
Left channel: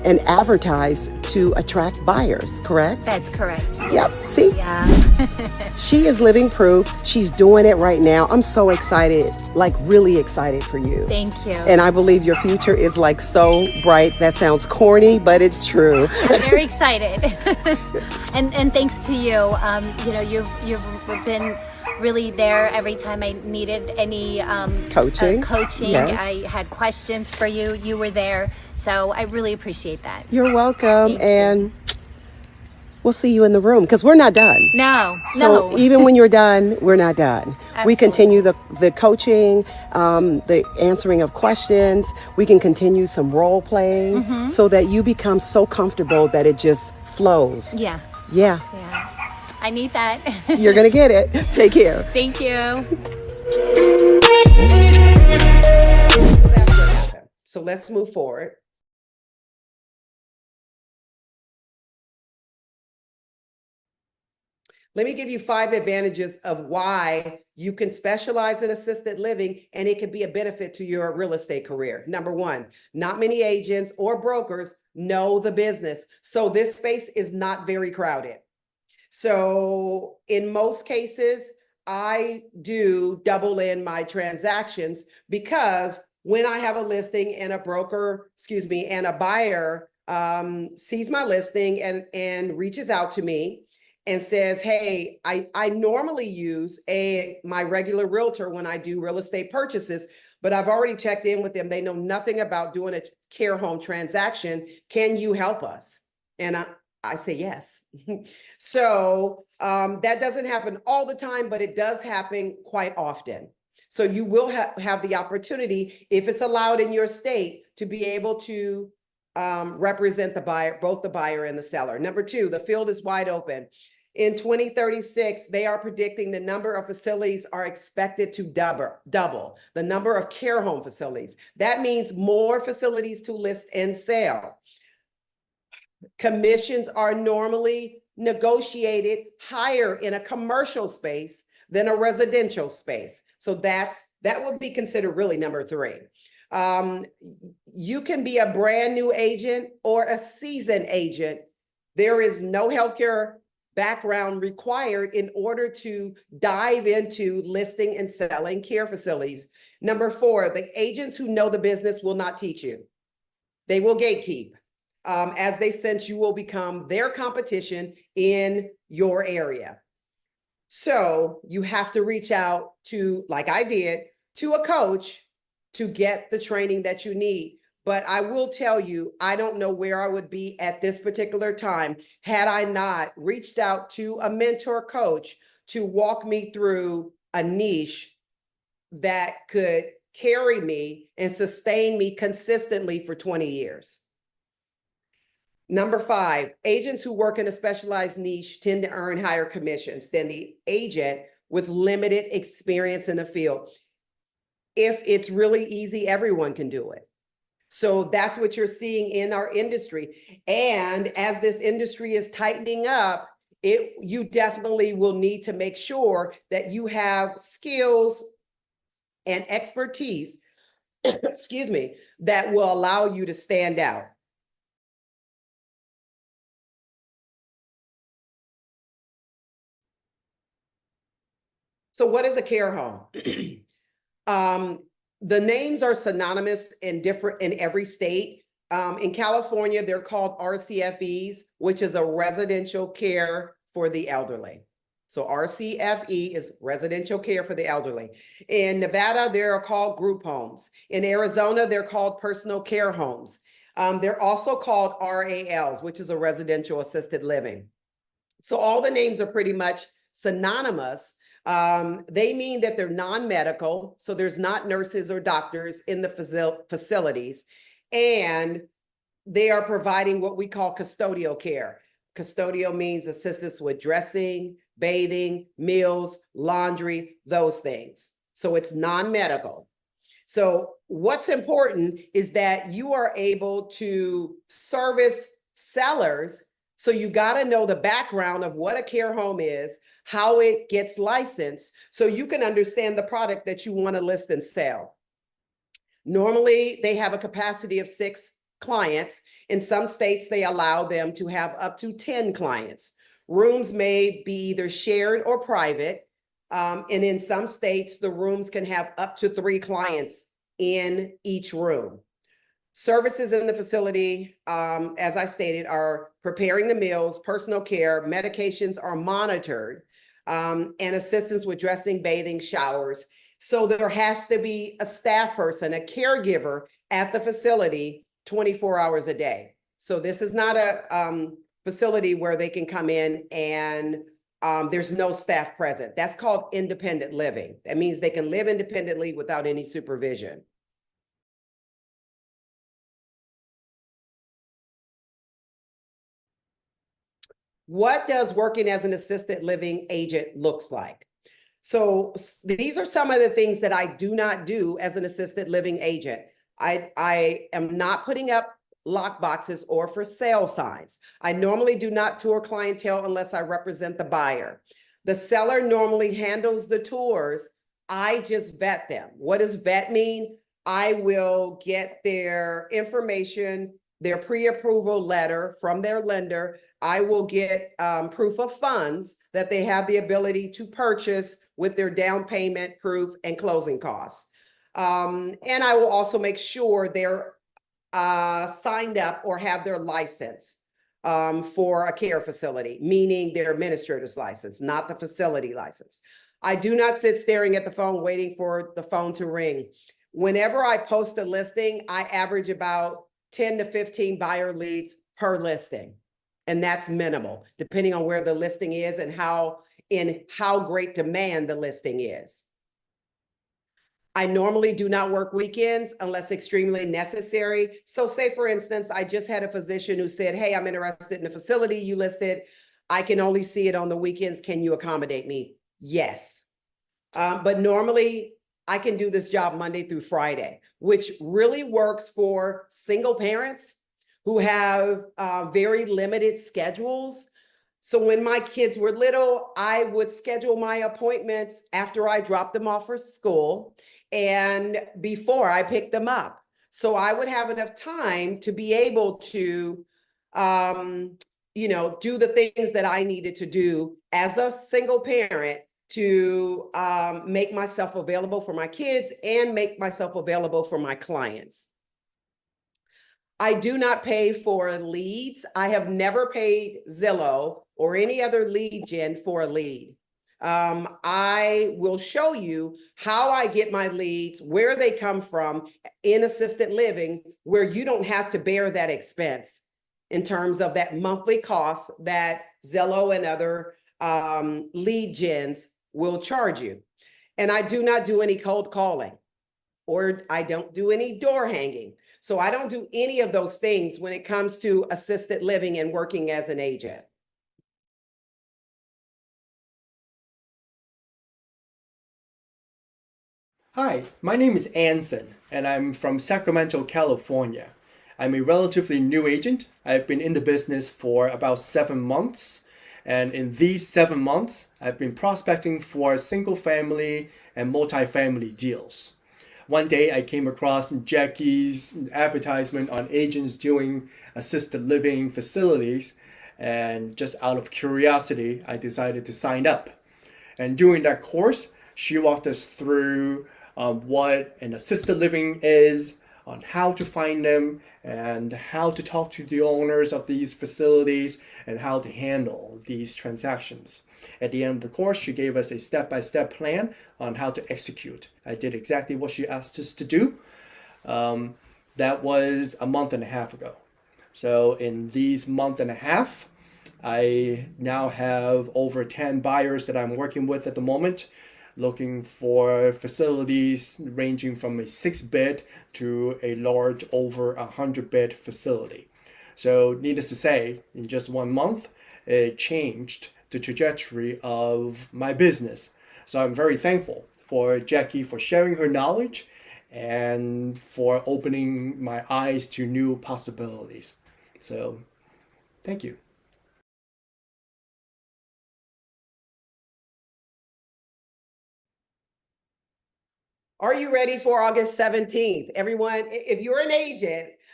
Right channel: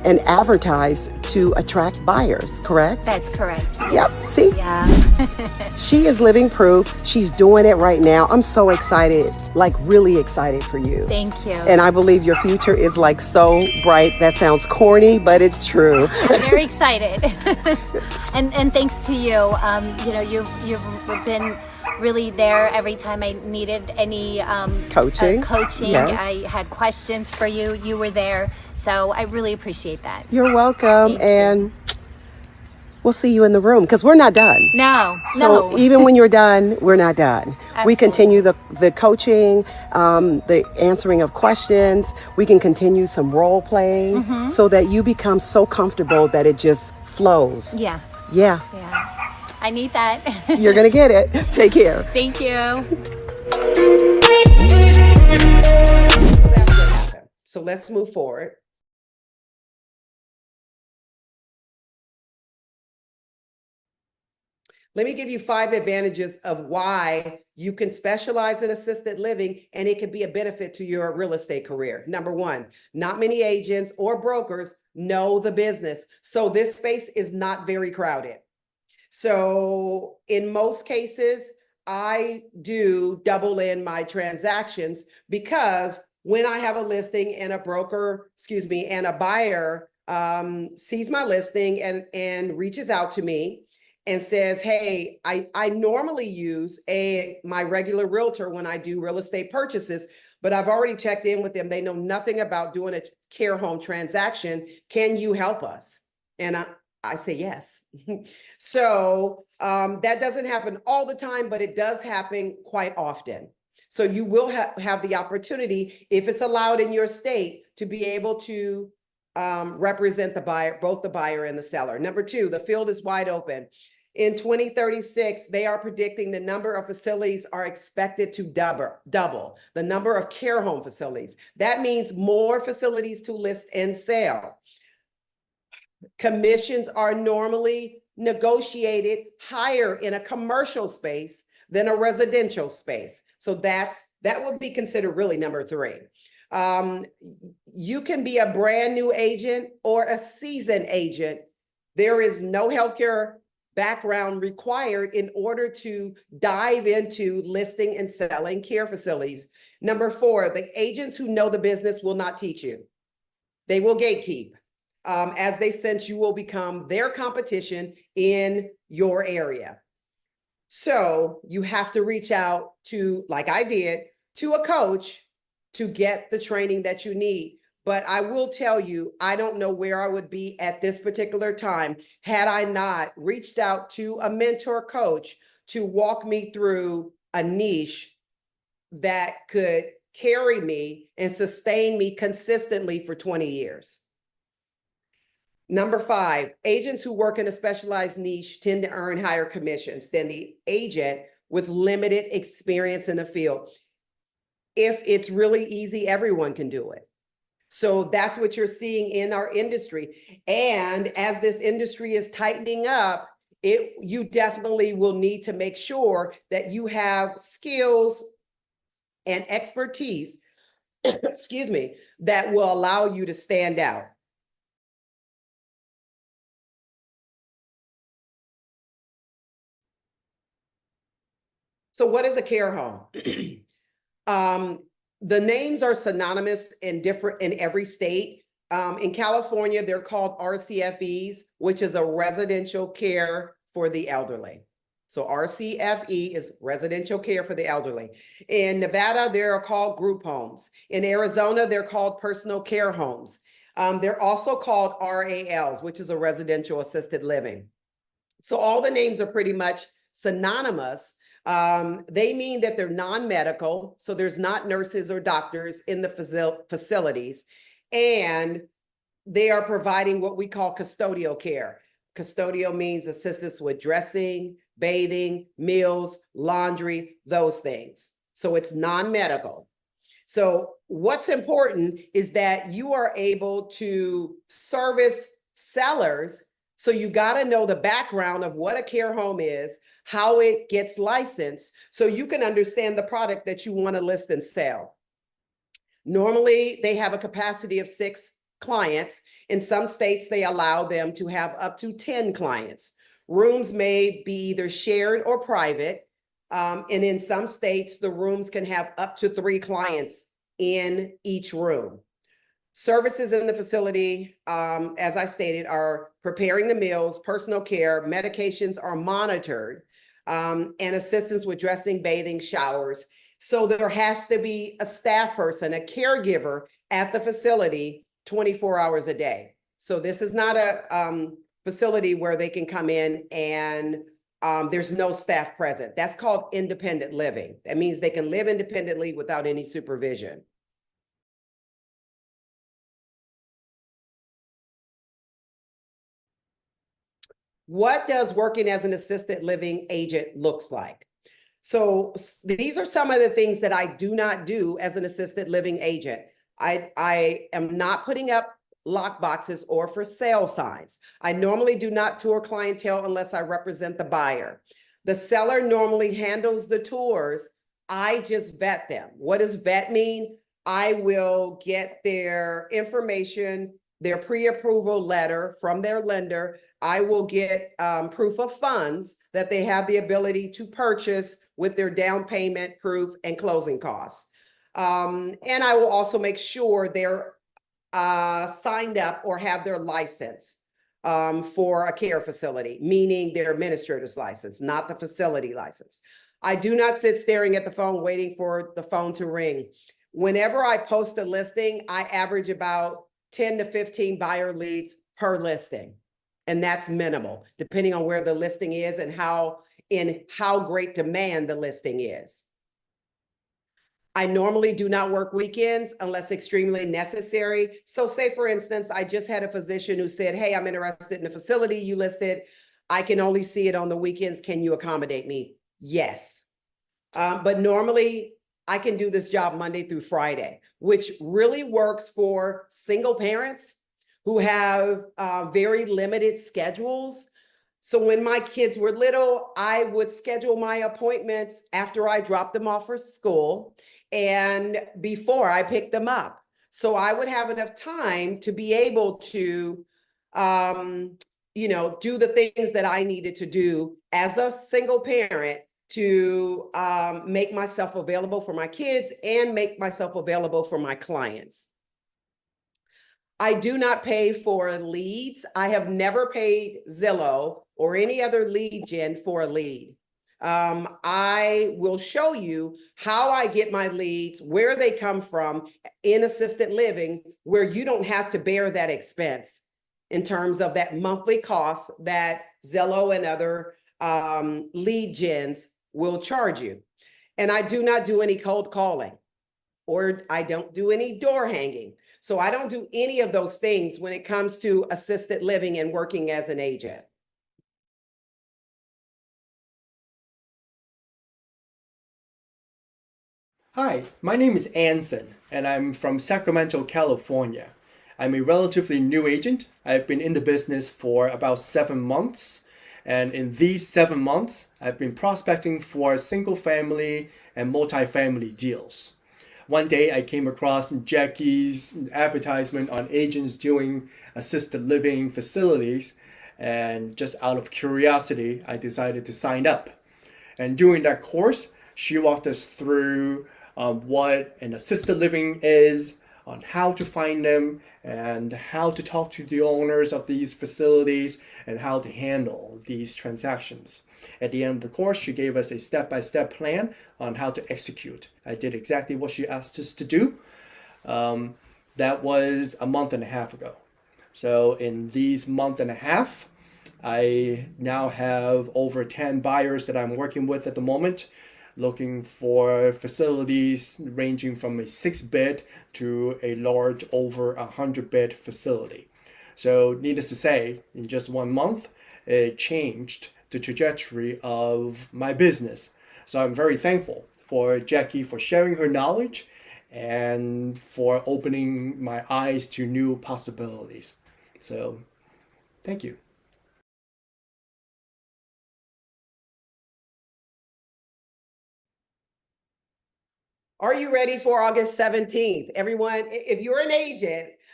and advertise to attract buyers, correct? That's correct. Yep, see? Yeah. She is living proof. She's doing it right now. I'm so excited, like really excited for you. Thank you. And I believe your future is like so bright. That sounds corny, but it's true. I'm very excited. and thanks to you. You know, you've been really there every time I needed any coaching. Yes. I had questions for you. You were there. So I really appreciate that. You're welcome. And we'll see you in the room because we're not done. No. Even when you're done, we're not done. Absolutely. We continue the coaching, the answering of questions. We can continue some role playing so that you become so comfortable that it just flows. Yeah. I need that. You're going to get it. Take care. Thank you. That's what happened. So let's move forward. Let me give you 5 advantages of why you can specialize in assisted living and it can be a benefit to your real estate career. Number 1, not many agents or brokers know the business. So this space is not very crowded. So in most cases, I do double in my transactions because when I have a listing and a broker, and a buyer sees my listing and reaches out to me and says, hey, I normally use my regular realtor when I do real estate purchases, but I've already checked in with them. They know nothing about doing a care home transaction. Can you help us? And I say yes. So that doesn't happen all the time, but it does happen quite often. So you will have the opportunity, if it's allowed in your state, to be able to represent the buyer, both the buyer and the seller. Number 2, the field is wide open. In 2036, they are predicting the number of facilities are expected to double the number of care home facilities. That means more facilities to list and sell. Commissions are normally negotiated higher in a commercial space than a residential space. So that would be considered really number 3. You can be a brand new agent or a seasoned agent. There is no healthcare background required in order to dive into listing and selling care facilities. Number 4, the agents who know the business will not teach you. They will gatekeep. As they sense you will become their competition in your area. So you have to reach out to, like I did, to a coach to get the training that you need. But I will tell you, I don't know where I would be at this particular time had I not reached out to a mentor coach to walk me through a niche that could carry me and sustain me consistently for 20 years. Number 5, agents who work in a specialized niche tend to earn higher commissions than the agent with limited experience in the field. If it's really easy, everyone can do it. So that's what you're seeing in our industry. And as this industry is tightening up, you definitely will need to make sure that you have skills and expertise, that will allow you to stand out. So what is a care home? The names are synonymous in every state. In California, they're called RCFEs, which is a residential care for the elderly. So RCFE is residential care for the elderly. In Nevada, they're called group homes. In Arizona, they're called personal care homes. They're also called RALs, which is a residential assisted living. So all the names are pretty much synonymous. They mean that they're non-medical, so there's not nurses or doctors in the facilities, and they are providing what we call custodial care. Custodial means assistance with dressing, bathing, meals, laundry, those things. So it's non-medical. So what's important is that you are able to service sellers. So you got to know the background of what a care home is, how it gets licensed, so you can understand the product that you want to list and sell. Normally, they have a capacity of 6 clients. In some states, they allow them to have up to 10 clients. Rooms may be either shared or private. And in some states, the rooms can have up to 3 clients in each room. Services in the facility, as I stated, are preparing the meals, personal care, medications are monitored, and assistance with dressing, bathing, showers. So there has to be a staff person, a caregiver at the facility 24 hours a day. So this is not a facility where they can come in and there's no staff present. That's called independent living. That means they can live independently without any supervision. What does working as an assisted living agent looks like? So these are some of the things that I do not do as an assisted living agent. I am not putting up lock boxes or for sale signs. I normally do not tour clientele unless I represent the buyer. The seller normally handles the tours. I just vet them. What does vet mean? I will get their information, their pre-approval letter from their lender. I will get proof of funds that they have the ability to purchase with their down payment proof and closing costs. And I will also make sure they're signed up or have their license for a care facility, meaning their administrator's license, not the facility license. I do not sit staring at the phone waiting for the phone to ring. Whenever I post a listing, I average about 10 to 15 buyer leads per listing. And that's minimal, depending on where the listing is and how great demand the listing is. I normally do not work weekends unless extremely necessary. So say, for instance, I just had a physician who said, hey, I'm interested in the facility you listed. I can only see it on the weekends. Can you accommodate me? Yes. But normally I can do this job Monday through Friday, which really works for single parents who have very limited schedules. So when my kids were little, I would schedule my appointments after I dropped them off for school and before I picked them up. So I would have enough time to be able to, do the things that I needed to do as a single parent to make myself available for my kids and make myself available for my clients. I do not pay for leads. I have never paid Zillow or any other lead gen for a lead. I will show you how I get my leads, where they come from in assisted living, where you don't have to bear that expense in terms of that monthly cost that Zillow and other lead gens will charge you. And I do not do any cold calling, or I don't do any door hanging. So I don't do any of those things when it comes to assisted living and working as an agent. Hi, my name is Anson, and I'm from Sacramento, California. I'm a relatively new agent. I've been in the business for about 7 months, and in these 7 months, I've been prospecting for single family and multifamily deals. One day I came across Jackie's advertisement on agents doing assisted living facilities, and just out of curiosity, I decided to sign up. And during that course, she walked us through what an assisted living is, on how to find them, and how to talk to the owners of these facilities, and how to handle these transactions. At the end of the course, she gave us a step-by-step plan on how to execute. I did exactly what she asked us to do. That was a month and a half ago. So in these month and a half, I now have over 10 buyers that I'm working with at the moment, looking for facilities ranging from a 6-bed to a large over 100-bed facility. So needless to say, in just 1 month, it changed the trajectory of my business. So I'm very thankful for Jackie for sharing her knowledge and for opening my eyes to new possibilities. So thank you. Are you ready for August 17th? Everyone, if you're an agent,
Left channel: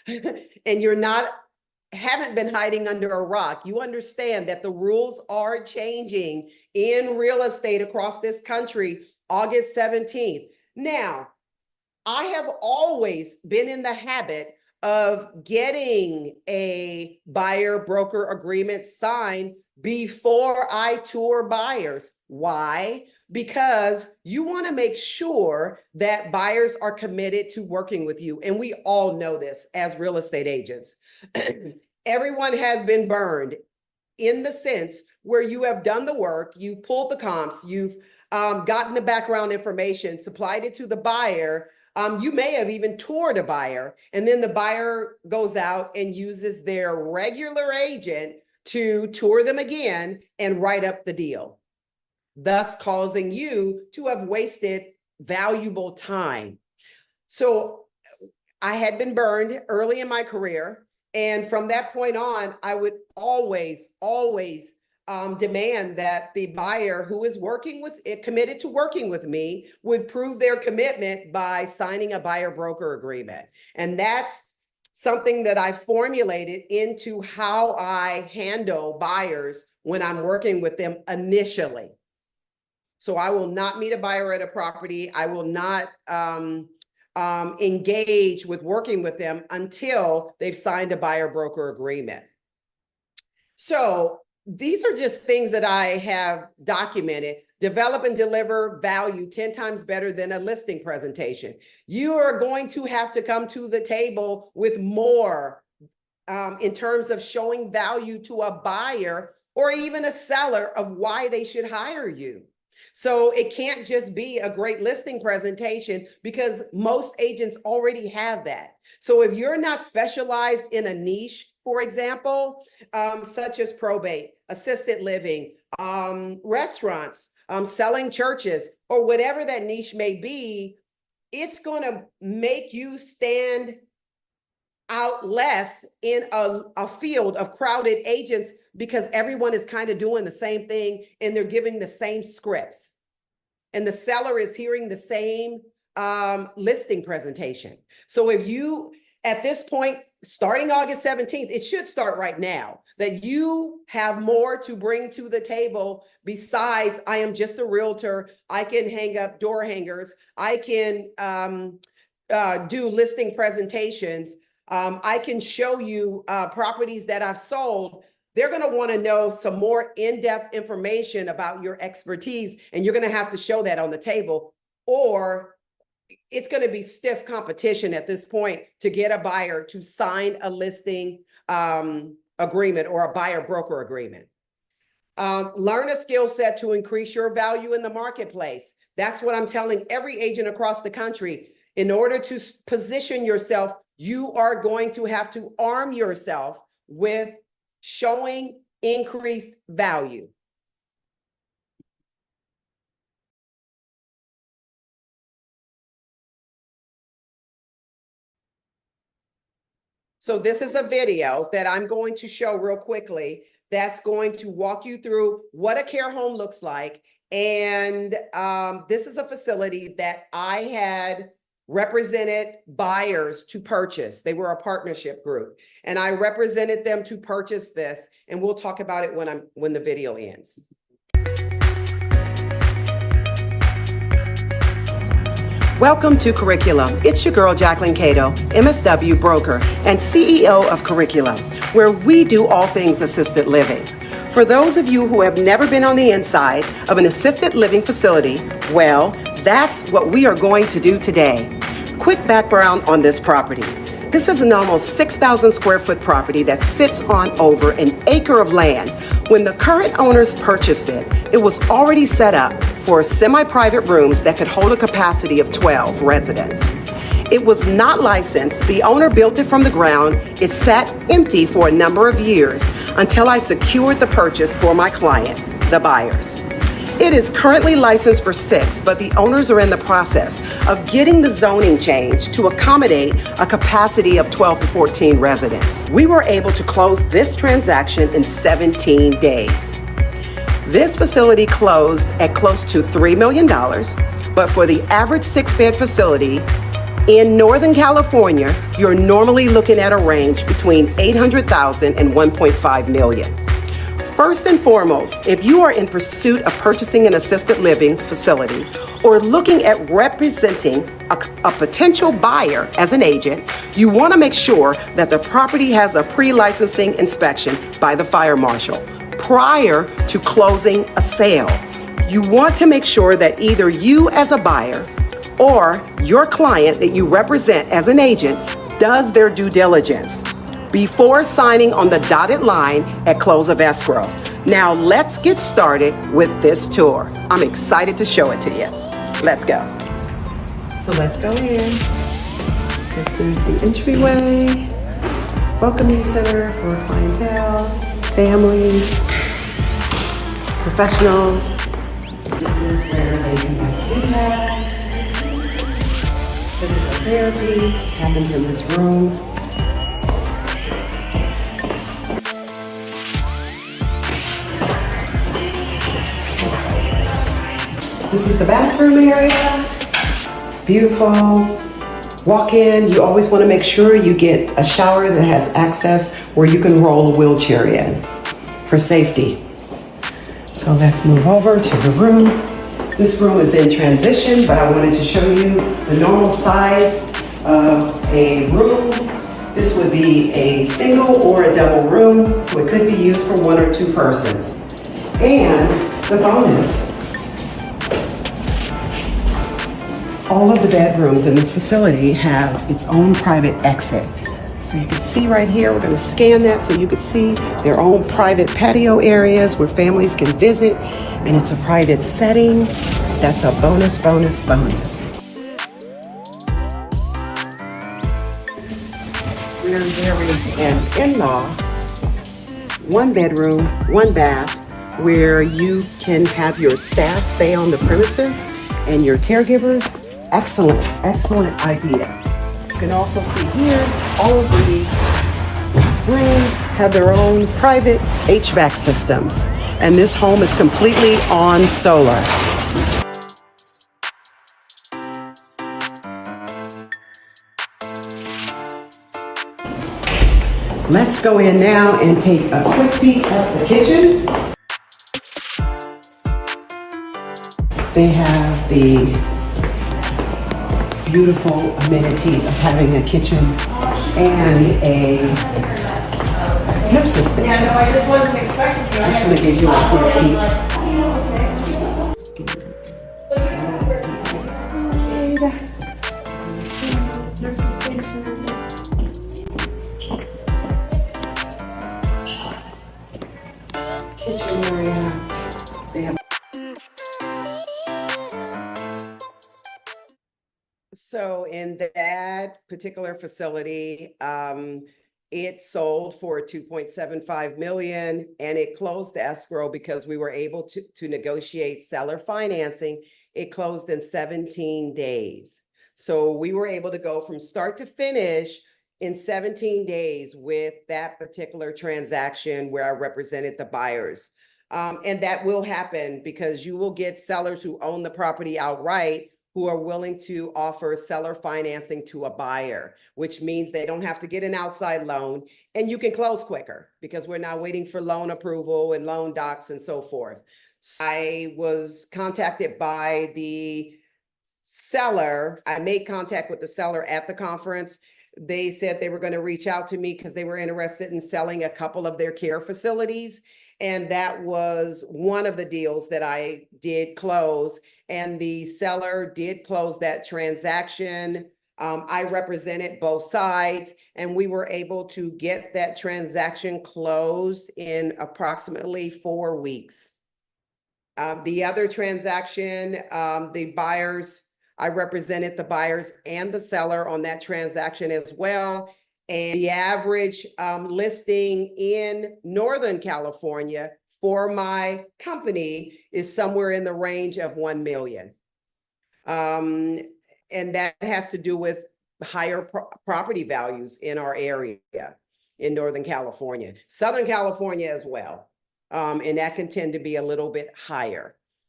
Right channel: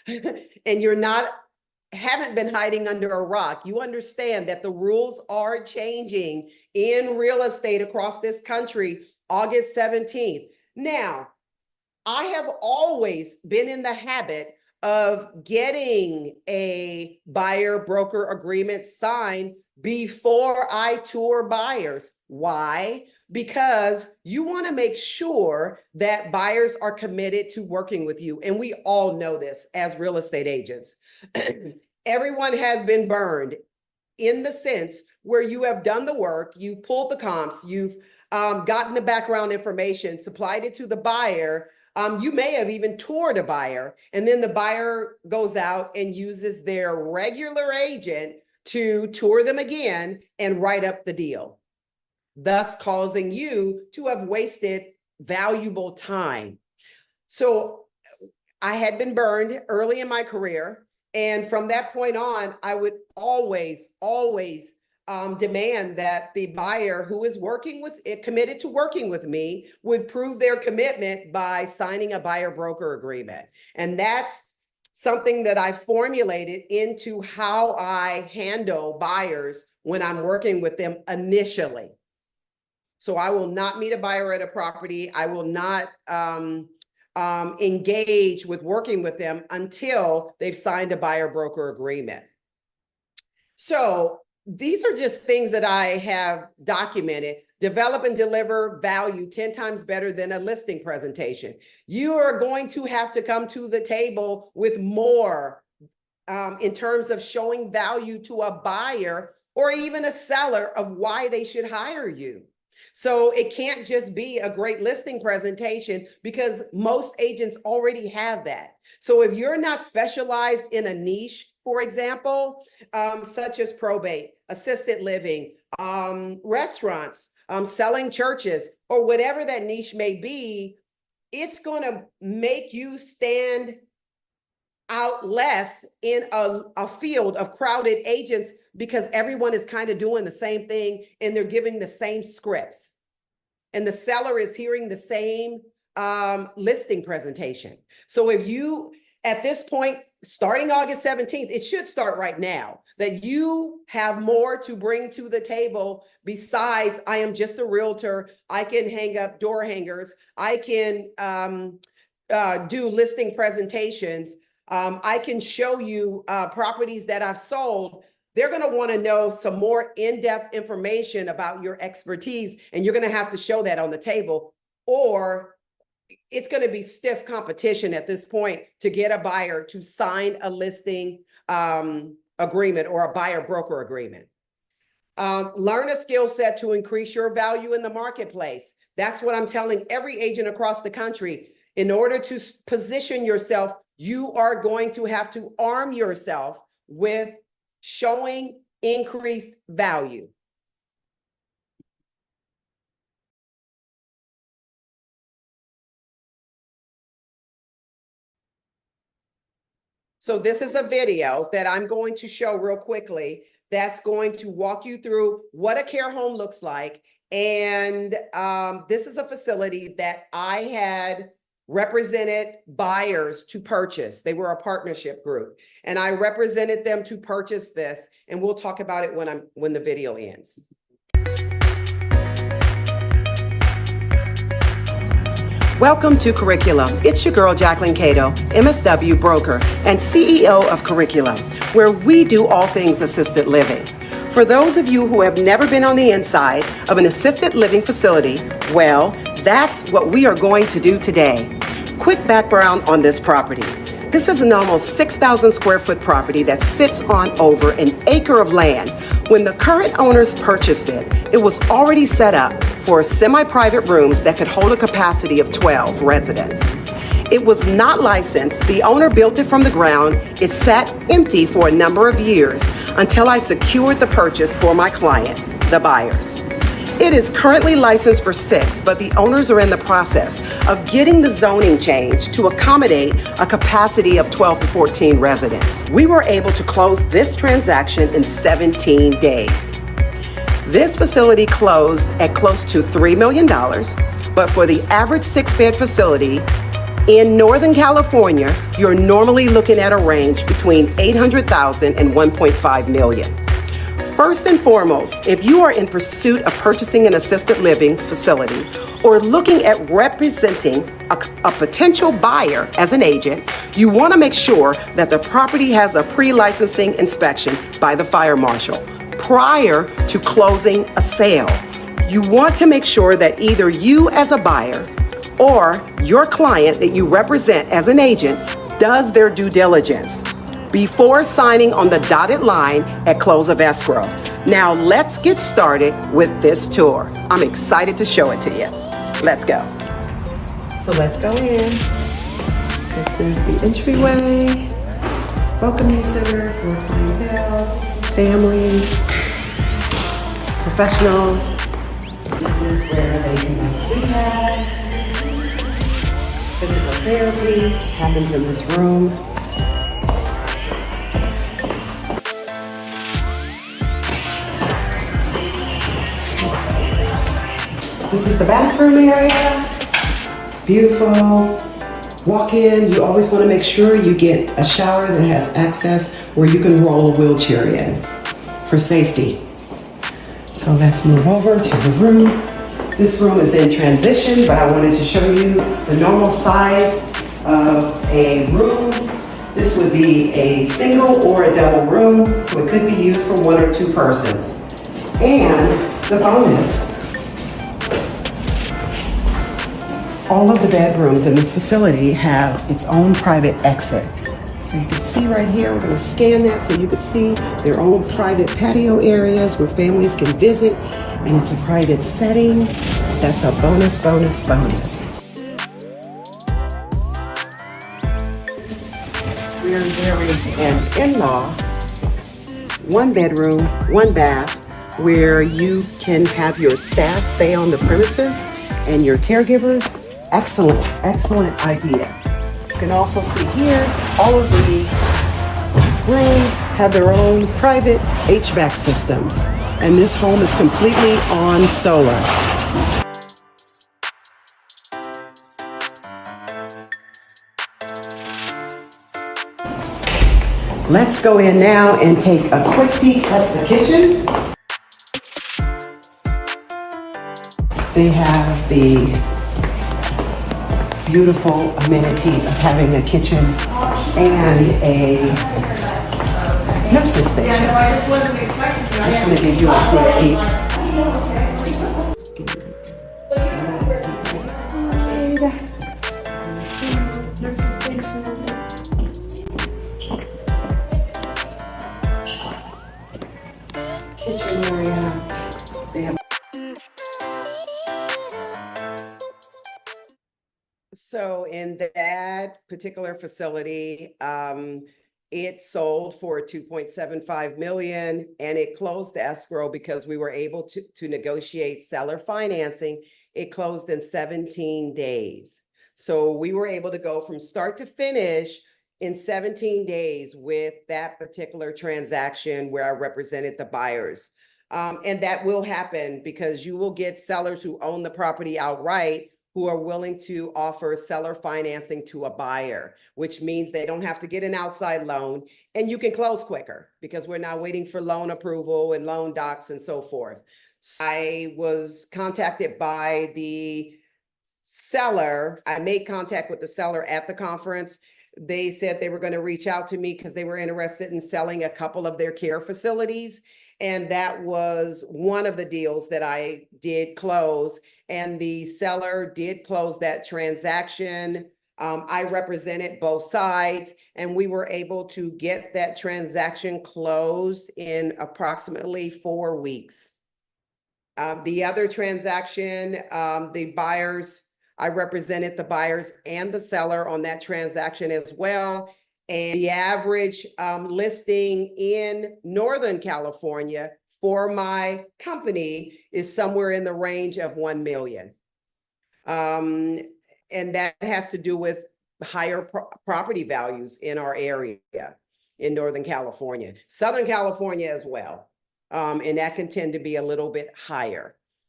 and haven't been hiding under a rock. You understand that the rules are changing in real estate across this country, August 17th. Now, I have always been in the habit of getting a buyer broker agreement signed before I tour buyers. Why? Because you want to make sure that buyers are committed to working with you. And we all know this as real estate agents. Everyone has been burned in the sense where you have done the work, you've pulled the comps, you've gotten the background information, supplied it to the buyer. You may have even toured a buyer, and then the buyer goes out and uses their regular agent to tour them again and write up the deal, thus causing you to have wasted valuable time. So I had been burned early in my career. And from that point on, I would always demand that the buyer who is committed to working with me would prove their commitment by signing a buyer broker agreement. And that's something that I formulated into how I handle buyers when I'm working with them initially. So I will not meet a buyer at a property. I will not engage with working with them until they've signed a buyer broker agreement. So these are just things that I have documented. Develop and deliver value 10 times better than a listing presentation. You are going to have to come to the table with more in terms of showing value to a buyer or even a seller of why they should hire you. So it can't just be a great listing presentation because most agents already have that. So if you're not specialized in a niche, for example, such as probate, assisted living, restaurants, selling churches, or whatever that niche may be, it's going to make you stand out less in a field of crowded agents because everyone is kind of doing the same thing and they're giving the same scripts. And the seller is hearing the same listing presentation. So if you, at this point, starting August 17th, it should start right now, that you have more to bring to the table besides I am just a realtor, I can hang up door hangers, I can do listing presentations, I can show you properties that I've sold. They're going to want to know some more in-depth information about your expertise, and you're going to have to show that on the table, or it's going to be stiff competition at this point to get a buyer to sign a listing agreement or a buyer broker agreement. Learn a skill set to increase your value in the marketplace. That's what I'm telling every agent across the country. In order to position yourself, you are going to have to arm yourself with showing increased value. So this is a video that I'm going to show real quickly that's going to walk you through what a care home looks like. And this is a facility that I had represented buyers to purchase. They were a partnership group, and I represented them to purchase this. And we'll talk about it when the video ends. Welcome to Curriculum. It's your girl, Jacquelyn Cato, MSW broker and CEO of Curriculum, where we do all things assisted living. For those of you who have never been on the inside of an assisted living facility, well, that's what we are going to do today. Quick background on this property. This is an almost 6,000 square foot property that sits on over an acre of land. When the current owners purchased it, it was already set up for semi-private rooms that could hold a capacity of 12 residents. It was not licensed. The owner built it from the ground. It sat empty for a number of years until I secured the purchase for my client, the buyers. It is currently licensed for 6, but the owners are in the process of getting the zoning changed to accommodate a capacity of 12 to 14 residents. We were able to close this transaction in 17 days. This facility closed at close to $3 million, but for the average 6-bed facility, In Northern California, you're normally looking at a range between 800,000 and 1.5 million. First and foremost, if you are in pursuit of purchasing an assisted living facility or looking at representing a potential buyer as an agent, you want to make sure that the property has a pre-licensing inspection by the fire marshal prior to closing a sale. You want to make sure that either you as a buyer or your client that you represent as an agent does their due diligence before signing on the dotted line at close of escrow. Now let's get started with this tour. I'm excited to show it to you. Let's go. So let's go in. This is the entryway, welcoming center for clientele, families, professionals. This is where they can do rehab. Physical therapy happens in this room. This is the bathroom area. It's beautiful. Walk in. You always want to make sure you get a shower that has access where you can roll a wheelchair in for safety. So let's move over to the room. This room is in transition, but I wanted to show you the normal size of a room. This would be a single or a double room, so it could be used for 1 or 2 persons. And the bonus, all of the bedrooms in this facility have its own private exit. So you can see right here, we're going to scan that so you can see their own private patio areas where families can visit, and it's a private setting. That's a bonus, bonus, bonus. Where there is an in-law, 1 bedroom, 1 bath, where you can have your staff stay on the premises and your caregivers. Excellent, excellent idea. You can also see here, all of the rooms have their own private HVAC systems, and this home is completely on solar. Let's go in now and take a quick peek at the kitchen. They have the beautiful amenity of having a kitchen and a nurse's station. I'm just going to give you a sneak peek. Nurse's station. Kitchen area. They have. So in that particular facility, it sold for 2.75 million, and it closed the escrow because we were able to negotiate seller financing. It closed in 17 days. So we were able to go from start to finish in 17 days with that particular transaction where I represented the buyers. And that will happen because you will get sellers who own the property outright who are willing to offer seller financing to a buyer, which means they don't have to get an outside loan, and you can close quicker because we're not waiting for loan approval and loan docs and so forth. So I was contacted by the seller. I made contact with the seller at the conference. They said they were going to reach out to me because they were interested in selling a couple of their care facilities. And that was one of the deals that I did close. And the seller did close that transaction. I represented both sides, and we were able to get that transaction closed in approximately 4 weeks. The other transaction, the buyers, I represented the buyers and the seller on that transaction as well. And the average listing in Northern California for my company is somewhere in the range of 1 million. And that has to do with higher property values in our area in Northern California, Southern California as well. And that can tend to be a little bit higher.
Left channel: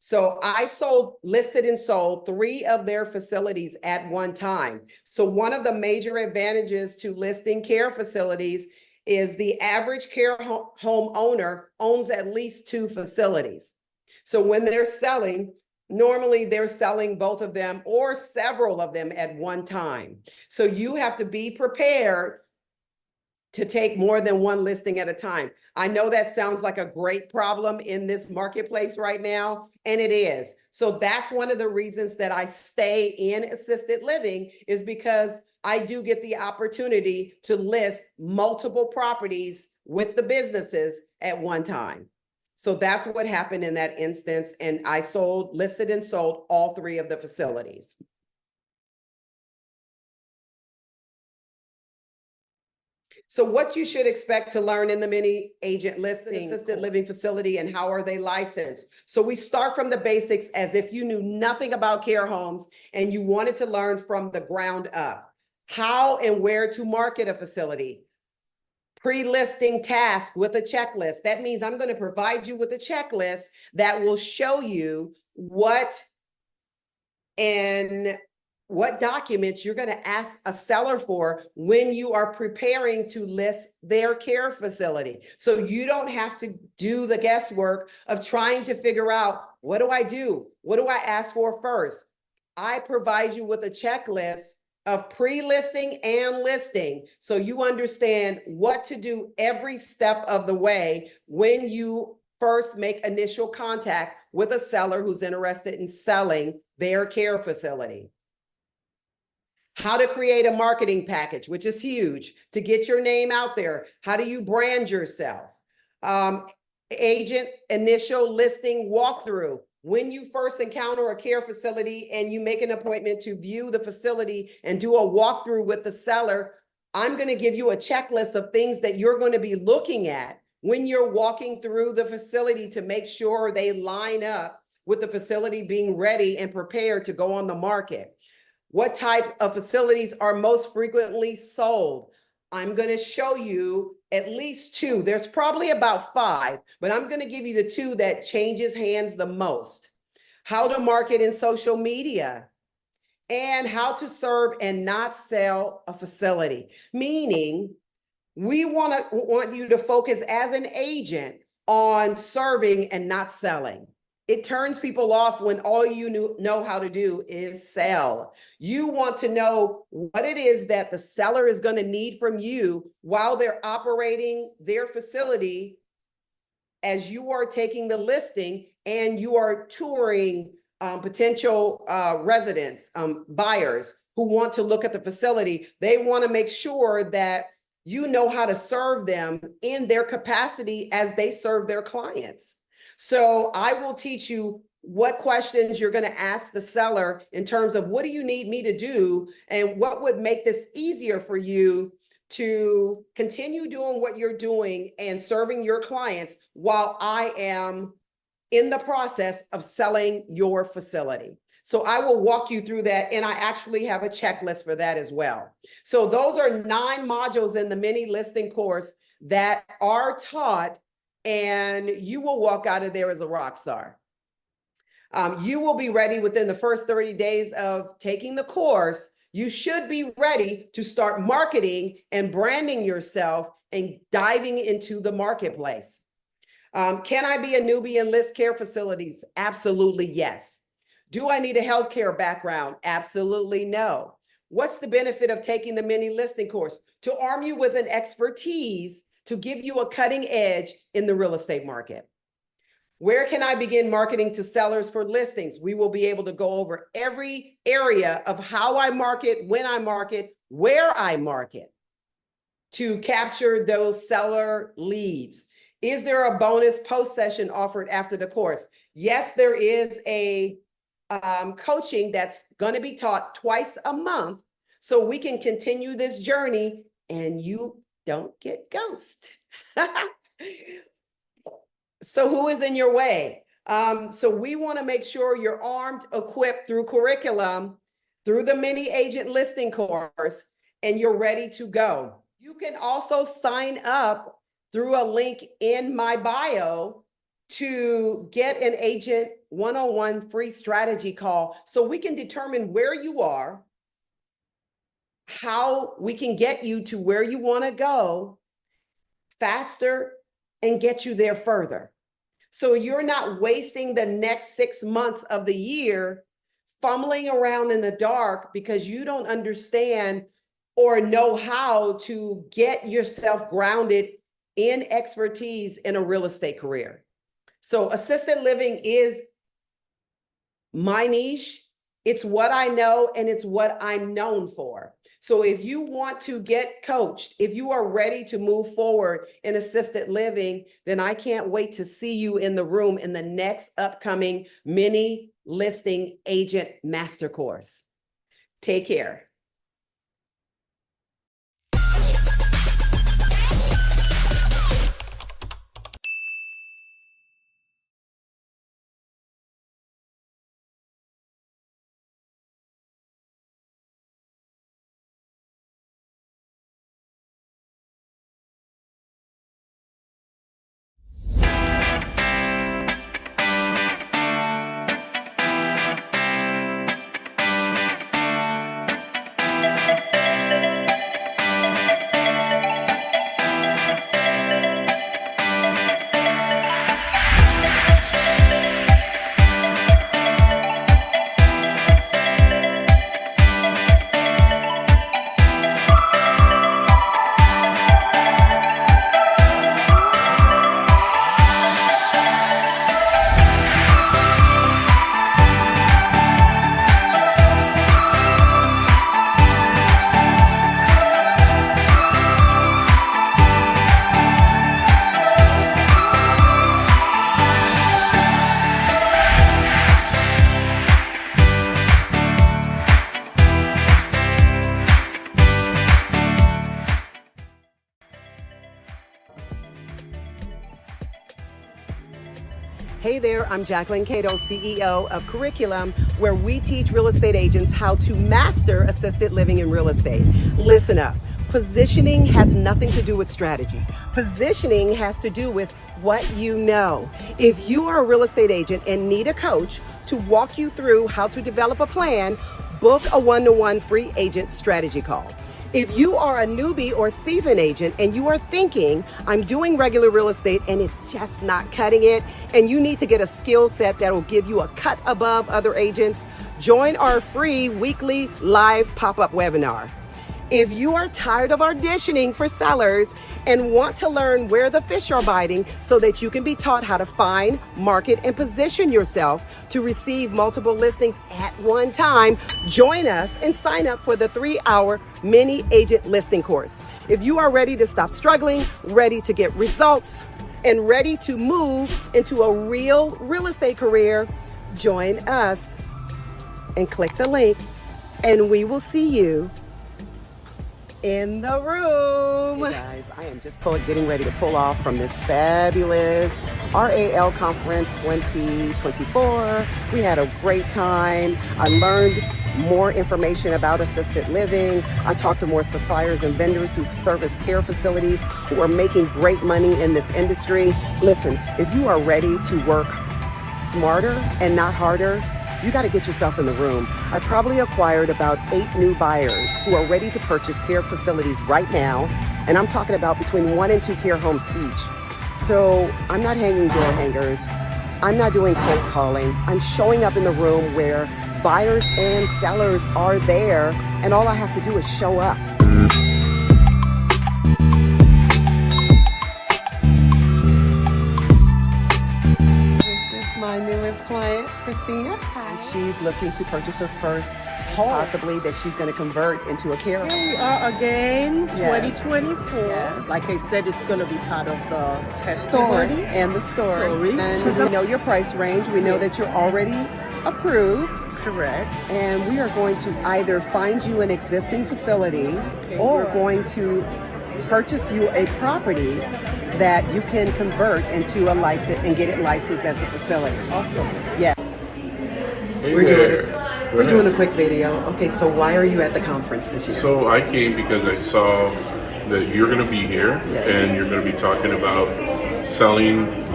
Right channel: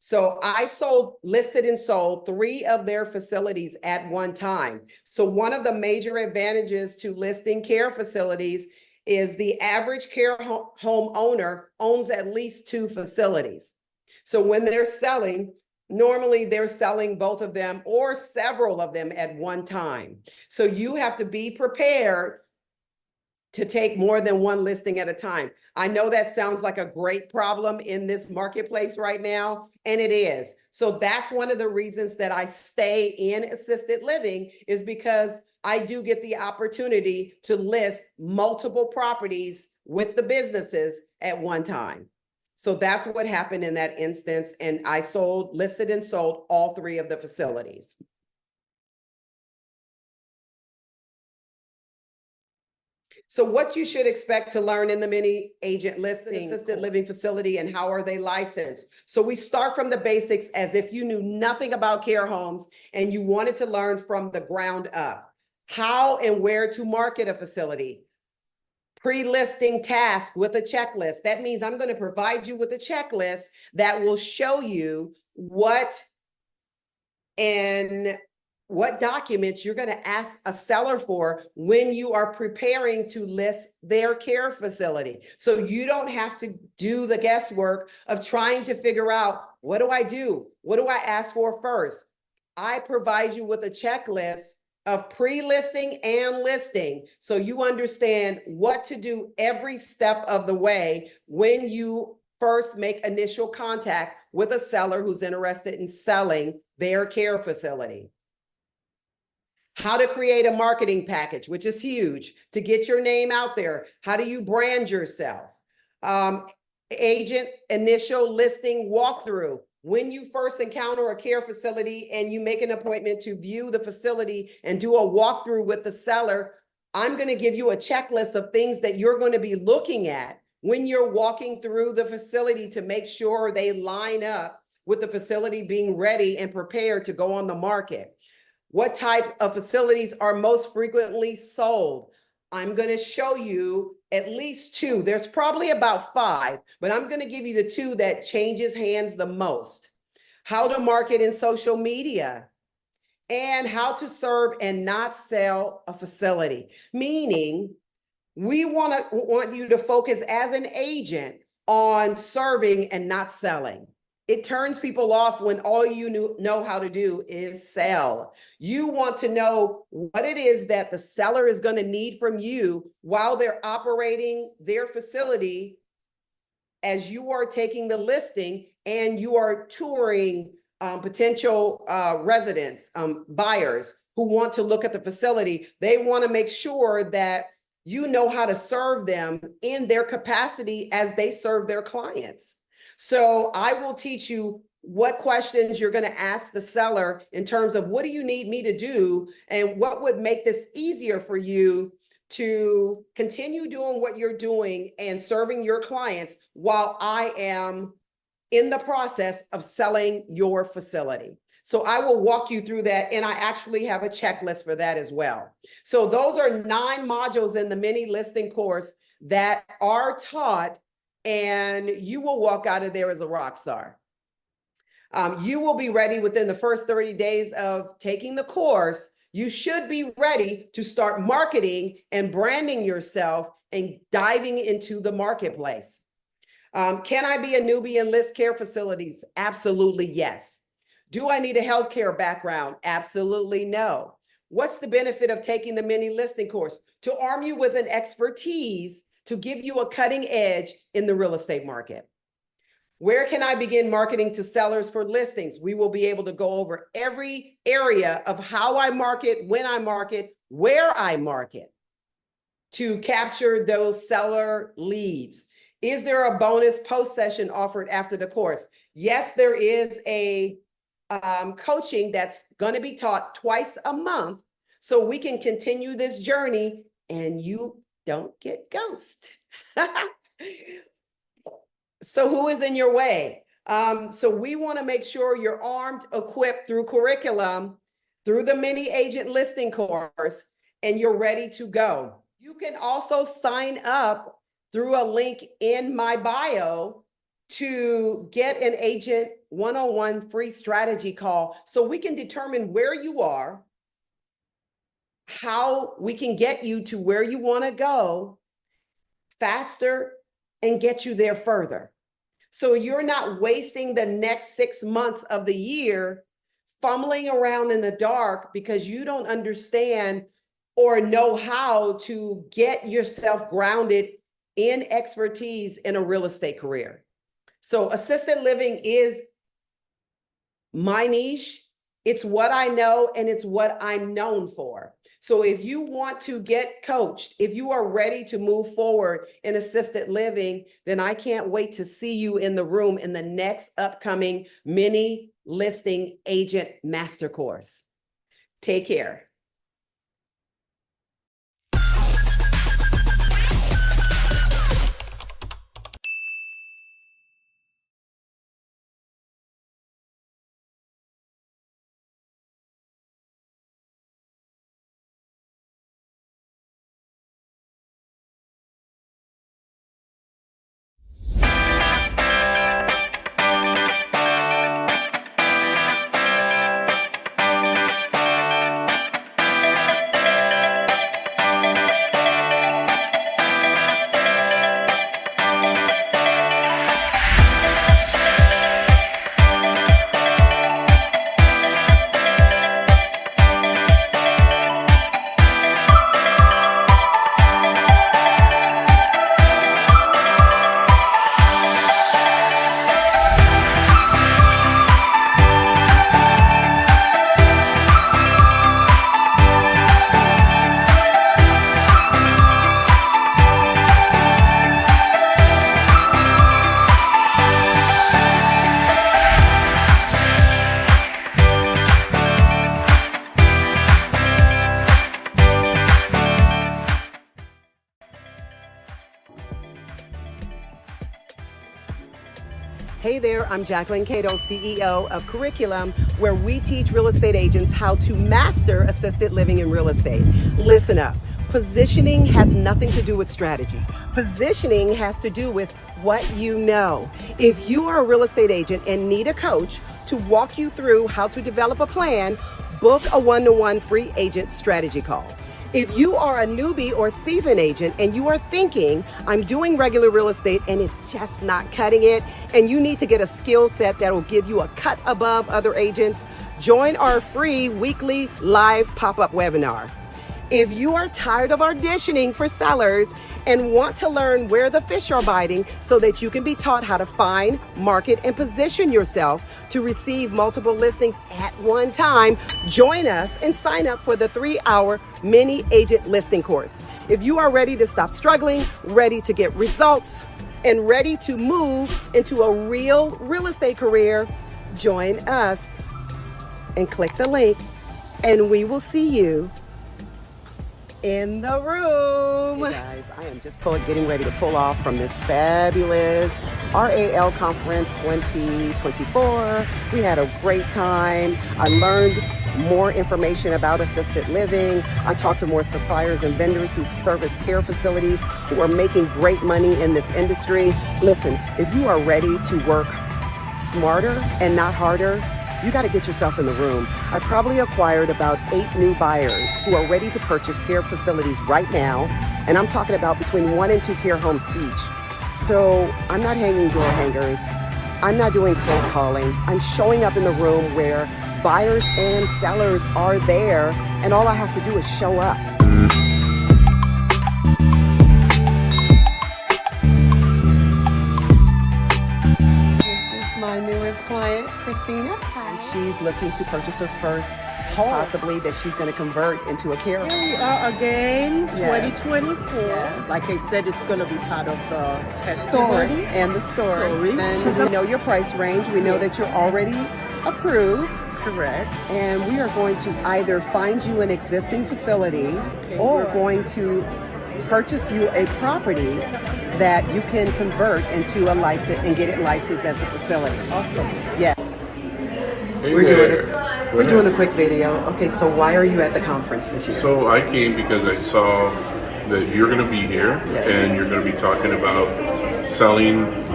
So I listed and sold 3 of their facilities at one time. So one of the major advantages to listing care facilities is the average care home owner owns at least 2 facilities. So when they're selling, normally they're selling both of them or several of them at one time. So you have to be prepared to take more than one listing at a time. I know that sounds like a great problem in this marketplace right now, and it is. So that's one of the reasons that I stay in assisted living, is because I do get the opportunity to list multiple properties with the businesses at one time. So that's what happened in that instance. And I listed and sold all 3 of the facilities. So what you should expect to learn in the mini agent listing assisted living facility, and how are they licensed? So we start from the basics as if you knew nothing about care homes and you wanted to learn from the ground up. How and where to market a facility. Pre-listing task with a checklist. That means I'm going to provide you with a checklist that will show you what documents you're going to ask a seller for when you are preparing to list their care facility. So you don't have to do the guesswork of trying to figure out, what do I do? What do I ask for first? I provide you with a checklist of pre-listing and listing, so you understand what to do every step of the way when you first make initial contact with a seller who's interested in selling their care facility. How to create a marketing package, which is huge, to get your name out there. How do you brand yourself? Agent initial listing walkthrough. When you first encounter a care facility and you make an appointment to view the facility and do a walkthrough with the seller, I'm going to give you a checklist of things that you're going to be looking at when you're walking through the facility to make sure they line up with the facility being ready and prepared to go on the market. What type of facilities are most frequently sold? I'm going to show you at least 2. There's probably about 5, but I'm going to give you the 2 that changes hands the most. How to market in social media, and how to serve and not sell a facility. Meaning, we want you to focus as an agent on serving and not selling. It turns people off when all you know how to do is sell. You want to know what it is that the seller is going to need from you while they're operating their facility, as you are taking the listing and you are touring potential residents, buyers who want to look at the facility. They want to make sure that you know how to serve them in their capacity as they serve their clients. So I will teach you what questions you're going to ask the seller in terms of, what do you need me to do, and what would make this easier for you to continue doing what you're doing and serving your clients while I am in the process of selling your facility. So I will walk you through that, and I actually have a checklist for that as well. So those are 9 modules in the mini listing course that are taught, and you will walk out of there as a rock star. You will be ready within the first 30 days of taking the course. You should be ready to start marketing and branding yourself and diving into the marketplace. Can I be a newbie and list care facilities? Absolutely, yes. Do I need a healthcare background? Absolutely no. What's the benefit of taking the mini listing course? To arm you with an expertise to give you a cutting edge in the real estate market. Where can I begin marketing to sellers for listings? We will be able to go over every area of how I market, when I market, where I market to capture those seller leads. Is there a bonus post session offered after the course? Yes, there is a coaching that's going to be taught twice a month, so we can continue this journey and you don't get ghosted. So who is in your way? So we want to make sure you're armed, equipped through curriculum, through the mini agent listing course, and you're ready to go. You can also sign up through a link in my bio to get an agent one-on-one free strategy call so we can determine where you are, how we can get you to where you want to go faster and get you there further. So you're not wasting the next 6 months of the year fumbling around in the dark because you don't understand or know how to get yourself grounded in expertise in a real estate career. So assisted living is my niche. It's what I know and it's what I'm known for. So if you want to get coached, if you are ready to move forward in assisted living, then I can't wait to see you in the room in the next upcoming mini listing agent master course. Take care. Hey there, I'm Jacquelyn, CEO of Curriculum, where we teach real estate agents how to master assisted living in real estate. Listen up. Positioning has nothing to do with strategy. Positioning has to do with what you know. If you are a real estate agent and need a coach to walk you through how to develop a plan, book a one-to-one free agent strategy call. If you are a newbie or seasoned agent and you are thinking, I'm doing regular real estate and it's just not cutting it, and you need to get a skill set that will give you a cut above other agents, join our free weekly live pop-up webinar. If you are tired of auditioning for sellers and want to learn where the fish are biting so that you can be taught how to find, market, and position yourself to receive multiple listings at one time, join us and sign up for the 3-hour mini agent listing course. If you are ready to stop struggling, ready to get results, and ready to move into a real estate career, join us and click the link and we will see you in the room. Hey guys, I am just getting ready to pull off from this fabulous RAL Conference 2024. We had a great time. I learned more information about assisted living. I talked to more suppliers and vendors who service care facilities who are making great money in this industry. Listen, if you are ready to work smarter and not harder, you got to get yourself in the room. I probably acquired about 8 new buyers who are ready to purchase care facilities right now. And I'm talking about between 1 and 2 care homes each. So I'm not hanging door hangers. I'm not doing cold calling. I'm showing up in the room where buyers and sellers are there. And all I have to do is show up. My newest client, Christina. Hi. She's looking to purchase her first home, possibly that she's going to convert into a care home. Here we are again, Yes. 2024. Yes. Like I said, it's going to be part of the Story testimony. and the story. And She's we know your price range. We know that you're already approved. Correct. And we are going to either find you an existing facility or right. going to purchase you a property that you can convert into a license and get it licensed as a facility. Awesome. Yeah. Hey We're there. doing a quick video. Okay, so why are you at the conference this year? So I came because I saw that you're going to be here Yes. and you're going to be talking about selling,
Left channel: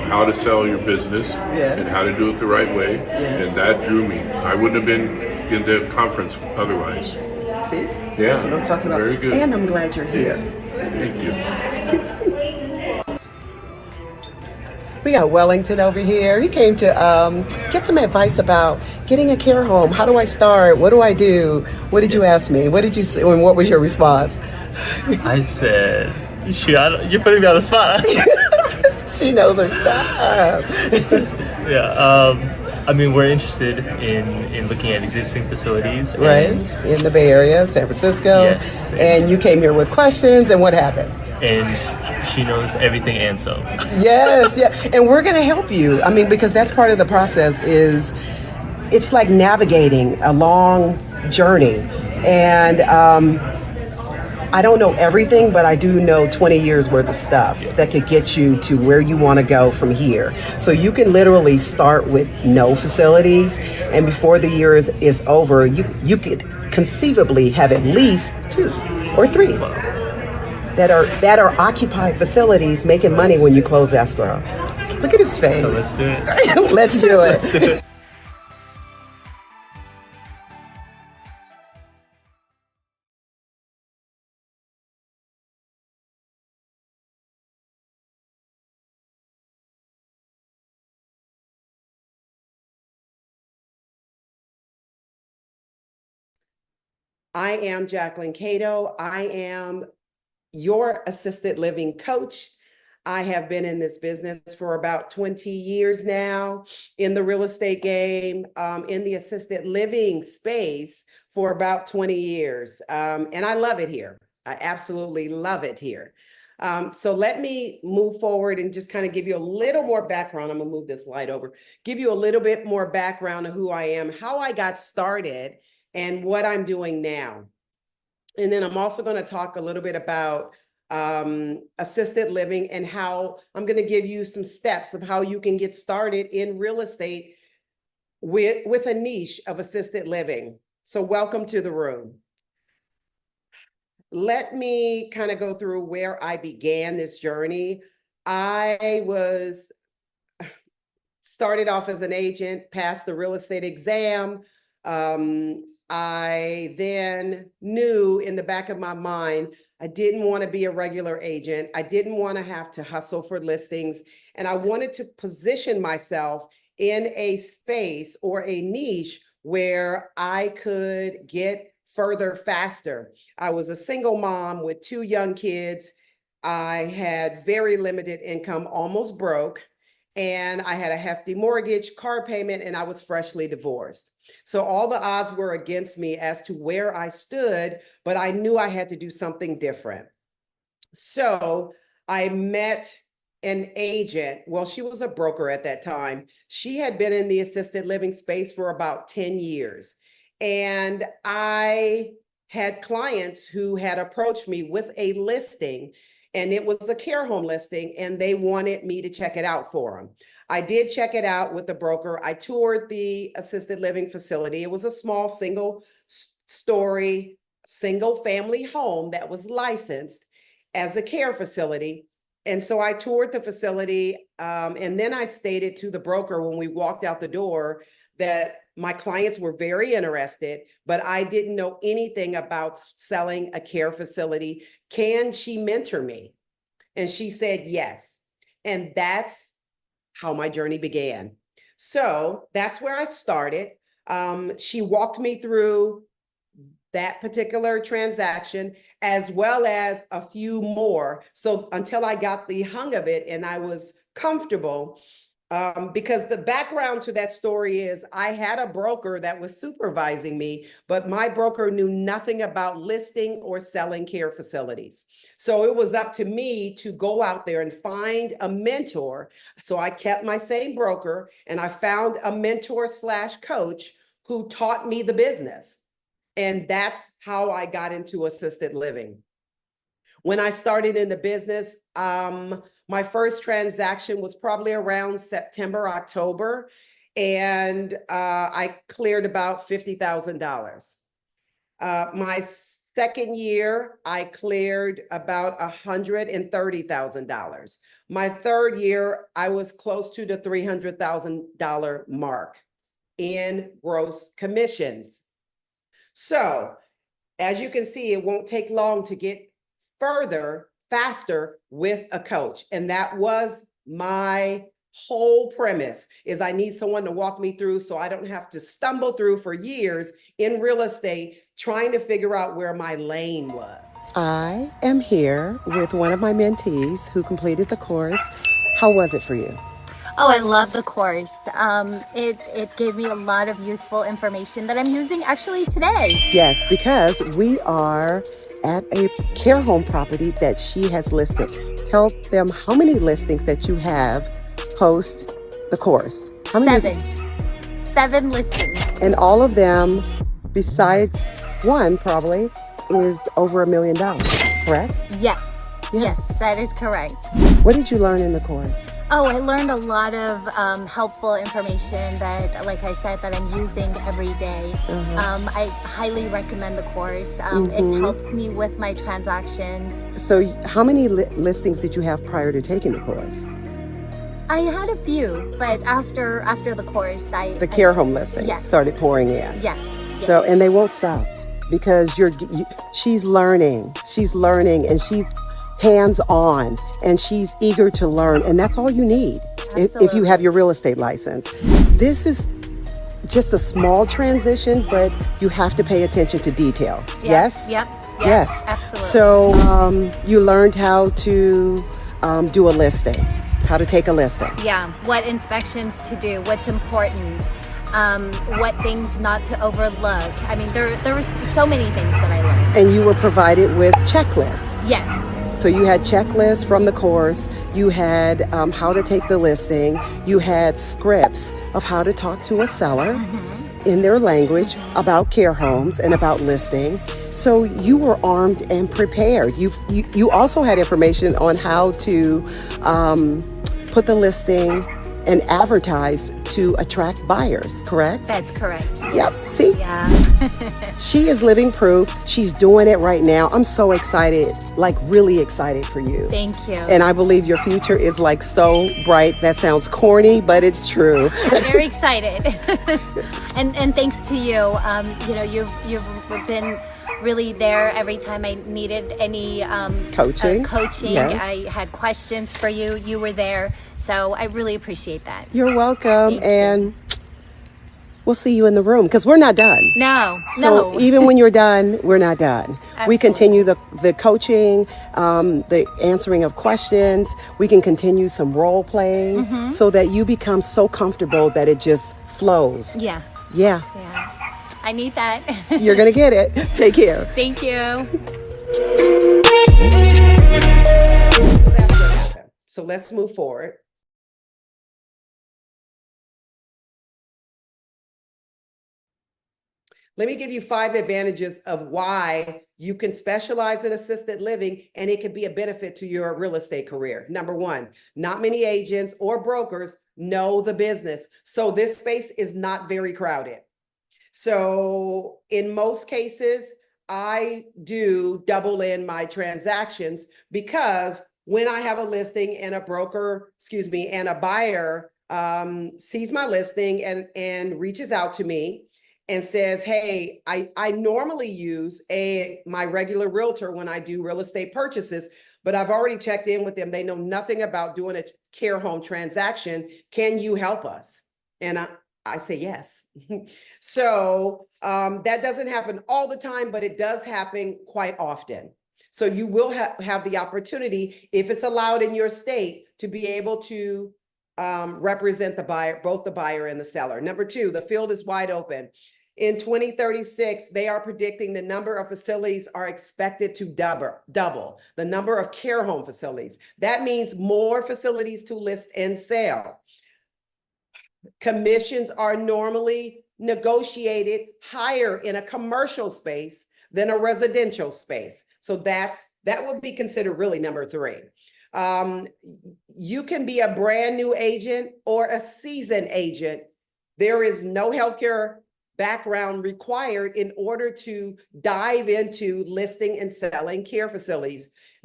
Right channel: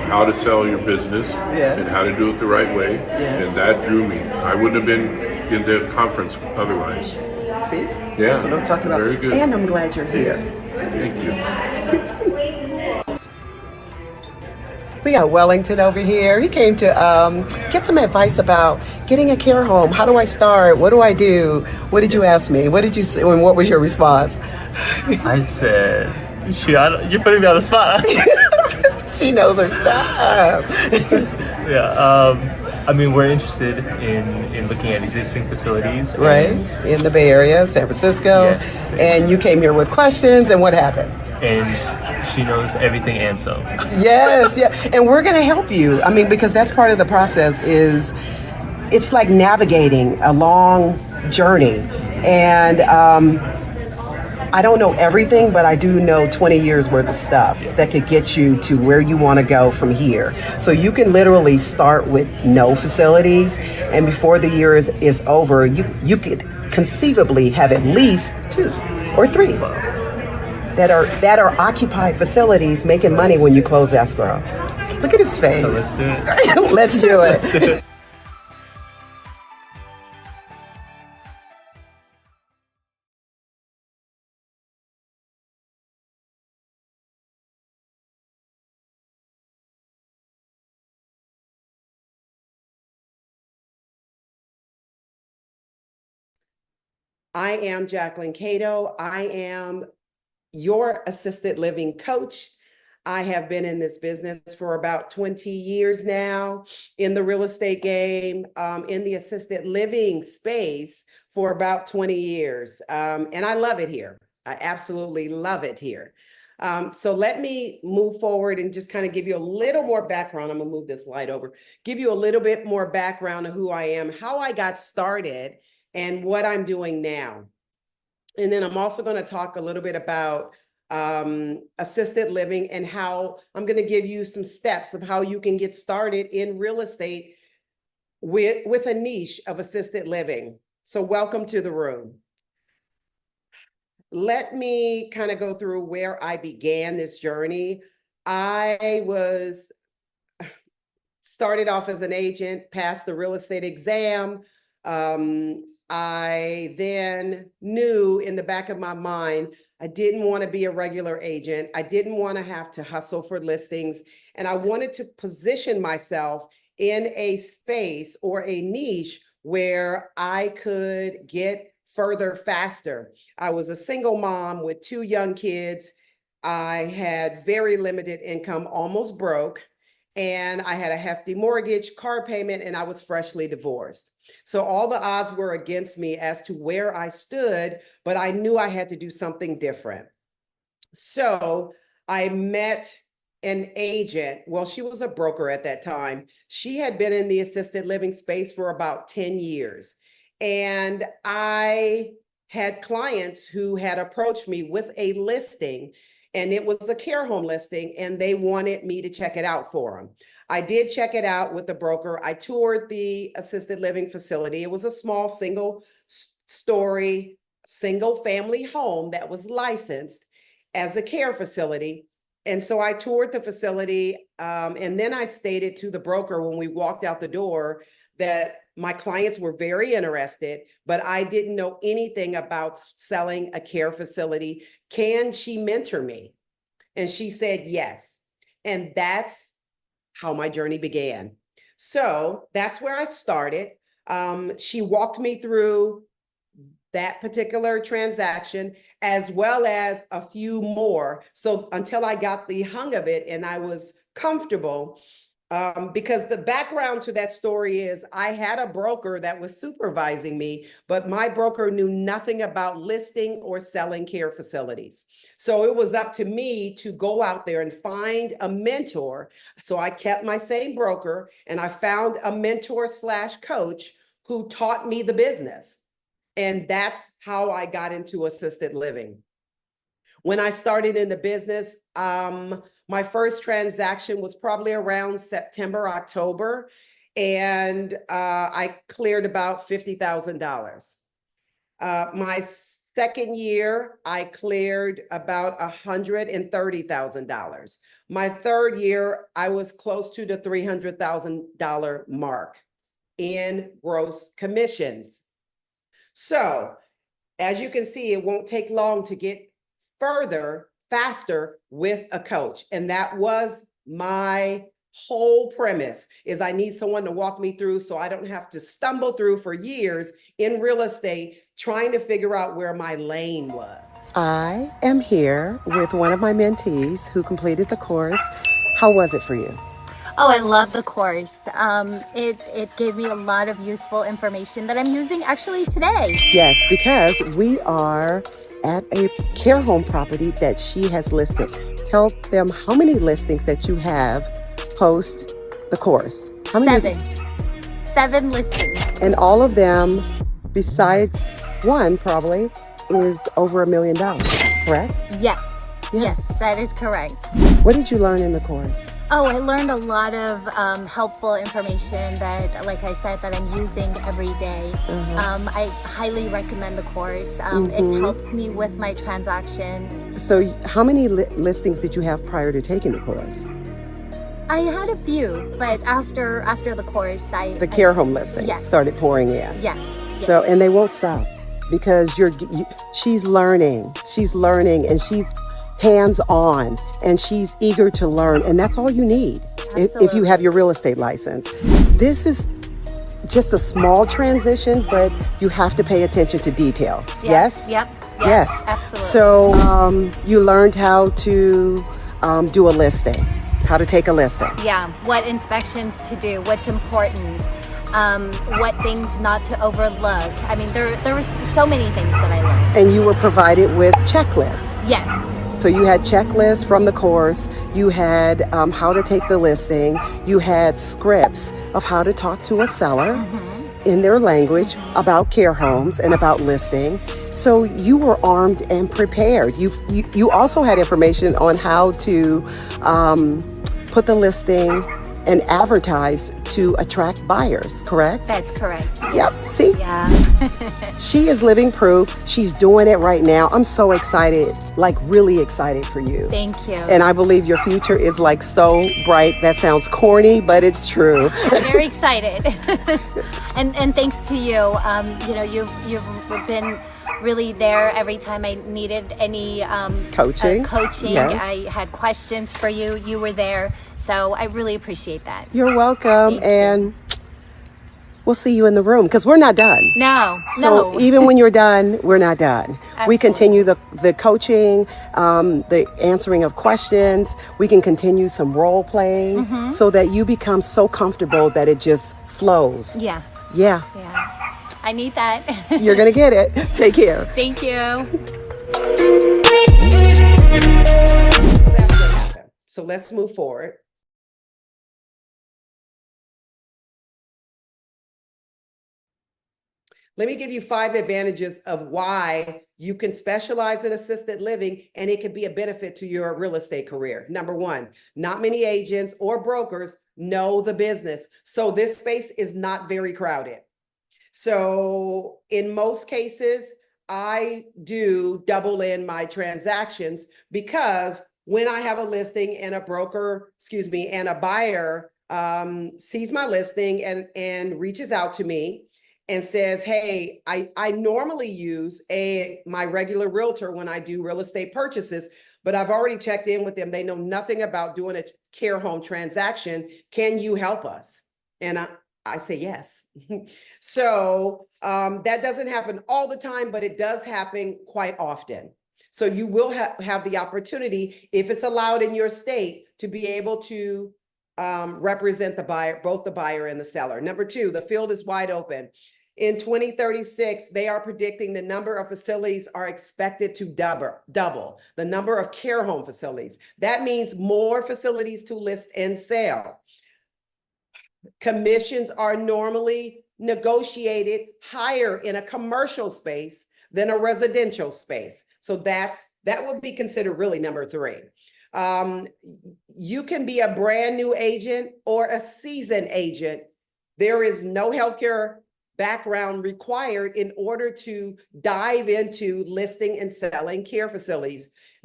how to sell your business and how to do it the right way. And that drew me. I wouldn't have been in the conference otherwise. See? Yeah, that's what I'm talking about. very good. And I'm glad you're here. Thank you. We got Wellington over here. He came to get some advice about getting a care home. How do I start? What do I do? What did you ask me? What did you say? And what was your response? I said, you're putting me on the spot. She knows her stuff. Yeah. I mean, we're interested in looking at existing facilities. Right. In the Bay Area, San Francisco. Yes. And you came here with questions, and what happened? And she knows everything and some. Yes, yeah. And we're going to help you. I mean, because that's part of the process is it's like navigating a long journey. And I don't know everything, but I do know 20 years worth of stuff that could get you to where you want to go from here. So you can literally start with no facilities, and before the year is over, you could conceivably have at least 2 or 3 that are occupied facilities making money when you close escrow. Look at his face. So let's do it. Let's do it. Let's do it. I am Jacquelyn Cato. I am your assisted living coach. I have been in this business for about 20 years now, in the real estate game, in the assisted living space for about 20 years. And I love it here. I absolutely love it here. So let me move forward and just kind of give you a little more background. I'm gonna move this light over, give you a little bit more background of who I am, how I got started, and what I'm doing now. And then I'm also going to talk a little bit about assisted living and how I'm going to give you some steps of how you can get started in real estate with a niche of assisted living. So welcome to the room. Let me kind of go through where I began this journey. I started off as an agent, passed the real estate exam. I then knew in the back of my mind, I didn't want to be a regular agent. I didn't want to have to hustle for listings. And I wanted to position myself in a space or a niche where I could get further faster. I was a single mom with 2 young kids. I had very limited income, almost broke. And I had a hefty mortgage, car payment, and I was freshly divorced. So all the odds were against me as to where I stood, but I knew I had to do something different. So I met an agent. Well, she was a broker at that time. She had been in the assisted living space for about 10 years. And I had clients who had approached me with a listing, and it was a care home listing, and they wanted me to check it out for them. I did check it out with the broker. I toured the assisted living facility. It was a small single-story, single-family home that was licensed as a care facility. And so I toured the facility, and then I stated to the broker when we walked out the door that my clients were very interested, but I didn't know anything about selling a care facility. Can she mentor me? And she said yes. And that's how my journey began. So that's where I started. She walked me through that particular transaction, as well as a few more. So until I got the hang of it and I was comfortable, because the background to that story is I had a broker that was supervising me, but my broker knew nothing about listing or selling care facilities. So it was up to me to go out there and find a mentor. So I kept my same broker and I found a mentor / coach who taught me the business. And that's how I got into assisted living. When I started in the business, my first transaction was probably around September, October, and I cleared about $50,000. My second year, I cleared about $130,000. My third year, I was close to the $300,000 mark in gross commissions. So as you can see, it won't take long to get further, faster with a coach. And that was my whole premise, is I need someone to walk me through so I don't have to stumble through for years in real estate trying to figure out where my lane was. I am here with one of my mentees who completed the course. How was it for you? Oh, I love the course. It gave me a lot of useful information that I'm using actually today. Yes, because we are at a care home property that she has listed. Tell them how many listings that you have post the course. How many? 7 listings. And all of them, besides one probably, is over $1 million, correct? Yes. Yes, that is correct. What did you learn in the course? Oh, I learned a lot of helpful information that, like I said, that I'm using every day. I highly recommend the course. It's helped me with my transactions. So how many listings did you have prior to taking the course? I had a few, but after the course, the care home listings started pouring in. Yes. So, and they won't stop because she's learning, and she's hands-on, and she's eager to learn, and that's all you need if you have your real estate license. This is just a small transition, but you have to pay attention to detail. Yes? Yep. Yes. Absolutely. So you learned how to do a listing, how to take a listing. Yeah, what inspections to do, what's important, what things not to overlook. I mean, there was so many things that I learned. And you were provided with checklists. Yes. So you had checklists from the course, you had how to take the listing, you had scripts of how to talk to a seller in their language about care homes and about listing. So you were armed and prepared. You also had information on how to put the listing and advertise to attract buyers, correct? That's correct. Yep, see? Yeah. She is living proof. She's doing it right now. I'm so excited, like really excited for you. Thank you. And I believe your future is like so bright. That sounds corny, but it's true. I'm very excited. and thanks to you. You've been really there every time I needed any coaching. Yes. I had questions for you. You were there. So I really appreciate that. You're welcome. And we'll see you in the room because we're not done. No. Even when you're done, we're not done. Absolutely. We continue the coaching, the answering of questions. We can continue some role playing so that you become so comfortable that it just flows. Yeah. I need that. You're going to get it. Take care. Thank you. That's what happened. So let's move forward. Let me give you 5 advantages of why you can specialize in assisted living and it can be a benefit to your real estate career. Number 1, not many agents or brokers know the business. So this space is not very crowded. So in most cases, I do double in my transactions because when I have a listing and and a buyer sees my listing and reaches out to me and says, hey, I normally use my regular realtor when I do real estate purchases, but I've already checked in with them. They know nothing about doing a care home transaction. Can you help us? And I say yes. So that doesn't happen all the time, but it does happen quite often. So you will have the opportunity, if it's allowed in your state, to be able to represent the buyer, both the buyer and the seller. Number 2, the field is wide open. In 2036, they are predicting the number of facilities are expected to double the number of care home facilities. That means more facilities to list and sell. Commissions are normally negotiated higher in a commercial space than a residential space. So that would be considered really number 3. You can be a brand new agent or a seasoned agent. There is no healthcare background required in order to dive into listing and selling care facilities.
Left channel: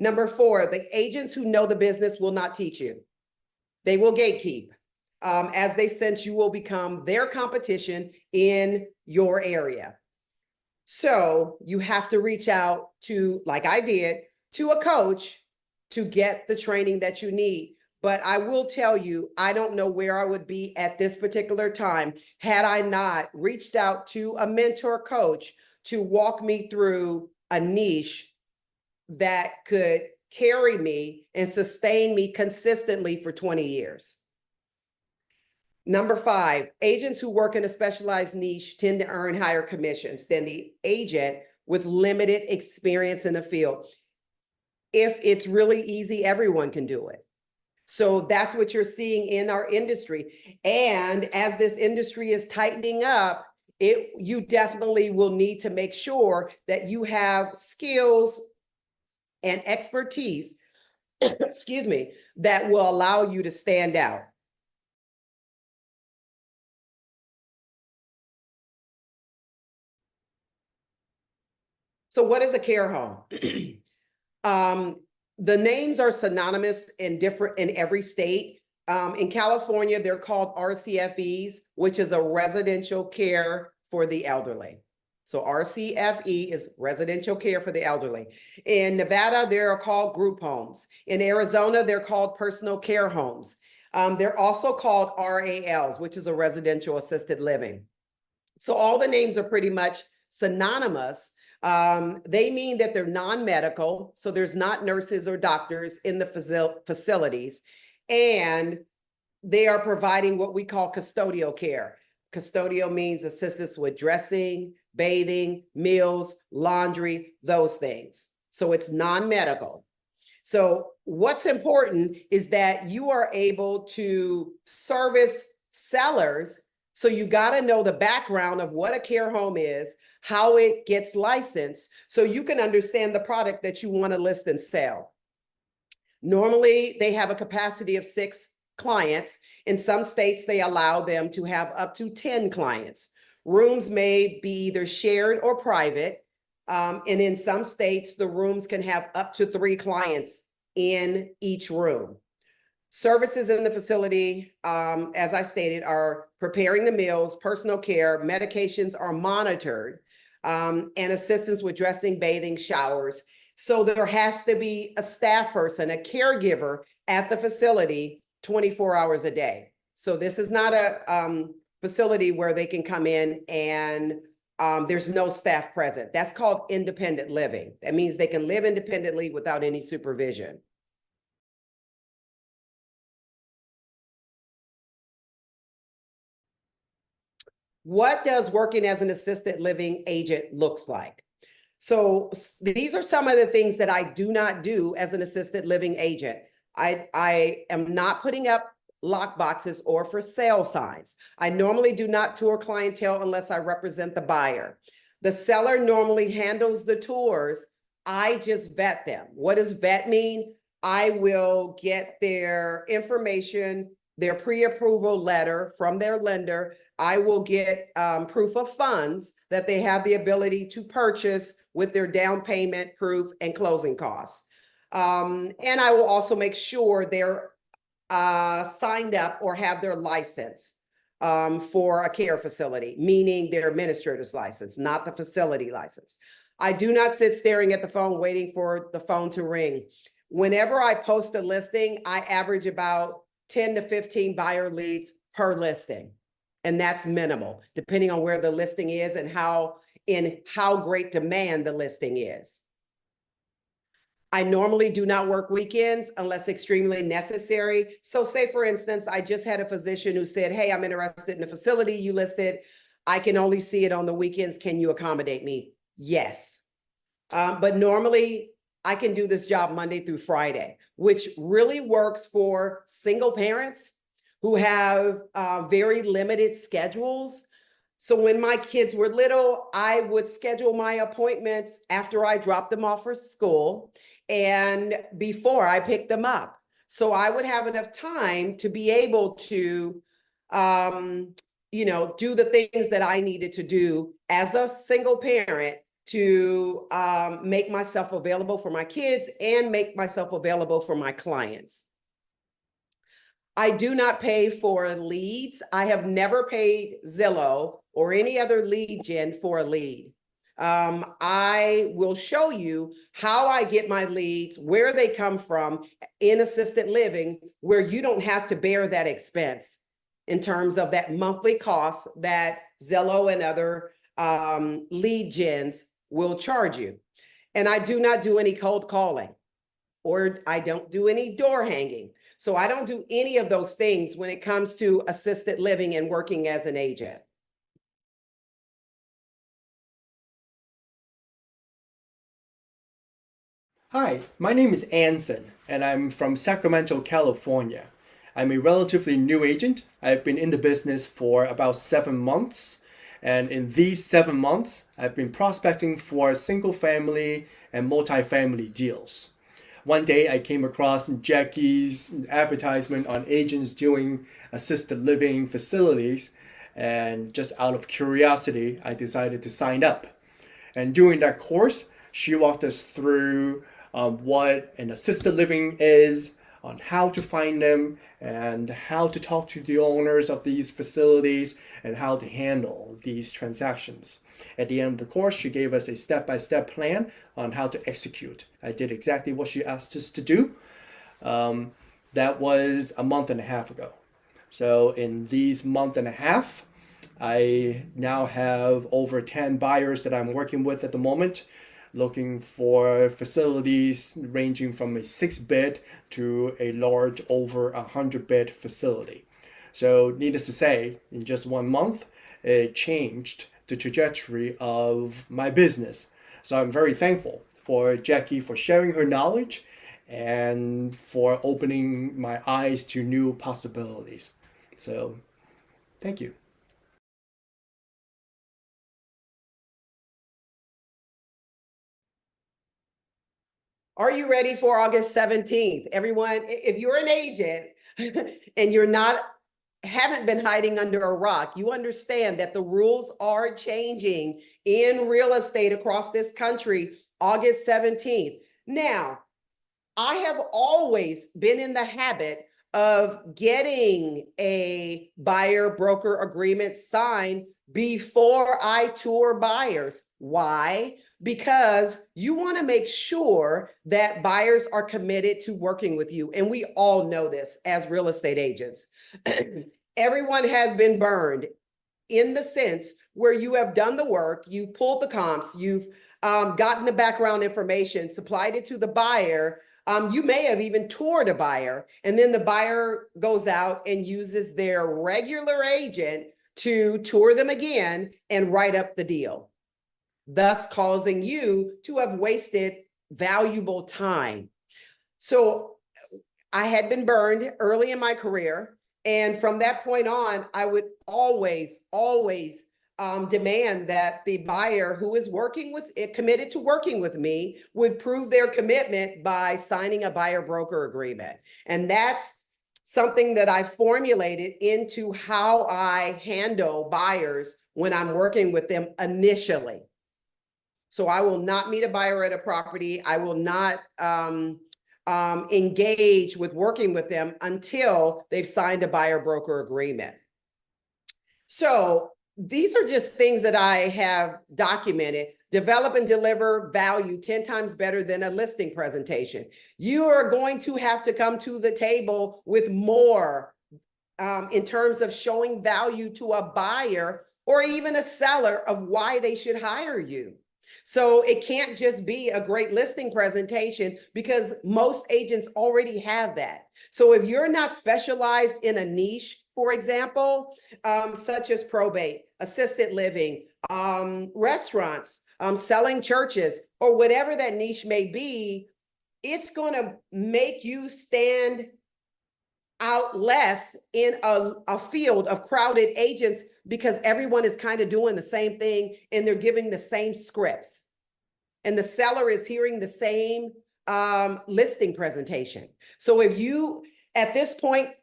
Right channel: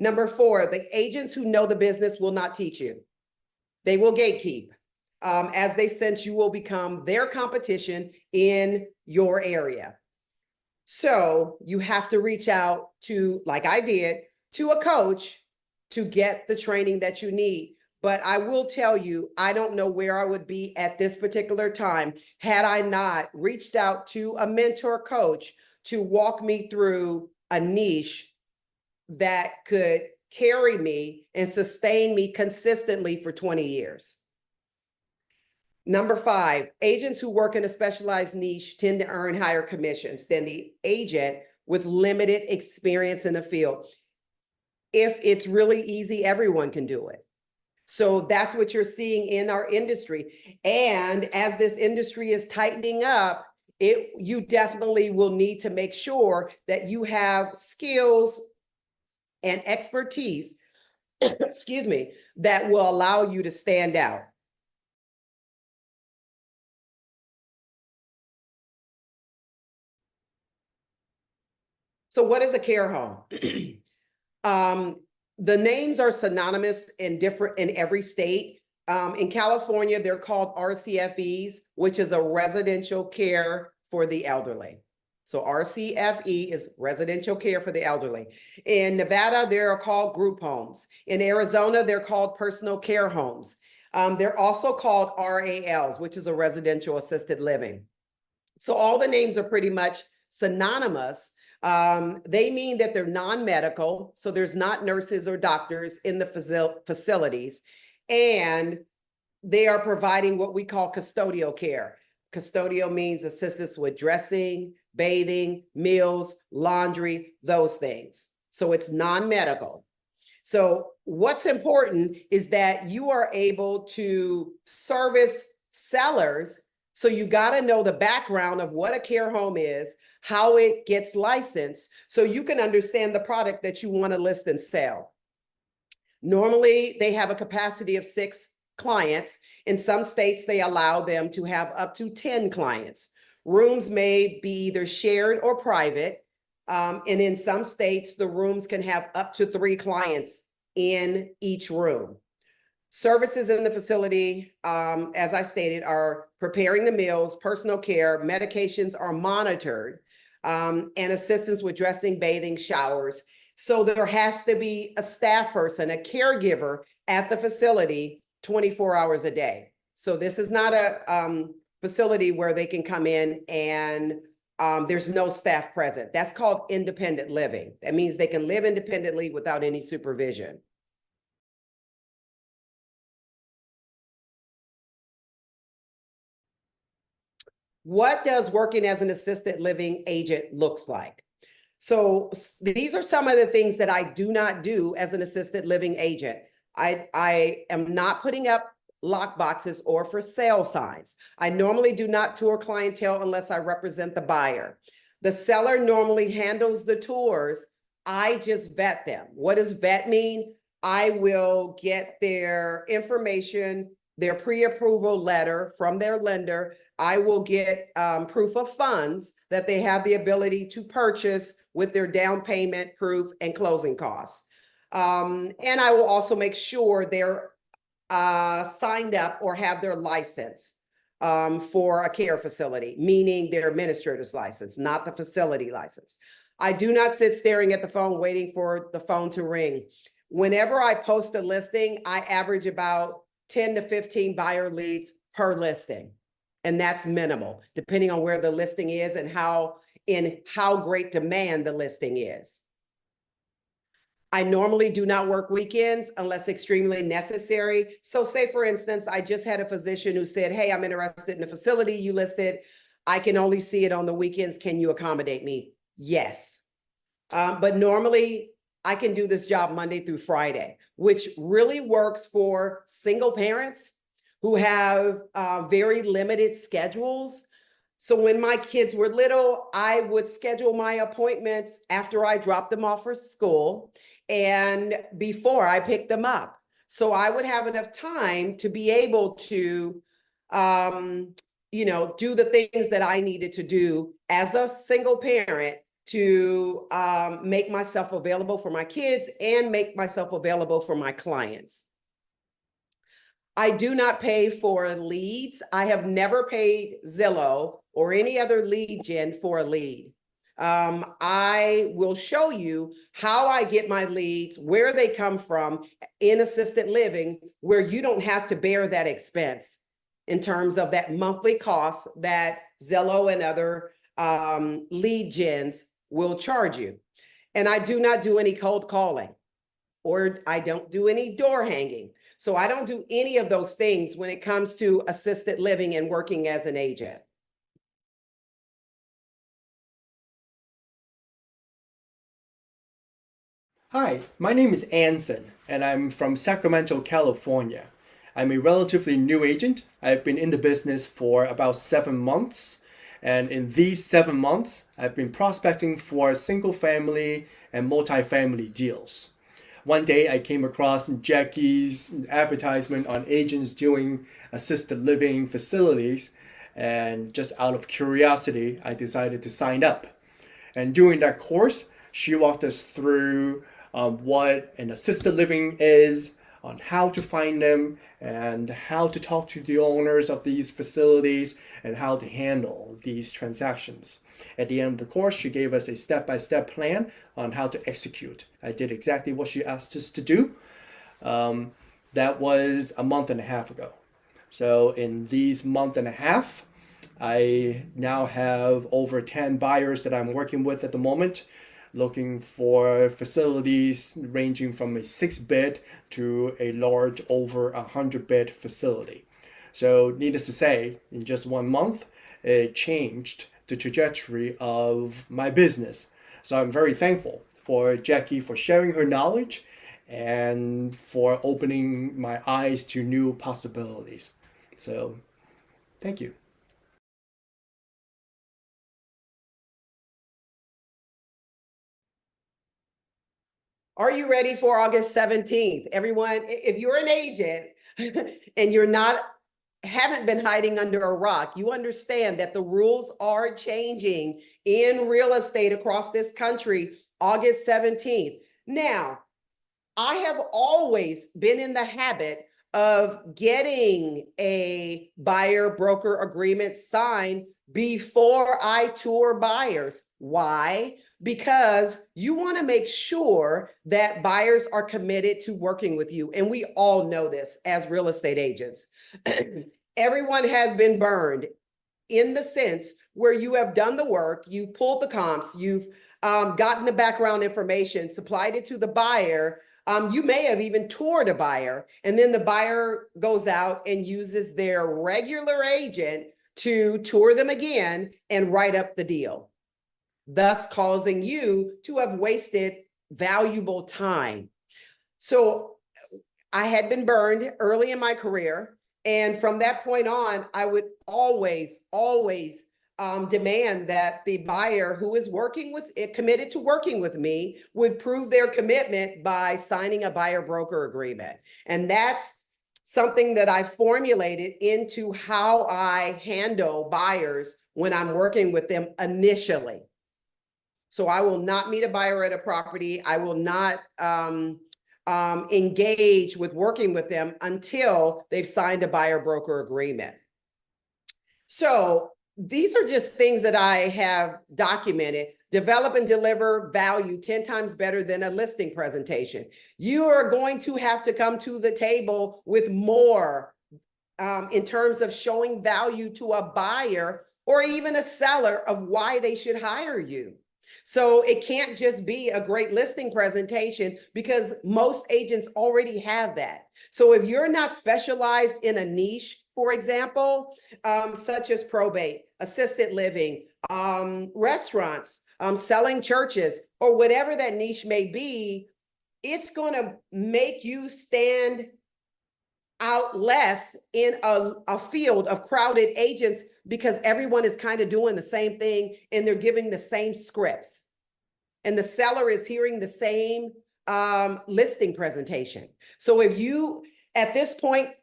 Number 4, the agents who know the business will not teach you. They will gatekeep. As they sense you will become their competition in your area. So you have to reach out to, like I did, to a coach to get the training that you need. But I will tell you, I don't know where I would be at this particular time had I not reached out to a mentor coach to walk me through a niche that could carry me and sustain me consistently for 20 years. Number 5, agents who work in a specialized niche tend to earn higher commissions than the agent with limited experience in the field. If it's really easy, everyone can do it. So that's what you're seeing in our industry. And as this industry is tightening up, you definitely will need to make sure that you have skills and expertise, excuse me, that will allow you to stand out. So what is a care home? The names are synonymous in every state. In California, they're called RCFEs, which is a residential care for the elderly. So RCFE is residential care for the elderly. In Nevada, they're called group homes. In Arizona, they're called personal care homes. They're also called RALs, which is a residential assisted living. So all the names are pretty much synonymous. They mean that they're non-medical, so there's not nurses or doctors in the facilities, and they are providing what we call custodial care. Custodial means assistance with dressing, bathing, meals, laundry, those things. So it's non-medical. So what's important is that you are able to service sellers. So you got to know the background of what a care home is, how it gets licensed, so you can understand the product that you want to list and sell. Normally, they have a capacity of 6 clients. In some states, they allow them to have up to 10 clients. Rooms may be either shared or private. And in some states, the rooms can have up to 3 clients in each room. Services in the facility, as I stated, are preparing the meals, personal care, medications are monitored, and assistance with dressing, bathing, showers. So there has to be a staff person, a caregiver at the facility 24 hours a day. So this is not a facility where they can come in and there's no staff present. That's called independent living. That means they can live independently without any supervision. What does working as an assisted living agent looks like? So these are some of the things that I do not do as an assisted living agent. I am not putting up lock boxes or for sale signs. I normally do not tour clientele unless I represent the buyer. The seller normally handles the tours. I just vet them. What does vet mean? I will get their information, their pre-approval letter from their lender. I will get proof of funds that they have the ability to purchase with their down payment proof and closing costs. And I will also make sure they're signed up or have their license for a care facility, meaning their administrator's license, not the facility license. I do not sit staring at the phone waiting for the phone to ring. Whenever I post a listing, I average about 10 to 15 buyer leads per listing. And that's minimal, depending on where the listing is and how great demand the listing is. I normally do not work weekends unless extremely necessary. So say, for instance, I just had a physician who said, hey, I'm interested in the facility you listed. I can only see it on the weekends. Can you accommodate me? Yes. But normally I can do this job Monday through Friday, which really works for single parents who have very limited schedules. So when my kids were little, I would schedule my appointments after I dropped them off for school and before I picked them up. So I would have enough time to be able to, do the things that I needed to do as a single parent to make myself available for my kids and make myself available for my clients. I do not pay for leads. I have never paid Zillow or any other lead gen for a lead. I will show you how I get my leads, where they come from in assisted living, where you don't have to bear that expense in terms of that monthly cost that Zillow and other lead gens will charge you. And I do not do any cold calling, or I don't do any door hanging. So I don't do any of those things when it comes to assisted living and working as an agent. Hi, my name is Anson, and I'm from Sacramento, California. I'm a relatively new agent. I've been in the business for about 7 months, and in these 7 months, I've been prospecting for single family and multifamily deals. One day I came across Jackie's advertisement on agents doing assisted living facilities, and just out of curiosity, I decided to sign up. And during that course, she walked us through what an assisted living is, on how to find them, and how to talk to the owners of these facilities, and how to handle these transactions. At the end of the course, she gave us a step-by-step plan on how to execute. I did exactly what she asked us to do. That was a month and a half ago. So in these month and a half, I now have over 10 buyers that I'm working with at the moment, looking for facilities ranging from a 6-bed to a large over 100-bed facility. So needless to say, in just 1 month, it changed the trajectory of my business. So I'm very thankful for Jackie for sharing her knowledge and for opening my eyes to new possibilities. So thank you. Are you ready for August 17th? Everyone, if you're an agent and haven't been hiding under a rock, you understand that the rules are changing in real estate across this country, August 17th. Now, I have always been in the habit of getting a buyer broker agreement signed before I tour buyers. Why? Because you want to make sure that buyers are committed to working with you. And we all know this as real estate agents. Everyone has been burned in the sense where you have done the work, you've pulled the comps, you've gotten the background information, supplied it to the buyer. You may have even toured a buyer, and then the buyer goes out and uses their regular agent to tour them again and write up the deal, thus causing you to have wasted valuable time. So I had been burned early in my career. And from that point on, I would always demand that the buyer who is committed to working with me would prove their commitment by signing a buyer broker agreement. And that's something that I formulated into how I handle buyers when I'm working with them initially. So I will not meet a buyer at a property. I will not engage with working with them until they've signed a buyer broker agreement. So these are just things that I have documented. Develop and deliver value 10 times better than a listing presentation. You are going to have to come to the table with more in terms of showing value to a buyer or even a seller of why they should hire you. So it can't just be a great listing presentation because most agents already have that. So if you're not specialized in a niche, for example, such as probate, assisted living, restaurants, selling churches, or whatever that niche may be, it's going to make you stand out less in a field of crowded agents because everyone is kind of doing the same thing and they're giving the same scripts. And the seller is hearing the same listing presentation. So if you, at this point,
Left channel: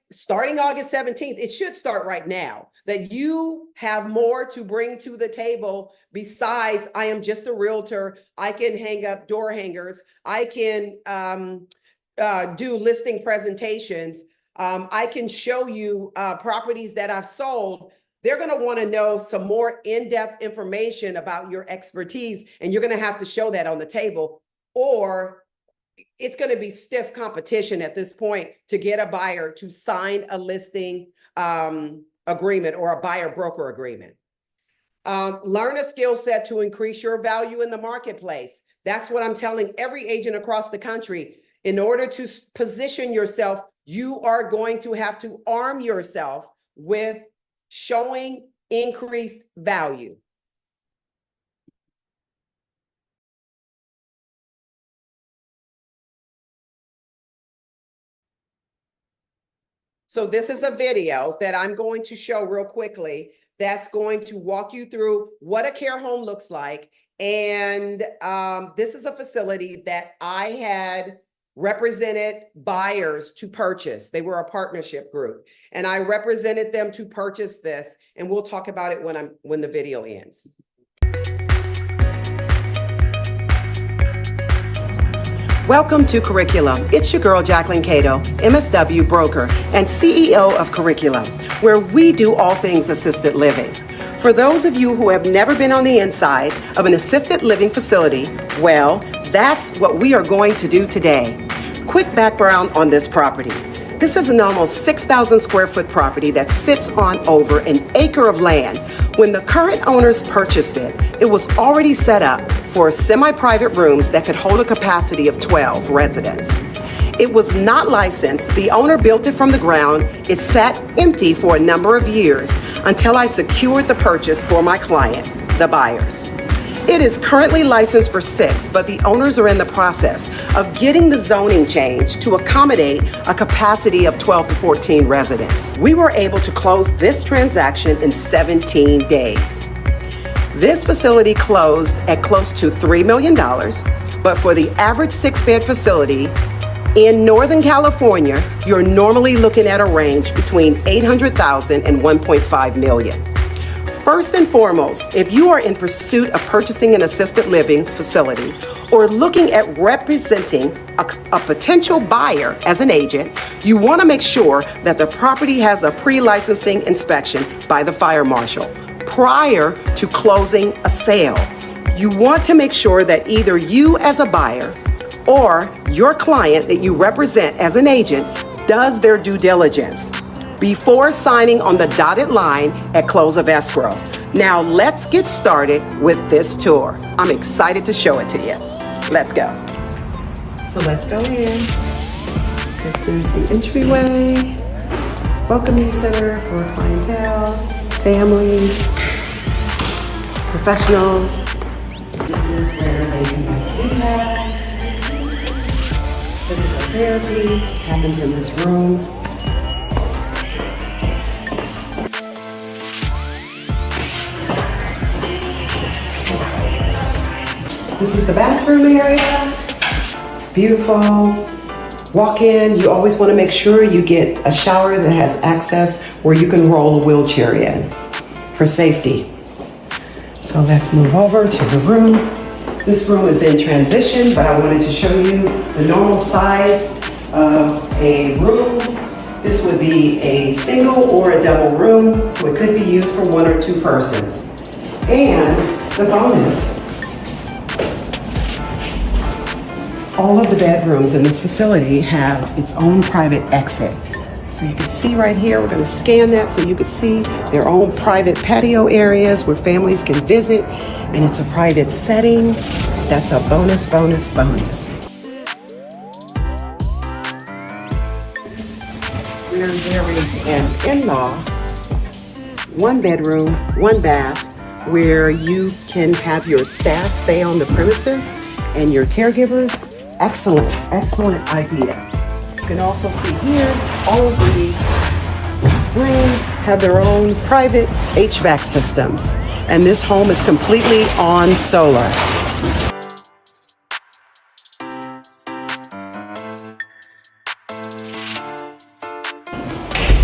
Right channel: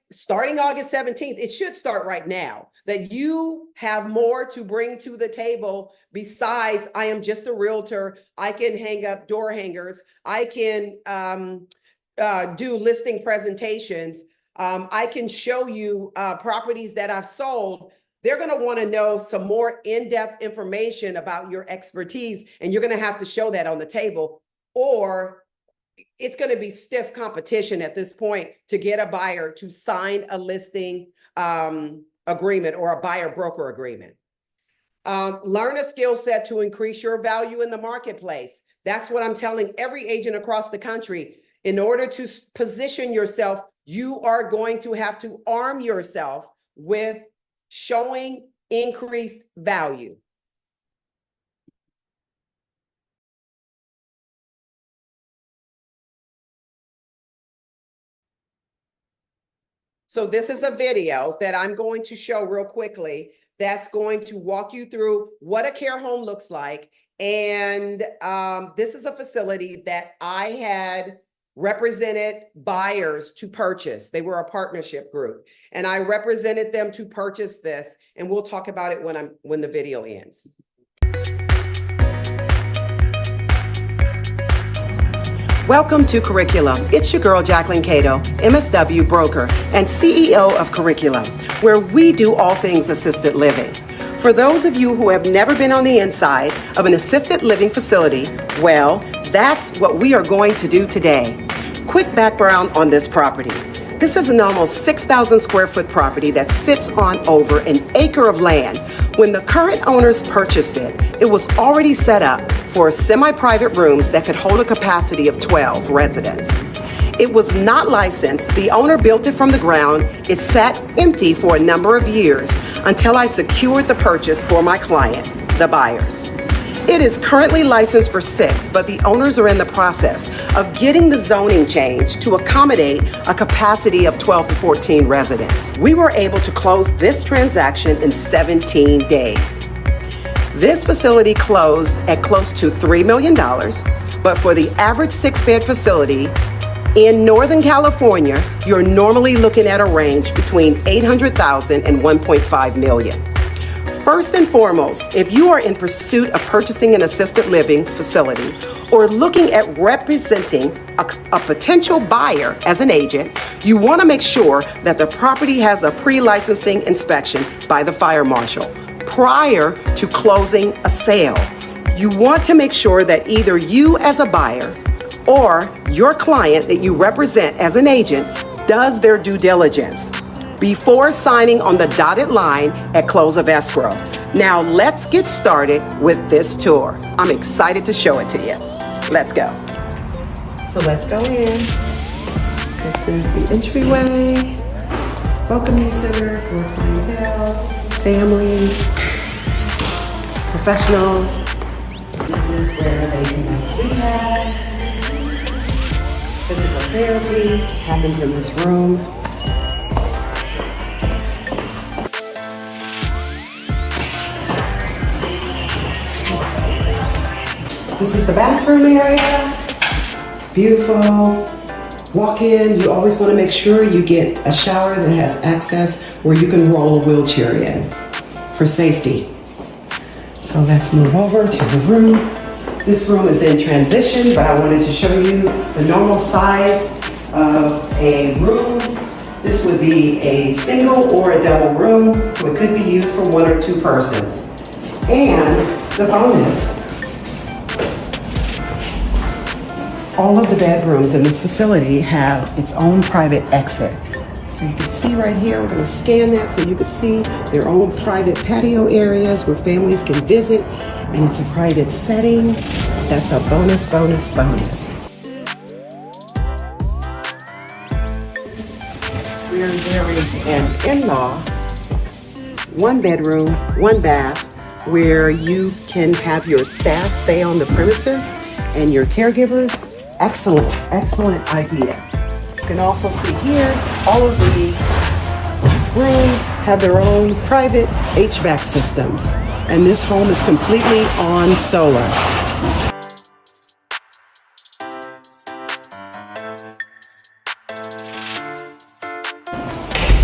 starting August 17th, it should start right now, that you have more to bring to the table besides I am just a realtor. I can hang up door hangers. I can do listing presentations. I can show you properties that I've sold. They're going to want to know some more in-depth information about your expertise, and you're going to have to show that on the table, or it's going to be stiff competition at this point to get a buyer to sign a listing agreement or a buyer broker agreement. Learn a skill set to increase your value in the marketplace. That's what I'm telling every agent across the country. In order to position yourself, you are going to have to arm yourself with showing increased value. So this is a video that I'm going to show real quickly that's going to walk you through what a care home looks like. And this is a facility that I had represented buyers to purchase. They were a partnership group, and I represented them to purchase this. And we'll talk about it when the video ends. Welcome to Curriculum. It's your girl, Jacquelyn Cato, MSW broker and CEO of Curriculum, where we do all things assisted living. For those of you who have never been on the inside of an assisted living facility, well, that's what we are going to do today. Quick background on this property. This is an almost 6,000 square foot property that sits on over an acre of land. When the current owners purchased it, it was already set up for semi-private rooms that could hold a capacity of 12 residents. It was not licensed. The owner built it from the ground. It sat empty for a number of years until I secured the purchase for my client, the buyers. It is currently licensed for 6, but the owners are in the process of getting the zoning changed to accommodate a capacity of 12 to 14 residents. We were able to close this transaction in 17 days. This facility closed at close to $3 million, but for the average 6-bed facility in Northern California, you're normally looking at a range between $800,000 and $1.5 million. First and foremost, if you are in pursuit of purchasing an assisted living facility or looking at representing a potential buyer as an agent, you want to make sure that the property has a pre-licensing inspection by the fire marshal prior to closing a sale. You want to make sure that either you as a buyer or your client that you represent as an agent does their due diligence before signing on the dotted line at close of escrow. Now let's get started with this tour. I'm excited to show it to you. Let's go. So let's go in. This is the entryway, welcoming center for clientele, families, professionals. This is where they can do rehab, physical therapy happens in this room. This is the bathroom area. It's beautiful. Walk in. You always want to make sure you get a shower that has access where you can roll a wheelchair in for safety. So let's move over to the room. This room is in transition, but I wanted to show you the normal size of a room. This would be a single or a double room, so it could be used for 1 or 2 persons. And the bonus, all of the bedrooms in this facility have its own private exit. So you can see right here, we're going to scan that so you can see their own private patio areas where families can visit, and it's a private setting. That's a bonus, bonus, bonus. Where there is an in-law, 1 bedroom, 1 bath, where you can have your staff stay on the premises and your caregivers. Excellent, excellent idea. You can also see here, all of the rooms have their own private HVAC systems, and this home is completely on solar.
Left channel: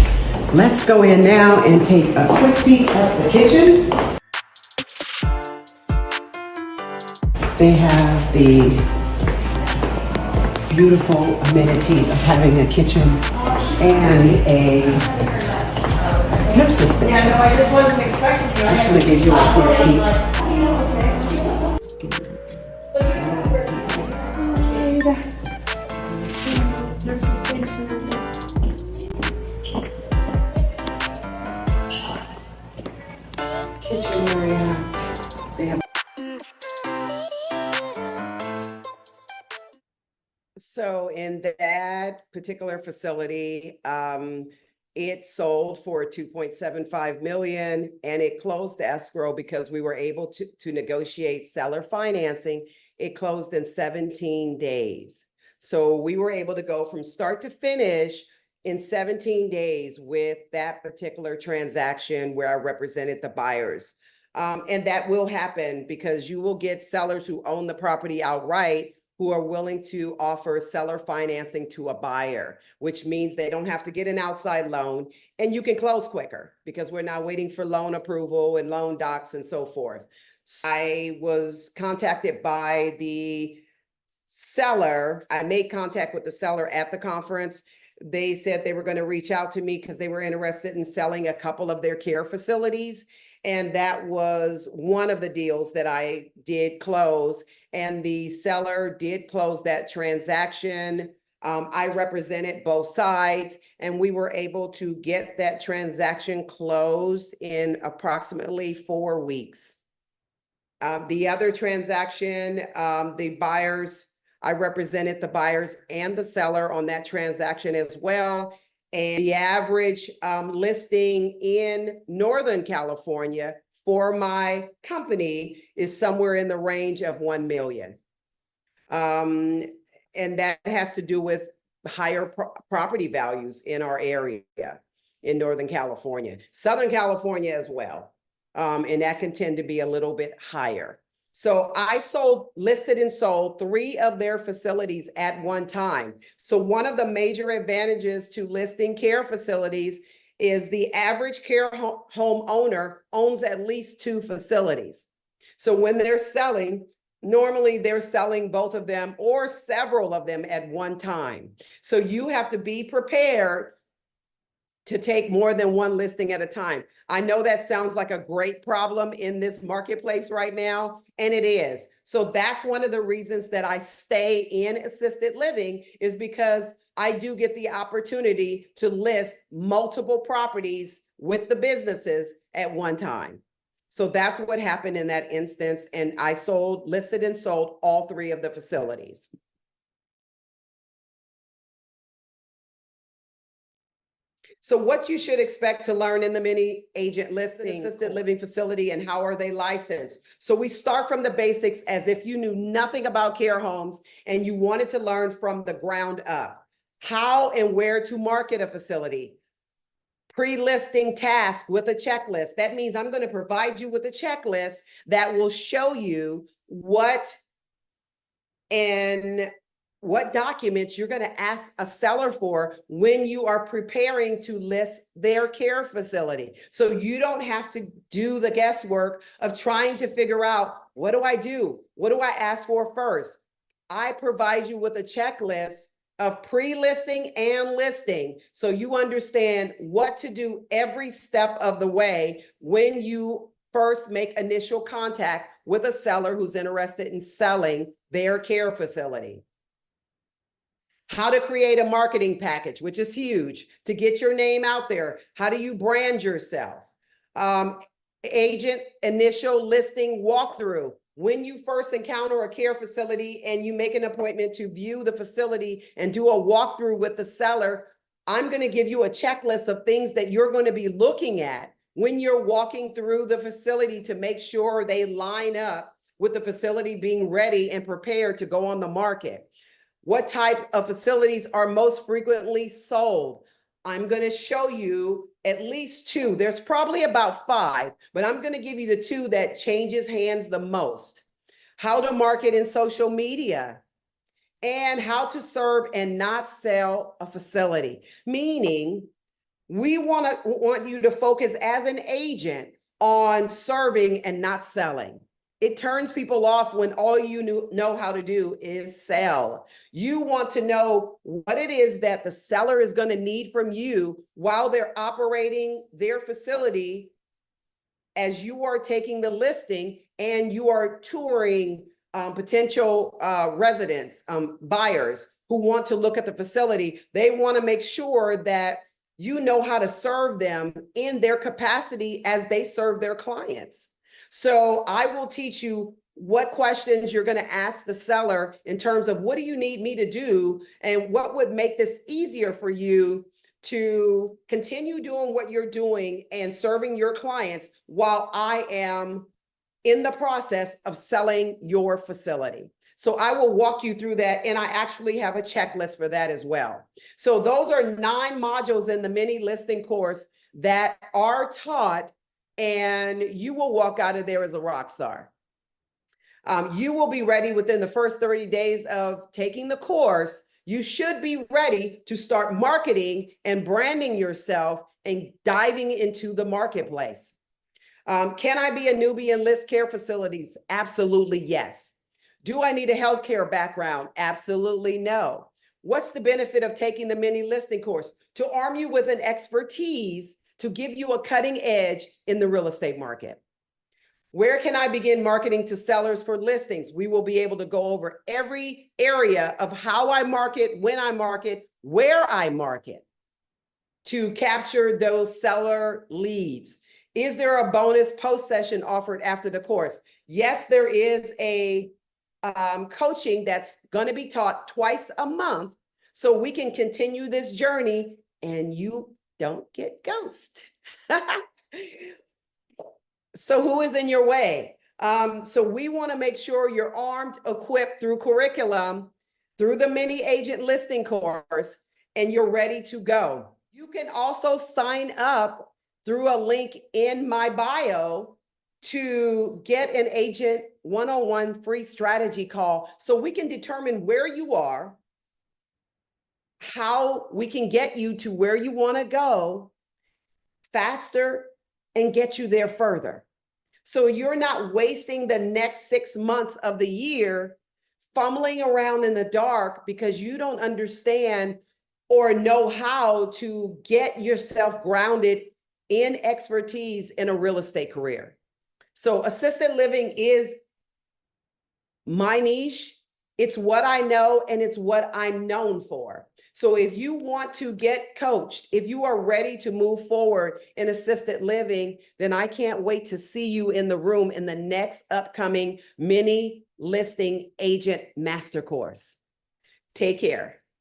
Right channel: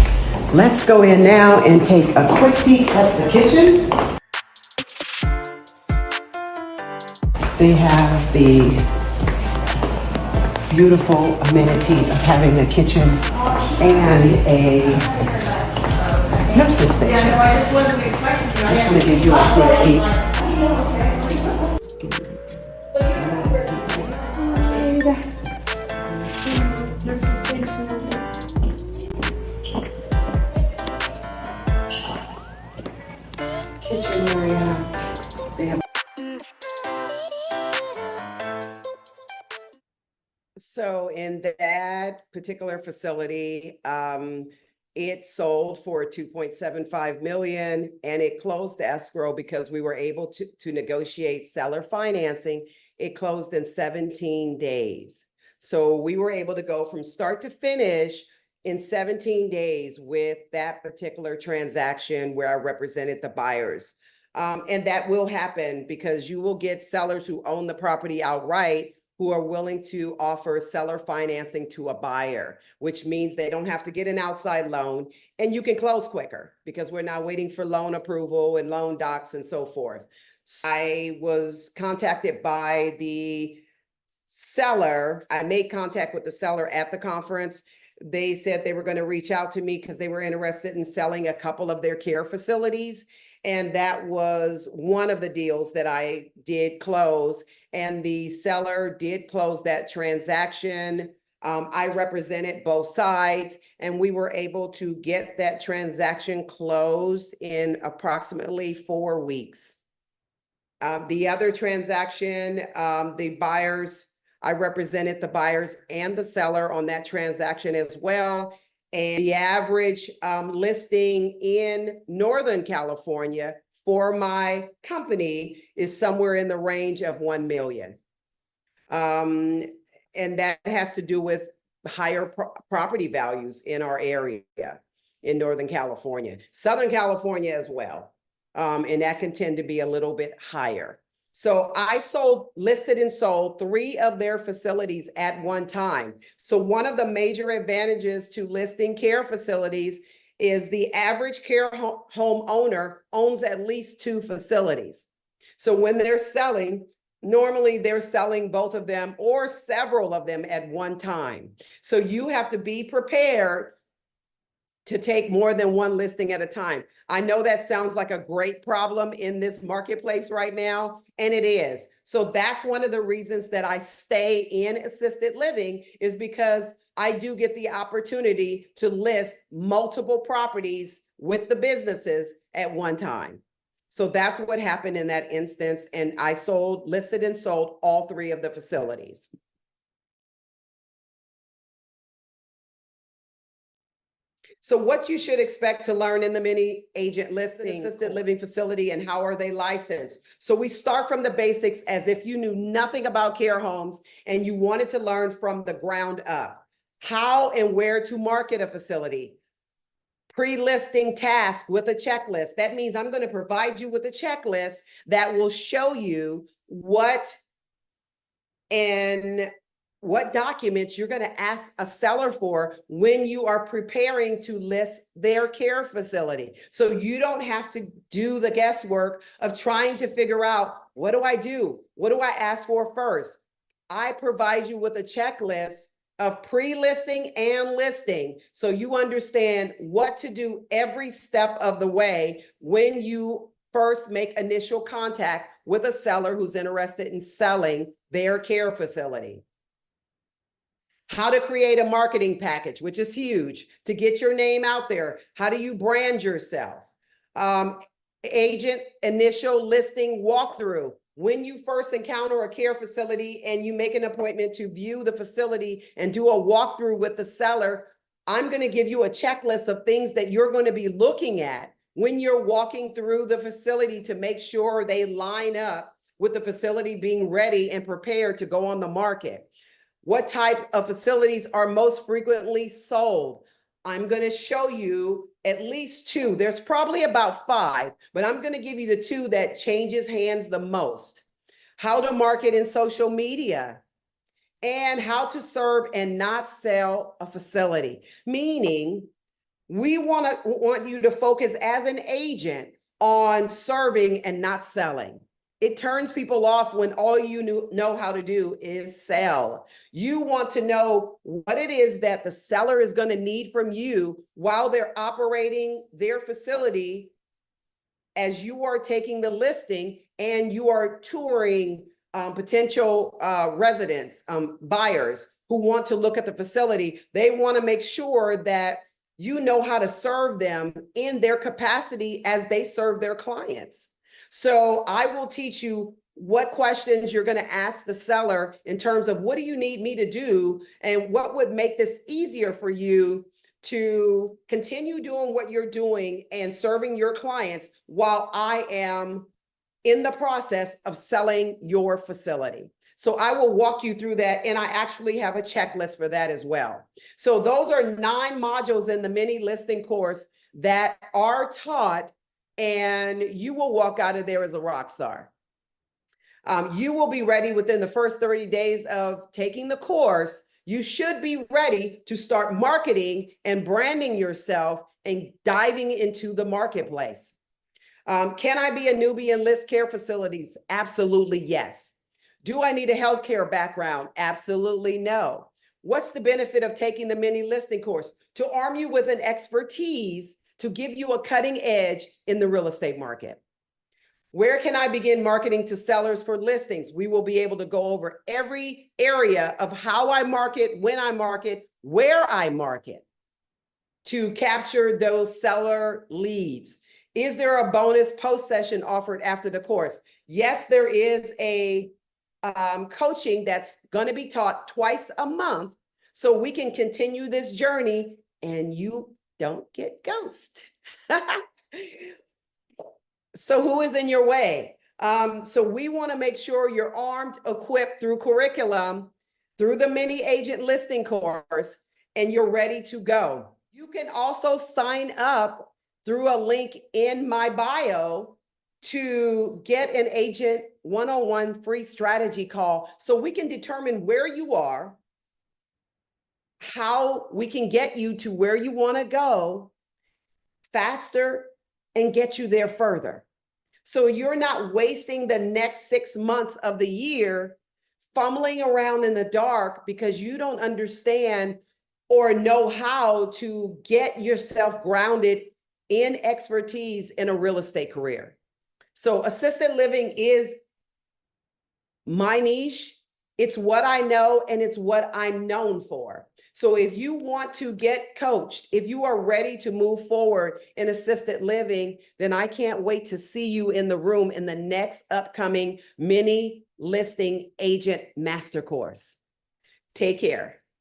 Let's go in now and take a quick peek at the kitchen. They have the beautiful amenity of having a kitchen and a nurse's station. Just going to give you a sneak peek. Kitchen area. They have. So in that particular facility, it sold for 2.75 million and it closed the escrow because we were able to negotiate seller financing. It closed in 17 days. So we were able to go from start to finish in 17 days with that particular transaction where I represented the buyers. And that will happen because you will get sellers who own the property outright who are willing to offer seller financing to a buyer, which means they don't have to get an outside loan and you can close quicker because we're not waiting for loan approval and loan docs and so forth. So I was contacted by the seller. I made contact with the seller at the conference. They said they were going to reach out to me because they were interested in selling a couple of their care facilities. And that was one of the deals that I did close. And the seller did close that transaction. I represented both sides and we were able to get that transaction closed in approximately 4 weeks. The other transaction, the buyers, I represented the buyers and the seller on that transaction as well. And the average listing in Northern California for my company is somewhere in the range of 1 million. And that has to do with higher property values in our area in Northern California, Southern California as well. And that can tend to be a little bit higher. So I listed and sold 3 of their facilities at one time. So one of the major advantages to listing care facilities is the average care home owner owns at least 2 facilities. So when they're selling, normally they're selling both of them or several of them at one time. So you have to be prepared to take more than one listing at a time. I know that sounds like a great problem in this marketplace right now, and it is. So that's one of the reasons that I stay in assisted living is because I do get the opportunity to list multiple properties with the businesses at one time. So that's what happened in that instance. And I listed and sold all 3 of the facilities. So what you should expect to learn in the mini agent listing assisted living facility and how are they licensed? So we start from the basics as if you knew nothing about care homes and you wanted to learn from the ground up. How and where to market a facility. Pre-listing task with a checklist. That means I'm going to provide you with a checklist that will show you what documents you're going to ask a seller for when you are preparing to list their care facility. So you don't have to do the guesswork of trying to figure out, what do I do? What do I ask for first? I provide you with a checklist of pre-listing and listing so you understand what to do every step of the way when you first make initial contact with a seller who's interested in selling their care facility. How to create a marketing package, which is huge, to get your name out there. How do you brand yourself? Agent initial listing walkthrough. When you first encounter a care facility and you make an appointment to view the facility and do a walkthrough with the seller, I'm going to give you a checklist of things that you're going to be looking at when you're walking through the facility to make sure they line up with the facility being ready and prepared to go on the market. What type of facilities are most frequently sold? I'm going to show you at least 2. There's probably about 5, but I'm going to give you the 2 that changes hands the most. How to market in social media and how to serve and not sell a facility. Meaning We want you to focus as an agent on serving and not selling. It turns people off when all you know how to do is sell. You want to know what it is that the seller is going to need from you while they're operating their facility as you are taking the listing and you are touring potential residents, buyers who want to look at the facility. They want to make sure that you know how to serve them in their capacity as they serve their clients. So I will teach you what questions you're going to ask the seller in terms of what do you need me to do and what would make this easier for you to continue doing what you're doing and serving your clients while I am in the process of selling your facility. So I will walk you through that, and I actually have a checklist for that as well. So those are 9 modules in the mini listing course that are taught, and you will walk out of there as a rock star. You will be ready within the first 30 days of taking the course. You should be ready to start marketing and branding yourself and diving into the marketplace. Can I be a newbie in list care facilities? Absolutely, yes. Do I need a healthcare background? Absolutely no. What's the benefit of taking the mini listing course? To arm you with an expertise to give you a cutting edge in the real estate market. Where can I begin marketing to sellers for listings? We will be able to go over every area of how I market, when I market, where I market to capture those seller leads. Is there a bonus post session offered after the course? Yes, there is a coaching that's going to be taught twice a month so we can continue this journey and you don't get ghosted. So who is in your way? So we want to make sure you're armed, equipped through curriculum, through the mini agent listing course, and you're ready to go. You can also sign up through a link in my bio to get an agent one-on-one free strategy call so we can determine where you are, how we can get you to where you want to go faster and get you there further. So you're not wasting the next 6 months of the year fumbling around in the dark because you don't understand or know how to get yourself grounded in expertise in a real estate career. So assisted living is my niche. It's what I know and it's what I'm known for. So if you want to get coached, if you are ready to move forward in assisted living, then I can't wait to see you in the room in the next upcoming mini listing agent master course. Take care.